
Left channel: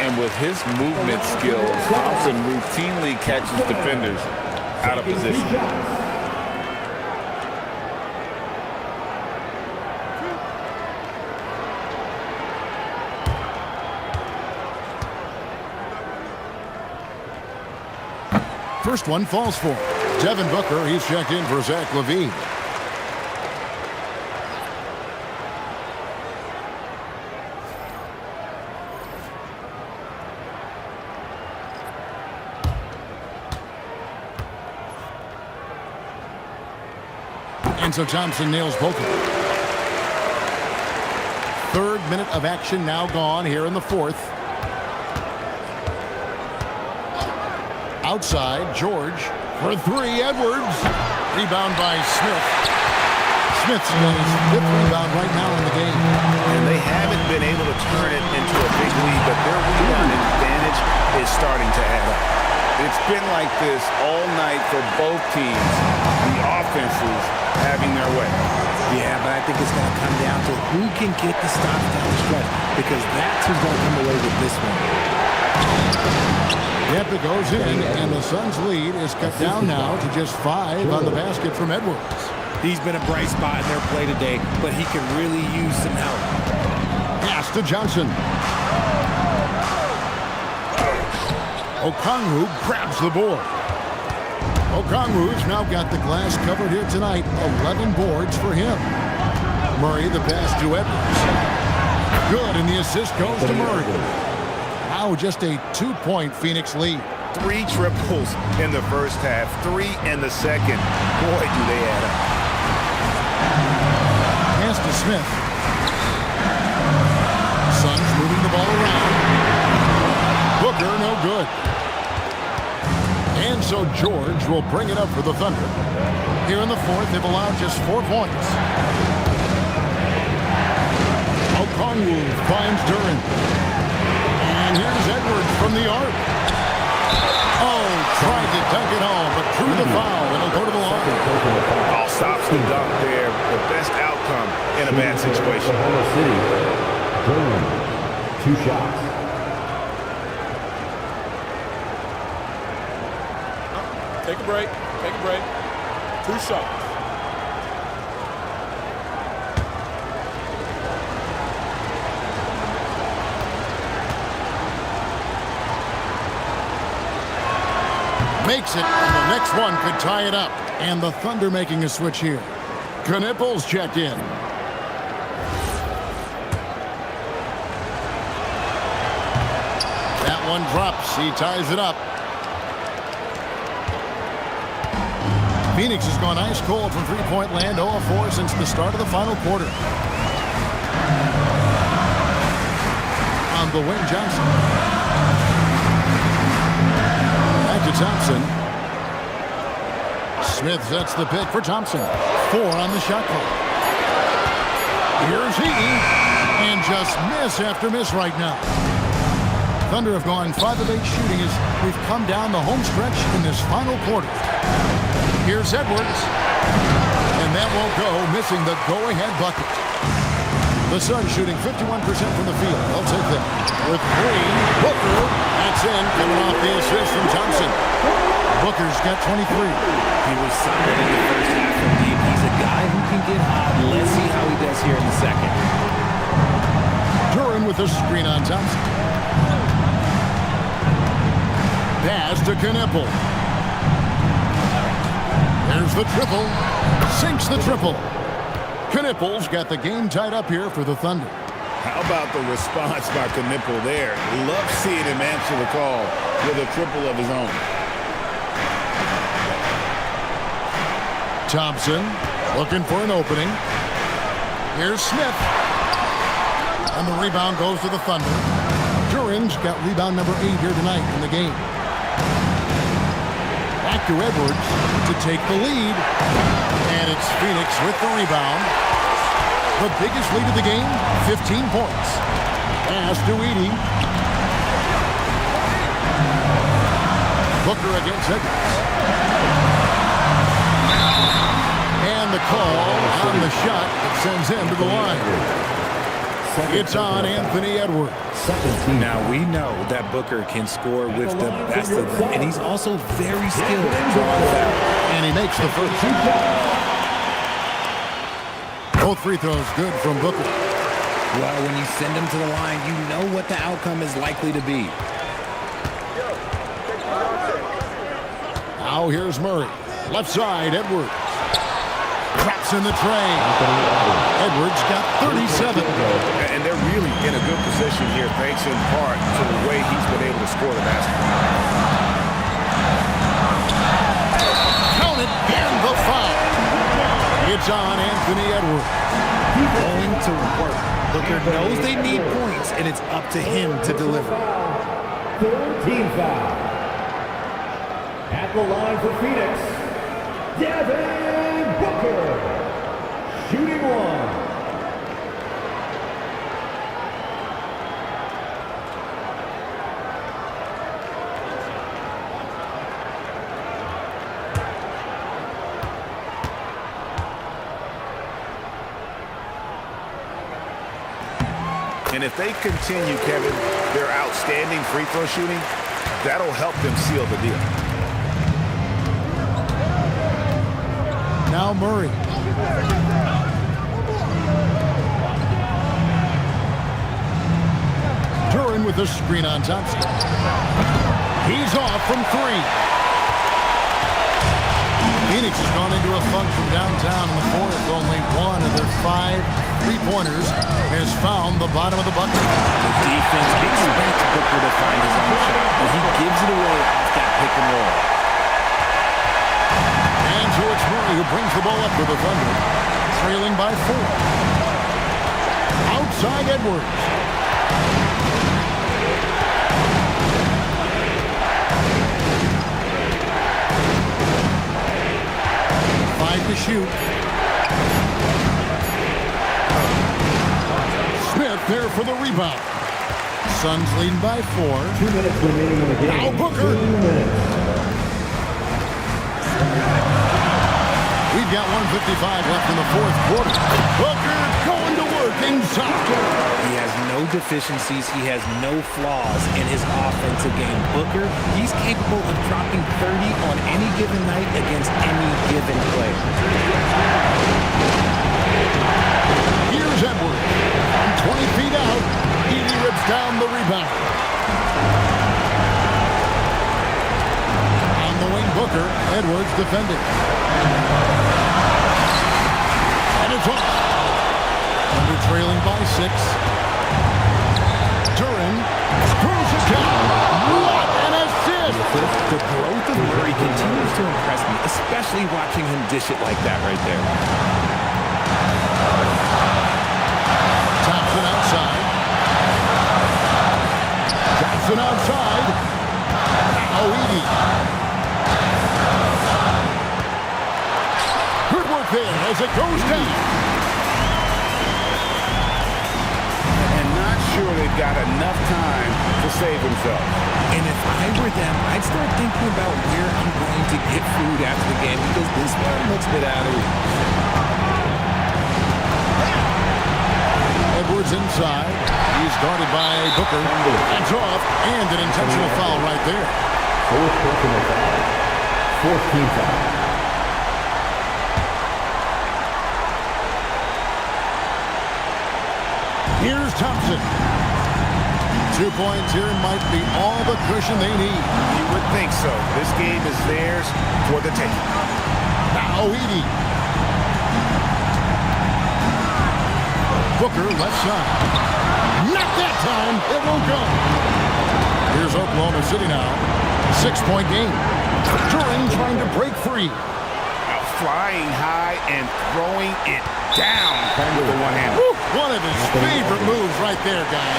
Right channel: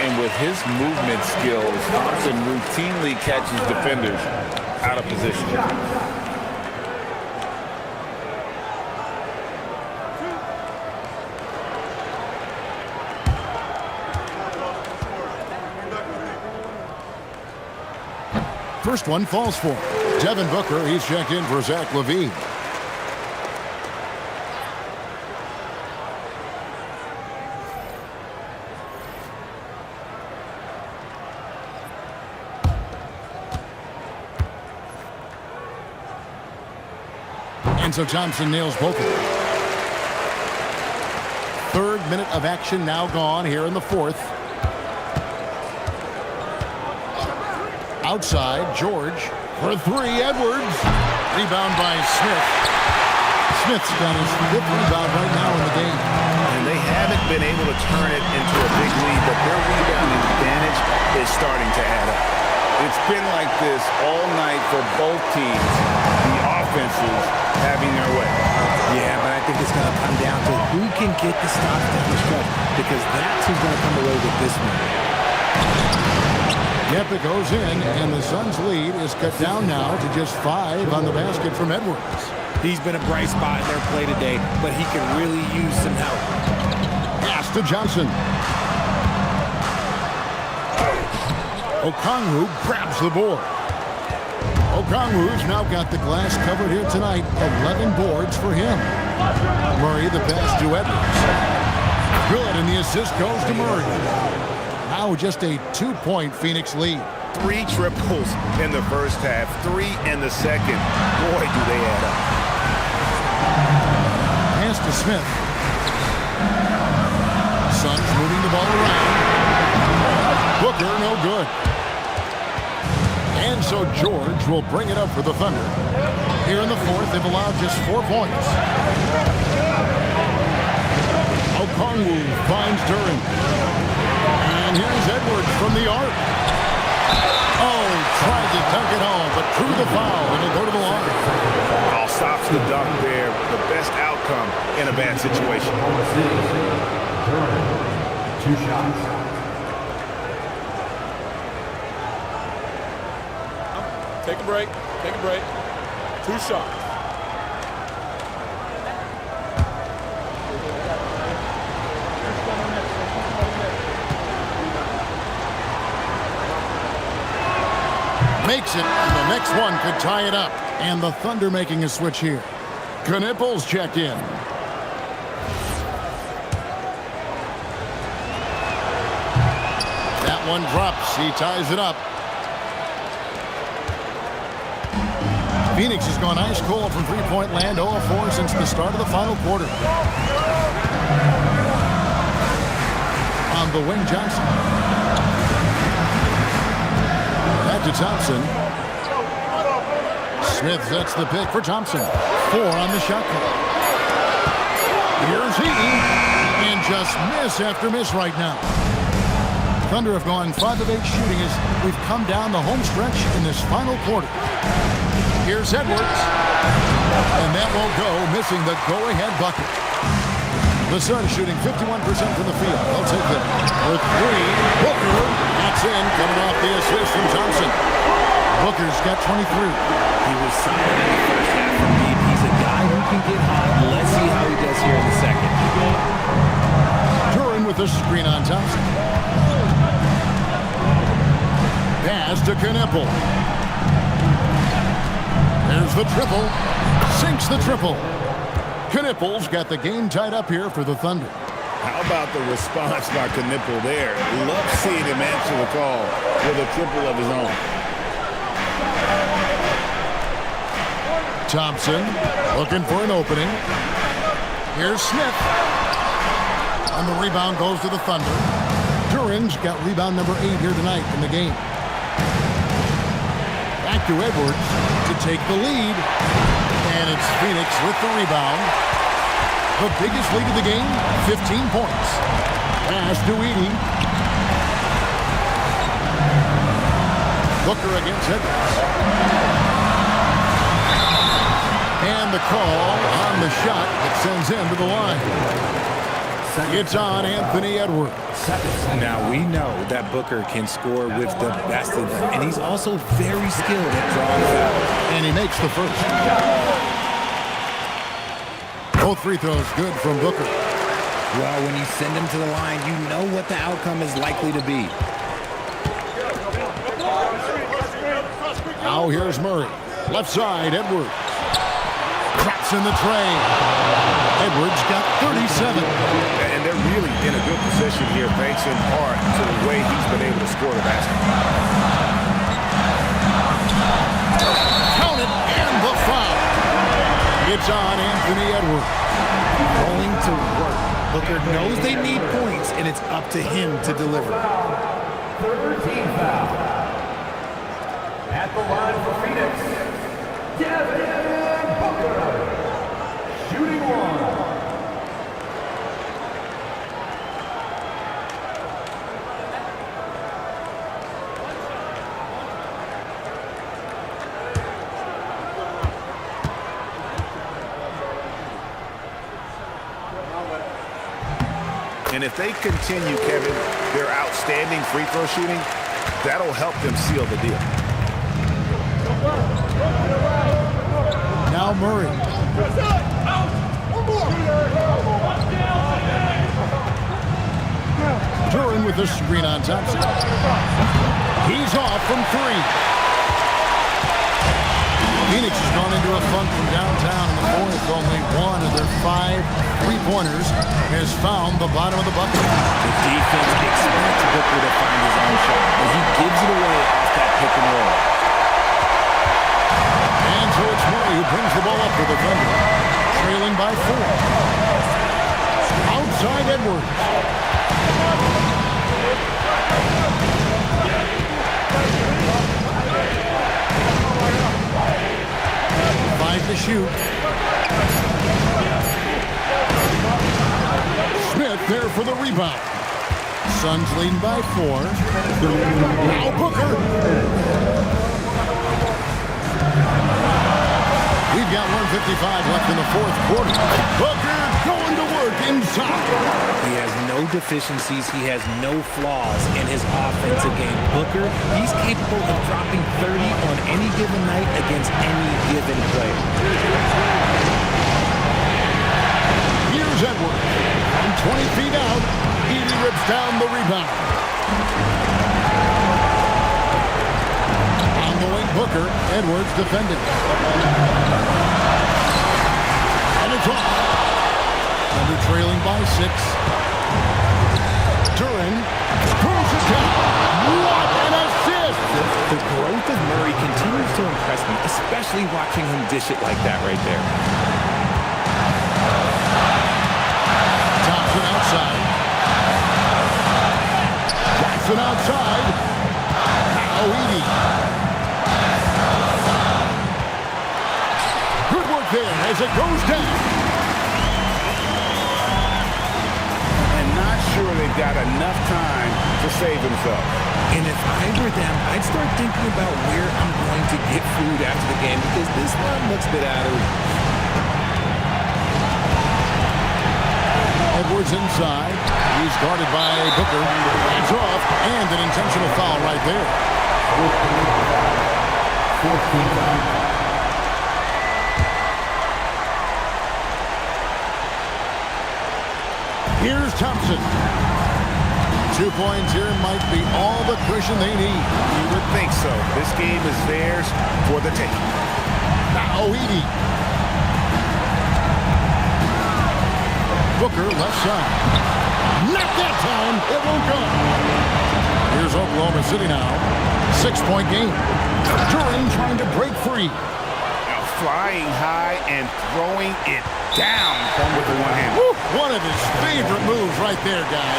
And with his movement skills, Thompson routinely catches defenders out of position. First one falls for him. Devin Booker, he's checked in for Zach LaVine. And so Thompson nails both of them. 3rd minute of action now gone here in the 4th. Outside, George. For 3, Edwards. Rebound by Smith. Smith's got his 5th rebound right now in the game. And they haven't been able to turn it into a big lead, but their rebound advantage is starting to add up. It's been like this all night for both teams. The offenses having their way. Yeah, but I think it's going to come down to who can get the stops down the stretch, because that's who's going to come away with this one. Yep, it goes in, and the Suns' lead is cut down now to just 5 on the basket from Edwards. He's been a bright spot in their play today, but he could really use some help. Pass to Johnson. Okongwu grabs the board. Okongwu's now got the glass covered here tonight. 11 boards for him. Murray the pass to Edwards. Good, and the assist goes to Murray. Now just a 2-point Phoenix lead. 3 triples in the first half, 3 in the second. Boy, do they add up. Pass to Smith. Suns moving the ball around. Booker, no good. And so George will bring it up for the Thunder. Here in the fourth, they've allowed just 4 points. Okongwu finds Duren. And here's Edwards from the arc. Oh, tried to dunk it home, but drew the foul. It'll go to the line. All stops the dunk there. The best outcome in a bad situation. Oklahoma City. Duren, 2 shots. Take a break. Take a break. 2 shots. Makes it, and the next one could tie it up. And the Thunder making a switch here. Knipples checked in. That one drops. He ties it up. Phoenix has gone ice cold from three-point land, 0 of 4 since the start of the final quarter. On the wing, Johnson. Back to Thompson. Smith sets the pick for Thompson. 4 on the shot clock. Here's he. And just miss after miss right now. Thunder have gone 5 of 8 shooting as we've come down the home stretch in this final quarter. Here's Edwards. And that won't go, missing the go-ahead bucket. The Suns shooting 51% from the field. They'll take that. With 3, Booker. That's in, coming off the assist from Thompson. Booker's got 23. He was solid in the first half from deep. He's a guy who can get hot. Let's see how he does here in the second. Duren with a screen on Thompson. Pass to Knippel. There's the triple. Sinks the triple. Knippel's got the game tied up here for the Thunder. How about the response by Knippel there? Love seeing him answer the call with a triple of his own. Thompson looking for an opening. Here's Smith. And the rebound goes to the Thunder. Duren's got rebound number 8 here tonight in the game. Back to Edwards to take the lead. And it's Phoenix with the rebound. The biggest lead of the game, 15 points. Pass to Edey. Booker against Edwards. And the call on the shot that sends him to the line. It's on Anthony Edwards. Now we know that Booker can score with the best of them, and he's also very skilled at drawing fouls. And he makes the first. Both free throws good from Booker. Well, when you send him to the line, you know what the outcome is likely to be. Now here's Murray. Left side, Edwards. Traps in the tray. Edwards got 37. And they're really in a good position here, thanks in part to the way he's been able to score the basketball. Count it, and the foul. It's on Anthony Edwards. Going to work. Booker knows they need points, and it's up to him to deliver. 3rd team foul. At the line for Phoenix, Devin Booker. Shooting 1. And if they continue, Kevin, their outstanding free throw shooting, That'll help them seal the deal. Now Murray. Duran with the screen on Thompson. He's off from three. Phoenix has gone into a funk from downtown in the fourth. Only one of their 5 3-pointers has found the bottom of the bucket. The defense expects Booker to find his own shot, but he gives it away off that pick and roll. And so it's Murray who brings the ball up for the Thunder, trailing by 4. Outside Edwards. To shoot. Smith there for the rebound. Suns leading by 4. Now Booker. We've got 1:55 left in the fourth quarter. Booker going to work inside. He has no deficiencies. He has no flaws in his offensive game. Booker, he's capable of dropping 30 on any given night against any given player. Here's Edwards. From 20 feet out, Edey rips down the rebound. On the wing, Booker. Edwards defending. And it's off. Under trailing by 6. Duran throws it down. What an assist! The growth of Murray continues to impress me, especially watching him dish it like that right there. Thompson outside. Jackson outside. Now Edey. Good work there as it goes down. And not sure they've got enough time to save themselves. And if I were them, I'd start thinking about where I'm going to get food after the game because this one looks a bit out of reach. Edwards inside. He's guarded by Booker. Hands off, and an intentional foul right there. Fourth team foul. Here's Thompson. 2 points here might be all the cushion they need. You would think so. This game is theirs for the taking. Now Edey. Booker left side. Not that time. It won't go. Here's Oklahoma City now. 6-point game. Duran trying to break free. Now flying high and throwing it down with the one-hand. One of his favorite moves right there, guys.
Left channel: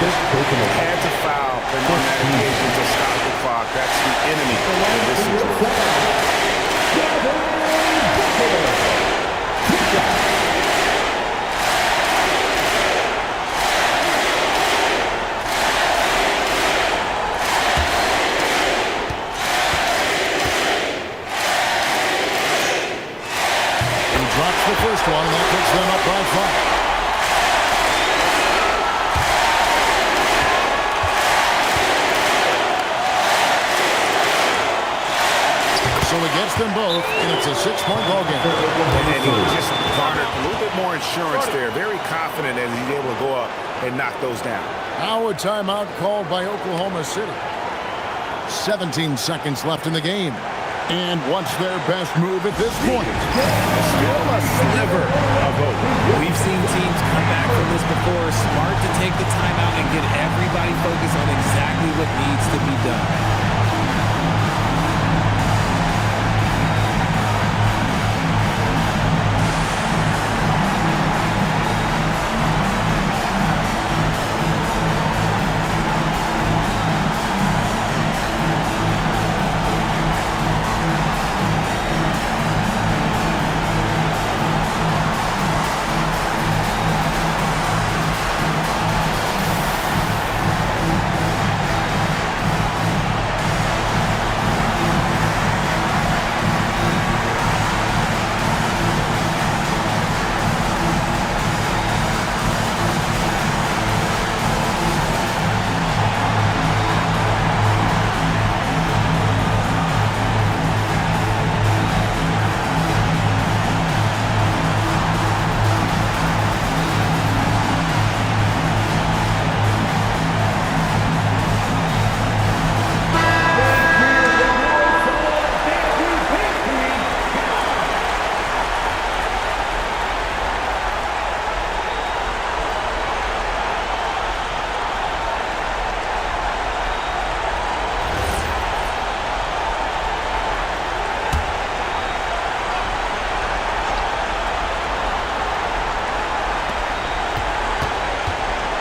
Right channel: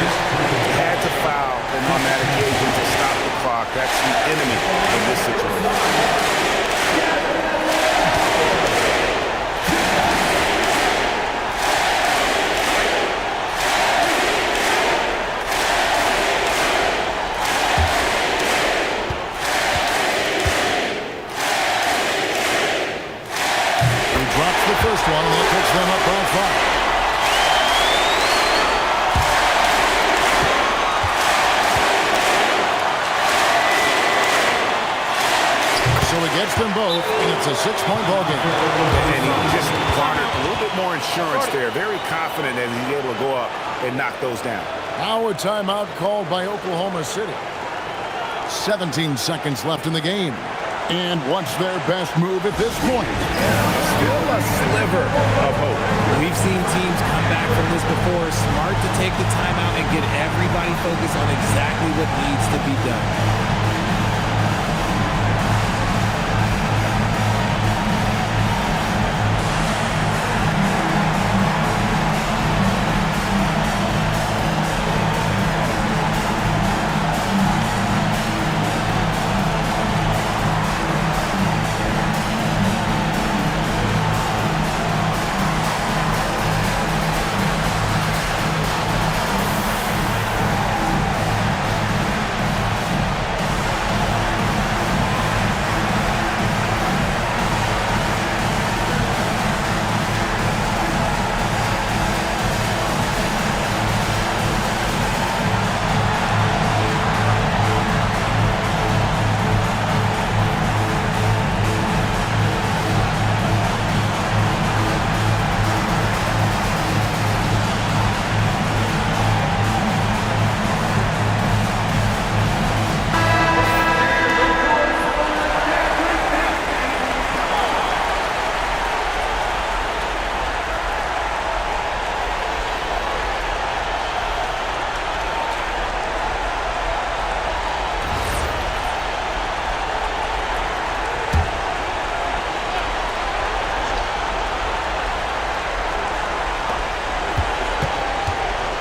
Had to foul, and on that occasion to stop the clock. That's the enemy in this situation. He drops the first one, and that puts them up by 5. So he gets them both, and it's a 6-point ball game. And he just garnered a little bit more insurance there. Very confident as he's able to go up and knock those down. Now a timeout called by Oklahoma City. 17 seconds left in the game. And what's their best move at this point? Still a sliver of hope. We've seen teams come back from this before. Smart to take the timeout and get everybody focused on exactly what needs to be done.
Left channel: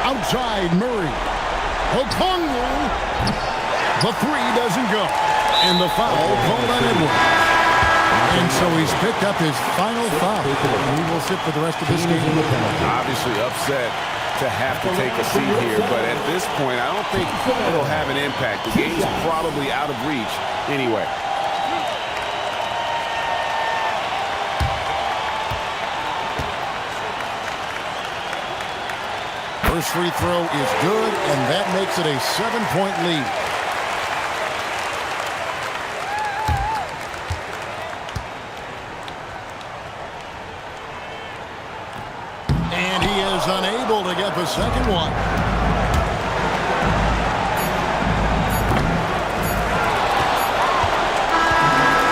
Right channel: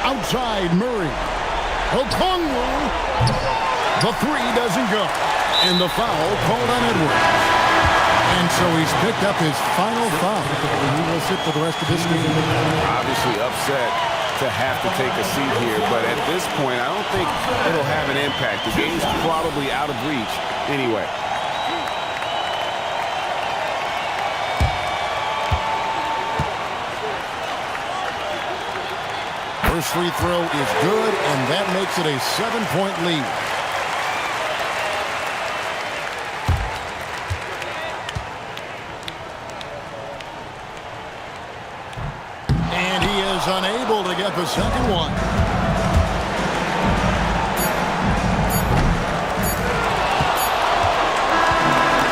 Outside Murray. Okongwu. The three doesn't go. And the foul called on Edwards. And so he's picked up his final foul. And he will sit for the rest of this game. Obviously upset to have to take a seat here, but at this point, I don't think it'll have an impact. The game's probably out of reach anyway. First free throw is good, and that makes it a 7-point lead. And he is unable to get the second one.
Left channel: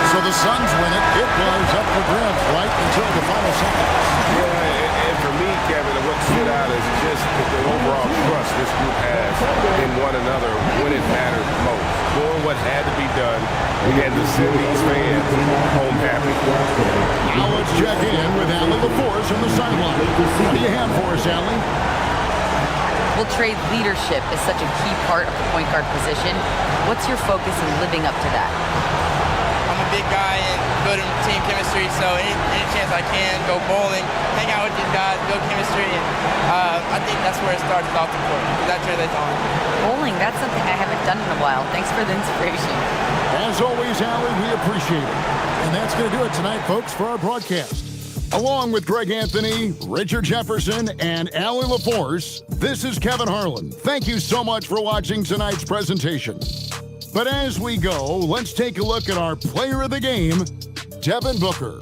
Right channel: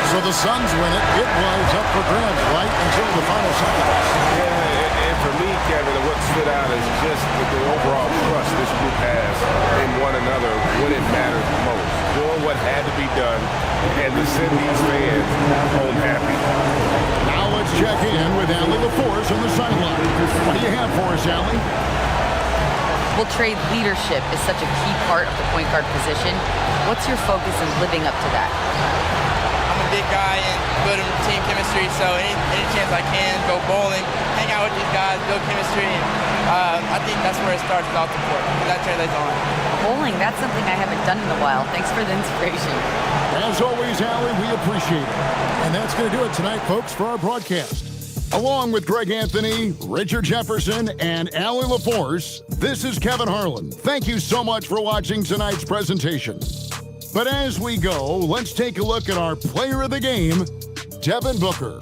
So the Suns win it. It was up for grabs right until the final seconds. Yeah, and for me, Kevin, what stood out is just the overall trust this group has in one another when it mattered most. Doing what had to be done and to send these fans home happy. Now let's check in with Allie LaForce on the sideline. What do you have for us, Allie? Well, Trey, leadership is such a key part of the point guard position. What's your focus in living up to that? I'm a big guy and good in team chemistry, so any chance I can, go bowling, hang out with these guys, build chemistry, and I think that's where it starts is off the court, because that translates on. Bowling, that's something I haven't done in a while. Thanks for the inspiration. As always, Allie, we appreciate it. And that's going to do it tonight, folks, for our broadcast. Along with Greg Anthony, Richard Jefferson, and Allie LaForce, this is Kevin Harlan. Thank you so much for watching tonight's presentation. But as we go, let's take a look at our player of the game, Devin Booker.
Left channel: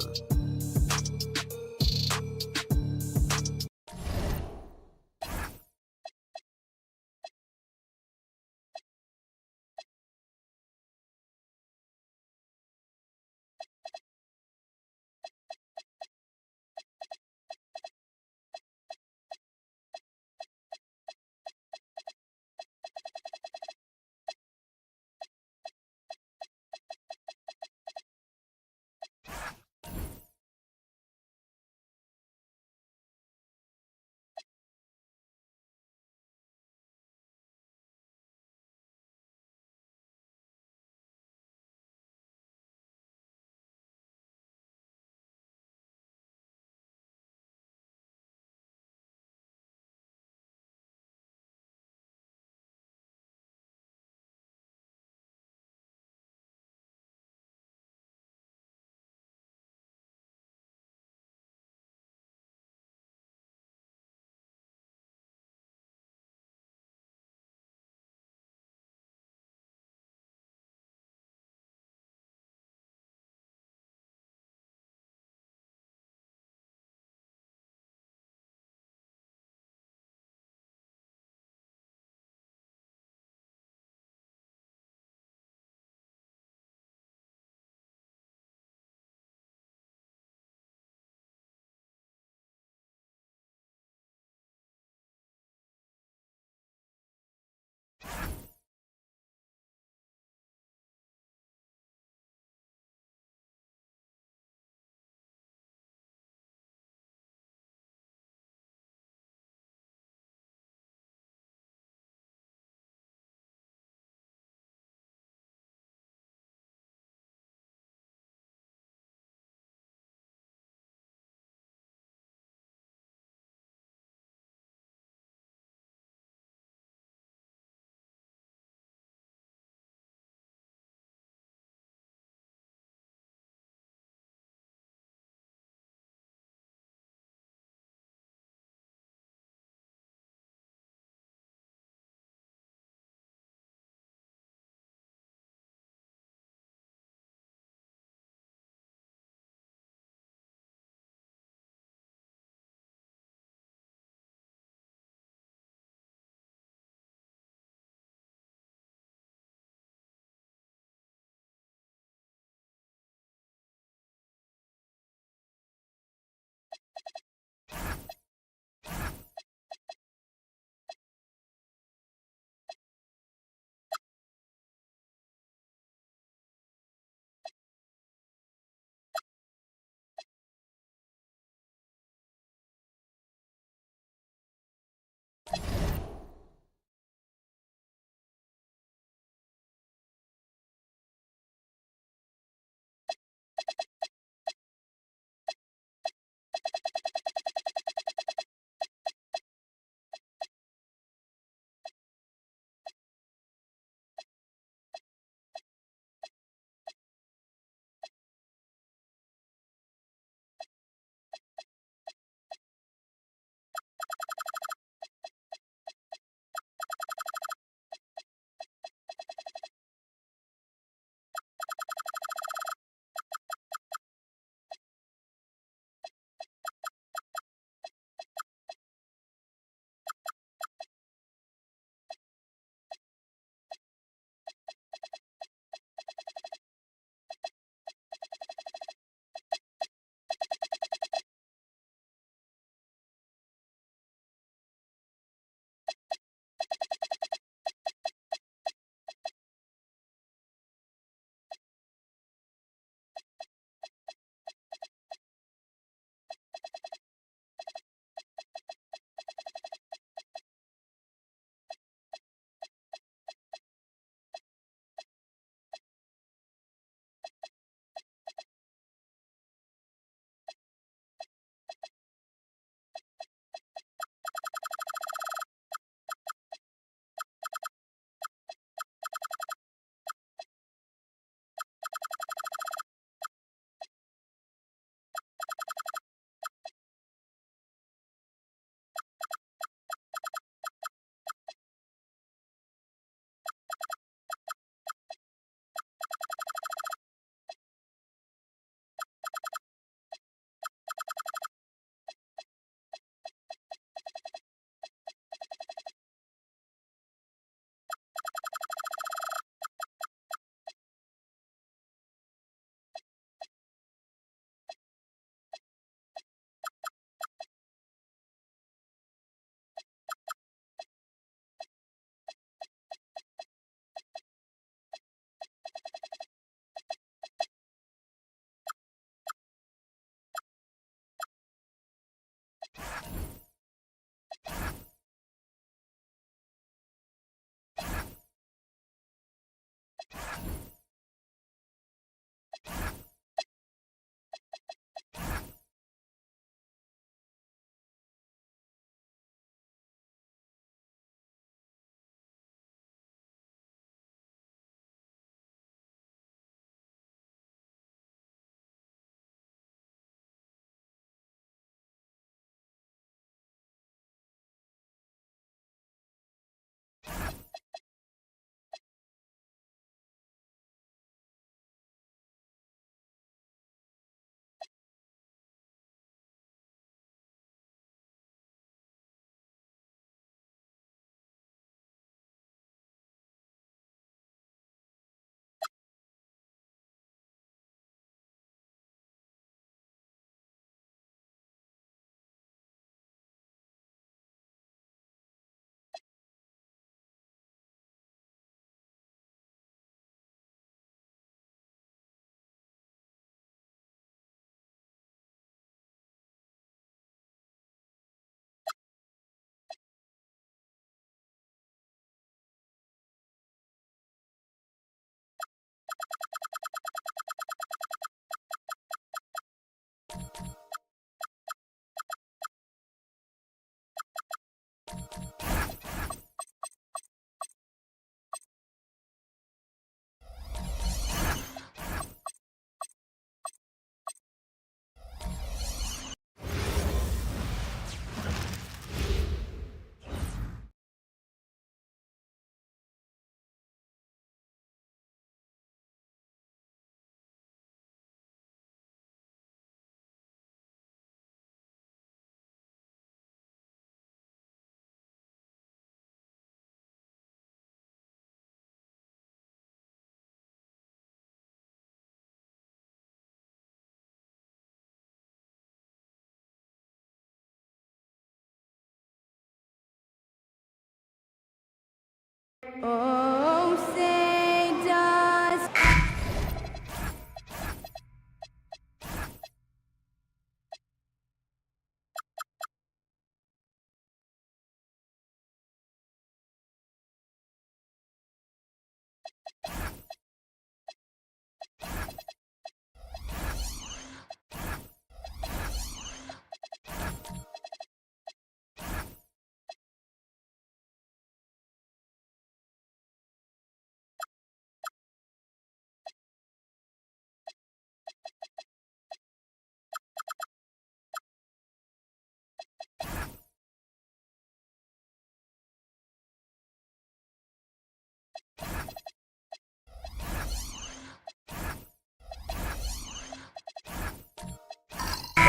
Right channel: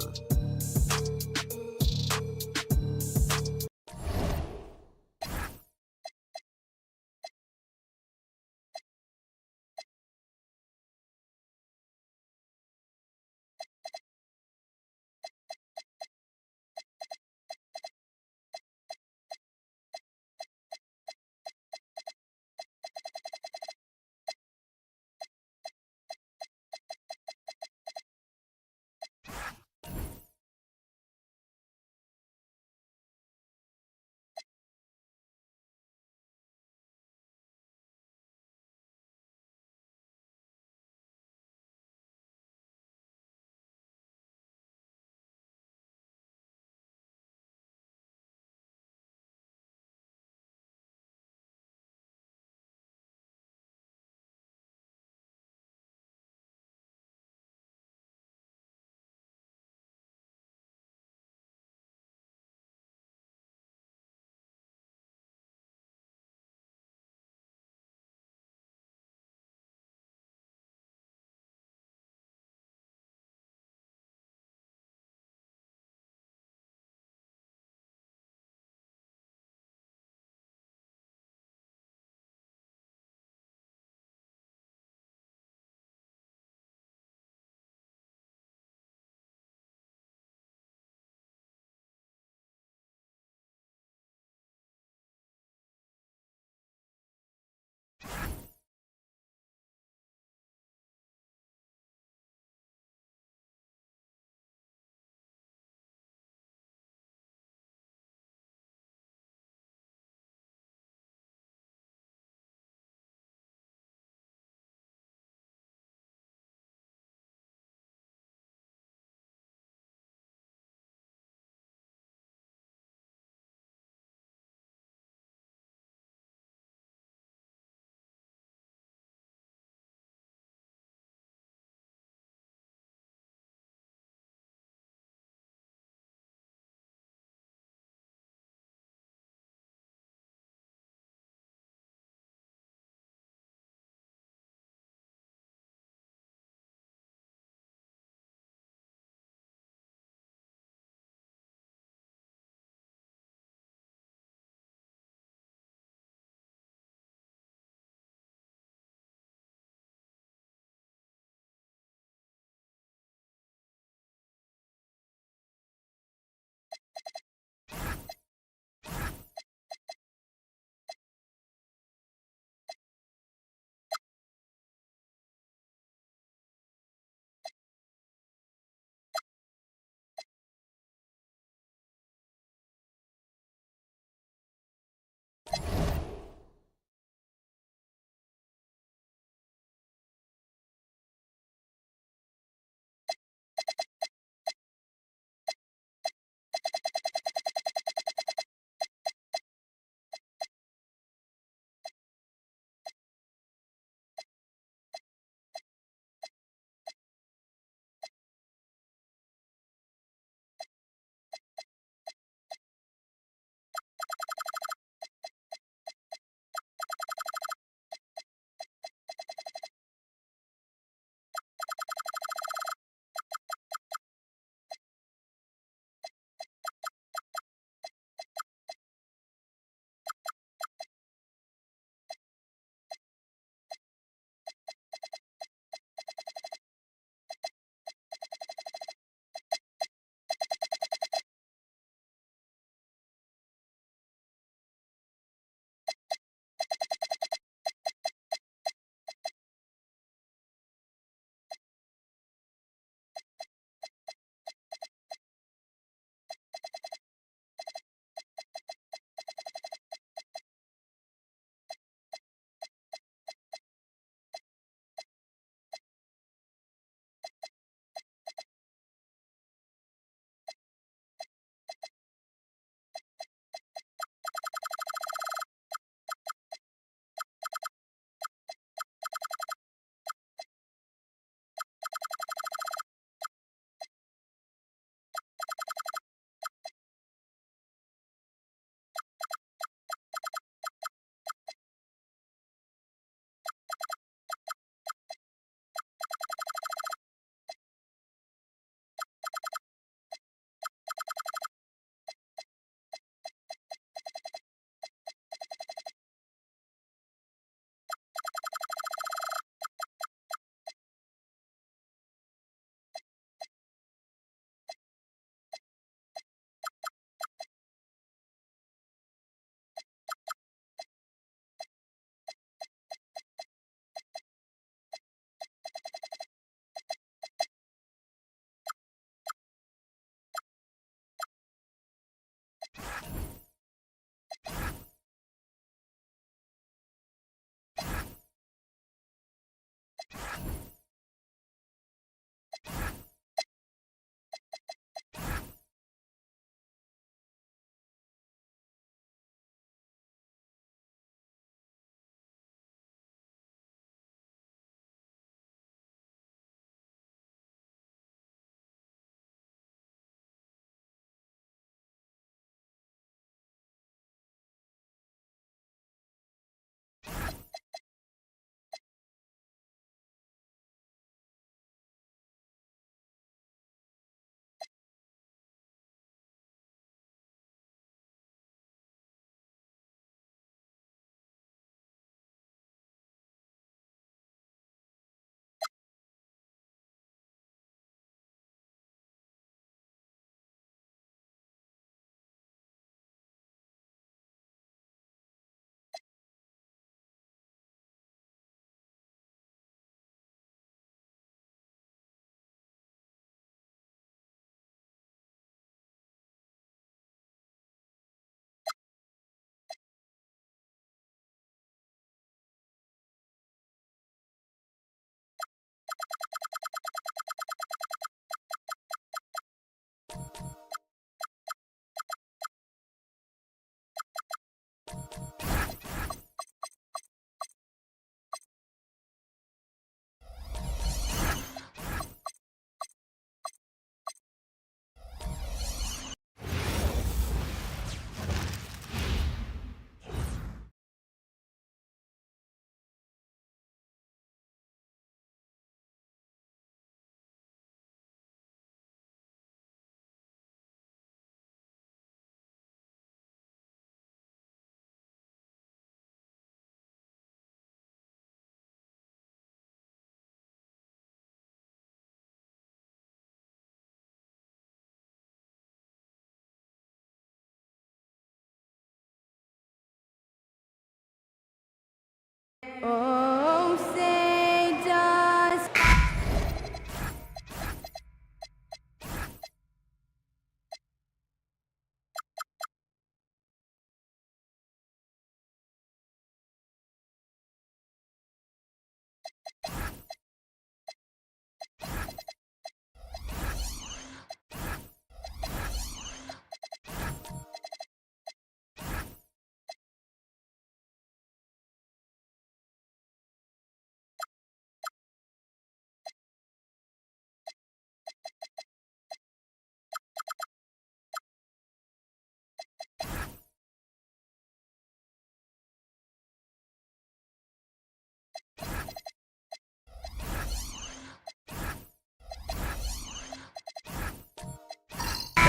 Oh, say does.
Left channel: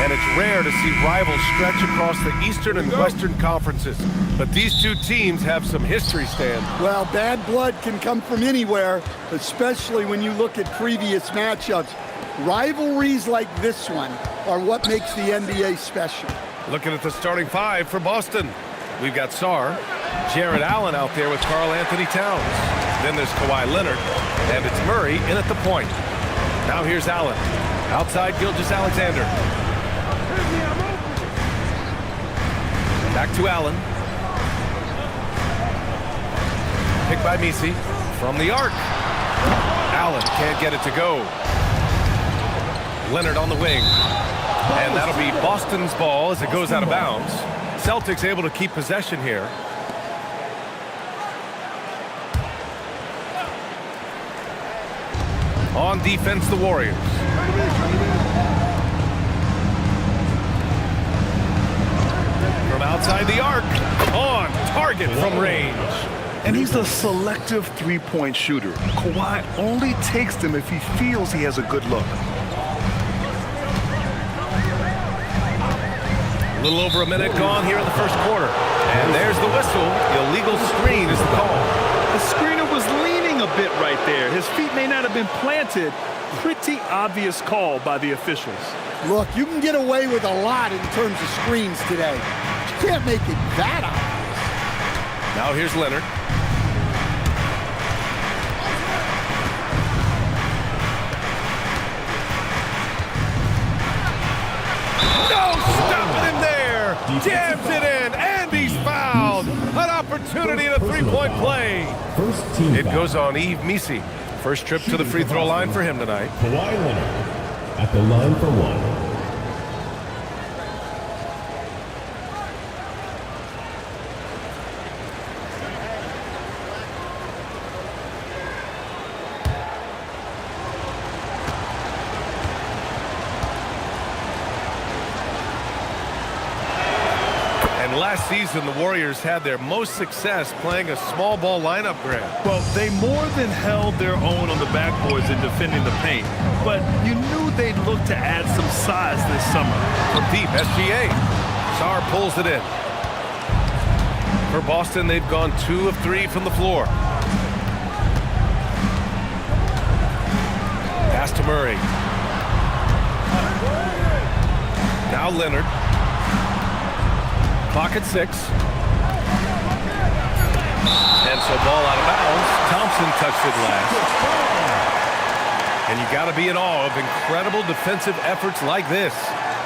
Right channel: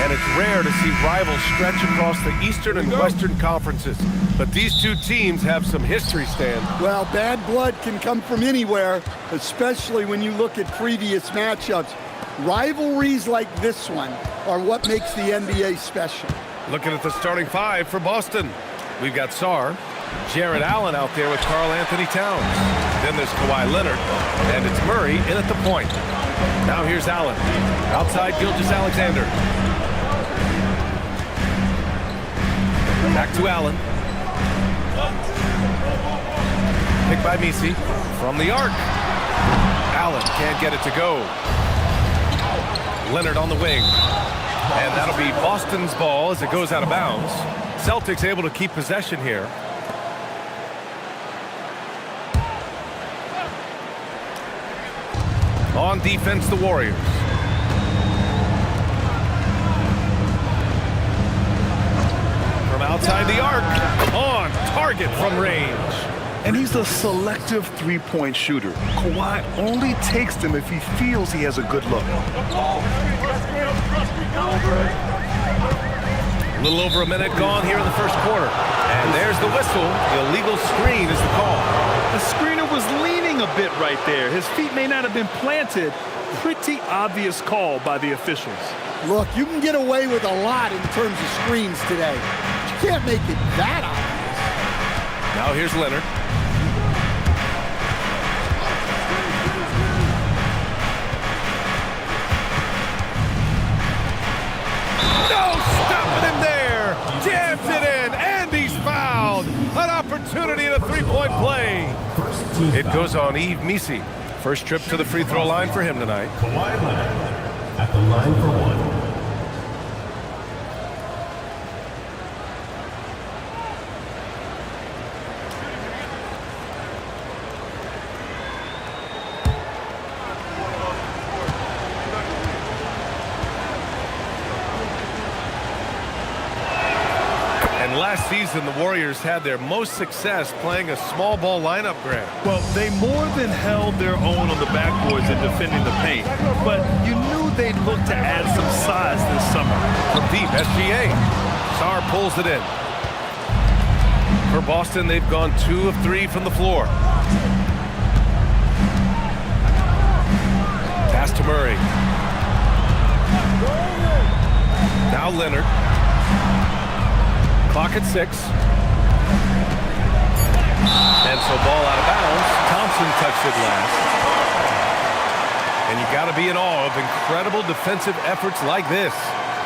And it's rare to see rivals stretch across the Eastern and Western conferences. But these two teams have some history, Stan. Well, bad blood can come from anywhere, especially when you look at previous matchups. Rivalries like this one are what makes the NBA special. Looking at the starting five for Boston. We've got Sarr, Jared Allen out there with Karl Anthony Towns. Then there's Kawhi Leonard, and it's Murray in at the point. Now here's Allen. Outside Gilgeous-Alexander. Back to Allen. Picked by Misi. From the arc. Allen can't get it to go. Leonard on the wing. And that'll be Boston's ball as it goes out of bounds. Celtics able to keep possession here. On defense, the Warriors. From outside the arc, on target from range. And he's a selective three-point shooter. Kawhi only takes them if he feels he has a good look. A little over a minute gone here in the first quarter. And there's the whistle. Illegal screen is the call. The screener was leaning a bit right there. His feet may not have been planted. Pretty obvious call by the officials. Look, you can get away with a lot in terms of screens today. But you can't make it that obvious. Now here's Leonard. No stopping him there. Jams it in, and he's fouled. An opportunity in a three-point play. It goes on Yves Misi. First trip to the free throw line for him tonight. Kawhi Leonard at the line for one. And last season, the Warriors had their most success playing a small ball lineup, Grant. Well, they more than held their own on the backboards in defending the paint, but you knew they'd look to add some size this summer. From deep, SGA. Sarr pulls it in. For Boston, they've gone 2 of 3 from the floor. Pass to Murray. Now Leonard. Clock at 6. And so ball out of bounds. Thompson touched it last. And you got to be in awe of incredible defensive efforts like this.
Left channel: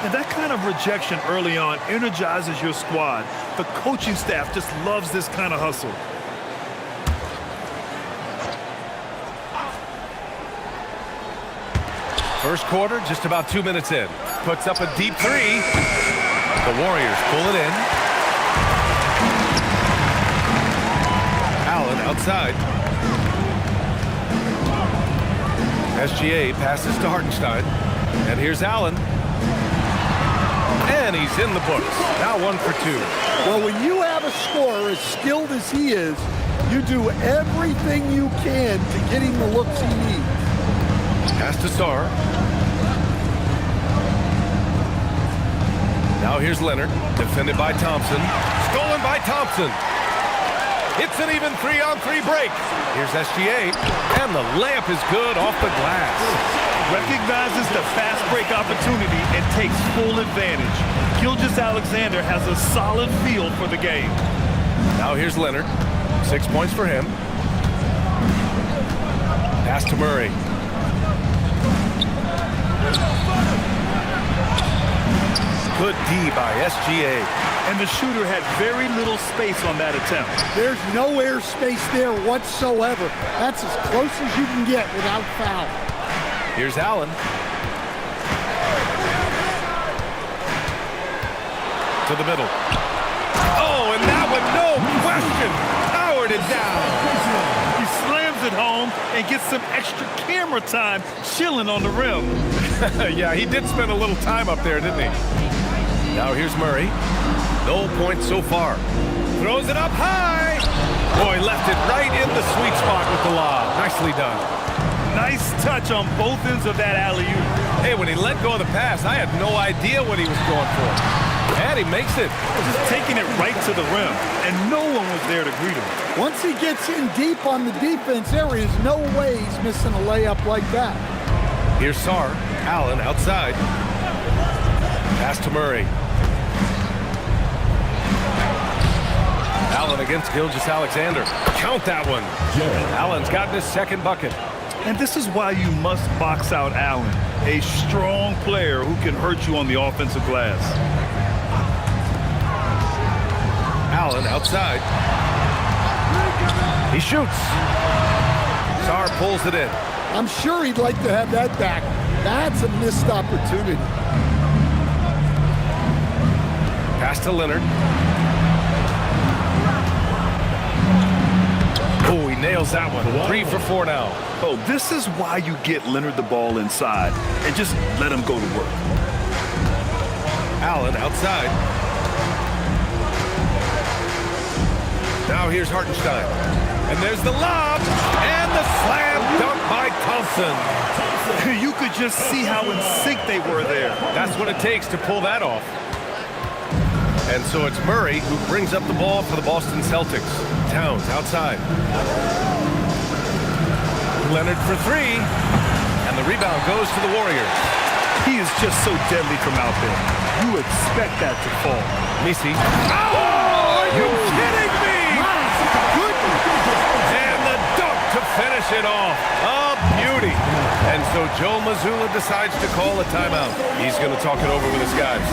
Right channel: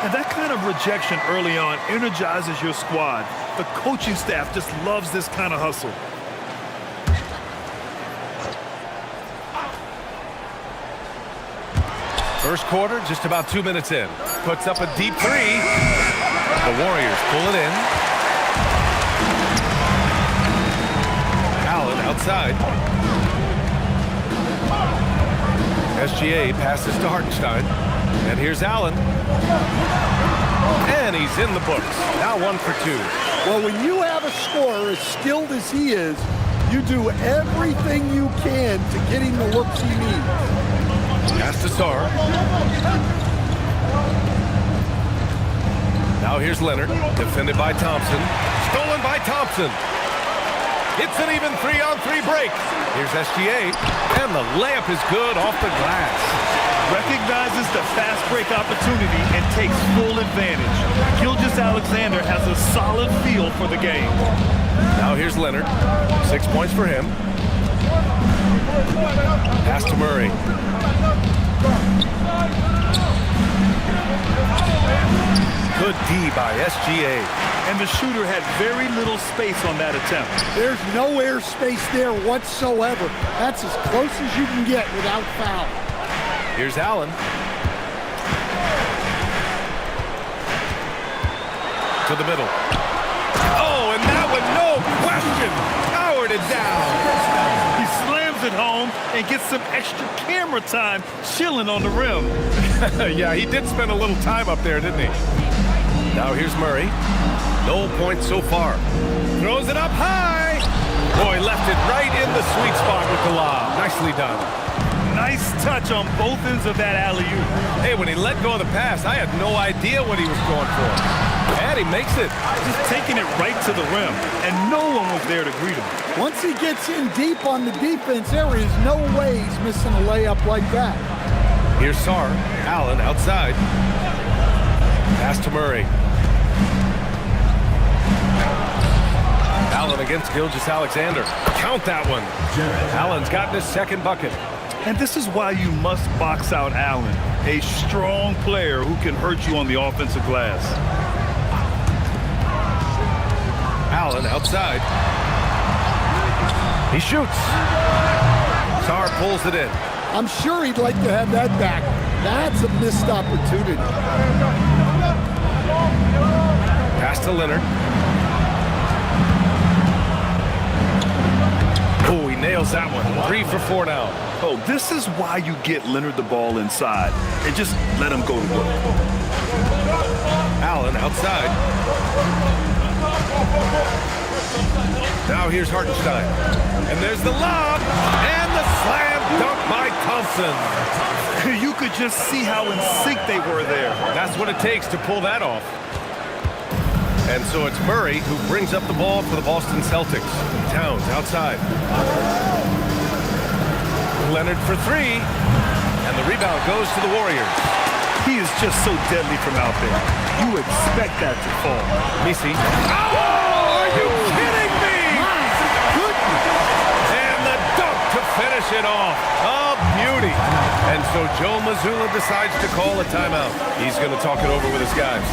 And that kind of rejection early on energizes your squad. The coaching staff just loves this kind of hustle. First quarter, just about 2 minutes in. Puts up a deep 3. The Warriors pull it in. Allen outside. SGA passes to Hartenstein. And here's Allen. And he's in the books. Now 1 for 2. Well, when you have a scorer as skilled as he is, you do everything you can to get him the looks he needs. Pass to Sarr. Now here's Leonard, defended by Thompson. Stolen by Thompson. It's an even 3-on-3 break. Here's SGA, and the layup is good off the glass. Recognizes the fast break opportunity and takes full advantage. Gilgeous-Alexander has a solid feel for the game. Now here's Leonard. 6 points for him. Pass to Murray. Good D by SGA. And the shooter had very little space on that attempt. There's no air space there whatsoever. That's as close as you can get without foul. Here's Allen. To the middle. Oh, and that one, no question, powered it down. He slams it home and gets some extra camera time chilling on the rim. Yeah, he did spend a little time up there, didn't he? Now here's Murray. No points so far. Throws it up high. Boy, left it right in the sweet spot with the lob. Nicely done. Nice touch on both ends of that alley-oop. Hey, when he let go of the pass, I had no idea what he was going for. And he makes it. Just taking it right to the rim, and no one was there to greet him. Once he gets in deep on the defense, there is no way he's missing a layup like that. Here's Sarr. Allen outside. Pass to Murray. Allen against Gilgeous-Alexander. Count that one. Allen's gotten his second bucket. And this is why you must box out Allen, a strong player who can hurt you on the offensive glass. Allen outside. He shoots. Sarr pulls it in. I'm sure he'd like to have that back. That's a missed opportunity. Pass to Leonard. Oh, he nails that one. 3 for 4 now. Oh, this is why you get Leonard the ball inside and just let him go to work. Allen outside. Now here's Hartenstein. And there's the lob. And the slam dunk by Thompson. You could just see how in sync they were there. That's what it takes to pull that off. And so it's Murray who brings up the ball for the Boston Celtics. Towns outside. Leonard for 3. And the rebound goes to the Warriors. He is just so deadly from out there. You expect that to fall. Misi. Oh, are you kidding me? My goodness. And the dunk to finish it off. A beauty. And so Joe Mazzulla decides to call a timeout. He's going to talk it over with his guys.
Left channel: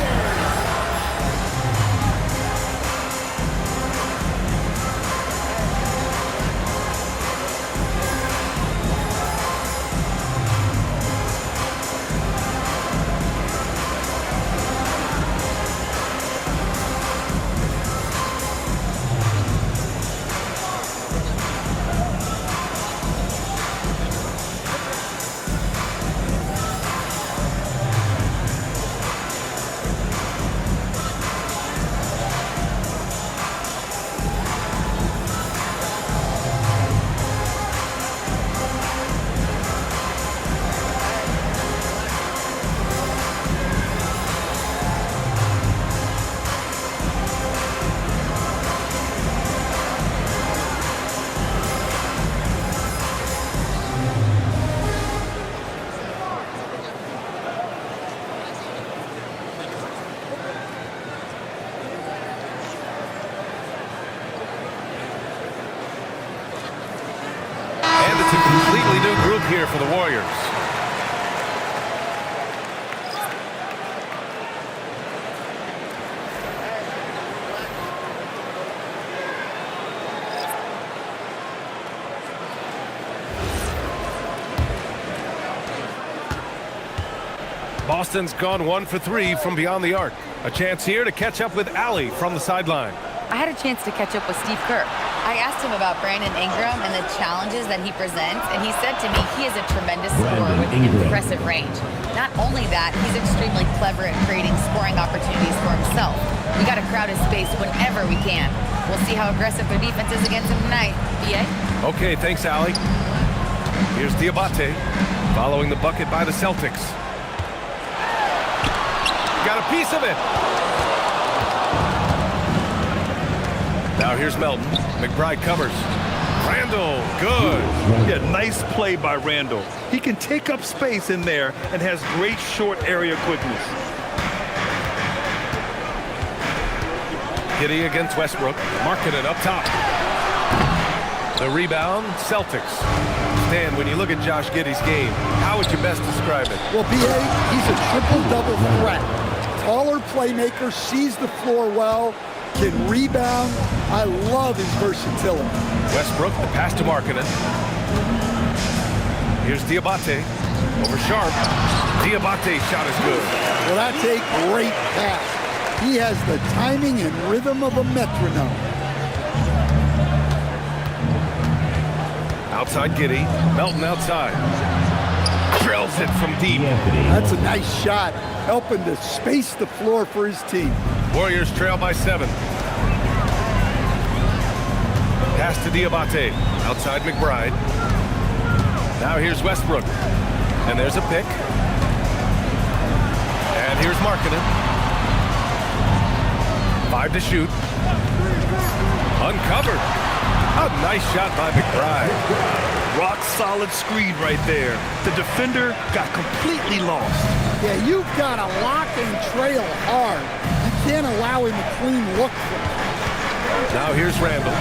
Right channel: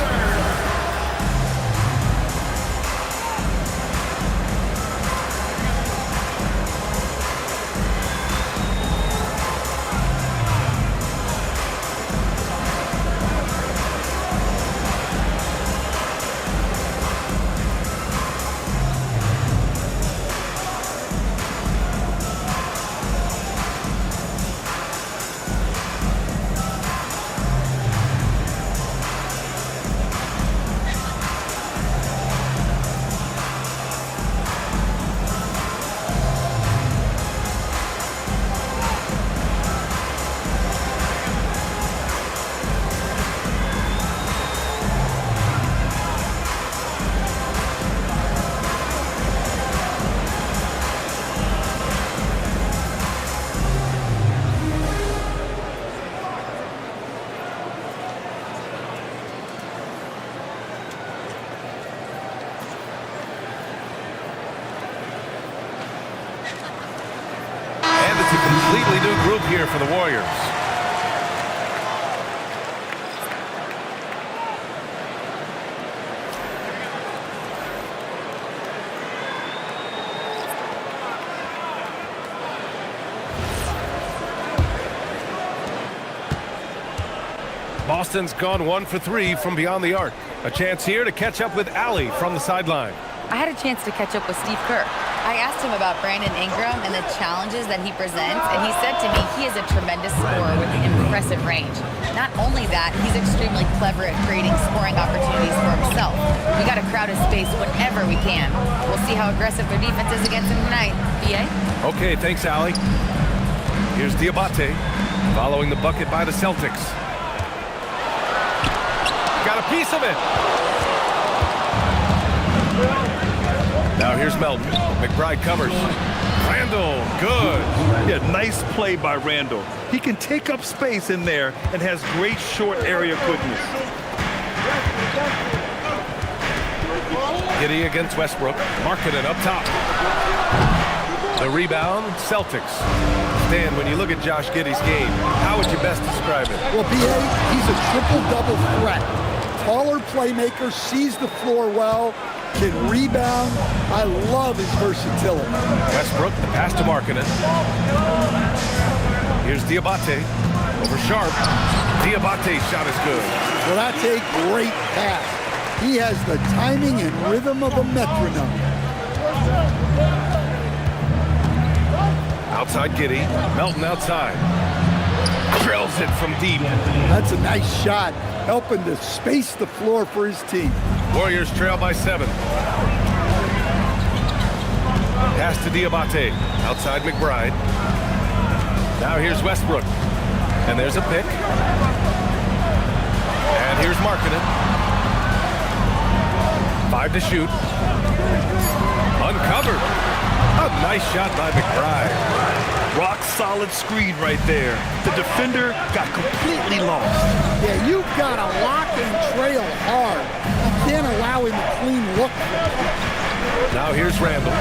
It's a completely new group here for the Warriors. Boston's gone 1 for 3 from beyond the arc. A chance here to catch up with Allie from the sideline. I had a chance to catch up with Steve Kerr. I asked him about Brandon Ingram and the challenges that he presents, and he said to me he is a tremendous scorer with impressive range. Not only that, he's extremely clever at creating scoring opportunities for himself. We got to crowd his space whenever we can. We'll see how aggressive their defense is against him tonight. BA? Okay, thanks, Allie. Here's Diabate, following the bucket by the Celtics. Got a piece of it. Now here's Melton. McBride covers. Randall, good. Yeah, nice play by Randall. He can take up space in there and has great short area quickness. Giddey against Westbrook. Markkanen up top. The rebound, Celtics. Stan, when you look at Josh Giddey's game, how would you best describe it? Well, B.A., he's a triple-double threat. Taller playmaker, sees the floor well, can rebound. I love his versatility. Westbrook, the pass to Markkanen. Here's Diabate over Sharp. Diabate's shot is good. Well, that's a great pass. He has the timing and rhythm of a metronome. Outside Giddey. Melton outside. Drills it from deep. That's a nice shot, helping to space the floor for his team. Warriors trail by 7. Pass to Diabate. Outside McBride. Now here's Westbrook. And there's a pick. And here's Markkanen. 5 to shoot. Uncovered. A nice shot by McBride. Rock solid screen right there. The defender got completely lost. Yeah, you've got to lock and trail hard. You can't allow him a clean look from him. Now here's Randall.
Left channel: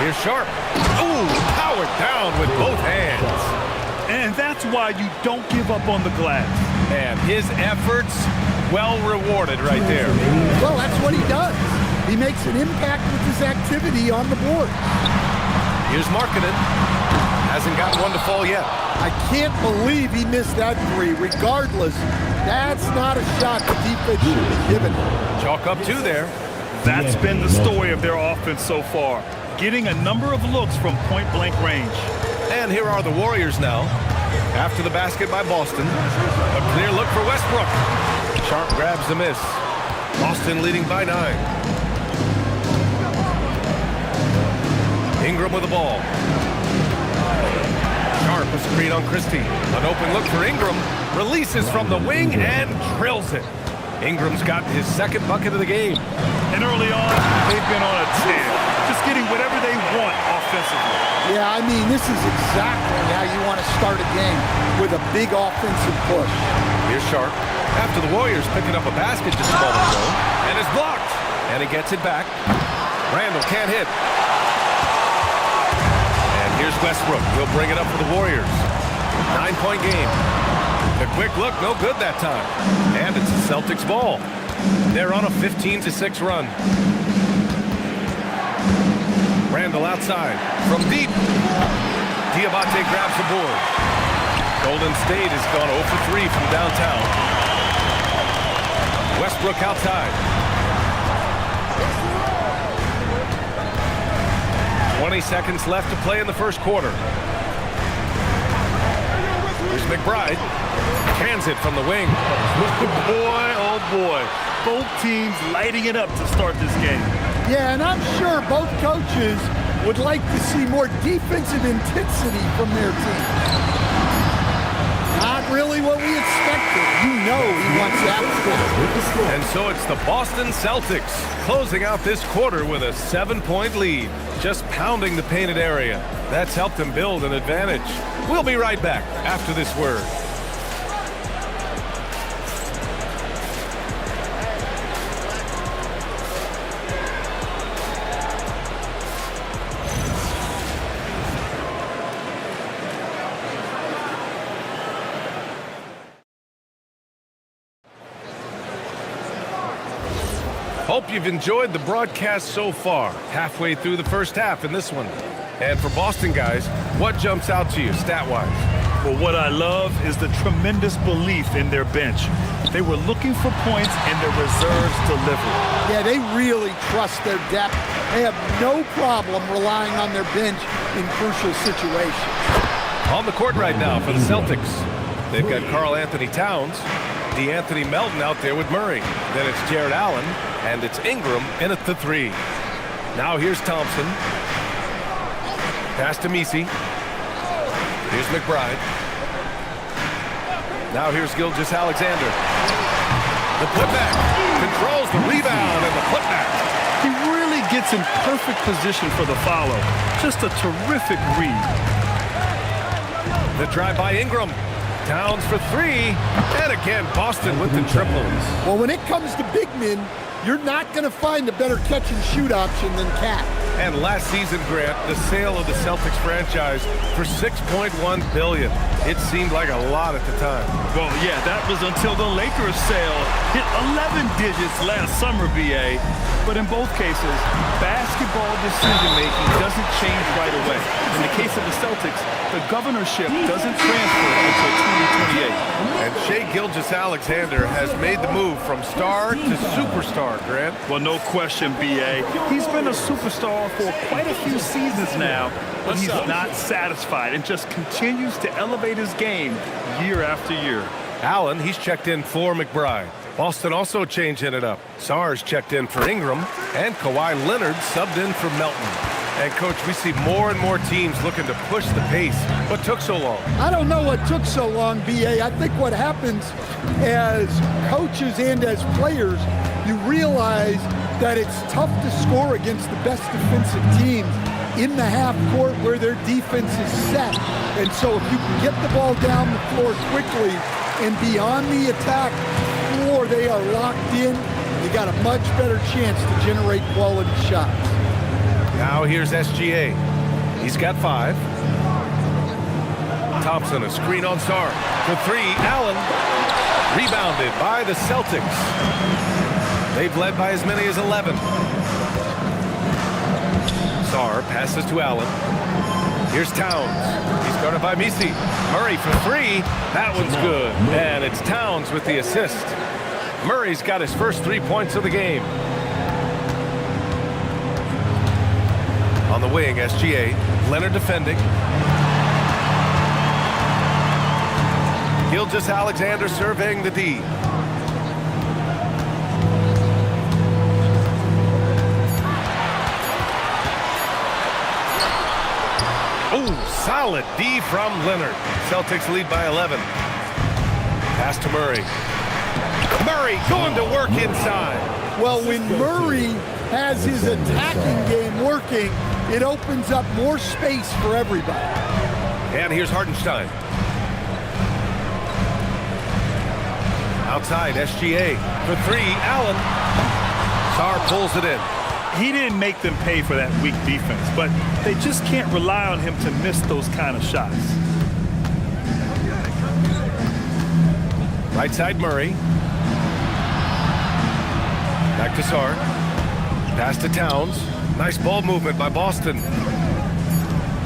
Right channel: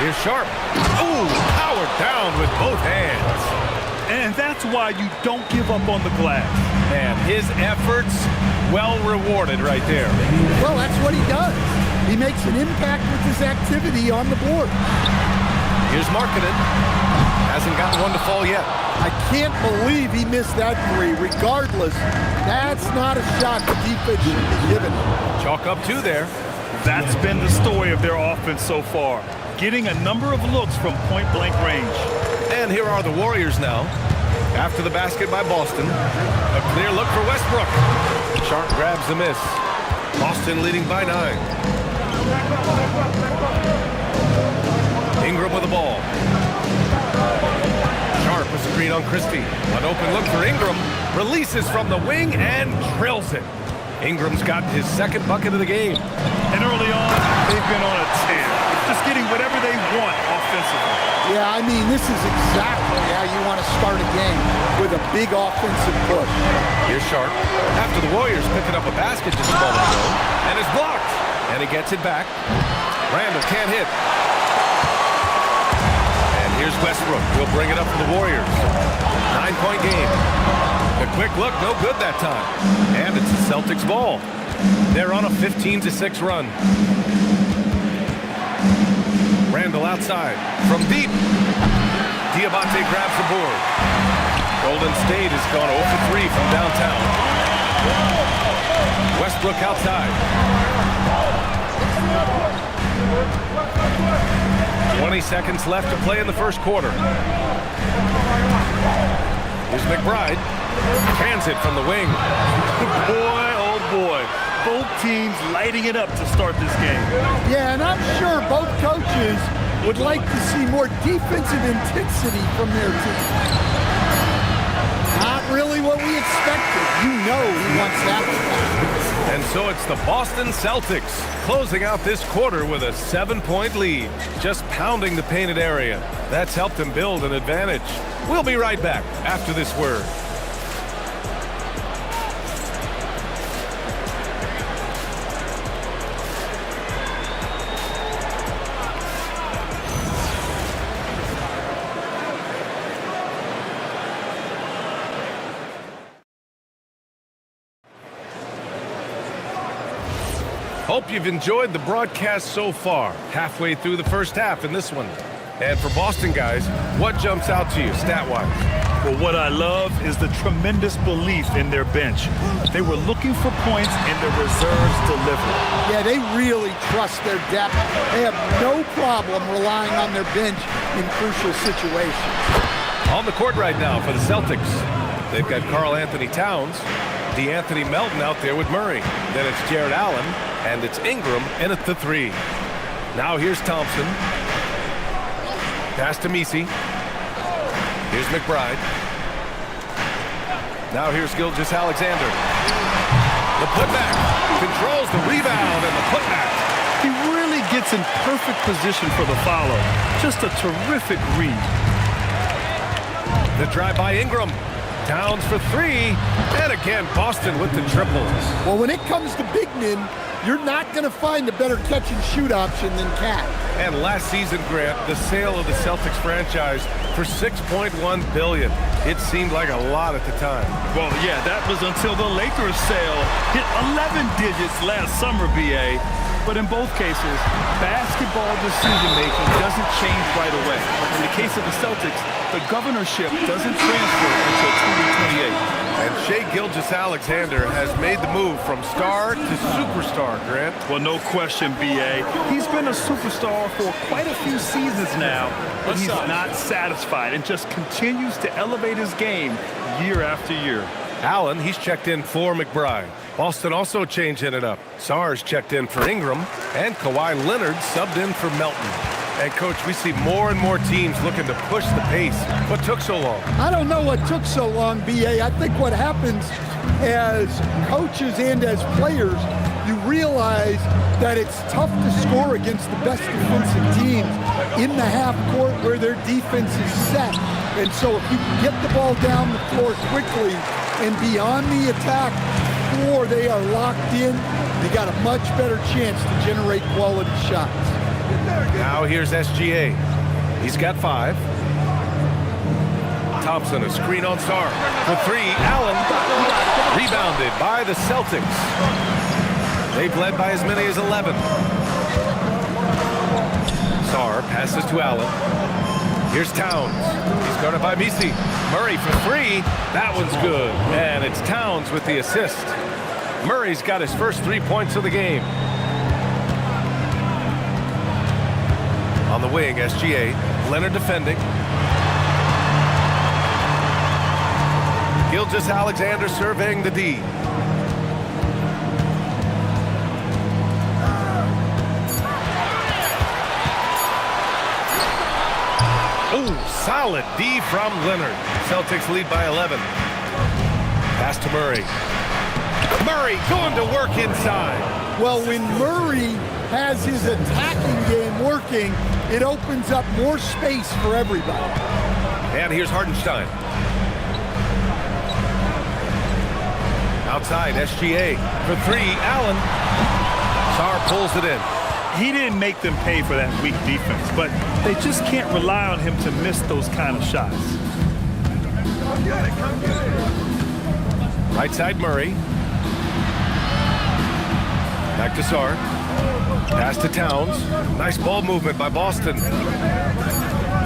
Here's Sharp. Ooh, powered down with both hands. And that's why you don't give up on the glass. Man, his efforts well rewarded right there. Well, that's what he does. He makes an impact with his activity on the board. Here's Markkanen. Hasn't gotten one to fall yet. I can't believe he missed that three. Regardless, that's not a shot the defense should be given. Chalk up 2 there. That's been the story of their offense so far. Getting a number of looks from point-blank range. And here are the Warriors now. After the basket by Boston. A clear look for Westbrook. Sharp grabs the miss. Boston leading by 9. Ingram with the ball. Sharp a screen on Christie. An open look for Ingram. Releases from the wing and drills it. Ingram's gotten his 2nd bucket of the game. And early on, they've been on a tear. Just getting whatever they want offensively. Yeah, I mean, this is exactly how you want to start a game, with a big offensive push. Here's Sharp. After the Warriors picking up a basket just a moment ago. And it's blocked. And he gets it back. Randall can't hit. And here's Westbrook. He'll bring it up for the Warriors. 9-point game. The quick look, no good that time. And it's the Celtics ball. They're on a 15-6 run. Randall outside. From deep. Diabate grabs the board. Golden State has gone 0 for 3 from downtown. Westbrook outside. 20 seconds left to play in the first quarter. Here's McBride. Cans it from the wing. Boy, oh boy. Both teams lighting it up to start this game. Yeah, and I'm sure both coaches would like to see more defensive intensity from their team. Not really what we expected. You know he wants that. And so it's the Boston Celtics closing out this quarter with a 7-point lead. Just pounding the painted area. That's helped them build an advantage. We'll be right back after this word. Hope you've enjoyed the broadcast so far. Halfway through the first half in this one. And for Boston guys, what jumps out to you stat-wise? Well, what I love is the tremendous belief in their bench. They were looking for points and their reserves delivered. Yeah, they really trust their depth. They have no problem relying on their bench in crucial situations. On the court right now for the Celtics, they've got Karl Anthony Towns, DeAnthony Melton out there with Murray. Then it's Jared Allen, and it's Ingram in at the 3. Now here's Thompson. Pass to Messi. Here's McBride. Now here's Gilgeous-Alexander. The putback. Controls the rebound and the putback. He really gets in perfect position for the follow. Just a terrific read. The drive by Ingram. Towns for 3. And again, Boston with the triple. Well, when it comes to big men, you're not going to find a better catch-and-shoot option than Cat. And last season, Grant, the sale of the Celtics franchise for $6.1 billion. It seemed like a lot at the time. Well, yeah, that was until the Lakers sale hit 11 digits last summer, B.A. But in both cases, basketball decision-making doesn't change right away. In the case of the Celtics, the governorship doesn't transfer until 2028. And Shai Gilgeous-Alexander has made the move from star to superstar, Grant. Well, no question, B.A. He's been a superstar for quite a few seasons now, but he's not satisfied and just continues to elevate his game year after year. Allen, he's checked in for McBride. Boston also changing it up. Sarge checked in for Ingram, and Kawhi Leonard subbed in for Melton. And, Coach, we see more and more teams looking to push the pace. What took so long? I don't know what took so long, B.A. I think what happens as coaches and as players, you realize that it's tough to score against the best defensive teams in the half court where their defense is set. And so if you can get the ball down the floor quickly and beyond the attack floor, they are locked in, you got a much better chance to generate quality shots. Now here's SGA. He's got 5. Thompson, a screen on Sarr. For 3, Allen. Rebounded by the Celtics. They've led by as many as 11. Sarr passes to Allen. Here's Towns. He's guarded by Messi. Murray for 3. That one's good. And it's Towns with the assist. Murray's got his first 3 points of the game. On the wing, SGA. Leonard defending. Gilgeous-Alexander surveying the D. Oh, solid D from Leonard. Celtics lead by 11. Pass to Murray. Murray going to work inside. Well, when Murray has his attacking game working, it opens up more space for everybody. And here's Hartenstein. Outside, SGA. For 3, Allen. Sarr pulls it in. He didn't make them pay for that weak defense, but they just can't rely on him to miss those kind of shots. Right side, Murray. Back to Sarr. Pass to Towns. Nice ball movement by Boston.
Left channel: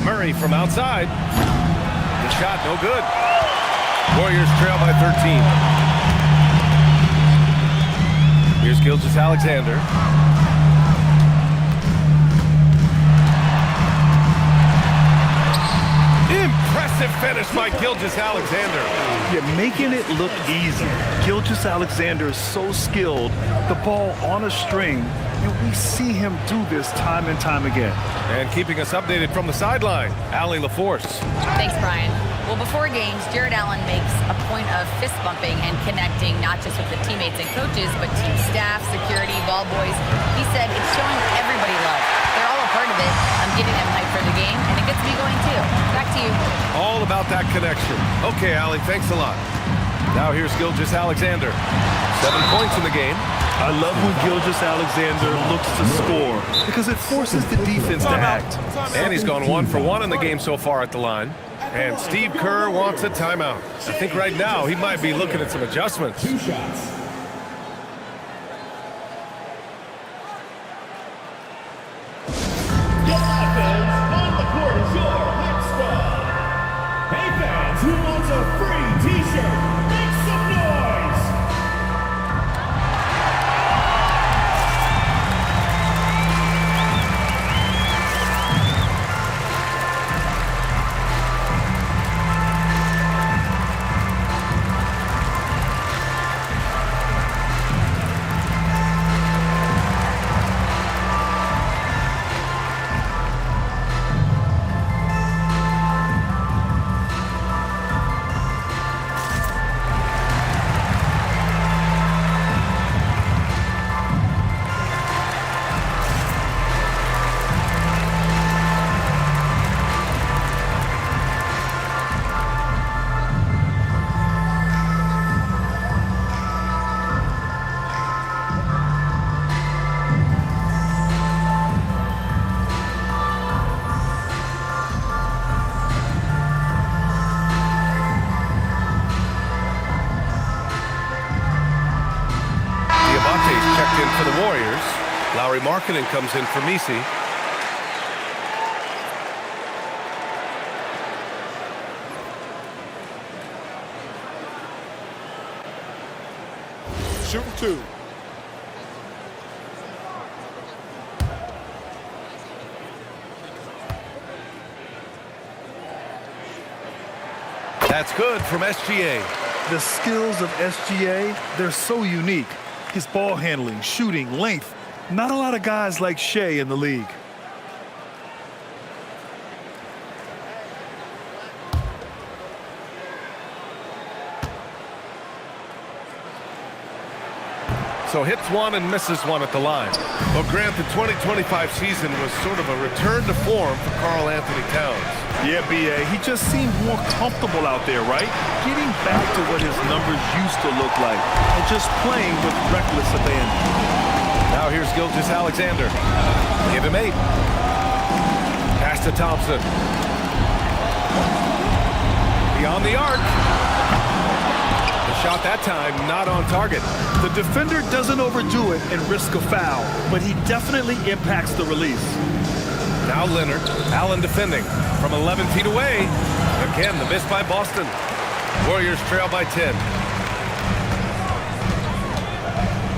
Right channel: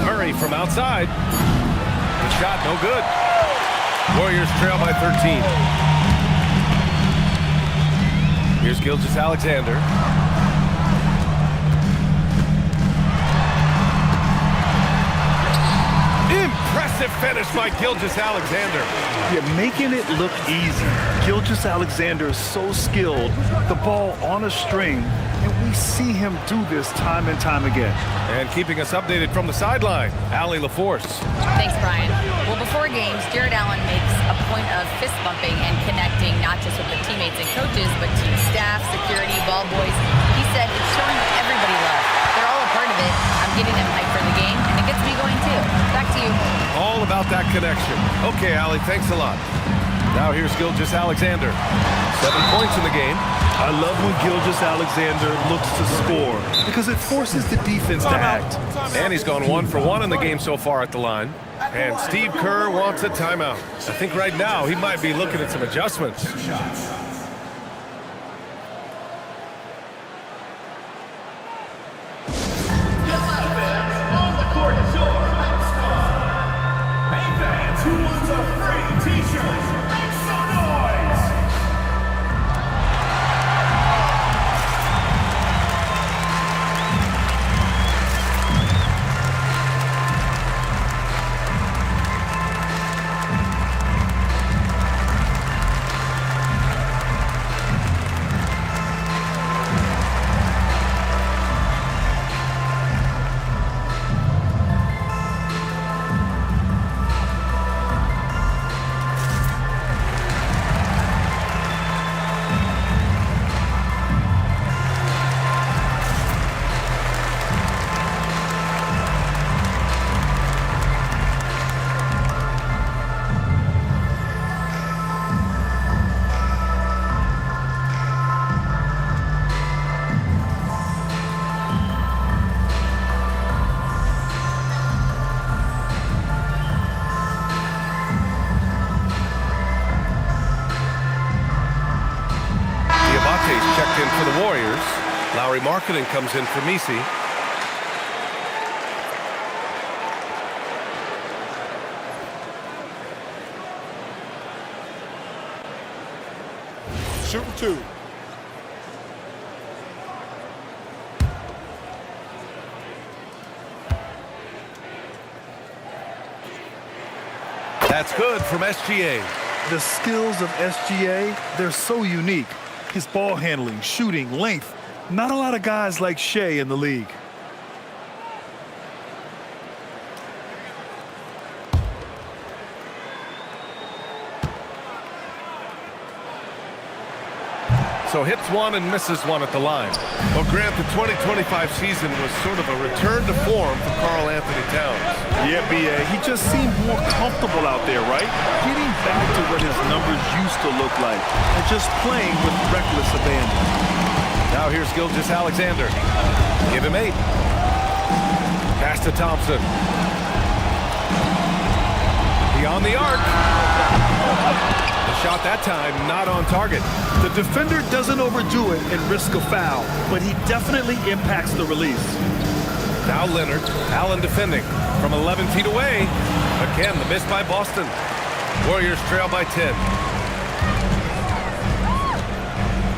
Murray from outside. The shot no good. Warriors trail by 13. Here's Gilgeous-Alexander. Impressive finish by Gilgeous-Alexander. You're making it look easy. Gilgeous-Alexander is so skilled. The ball on a string, and we see him do this time and time again. And keeping us updated from the sideline, Allie LaForce. Thanks, Brian. Well, before games, Jared Allen makes a point of fist bumping and connecting not just with the teammates and coaches, but team staff, security, ball boys. He said it's showing everybody love. They're all a part of it. I'm getting them hyped for the game, and it gets me going too. Back to you. All about that connection. Okay, Allie, thanks a lot. Now here's Gilgeous-Alexander. 7 points in the game. I love when Gilgeous-Alexander looks to score because it forces the defense to act. And he's gone 1 for 1 in the game so far at the line. And Steve Kerr wants a timeout. I think right now he might be looking at some adjustments. who wants a free t-shirt? Make some noise! Diabate's checked in for the Warriors. Lauri Markkanen comes in for Misi. Shooting 2. That's good from SGA. The skills of SGA, they're so unique. His ball handling, shooting, length. Not a lot of guys like Shea in the league. So hits one and misses one at the line. Well, Grant, the 2025 season was sort of a return to form for Karl Anthony Towns. Yeah, B.A., he just seemed more comfortable out there, right? Getting back to what his numbers used to look like and just playing with reckless abandon. Now here's Gilgeous-Alexander. Give him 8. Pass to Thompson. Beyond the arc. The shot that time not on target. The defender doesn't overdo it and risk a foul, but he definitely impacts the release. Now Leonard. Allen defending from 11 feet away. Again, the miss by Boston. Warriors trail by 10.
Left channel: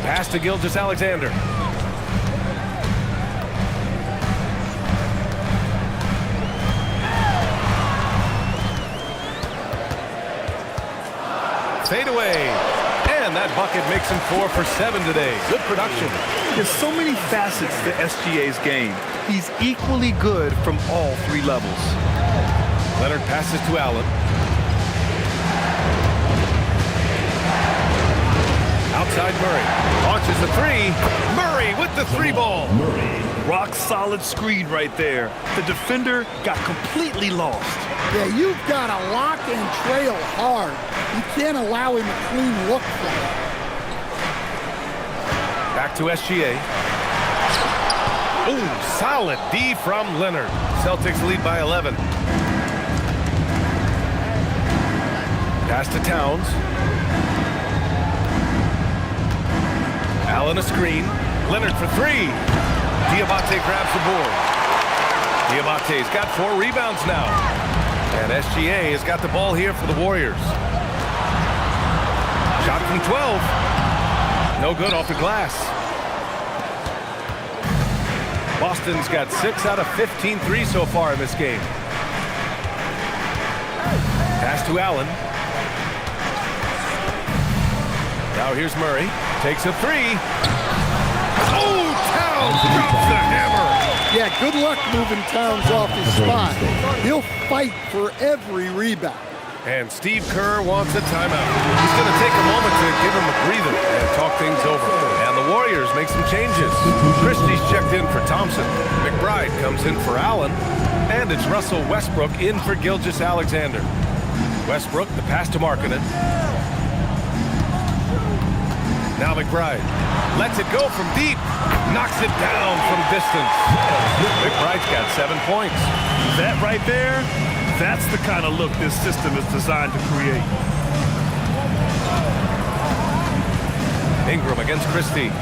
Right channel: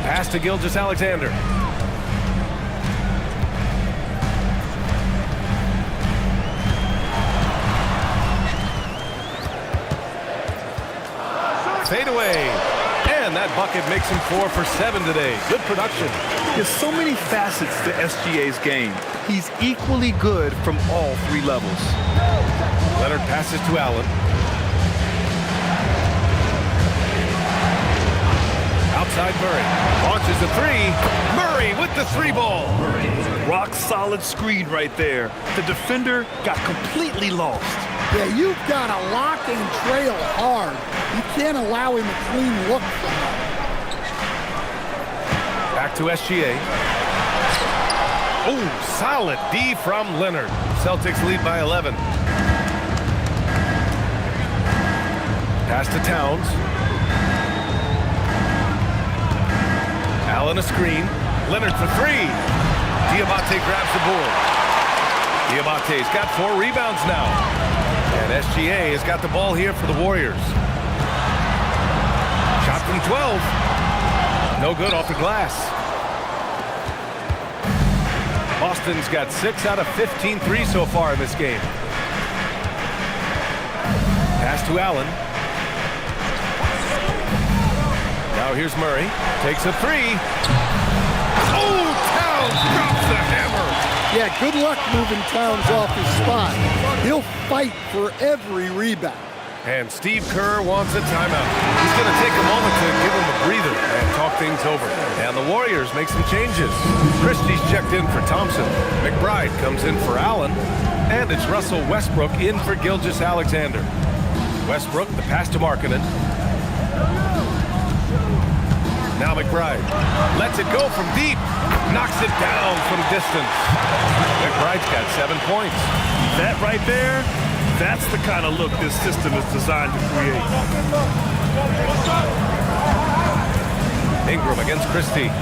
Pass to Gilgeous-Alexander. Fade away. And that bucket makes him 4 for 7 today. Good production. There's so many facets to SGA's game. He's equally good from all 3 levels. Leonard passes to Allen. Outside Murray. Launches the 3. Murray with the 3 ball. Rock solid screen right there. The defender got completely lost. Yeah, you've got to lock and trail hard. You can't allow him a clean look from that. Back to SGA. Oh, solid D from Leonard. Celtics lead by 11. Pass to Towns. Allen a screen. Leonard for 3. Diabate grabs the board. Diabate's got 4 rebounds now. And SGA has got the ball here for the Warriors. Shot from 12. No good off the glass. Boston's got 6 out of 15 threes so far in this game. Pass to Allen. Now here's Murray. Takes a 3. Oh, Towns drops the hammer. Yeah, good luck moving Towns off his spot. He'll fight for every rebound. And Steve Kerr wants a timeout. He's going to take a moment to give him a breather and talk things over. And the Warriors make some changes. Christie's checked in for Thompson. McBride comes in for Allen. And it's Russell Westbrook in for Gilgeous-Alexander. Westbrook, the pass to Markkanen. Now McBride lets it go from deep. Knocks it down from distance. McBride's got 7 points. That right there, that's the kind of look this system is designed to create. Ingram against Christie.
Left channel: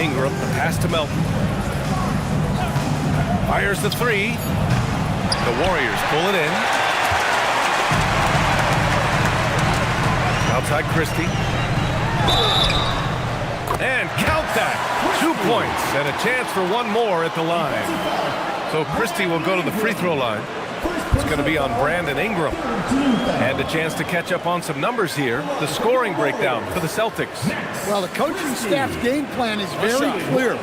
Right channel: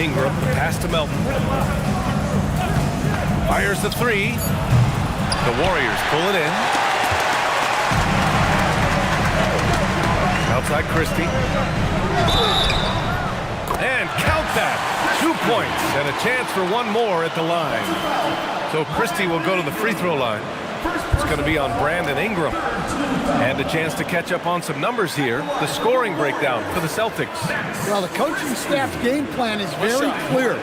Ingram, the pass to Melton. Fires the 3. The Warriors pull it in. Outside Christie. And count that. 2 points and a chance for one more at the line. So Christie will go to the free throw line. It's going to be on Brandon Ingram. And a chance to catch up on some numbers here. The scoring breakdown for the Celtics. Well, the coaching staff's game plan is very clear.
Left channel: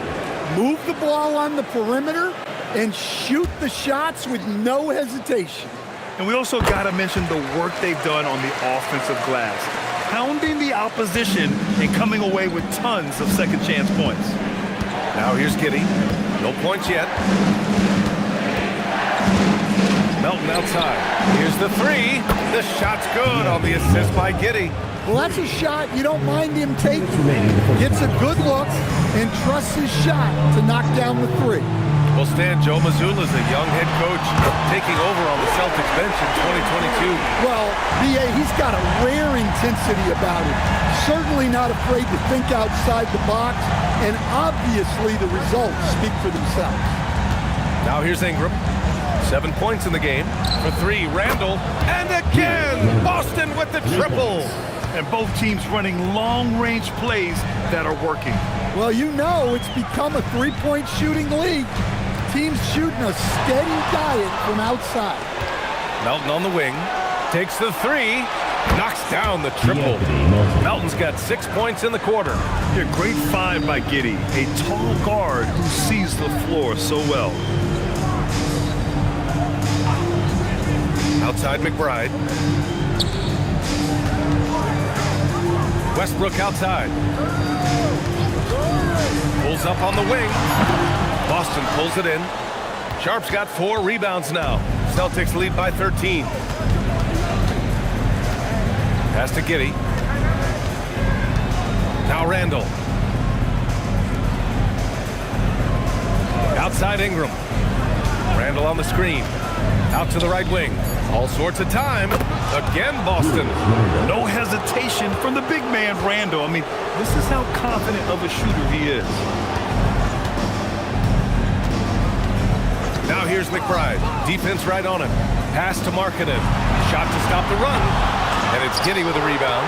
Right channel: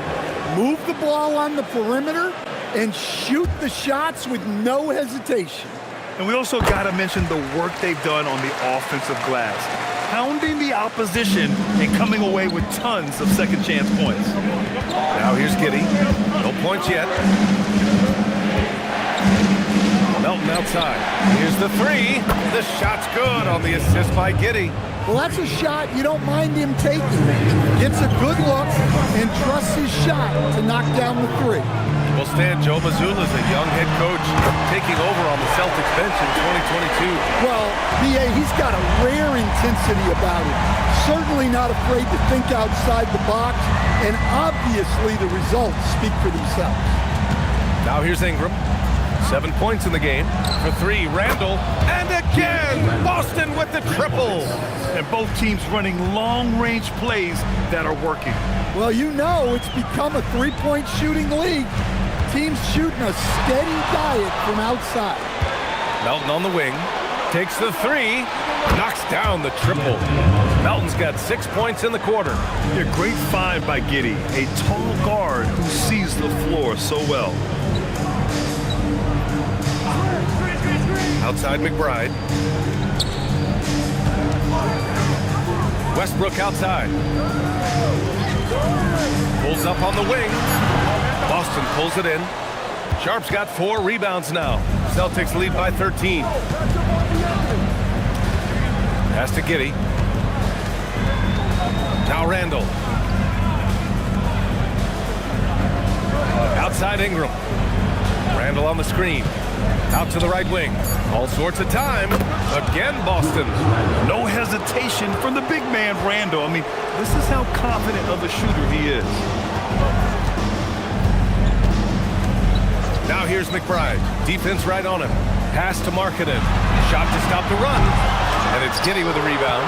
Move the ball on the perimeter and shoot the shots with no hesitation. And we also got to mention the work they've done on the offensive glass, pounding the opposition and coming away with tons of second chance points. Now here's Giddey. No points yet. Melton outside. Here's the three. The shot's good on the assist by Giddey. Well, that's a shot you don't mind him taking. Gets a good look and trusts his shot to knock down the three. Well, Stan, Joe Mazzulla is a young head coach taking over on the Celtics bench in 2022. Well, B.A., he's got a rare intensity about him. Certainly not afraid to think outside the box, and obviously the results speak for themselves. Now here's Ingram. 7 points in the game. For three, Randall. And again, Boston with the triple. And both teams running long-range plays that are working. Well, you know it's become a three-point shooting league. Teams shooting a steady diet from outside. Melton on the wing. Takes the three. Knocks down the triple. Melton's got 6 points in the quarter. Yeah, great find by Giddey, a tall guard who sees the floor so well. Outside McBride. Westbrook outside. Pulls up on the wing. Boston pulls it in. Sharp's got 4 rebounds now. Celtics lead by 13. Pass to Giddey. Now Randall. Outside Ingram. Randall on the screen. Out to the right wing. All sorts of time. Again, Boston. No hesitation from the big man, Randall. I mean, this is how confident of a shooter he is. Now here's McBride. Defense right on him. Pass to Markkanen. Shot to stop the run. And it's Giddey with a rebound.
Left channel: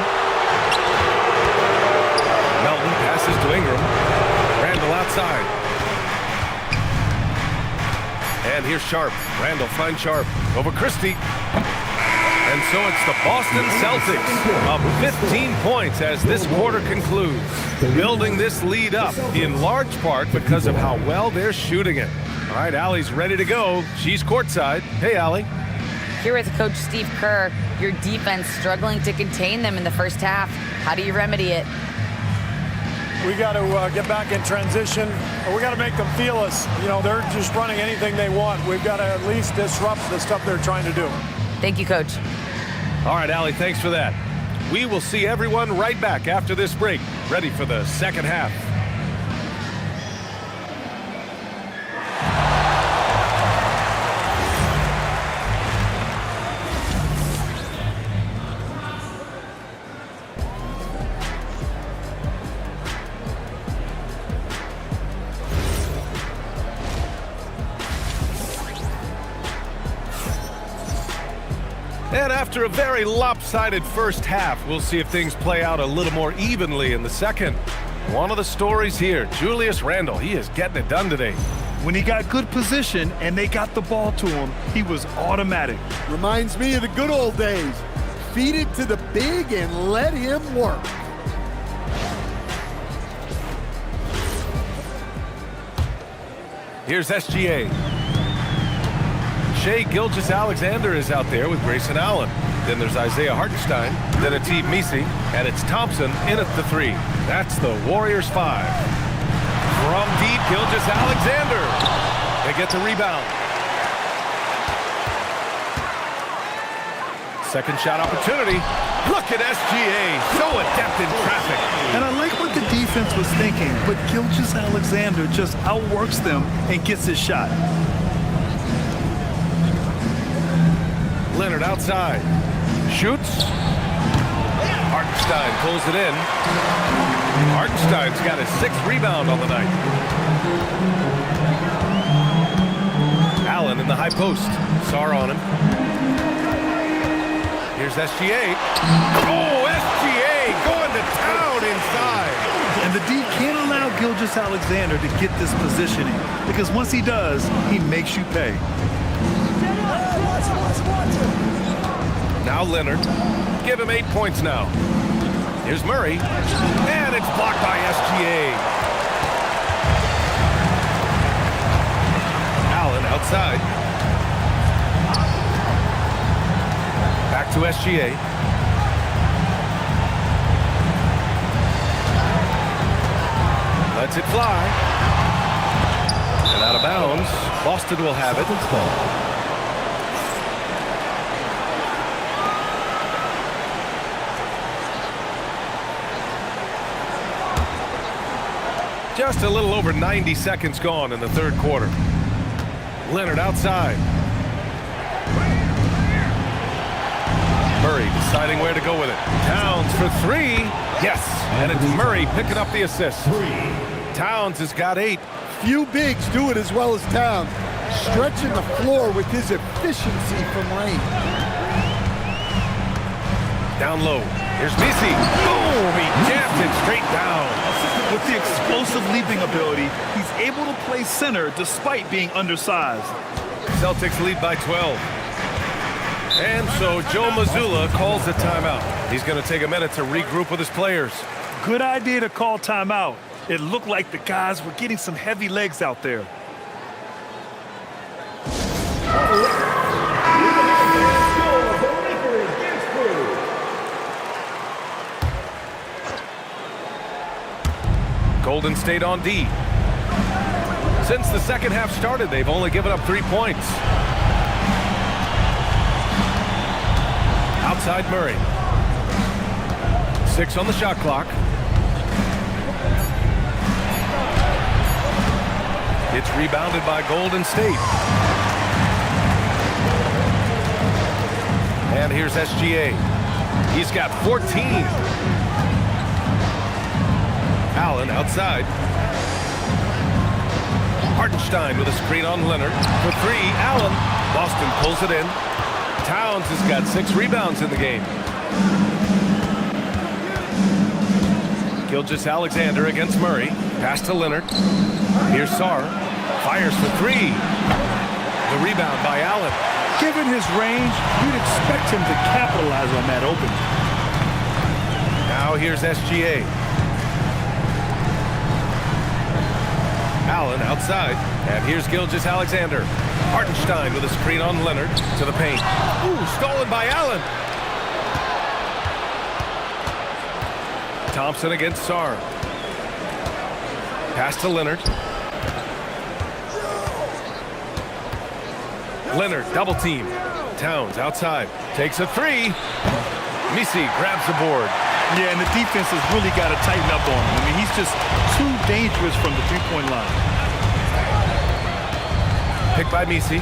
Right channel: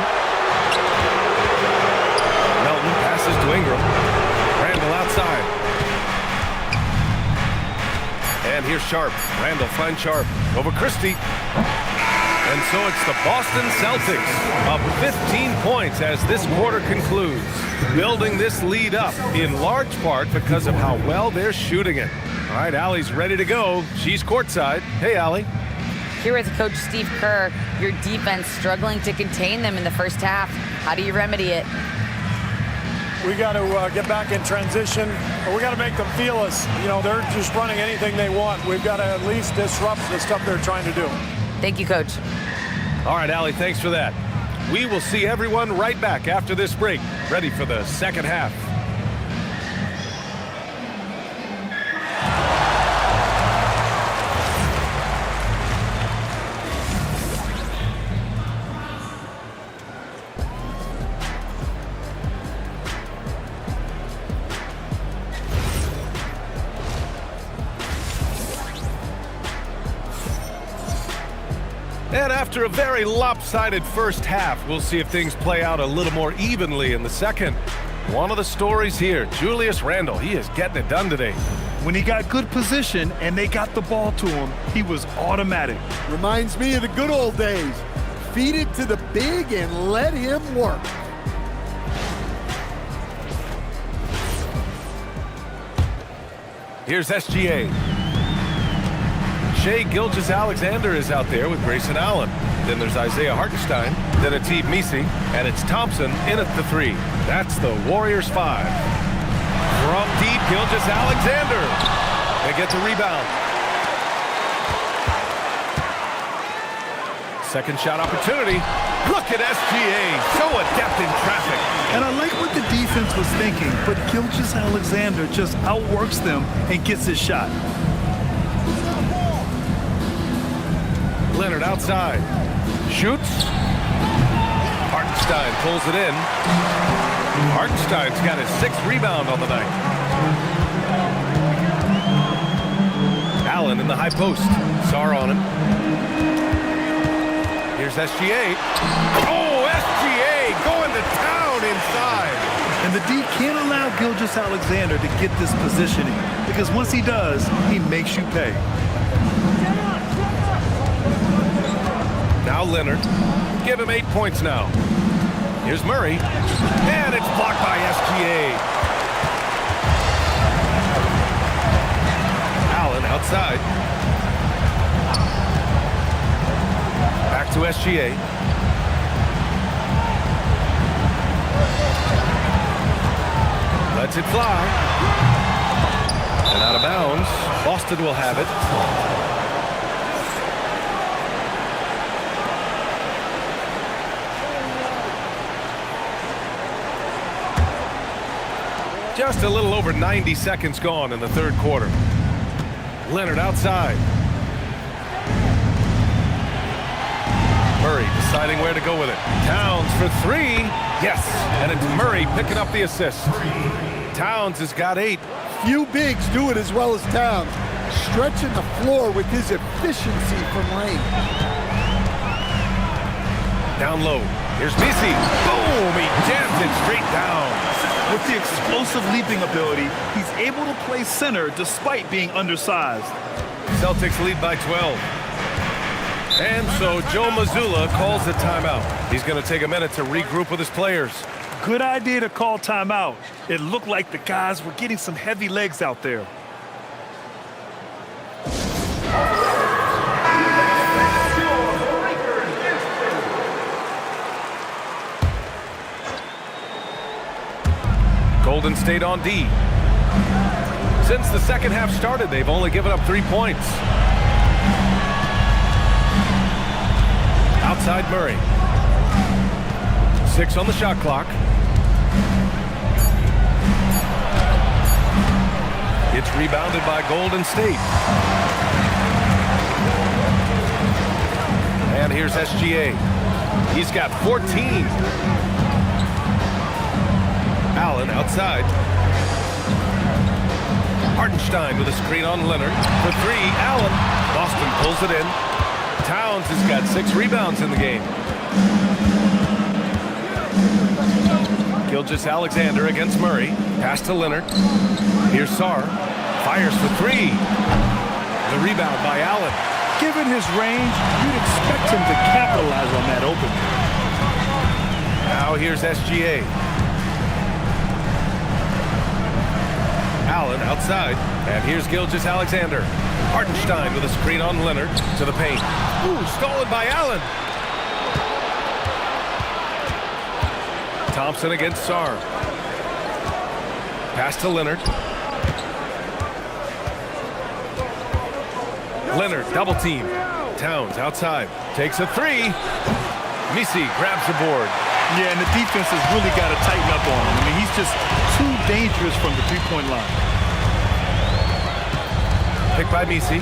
Melton passes to Ingram. Randall outside. And here's Sharp. Randall finds Sharp. Over Christie. And so it's the Boston Celtics up 15 points as this quarter concludes. Building this lead up in large part because of how well they're shooting it. All right, Allie's ready to go. She's courtside. Hey, Allie. Here with Coach Steve Kerr, your defense struggling to contain them in the first half. How do you remedy it? We got to get back in transition. We got to make them feel us. You know, they're just running anything they want. We've got to at least disrupt the stuff they're trying to do. Thank you, Coach. All right, Allie, thanks for that. We will see everyone right back after this break, ready for the second half. And after a very lopsided first half, we'll see if things play out a little more evenly in the second. One of the stories here, Julius Randle, he is getting it done today. When he got good position and they got the ball to him, he was automatic. Reminds me of the good old days. Feed it to the big and let him work. Here's SGA. Shai Gilgeous-Alexander is out there with Grayson Allen. Then there's Isaiah Hartenstein, then Atiq Misi, and it's Thompson in at the three. That's the Warriors 5. From deep, Gilgeous-Alexander. They get the rebound. Second shot opportunity. Look at SGA, so adept in traffic. And I like what the defense was thinking, but Gilgeous-Alexander just outworks them and gets his shot. Leonard outside. Shoots. Hartenstein pulls it in. Hartenstein's got his 6th rebound on the night. Allen in the high post. Sarr on him. Here's SGA. Oh, SGA going to town inside. And the D can't allow Gilgeous-Alexander to get this positioning, because once he does, he makes you pay. Now Leonard. Give him 8 points now. Here's Murray. And it's blocked by SGA. Allen outside. Back to SGA. Lets it fly. And out of bounds. Boston will have it. Just a little over 90 seconds gone in the third quarter. Leonard outside. Murray deciding where to go with it. Towns for three. Yes, and it's Murray picking up the assist. Towns has got 8. Few bigs do it as well as Towns, stretching the floor with his efficiency from range. Down low. Here's Misi. Boom! He jammed it straight down. With the explosive leaping ability, he's able to play center despite being undersized. Celtics lead by 12. And so Joe Mazzulla calls the timeout. He's going to take a minute to regroup with his players. Good idea to call timeout. It looked like the guys were getting some heavy legs out there. Golden State on D. Since the second half started, they've only given up 3 points. Outside Murray. 6 on the shot clock. It's rebounded by Golden State. And here's SGA. He's got 14. Allen outside. Hartenstein with a screen on Leonard. For 3, Allen. Boston pulls it in. Towns has got 6 rebounds in the game. Gilgeous-Alexander against Murray. Pass to Leonard. Here's Sarr. Fires for 3. The rebound by Allen. Given his range, you'd expect him to capitalize on that opening. Now here's SGA. Allen outside. And here's Gilgeous-Alexander. Hartenstein with a screen on Leonard to the paint. Ooh, stolen by Allen. Thompson against Sarr. Pass to Leonard. Leonard double team. Towns outside. Takes a 3. Misi grabs the board. Yeah, and the defense has really got to tighten up on him. I mean, he's just too dangerous from the three-point line. Picked by Misi.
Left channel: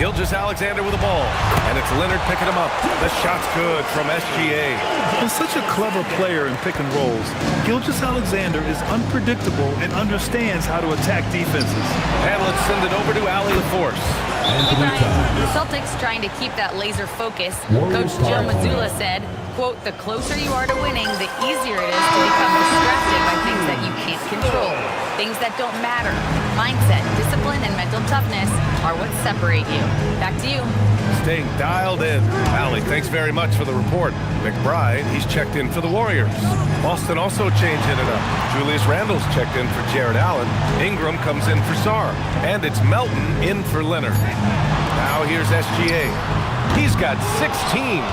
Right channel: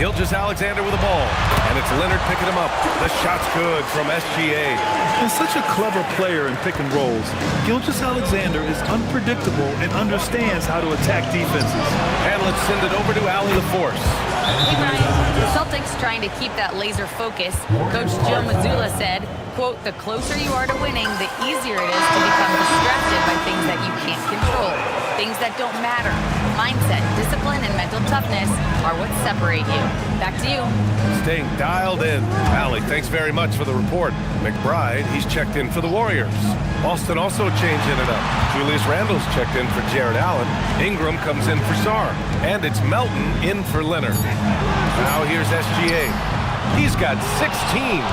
Gilgeous-Alexander with the ball. And it's Leonard picking him up. The shot's good from SGA. And such a clever player in pick and rolls, Gilgeous-Alexander is unpredictable and understands how to attack defenses. And let's send it over to Allie LaForce. Hey, Brian. The Celtics trying to keep that laser focus. Coach Joe Mazzulla said, quote, "The closer you are to winning, the easier it is to become distracted by things that you can't control, things that don't matter. Mindset, discipline, and mental toughness are what separate you." Back to you. Staying dialed in. Allie, thanks very much for the report. McBride, he's checked in for the Warriors. Boston also changing it up. Julius Randle's checked in for Jared Allen. Ingram comes in for Sarr. And it's Melton in for Leonard. Now here's SGA. He's got 16.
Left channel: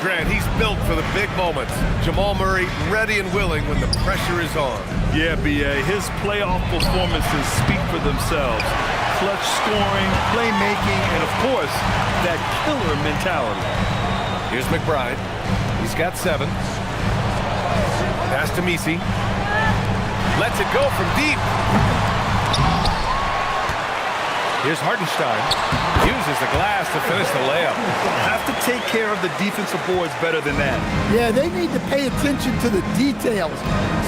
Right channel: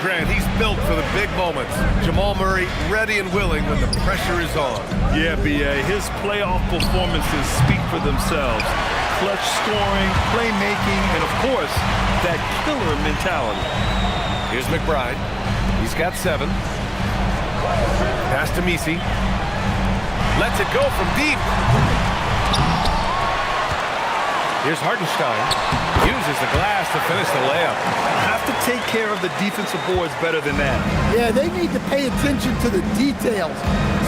Grant, he's built for the big moments. Jamal Murray ready and willing when the pressure is on. Yeah, B.A., his playoff performances speak for themselves. Clutch scoring, playmaking, and of course, that killer mentality. Here's McBride. He's got 7. Pass to Misi. Lets it go from deep. Here's Hartenstein. Uses the glass to finish the layup. Have to take care of the defensive boards better than that. Yeah, they need to pay attention to the details.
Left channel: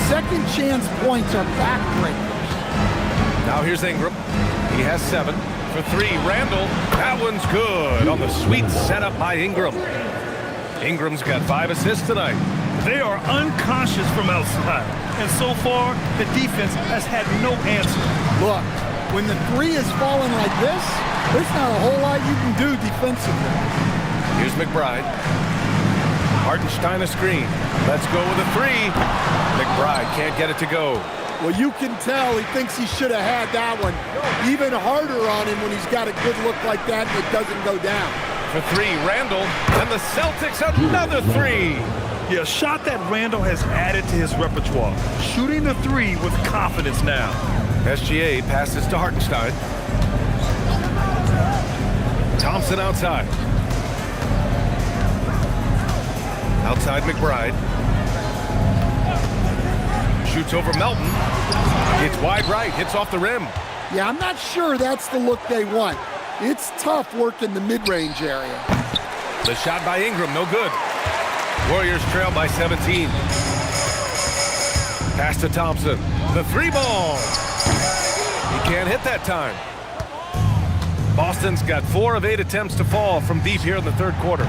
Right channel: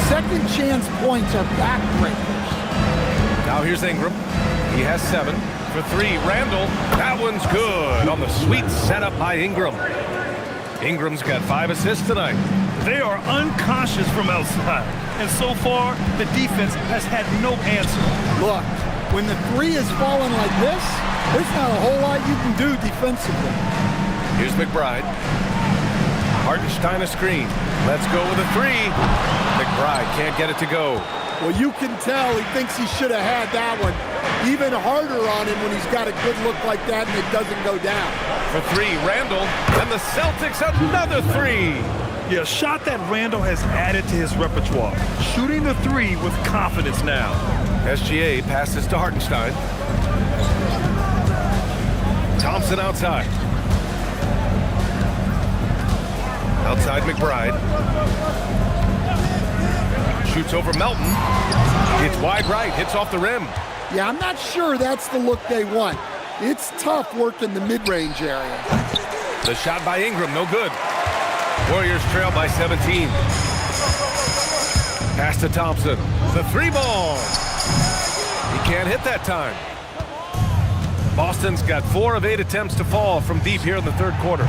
Second chance points are backbreakers. Now here's Ingram. He has 7. For 3, Randall. That one's good on the sweet setup by Ingram. Ingram's got 5 assists tonight. They are unconscious from outside, and so far, the defense has had no answer. Look, when the 3 is falling like this, there's not a whole lot you can do defensively. Here's McBride. Hartenstein a screen. Let's go with a 3. McBride can't get it to go. Well, you can tell he thinks he should have had that one. Even harder on him when he's got a good look like that and it doesn't go down. For 3, Randall. And the Celtics another 3. Yeah, a shot that Randall has added to his repertoire. Shooting the 3 with confidence now. SGA passes to Hartenstein. Thompson outside. Outside McBride. Shoots over Melton. It's wide right, hits off the rim. Yeah, I'm not sure that's the look they want. It's tough working the mid-range area. The shot by Ingram, no good. Warriors trail by 17. Pass to Thompson. The 3 ball. He can't hit that time. Boston's got 4 of 8 attempts to fall from deep here in the third quarter.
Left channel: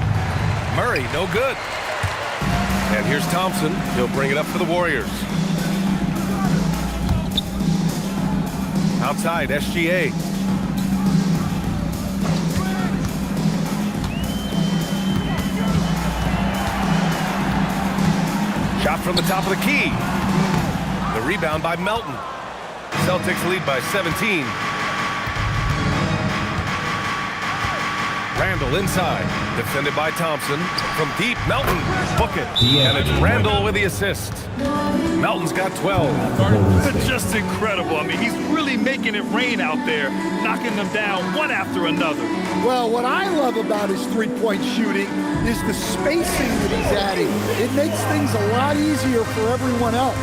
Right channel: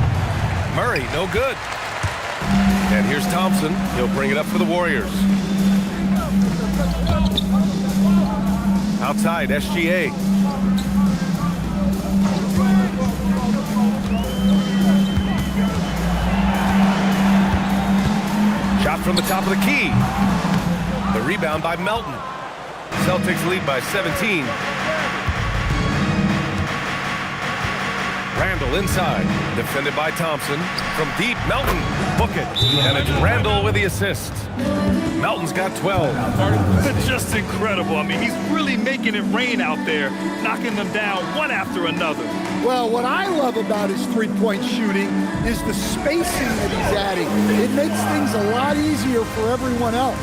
Murray, no good. And here's Thompson. He'll bring it up for the Warriors. Outside, SGA. Shot from the top of the key. The rebound by Melton. Celtics lead by 17. Randall inside. Defended by Thompson. From deep, Melton. Book it. And it's Randall with the assist. Melton's got 12. Just incredible. I mean, he's really making it rain out there, knocking them down one after another. Well, what I love about his three-point shooting is the spacing that he's adding. It makes things a lot easier for everyone else.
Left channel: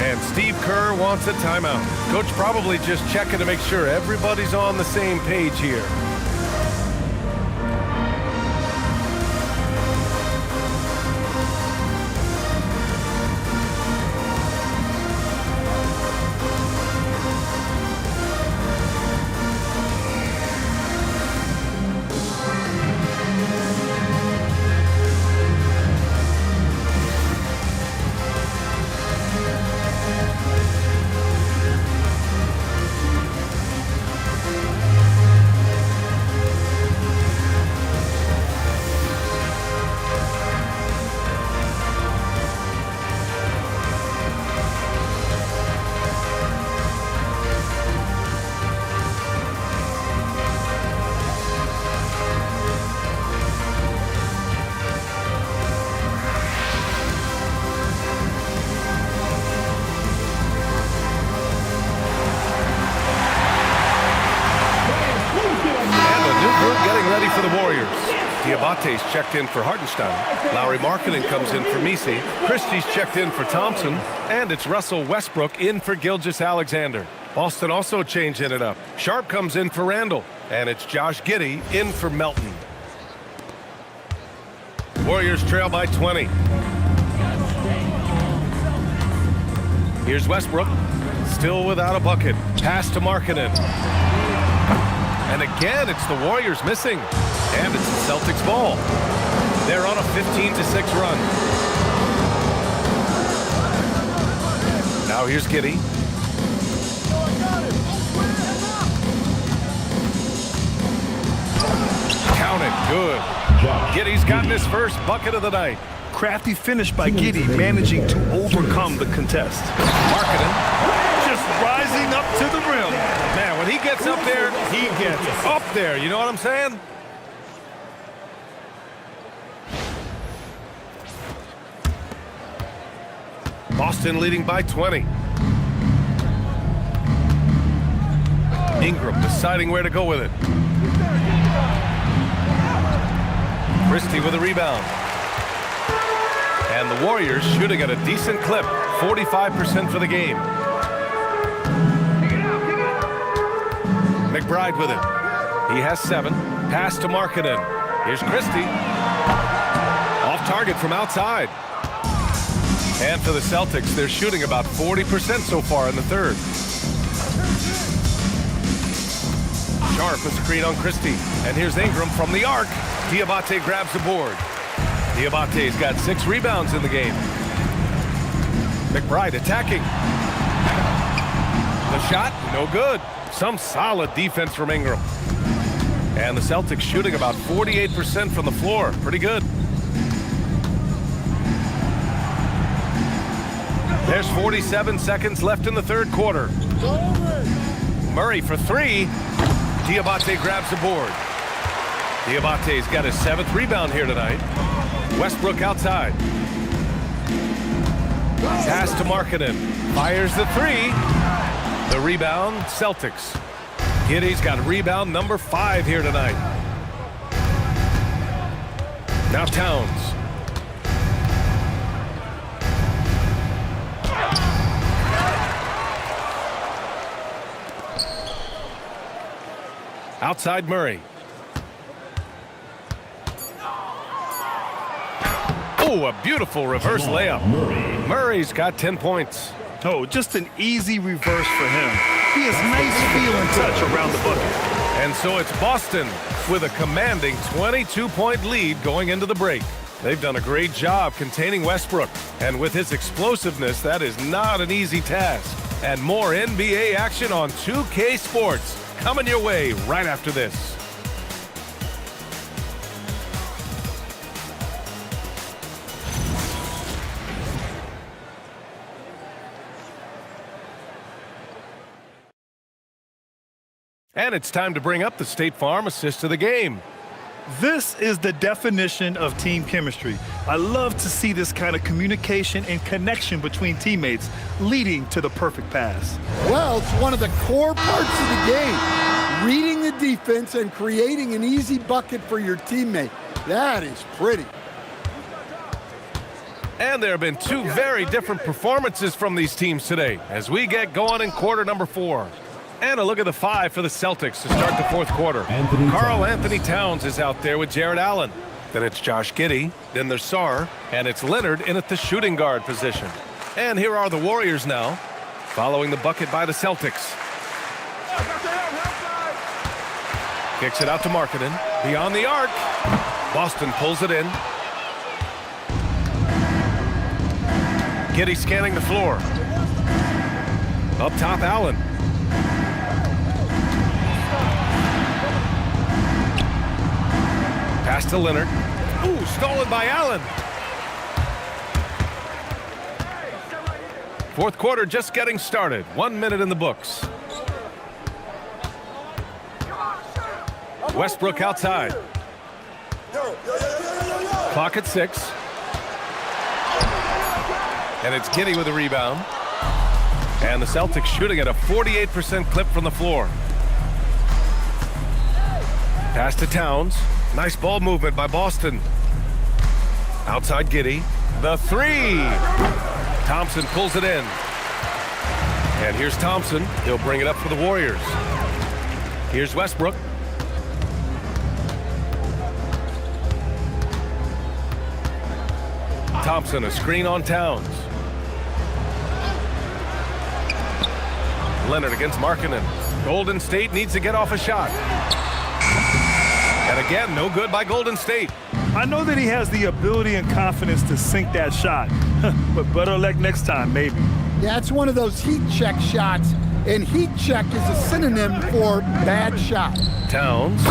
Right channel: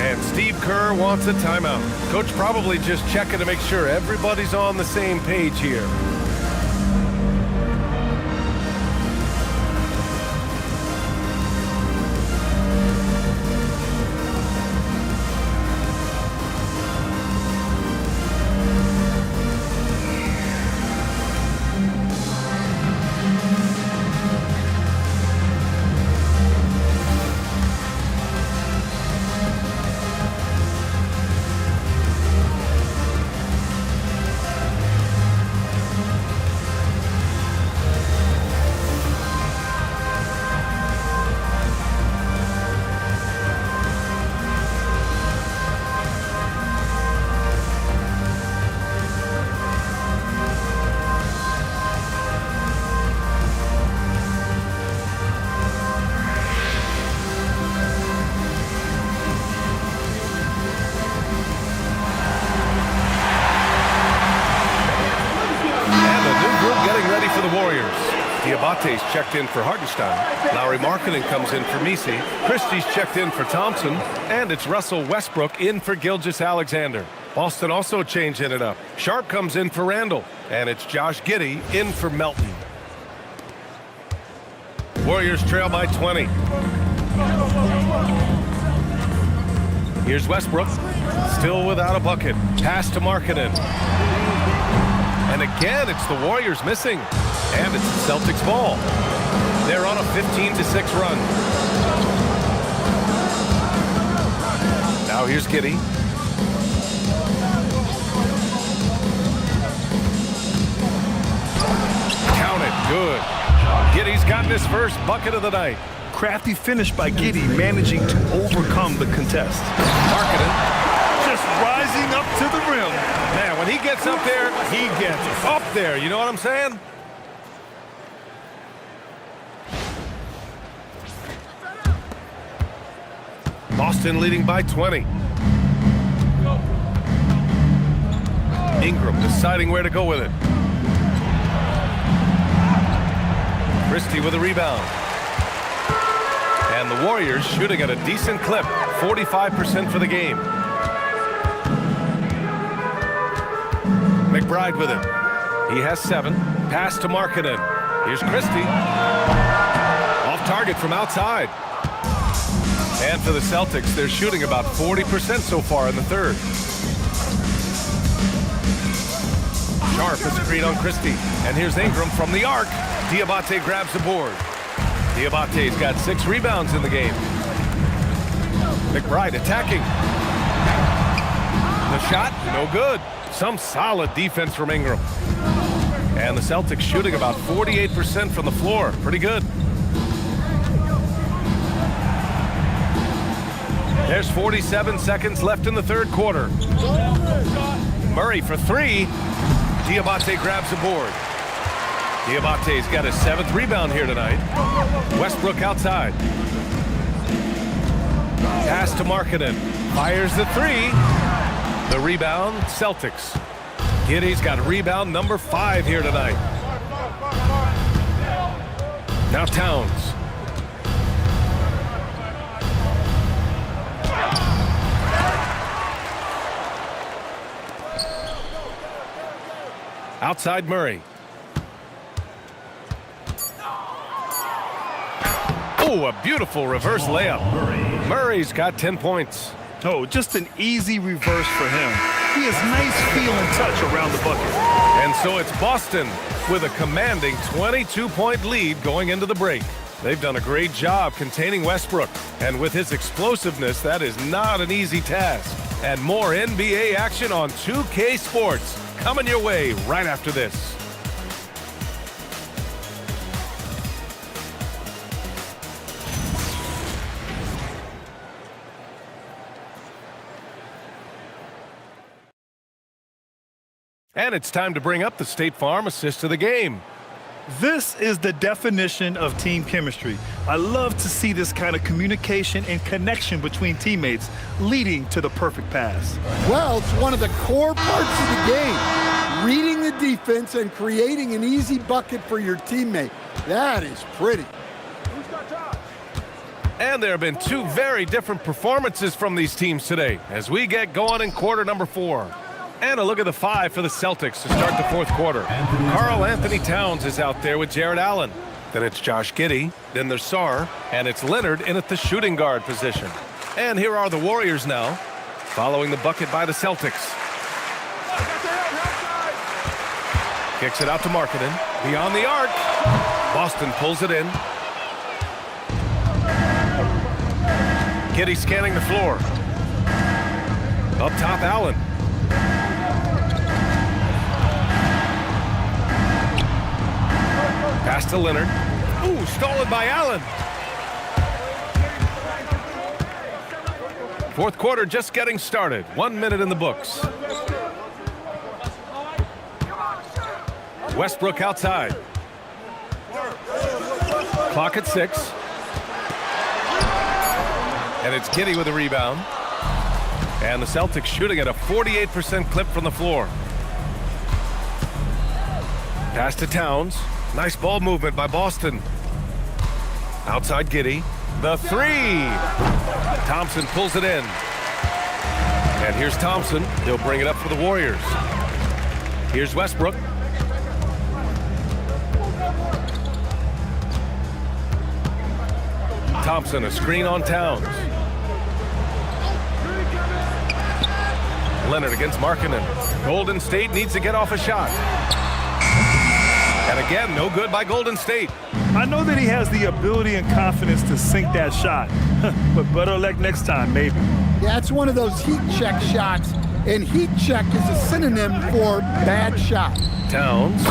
And Steve Kerr wants a timeout. Coach probably just checking to make sure everybody's on the same page here. Getting ready for the Warriors. Diabate's checked in for Hartenstein. Lauri Markkanen comes in for Messi. Christie's checked in for Thompson. And it's Russell Westbrook in for Gilgeous-Alexander. Boston also changing it up. Sharp comes in for Randall. And it's Josh Giddey in for Melton. Warriors trail by 20. Here's Westbrook. Still without a bucket. Pass to Markkanen. And again, it's the Warriors missing. And it's the Celtics ball. They're on a 15-6 run. Now here's Giddey. Count it. Good. Giddey's gotten his first bucket of the night. Crafty finish by Giddey, managing to overcome the contest. Markkanen. Just rising up to the rim. Man, when he gets up there, he gets up there. You know what I'm saying? Boston leading by 20. Ingram deciding where to go with it. Christie with a rebound. And the Warriors shooting at a decent clip, 45% for the game. McBride with it. He has 7. Pass to Markkanen. Here's Christie. Off target from outside. And for the Celtics, they're shooting about 40% so far in the third. Sharp a screen on Christie. And here's Ingram from the arc. Diabate grabs the board. Diabate's got 6 rebounds in the game. McBride attacking. The shot, no good. Some solid defense from Ingram. And the Celtics shooting about 48% from the floor. Pretty good. There's 47 seconds left in the third quarter. Murray for 3. Diabate grabs the board. Diabate's got his 7th rebound here tonight. Westbrook outside. Pass to Markkanen. Fires the 3. The rebound, Celtics. Giddey's got rebound number 5 here tonight. Now Towns. Outside Murray. Oh, a beautiful reverse layup. Murray's got 10 points. Oh, just an easy reverse for him. He has nice feel and touch around the bucket. And so it's Boston with a commanding 22-point lead going into the break. They've done a great job containing Westbrook. And with his explosiveness, that is not an easy task. And more NBA action on 2K Sports coming your way right after this. And it's time to bring up the State Farm assist of the game. This is the definition of team chemistry. I love to see this kind of communication and connection between teammates leading to the perfect pass. Well, it's one of the core parts of the game. Reading the defense and creating an easy bucket for your teammate. That is pretty. And there have been 2 very different performances from these teams today as we get going in quarter number 4. And a look at the 5 for the Celtics to start the fourth quarter. Karl Anthony Towns is out there with Jared Allen. Then it's Josh Giddey. Then there's Sarr. And it's Leonard in at the shooting guard position. And here are the Warriors now, following the bucket by the Celtics. Kicks it out to Markkanen. Beyond the arc. Boston pulls it in. Giddey scanning the floor. Up top, Allen. Pass to Leonard. Ooh, stolen by Allen. Fourth quarter just getting started. 1 minute in the books. Westbrook outside. Clock at 6. And it's Giddey with a rebound. And the Celtics shooting at a 48% clip from the floor. Pass to Towns. Nice ball movement by Boston. Outside Giddey. The 3. Thompson pulls it in. And here's Thompson. He'll bring it up for the Warriors. Here's Westbrook. Thompson, a screen on Towns. Leonard against Markkanen. Golden State needs to get off a shot. And again, no good by Golden State. I know that he has the ability and confidence to sink that shot, but better luck next time, maybe. Yeah, it's one of those heat check shots, and heat check is a synonym for bad shot. Towns,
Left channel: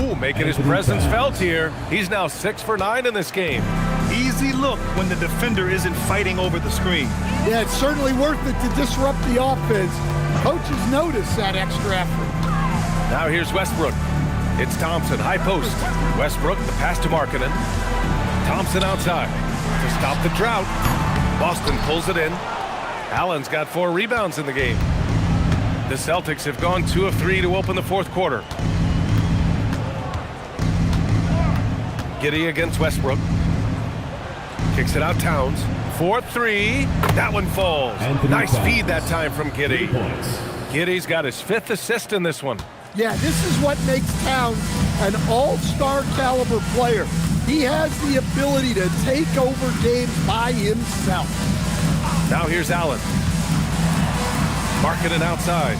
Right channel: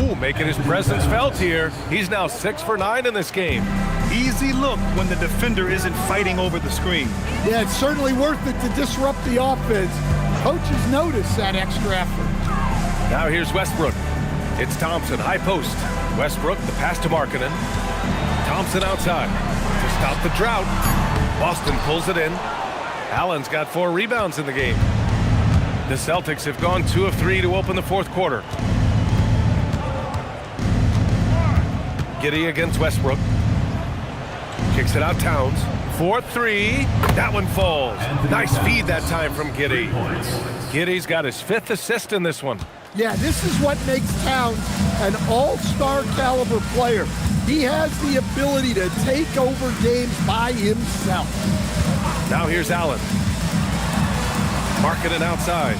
ooh, making his presence felt here. He's now 6 for 9 in this game. Easy look when the defender isn't fighting over the screen. Yeah, it's certainly worth it to disrupt the offense. Coaches notice that extra effort. Now here's Westbrook. It's Thompson, high post. Westbrook, the pass to Markkanen. Thompson outside to stop the drought. Boston pulls it in. Allen's got 4 rebounds in the game. The Celtics have gone 2 of 3 to open the fourth quarter. Giddey against Westbrook. Kicks it out Towns. 4-3. That one falls. Nice feed that time from Giddey. Giddey's got his 5th assist in this one. Yeah, this is what makes Towns an all-star caliber player. He has the ability to take over games by himself. Now here's Allen. Markkanen outside.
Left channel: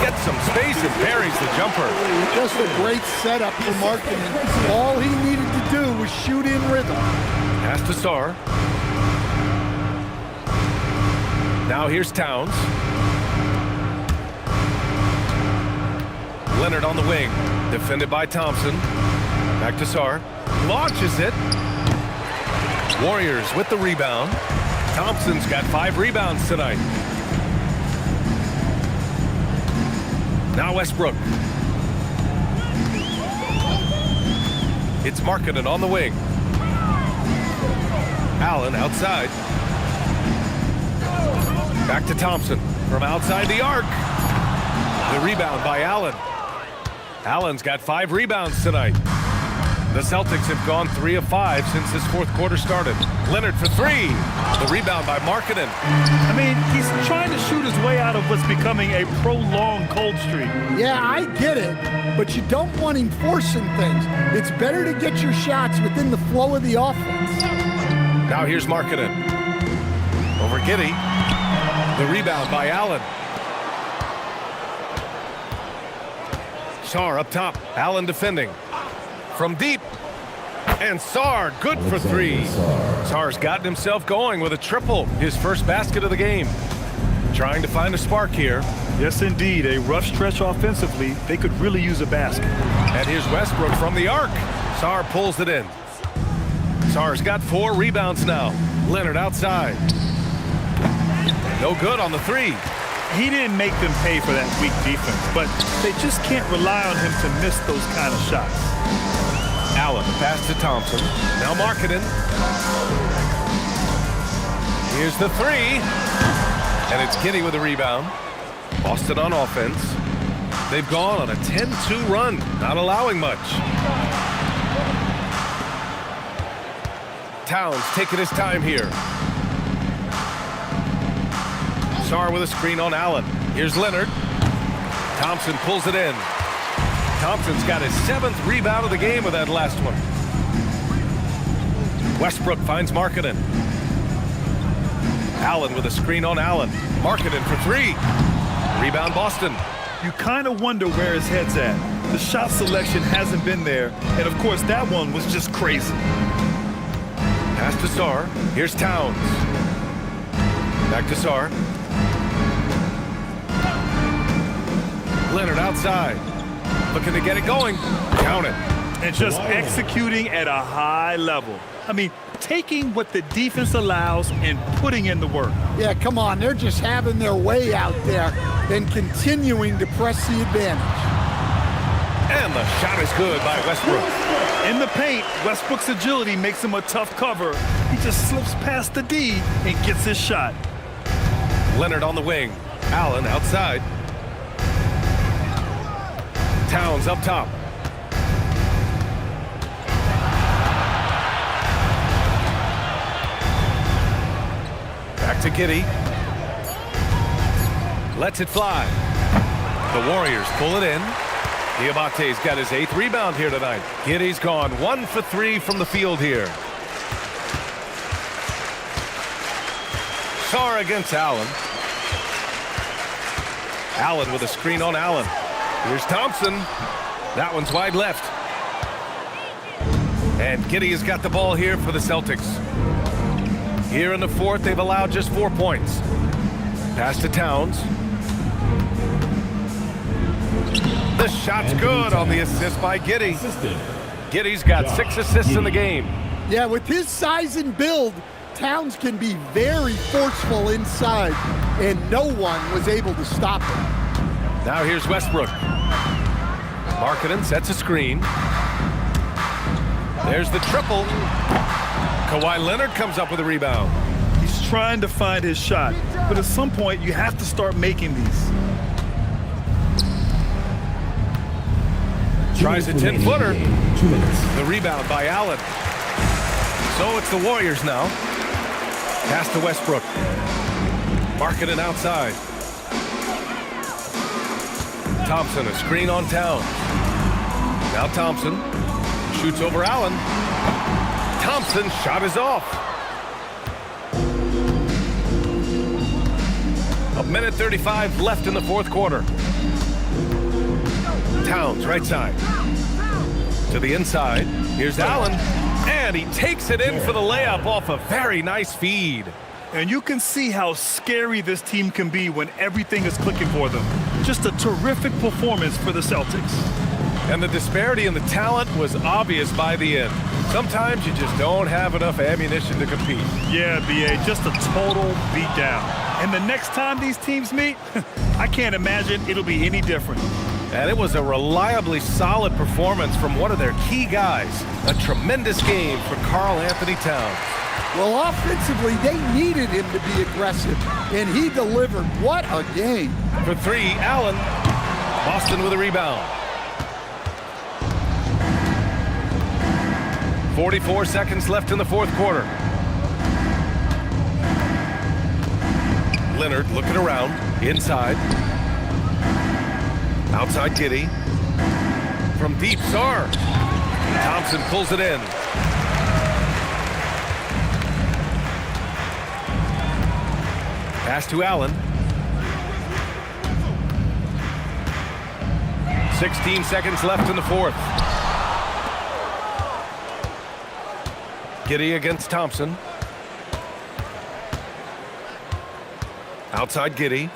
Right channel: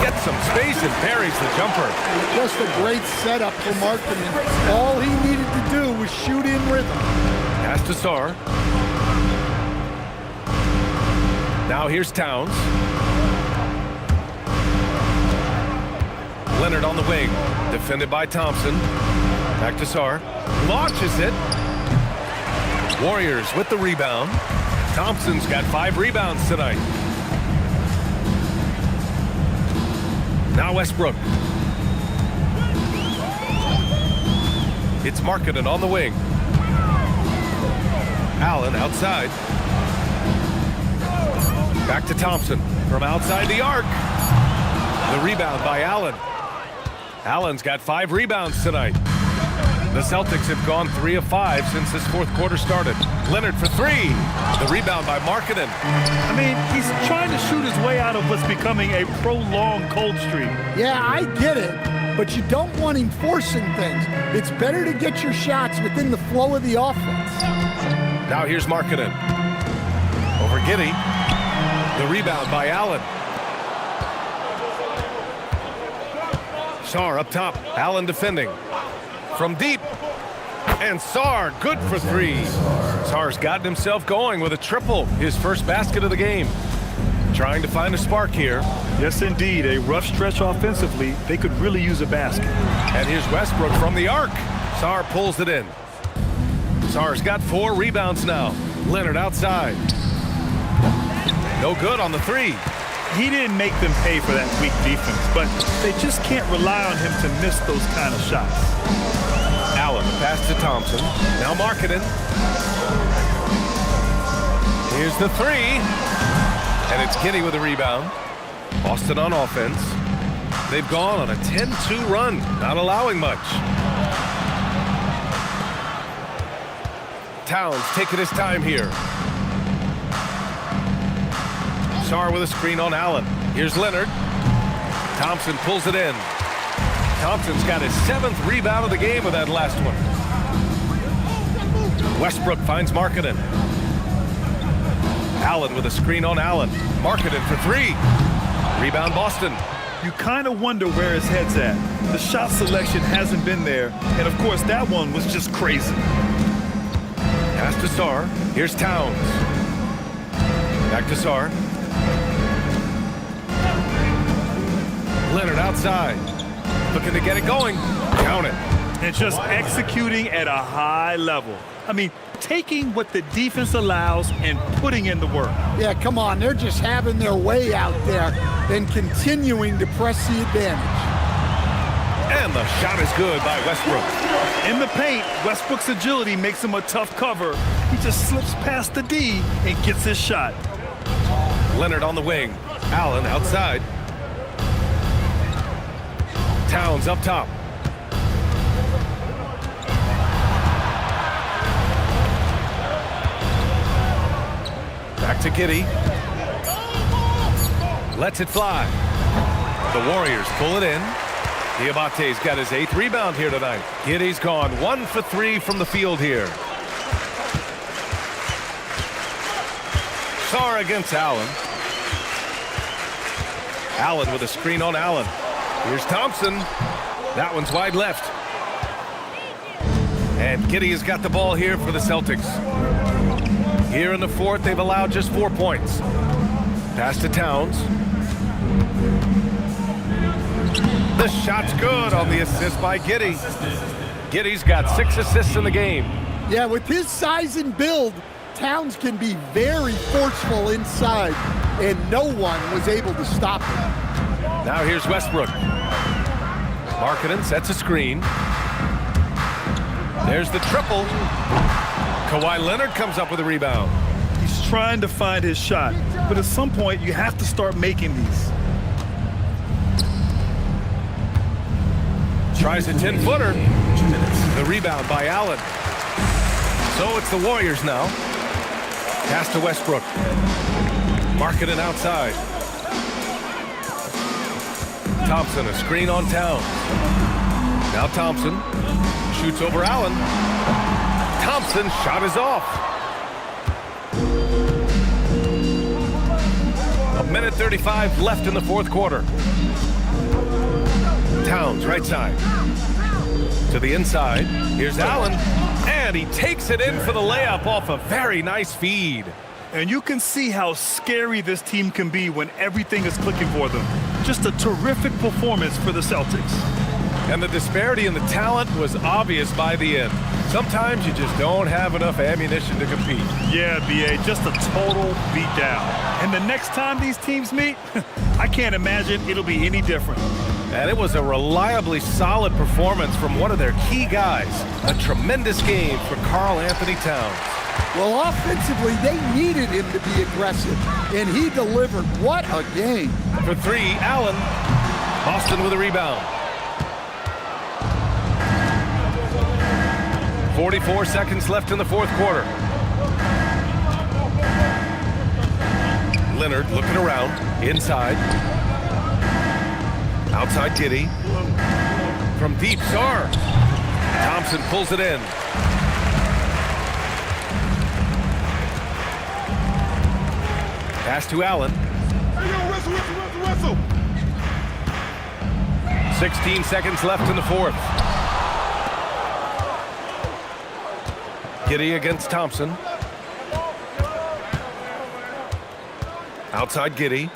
Gets some space and buries the jumper. Just a great setup for Markkanen. All he needed to do was shoot in rhythm. Pass to Sarr. Now here's Towns. Leonard on the wing. Defended by Thompson. Back to Sarr. Launches it. Warriors with the rebound. Thompson's got 5 rebounds tonight. Now Westbrook. It's Markkanen on the wing. Allen outside. Back to Thompson from outside the arc. The rebound by Allen. Allen's got 5 rebounds tonight. The Celtics have gone 3 of 5 since this fourth quarter started. Leonard for 3. The rebound by Markkanen. I mean, he's trying to shoot his way out of what's becoming a prolonged cold streak. Yeah, I get it, but you don't want him forcing things. It's better to get your shots within the flow of the offense. Now here's Markkanen. Over Giddey. The rebound by Allen. Sarr up top. Allen defending. From deep. And Sarr, good for 3. Sarr's gotten himself going with a triple, his first basket of the game. Trying to find a spark here. Yes, indeed. A rough stretch offensively. They could really use a basket. And here's Westbrook from the arc. Sarr pulls it in. Sarr's got 4 rebounds now. Leonard outside. No good on the 3. He didn't make them pay for that weak defense, but they just can't rely on him to miss those kind of shots. Allen, the pass to Thompson. Now Markkanen. Here's the 3. And it's Giddey with a rebound. Boston on offense. They've gone on a 10-2 run, not allowing much. Towns taking his time here. Sarr with a screen on Allen. Here's Leonard. Thompson pulls it in. Thompson's got his 7th rebound of the game with that last one. Westbrook finds Markkanen. Allen with a screen on Allen. Markkanen for 3. Rebound Boston. You kind of wonder where his head's at. The shot selection hasn't been there, and of course that one was just crazy. Pass to Sarr. Here's Towns. Back to Sarr. Leonard outside. Looking to get it going. Count it. And just executing at a high level. I mean, taking what the defense allows and putting in the work. Yeah, come on. They're just having their way out there and continuing to press the advantage. And the shot is good by Westbrook. In the paint, Westbrook's agility makes him a tough cover. He just slips past the D and gets his shot. Leonard on the wing. Allen outside. Towns up top. Back to Giddey. Lets it fly. The Warriors pull it in. Diabate's got his 8th rebound here tonight. Giddey's gone 1 for 3 from the field here. Sarr against Allen. Allen with a screen on Allen. Here's Thompson. That one's wide left. And Giddey has got the ball here for the Celtics. Here in the 4th, they've allowed just 4 points. Pass to Towns. The shot's good on the assist by Giddey. Giddey's got 6 assists in the game. Yeah, with his size and build, Towns can be very forceful inside, and no one was able to stop him. Now here's Westbrook. Markkanen sets a screen. There's the triple. Kawhi Leonard comes up with a rebound. He's trying to find his shot, but at some point you have to start making these. Tries a 10-footer. 2 minutes. The rebound by Allen. So it's the Warriors now. Pass to Westbrook. Markkanen outside. Thompson, a screen on Towns. Now Thompson shoots over Allen. Thompson's shot is off. 1:35 left in the 4th quarter. Towns, right side. To the inside. Here's Allen. And he takes it in for the layup off a very nice feed. And you can see how scary this team can be when everything is clicking for them. Just a terrific performance for the Celtics. And the disparity in the talent was obvious by the end. Sometimes you just don't have enough ammunition to compete. Yeah, B.A., just a total beatdown. And the next time these teams meet, I can't imagine it'll be any different. And it was a reliably solid performance from one of their key guys. A tremendous game for Karl Anthony Towns. Well, offensively, they needed him to be aggressive, and he delivered. What a game. For three, Allen. Boston with a rebound. 44 seconds left in the fourth quarter. Leonard looking around, inside. Outside Giddey. From deep, Sarr. Thompson pulls it in. Pass to Allen. 16 seconds left in the fourth. Giddey against Thompson. Outside Giddey.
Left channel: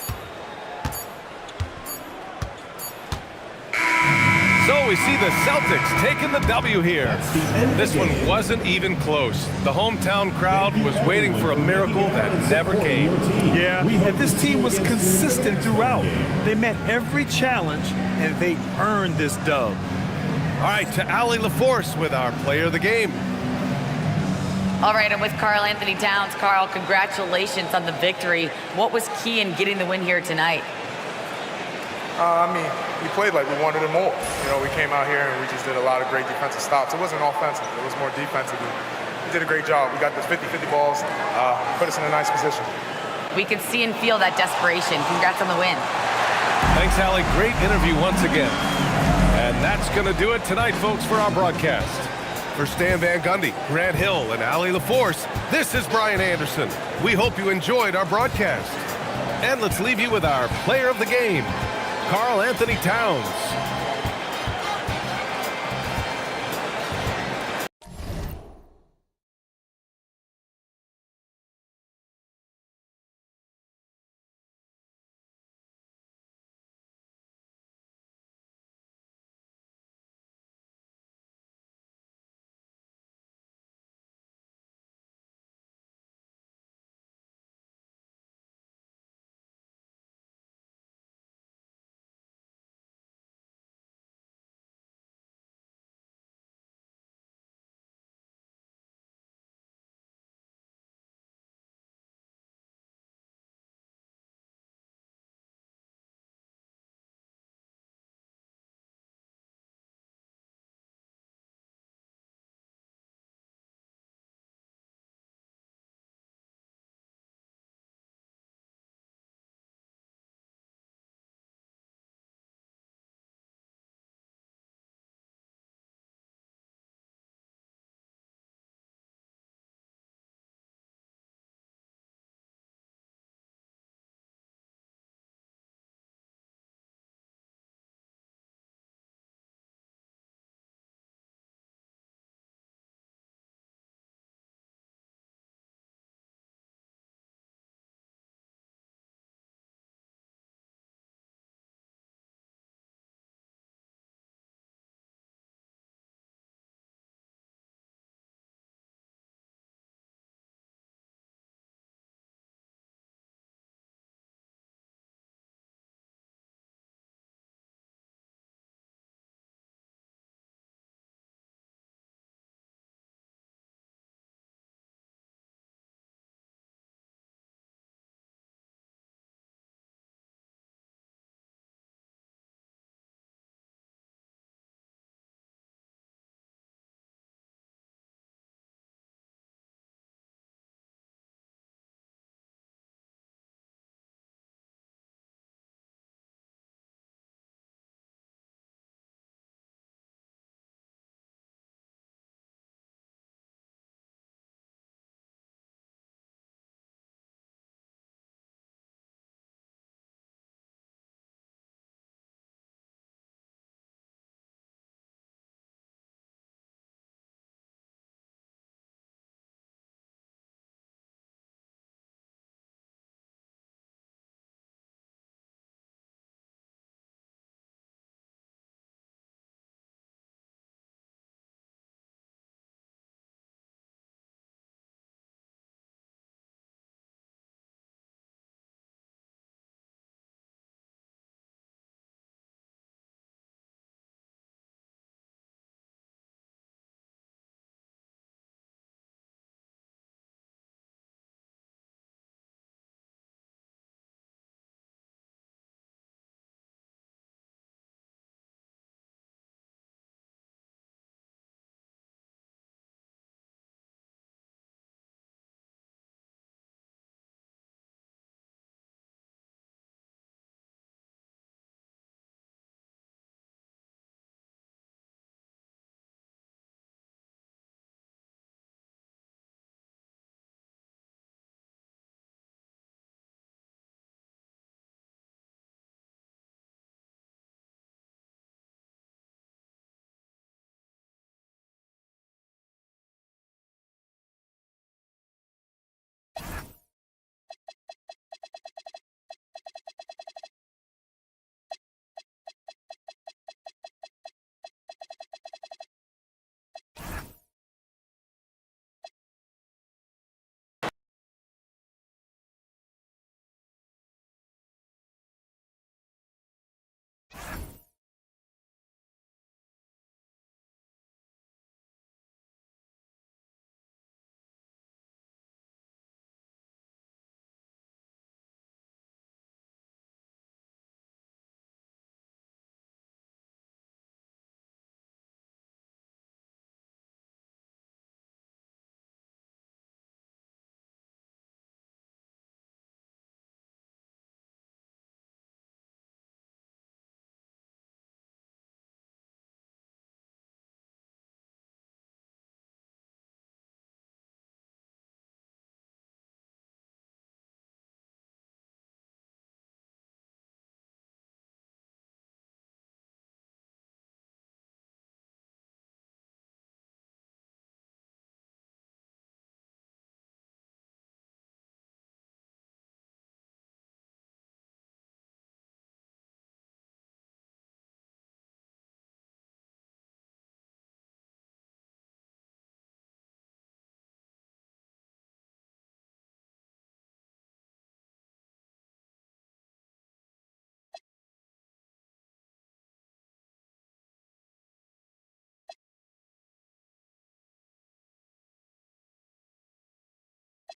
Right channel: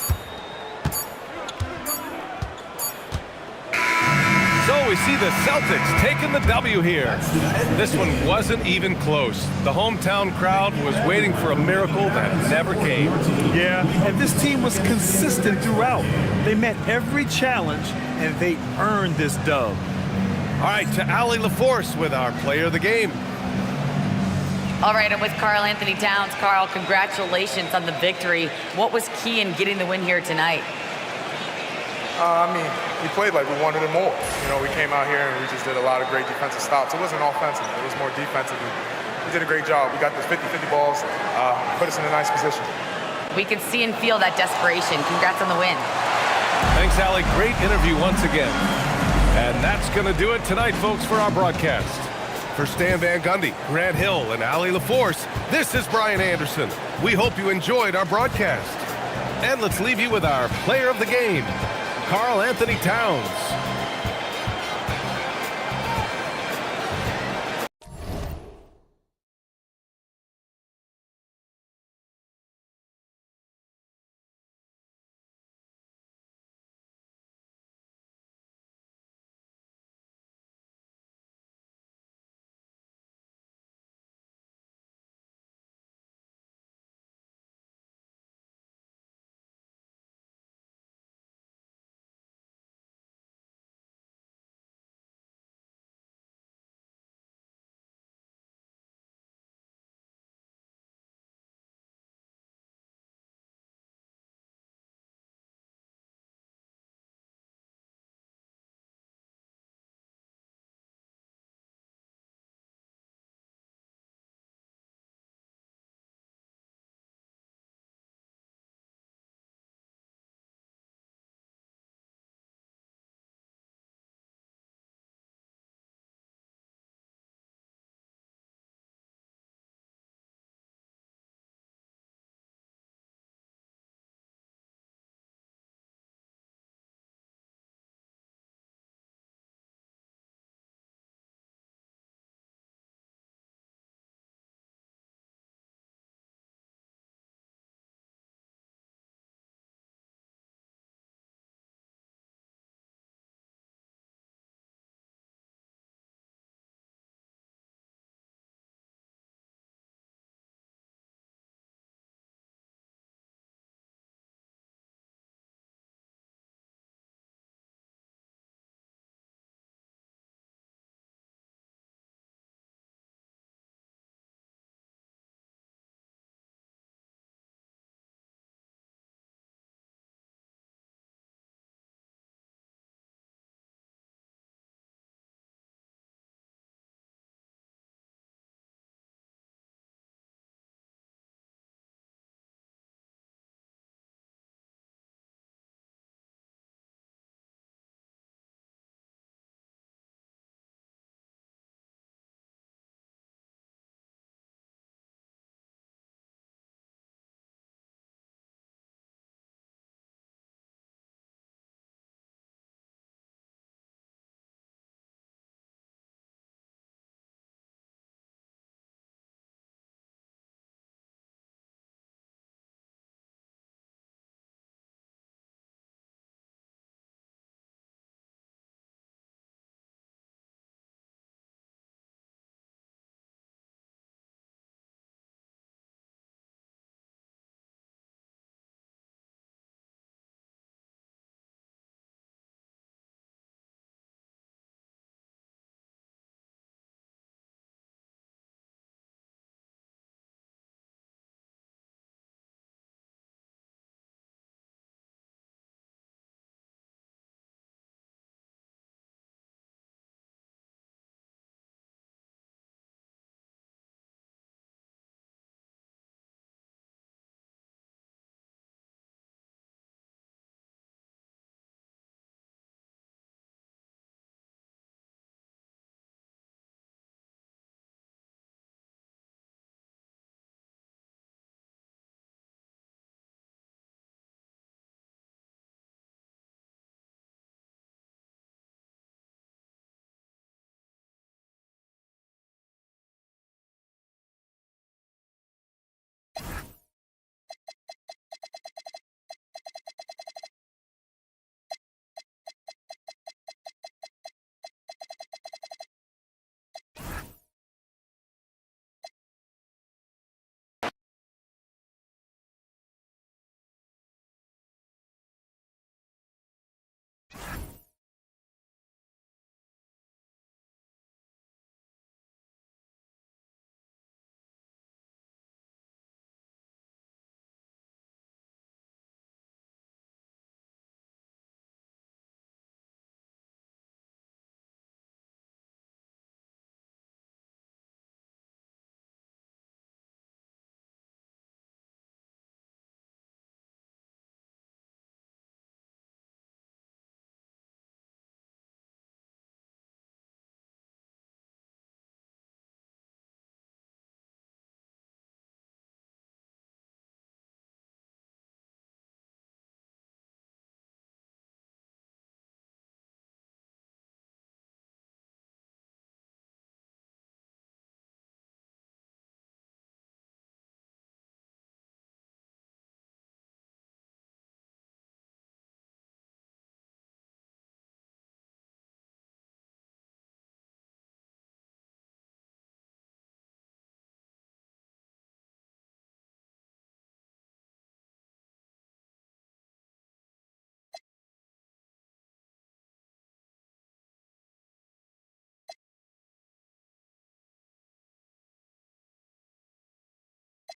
So we see the Celtics taking the W here. This one wasn't even close. The hometown crowd was waiting for a miracle that never came. Yeah, and this team was consistent throughout. They met every challenge, and they earned this dub. All right, to Allie LaForce with our player of the game. All right, I'm with Karl Anthony Towns. Karl, congratulations on the victory. What was key in getting the win here tonight? We played like we wanted it more. We came out here and we just did a lot of great defensive stops. It wasn't offensive. It was more defensive. We did a great job. We got those 50-50 balls, put us in a nice position. We could see and feel that desperation. Congrats on the win. Thanks, Allie. Great interview once again. And that's going to do it tonight, folks, for our broadcast. For Stan Van Gundy, Grant Hill, and Allie LaForce, this is Brian Anderson. We hope you enjoyed our broadcast. And let's leave you with our player of the game, Karl Anthony Towns.